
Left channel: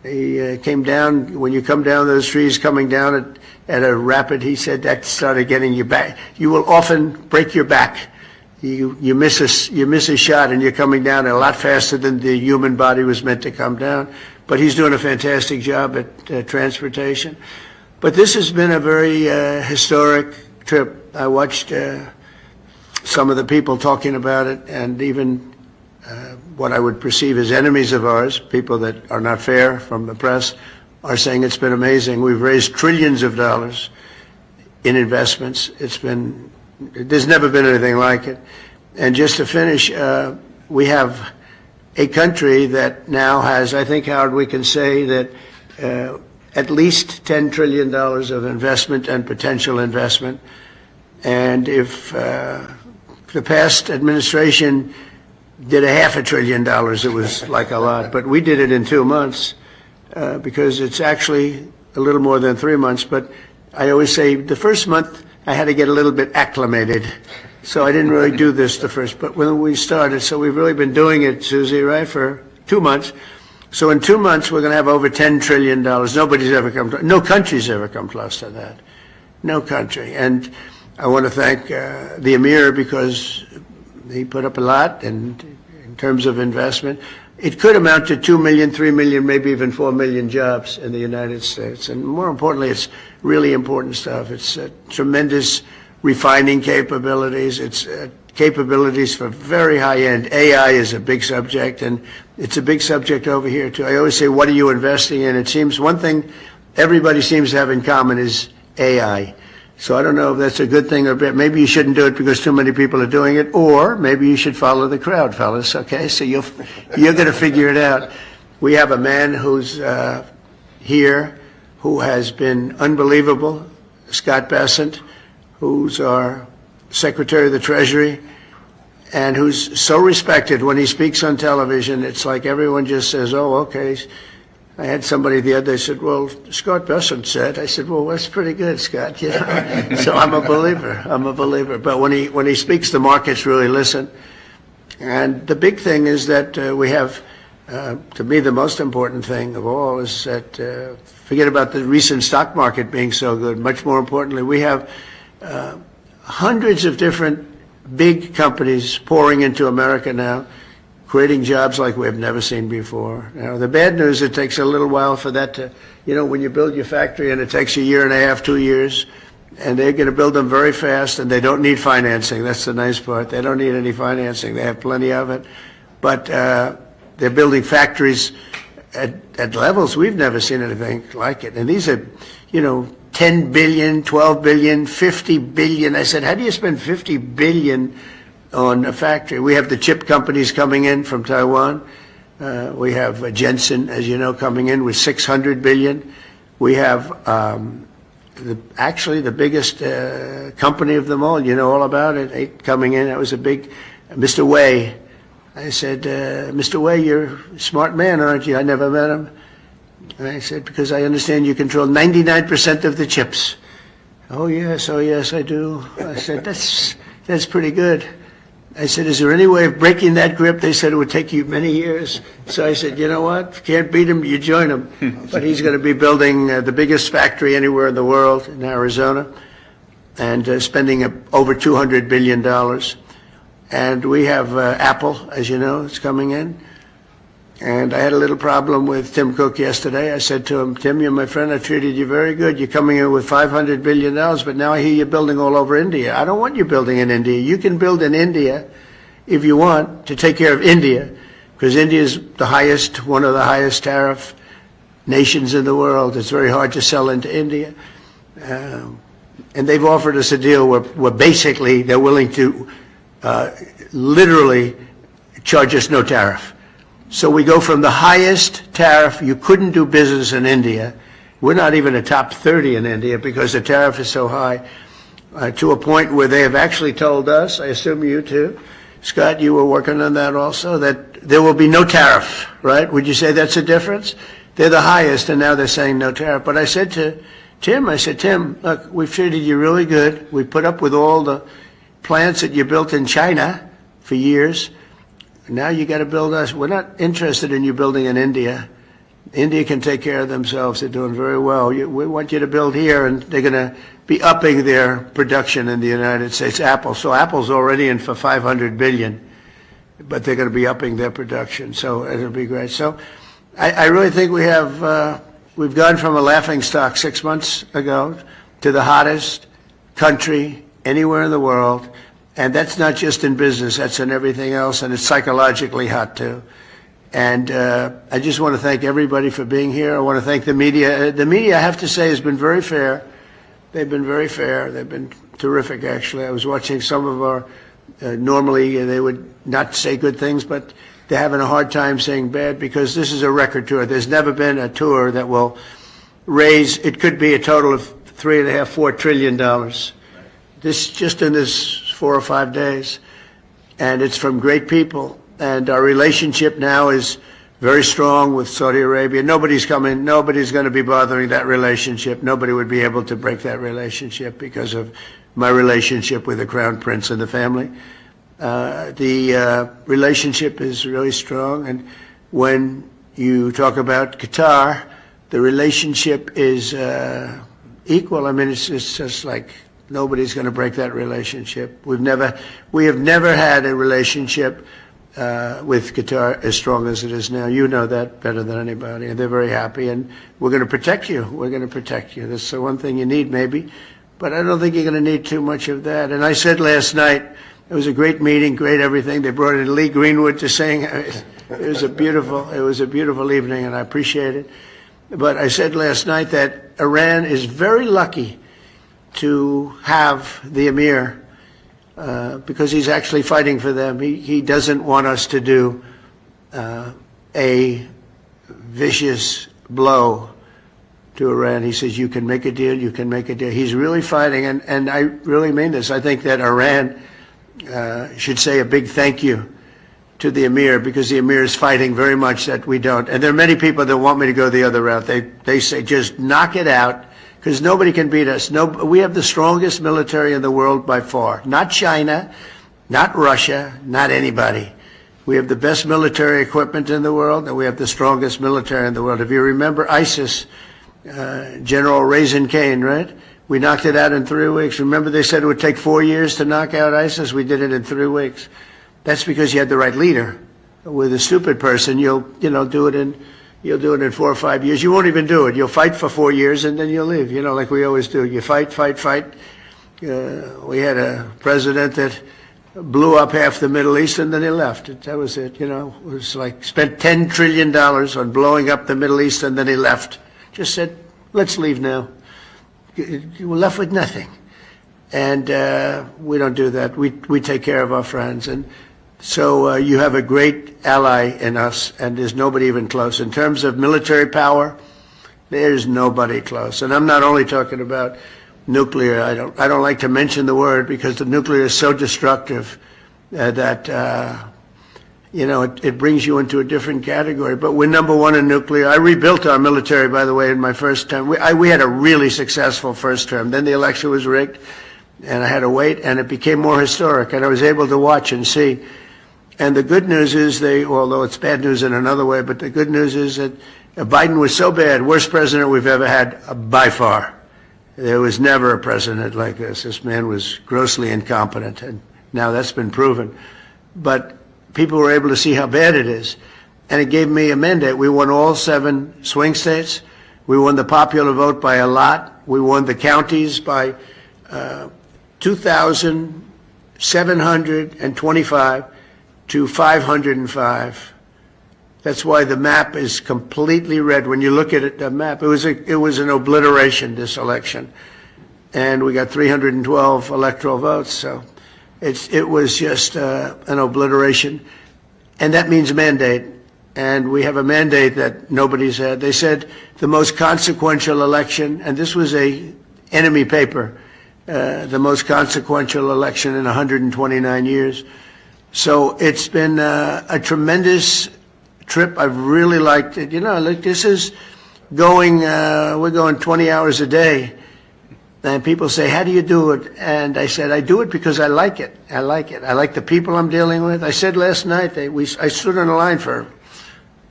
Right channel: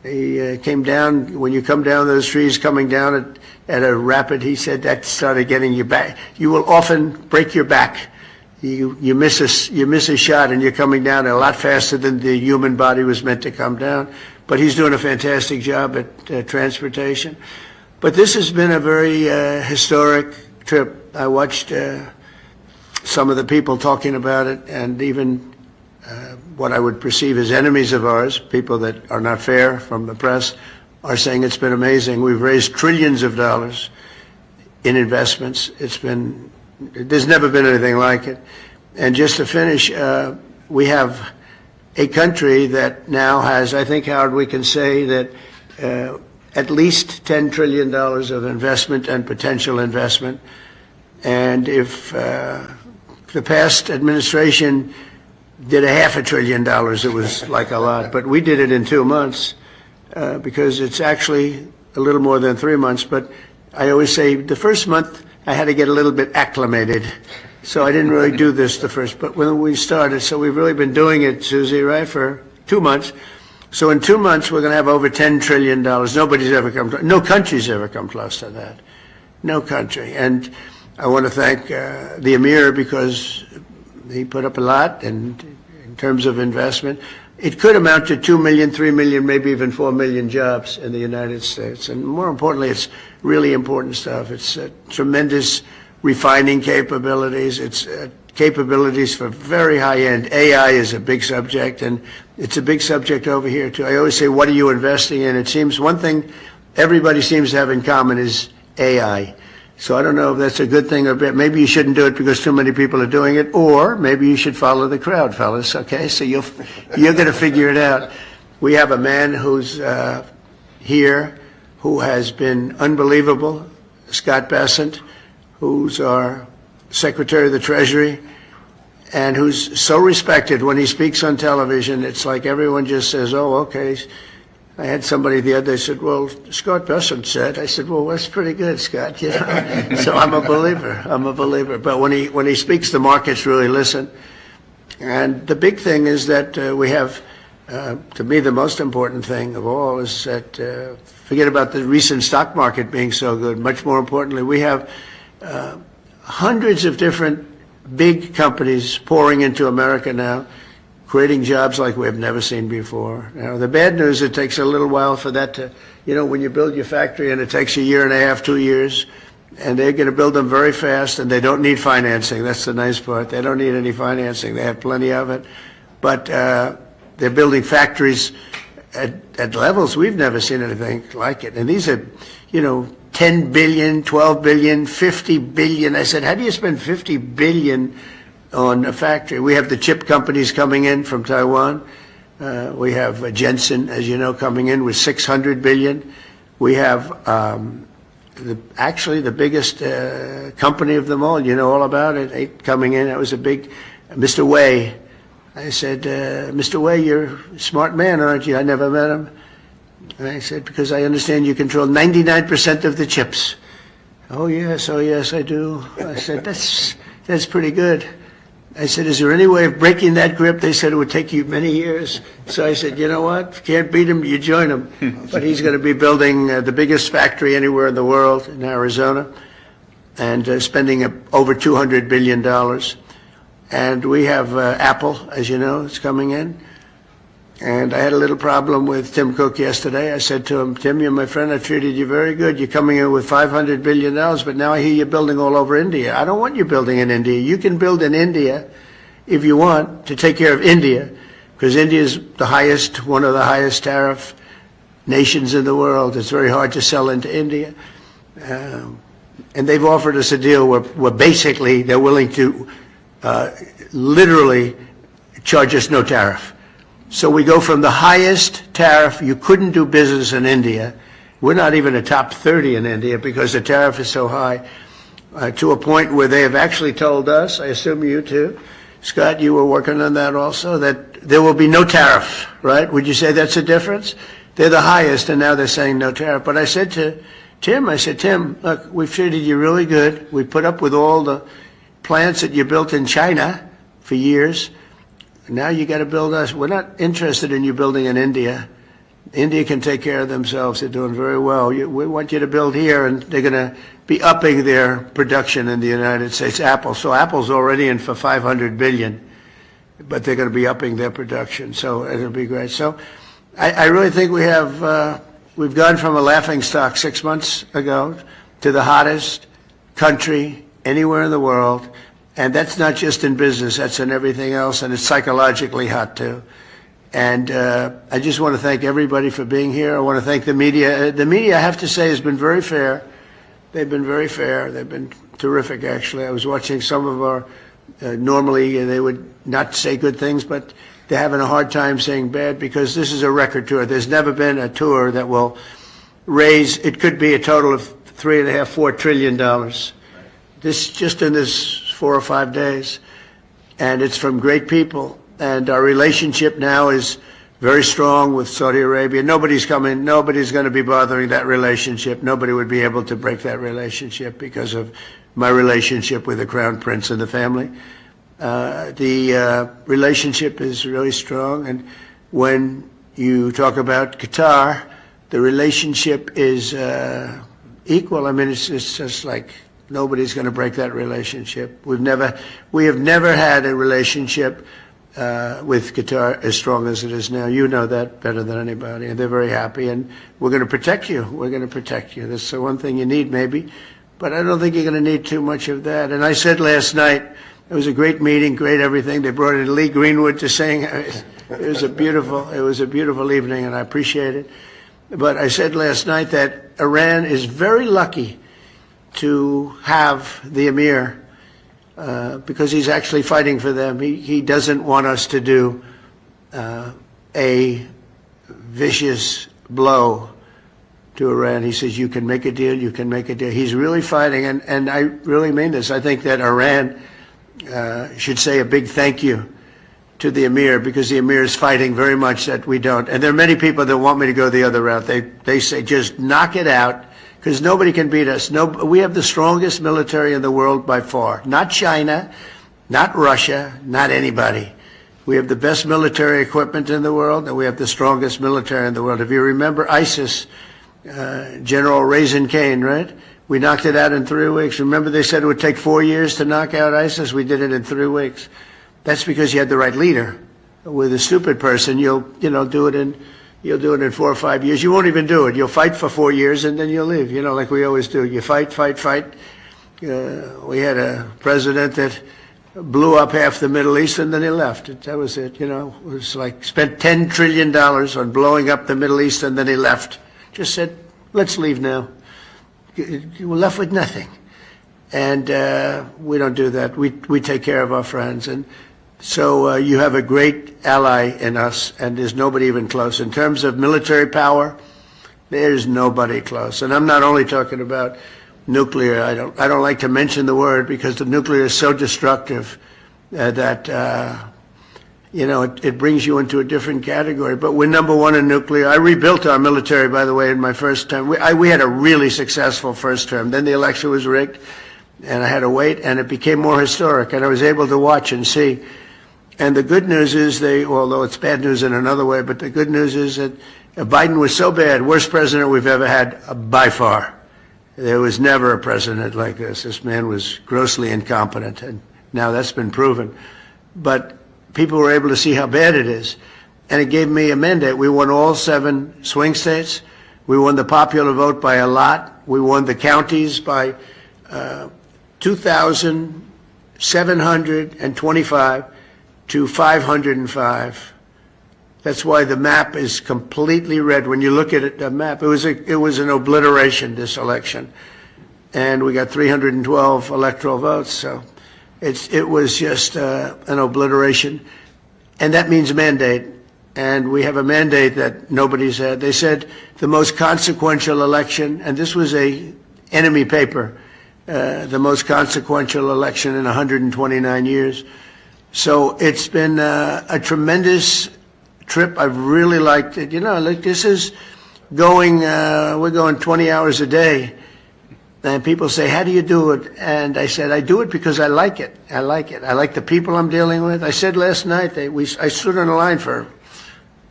He came down, when you come down those trees coming down at a rapid, he said that started getting you back. You will often break your back. You miss a shot and you're coming down a lot faster than the human body was meant to come down. But he's doing a fantastic job at transportation. But this has been a very historic trip. I watched some of the people talking about it, and even what I would perceive as enemies of ours, people that are not fair from the press, are saying it's been amazing. We've raised trillions of dollars in investments. There's never been anything like it. And just to finish, we have a country that now has, I think, Howard, we can say that at least $10 trillion of investment and potential investment. And if the past administration did $500 billion, it was like a lot. But we did it in 2 months because it's actually a little more than 3 months. But I always say the first month I had to get a little bit acclimated. So I didn't really do this the first, but when we started, so we've really been doing it, Susie, right, for 2 months. So in 2 months, we're going to have over $10 trillion. Nobody's ever no country's ever come close to that. No country. And I want to thank the Emir because he put up a lot, and in terms of investment, it could amount to 2 million, 3 million, maybe even 4 million jobs in the United States. And more importantly, it's really important stuff. It's tremendous refining capabilities. It's capabilities for very high-end. AI is a big subject, and it's a big subject over here, too. I always say, what are you investing in? It seems one thing everybody seems to have in common is AI. So I don't know if that's a good thing or bad. Maybe you shouldn't do it because too many people are doing it, or maybe you should follow the crowd, fellas, okay? So you're going to figure it out. We have a man who's here who has been unbelievable, Scott Bessent, who's our Secretary of the Treasury, and who's so respected. When he speaks on television, it's like everyone just says, oh, okay. I had somebody the other day said, well, Scott Bessent said. I said, well, that's pretty good, Scott. You know? So I'm a believer. But when he speaks, the markets really listen. And the big thing is that we have, to me, the most important thing of all is that, forget about the recent stock market being so good. Much more importantly, we have hundreds of different big companies pouring into America now, creating jobs like we have never seen before. Now, the bad news, it takes a little while for that to, when you build your factory and it takes a year and a half, 2 years, and they're going to build them very fast, and they don't need financing. That's the nice part. They don't need any financing. They have plenty of it. But they're building factories at levels we've never seen anything like it. And these are, 10 billion, 12 billion, 50 billion. I said, how do you spend 50 billion on a factory? We have the chip companies coming in from Taiwan. We have Jensen, as you know, coming in with 600 billion. We have actually the biggest company of them all. You know all about it, coming in. That was a big, Mr. Wei. I said, Mr. Wei, you're a smart man, aren't you? I never met him. And I said, because I understand you control 99% of the chips. Oh, yes, I do. I said, that's pretty good. I said, is there any way of breaking that grip? They said it would take you many years. So I said, you know what? If you can't beat him, you join him. But he's going to be building the biggest factory anywhere in the world in Arizona, and spending over $200 billion. And we have Apple, as you know, is coming in. And I had a little problem with Tim Cook yesterday. I said to him, Tim, you're my friend. I treated you very good. You're coming in with $500 billion, but now I hear you're building all over India. I don't want you building in India. You can build in India if you want to take care of India, because India is one of the highest tariff nations in the world. It's very hard to sell into India. And they've offered us a deal where basically they're willing to literally charge us no tariff. So we go from the highest tariff, you couldn't do business in India. We're not even a top 30 in India because the tariff is so high, to a point where they have actually told us, I assume you too, Scott, you were working on that also, that there will be no tariff, right? Would you say that's a difference? They're the highest, and now they're saying no tariff. But I said to Tim, look, we've treated you really good. We put up with all the plants that you built in China for years. Now you got to build us. We're not interested in you building in India. India can take care of themselves. They're doing very well. We want you to build here, and they're going to be upping their production in the United States. Apple. So Apple's already in for $500 billion, but they're going to be upping their production. So it'll be great. So I really think we have, we've gone from a laughingstock 6 months ago to the hottest country anywhere in the world. And that's not just in business, that's in everything else, and it's psychologically hot too. And I just want to thank everybody for being here. I want to thank the media. The media, I have to say, has been very fair. They've been very fair. They've been terrific, actually. I was watching some of our, normally they would not say good things, but they're having a hard time saying bad because this is a record tour. There's never been a tour that will raise, it could be a total of $3.5–4 trillion. This, just in this 4 or 5 days. And it's from great people. And our relationship now is very strong with Saudi Arabia. Nobody's going to be bothering that relationship. Nobody would be able to break that relationship because of my relationship with the Crown Prince and the family. The relationship is really strong. And when you talk about Qatar, the relationship is equal. I mean, it's just like nobody's going to break that relationship. We have never had a relationship with Qatar as strong as it is now. You know that better than anybody, and they're very happy, and we're going to protect you. We're going to protect you. That's the one thing you need, maybe, but I don't think you're going to need too much of that. And I said last night, it was a great meeting, great everything. They brought in Lee Greenwood to sing. It was a beautiful evening, and I appreciate it. But I said last night that Iran is very lucky to have the Emir because he's actually fighting for them. He doesn't want us to do a vicious blow to Iran. He says, you can make a deal, you can make a deal. He's really fighting, and I really mean this. I think that Iran should say a big thank you to the Emir, because the Emir is fighting very much that we don't. And there are many people that want me to go the other route. They say, just knock it out, because nobody can beat us. We have the strongest military in the world by far. Not China, not Russia, not anybody. We have the best military equipment in the world, and we have the strongest military in the world. If you remember ISIS, General Raisin Kane, right? We knocked it out in 3 weeks. Remember they said it would take 4 years to knock out ISIS? We did it in 3 weeks. That's because you had the right leader. With a stupid person, you'll do it in 4 or 5 years. You won't even do it. You'll fight for 4 years and then you'll leave, like we always do. You fight. We had a president that blew up half the Middle East and then he left. That was it, It was like spent $10 trillion on blowing up the Middle East and then he left. Just said, let's leave now. We're left with nothing. And we don't do that. We take care of our friends. And so you have a great ally in us, and there's nobody even close. In terms of military power, there's nobody close. And I'm not only talking about nuclear. I don't like to mention the word because the nuclear is so destructive that it brings you into a different category. But we're number one in nuclear. I rebuilt our military, by the way, in my first term. We had a really successful first term. Then the election was rigged, and I had to wait, and it became more historic, and I was able to watch and see. And the good news is although it's bad news in another way, but the good news is that Biden was so bad, worst president we've ever had by far. There was never a president like this. This man was grossly incompetent, and now that's been proven. But people were able to see how bad it is, and it gave me a mandate. We won all 7 swing states. We won the popular vote by a lot. We won the counties by 2,725 to 505. That's why the map is completely red. When you look at it, the map, it was an obliteration, this election. And we got 312 electoral votes, so it was just an obliteration. And that means mandate. And we have a mandate that nobody's had. They said the most consequential election, and this was a enemy paper, the most consequential election in 129 years. So it's been a tremendous trip. I've really liked it. This is going, we're going 20 hours a day. And people say, how do you do it? And I said, I do it because I like it. I like it. I like the people I'm dealing with. I said last night, I stood on the line for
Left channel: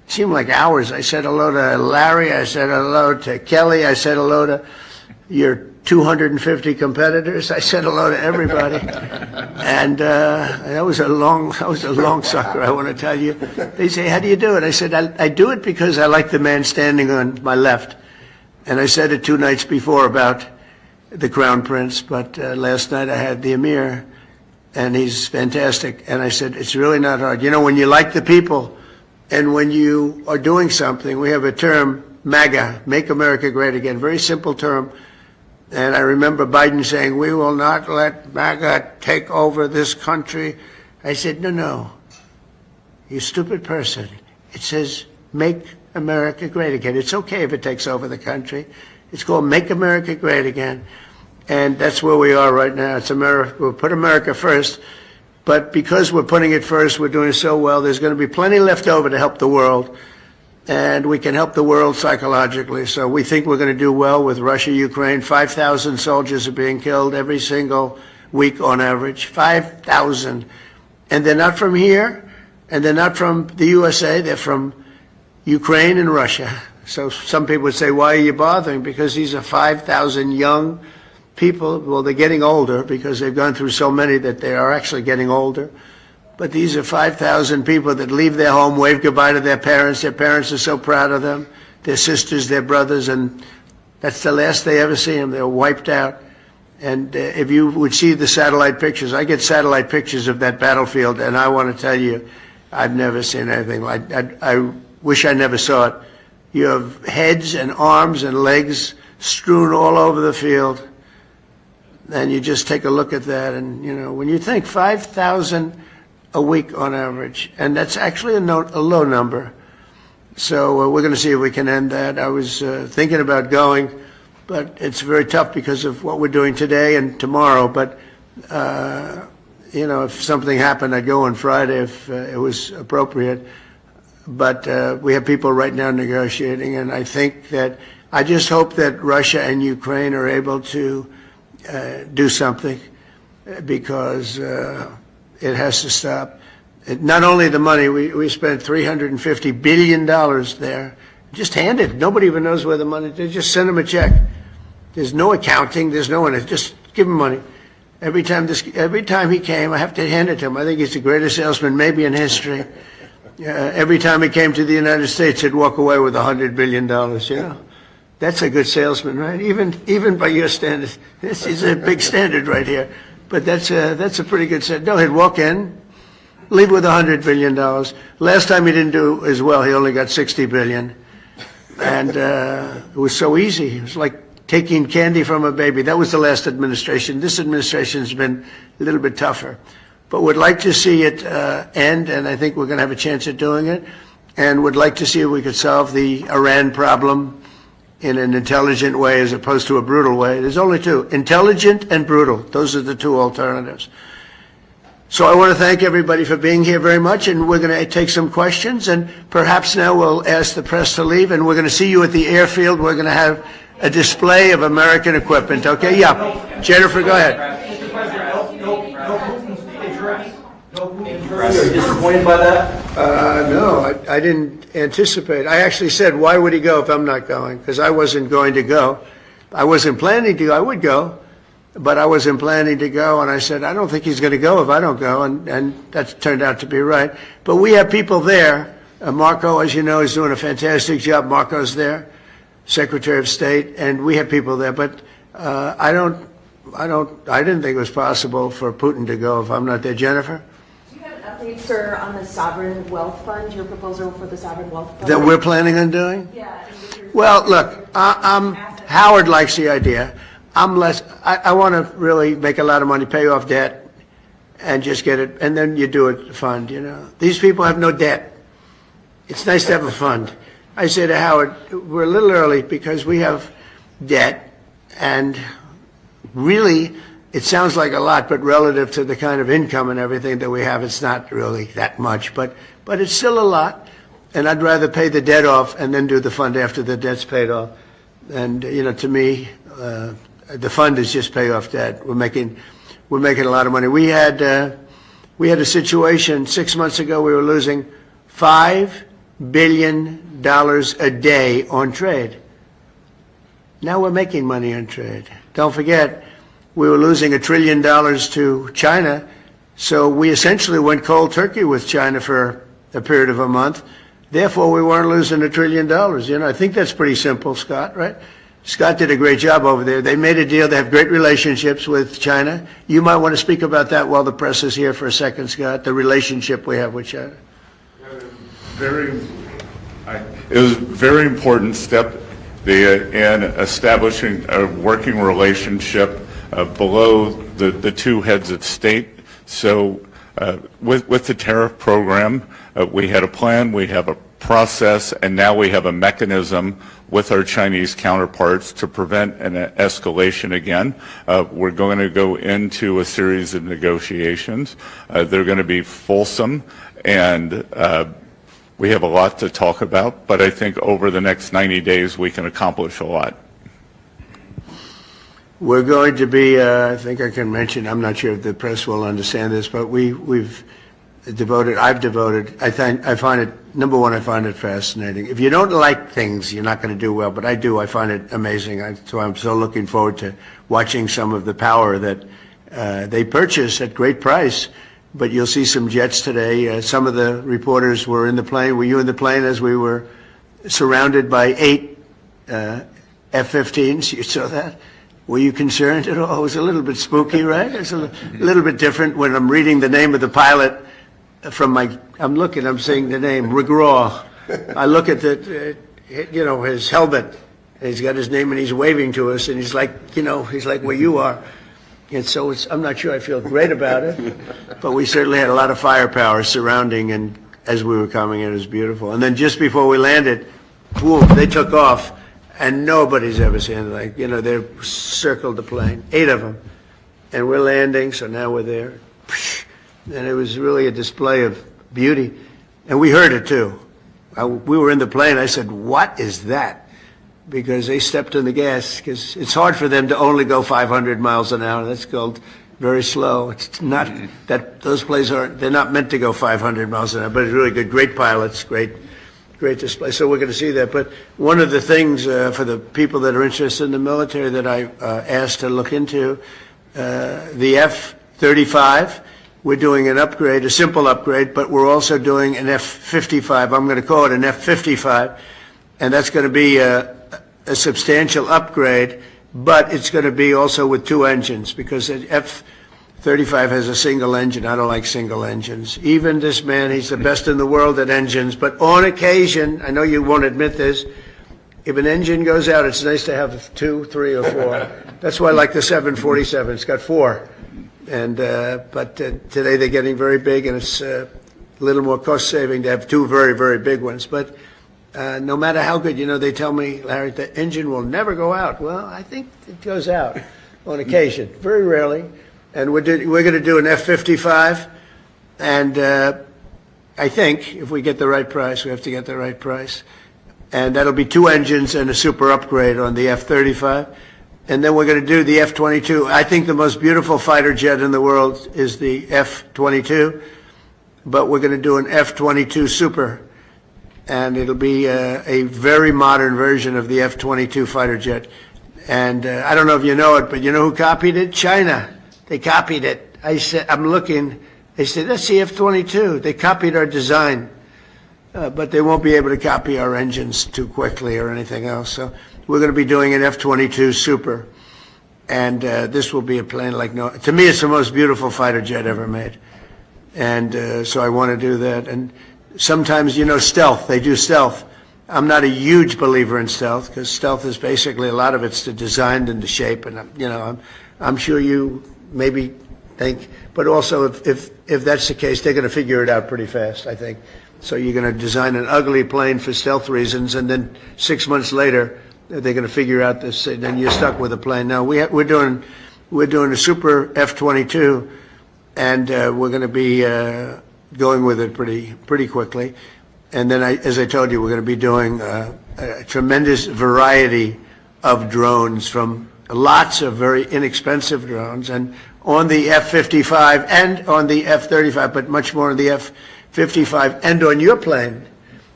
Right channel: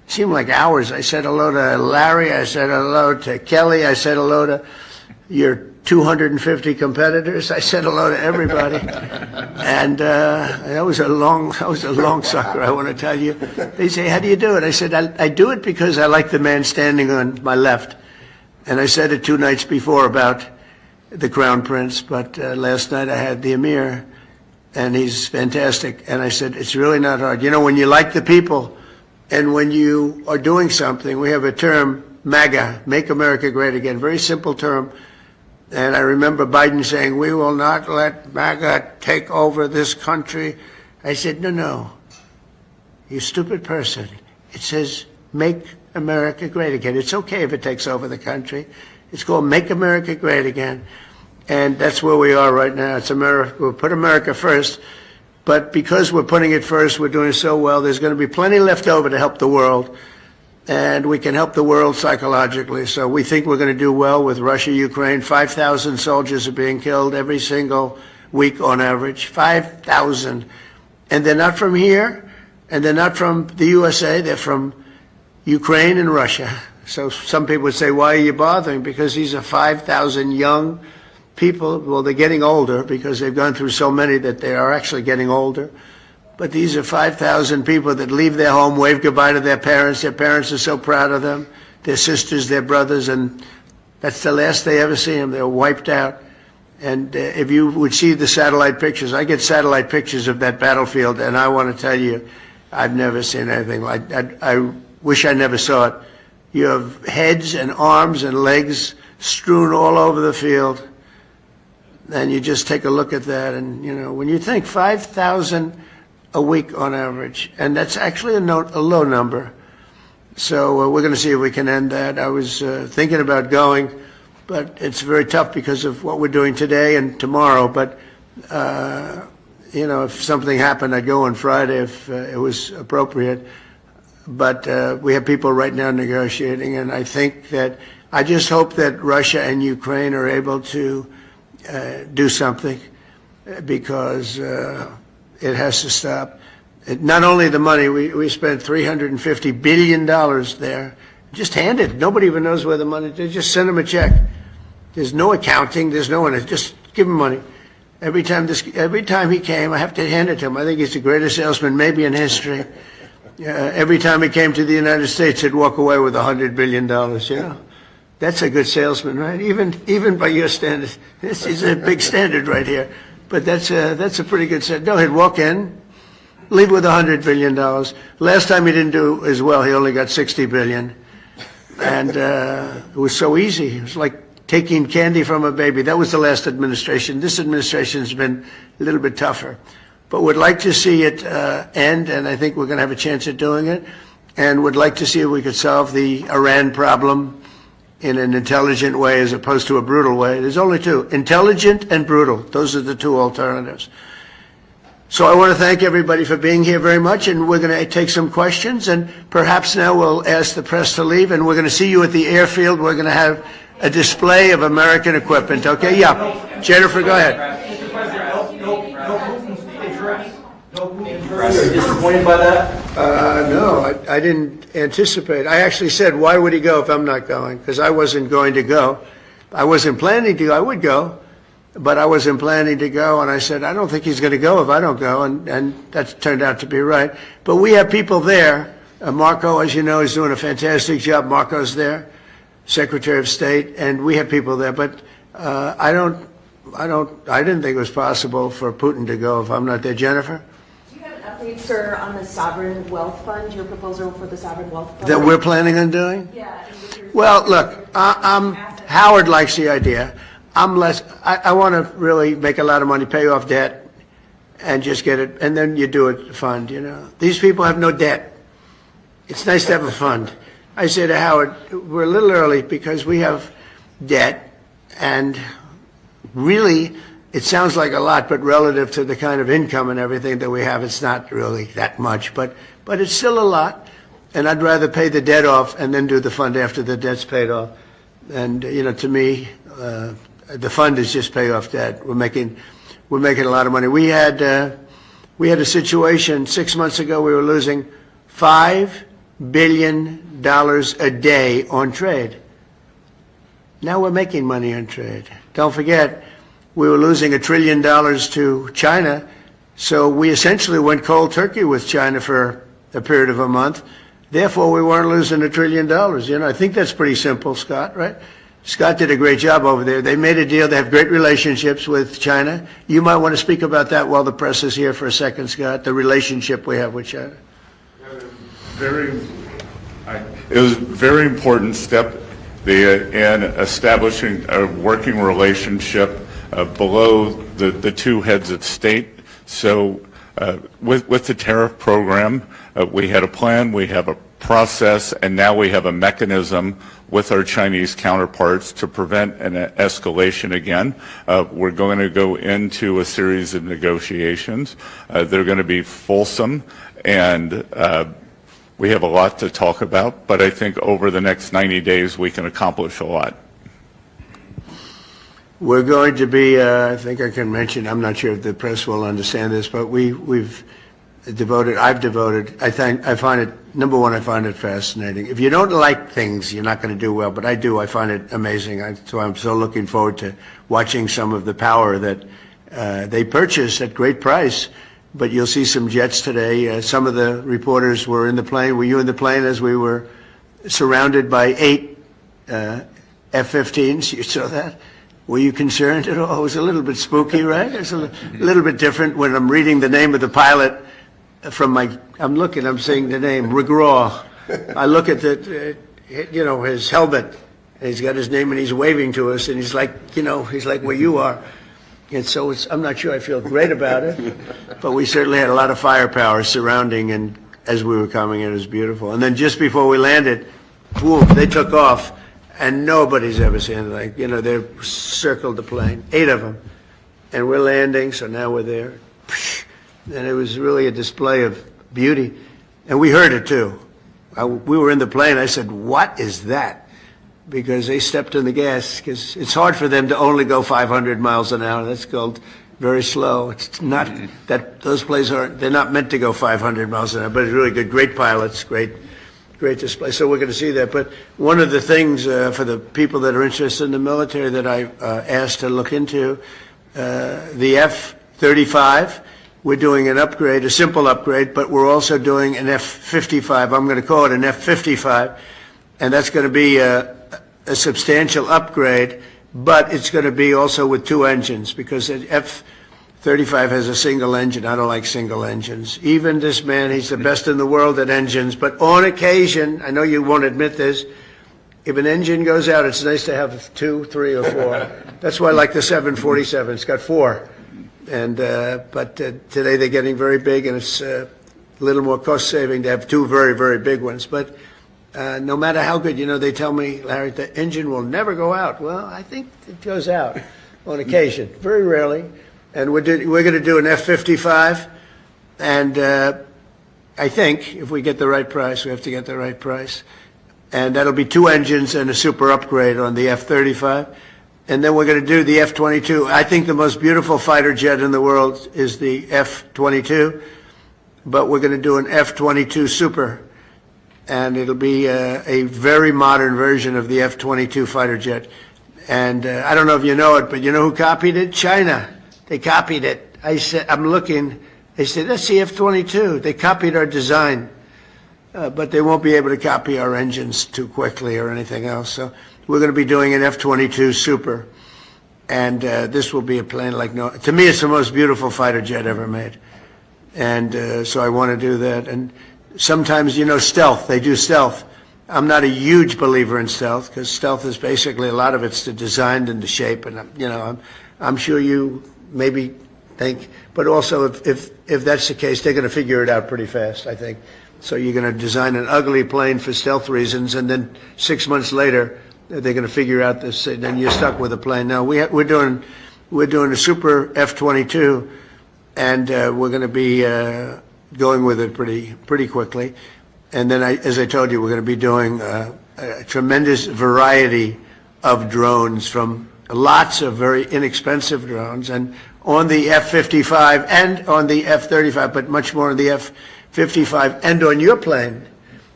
seemed like hours. I said hello to Larry. I said hello to Kelly. I said hello to your 250 competitors. I said hello to everybody. And that was a long sucker, I want to tell you. They say, how do you do it? I said, I do it because I like the man standing on my left. And I said it 2 nights before about the Crown Prince, but last night I had the Emir, and he's fantastic. And I said, it's really not hard. You know, when you like the people, and when you are doing something, we have a term, MAGA, Make America Great Again, very simple term. And I remember Biden saying, we will not let MAGA take over this country. I said, no, you stupid person. It says, Make America Great Again. It's okay if it takes over the country. It's called Make America Great Again. And that's where we are right now. It's America. We'll put America first. But because we're putting it first, we're doing so well, there's going to be plenty left over to help the world. And we can help the world psychologically. So we think we're going to do well with Russia, Ukraine. 5,000 soldiers are being killed every single week on average. 5,000. And they're not from here, and they're not from the USA. They're from Ukraine and Russia. So some people would say, why are you bothering? Because these are 5,000 young people. Well, they're getting older because they've gone through so many that they are actually getting older. But these are 5,000 people that leave their home, wave goodbye to their parents. Their parents are so proud of them, their sisters, their brothers, and that's the last they ever see them. They're wiped out. And if you would see the satellite pictures, I get satellite pictures of that battlefield, and I want to tell you, I've never seen anything like that. I wish I never saw it. You have heads and arms and legs strewn all over the field, and you just take a look at that, and, you know, when you think 5,000 a week on average, and that's actually a low number. So we're going to see if we can end that. I was thinking about going, but it's very tough because of what we're doing today and tomorrow. But, you know, if something happened, I'd go on Friday if it was appropriate. But we have people right now negotiating, and I think that I just hope that Russia and Ukraine are able to do something, because it has to stop. Not only the money, we spent $350 billion there. Just hand it. Nobody even knows where the money is. Just send them a check. There's no accounting. There's no one. Just give him money. Every time he came, I have to hand it to him. I think he's the greatest salesman maybe in history. Every time he came to the United States, he'd walk away with $100 billion, you know. That's a good salesman, right? Even by your standards. This is a big standard right here. But that's a pretty good set. No, he'd walk in, leave with $100 billion. Last time he didn't do as well. He only got $60 billion. And it was so easy. It was like taking candy from a baby. That was the last administration. This administration's been a little bit tougher. But would like to see it end, and I think we're going to have a chance at doing it. And would like to see if we could solve the Iran problem in an intelligent way as opposed to a brutal way. There's only two, intelligent and brutal. Those are the two alternatives. So I want to thank everybody for being here very much, and we're going to take some questions, and perhaps now we'll ask the press to leave, and we're going to see you at the airfield. We're going to have a display of American equipment, okay? Yeah. Jennifer, go ahead. Mr. President, no Putin speech address. No Putin address. Are you disappointed by that? No, I didn't anticipate. I actually said, why would he go if I'm not going? Because I wasn't going to go. I wasn't planning to go. I would go, but I wasn't planning to go. And I said, I don't think he's going to go if I don't go. And that turned out to be right. But we have people there. Marco, as you know, is doing a fantastic job. Marco's there, Secretary of State, and we have people there. But I didn't think it was possible for Putin to go if I'm not there. Jennifer? Update, sir, on the Sovereign Wealth Fund, your proposal for the Sovereign Wealth Fund? That we're planning on doing? Yeah. Well, look, Howard likes the idea. I want to really make a lot of money, pay off debt, and just get it, and then you do a fund, you know. These people have no debt. It's nice to have a fund. I say to Howard, we're a little early because we have debt, and really, it sounds like a lot, but relative to the kind of income and everything that we have, it's not really that much. But it's still a lot, and I'd rather pay the debt off and then do the fund after the debt's paid off. And, you know, to me, the fund is just pay off debt. We're making a lot of money. We had a situation 6 months ago. We were losing $5 billion a day on trade. Now we're making money on trade. Don't forget, we were losing $1 trillion to China, so we essentially went cold turkey with China for a period of a month. Therefore, we weren't losing $1 trillion. You know, I think that's pretty simple, Scott, right? Scott did a great job over there. They made a deal. They have great relationships with China. You might want to speak about that while the press is here for a second, Scott, the relationship we have with China. It was a very important step in establishing a working relationship below the two heads of state. So with the tariff program, we had a plan, we have a process, and now we have a mechanism with our Chinese counterparts to prevent an escalation again. We're going to go into a series of negotiations. They're going to be fulsome, and we have a lot to talk about, but I think over the next 90 days we can accomplish a lot. We're going to be, I think I can mention, I'm not sure if the press will understand this, but I've devoted, I find it, number one, I find it fascinating. If you don't like things, you're not going to do well, but I do. I find it amazing. So I'm so looking forward to watching some of the power that they purchase at great price. But you'll see some jets today. Some of the reporters were in the plane. Were you in the plane as we were surrounded by 8 F-15s? You saw that? Were you concerned at all? It was a little bit spooky, right? It's a little bit different when I'm reading the name of the pilot from I'm saying the name, McGraw. I look at his helmet. He's got his name and he's waving to us, and he's like where you are. And so I'm not sure I feel great about it, but we certainly had a lot of firepower surrounding, and as we were coming in, it was beautiful. And then just before we landed, boom, they took off, and nobody's ever seen it. They circled the plane, 8 of them, and we're landing, so now we're there. And it was really a display of beauty, and we heard it too. We were in the plane. I said, "What is that?" Because they stepped on the gas, because it's hard for them to only go 500 miles an hour. That's called very slow. It's not that those planes they're not meant to go 500 miles an hour, but it's really good. Great pilots, great display. So we're going to see that. But one of the things for the people that are interested in the military that I asked to look into, the F-35, we're doing an upgrade, a simple upgrade, but we're also doing an F-55. I'm going to call it an F-55, and that's going to be a substantial upgrade, but it's going to be also with 2 engines, because the F-35 has a single engine. I don't like single engines. Even this man, he's the best in the world at engines, but on occasion, I know you won't admit this, if an engine goes out, it's nice to have 2, 3, or 4. That's why I like the 747. It's got 4. And but today they're getting very big, and it's a little more cost-saving to have 2 very, very big ones. But no matter how good, they tell me, Larry, the engine will never go out. Well, I think it goes out on occasion, very rarely. And we're going to do an F-55, and I think if we get the right price, we have to get the right price. And that'll be 2 engines and a super upgrade on the F-35. And then we're going to do the F-22. I think the most beautiful fighter jet in the world is the F-22, but we're going to do an F-22 Super, and it'll be a very modern version of the F-22 fighter jet. And I don't know if you know it, but you know who copied it? China. They copied it. I said, I'm looking. They said, that's the F-22. They copied our design, but they won't be able to copy our engines too quickly or anything else. So we're going to be doing an F-22 Super, and this will be a plane like to me, it's the most beautiful fighter jet ever made. And so I want to do that. And sometimes, stealth, they do stealth. I'm not a huge believer in stealth, because stealth is basically, a lot of it's the design and the shape. And, I'm sure you maybe think, but also if that's the case, they're going to figure it out pretty fast, I think. So you're going to design an ugly plane for stealth reasons, and then 6 months later, they're going to figure out this, and then you're stuck with a plane. Now we're doing a super F-22, and we're going to be going with it pretty quickly. And then, as I told you, we're going to be doing a tremendous variety of drones, from lots of very inexpensive drones, and on the F-55 and on the F-35, but much more on the F-55 and on your plane.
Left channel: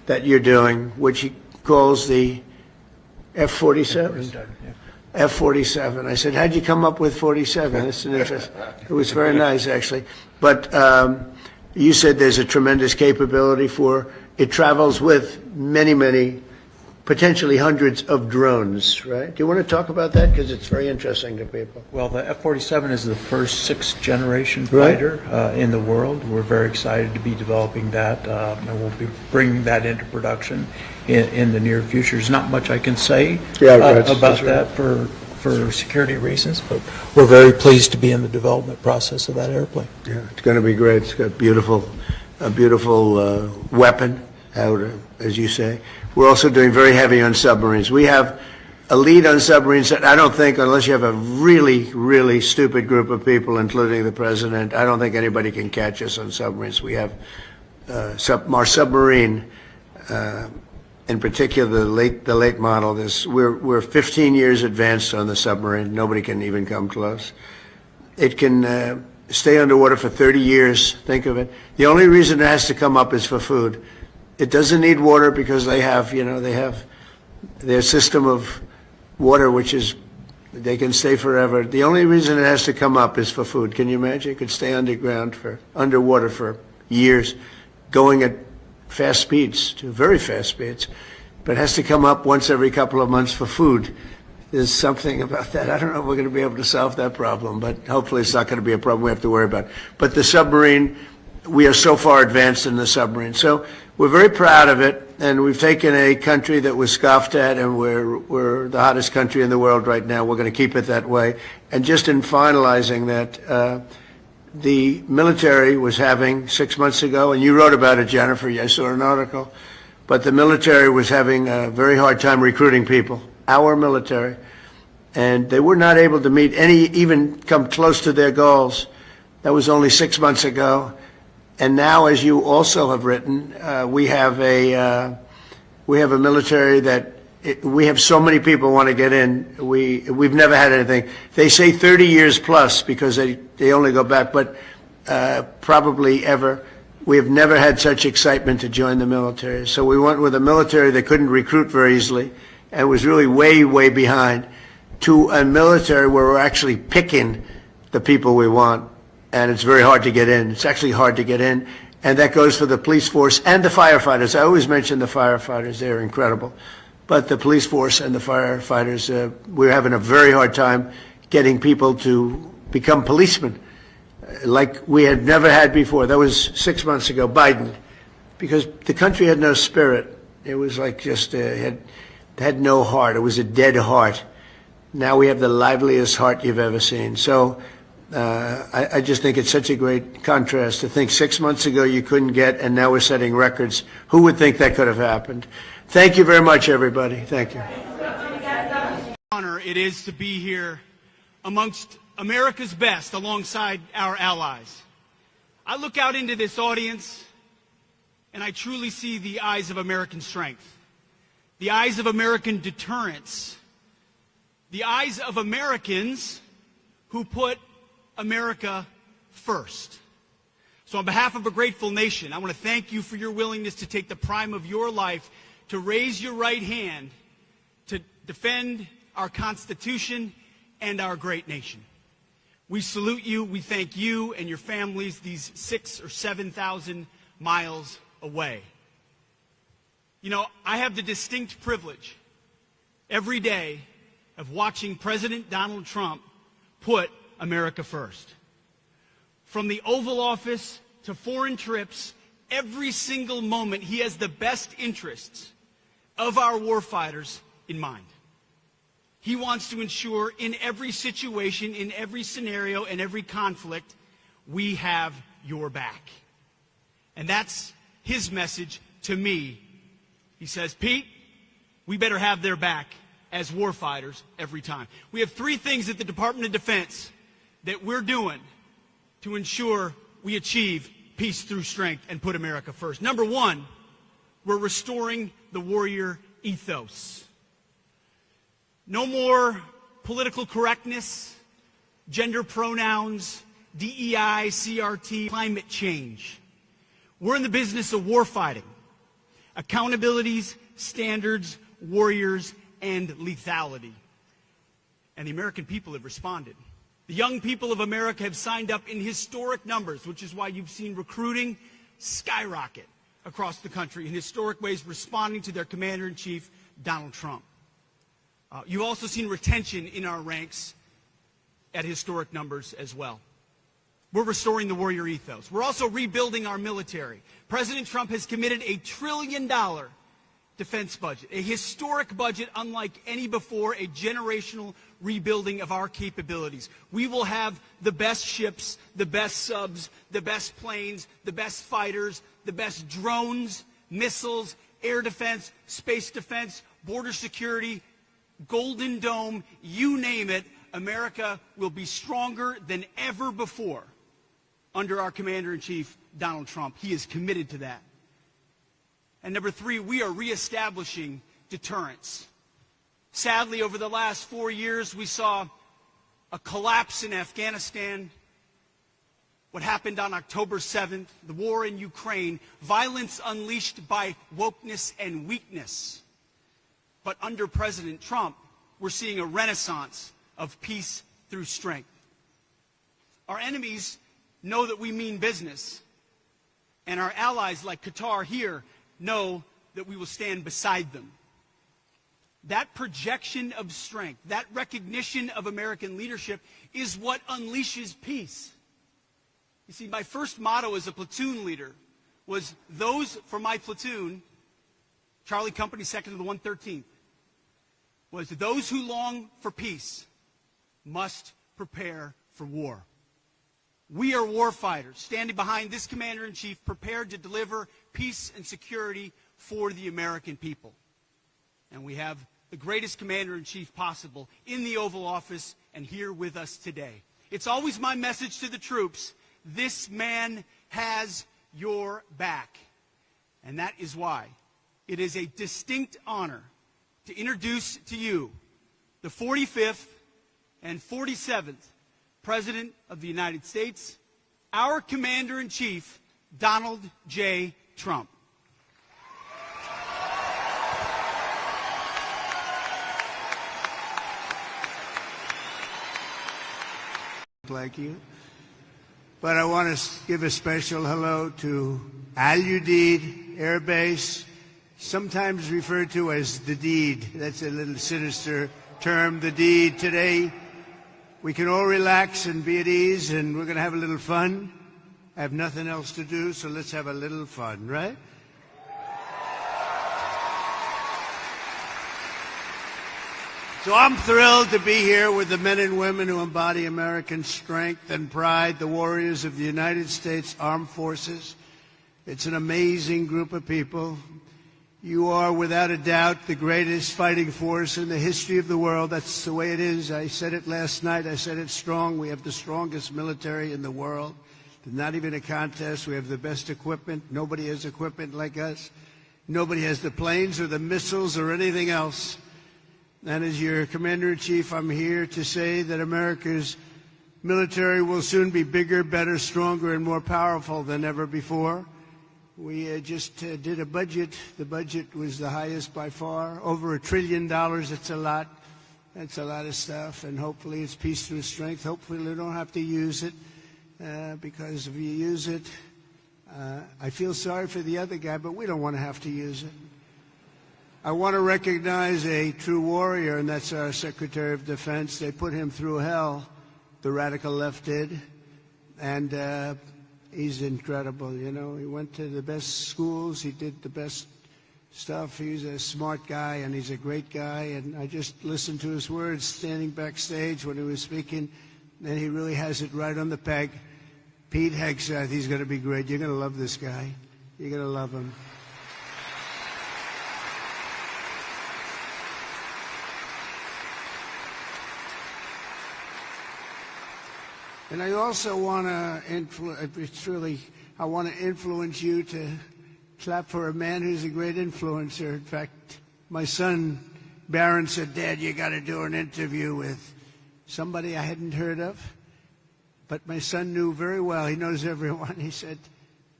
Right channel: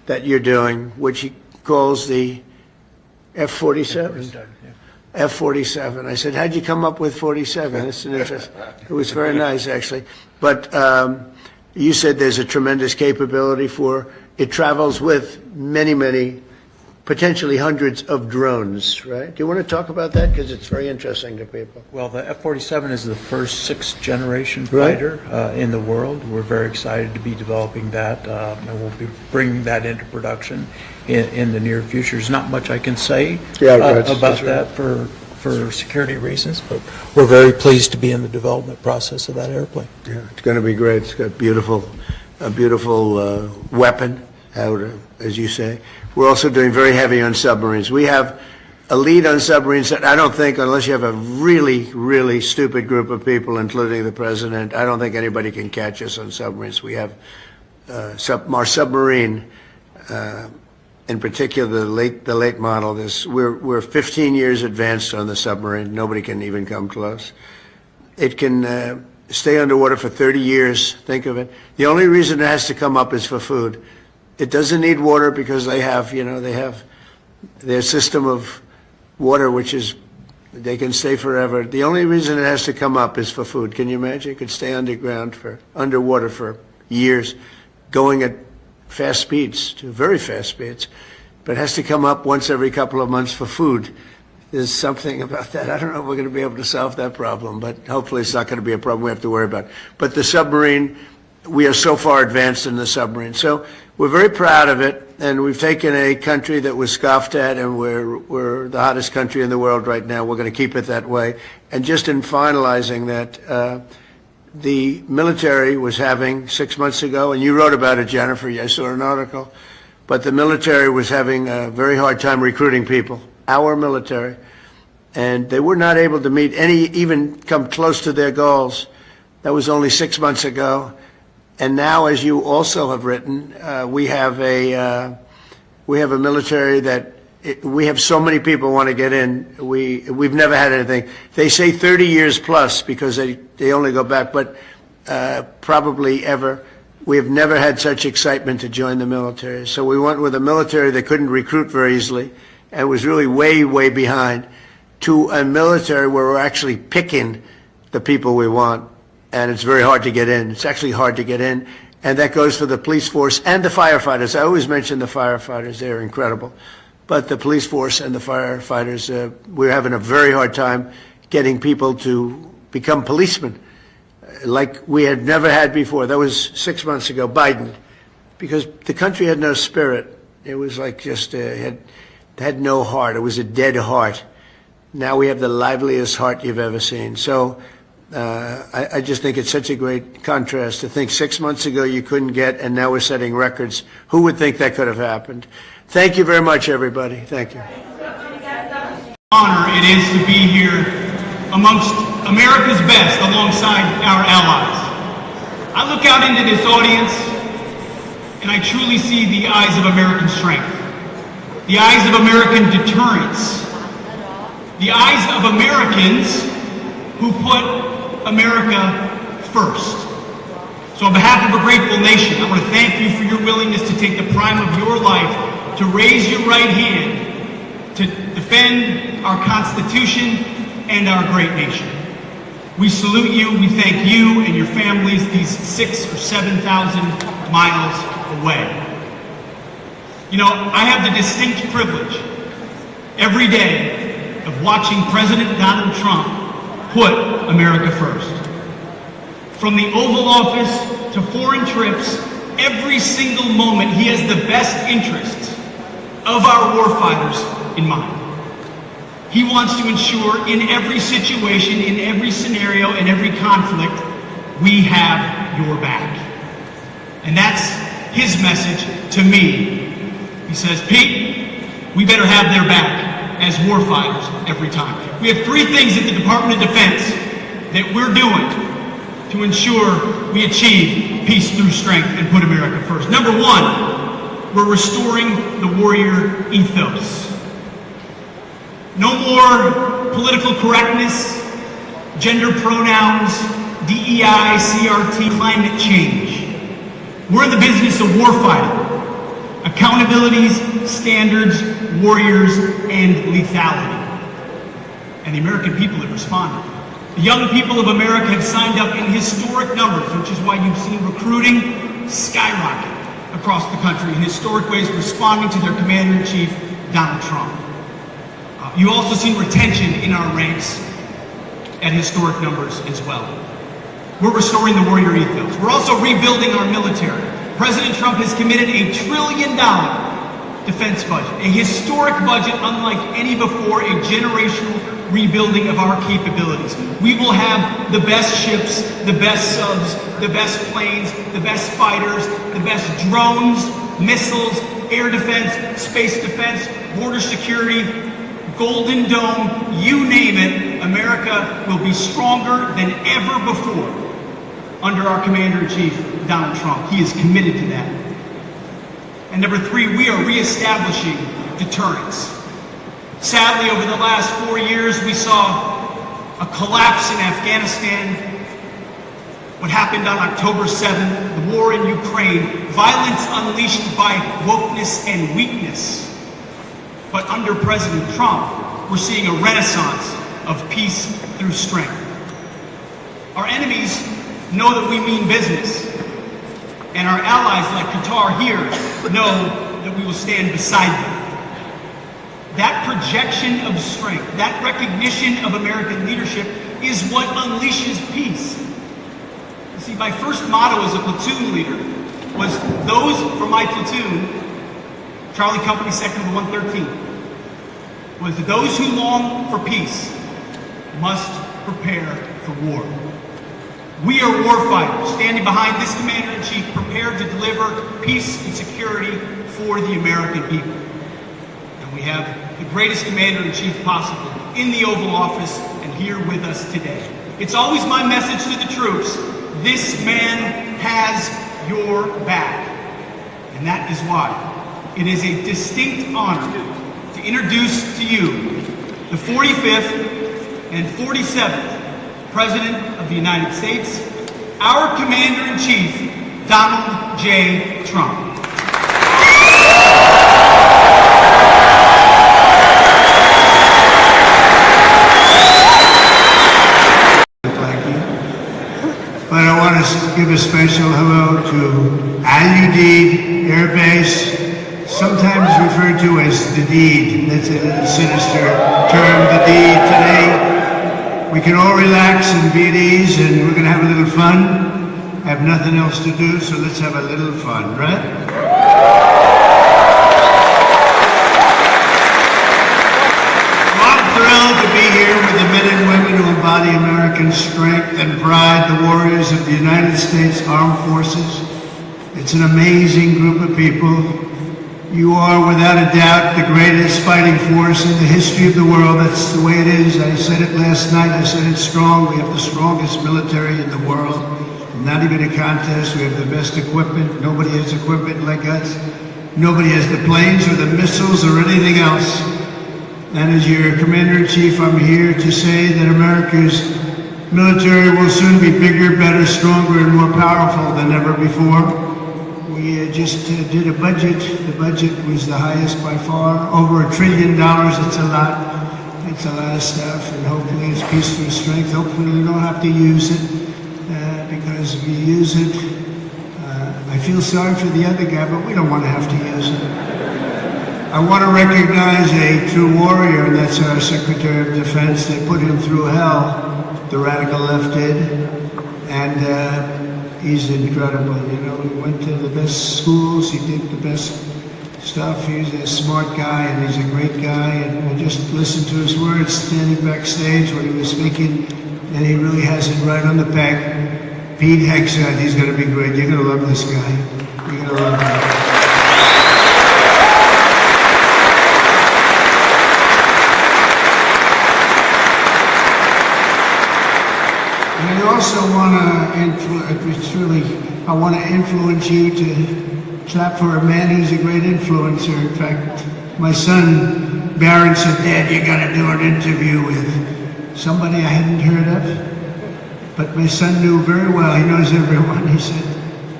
that you're doing, which he calls the F-47. F-47. I said, how'd you come up with 47? That's an interest. It was very nice, actually. But you said there's a tremendous capability for, it travels with many, many, potentially hundreds of drones, right? Do you want to talk about that? Because it's very interesting to people. Well, the F-47 is the first sixth-generation fighter in the world. We're very excited to be developing that, and we'll be bringing that into production in the near future. There's not much I can say about that for security reasons, but we're very pleased to be in the development process of that airplane. Yeah, it's going to be great. It's got a beautiful weapon, as you say. We're also doing very heavy on submarines. We have a lead on submarines that I don't think, unless you have a really, really stupid group of people, including the president, I don't think anybody can catch us on submarines. We have our submarine, in particular the late model. We're 15 years advanced on the submarine. Nobody can even come close. It can stay underwater for 30 years. Think of it. The only reason it has to come up is for food. It doesn't need water because they have their system of water, which is, they can stay forever. The only reason it has to come up is for food. Can you imagine? It could stay underwater for years, going at fast speeds, to very fast speeds, but it has to come up once every couple of months for food. There's something about that. I don't know if we're going to be able to solve that problem, but hopefully it's not going to be a problem we have to worry about. But the submarine, we are so far advanced in the submarine. So we're very proud of it, and we've taken a country that was scoffed at, and we're the hottest country in the world right now. We're going to keep it that way. And just in finalizing that, the military was having 6 months ago, and you wrote about it, Jennifer, I saw an article, but the military was having a very hard time recruiting people, our military, and they were not able to meet even come close to their goals. That was only 6 months ago. And now, as you also have written, we have a military that we have so many people want to get in. We've never had anything. They say 30 years plus because they only go back, but probably ever. We have never had such excitement to join the military. So we went with a military that couldn't recruit very easily and was really way, way behind, to a military where we're actually picking the people we want. And it's very hard to get in. It's actually hard to get in. And that goes for the police force and the firefighters. I always mention the firefighters. They're incredible. But the police force and the firefighters, we're having a very hard time getting people to become policemen like we had never had before. That was 6 months ago, Biden, because the country had no spirit. It was like just had no heart. It was a dead heart. Now we have the liveliest heart you've ever seen. So I just think it's such a great contrast to think 6 months ago you couldn't get, and now we're setting records. Who would think that could have happened? Thank you very much, everybody. Thank you. Honor it is to be here amongst America's best alongside our allies. I look out into this audience and I truly see the eyes of American strength, the eyes of American deterrence, the eyes of Americans who put America first. So on behalf of a grateful nation, I want to thank you for your willingness to take the prime of your life to raise your right hand to defend our Constitution and our great nation. We salute you, we thank you and your families these 6,000 or 7,000 miles away. You know, I have the distinct privilege every day of watching President Donald Trump put America first. From the Oval Office to foreign trips, every single moment he has the best interests of our warfighters in mind. He wants to ensure in every situation, in every scenario, in every conflict, we have your back. And that's his message to me. He says, Pete, we better have their back as warfighters every time. We have three things at the Department of Defense that we're doing to ensure we achieve peace through strength and put America first. Number one, we're restoring the warrior ethos. No more political correctness, gender pronouns, DEI, CRT, climate change. We're in the business of warfighting. accountabilities, standards, warriors, and lethality. And the American people have responded. The young people of America have signed up in historic numbers, which is why you've seen recruiting skyrocket across the country in historic ways, responding to their Commander-in-Chief, Donald Trump. You also see retention in our ranks at historic numbers as well. We're restoring the warrior ethos. We're also rebuilding our military. President Trump has committed $1 trillion defense budget, a historic budget unlike any before, a generational rebuilding of our capabilities. We will have the best ships, the best subs, the best planes, the best fighters, the best drones, missiles, air defense, space defense, border security, Golden Dome, you name it. America will be stronger than ever before under our Commander-in-Chief, Donald Trump. He is committed to that. And number three, we are reestablishing deterrence. Sadly, over the last 4 years, we saw a collapse in Afghanistan, what happened on October 7th, the war in Ukraine, violence unleashed by wokeness and weakness. But under President Trump, we're seeing a renaissance of peace through strength. Our enemies know that we mean business, and our allies like Qatar here know that we will stand beside them. That projection of strength, that recognition of American leadership is what unleashes peace. You see, my first motto as a platoon leader was those for my platoon, Charlie Company Sector 113, was those who long for peace must prepare for war. We are warfighters, standing behind this Commander-in-Chief, prepared to deliver peace and security for the American people. And we have the greatest Commander-in-Chief possible in the Oval Office and here with us today. It's always my message to the troops, this man has your back. And that is why it is a distinct honor to introduce to you the 45th and 47th President of the United States, our Commander-in-Chief, Donald J. Trump. But I want to give a special hello to Udeid Air Base, sometimes referred to as the deed. That's a sinister term, the deed. Today, we can all relax and be at ease, and we're going to have a little fun. I have nothing else to do, so let's have a little fun, right? I'm thrilled to be here with the men and women who embody American strength and pride, the warriors of the United States Armed Forces. It's an amazing group of people. You are, without a doubt, the greatest fighting force in the history of the world. That's the way it is. I said it last night. I said it's strong. We have the strongest military in the world. Not even a contest. We have the best equipment. Nobody has equipment like us. Nobody has the planes or the missiles or anything else. And as your Commander-in-Chief, I'm here to say that America's military will soon be bigger, better, stronger, and more powerful than ever before. We just did a budget. The budget was the highest by far, over $1 trillion. It's a lot. It's a lot of stuff, and hopefully it's peace through strength. Hopefully we don't have to use it, because we use it. I feel sorry for the other guy, but we don't want to have to use it. I want to recognize a true warrior, and that's our Secretary of Defense. They put him through hell, the radical left did, and he's incredible. You know, he went to the best schools, he did the best stuff. He's a smart guy, and he's a great guy, and we just listened to his words standing backstage when he was speaking, and he really has it right on the peg. Pete Hegseth, he's going to be great. You're going to love this guy. You're going to love him. And I also want to influence you to clap for a man who's a great influencer. In fact, my son Barron said, "Dad, you got to do an interview with somebody I hadn't heard of." But my son knew very well. He knows everyone. He said,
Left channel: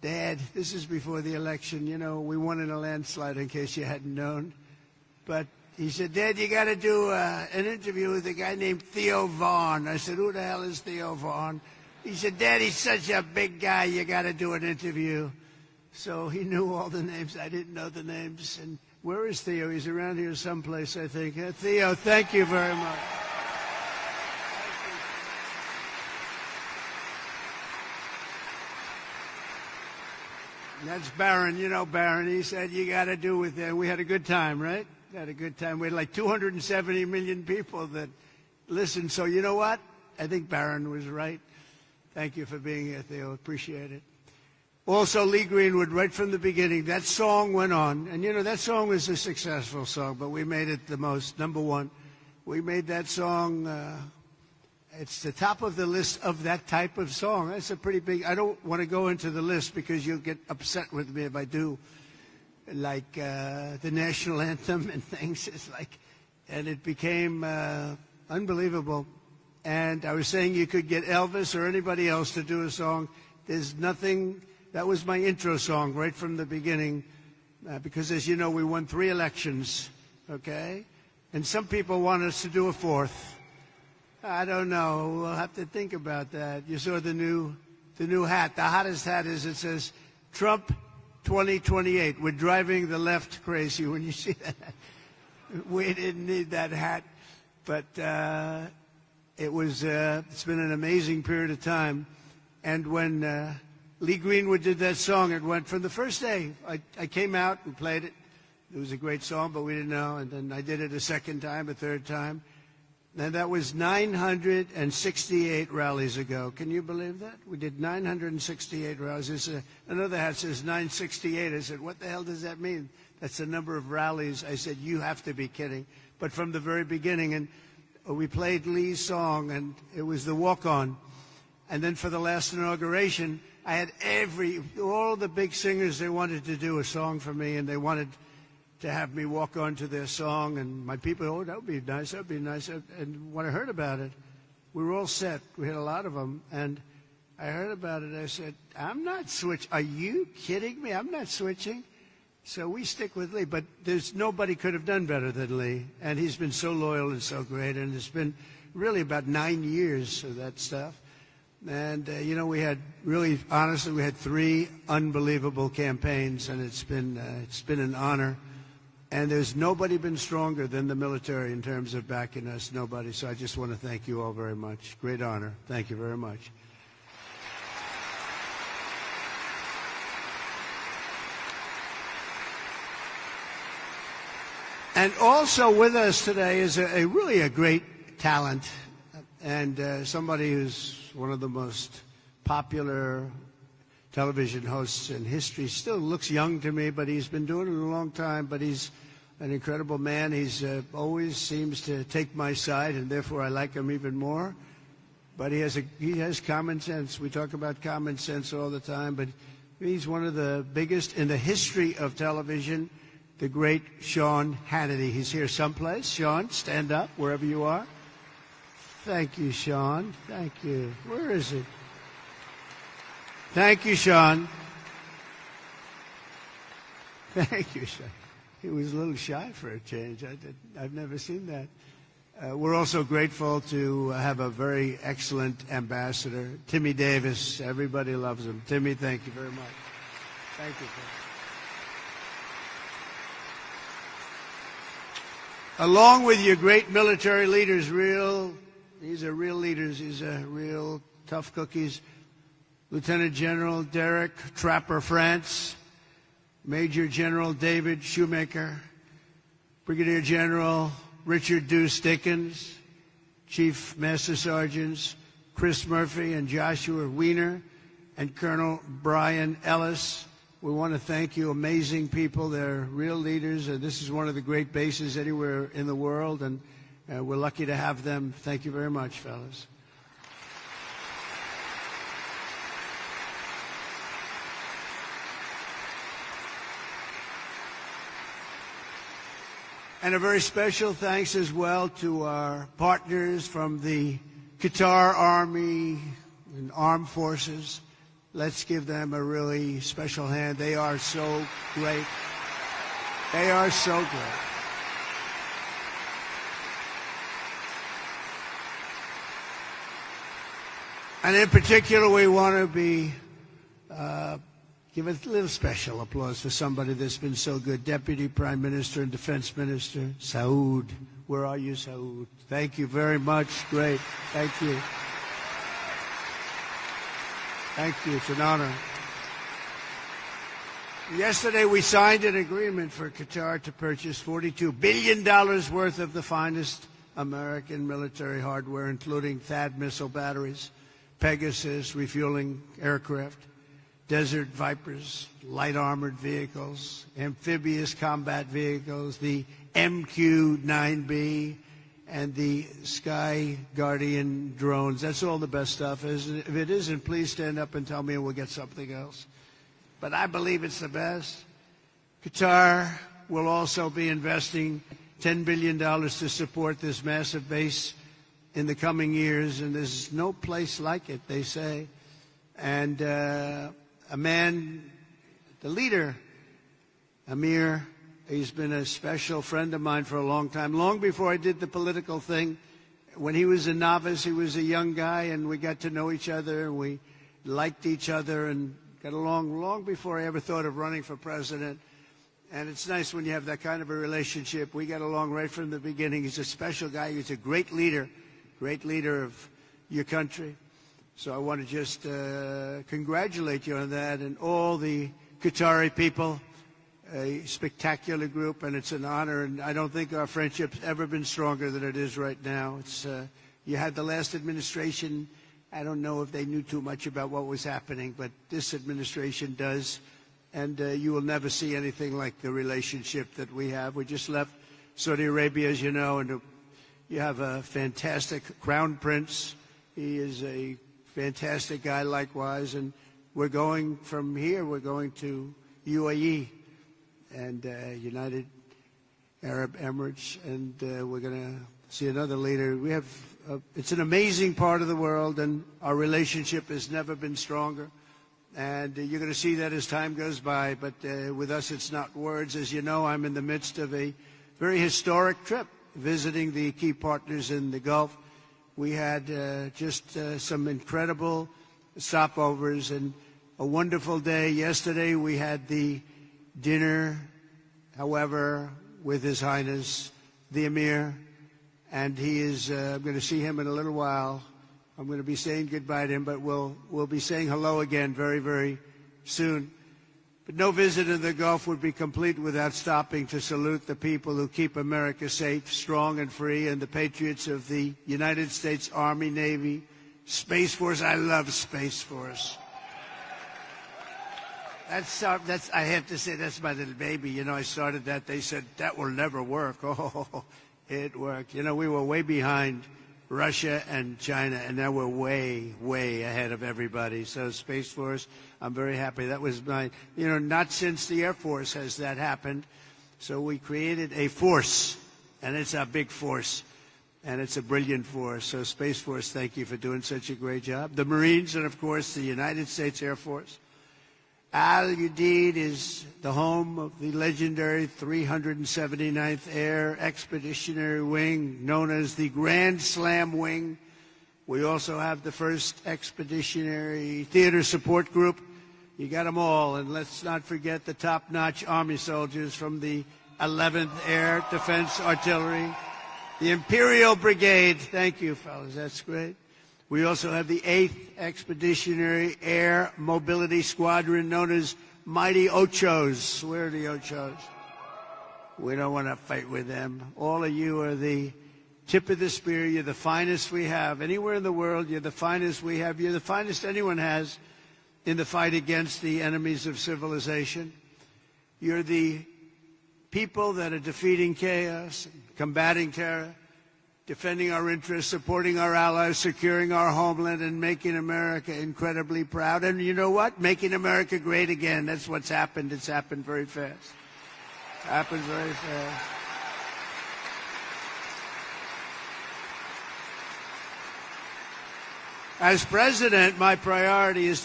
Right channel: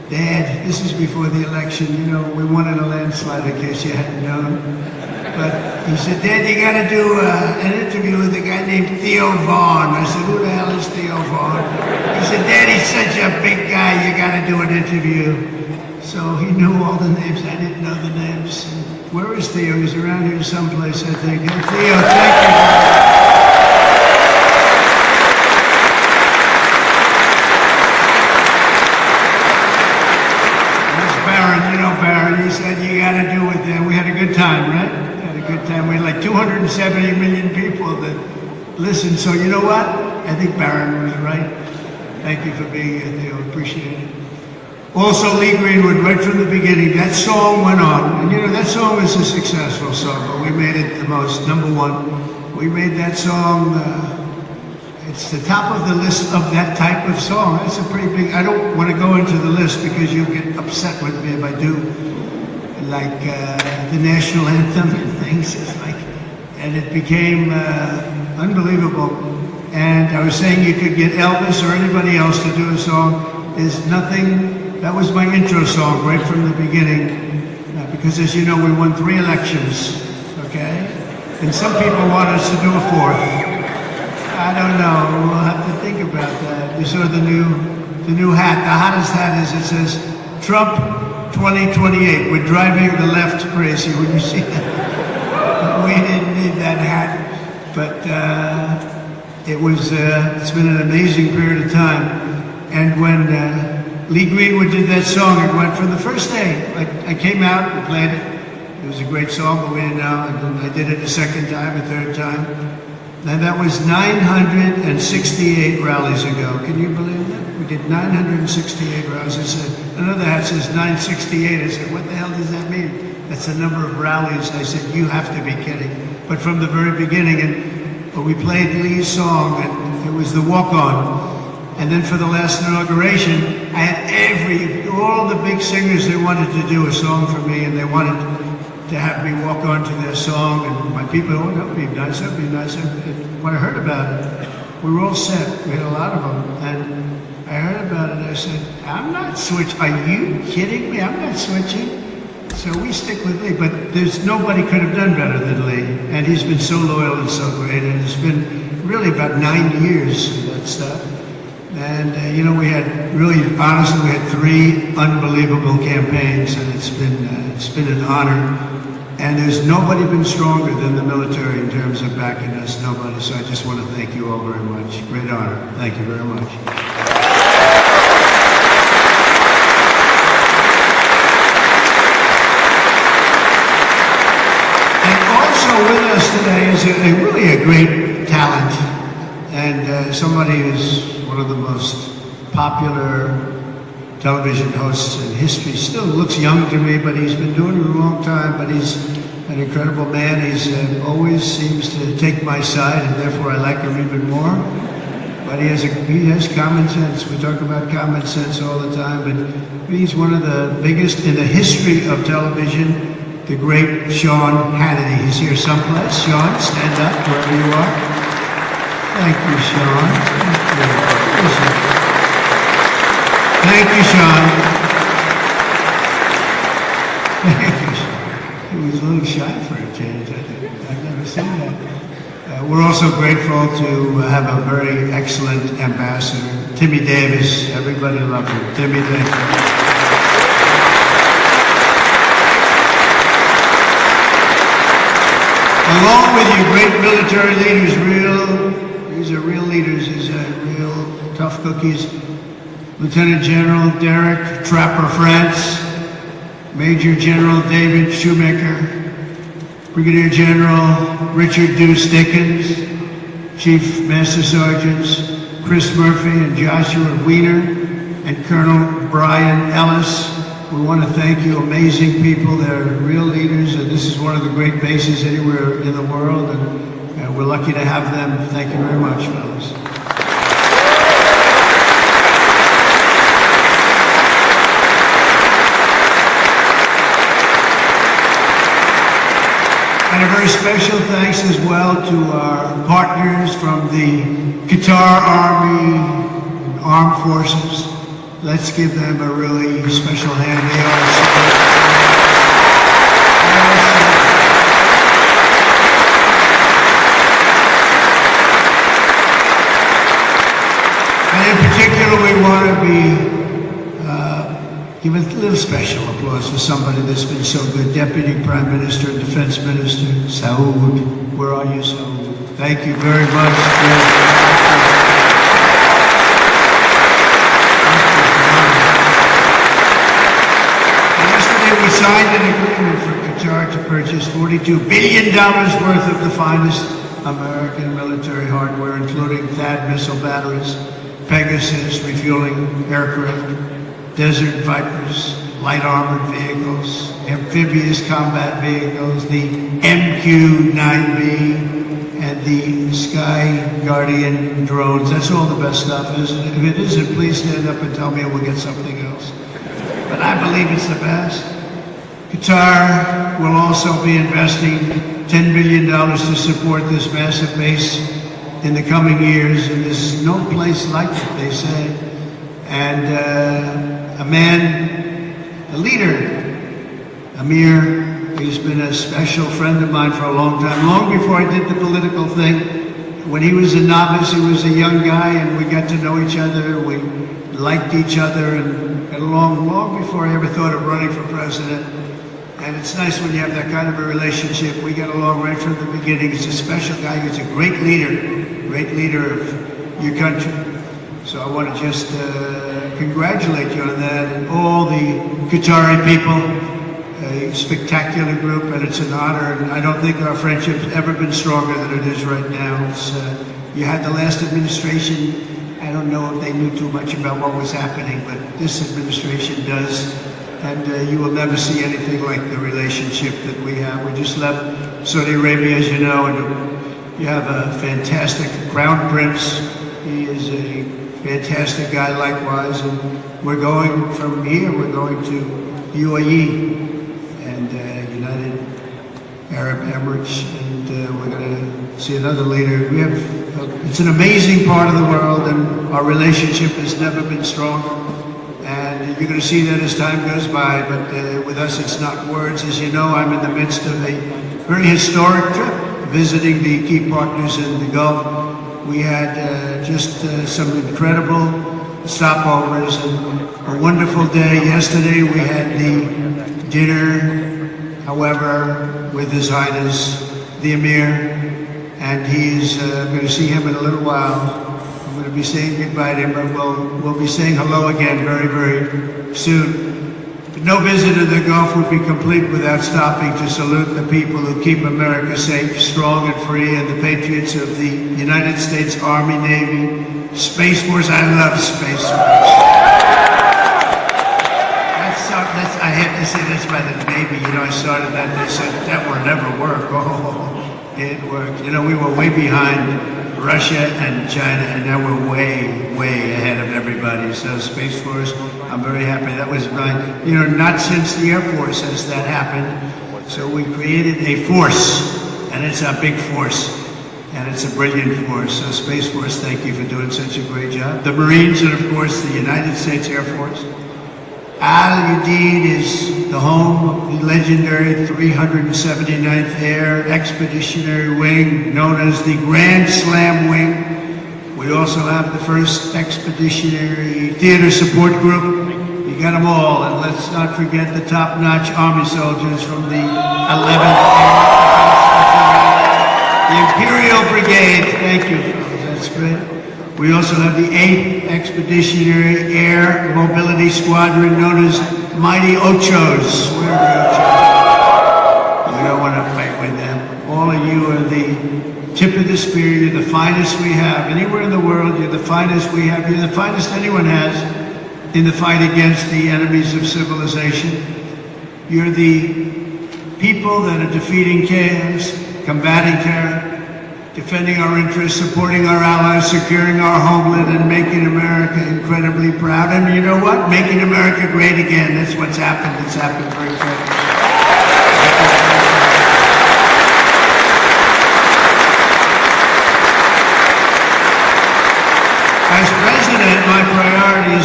Dad, this is before the election, you know, we won in a landslide in case you hadn't known. But he said, Dad, you gotta do an interview with a guy named Theo Vaughn. I said, who the hell is Theo Vaughn? He said, Dad, he's such a big guy, you gotta do an interview. So he knew all the names, I didn't know the names. Where is Theo? He's around here someplace, I think. Hey, Theo, thank you. He said, you got to do it then. We had a good time, right? Had a good time. We had like 270 million people that listened. So you know what? I think Barron was right. Thank you for being here, Theo. Appreciate it. Also, Lee Greenwood, right from the beginning, that song went on. And you know, that song is a successful song, but we made it the most, number one. We made that song, it's the top of the list of that type of song. That's a pretty big, I don't want to go into the list because you'll get upset with me if I do. Like the national anthem and things, it's like, and it became unbelievable. And I was saying you could get Elvis or anybody else to do a song. There's nothing, that was my intro song right from the beginning. Because as you know, we won 3 elections, okay? And some people want us to do a 4th. I don't know, we'll have to think about that. You saw the new hat, the hottest hat is, it says, Trump 2028. We're driving the left crazy. When you see that, we didn't need that hat, but it's been an amazing period of time. And when Lee Greenwood did that song, it went from the first day. Like I came out and played it. It was a great song, but we didn't know. And I did it the second time, a third time, and that was 968 rallies ago. Can you believe that? We did 968 rallies. I said, another hat says 968. I said, what the hell does that mean? That's the number of rallies. I said, you have to be kidding. But from the very beginning, and we played Lee's song, and it was the walk-on. And then for the last inauguration, I had all the big singers, they wanted to do a song for me, and they wanted to have me walk on to their song. And my people, oh, that would be nice, that would be nice. And when I heard about it, we were all set. We had a lot of them. And I heard about it, I said, I'm not switching. Are you kidding me? I'm not switching. So we stick with Lee, but there's nobody could have done better than Lee. And he's been so loyal and so great, and it's been really about 9 years of that stuff. And, you know, we had really, honestly, we had 3 unbelievable campaigns, and it's been an honor. And there's nobody been stronger than the military in terms of backing us, nobody. So I just want to thank you all very much. Great honor. Thank you very much. With us today is really a great talent, and somebody who's one of the most popular television hosts in history. Still looks young to me, but he's been doing it a long time, but he's an incredible man. He's always seems to take my side, and therefore I like him even more. But he has common sense. We talk about common sense all the time, but he's one of the biggest in the history of television. The great Sean Hannity. He's here someplace. Sean, stand up wherever you are. Thank you, Sean. Thank you, Sean. Thank you, Sean. He was a little shy for a change, I think. I've never seen that. We're also grateful to have a very excellent ambassador, Timmy Davis. Everybody loves him. Timmy Davis. Along with you, great military leaders, these are real leaders, these are real tough cookies. Lieutenant General Derek Trapper France, Major General David Shoemaker, Brigadier General Richard Deuce Dickens, Chief Master Sergeants Chris Murphy and Joshua Wiener, and Colonel Brian Ellis. We want to thank you, amazing people. They're real leaders, and this is one of the great bases anywhere in the world, and we're lucky to have them. Thank you very much, fellas. And a very special thanks as well to our partners from the Qatar Army and Armed Forces. Let's give them a really special hand. They are in particular, we want to give a little special applause to somebody that's been so good. Deputy Prime Minister and Defense Minister, Saud. Where are you, Saud? Thank you very much. Yesterday we signed an agreement for Qatar to purchase $42 billion worth of the finest American military hardware, including THAAD missile batteries, Pegasus refueling aircraft, Desert Vipers, light armored vehicles, amphibious combat vehicles, the MQ-9B, and the Sky Guardian drones. That's all the best stuff, isn't it? If it isn't, please stand up and tell me we'll get something else. But I believe it's the best. Qatar will also be investing $10 billion to support this massive base in the coming years, and there's no place like it, they say. And a man, a leader, Amir, he's been a special friend of mine for a long time, long before I did the political thing. When he was a novice, he was a young guy, and we got to know each other. We liked each other and got along long before I ever thought of running for president. And it's nice when you have that kind of a relationship. We got along right from the beginning. He's a special guy. He's a great leader of your country. So I want to just congratulate you on that, and all the Qatari people, a spectacular group, and it's an honor. And I don't think our friendship's ever been stronger than it is right now. You had the last administration. I don't know if they knew too much about what was happening, but this administration does. And you will never see anything like the relationship that we have. We just left Saudi Arabia, as you know, and we have a fantastic Crown Prince. He is a fantastic guy likewise. And we're going from here, we're going to UAE and United Arab Emirates, and we're going to see another leader. It's an amazing part of the world, and our relationship has never been stronger. And you're going to see that as time goes by, but with us it's not words. As you know, I'm in the midst of a very historic trip, visiting the key partners in the Gulf. We had just some incredible stopovers and a wonderful day. Yesterday we had the dinner, however, with His Highness, the Emir, and he's going to see him in a little while. I'm going to be saying goodbye to him, but we'll be saying hello again very, very soon. No visit to the Gulf would be complete without stopping to salute the people who keep America safe, strong, and free, and the patriots of the United States Army, Navy, Space Force. I love Space Force. I had to say that's by the Navy. You know, I started that and they said that will never work. Oh, it worked. You know, we were way behind Russia and China, and now we're way, way ahead of everybody. So Space Force, I'm very happy. That was mine. You know, not since the Air Force has that happened. So we created a force, and it's a big force, and it's a brilliant force. So Space Force, thank you for doing such a great job. The Marines, and of course the United States Air Force. Udeid is the home of the legendary 379th Air Expeditionary Wing, known as the Grand Slam Wing. We also have the 1st Expeditionary Theater Support Group. You got them all, and let's not forget the top-notch Army soldiers from the 11th Air. The Imperial Brigade, thank you, that's good. We also have the 8th Expeditionary Air Mobility Squadron, known as Mighty Ochos. Where are the Ochos? We don't want to fight with them. All of you are the tip of the spear. You're the finest we have. Anywhere in the world, you're the finest we have. You're the finest anyone has in the fight against the enemies of civilization. You're the people that are defeating chaos, combating terror, defending our interests, supporting our allies, securing our homeland, and making America incredibly proud. And you know what? Making America great again. That's what's happened. It's happened very quickly. As president, my priority is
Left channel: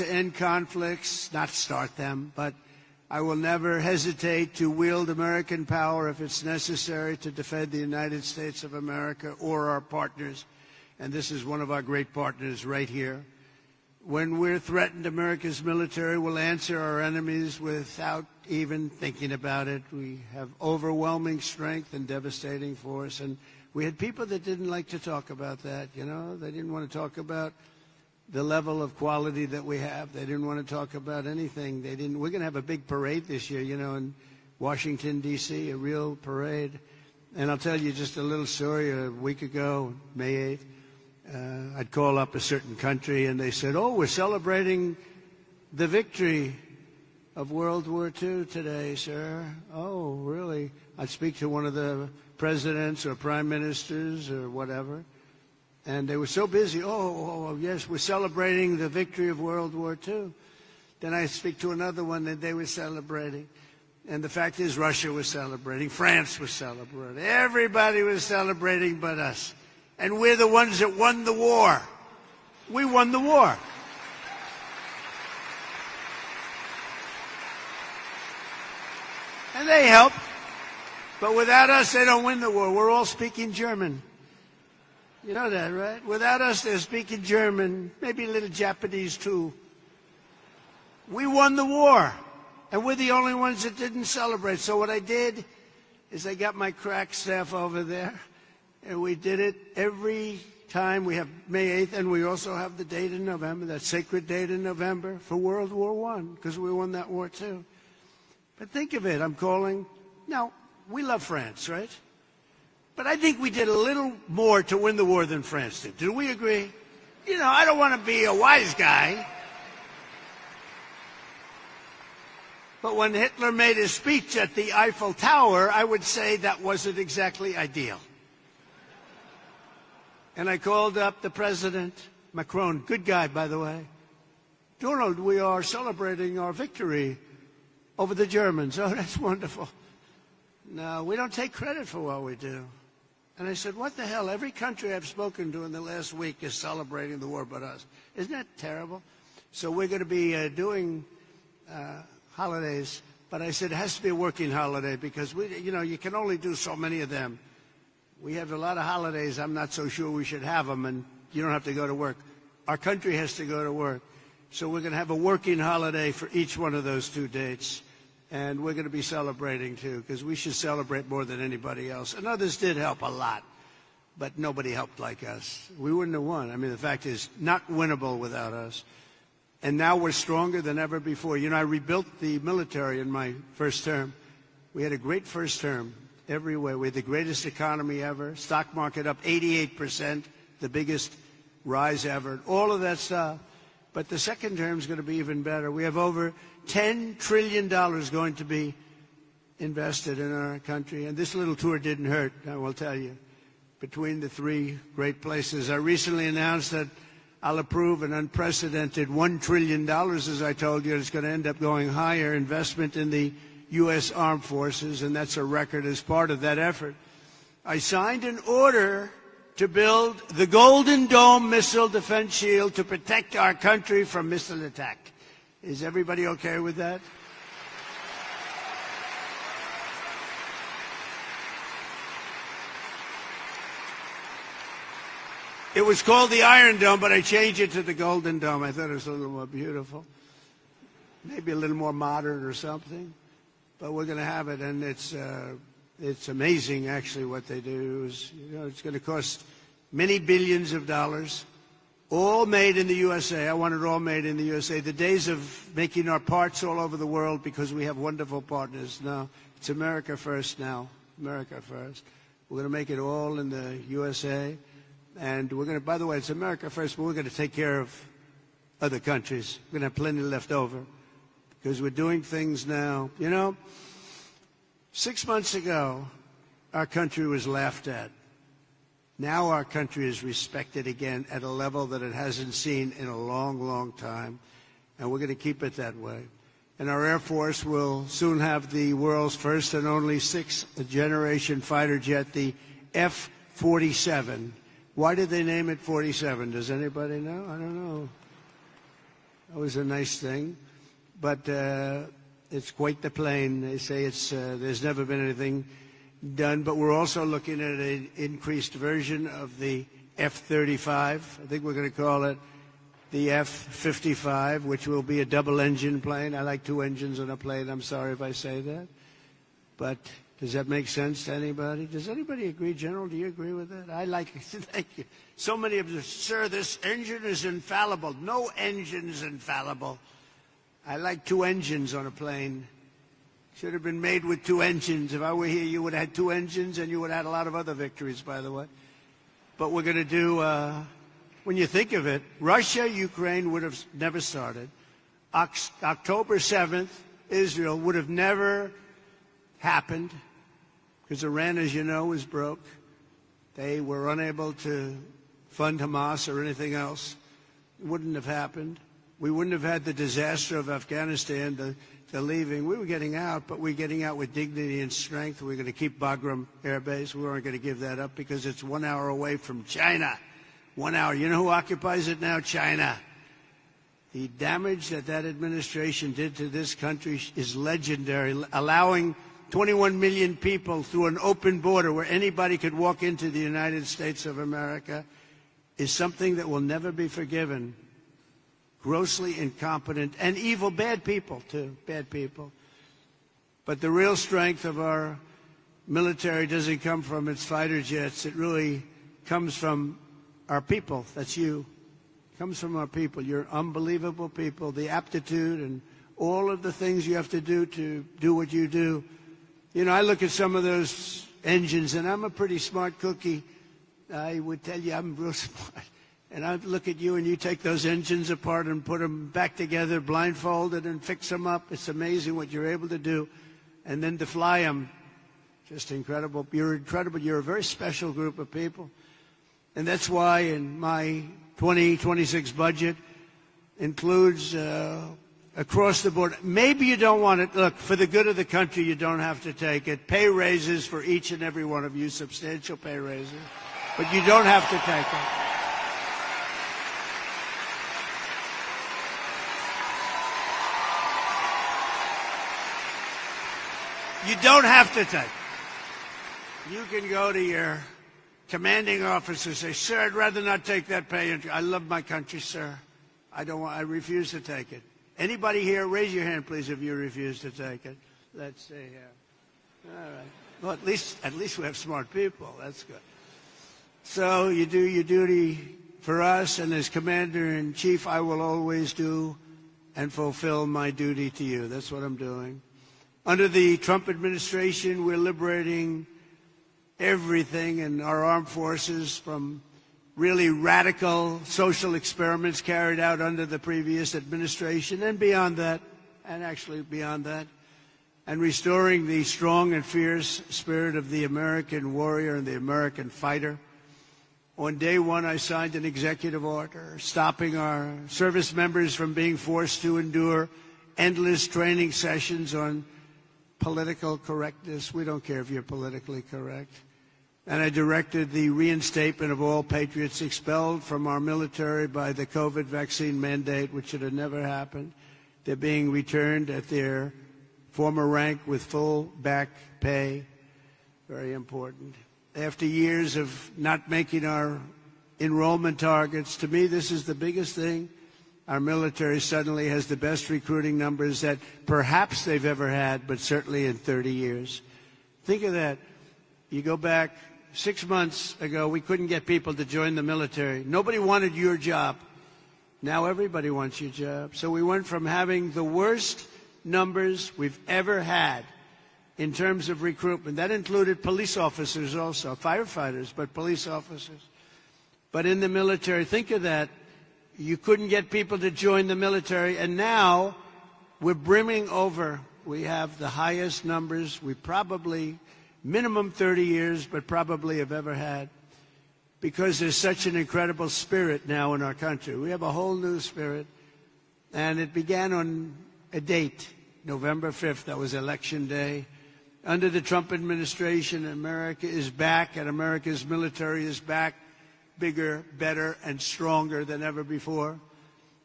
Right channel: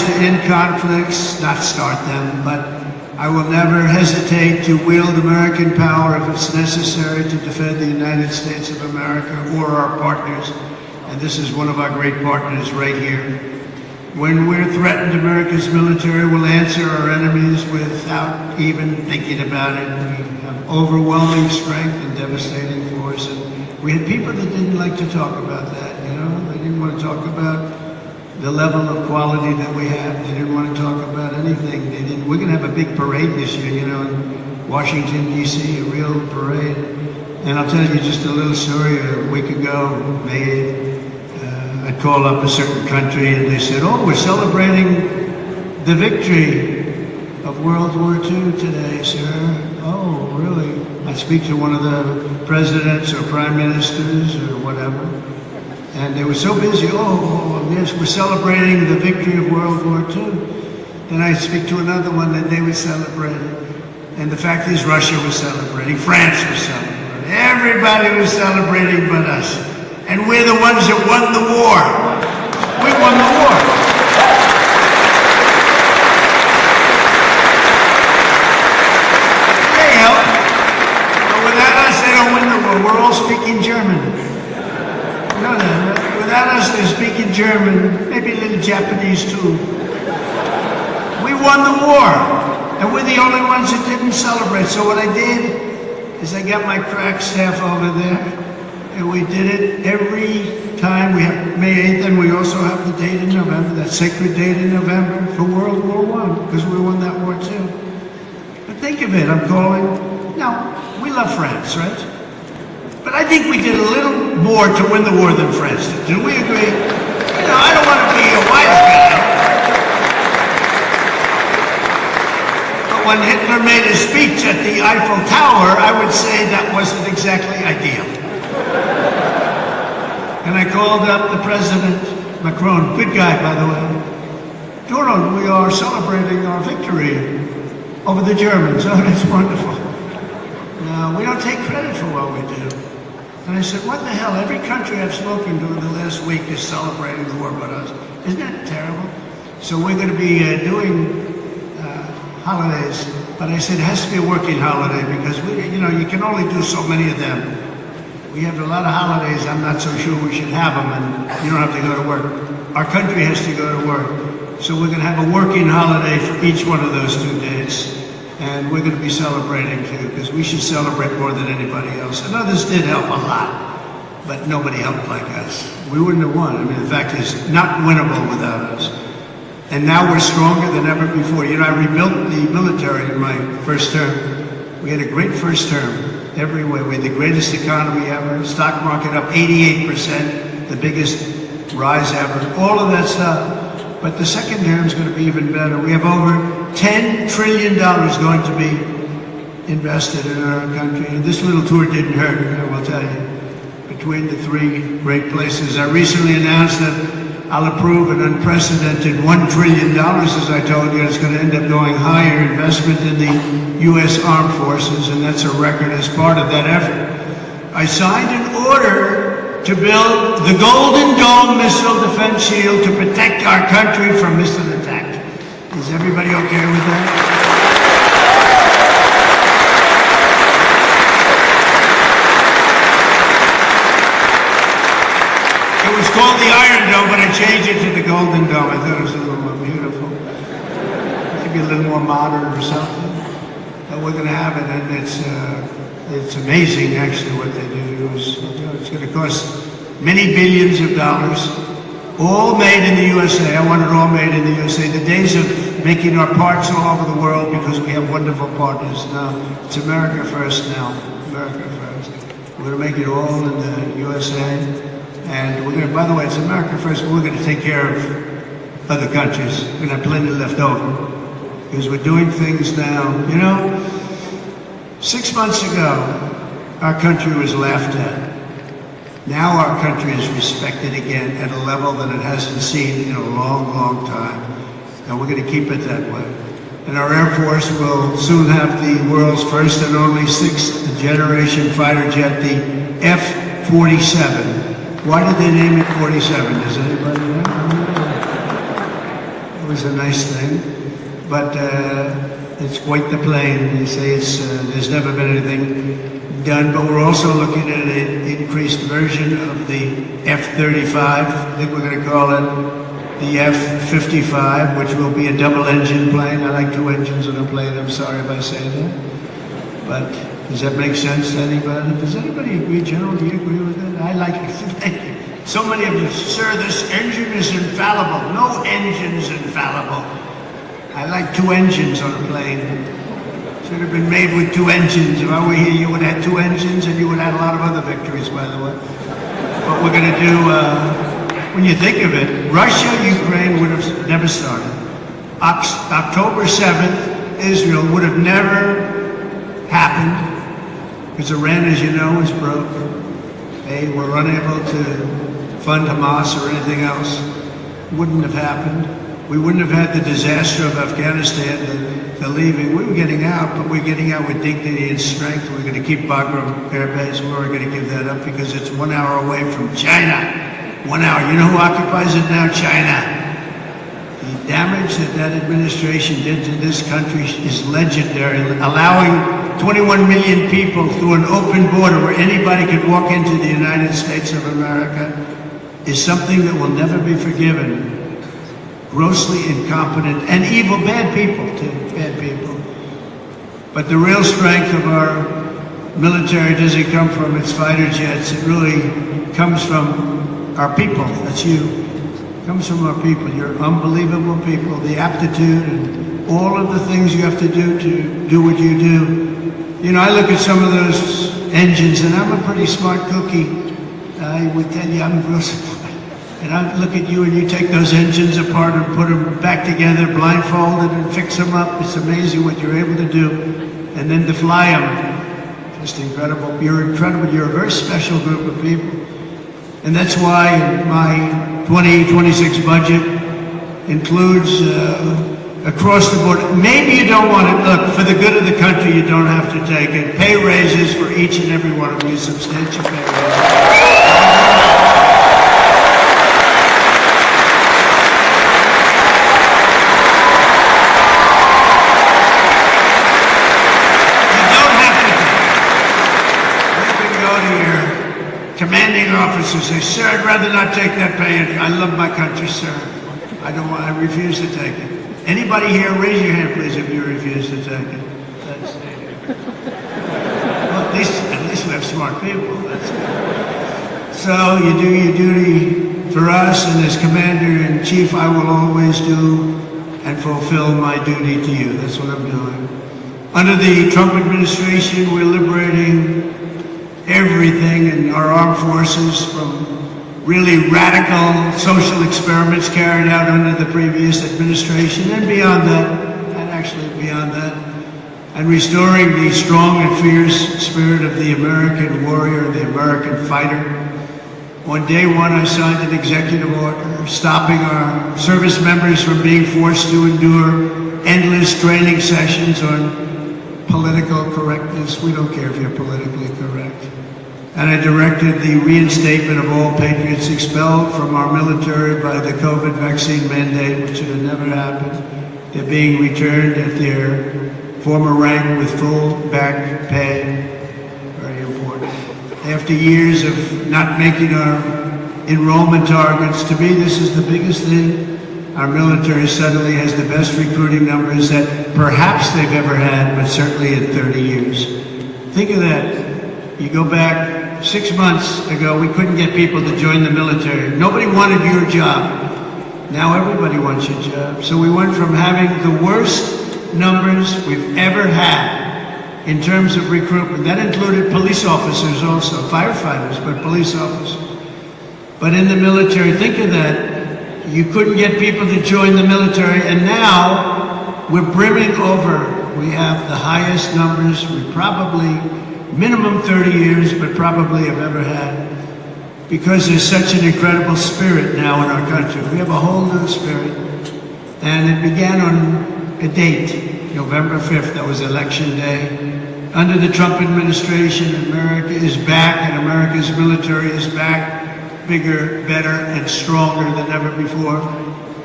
to end conflicts, not start them, but I will never hesitate to wield American power if it's necessary to defend the United States of America or our partners. And this is one of our great partners right here. When we're threatened, America's military will answer our enemies without even thinking about it. We have overwhelming strength and devastating force. And we had people that didn't like to talk about that, you know? They didn't want to talk about the level of quality that we have. They didn't want to talk about anything. We're going to have a big parade this year, you know, in Washington, D.C., a real parade. And I'll tell you just a little story. A week ago, I called up a certain country and they said, oh, we're celebrating the victory of World War II today, sir. Oh, really? I speak to one of the presidents or prime ministers or whatever. And they were so busy, yes, we're celebrating the victory of World War II. Then I speak to another one that they were celebrating. And the fact is Russia was celebrating, France was celebrating. Everybody was celebrating but us. And we're the ones that won the war. We won the war. There you go. But without us, they don't win the war. We're all speaking German. No. Without us, they're speaking German, maybe a little Japanese too. We won the war. And we're the only ones that didn't celebrate. So what I did is I got my crack staff over there. And we did it every time. We have May 8th, and we also have the date in November, that sacred date in November for World War I, because we won that war too. But think of it, I'm calling, we love France, right? But I think we did a little more to win the war than France did. Do we agree? You know, I don't want to be a wise guy. But when Hitler made a speech at the Eiffel Tower, I would say that wasn't exactly ideal. And I called up the President, Macron, good guy, by the way. Donald, we are celebrating our victory over the Germans. Oh, that's wonderful. No, we don't take credit for what we do. And I said, what the hell? Every country I've spoken to in the last week is celebrating the war but us. Isn't that terrible? So we're going to be doing holidays. But I said, it has to be a working holiday because, you can only do so many of them. We have a lot of holidays, I'm not so sure we should have them, and you don't have to go to work. Our country has to go to work. So we're going to have a working holiday for each one of those 2 days. And we're going to be celebrating too, because we should celebrate more than anybody else. I know this did help a lot, but nobody helped like us. We wouldn't have won. I mean, the fact is, not winnable without us. And now we're stronger than ever before. You know, I rebuilt the military in my first term. We had a great first term. Every way. We had the greatest economy ever, stock market up 88%, the biggest rise ever, all of that stuff. But the second term is going to be even better. We have over $10 trillion going to be invested in our country. And this little tour didn't hurt, I will tell you, between the 3 great places. I recently announced that I'll approve an unprecedented $1 trillion, as I told you. It's going to end up going higher investment in the U.S. Armed Forces, and that's a record as part of that effort. I signed an order to build the Golden Dome missile defense shield to protect our country from missile attack. Is everybody okay with that? It was called the Iron Dome, but I changed it to the Golden Dome. I thought it was a little more beautiful. Maybe a little more modern or something. But we're going to have it, and it's amazing actually what they do. It's going to cost many billions of dollars, all made in the USA. I want it all made in the USA. The days of making our parts all over the world because we have wonderful partners now. It's America first now. America first. We're going to make it all in the USA. And we're going to, by the way, it's America first, but we're going to take care of other countries. We're going to have plenty left over. Because we're doing things now. You know, 6 months ago, our country was laughed at. Now our country is respected again at a level that it hasn't seen in a long, long time. And we're going to keep it that way. And our Air Force will soon have the world's first and only 6th generation fighter jet, the F-47. Why did they name it 47? Does anybody know? It was is a nice thing, but it's quite the plane. They say there's never been anything done, but we're also looking at an increased version of the F-35. I think we're going to call it the F-55, which will be a double-engine plane. I like two engines on a plane. I'm sorry if I say that. But does that make sense to anybody? Does anybody agree, General? Do you agree with that? I like it. Thank you. So many of you, sir, this engine is infallible. No engine's infallible. I like two engines on a plane. Should have been made with two engines. If I were here, you would have had two engines, and you would have had a lot of other victories, by the way. What we're going to do, when you think of it, Russia, Ukraine would have never started. October 7th, Israel would have never happened, because Iran, as you know, is broke. They were unable to fund Hamas or anything else. It wouldn't have happened. We wouldn't have had the disaster of Afghanistan, the leaving. We were getting out, but we're getting out with dignity and strength. We're going to keep Bagram Air Base. We're going to give that up because it's 1 hour away from China. 1 hour. You know who occupies it now? China. The damage that administration did to this country is legendary. Allowing 21 million people through an open border where anybody could walk into the United States of America is something that will never be forgiven. Grossly incompetent and evil, bad people too, bad people. But the real strength of our military doesn't come from its fighter jets. It really comes from our people. That's you. It comes from our people. You're unbelievable people. The aptitude and all of the things you have to do what you do. You know, I look at some of those engines, and I'm a pretty smart cookie. I would tell you I'm real smart. And I look at you and you take those engines apart and put them back together, blindfolded, and fix them up. It's amazing what you're able to do. And then to fly them, just incredible. You're incredible. You're a very special group of people. And that's why my 2026 budget includes across the board. Maybe you don't want to, look, for the good of the country, you don't have to take it. Pay raises for each and every one of you, substantial pay raises. Officers say, sir, I'd rather not take that pay. I love my country, sir. I don't want to refuse to take it. Anybody here, raise your hand, please, if you refuse to take it. Well, at least we have smart people. So you do your duty for us, and as Commander-in-Chief, I will always do and fulfill my duty to you. That's what I'm doing. Under the Trump administration, we're liberating everything in our armed forces from really radical social experiments carried out under the previous administration and beyond that, and actually beyond that, and restoring the strong and fierce spirit of the American warrior, the American fighter. On day one, I signed an executive order stopping our service members from being forced to endure endless training sessions on political correctness. We don't care if you're politically correct. And I directed the reinstatement of all patriots expelled from our military by the COVID vaccine mandate, which should have never happened. They're being returned at their former rank with full back pay. Very important. After years of not making our enrollment targets, to me this is the biggest thing. Our military suddenly has the best recruiting numbers that perhaps they've ever had, but certainly in 30 years. Think of that. You go back 6 months ago, we couldn't get people to join the military. Nobody wanted your job. Now everybody wants your job. So we went from having the worst numbers we've ever had in terms of recruitment. That included police officers also, firefighters, but police officers. But in the military, think of that. You couldn't get people to join the military, and now we're brimming over. We have the highest numbers we probably minimum 30 years, but probably have ever had, because there's such an incredible spirit now in our country. We have a whole new spirit, and it began on a date, November 5th, that was election day. Under the Trump administration, America is back, and America's military is back, bigger, better, and stronger than ever before.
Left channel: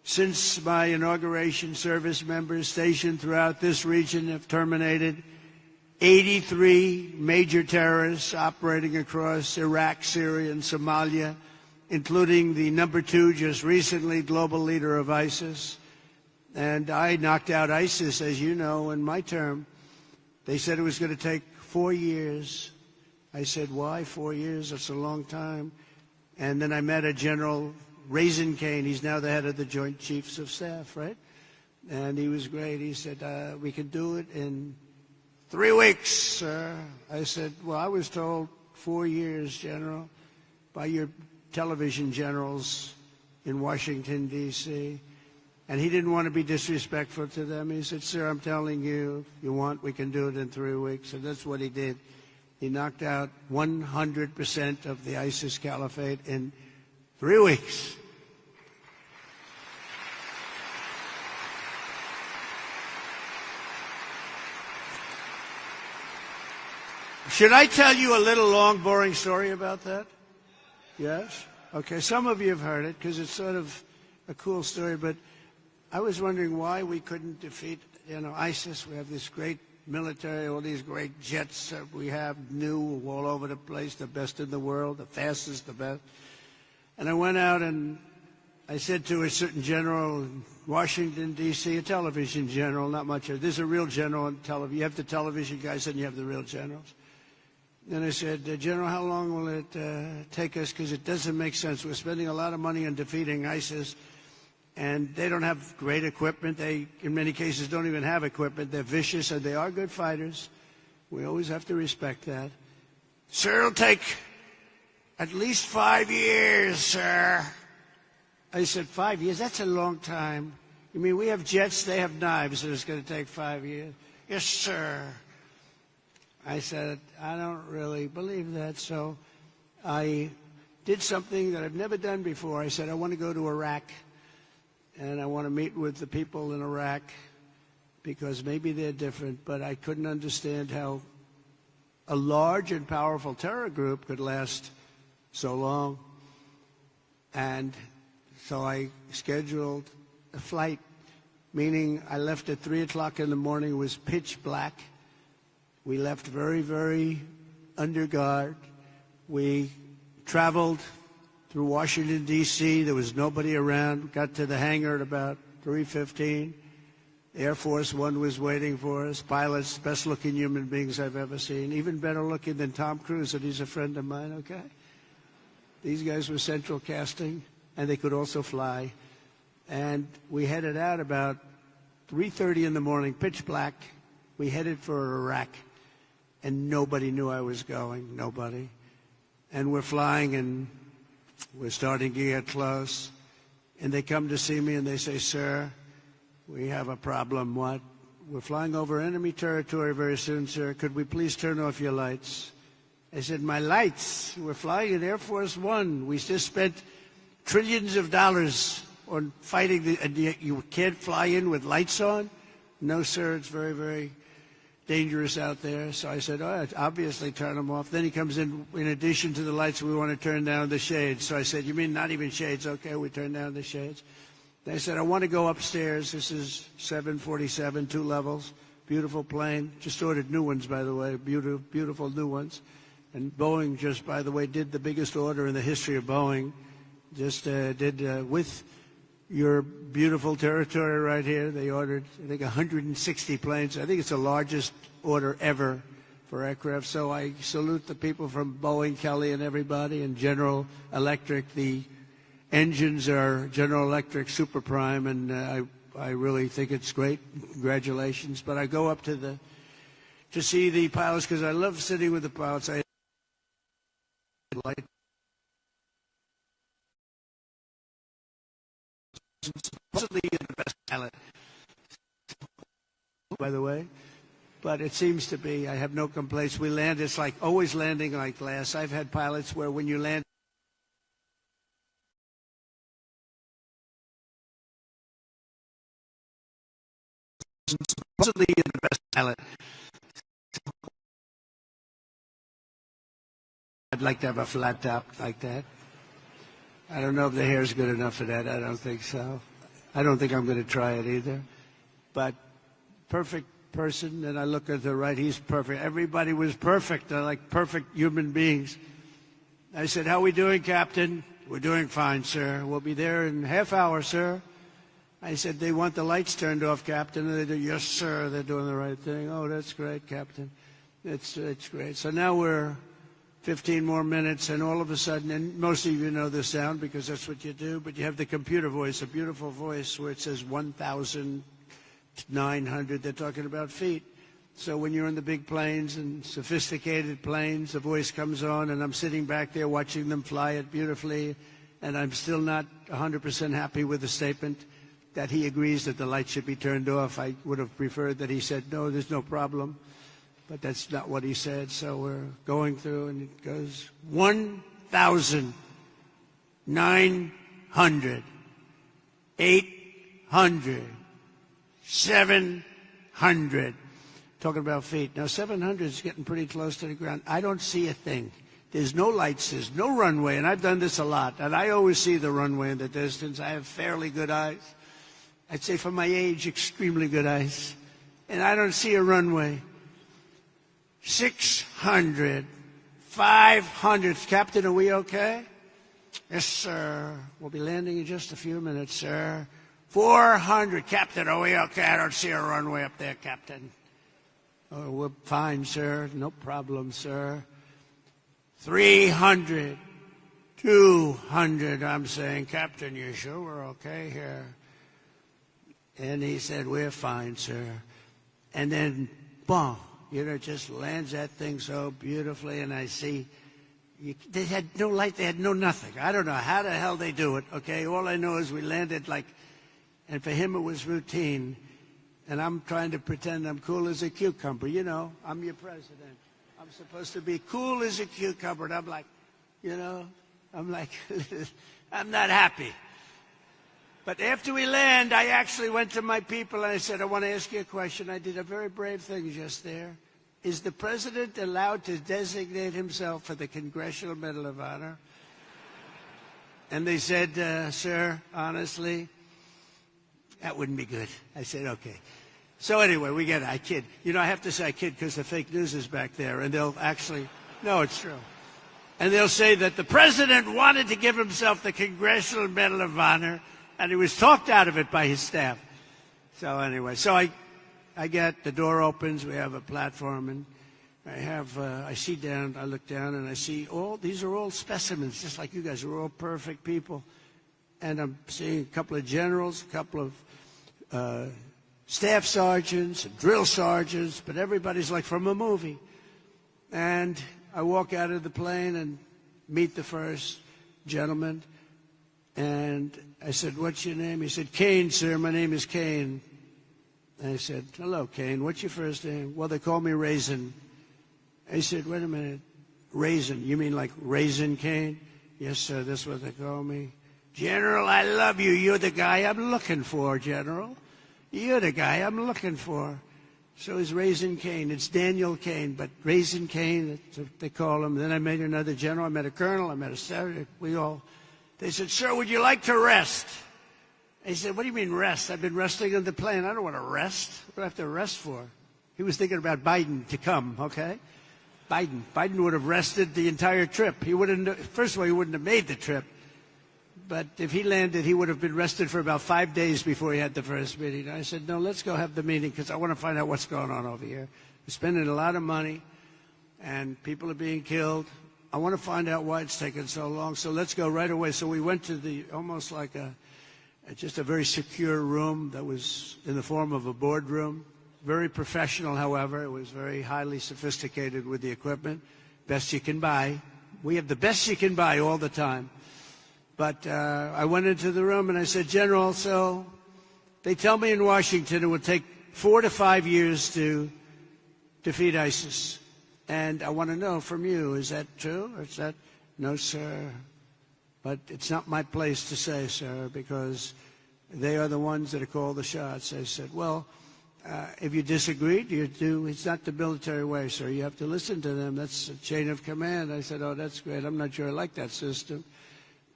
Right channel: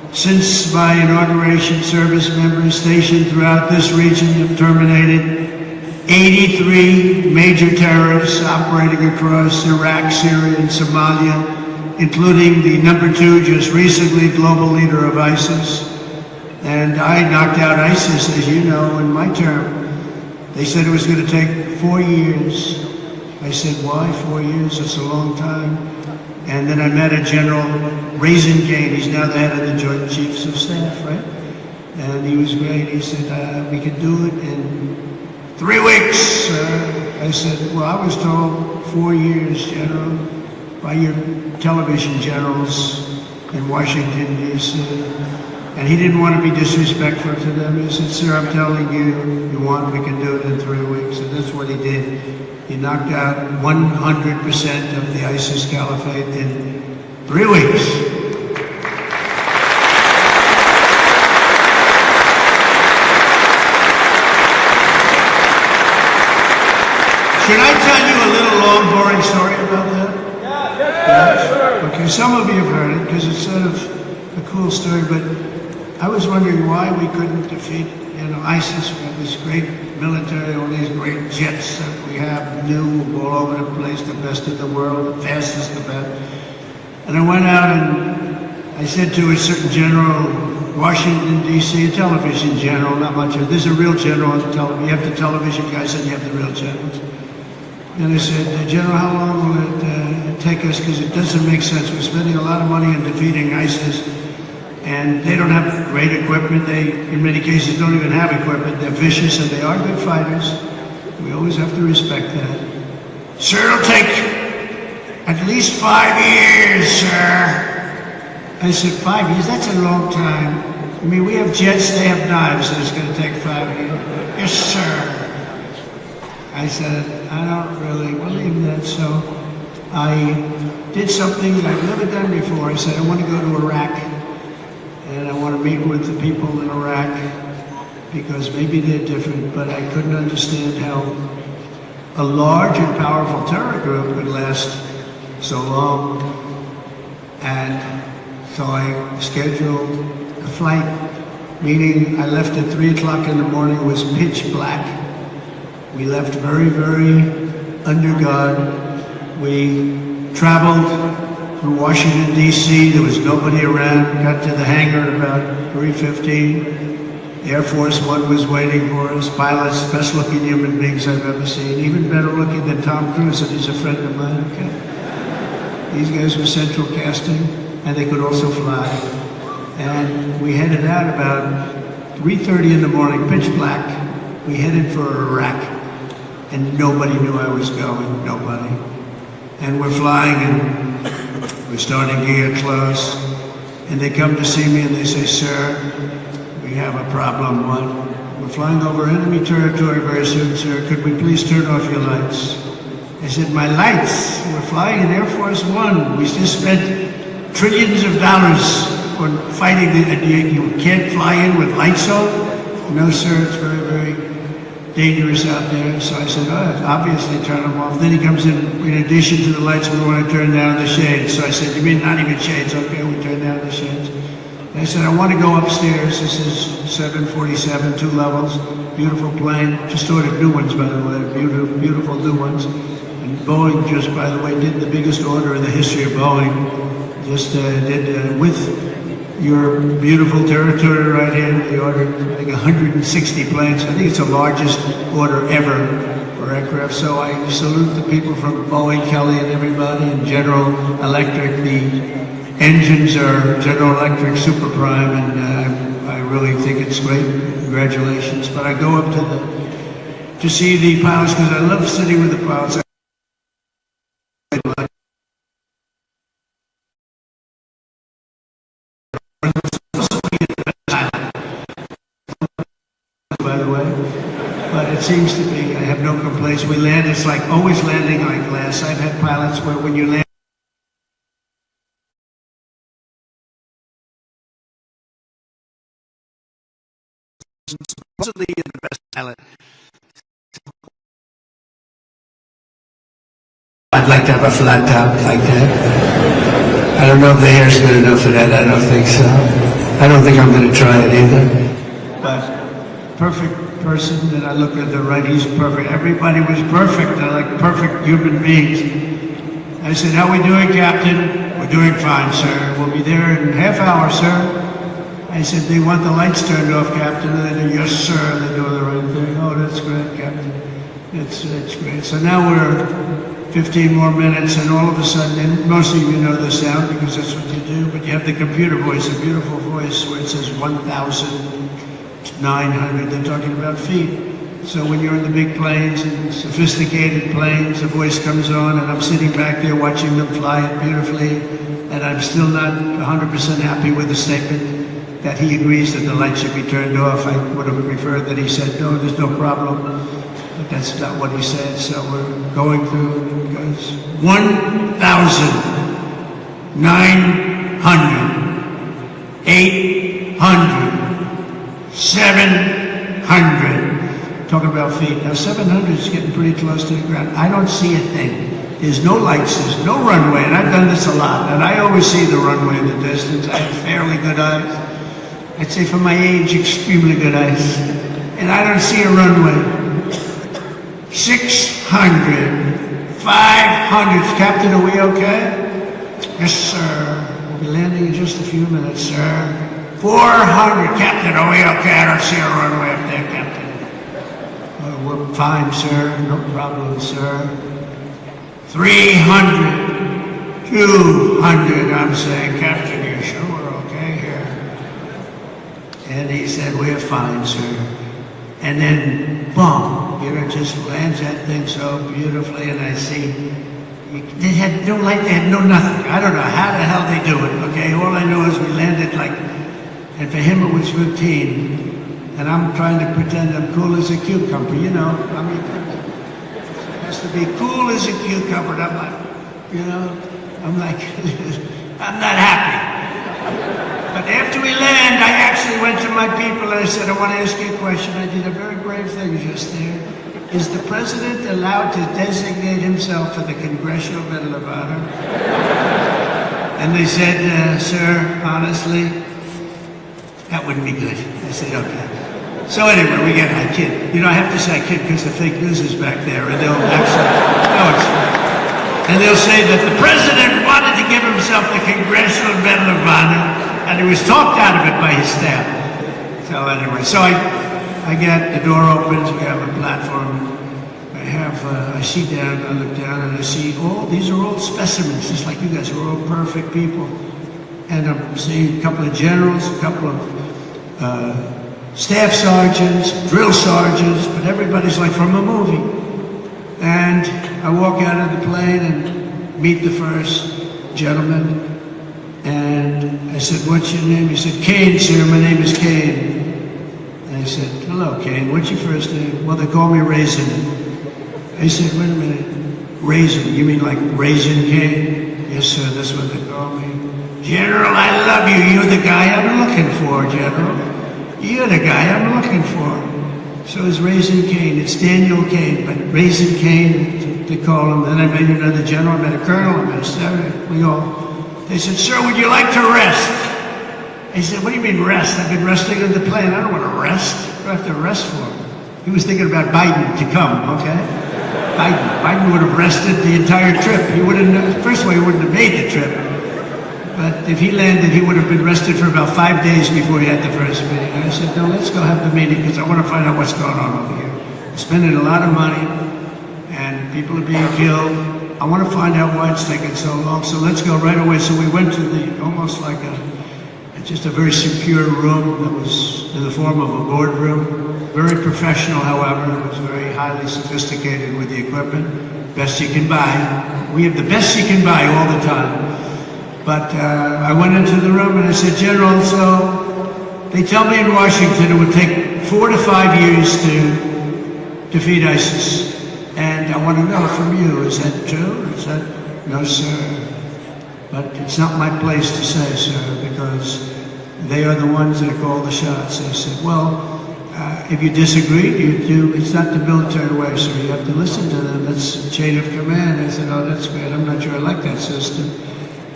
Since my inauguration, service members stationed throughout this region have terminated 83 major terrorists operating across Iraq, Syria, and Somalia, including the #2, just recently global leader of ISIS. And I knocked out ISIS, as you know, in my term. They said it was going to take 4 years. I said, why 4 years? It's a long time. And then I met a General Raisingane. He's now the head of the Joint Chiefs of Staff, right? And he was great. He said, we could do it in 3 weeks. I said, well, I was told 4 years, General, by your television generals in Washington, D.C. And he didn't want to be disrespectful to them. He said, sir, I'm telling you, you want, we can do it in 3 weeks. And that's what he did. He knocked out 100% of the ISIS caliphate in 3 weeks. Can I tell you a little long, boring story about that? Yeah. Okay, some of you have heard it because it's sort of a cool story, but I was wondering why we couldn't defeat ISIS. We have this great military, all these great jets that we have, new all over the place, the best in the world, the fastest, the best. And I went out and I said to a certain general, Washington, D.C., a television general, not much of it. There's a real general on the television. You have the television guys and you have the real generals. And I said, General, how long will it take us? Because it doesn't make sense. We're spending a lot of money on defeating ISIS. And they don't have great equipment. They, in many cases, don't even have equipment. They're vicious and they are good fighters. We always have to respect that. Sir, it'll take at least 5 years, sir. I said, 5 years? That's a long time. I mean, we have jets, they have knives, and it's going to take 5 years. Yes, sir. I said, I don't really believe that, so I did something that I've never done before. I said, I want to go to Iraq. And I want to meet with the people in Iraq because maybe they're different, but I couldn't understand how a large and powerful terror group could last so long. And so I scheduled a flight, meaning I left at 3 o'clock in the morning. It was pitch black. We left very, very under guard. We traveled from Washington, D.C., there was nobody around. Got to the hangar at about 3:15. Air Force One was waiting for us. Pilots, best looking human beings I've ever seen. Even better looking than Tom Cruise, and he's a friend of mine. Okay? These guys were central casting, and they could also fly. And we headed out about 3:30 in the morning, pitch black. We headed for Iraq, and nobody knew I was going, nobody. And we're flying, and we're starting to get close, and they come to see me and they say, sir, we have a problem. What? We're flying over enemy territory very soon, sir. Could we please turn off your lights? I said, my lights? We're flying in Air Force One. We just spent trillions of dollars on fighting. You can't fly in with lights on? No, sir, it's very, very dangerous out there. So I said, obviously turn them off. Then he comes in addition to the lights, we want to turn down the shades. So I said, you mean not even shades? Okay, we turn down the shades. And I said, I want to go upstairs. This is 747, 2 levels, beautiful plane. Just ordered new ones, by the way, beautiful new ones. And Boeing just, by the way, did the biggest order in the history of Boeing. Just did with your beautiful territory right here. They ordered, I think, 160 planes. I think it's the largest order ever for aircraft. So I salute the people from Boeing, Kelly, and everybody, and General Electric. The engines are General Electric Super Prime, and I really think it's great. Congratulations. But I go up to see the pilots because I love sitting with the pilots. Seems to be, I have no complaints. We land, it's like always landing on glass. I've had pilots where when you land, supposedly you're the best pilot. I'd like to have a flat top like that. I don't know if the hair's good enough for that. I don't think so. I don't think I'm going to try it either. But perfect person, and I look at the right, he's perfect. Everybody was perfect. They're like perfect human beings. I said, how we doing, Captain? We're doing fine, sir. We'll be there in a half hour, sir. I said, they want the lights turned off, Captain. And they do, yes, sir. They do the right thing. Oh, that's great, Captain. It's great. So now we're 15 more minutes, and all of a sudden, most of you know the sound because that's what you do, but you have the computer voice, a beautiful voice where it says 1,900. They're talking about feet. So when you're in the big planes and sophisticated planes, the voice comes on, and I'm sitting back there watching them fly it beautifully, and I'm still not 100% happy with the statement that he agrees that the lights should be turned off. I would have preferred that he said, no, there's no problem. But that's not what he said, so we're going through, because 1,900, 800, 700. Talking about feet. Now 700 is getting pretty close to the ground. I don't see a thing. There's no lights, there's no runway, and I've done this a lot, and I always see the runway in the distance. I have fairly good eyes. I'd say for my age, extremely good eyes. And I don't see a runway. 600, 500. Captain, are we okay? Yes, sir. We'll be landing in just a few minutes, sir. 400. Captain, are we okay? I don't see a runway up there, Captain. Oh, we're fine, sir. No problem, sir. 300, 200. I'm saying, Captain, you sure we're okay here? And he said, we're fine, sir. And then, boom. Here it just lands that thing so beautifully, and I see they had no light, they had no nothing. I don't know how the hell they do it, okay? All I know is we landed like, and for him it was 15, and I'm trying to pretend I'm cool as a cucumber, you know? I mean, it has to be cool as a cucumber, and I'm like, you know, I'm like, I'm not happy. But after we land, I actually went to my people and I said, I want to ask you a question. I did a very brave thing just there. Is the president allowed to designate himself for the Congressional Medal of Honor? And they said, sir, honestly, that wouldn't be good. I said, okay. So anyway, we get I kid. You know, I have to say I kid because the fake news is back there, and they'll and they'll say that the president wanted to give himself the Congressional Medal of Honor, and he was talked out of it by his staff. So anyway, so I get the door opens, we have a platform. I see down, I look down, and I see these are all specimens, just like you guys, we're all perfect people. And I'm seeing a couple of generals, a couple of staff sergeants, drill sergeants, but everybody's like from a movie. And I walk out of the plane and meet the first gentleman. And I said, what's your name? He said, Kane, sir, my name is Kane. And I said, hello, Kane, what's your first name? Well, they call me Raisin. I said, wait a minute, Raisin, you mean like Raisin Kane? Yes, sir, that's what they call me. General, I love you. You're the guy I'm looking for, General. You're the guy I'm looking for. So it's Raisin Kane. It's Daniel Kane, but Raisin Kane, they call him. Then I met another general, I met a colonel, I met a senator. We all. They said, sir, would you like to rest? I said, what do you mean rest? I've been resting in the plane. I don't want to rest. What do I have to rest for? He was thinking about Biden to come, okay? Biden would have rested the entire trip. He wouldn't, first of all, he wouldn't have made the trip. But if he landed, he would have been rested for about 5 days before he had the first meeting. And I said, no, let's go have the meeting because I want to find out what's going on over here. We're spending a lot of money and people are being killed. I want to find out why it's taking so long. So let's go right away. So we went to almost like just a very secure room that was in the form of a boardroom. Very professional, however. It was very highly sophisticated with the equipment. Best you can buy. We have the best you can buy all the time. But I went into the room and I said, General, so they tell me in Washington it would take 4 to 5 years to defeat ISIS. And I want to know from you, is that true? Is that, no, sir. But it's not my place to say, sir, because they are the ones that call the shots. I said, well, if you disagree, it's not the military way, so you have to listen to them. That's the chain of command. I said, oh, that's great. I'm not sure I like that system.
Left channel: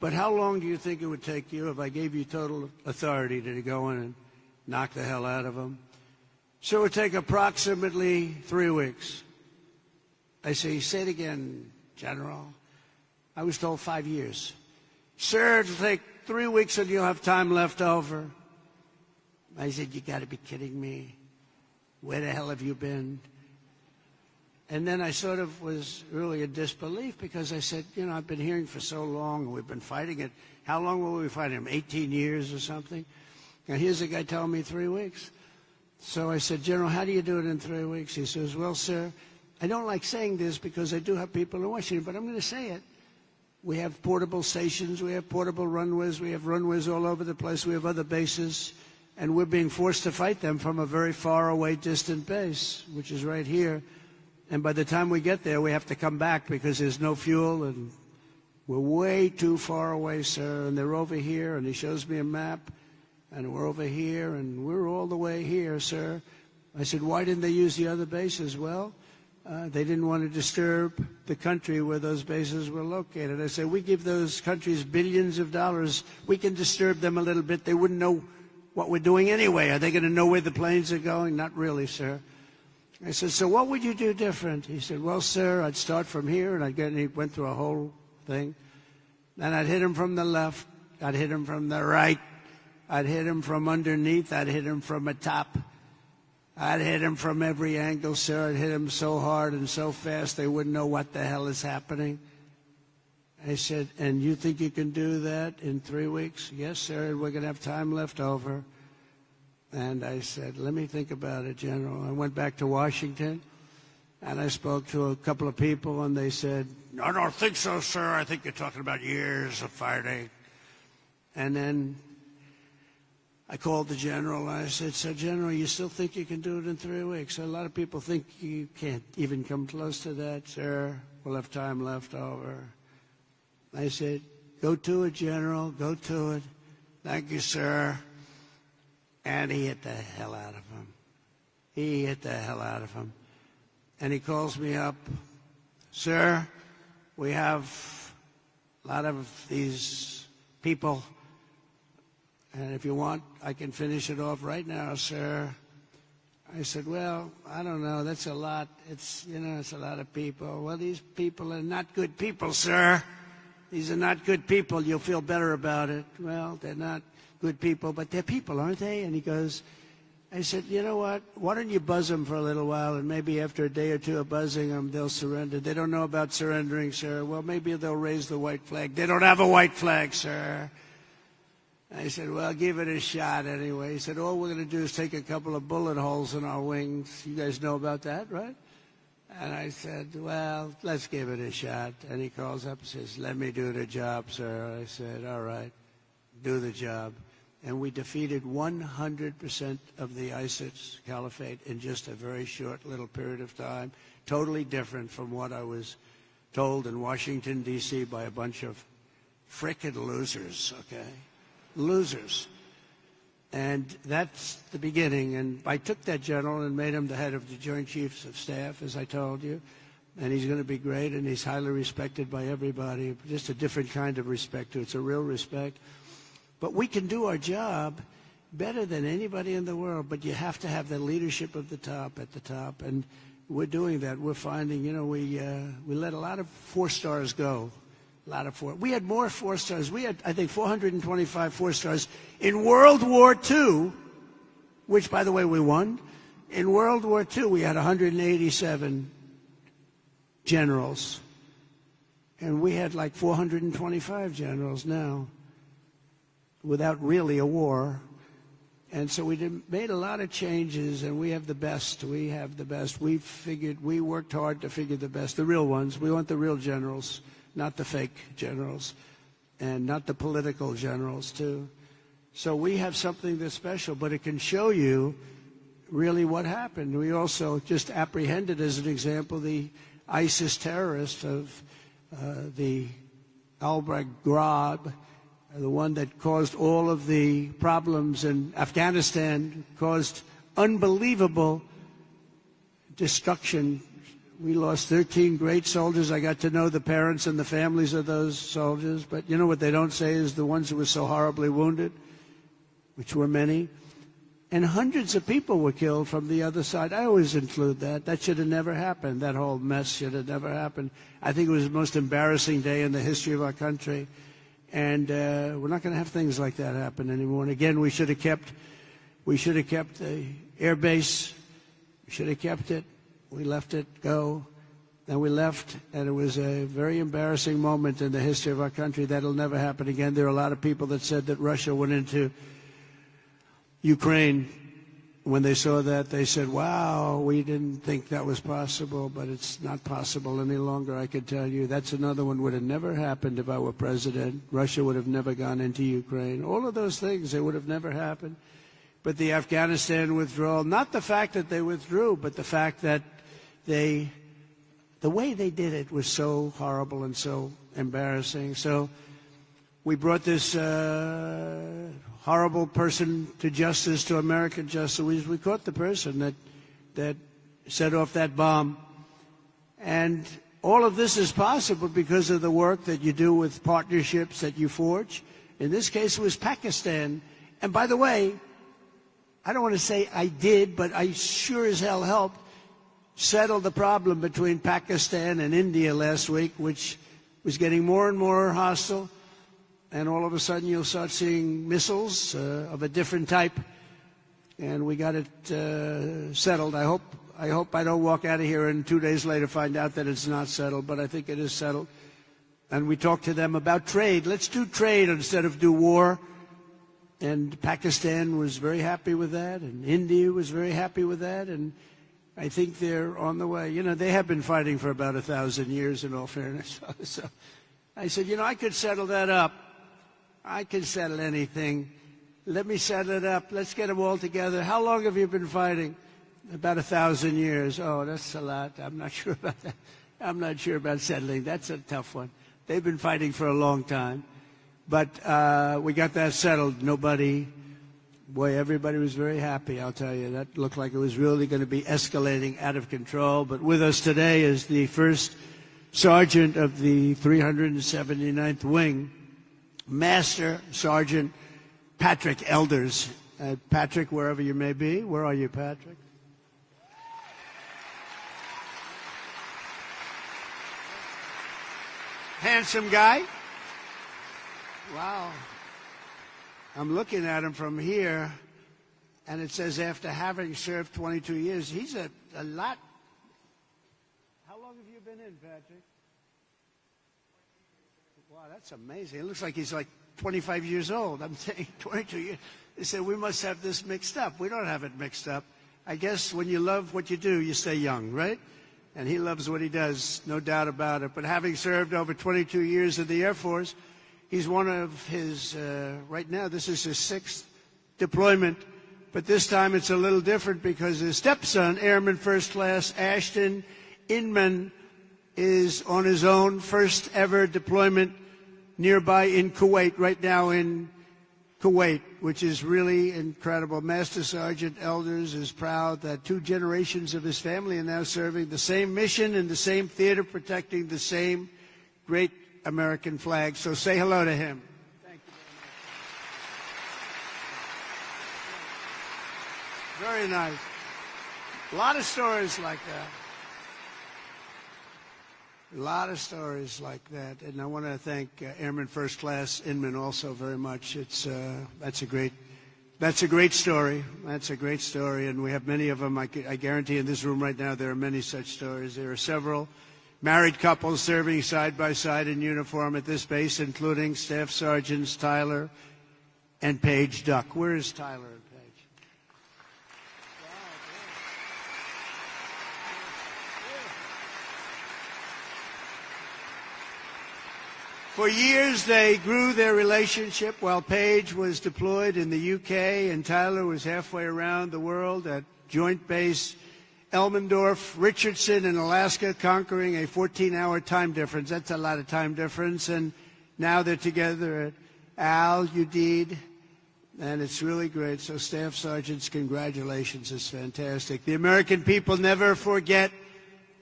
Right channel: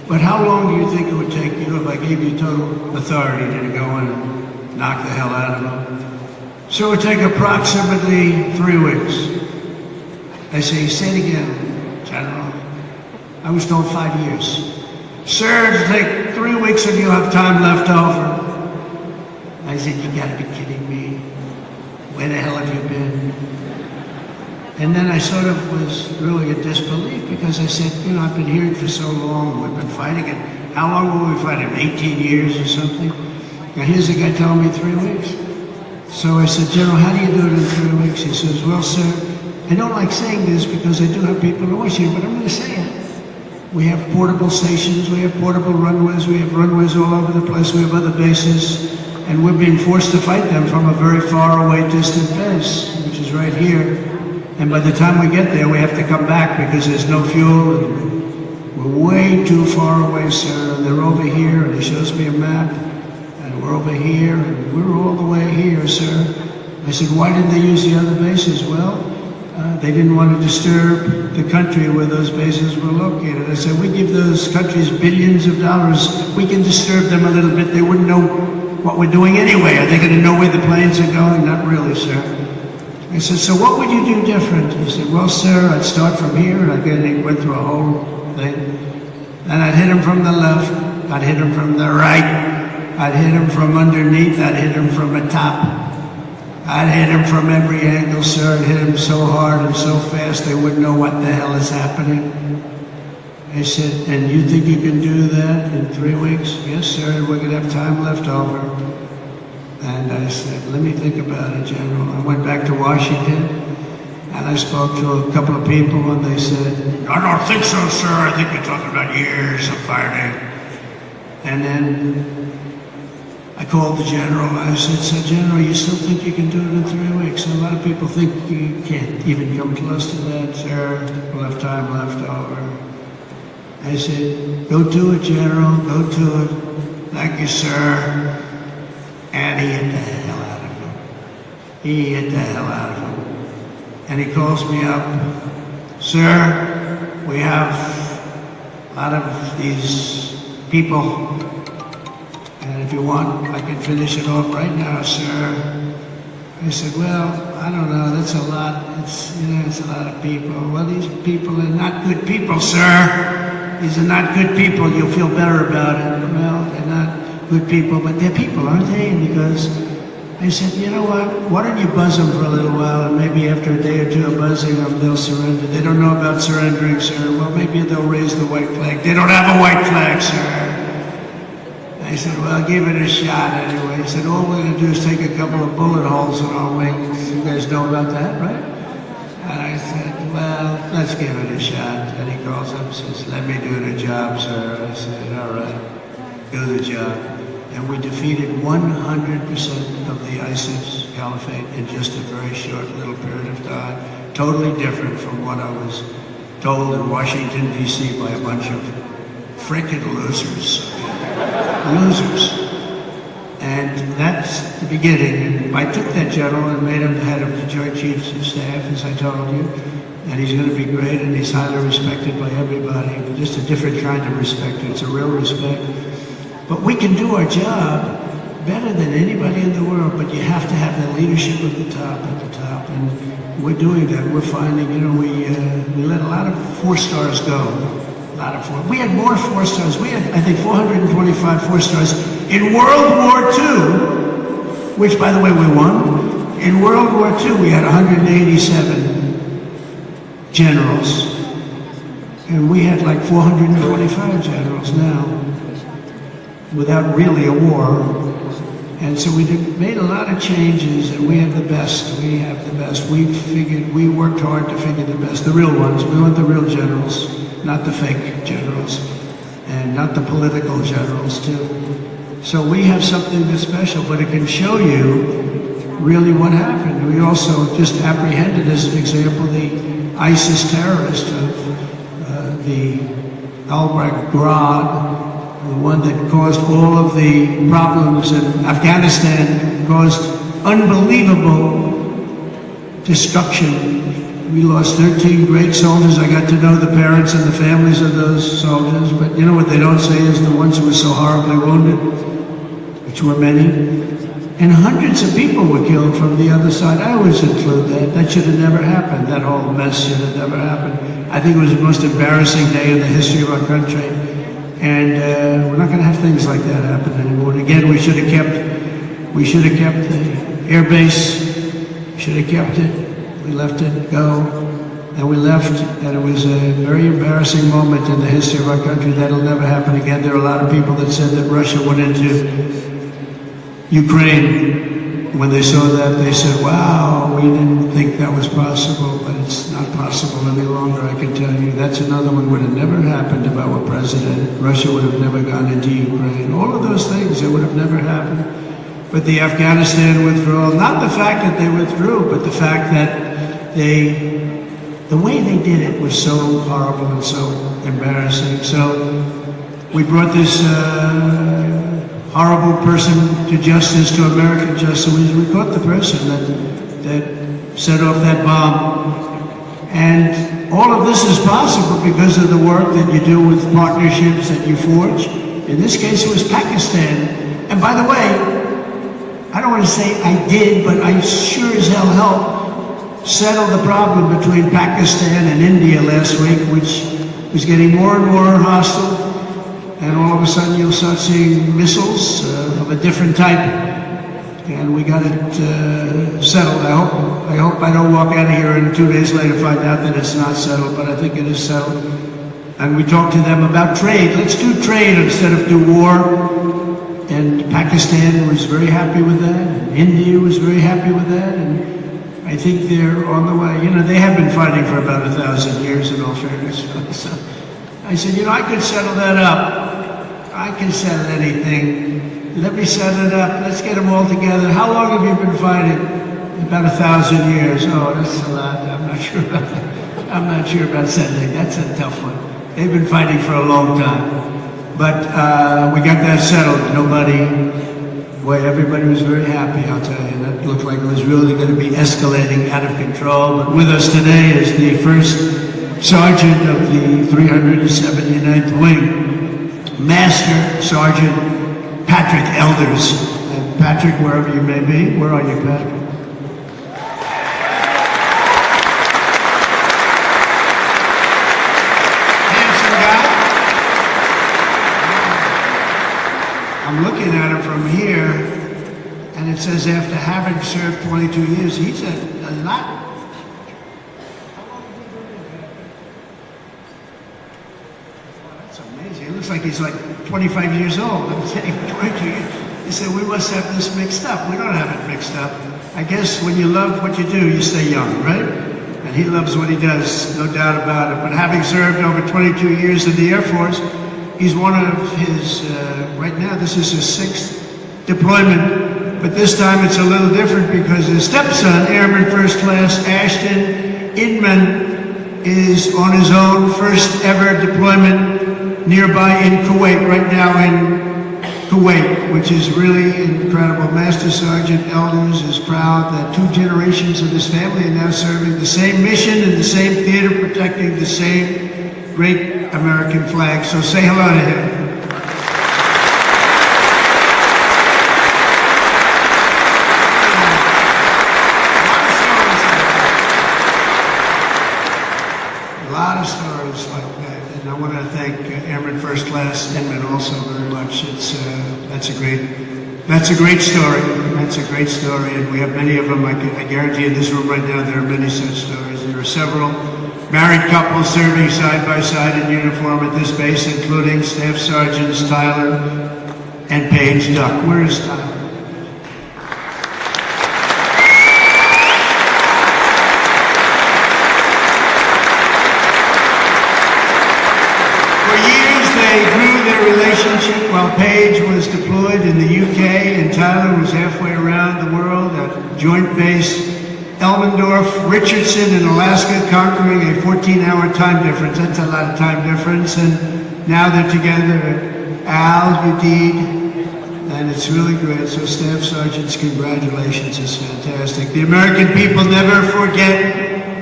But how long do you think it would take you if I gave you total authority to go and knock the hell out of them? So it would take approximately 3 weeks. I say, say it again, General. I was told 5 years. Sir, it'll take 3 weeks and you'll have time left over. I said, you gotta be kidding me. Where the hell have you been? And then I sort of was really in disbelief because I said, you know, I've been here for so long, we've been fighting it. How long were we fighting? 18 years or something? And here's a guy telling me 3 weeks. So I said, General, how do you do it in 3 weeks? He says, well, sir, I don't like saying this because I do have people always here, but I'm going to say it. We have portable stations, we have portable runways, we have runways all over the place, we have other bases, and we're being forced to fight them from a very far away distant base, which is right here. And by the time we get there, we have to come back because there's no fuel. And we're way too far away, sir. And they're over here, and he shows me a map. And we're over here, and we're all the way here, sir. I said, why didn't they use the other bases? Well, they didn't want to disturb the country where those bases were located. I said, we give those countries billions of dollars. We can disturb them a little bit. They wouldn't know what we're doing anyway. Are they going to know where the planes are going? Not really, sir. I said, so what would you do different? He said, well, sir, I'd start from here, and he went through a whole thing. And I'd hit him from the left, I'd hit him from the right, I'd hit him from underneath, I'd hit him from the top. I'd hit him from every angle, sir. I'd hit him so hard and so fast they wouldn't know what the hell is happening. He said, and you think you can do that in 3 weeks? Yes, sir, we're going to have time left over. And I said, let me think about it, General. I went back to Washington, and I spoke to a couple of people, and they said, I don't think so, sir. I think you're talking about years of fighting. And then I called the General. I said, so, General, you still think you can do it in 3 weeks? And a lot of people think you can't even come close to that, sir. We'll have time left over. They said, go do it, General. Go do it. Thank you, sir. And he hit the hell out of him. He hit the hell out of him. And he calls me up, sir, we have out of these people, and if you want, I can finish it off right now, sir. I said, well, I don't know, that's a lot. It's a lot of people. Well, these people are not good people, sir. These are not good people. You'll feel better about it. Well, they're not good people, but they're people, aren't they? And he goes, I said, you know what? Why don't you buzz them for a little while, and maybe after a day or two of buzzing them, they'll surrender. They don't know about surrendering, sir. Well, maybe they'll raise the white flag. They don't have a white flag, sir. I said, well, I'll give it a shot anyway. He said, all we're going to do is take a couple of bullet holes in our wings. You guys know about that, right? And I said, well, let's give it a shot. And he calls up and says, let me do the job, sir. I said, all right, do the job. And we defeated 100% of the ISIS caliphate in just a very short little period of time. Totally different from what I was told in Washington, D.C. by a bunch of frickin' losers. Losers. And that's the beginning. And I took that general and made him head of the Joint Chiefs of Staff, as I told you. And he's going to be great, and he's highly respected by everybody. Just a different kind of respect. It's a real respect. But we can do our job better than anybody in the world, but you have to have the leadership at the top, and we're doing that. We're finding, we let a lot of 4-stars go. A lot of 4. We had more 4-stars. We had, I think, 425 4-stars in World War II, which, by the way, we won. In World War II, we had 187 generals, and we had like 425 generals now, without really a war. And so we made a lot of changes, and we have the best. We have the best. We worked hard to figure the best, the real ones. We want the real generals, not the fake generals, and not the political generals, too. So we have something that's special, but it can show you really what happened. We also just apprehended, as an example, the ISIS terrorist of the Al-Baghdad, the one that caused all of the problems in Afghanistan, caused unbelievable destruction we lost 13 great soldiers. I got to know the parents and the families of those soldiers, but you know what they don't say is the ones who were so horribly wounded, which were many. And hundreds of people were killed from the other side. I always include that. That should have never happened. That whole mess should have never happened. I think it was the most embarrassing day in the history of our country. And we're not going to have things like that happen anymore. And again, we should have kept the air base. Should have kept it. We let it go. And we left, and it was a very embarrassing moment in the history of our country. That'll never happen again. There are a lot of people that said that Russia went into Ukraine. When they saw that, they said, wow, we didn't think that was possible, but it's not possible any longer, I can tell you. That's another one would have never happened if I were president. Russia would have never gone into Ukraine. All of those things, it would have never happened. But the Afghanistan withdrawal, not the fact that they withdrew, but the fact that the way they did it was so horrible and so embarrassing. So we brought this horrible person to justice, to American justice. We caught the person that set off that bomb. And all of this is possible because of the work that you do with partnerships that you forge. In this case, it was Pakistan. And by the way, I don't want to say I did, but I sure as hell helped settle the problem between Pakistan and India last week, which was getting more and more hostile. And all of a sudden you'll start seeing missiles of a different type. And we got it settled. I hope I don't walk out of here and 2 days later find out that it's not settled, but I think it is settled. And we talked to them about trade. Let's do trade instead of do war. And Pakistan was very happy with that. And India was very happy with that. And I think they're on the way. You know, they have been fighting for about 1,000 years in all fairness. So I said, you know, I could settle that up. I can settle anything. Let me set it up. Let's get them all together. How long have you been fighting? About 1,000 years. Oh, that's a lot. I'm not sure about that. I'm not sure about settling. That's a tough one. They've been fighting for a long time. But we got that settled. Everybody was very happy, I'll tell you. That looked like it was really going to be escalating out of control. But with us today is the first sergeant of the 379th Wing, Master Sergeant Patrick Elders. And Patrick, wherever you may be, where are you, Pat? I'm looking at him from here, and it says after having served 22 years, he's a lot. That's amazing. It looks like he's like 25 years old. I'm saying 22 years. He said, we must have this mixed up. We don't have it mixed up. I guess when you love what you do, you stay young, right? And he loves what he does, no doubt about it. But having served over 22 years in the Air Force, he's one of his, right now, this is his 6th deployment, but this time it's a little different because his stepson, Airman First Class Ashton Inman, is on his own first ever deployment nearby in Kuwait, right now in Kuwait, which is really incredible. Master Sergeant Elders is proud that 2 generations of his family are now serving the same mission in the same theater, protecting the same great American flag. So say hello to him. A lot of stories like that, and I want to thank Airman First Class Inman also very much. That's a great story. That's a great story, and we have many of them. I guarantee in this room right now there are many such stories. There are several married couples serving side by side in uniform at this base, including Staff Sergeants Tyler and Paige Duck. Where is Tyler? For years, they grew their relationship while Paige was deployed in the UK and Tyler was halfway around the world at Joint Base Elmendorf, Richardson in Alaska, conquering a 14-hour time difference. That's a lot of time difference. And now they're together. Al, Udeid, and it's really great. So Staff Sergeants, congratulations. It's fantastic. The American people never forget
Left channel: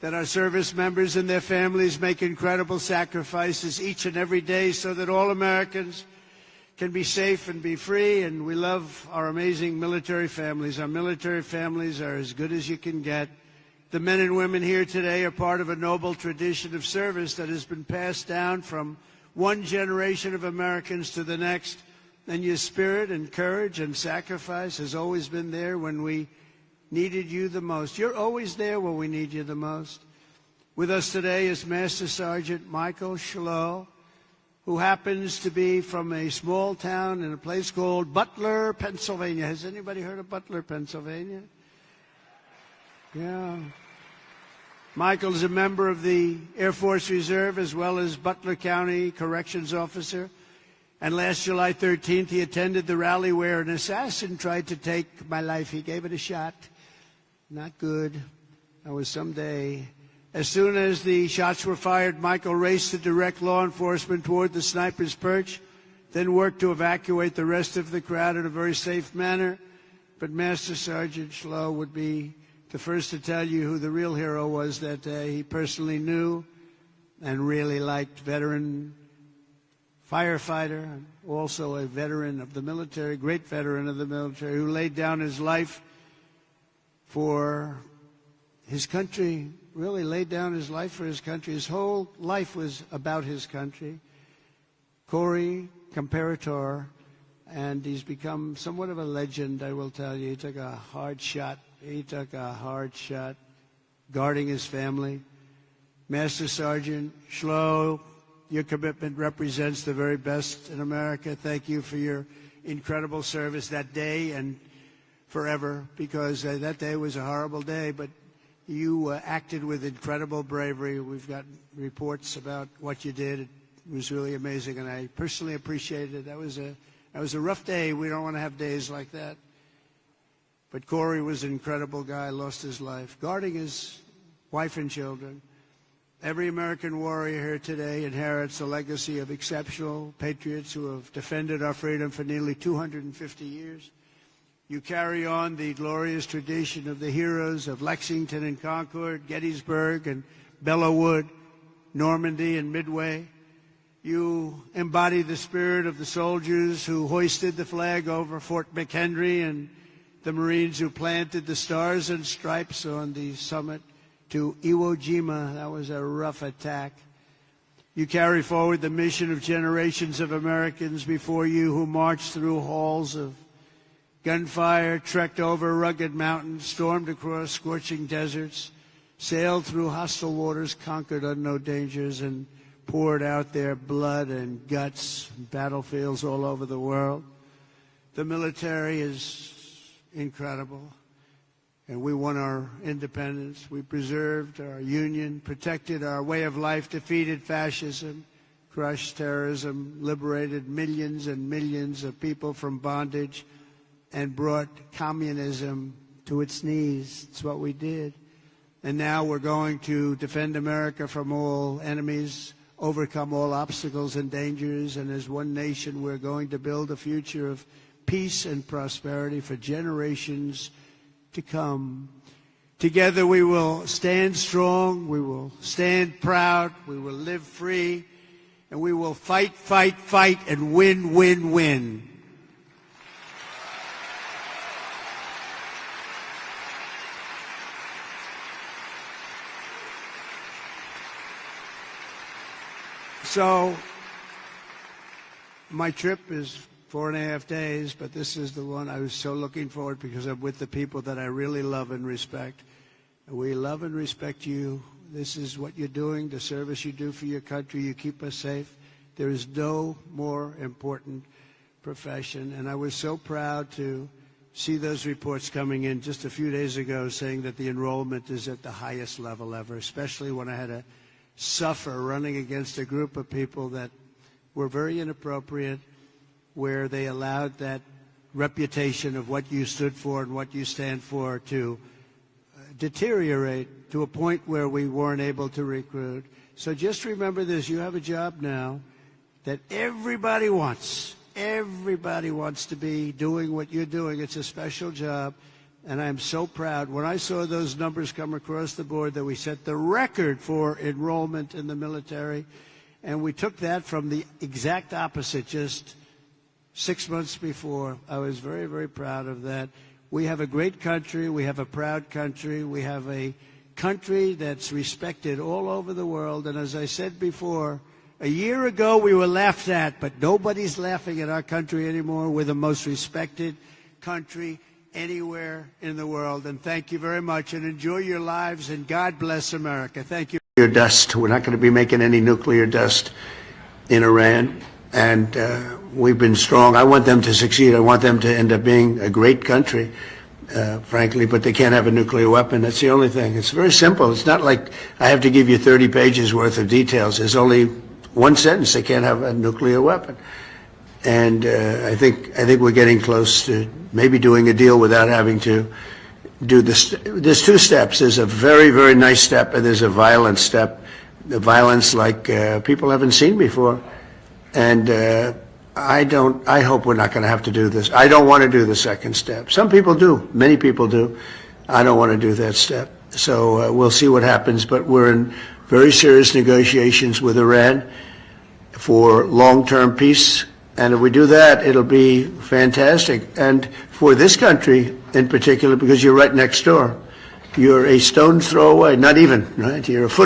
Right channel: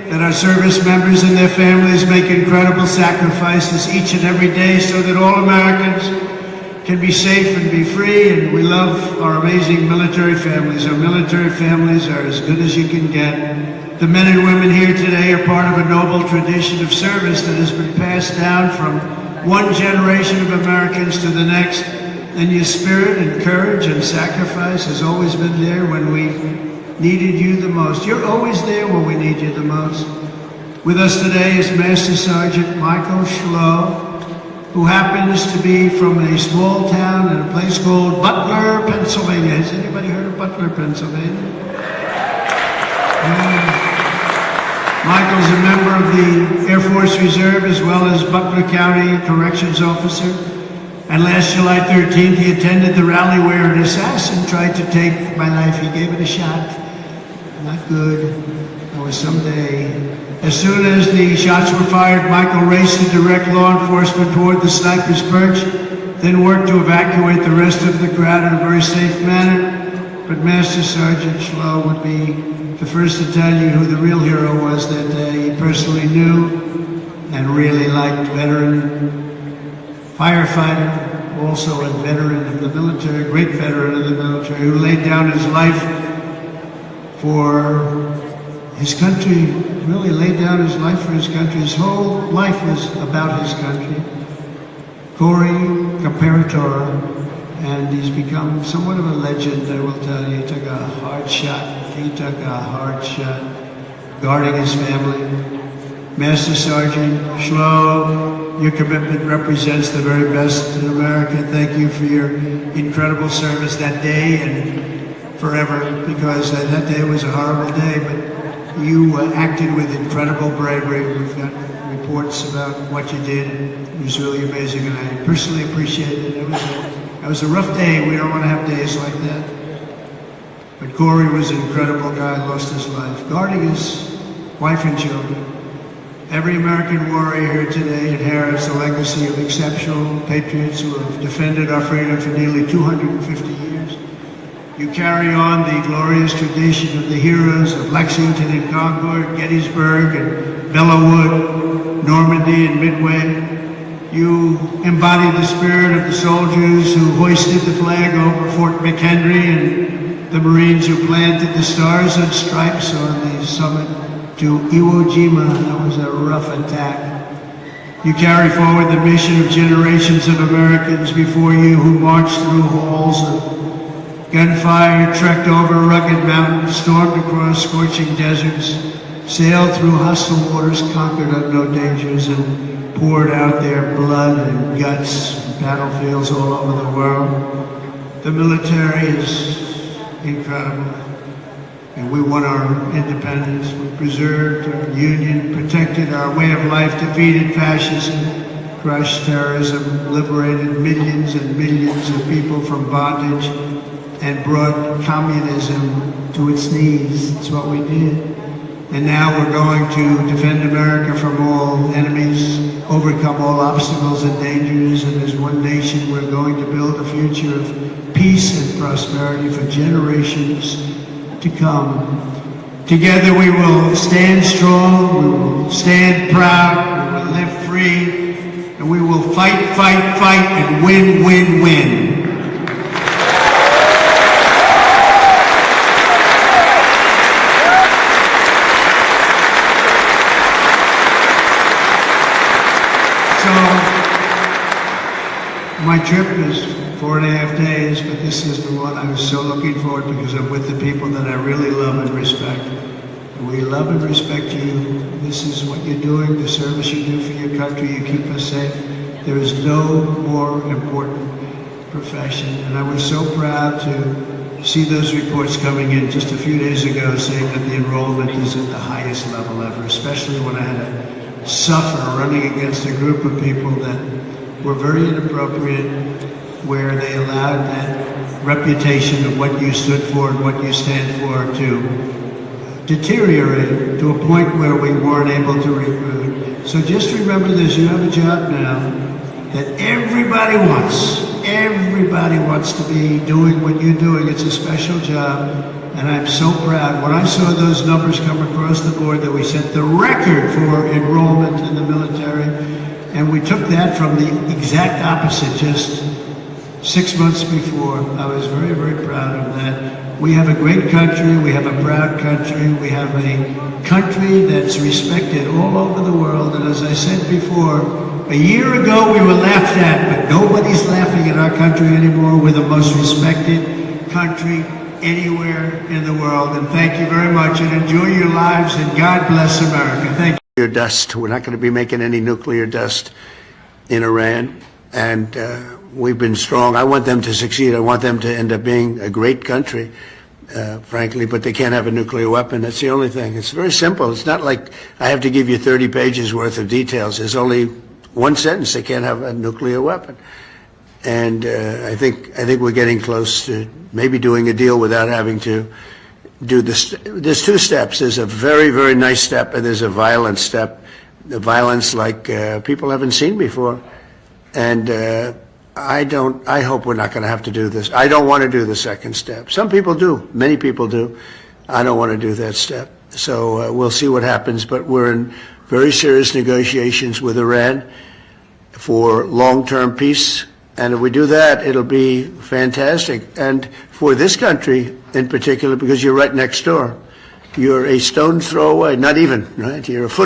that our service members and their families make incredible sacrifices each and every day so that all Americans can be safe and be free, and we love our amazing military families. Our military families are as good as you can get. The men and women here today are part of a noble tradition of service that has been passed down from one generation of Americans to the next, and your spirit and courage and sacrifice has always been there when we needed you the most. You're always there when we need you the most. With us today is Master Sergeant Michael Schlow, who happens to be from a small town in a place called Butler, Pennsylvania. Has anybody heard of Butler, Pennsylvania? Michael's a member of the Air Force Reserve as well as Butler County Corrections Officer. And last July 13th, he attended the rally where an assassin tried to take my life. He gave it a shot. Not good. Or someday. As soon as the shots were fired, Michael raced to direct law enforcement toward the sniper's perch, then worked to evacuate the rest of the crowd in a very safe manner. But Master Sergeant Schlow would be the first to tell you who the real hero was that day. He personally knew and really liked veteran firefighter, also a veteran of the military, great veteran of the military, who laid down his life for his country, really laid down his life for his country. His whole life was about his country. Corey Comparator, and he's become somewhat of a legend, I will tell you. He took a hard shot. He took a hard shot, guarding his family. Master Sergeant Schlow, your commitment represents the very best in America. Thank you for your incredible service that day and forever, because that day was a horrible day, but you acted with incredible bravery. We've got reports about what you did. It was really amazing, and I personally appreciate it. It was a rough day. We don't want to have days like that. But Corey was an incredible guy, lost his life, guarding his wife and children. Every American warrior here today inherits a legacy of exceptional patriots who have defended our freedom for nearly 250 years. You carry on the glorious tradition of the heroes of Lexington and Concord, Gettysburg and Belleau Wood, Normandy and Midway. You embody the spirit of the soldiers who hoisted the flag over Fort McHenry and the Marines who planted the stars and stripes on the summit to Iwo Jima. That was a rough attack. You carry forward the mission of generations of Americans before you who marched through halls of gunfire, trekked over rugged mountains, stormed across scorching deserts, sailed through hostile waters, conquered unknown dangers, and poured out their blood and guts in battlefields all over the world. The military is incredible. And we won our independence. We preserved our union, protected our way of life, defeated fascism, crushed terrorism, liberated millions and millions of people from bondage, and brought communism to its knees. That's what we did. And now we're going to defend America from all enemies, overcome all obstacles and dangers, and as one nation we're going to build a future of peace and prosperity for generations to come. Together we will stand strong, we will stand proud, we will live free, and we will fight, fight, fight, and win, win, win. My trip is 4.5 days, but this is the one I'm so looking forward to because I'm with the people that I really love and respect. We love and respect you. This is what you're doing, the service you do for your country. You keep us safe. There is no more important profession. And I was so proud to see those reports coming in just a few days ago saying that the enrollment is at the highest level ever, especially when I had to suffer running against a group of people that were very inappropriate, where they allowed that reputation of what you stood for and what you stand for to deteriorate to a point where we weren't able to recruit. So just remember this, you have a job now that everybody wants. Everybody wants to be doing what you're doing. It's a special job, and I'm so proud. When I saw those numbers come across the board that we set the record for enrollment in the military, and we took that from the exact opposite just 6 months before. I was very, very proud of that. We have a great country. We have a proud country. We have a country that's respected all over the world. And as I said before, a year ago we were laughed at, but nobody's laughing at our country anymore. We're the most respected country anywhere in the world. And thank you very much, and enjoy your lives, and God bless America. Thank you. Dust. We're not going to be making any nuclear dust in Iran, and we've been strong. I want them to succeed. I want them to end up being a great country, frankly, but they can't have a nuclear weapon. That's the only thing. It's very simple. It's not like I have to give you 30 pages worth of details. There's only one sentence: they can't have a nuclear weapon. And I think we're getting close to maybe doing a deal without having to do this. There's two steps. There's a very, very nice step, and there's a violent step. The violence like people haven't seen before. And I hope we're not going to have to do this. I don't want to do the second step. Some people do. Many people do. I don't want to do that step. So we'll see what happens. But we're in very serious negotiations with Iran for long-term peace. And if we do that, it'll be fantastic. And for this country in particular, because you're right next door. You're a stone's throw away, not even, right? You're a foot